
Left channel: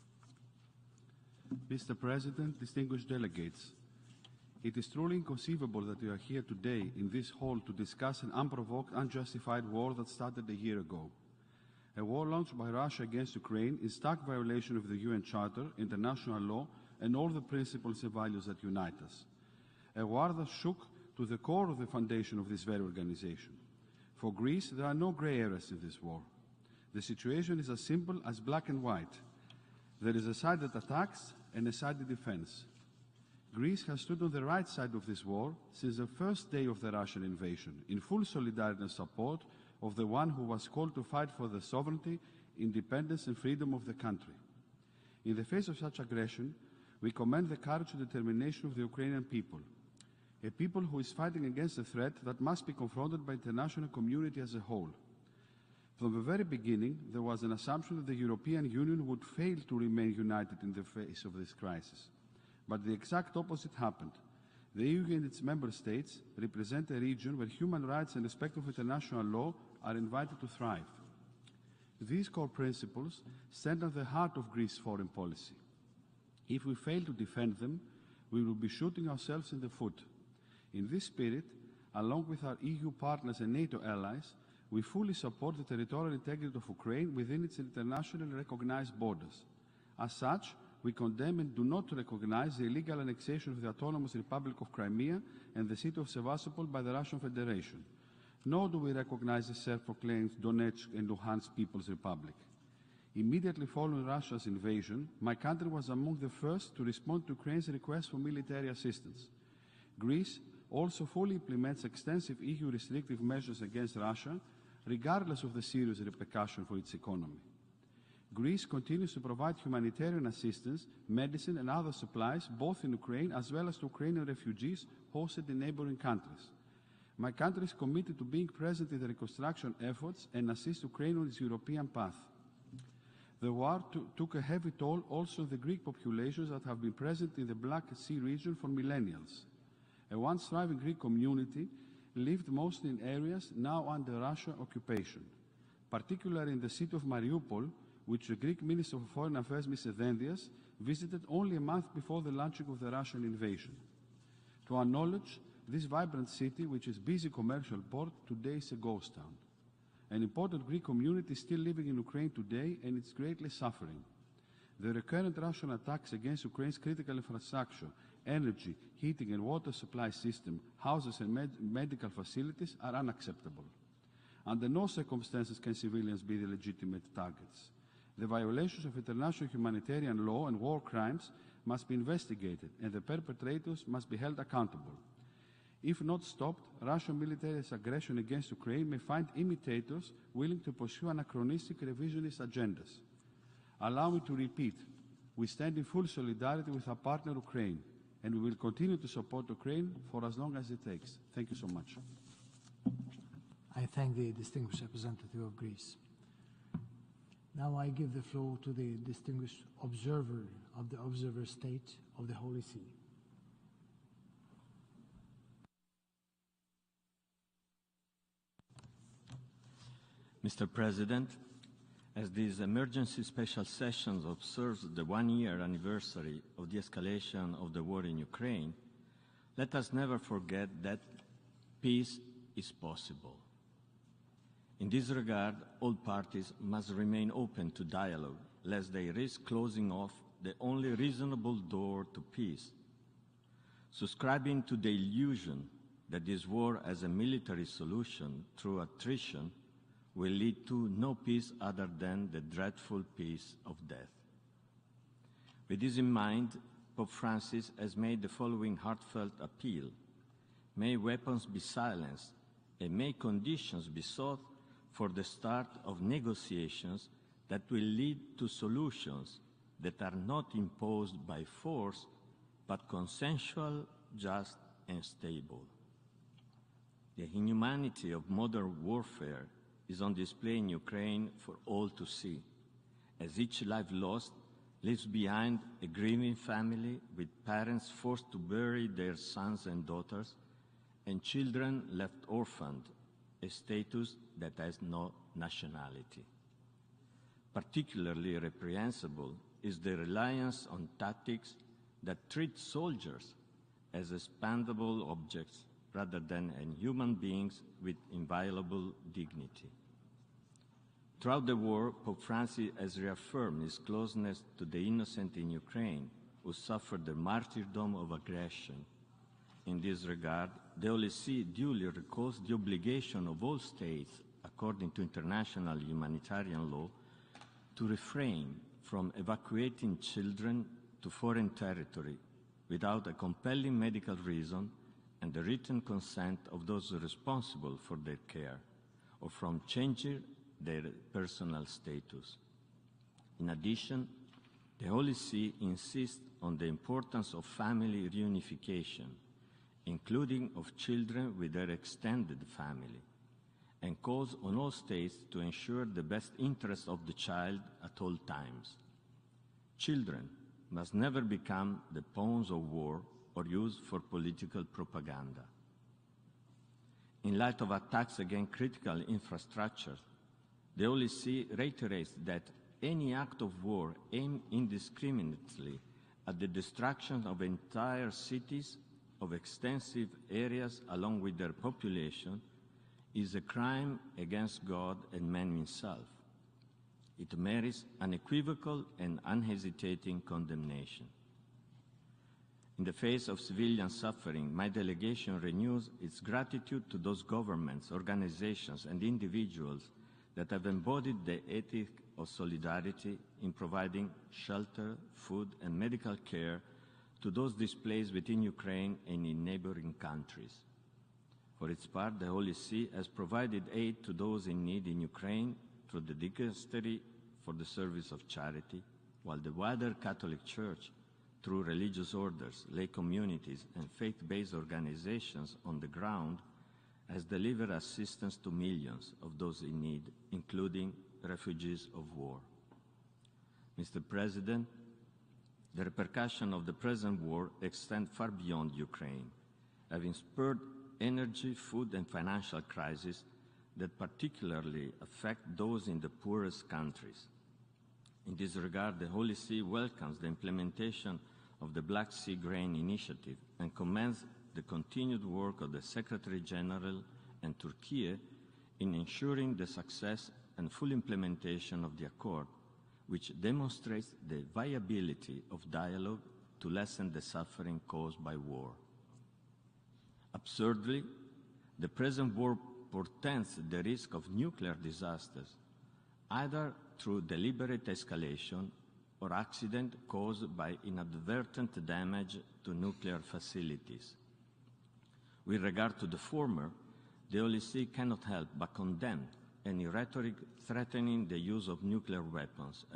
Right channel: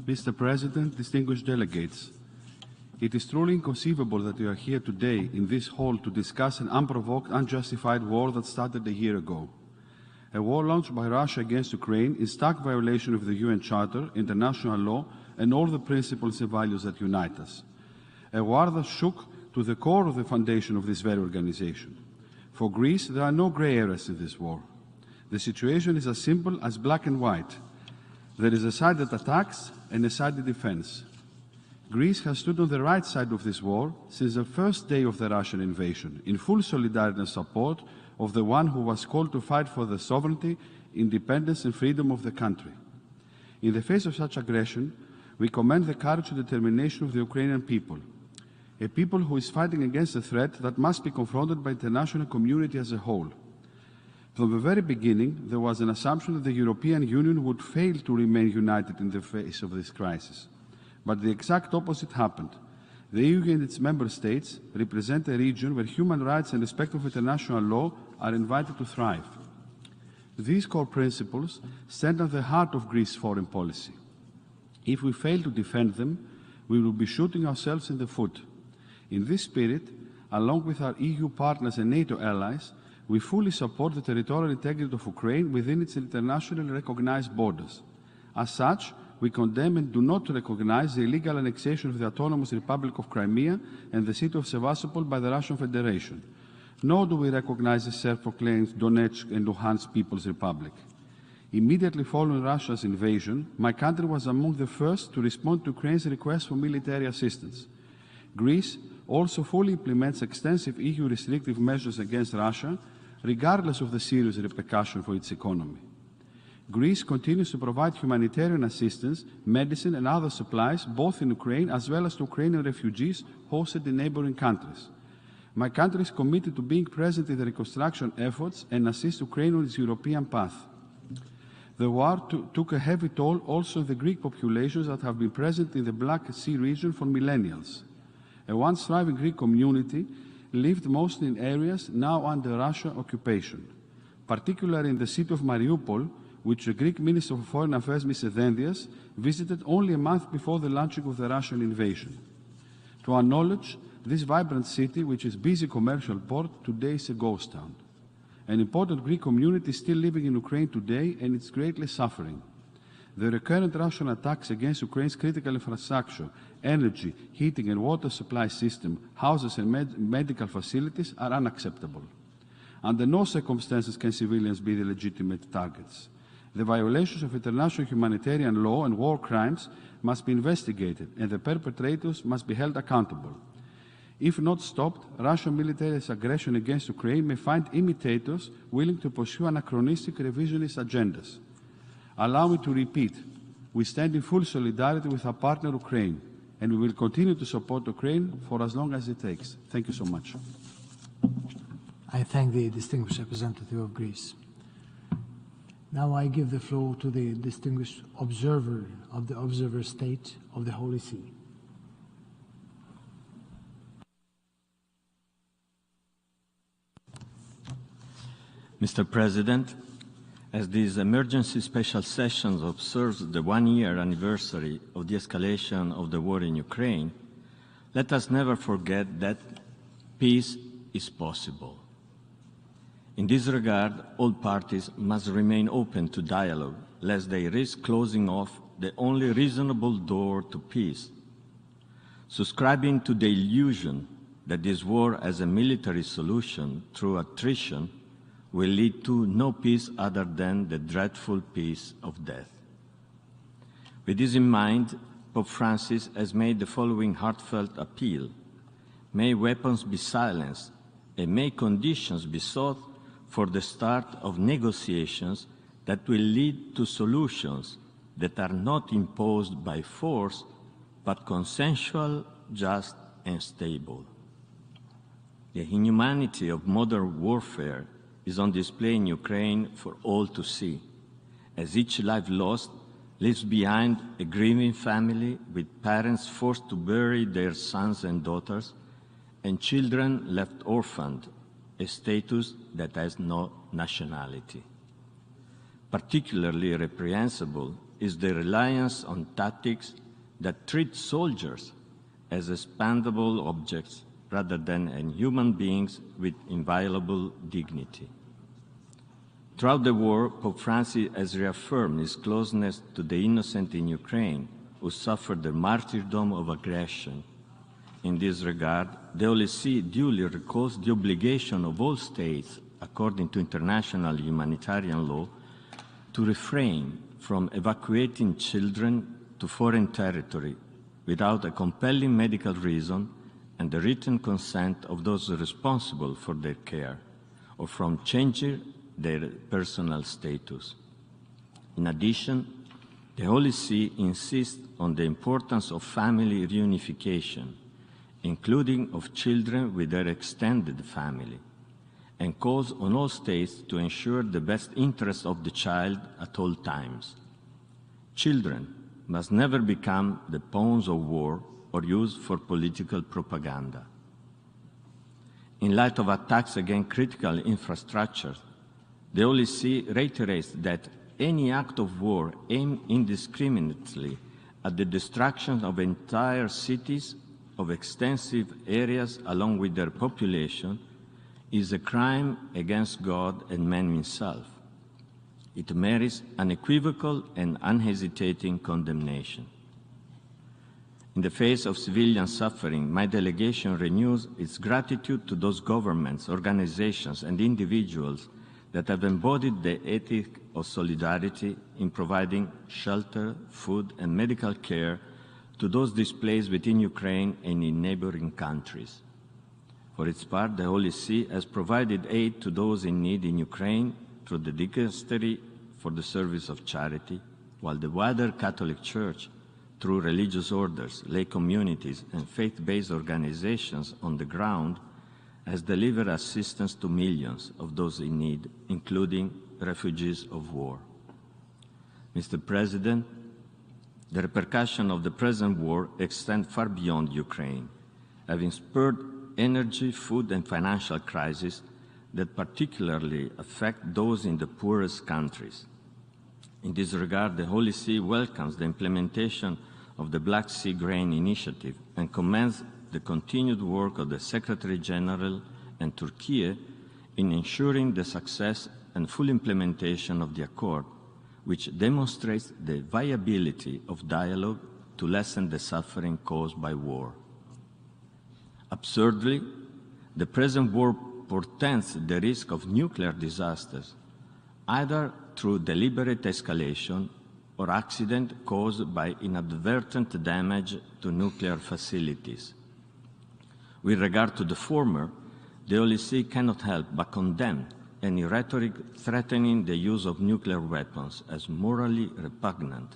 Mr. President, distinguished delegates, it is truly inconceivable that we are here today in this hall to discuss an unprovoked, unjustified war that started a year ago. A war launched by Russia against Ukraine in stark violation of the UN Charter, international law, and all the principles and values that unite us. A war that shook to the core of the foundation of this very organization. For Greece, there are no grey areas in this war. The situation is as simple as black and white. There is a side that attacks and a side that defends. Greece has stood on the right side of this war since the first day of the Russian invasion, in full solidarity and support of the one who was called to fight for the sovereignty, independence and freedom of the country. In the face of such aggression, we commend the courage and determination of the Ukrainian people, a people who is fighting against a threat that must be confronted by the international community as a whole. From the very beginning, there was an assumption that the European Union would fail to remain united in the face of this crisis. But the exact opposite happened. The EU and its member states represent a region where human rights and respect of international law are invited to thrive. These core principles stand at the heart of Greece's foreign policy. If we fail to defend them, we will be shooting ourselves in the foot. In this spirit, along with our EU partners and NATO allies, we fully support the territorial integrity of Ukraine within its internationally recognized borders. As such, we condemn and do not recognize the illegal annexation of the Autonomous Republic of Crimea and the city of Sevastopol by the Russian Federation. Nor do we recognize the self-proclaimed Donetsk and Lugansk People's Republic. Immediately following Russia's invasion, my country was among the first to respond to Ukraine's request for military assistance. Greece also fully implements extensive EU restrictive measures against Russia, regardless of the serious repercussions for its economy. Greece continues to provide humanitarian assistance, medicine and other supplies, both in Ukraine as well as to Ukrainian refugees posted in neighboring countries. My country is committed to being present in the reconstruction efforts and assist Ukraine on its European path. The war took a heavy toll also in the Greek populations that have been present in the Black Sea region for millennials. A once thriving Greek community lived mostly in areas now under Russian occupation, particularly in the city of Mariupol, which the Greek Minister of Foreign Affairs, Mr. Dendias, visited only a month before the launching of the Russian invasion. To our knowledge, this vibrant city, which is a busy commercial port, today is a ghost town. An important Greek community is still living in Ukraine today and is greatly suffering. The recurrent Russian attacks against Ukraine's critical infrastructure, energy, heating and water supply system, houses and medical facilities are unacceptable. Under no circumstances can civilians be the legitimate targets. The violations of international humanitarian law and war crimes must be investigated and the perpetrators must be held accountable. If not stopped, Russian military aggression against Ukraine may find imitators willing to pursue anachronistic revisionist agendas. Allow me to repeat, we stand in full solidarity with our partner Ukraine, and we will continue to support Ukraine for as long as it takes. Thank you so much. I thank the distinguished representative of Greece. Now I give the floor to the distinguished observer of the observer state of the Holy See. Mr. President, as this emergency special session observes the one-year anniversary of the escalation of the war in Ukraine, let us never forget that peace is possible. In this regard, all parties must remain open to dialogue, lest they risk closing off the only reasonable door to peace. Subscribing to the illusion that this war as a military solution through attrition will lead to no peace other than the dreadful peace of death. With this in mind, Pope Francis has made the following heartfelt appeal: may weapons be silenced, and may conditions be sought for the start of negotiations that will lead to solutions that are not imposed by force, but consensual, just and stable. The inhumanity of modern warfare is on display in Ukraine for all to see, as each life lost leaves behind a grieving family with parents forced to bury their sons and daughters, and children left orphaned, a status that has no nationality. Particularly reprehensible is the reliance on tactics that treat soldiers as expendable objects rather than human beings with inviolable dignity. Throughout the war, Pope Francis has reaffirmed his closeness to the innocent in Ukraine who suffered the martyrdom of aggression. In this regard, the Holy See duly recalls the obligation of all states, according to international humanitarian law, to refrain from evacuating children to foreign territory without a compelling medical reason and the written consent of those responsible for their care, or from changing their personal status. In addition, the Holy See insists on the importance of family reunification, including of children with their extended family, and calls on all states to ensure the best interests of the child at all times. Children must never become the pawns of war or used for political propaganda. In light of attacks against critical infrastructure, the Holy See reiterates that any act of war aimed indiscriminately at the destruction of entire cities, of extensive areas along with their population, is a crime against God and man himself. It merits unequivocal and unhesitating condemnation. In the face of civilian suffering, my delegation renews its gratitude to those governments, organizations, and individuals that have embodied the ethic of solidarity in providing shelter, food, and medical care to those displaced within Ukraine and in neighboring countries. For its part, the Holy See has provided aid to those in need in Ukraine through the Dicastery for the Service of Charity, while the wider Catholic Church, through religious orders, lay communities, and faith-based organizations on the ground, has delivered assistance to millions of those in need, including refugees of war. Mr. President, the repercussions of the present war extend far beyond Ukraine, having spurred energy, food, and financial crises that particularly affect those in the poorest countries. In this regard, the Holy See welcomes the implementation of the Black Sea Grain Initiative and commends the continued work of the Secretary General and Turkey in ensuring the success and full implementation of the accord, which demonstrates the viability of dialogue to lessen the suffering caused by war. Absurdly, the present war portends the risk of nuclear disasters, either through deliberate escalation or accident caused by inadvertent damage to nuclear facilities. With regard to the former, the Holy See cannot help but condemn any rhetoric threatening the use of nuclear weapons as morally repugnant,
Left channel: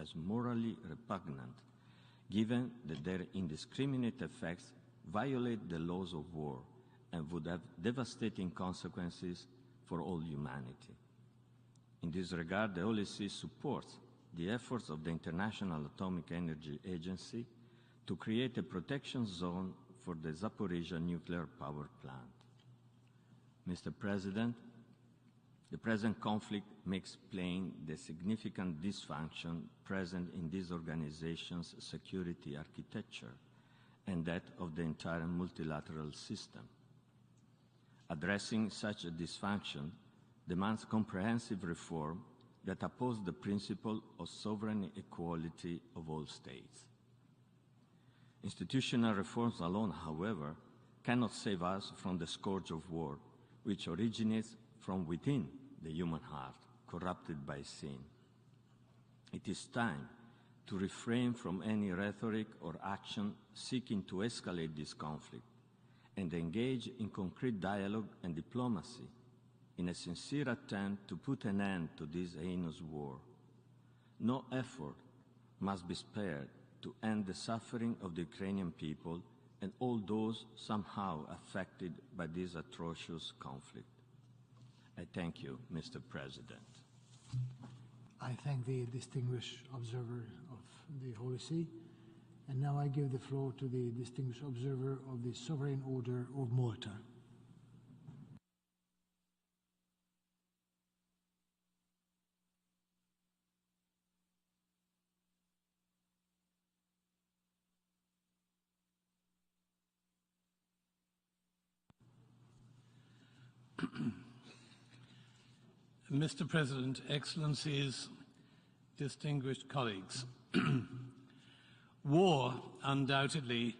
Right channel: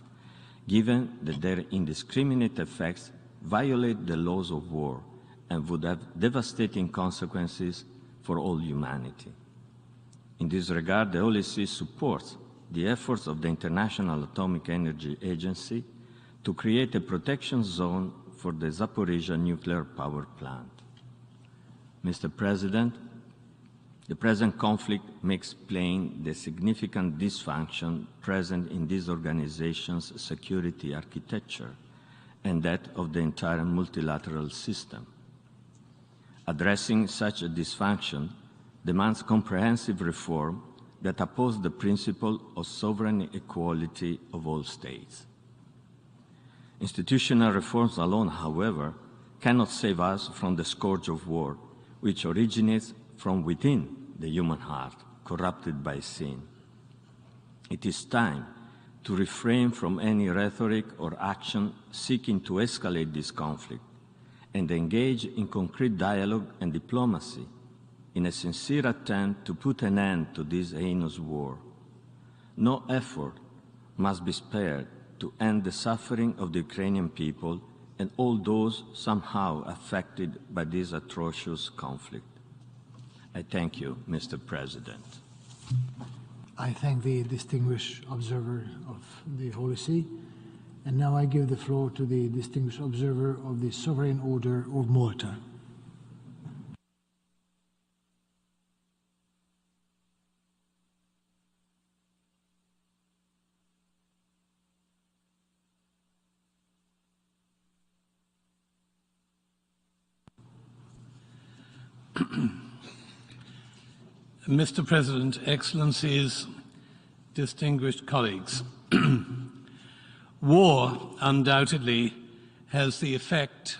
given that their indiscriminate effects violate the laws of war and would have devastating consequences for all humanity. In this regard, the Holy See supports the efforts of the International Atomic Energy Agency to create a protection zone for the Zaporozhye nuclear power plant. Mr. President, the present conflict makes plain the significant dysfunction present in this organization's security architecture and that of the entire multilateral system. Addressing such a dysfunction demands comprehensive reform that opposes the principle of sovereign equality of all states. Institutional reforms alone, however, cannot save us from the scourge of war, which originates from within the human heart, corrupted by sin. It is time to refrain from any rhetoric or action seeking to escalate this conflict and engage in concrete dialogue and diplomacy in a sincere attempt to put an end to this heinous war. No effort must be spared to end the suffering of the Ukrainian people and all those somehow affected by this atrocious conflict. I thank you, Mr. President. I thank the distinguished observer of the Holy See, and now I give the floor to the distinguished observer of the Sovereign Order of Malta. Mr. President, Excellencies, distinguished colleagues, war undoubtedly has the effect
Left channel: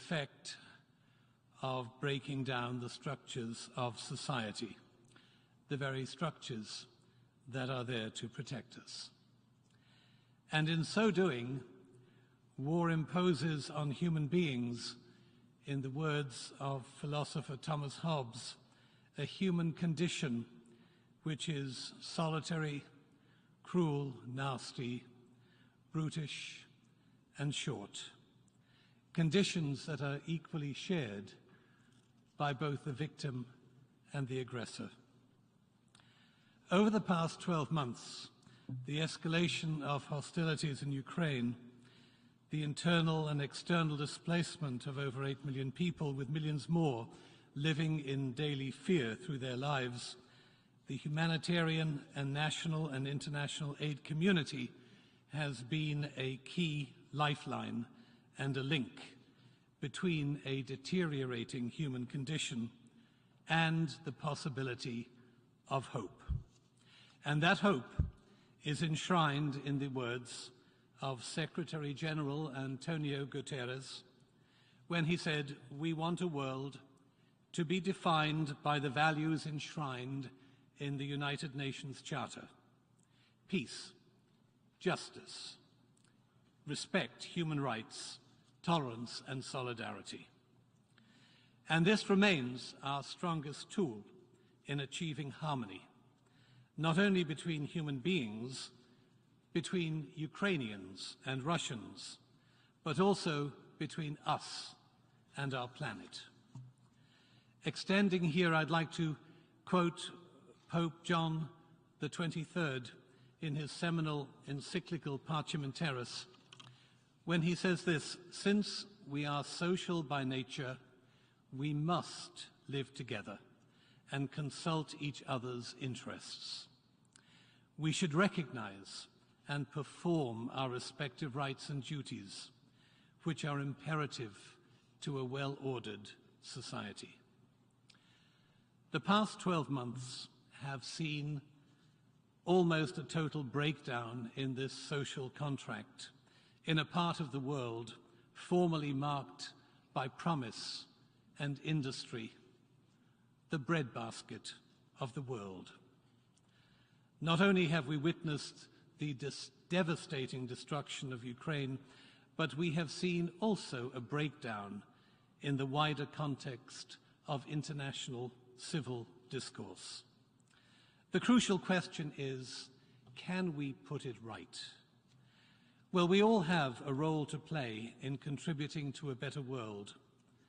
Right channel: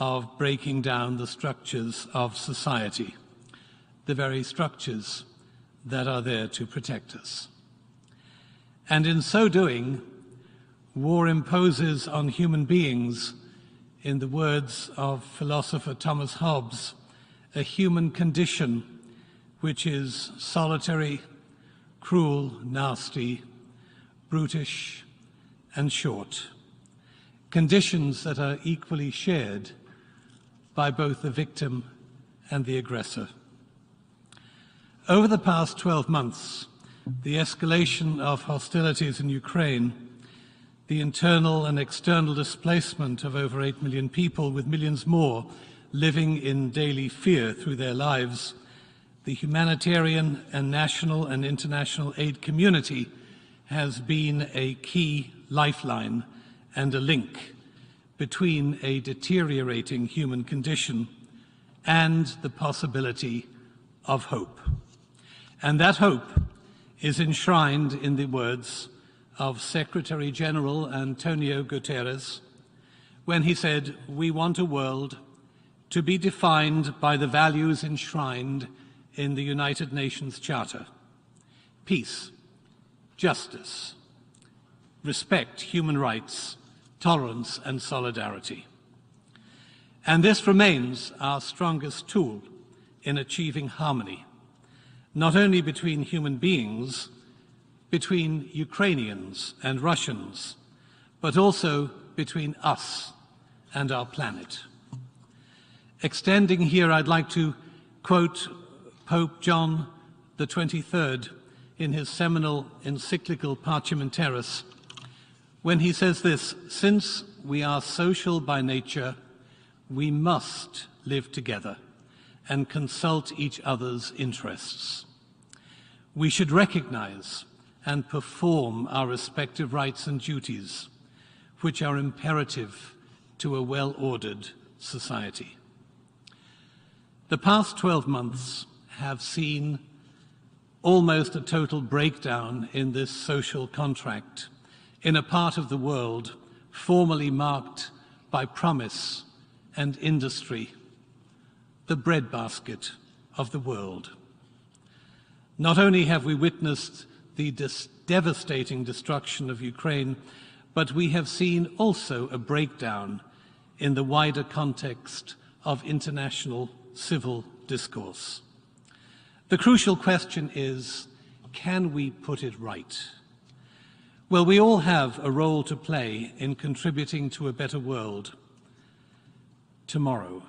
of breaking down the structures of society, the very structures that are there to protect us. And in so doing, war imposes on human beings, in the words of philosopher Thomas Hobbes, a human condition which is solitary, cruel, nasty, brutish, and short. Conditions that are equally shared by both the victim and the aggressor. Over the past 12 months, the escalation of hostilities in Ukraine, the internal and external displacement of over 8 million people, with millions more living in daily fear through their lives, the humanitarian and national and international aid community has been a key lifeline and a link between a deteriorating human condition and the possibility of hope. And that hope is enshrined in the words of Secretary General Antonio Guterres when he said, "We want a world to be defined by the values enshrined in the United Nations Charter: peace, justice, respect, human rights, tolerance and solidarity. And this remains our strongest tool in achieving harmony, not only between human beings, between Ukrainians and Russians, but also between us and our planet." Extending here, I'd like to quote Pope John the 23rd in his seminal encyclical Parchimentaris, when he says this: "Since we are social by nature, we must live together and consult each other's interests. We should recognize and perform our respective rights and duties, which are imperative to a well-ordered society." The past 12 months have seen almost a total breakdown in this social contract in a part of the world formerly marked by promise and industry, the breadbasket of the world. Not only have we witnessed the devastating destruction of Ukraine, but we have seen also a breakdown in the wider context of international civil discourse. The crucial question is, can we put it right? Well, we all have a role to play in contributing to a better world tomorrow.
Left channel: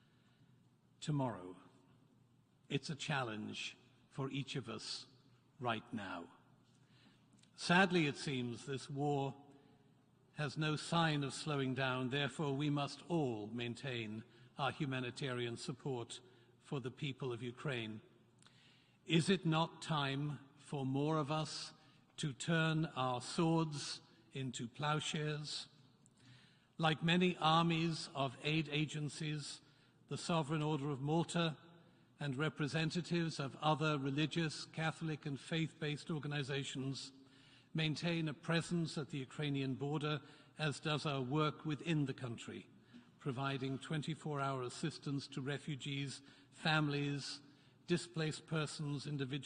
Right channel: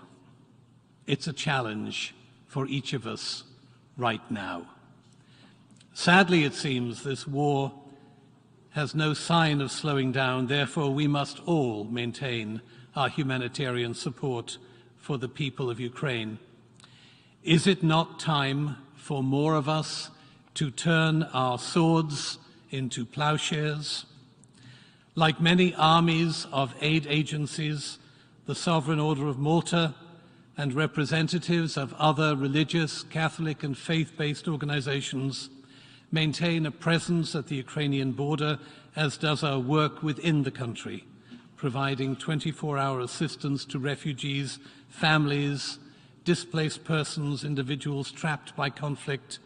It's a challenge for each of us right now. Sadly, it seems this war has no sign of slowing down. Therefore, we must all maintain our humanitarian support for the people of Ukraine. Is it not time for more of us to turn our swords into plowshares? Like many armies of aid agencies, the Sovereign Order of Malta and representatives of other religious, Catholic and faith-based organizations maintain a presence at the Ukrainian border, as does our work within the country, providing 24-hour assistance to refugees, families, displaced persons, individuals trapped by conflict,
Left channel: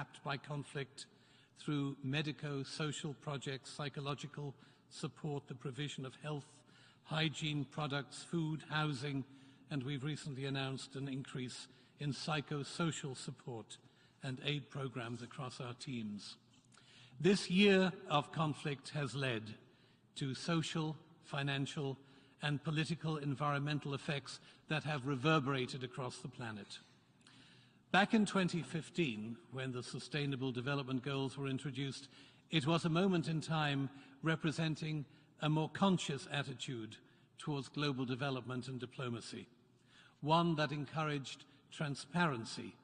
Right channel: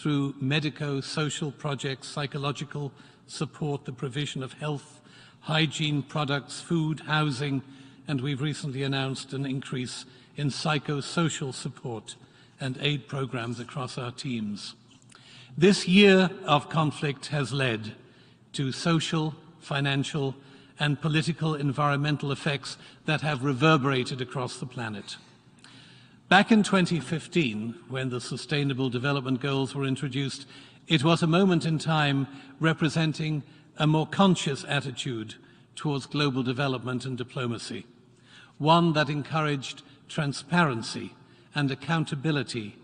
through medico-social projects, psychological support, the provision provision of health, hygiene products, food, housing, and we've recently announced an increase in psychosocial support and aid programs across our teams. This year of conflict has led to social, financial, and political environmental effects that have reverberated across the planet. Back in 2015, when the Sustainable Development Goals were introduced, it was a moment in time representing a more conscious attitude towards global development and diplomacy, one that encouraged transparency and accountability,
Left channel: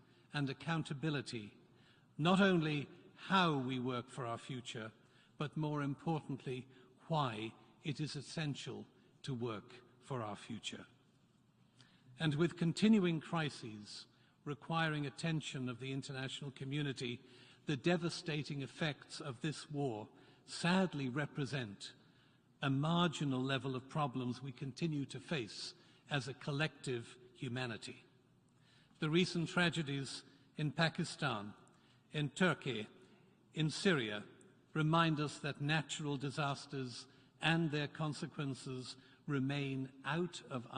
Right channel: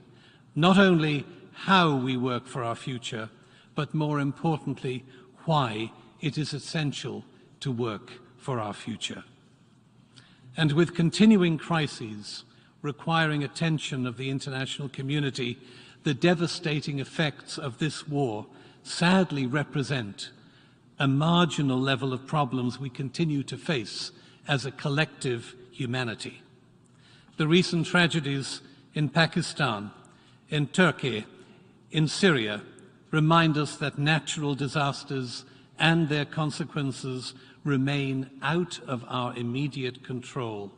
not only how we work for our future, but more importantly, why it is essential to work for our future. And with continuing crises requiring attention of the international community, the devastating effects of this war sadly represent a marginal level of problems we continue to face as a collective humanity. The recent tragedies in Pakistan, in Turkey, in Syria, remind us that natural disasters and their consequences remain out of our immediate control,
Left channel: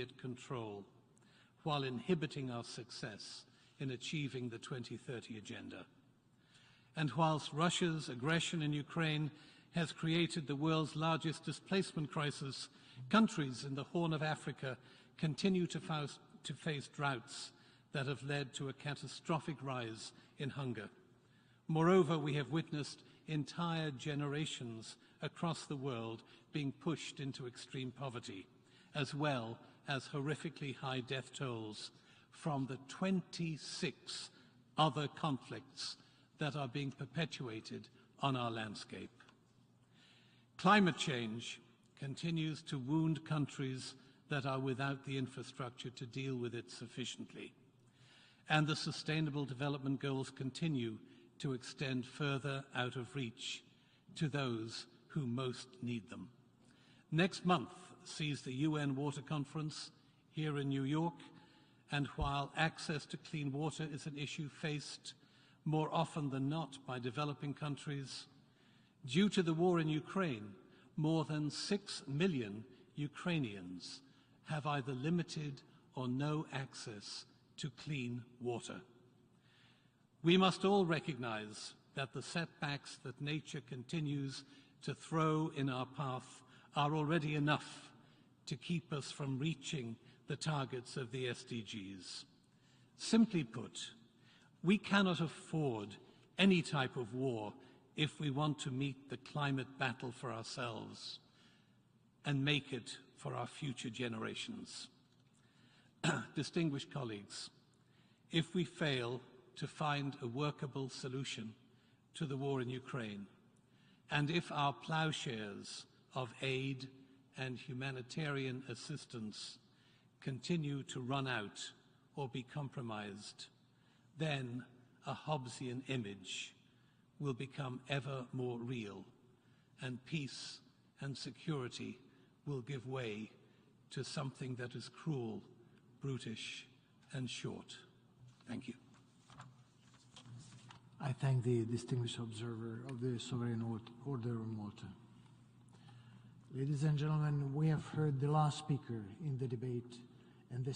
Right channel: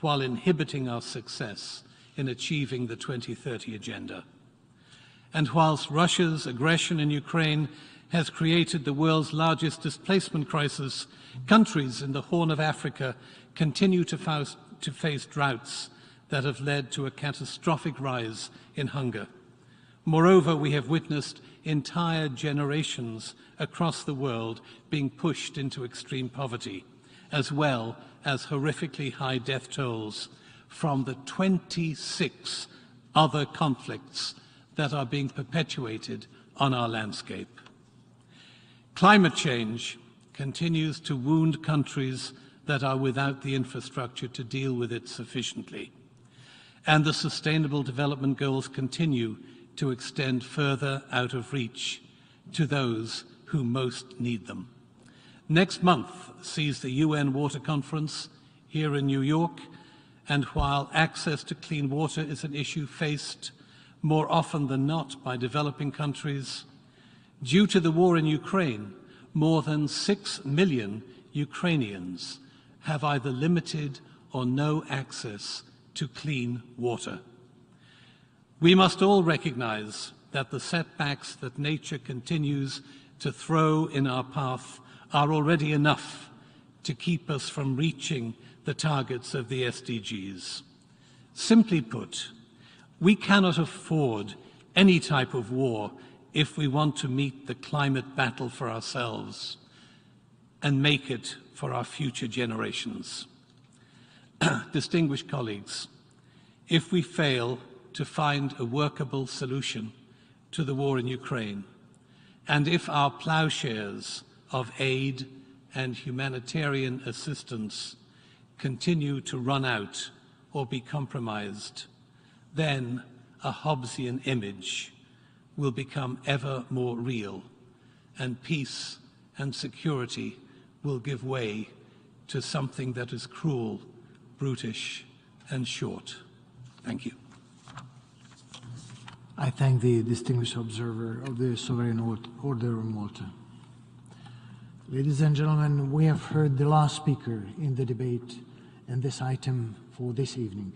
while inhibiting our success in achieving the 2030 agenda. And whilst Russia's aggression in Ukraine has created the world's largest displacement crisis, countries in the Horn of Africa continue to face droughts that have led to a catastrophic rise in hunger. Moreover, we have witnessed entire generations across the world being pushed into extreme poverty, as well as horrifically high death tolls from the 26 other conflicts that are being perpetuated on our landscape. Climate change continues to wound countries that are without the infrastructure to deal with it sufficiently. And the Sustainable Development Goals continue to extend further out of reach to those who most need them. Next month sees the UN Water Conference here in New York, and while access to clean water is an issue faced more often than not by developing countries, due to the war in Ukraine, more than 6 million Ukrainians have either limited or no access to clean water. We must all recognize that the setbacks that nature continues to throw in our path are already enough to keep us from reaching the targets of the SDGs. Simply put, we cannot afford any type of war if we want to meet the climate battle for ourselves and make it for our future generations. Distinguished colleagues, if we fail to find a workable solution to the war in Ukraine, and if our plowshares of aid and humanitarian assistance continue to run out or be compromised, then a Hobbesian image will become ever more real, and peace and security will give way to something that is cruel, brutish, and short. Thank you. I thank the distinguished observer of the Sovereign Order of Malta. Ladies and gentlemen, we have heard the last speaker in the debate and this item for this evening.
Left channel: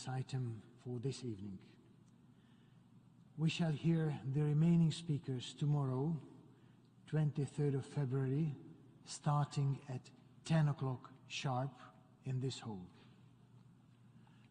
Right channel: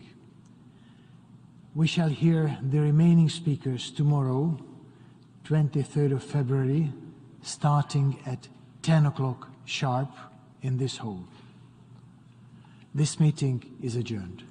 We shall hear the remaining speakers tomorrow, 23rd of February, starting at 10 o'clock sharp in this hall. This meeting is adjourned.